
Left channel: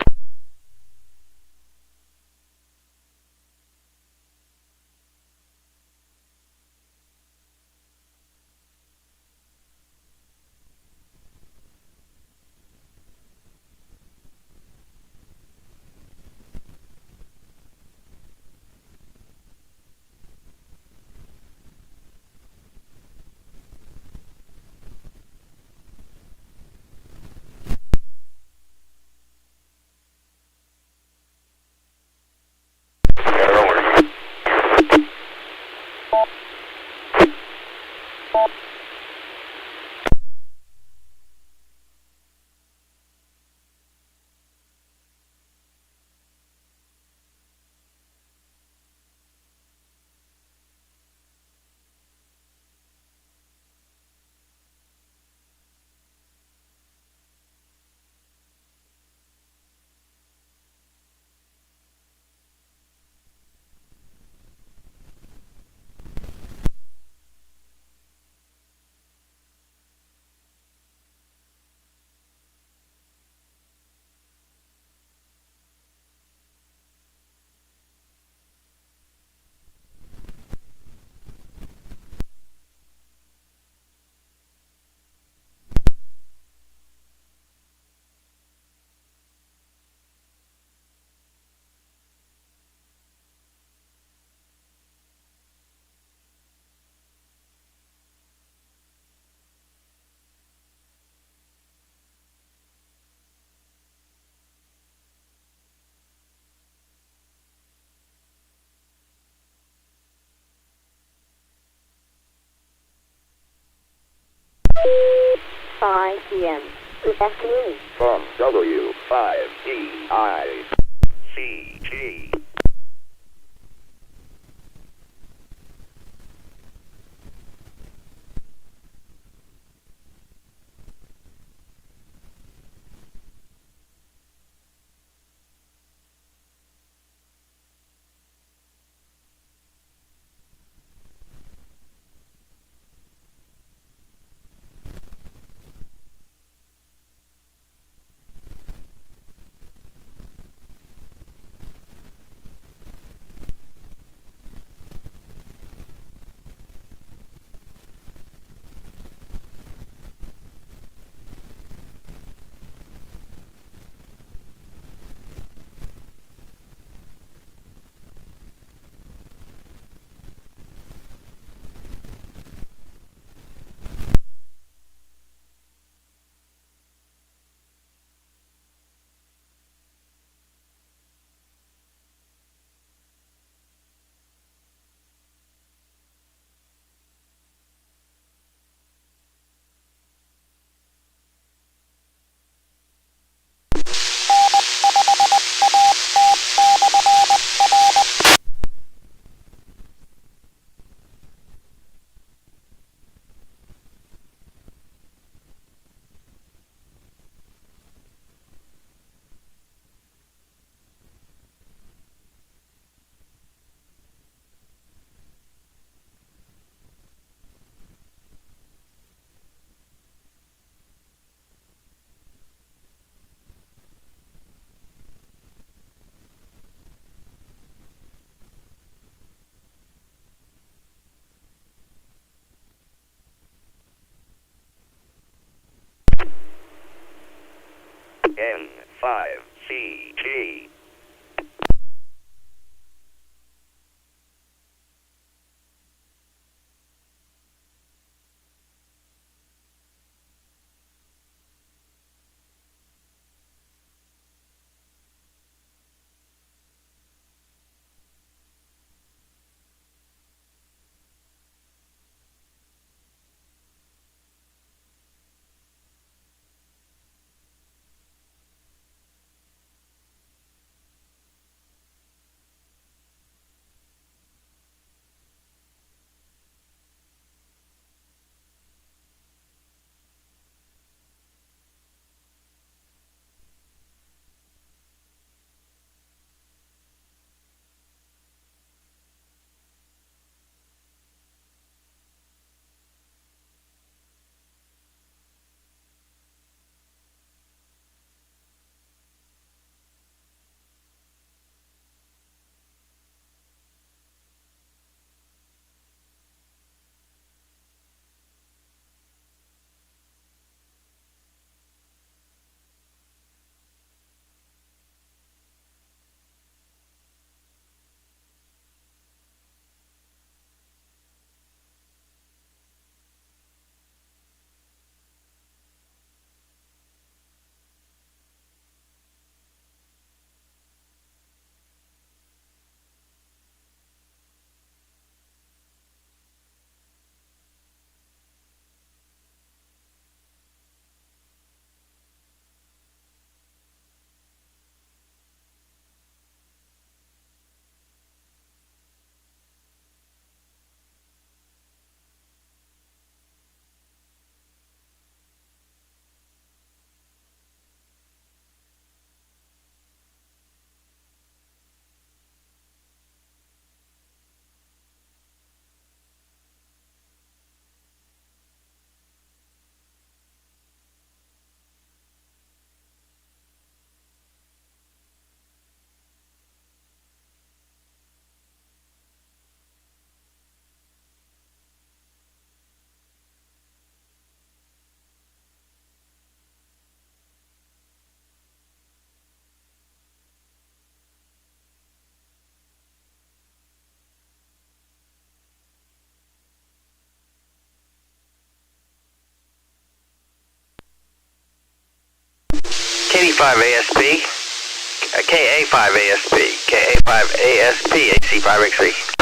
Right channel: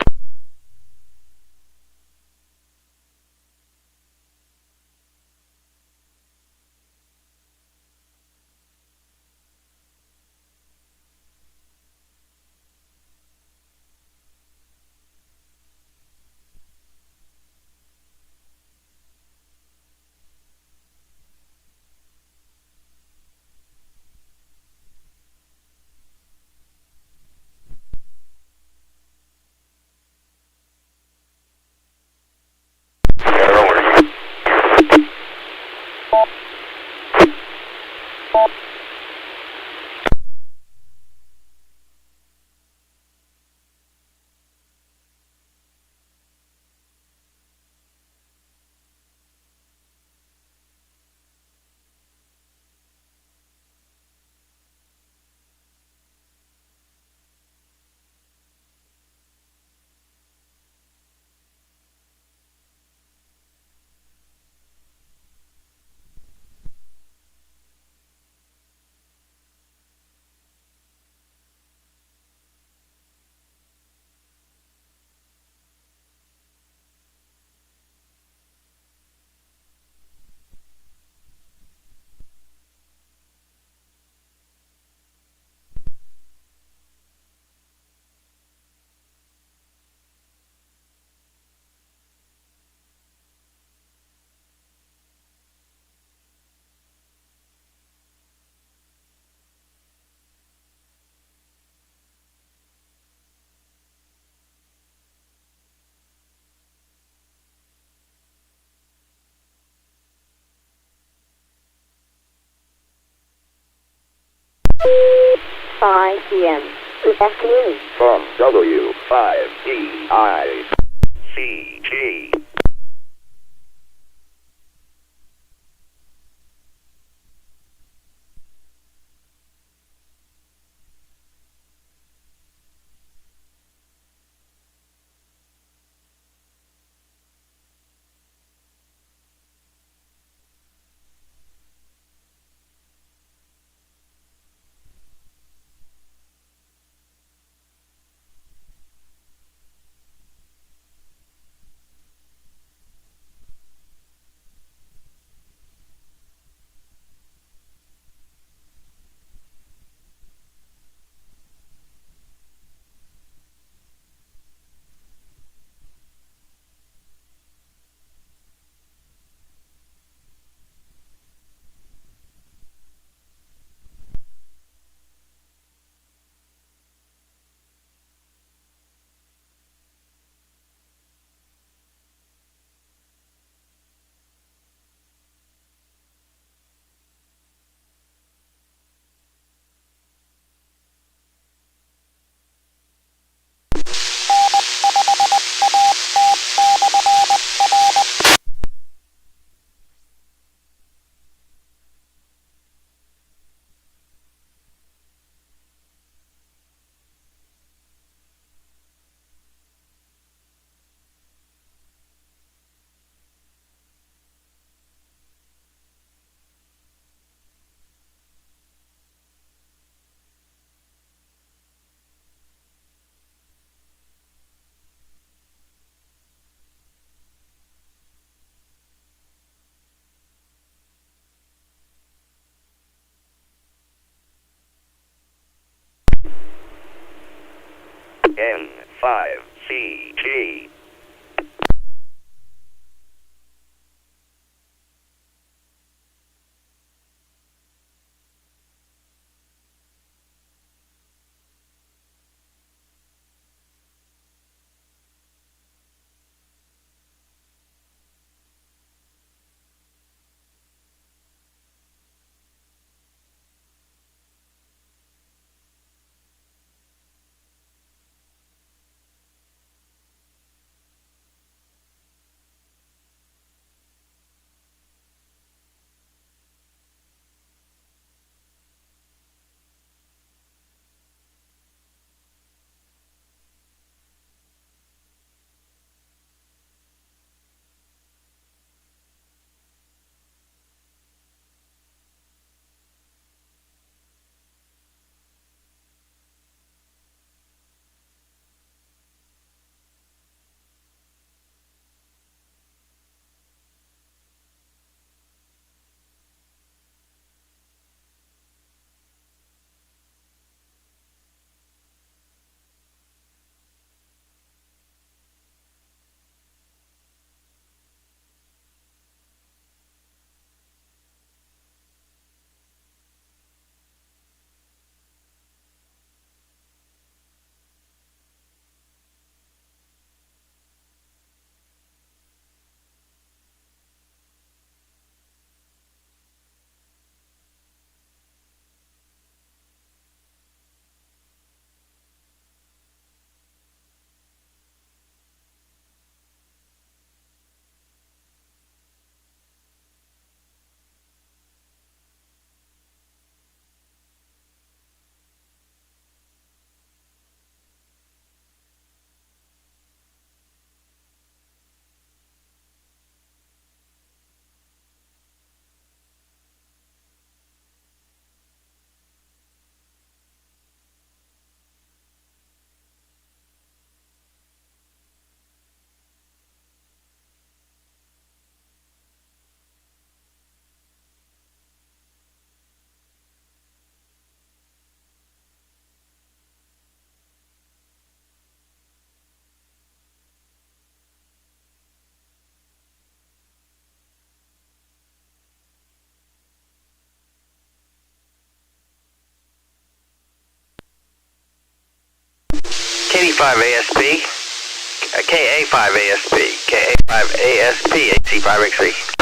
p.m. Good afternoon. From W5DI CG. N5CG. KD5ASP, KA5ASP, KA5ASP, AC5XC.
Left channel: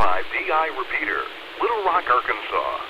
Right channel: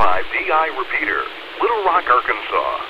N5DI repeater, Little Rock, Arkansas.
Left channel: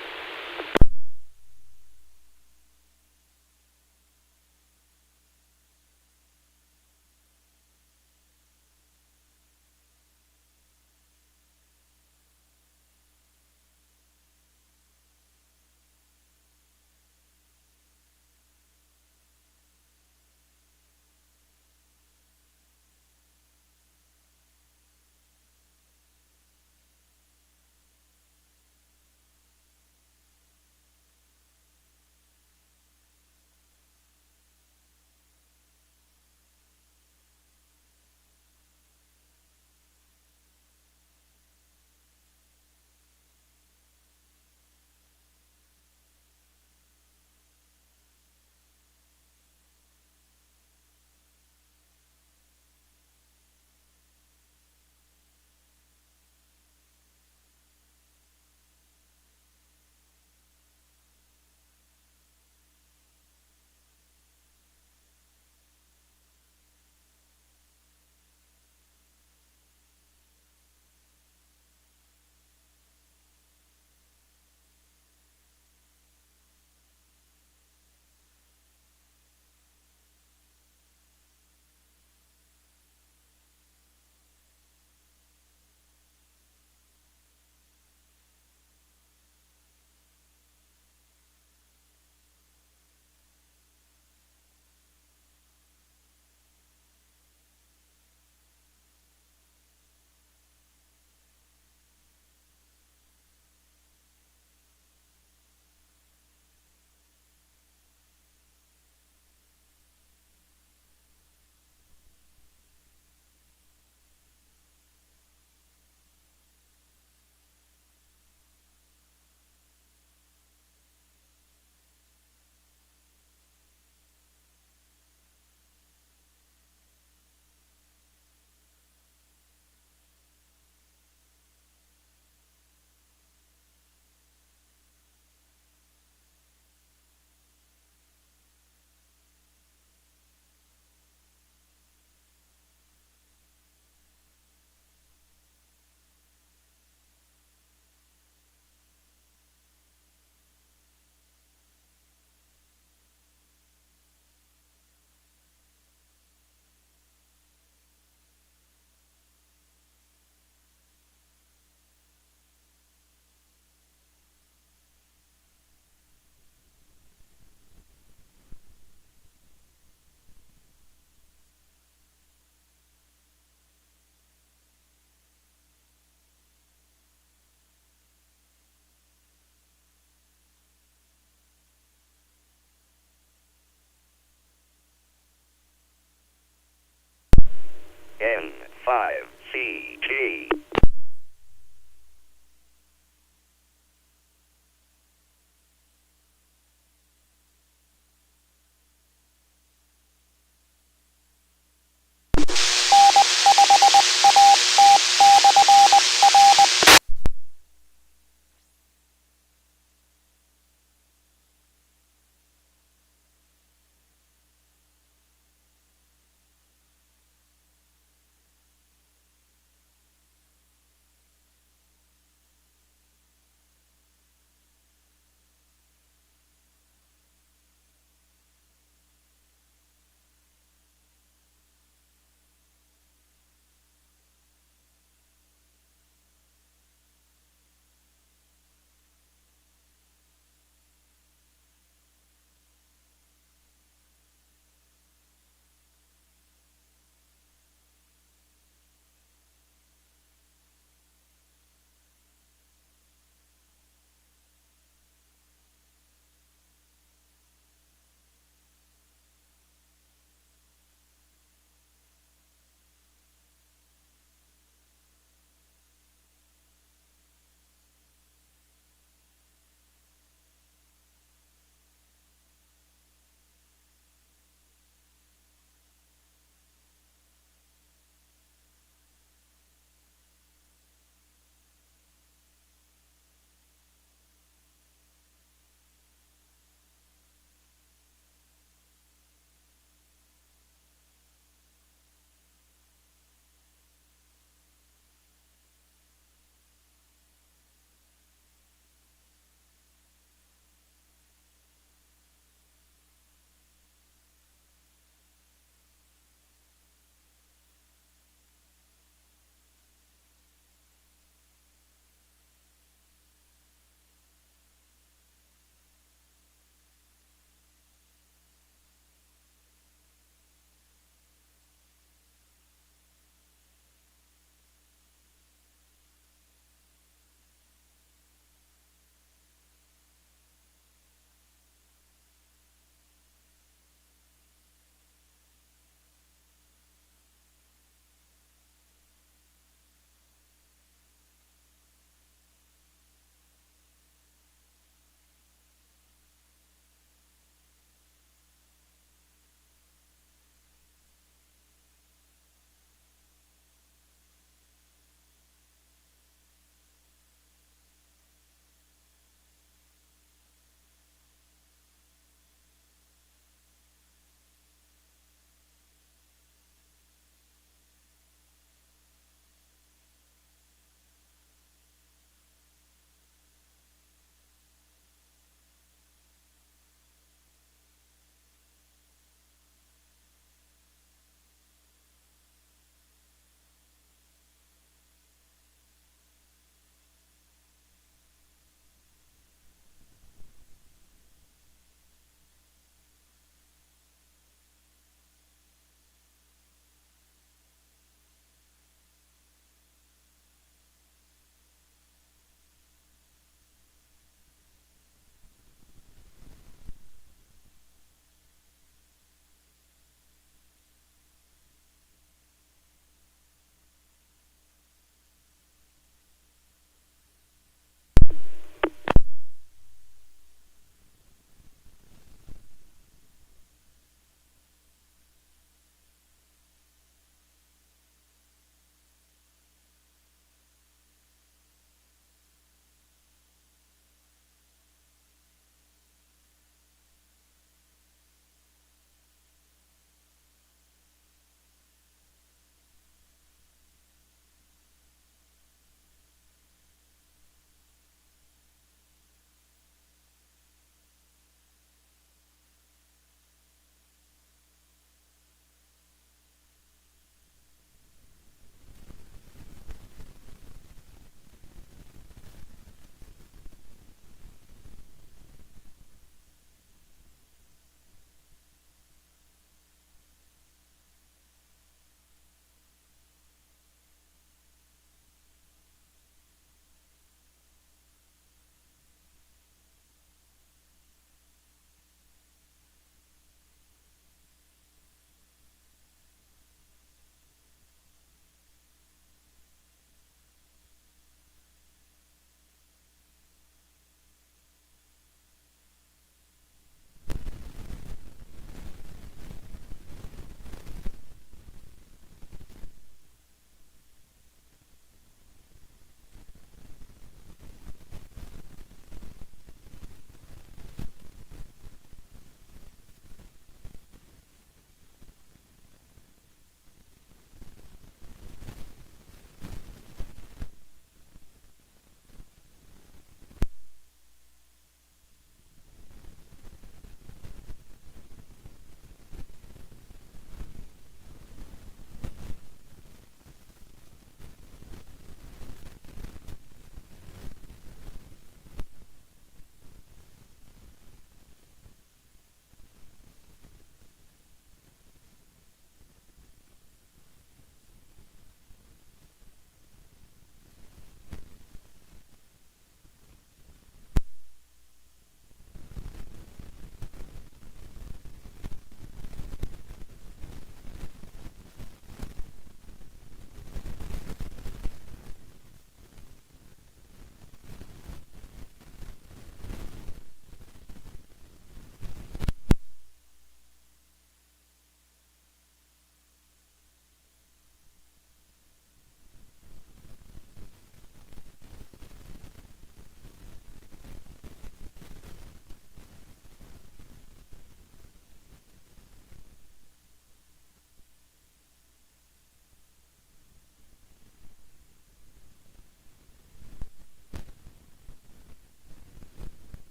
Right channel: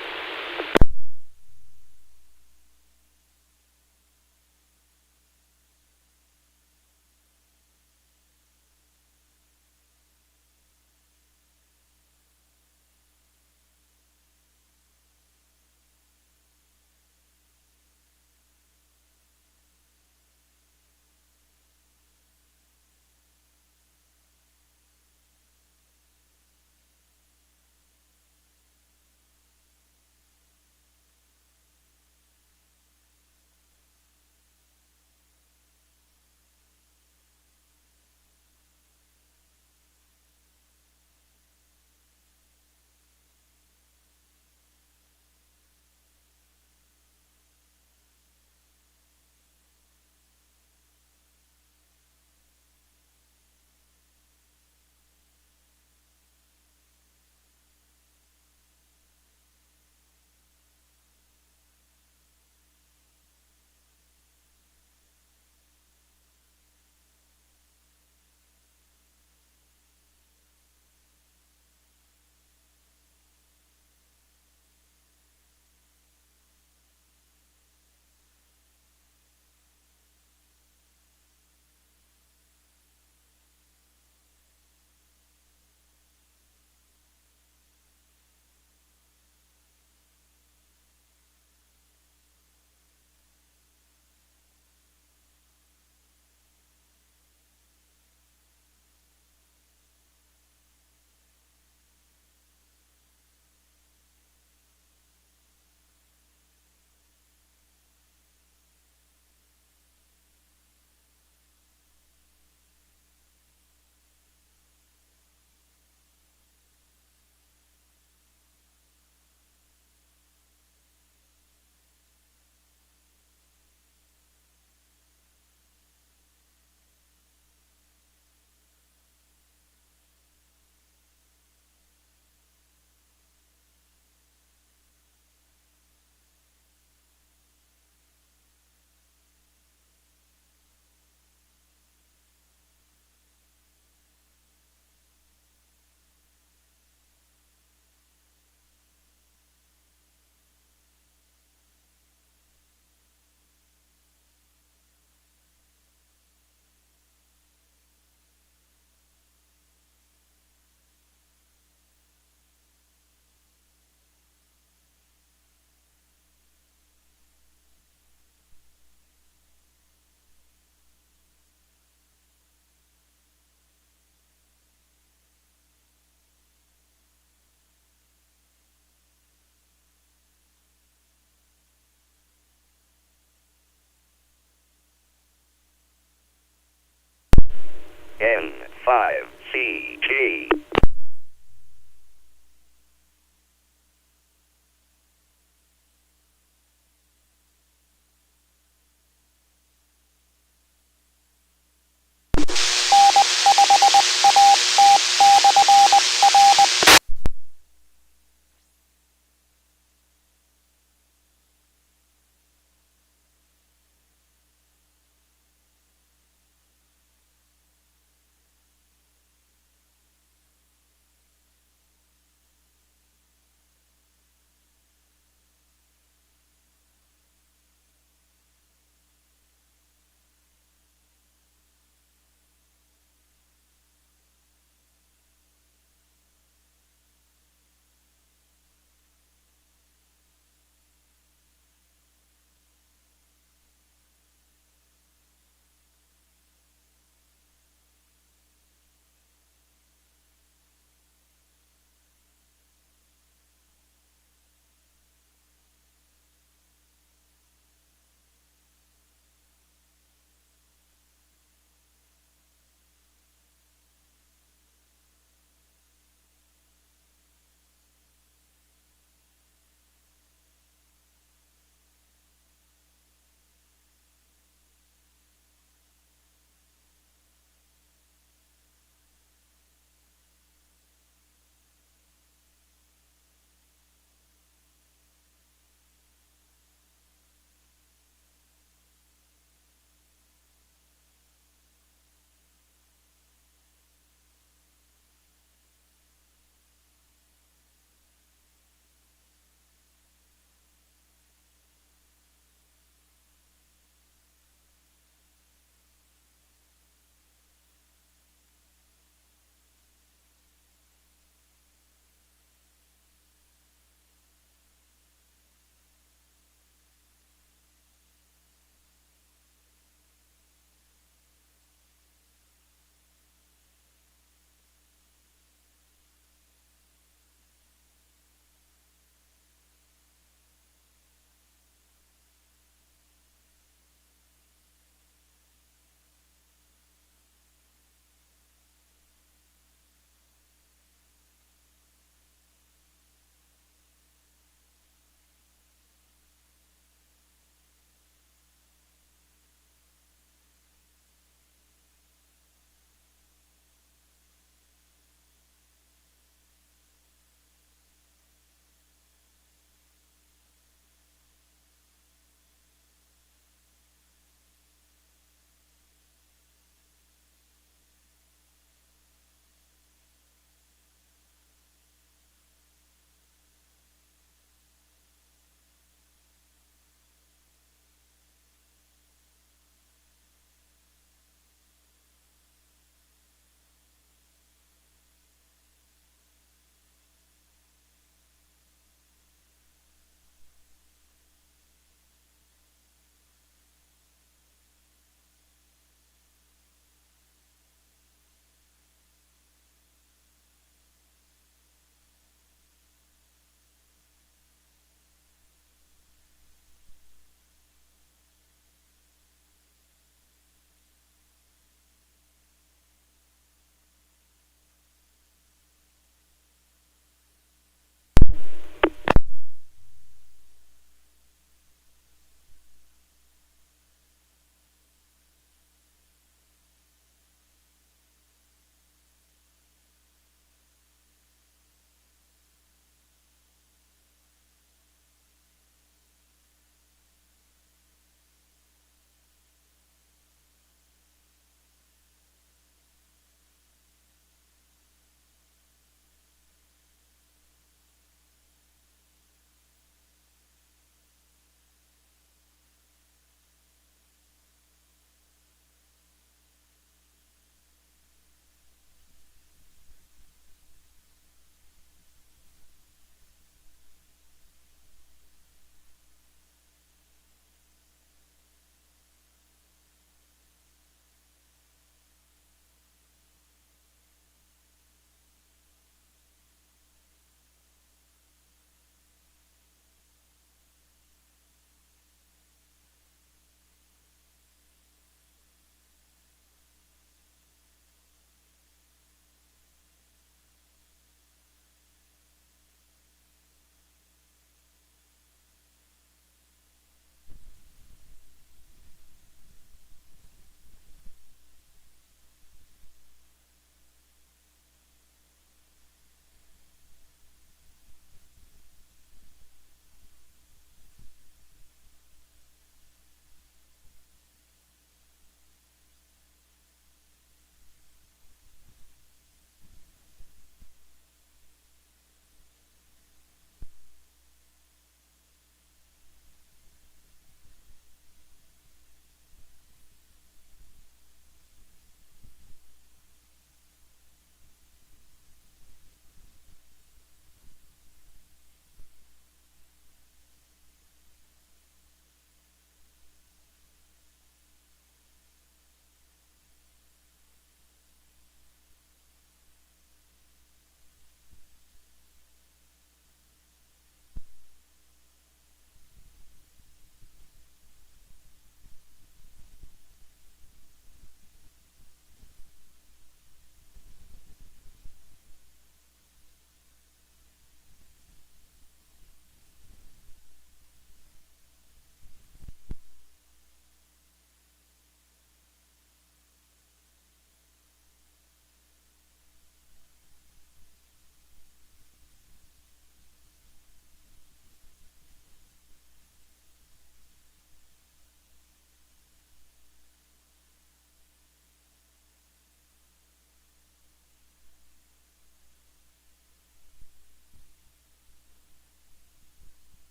N5CG.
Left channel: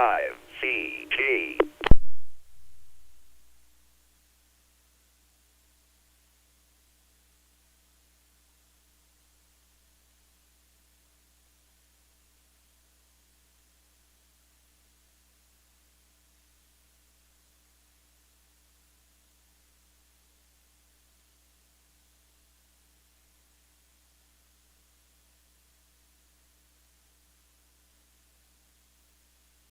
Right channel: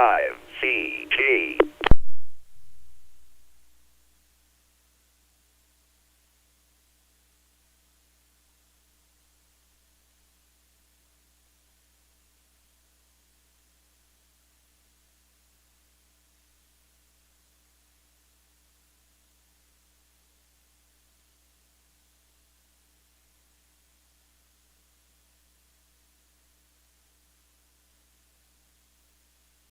5.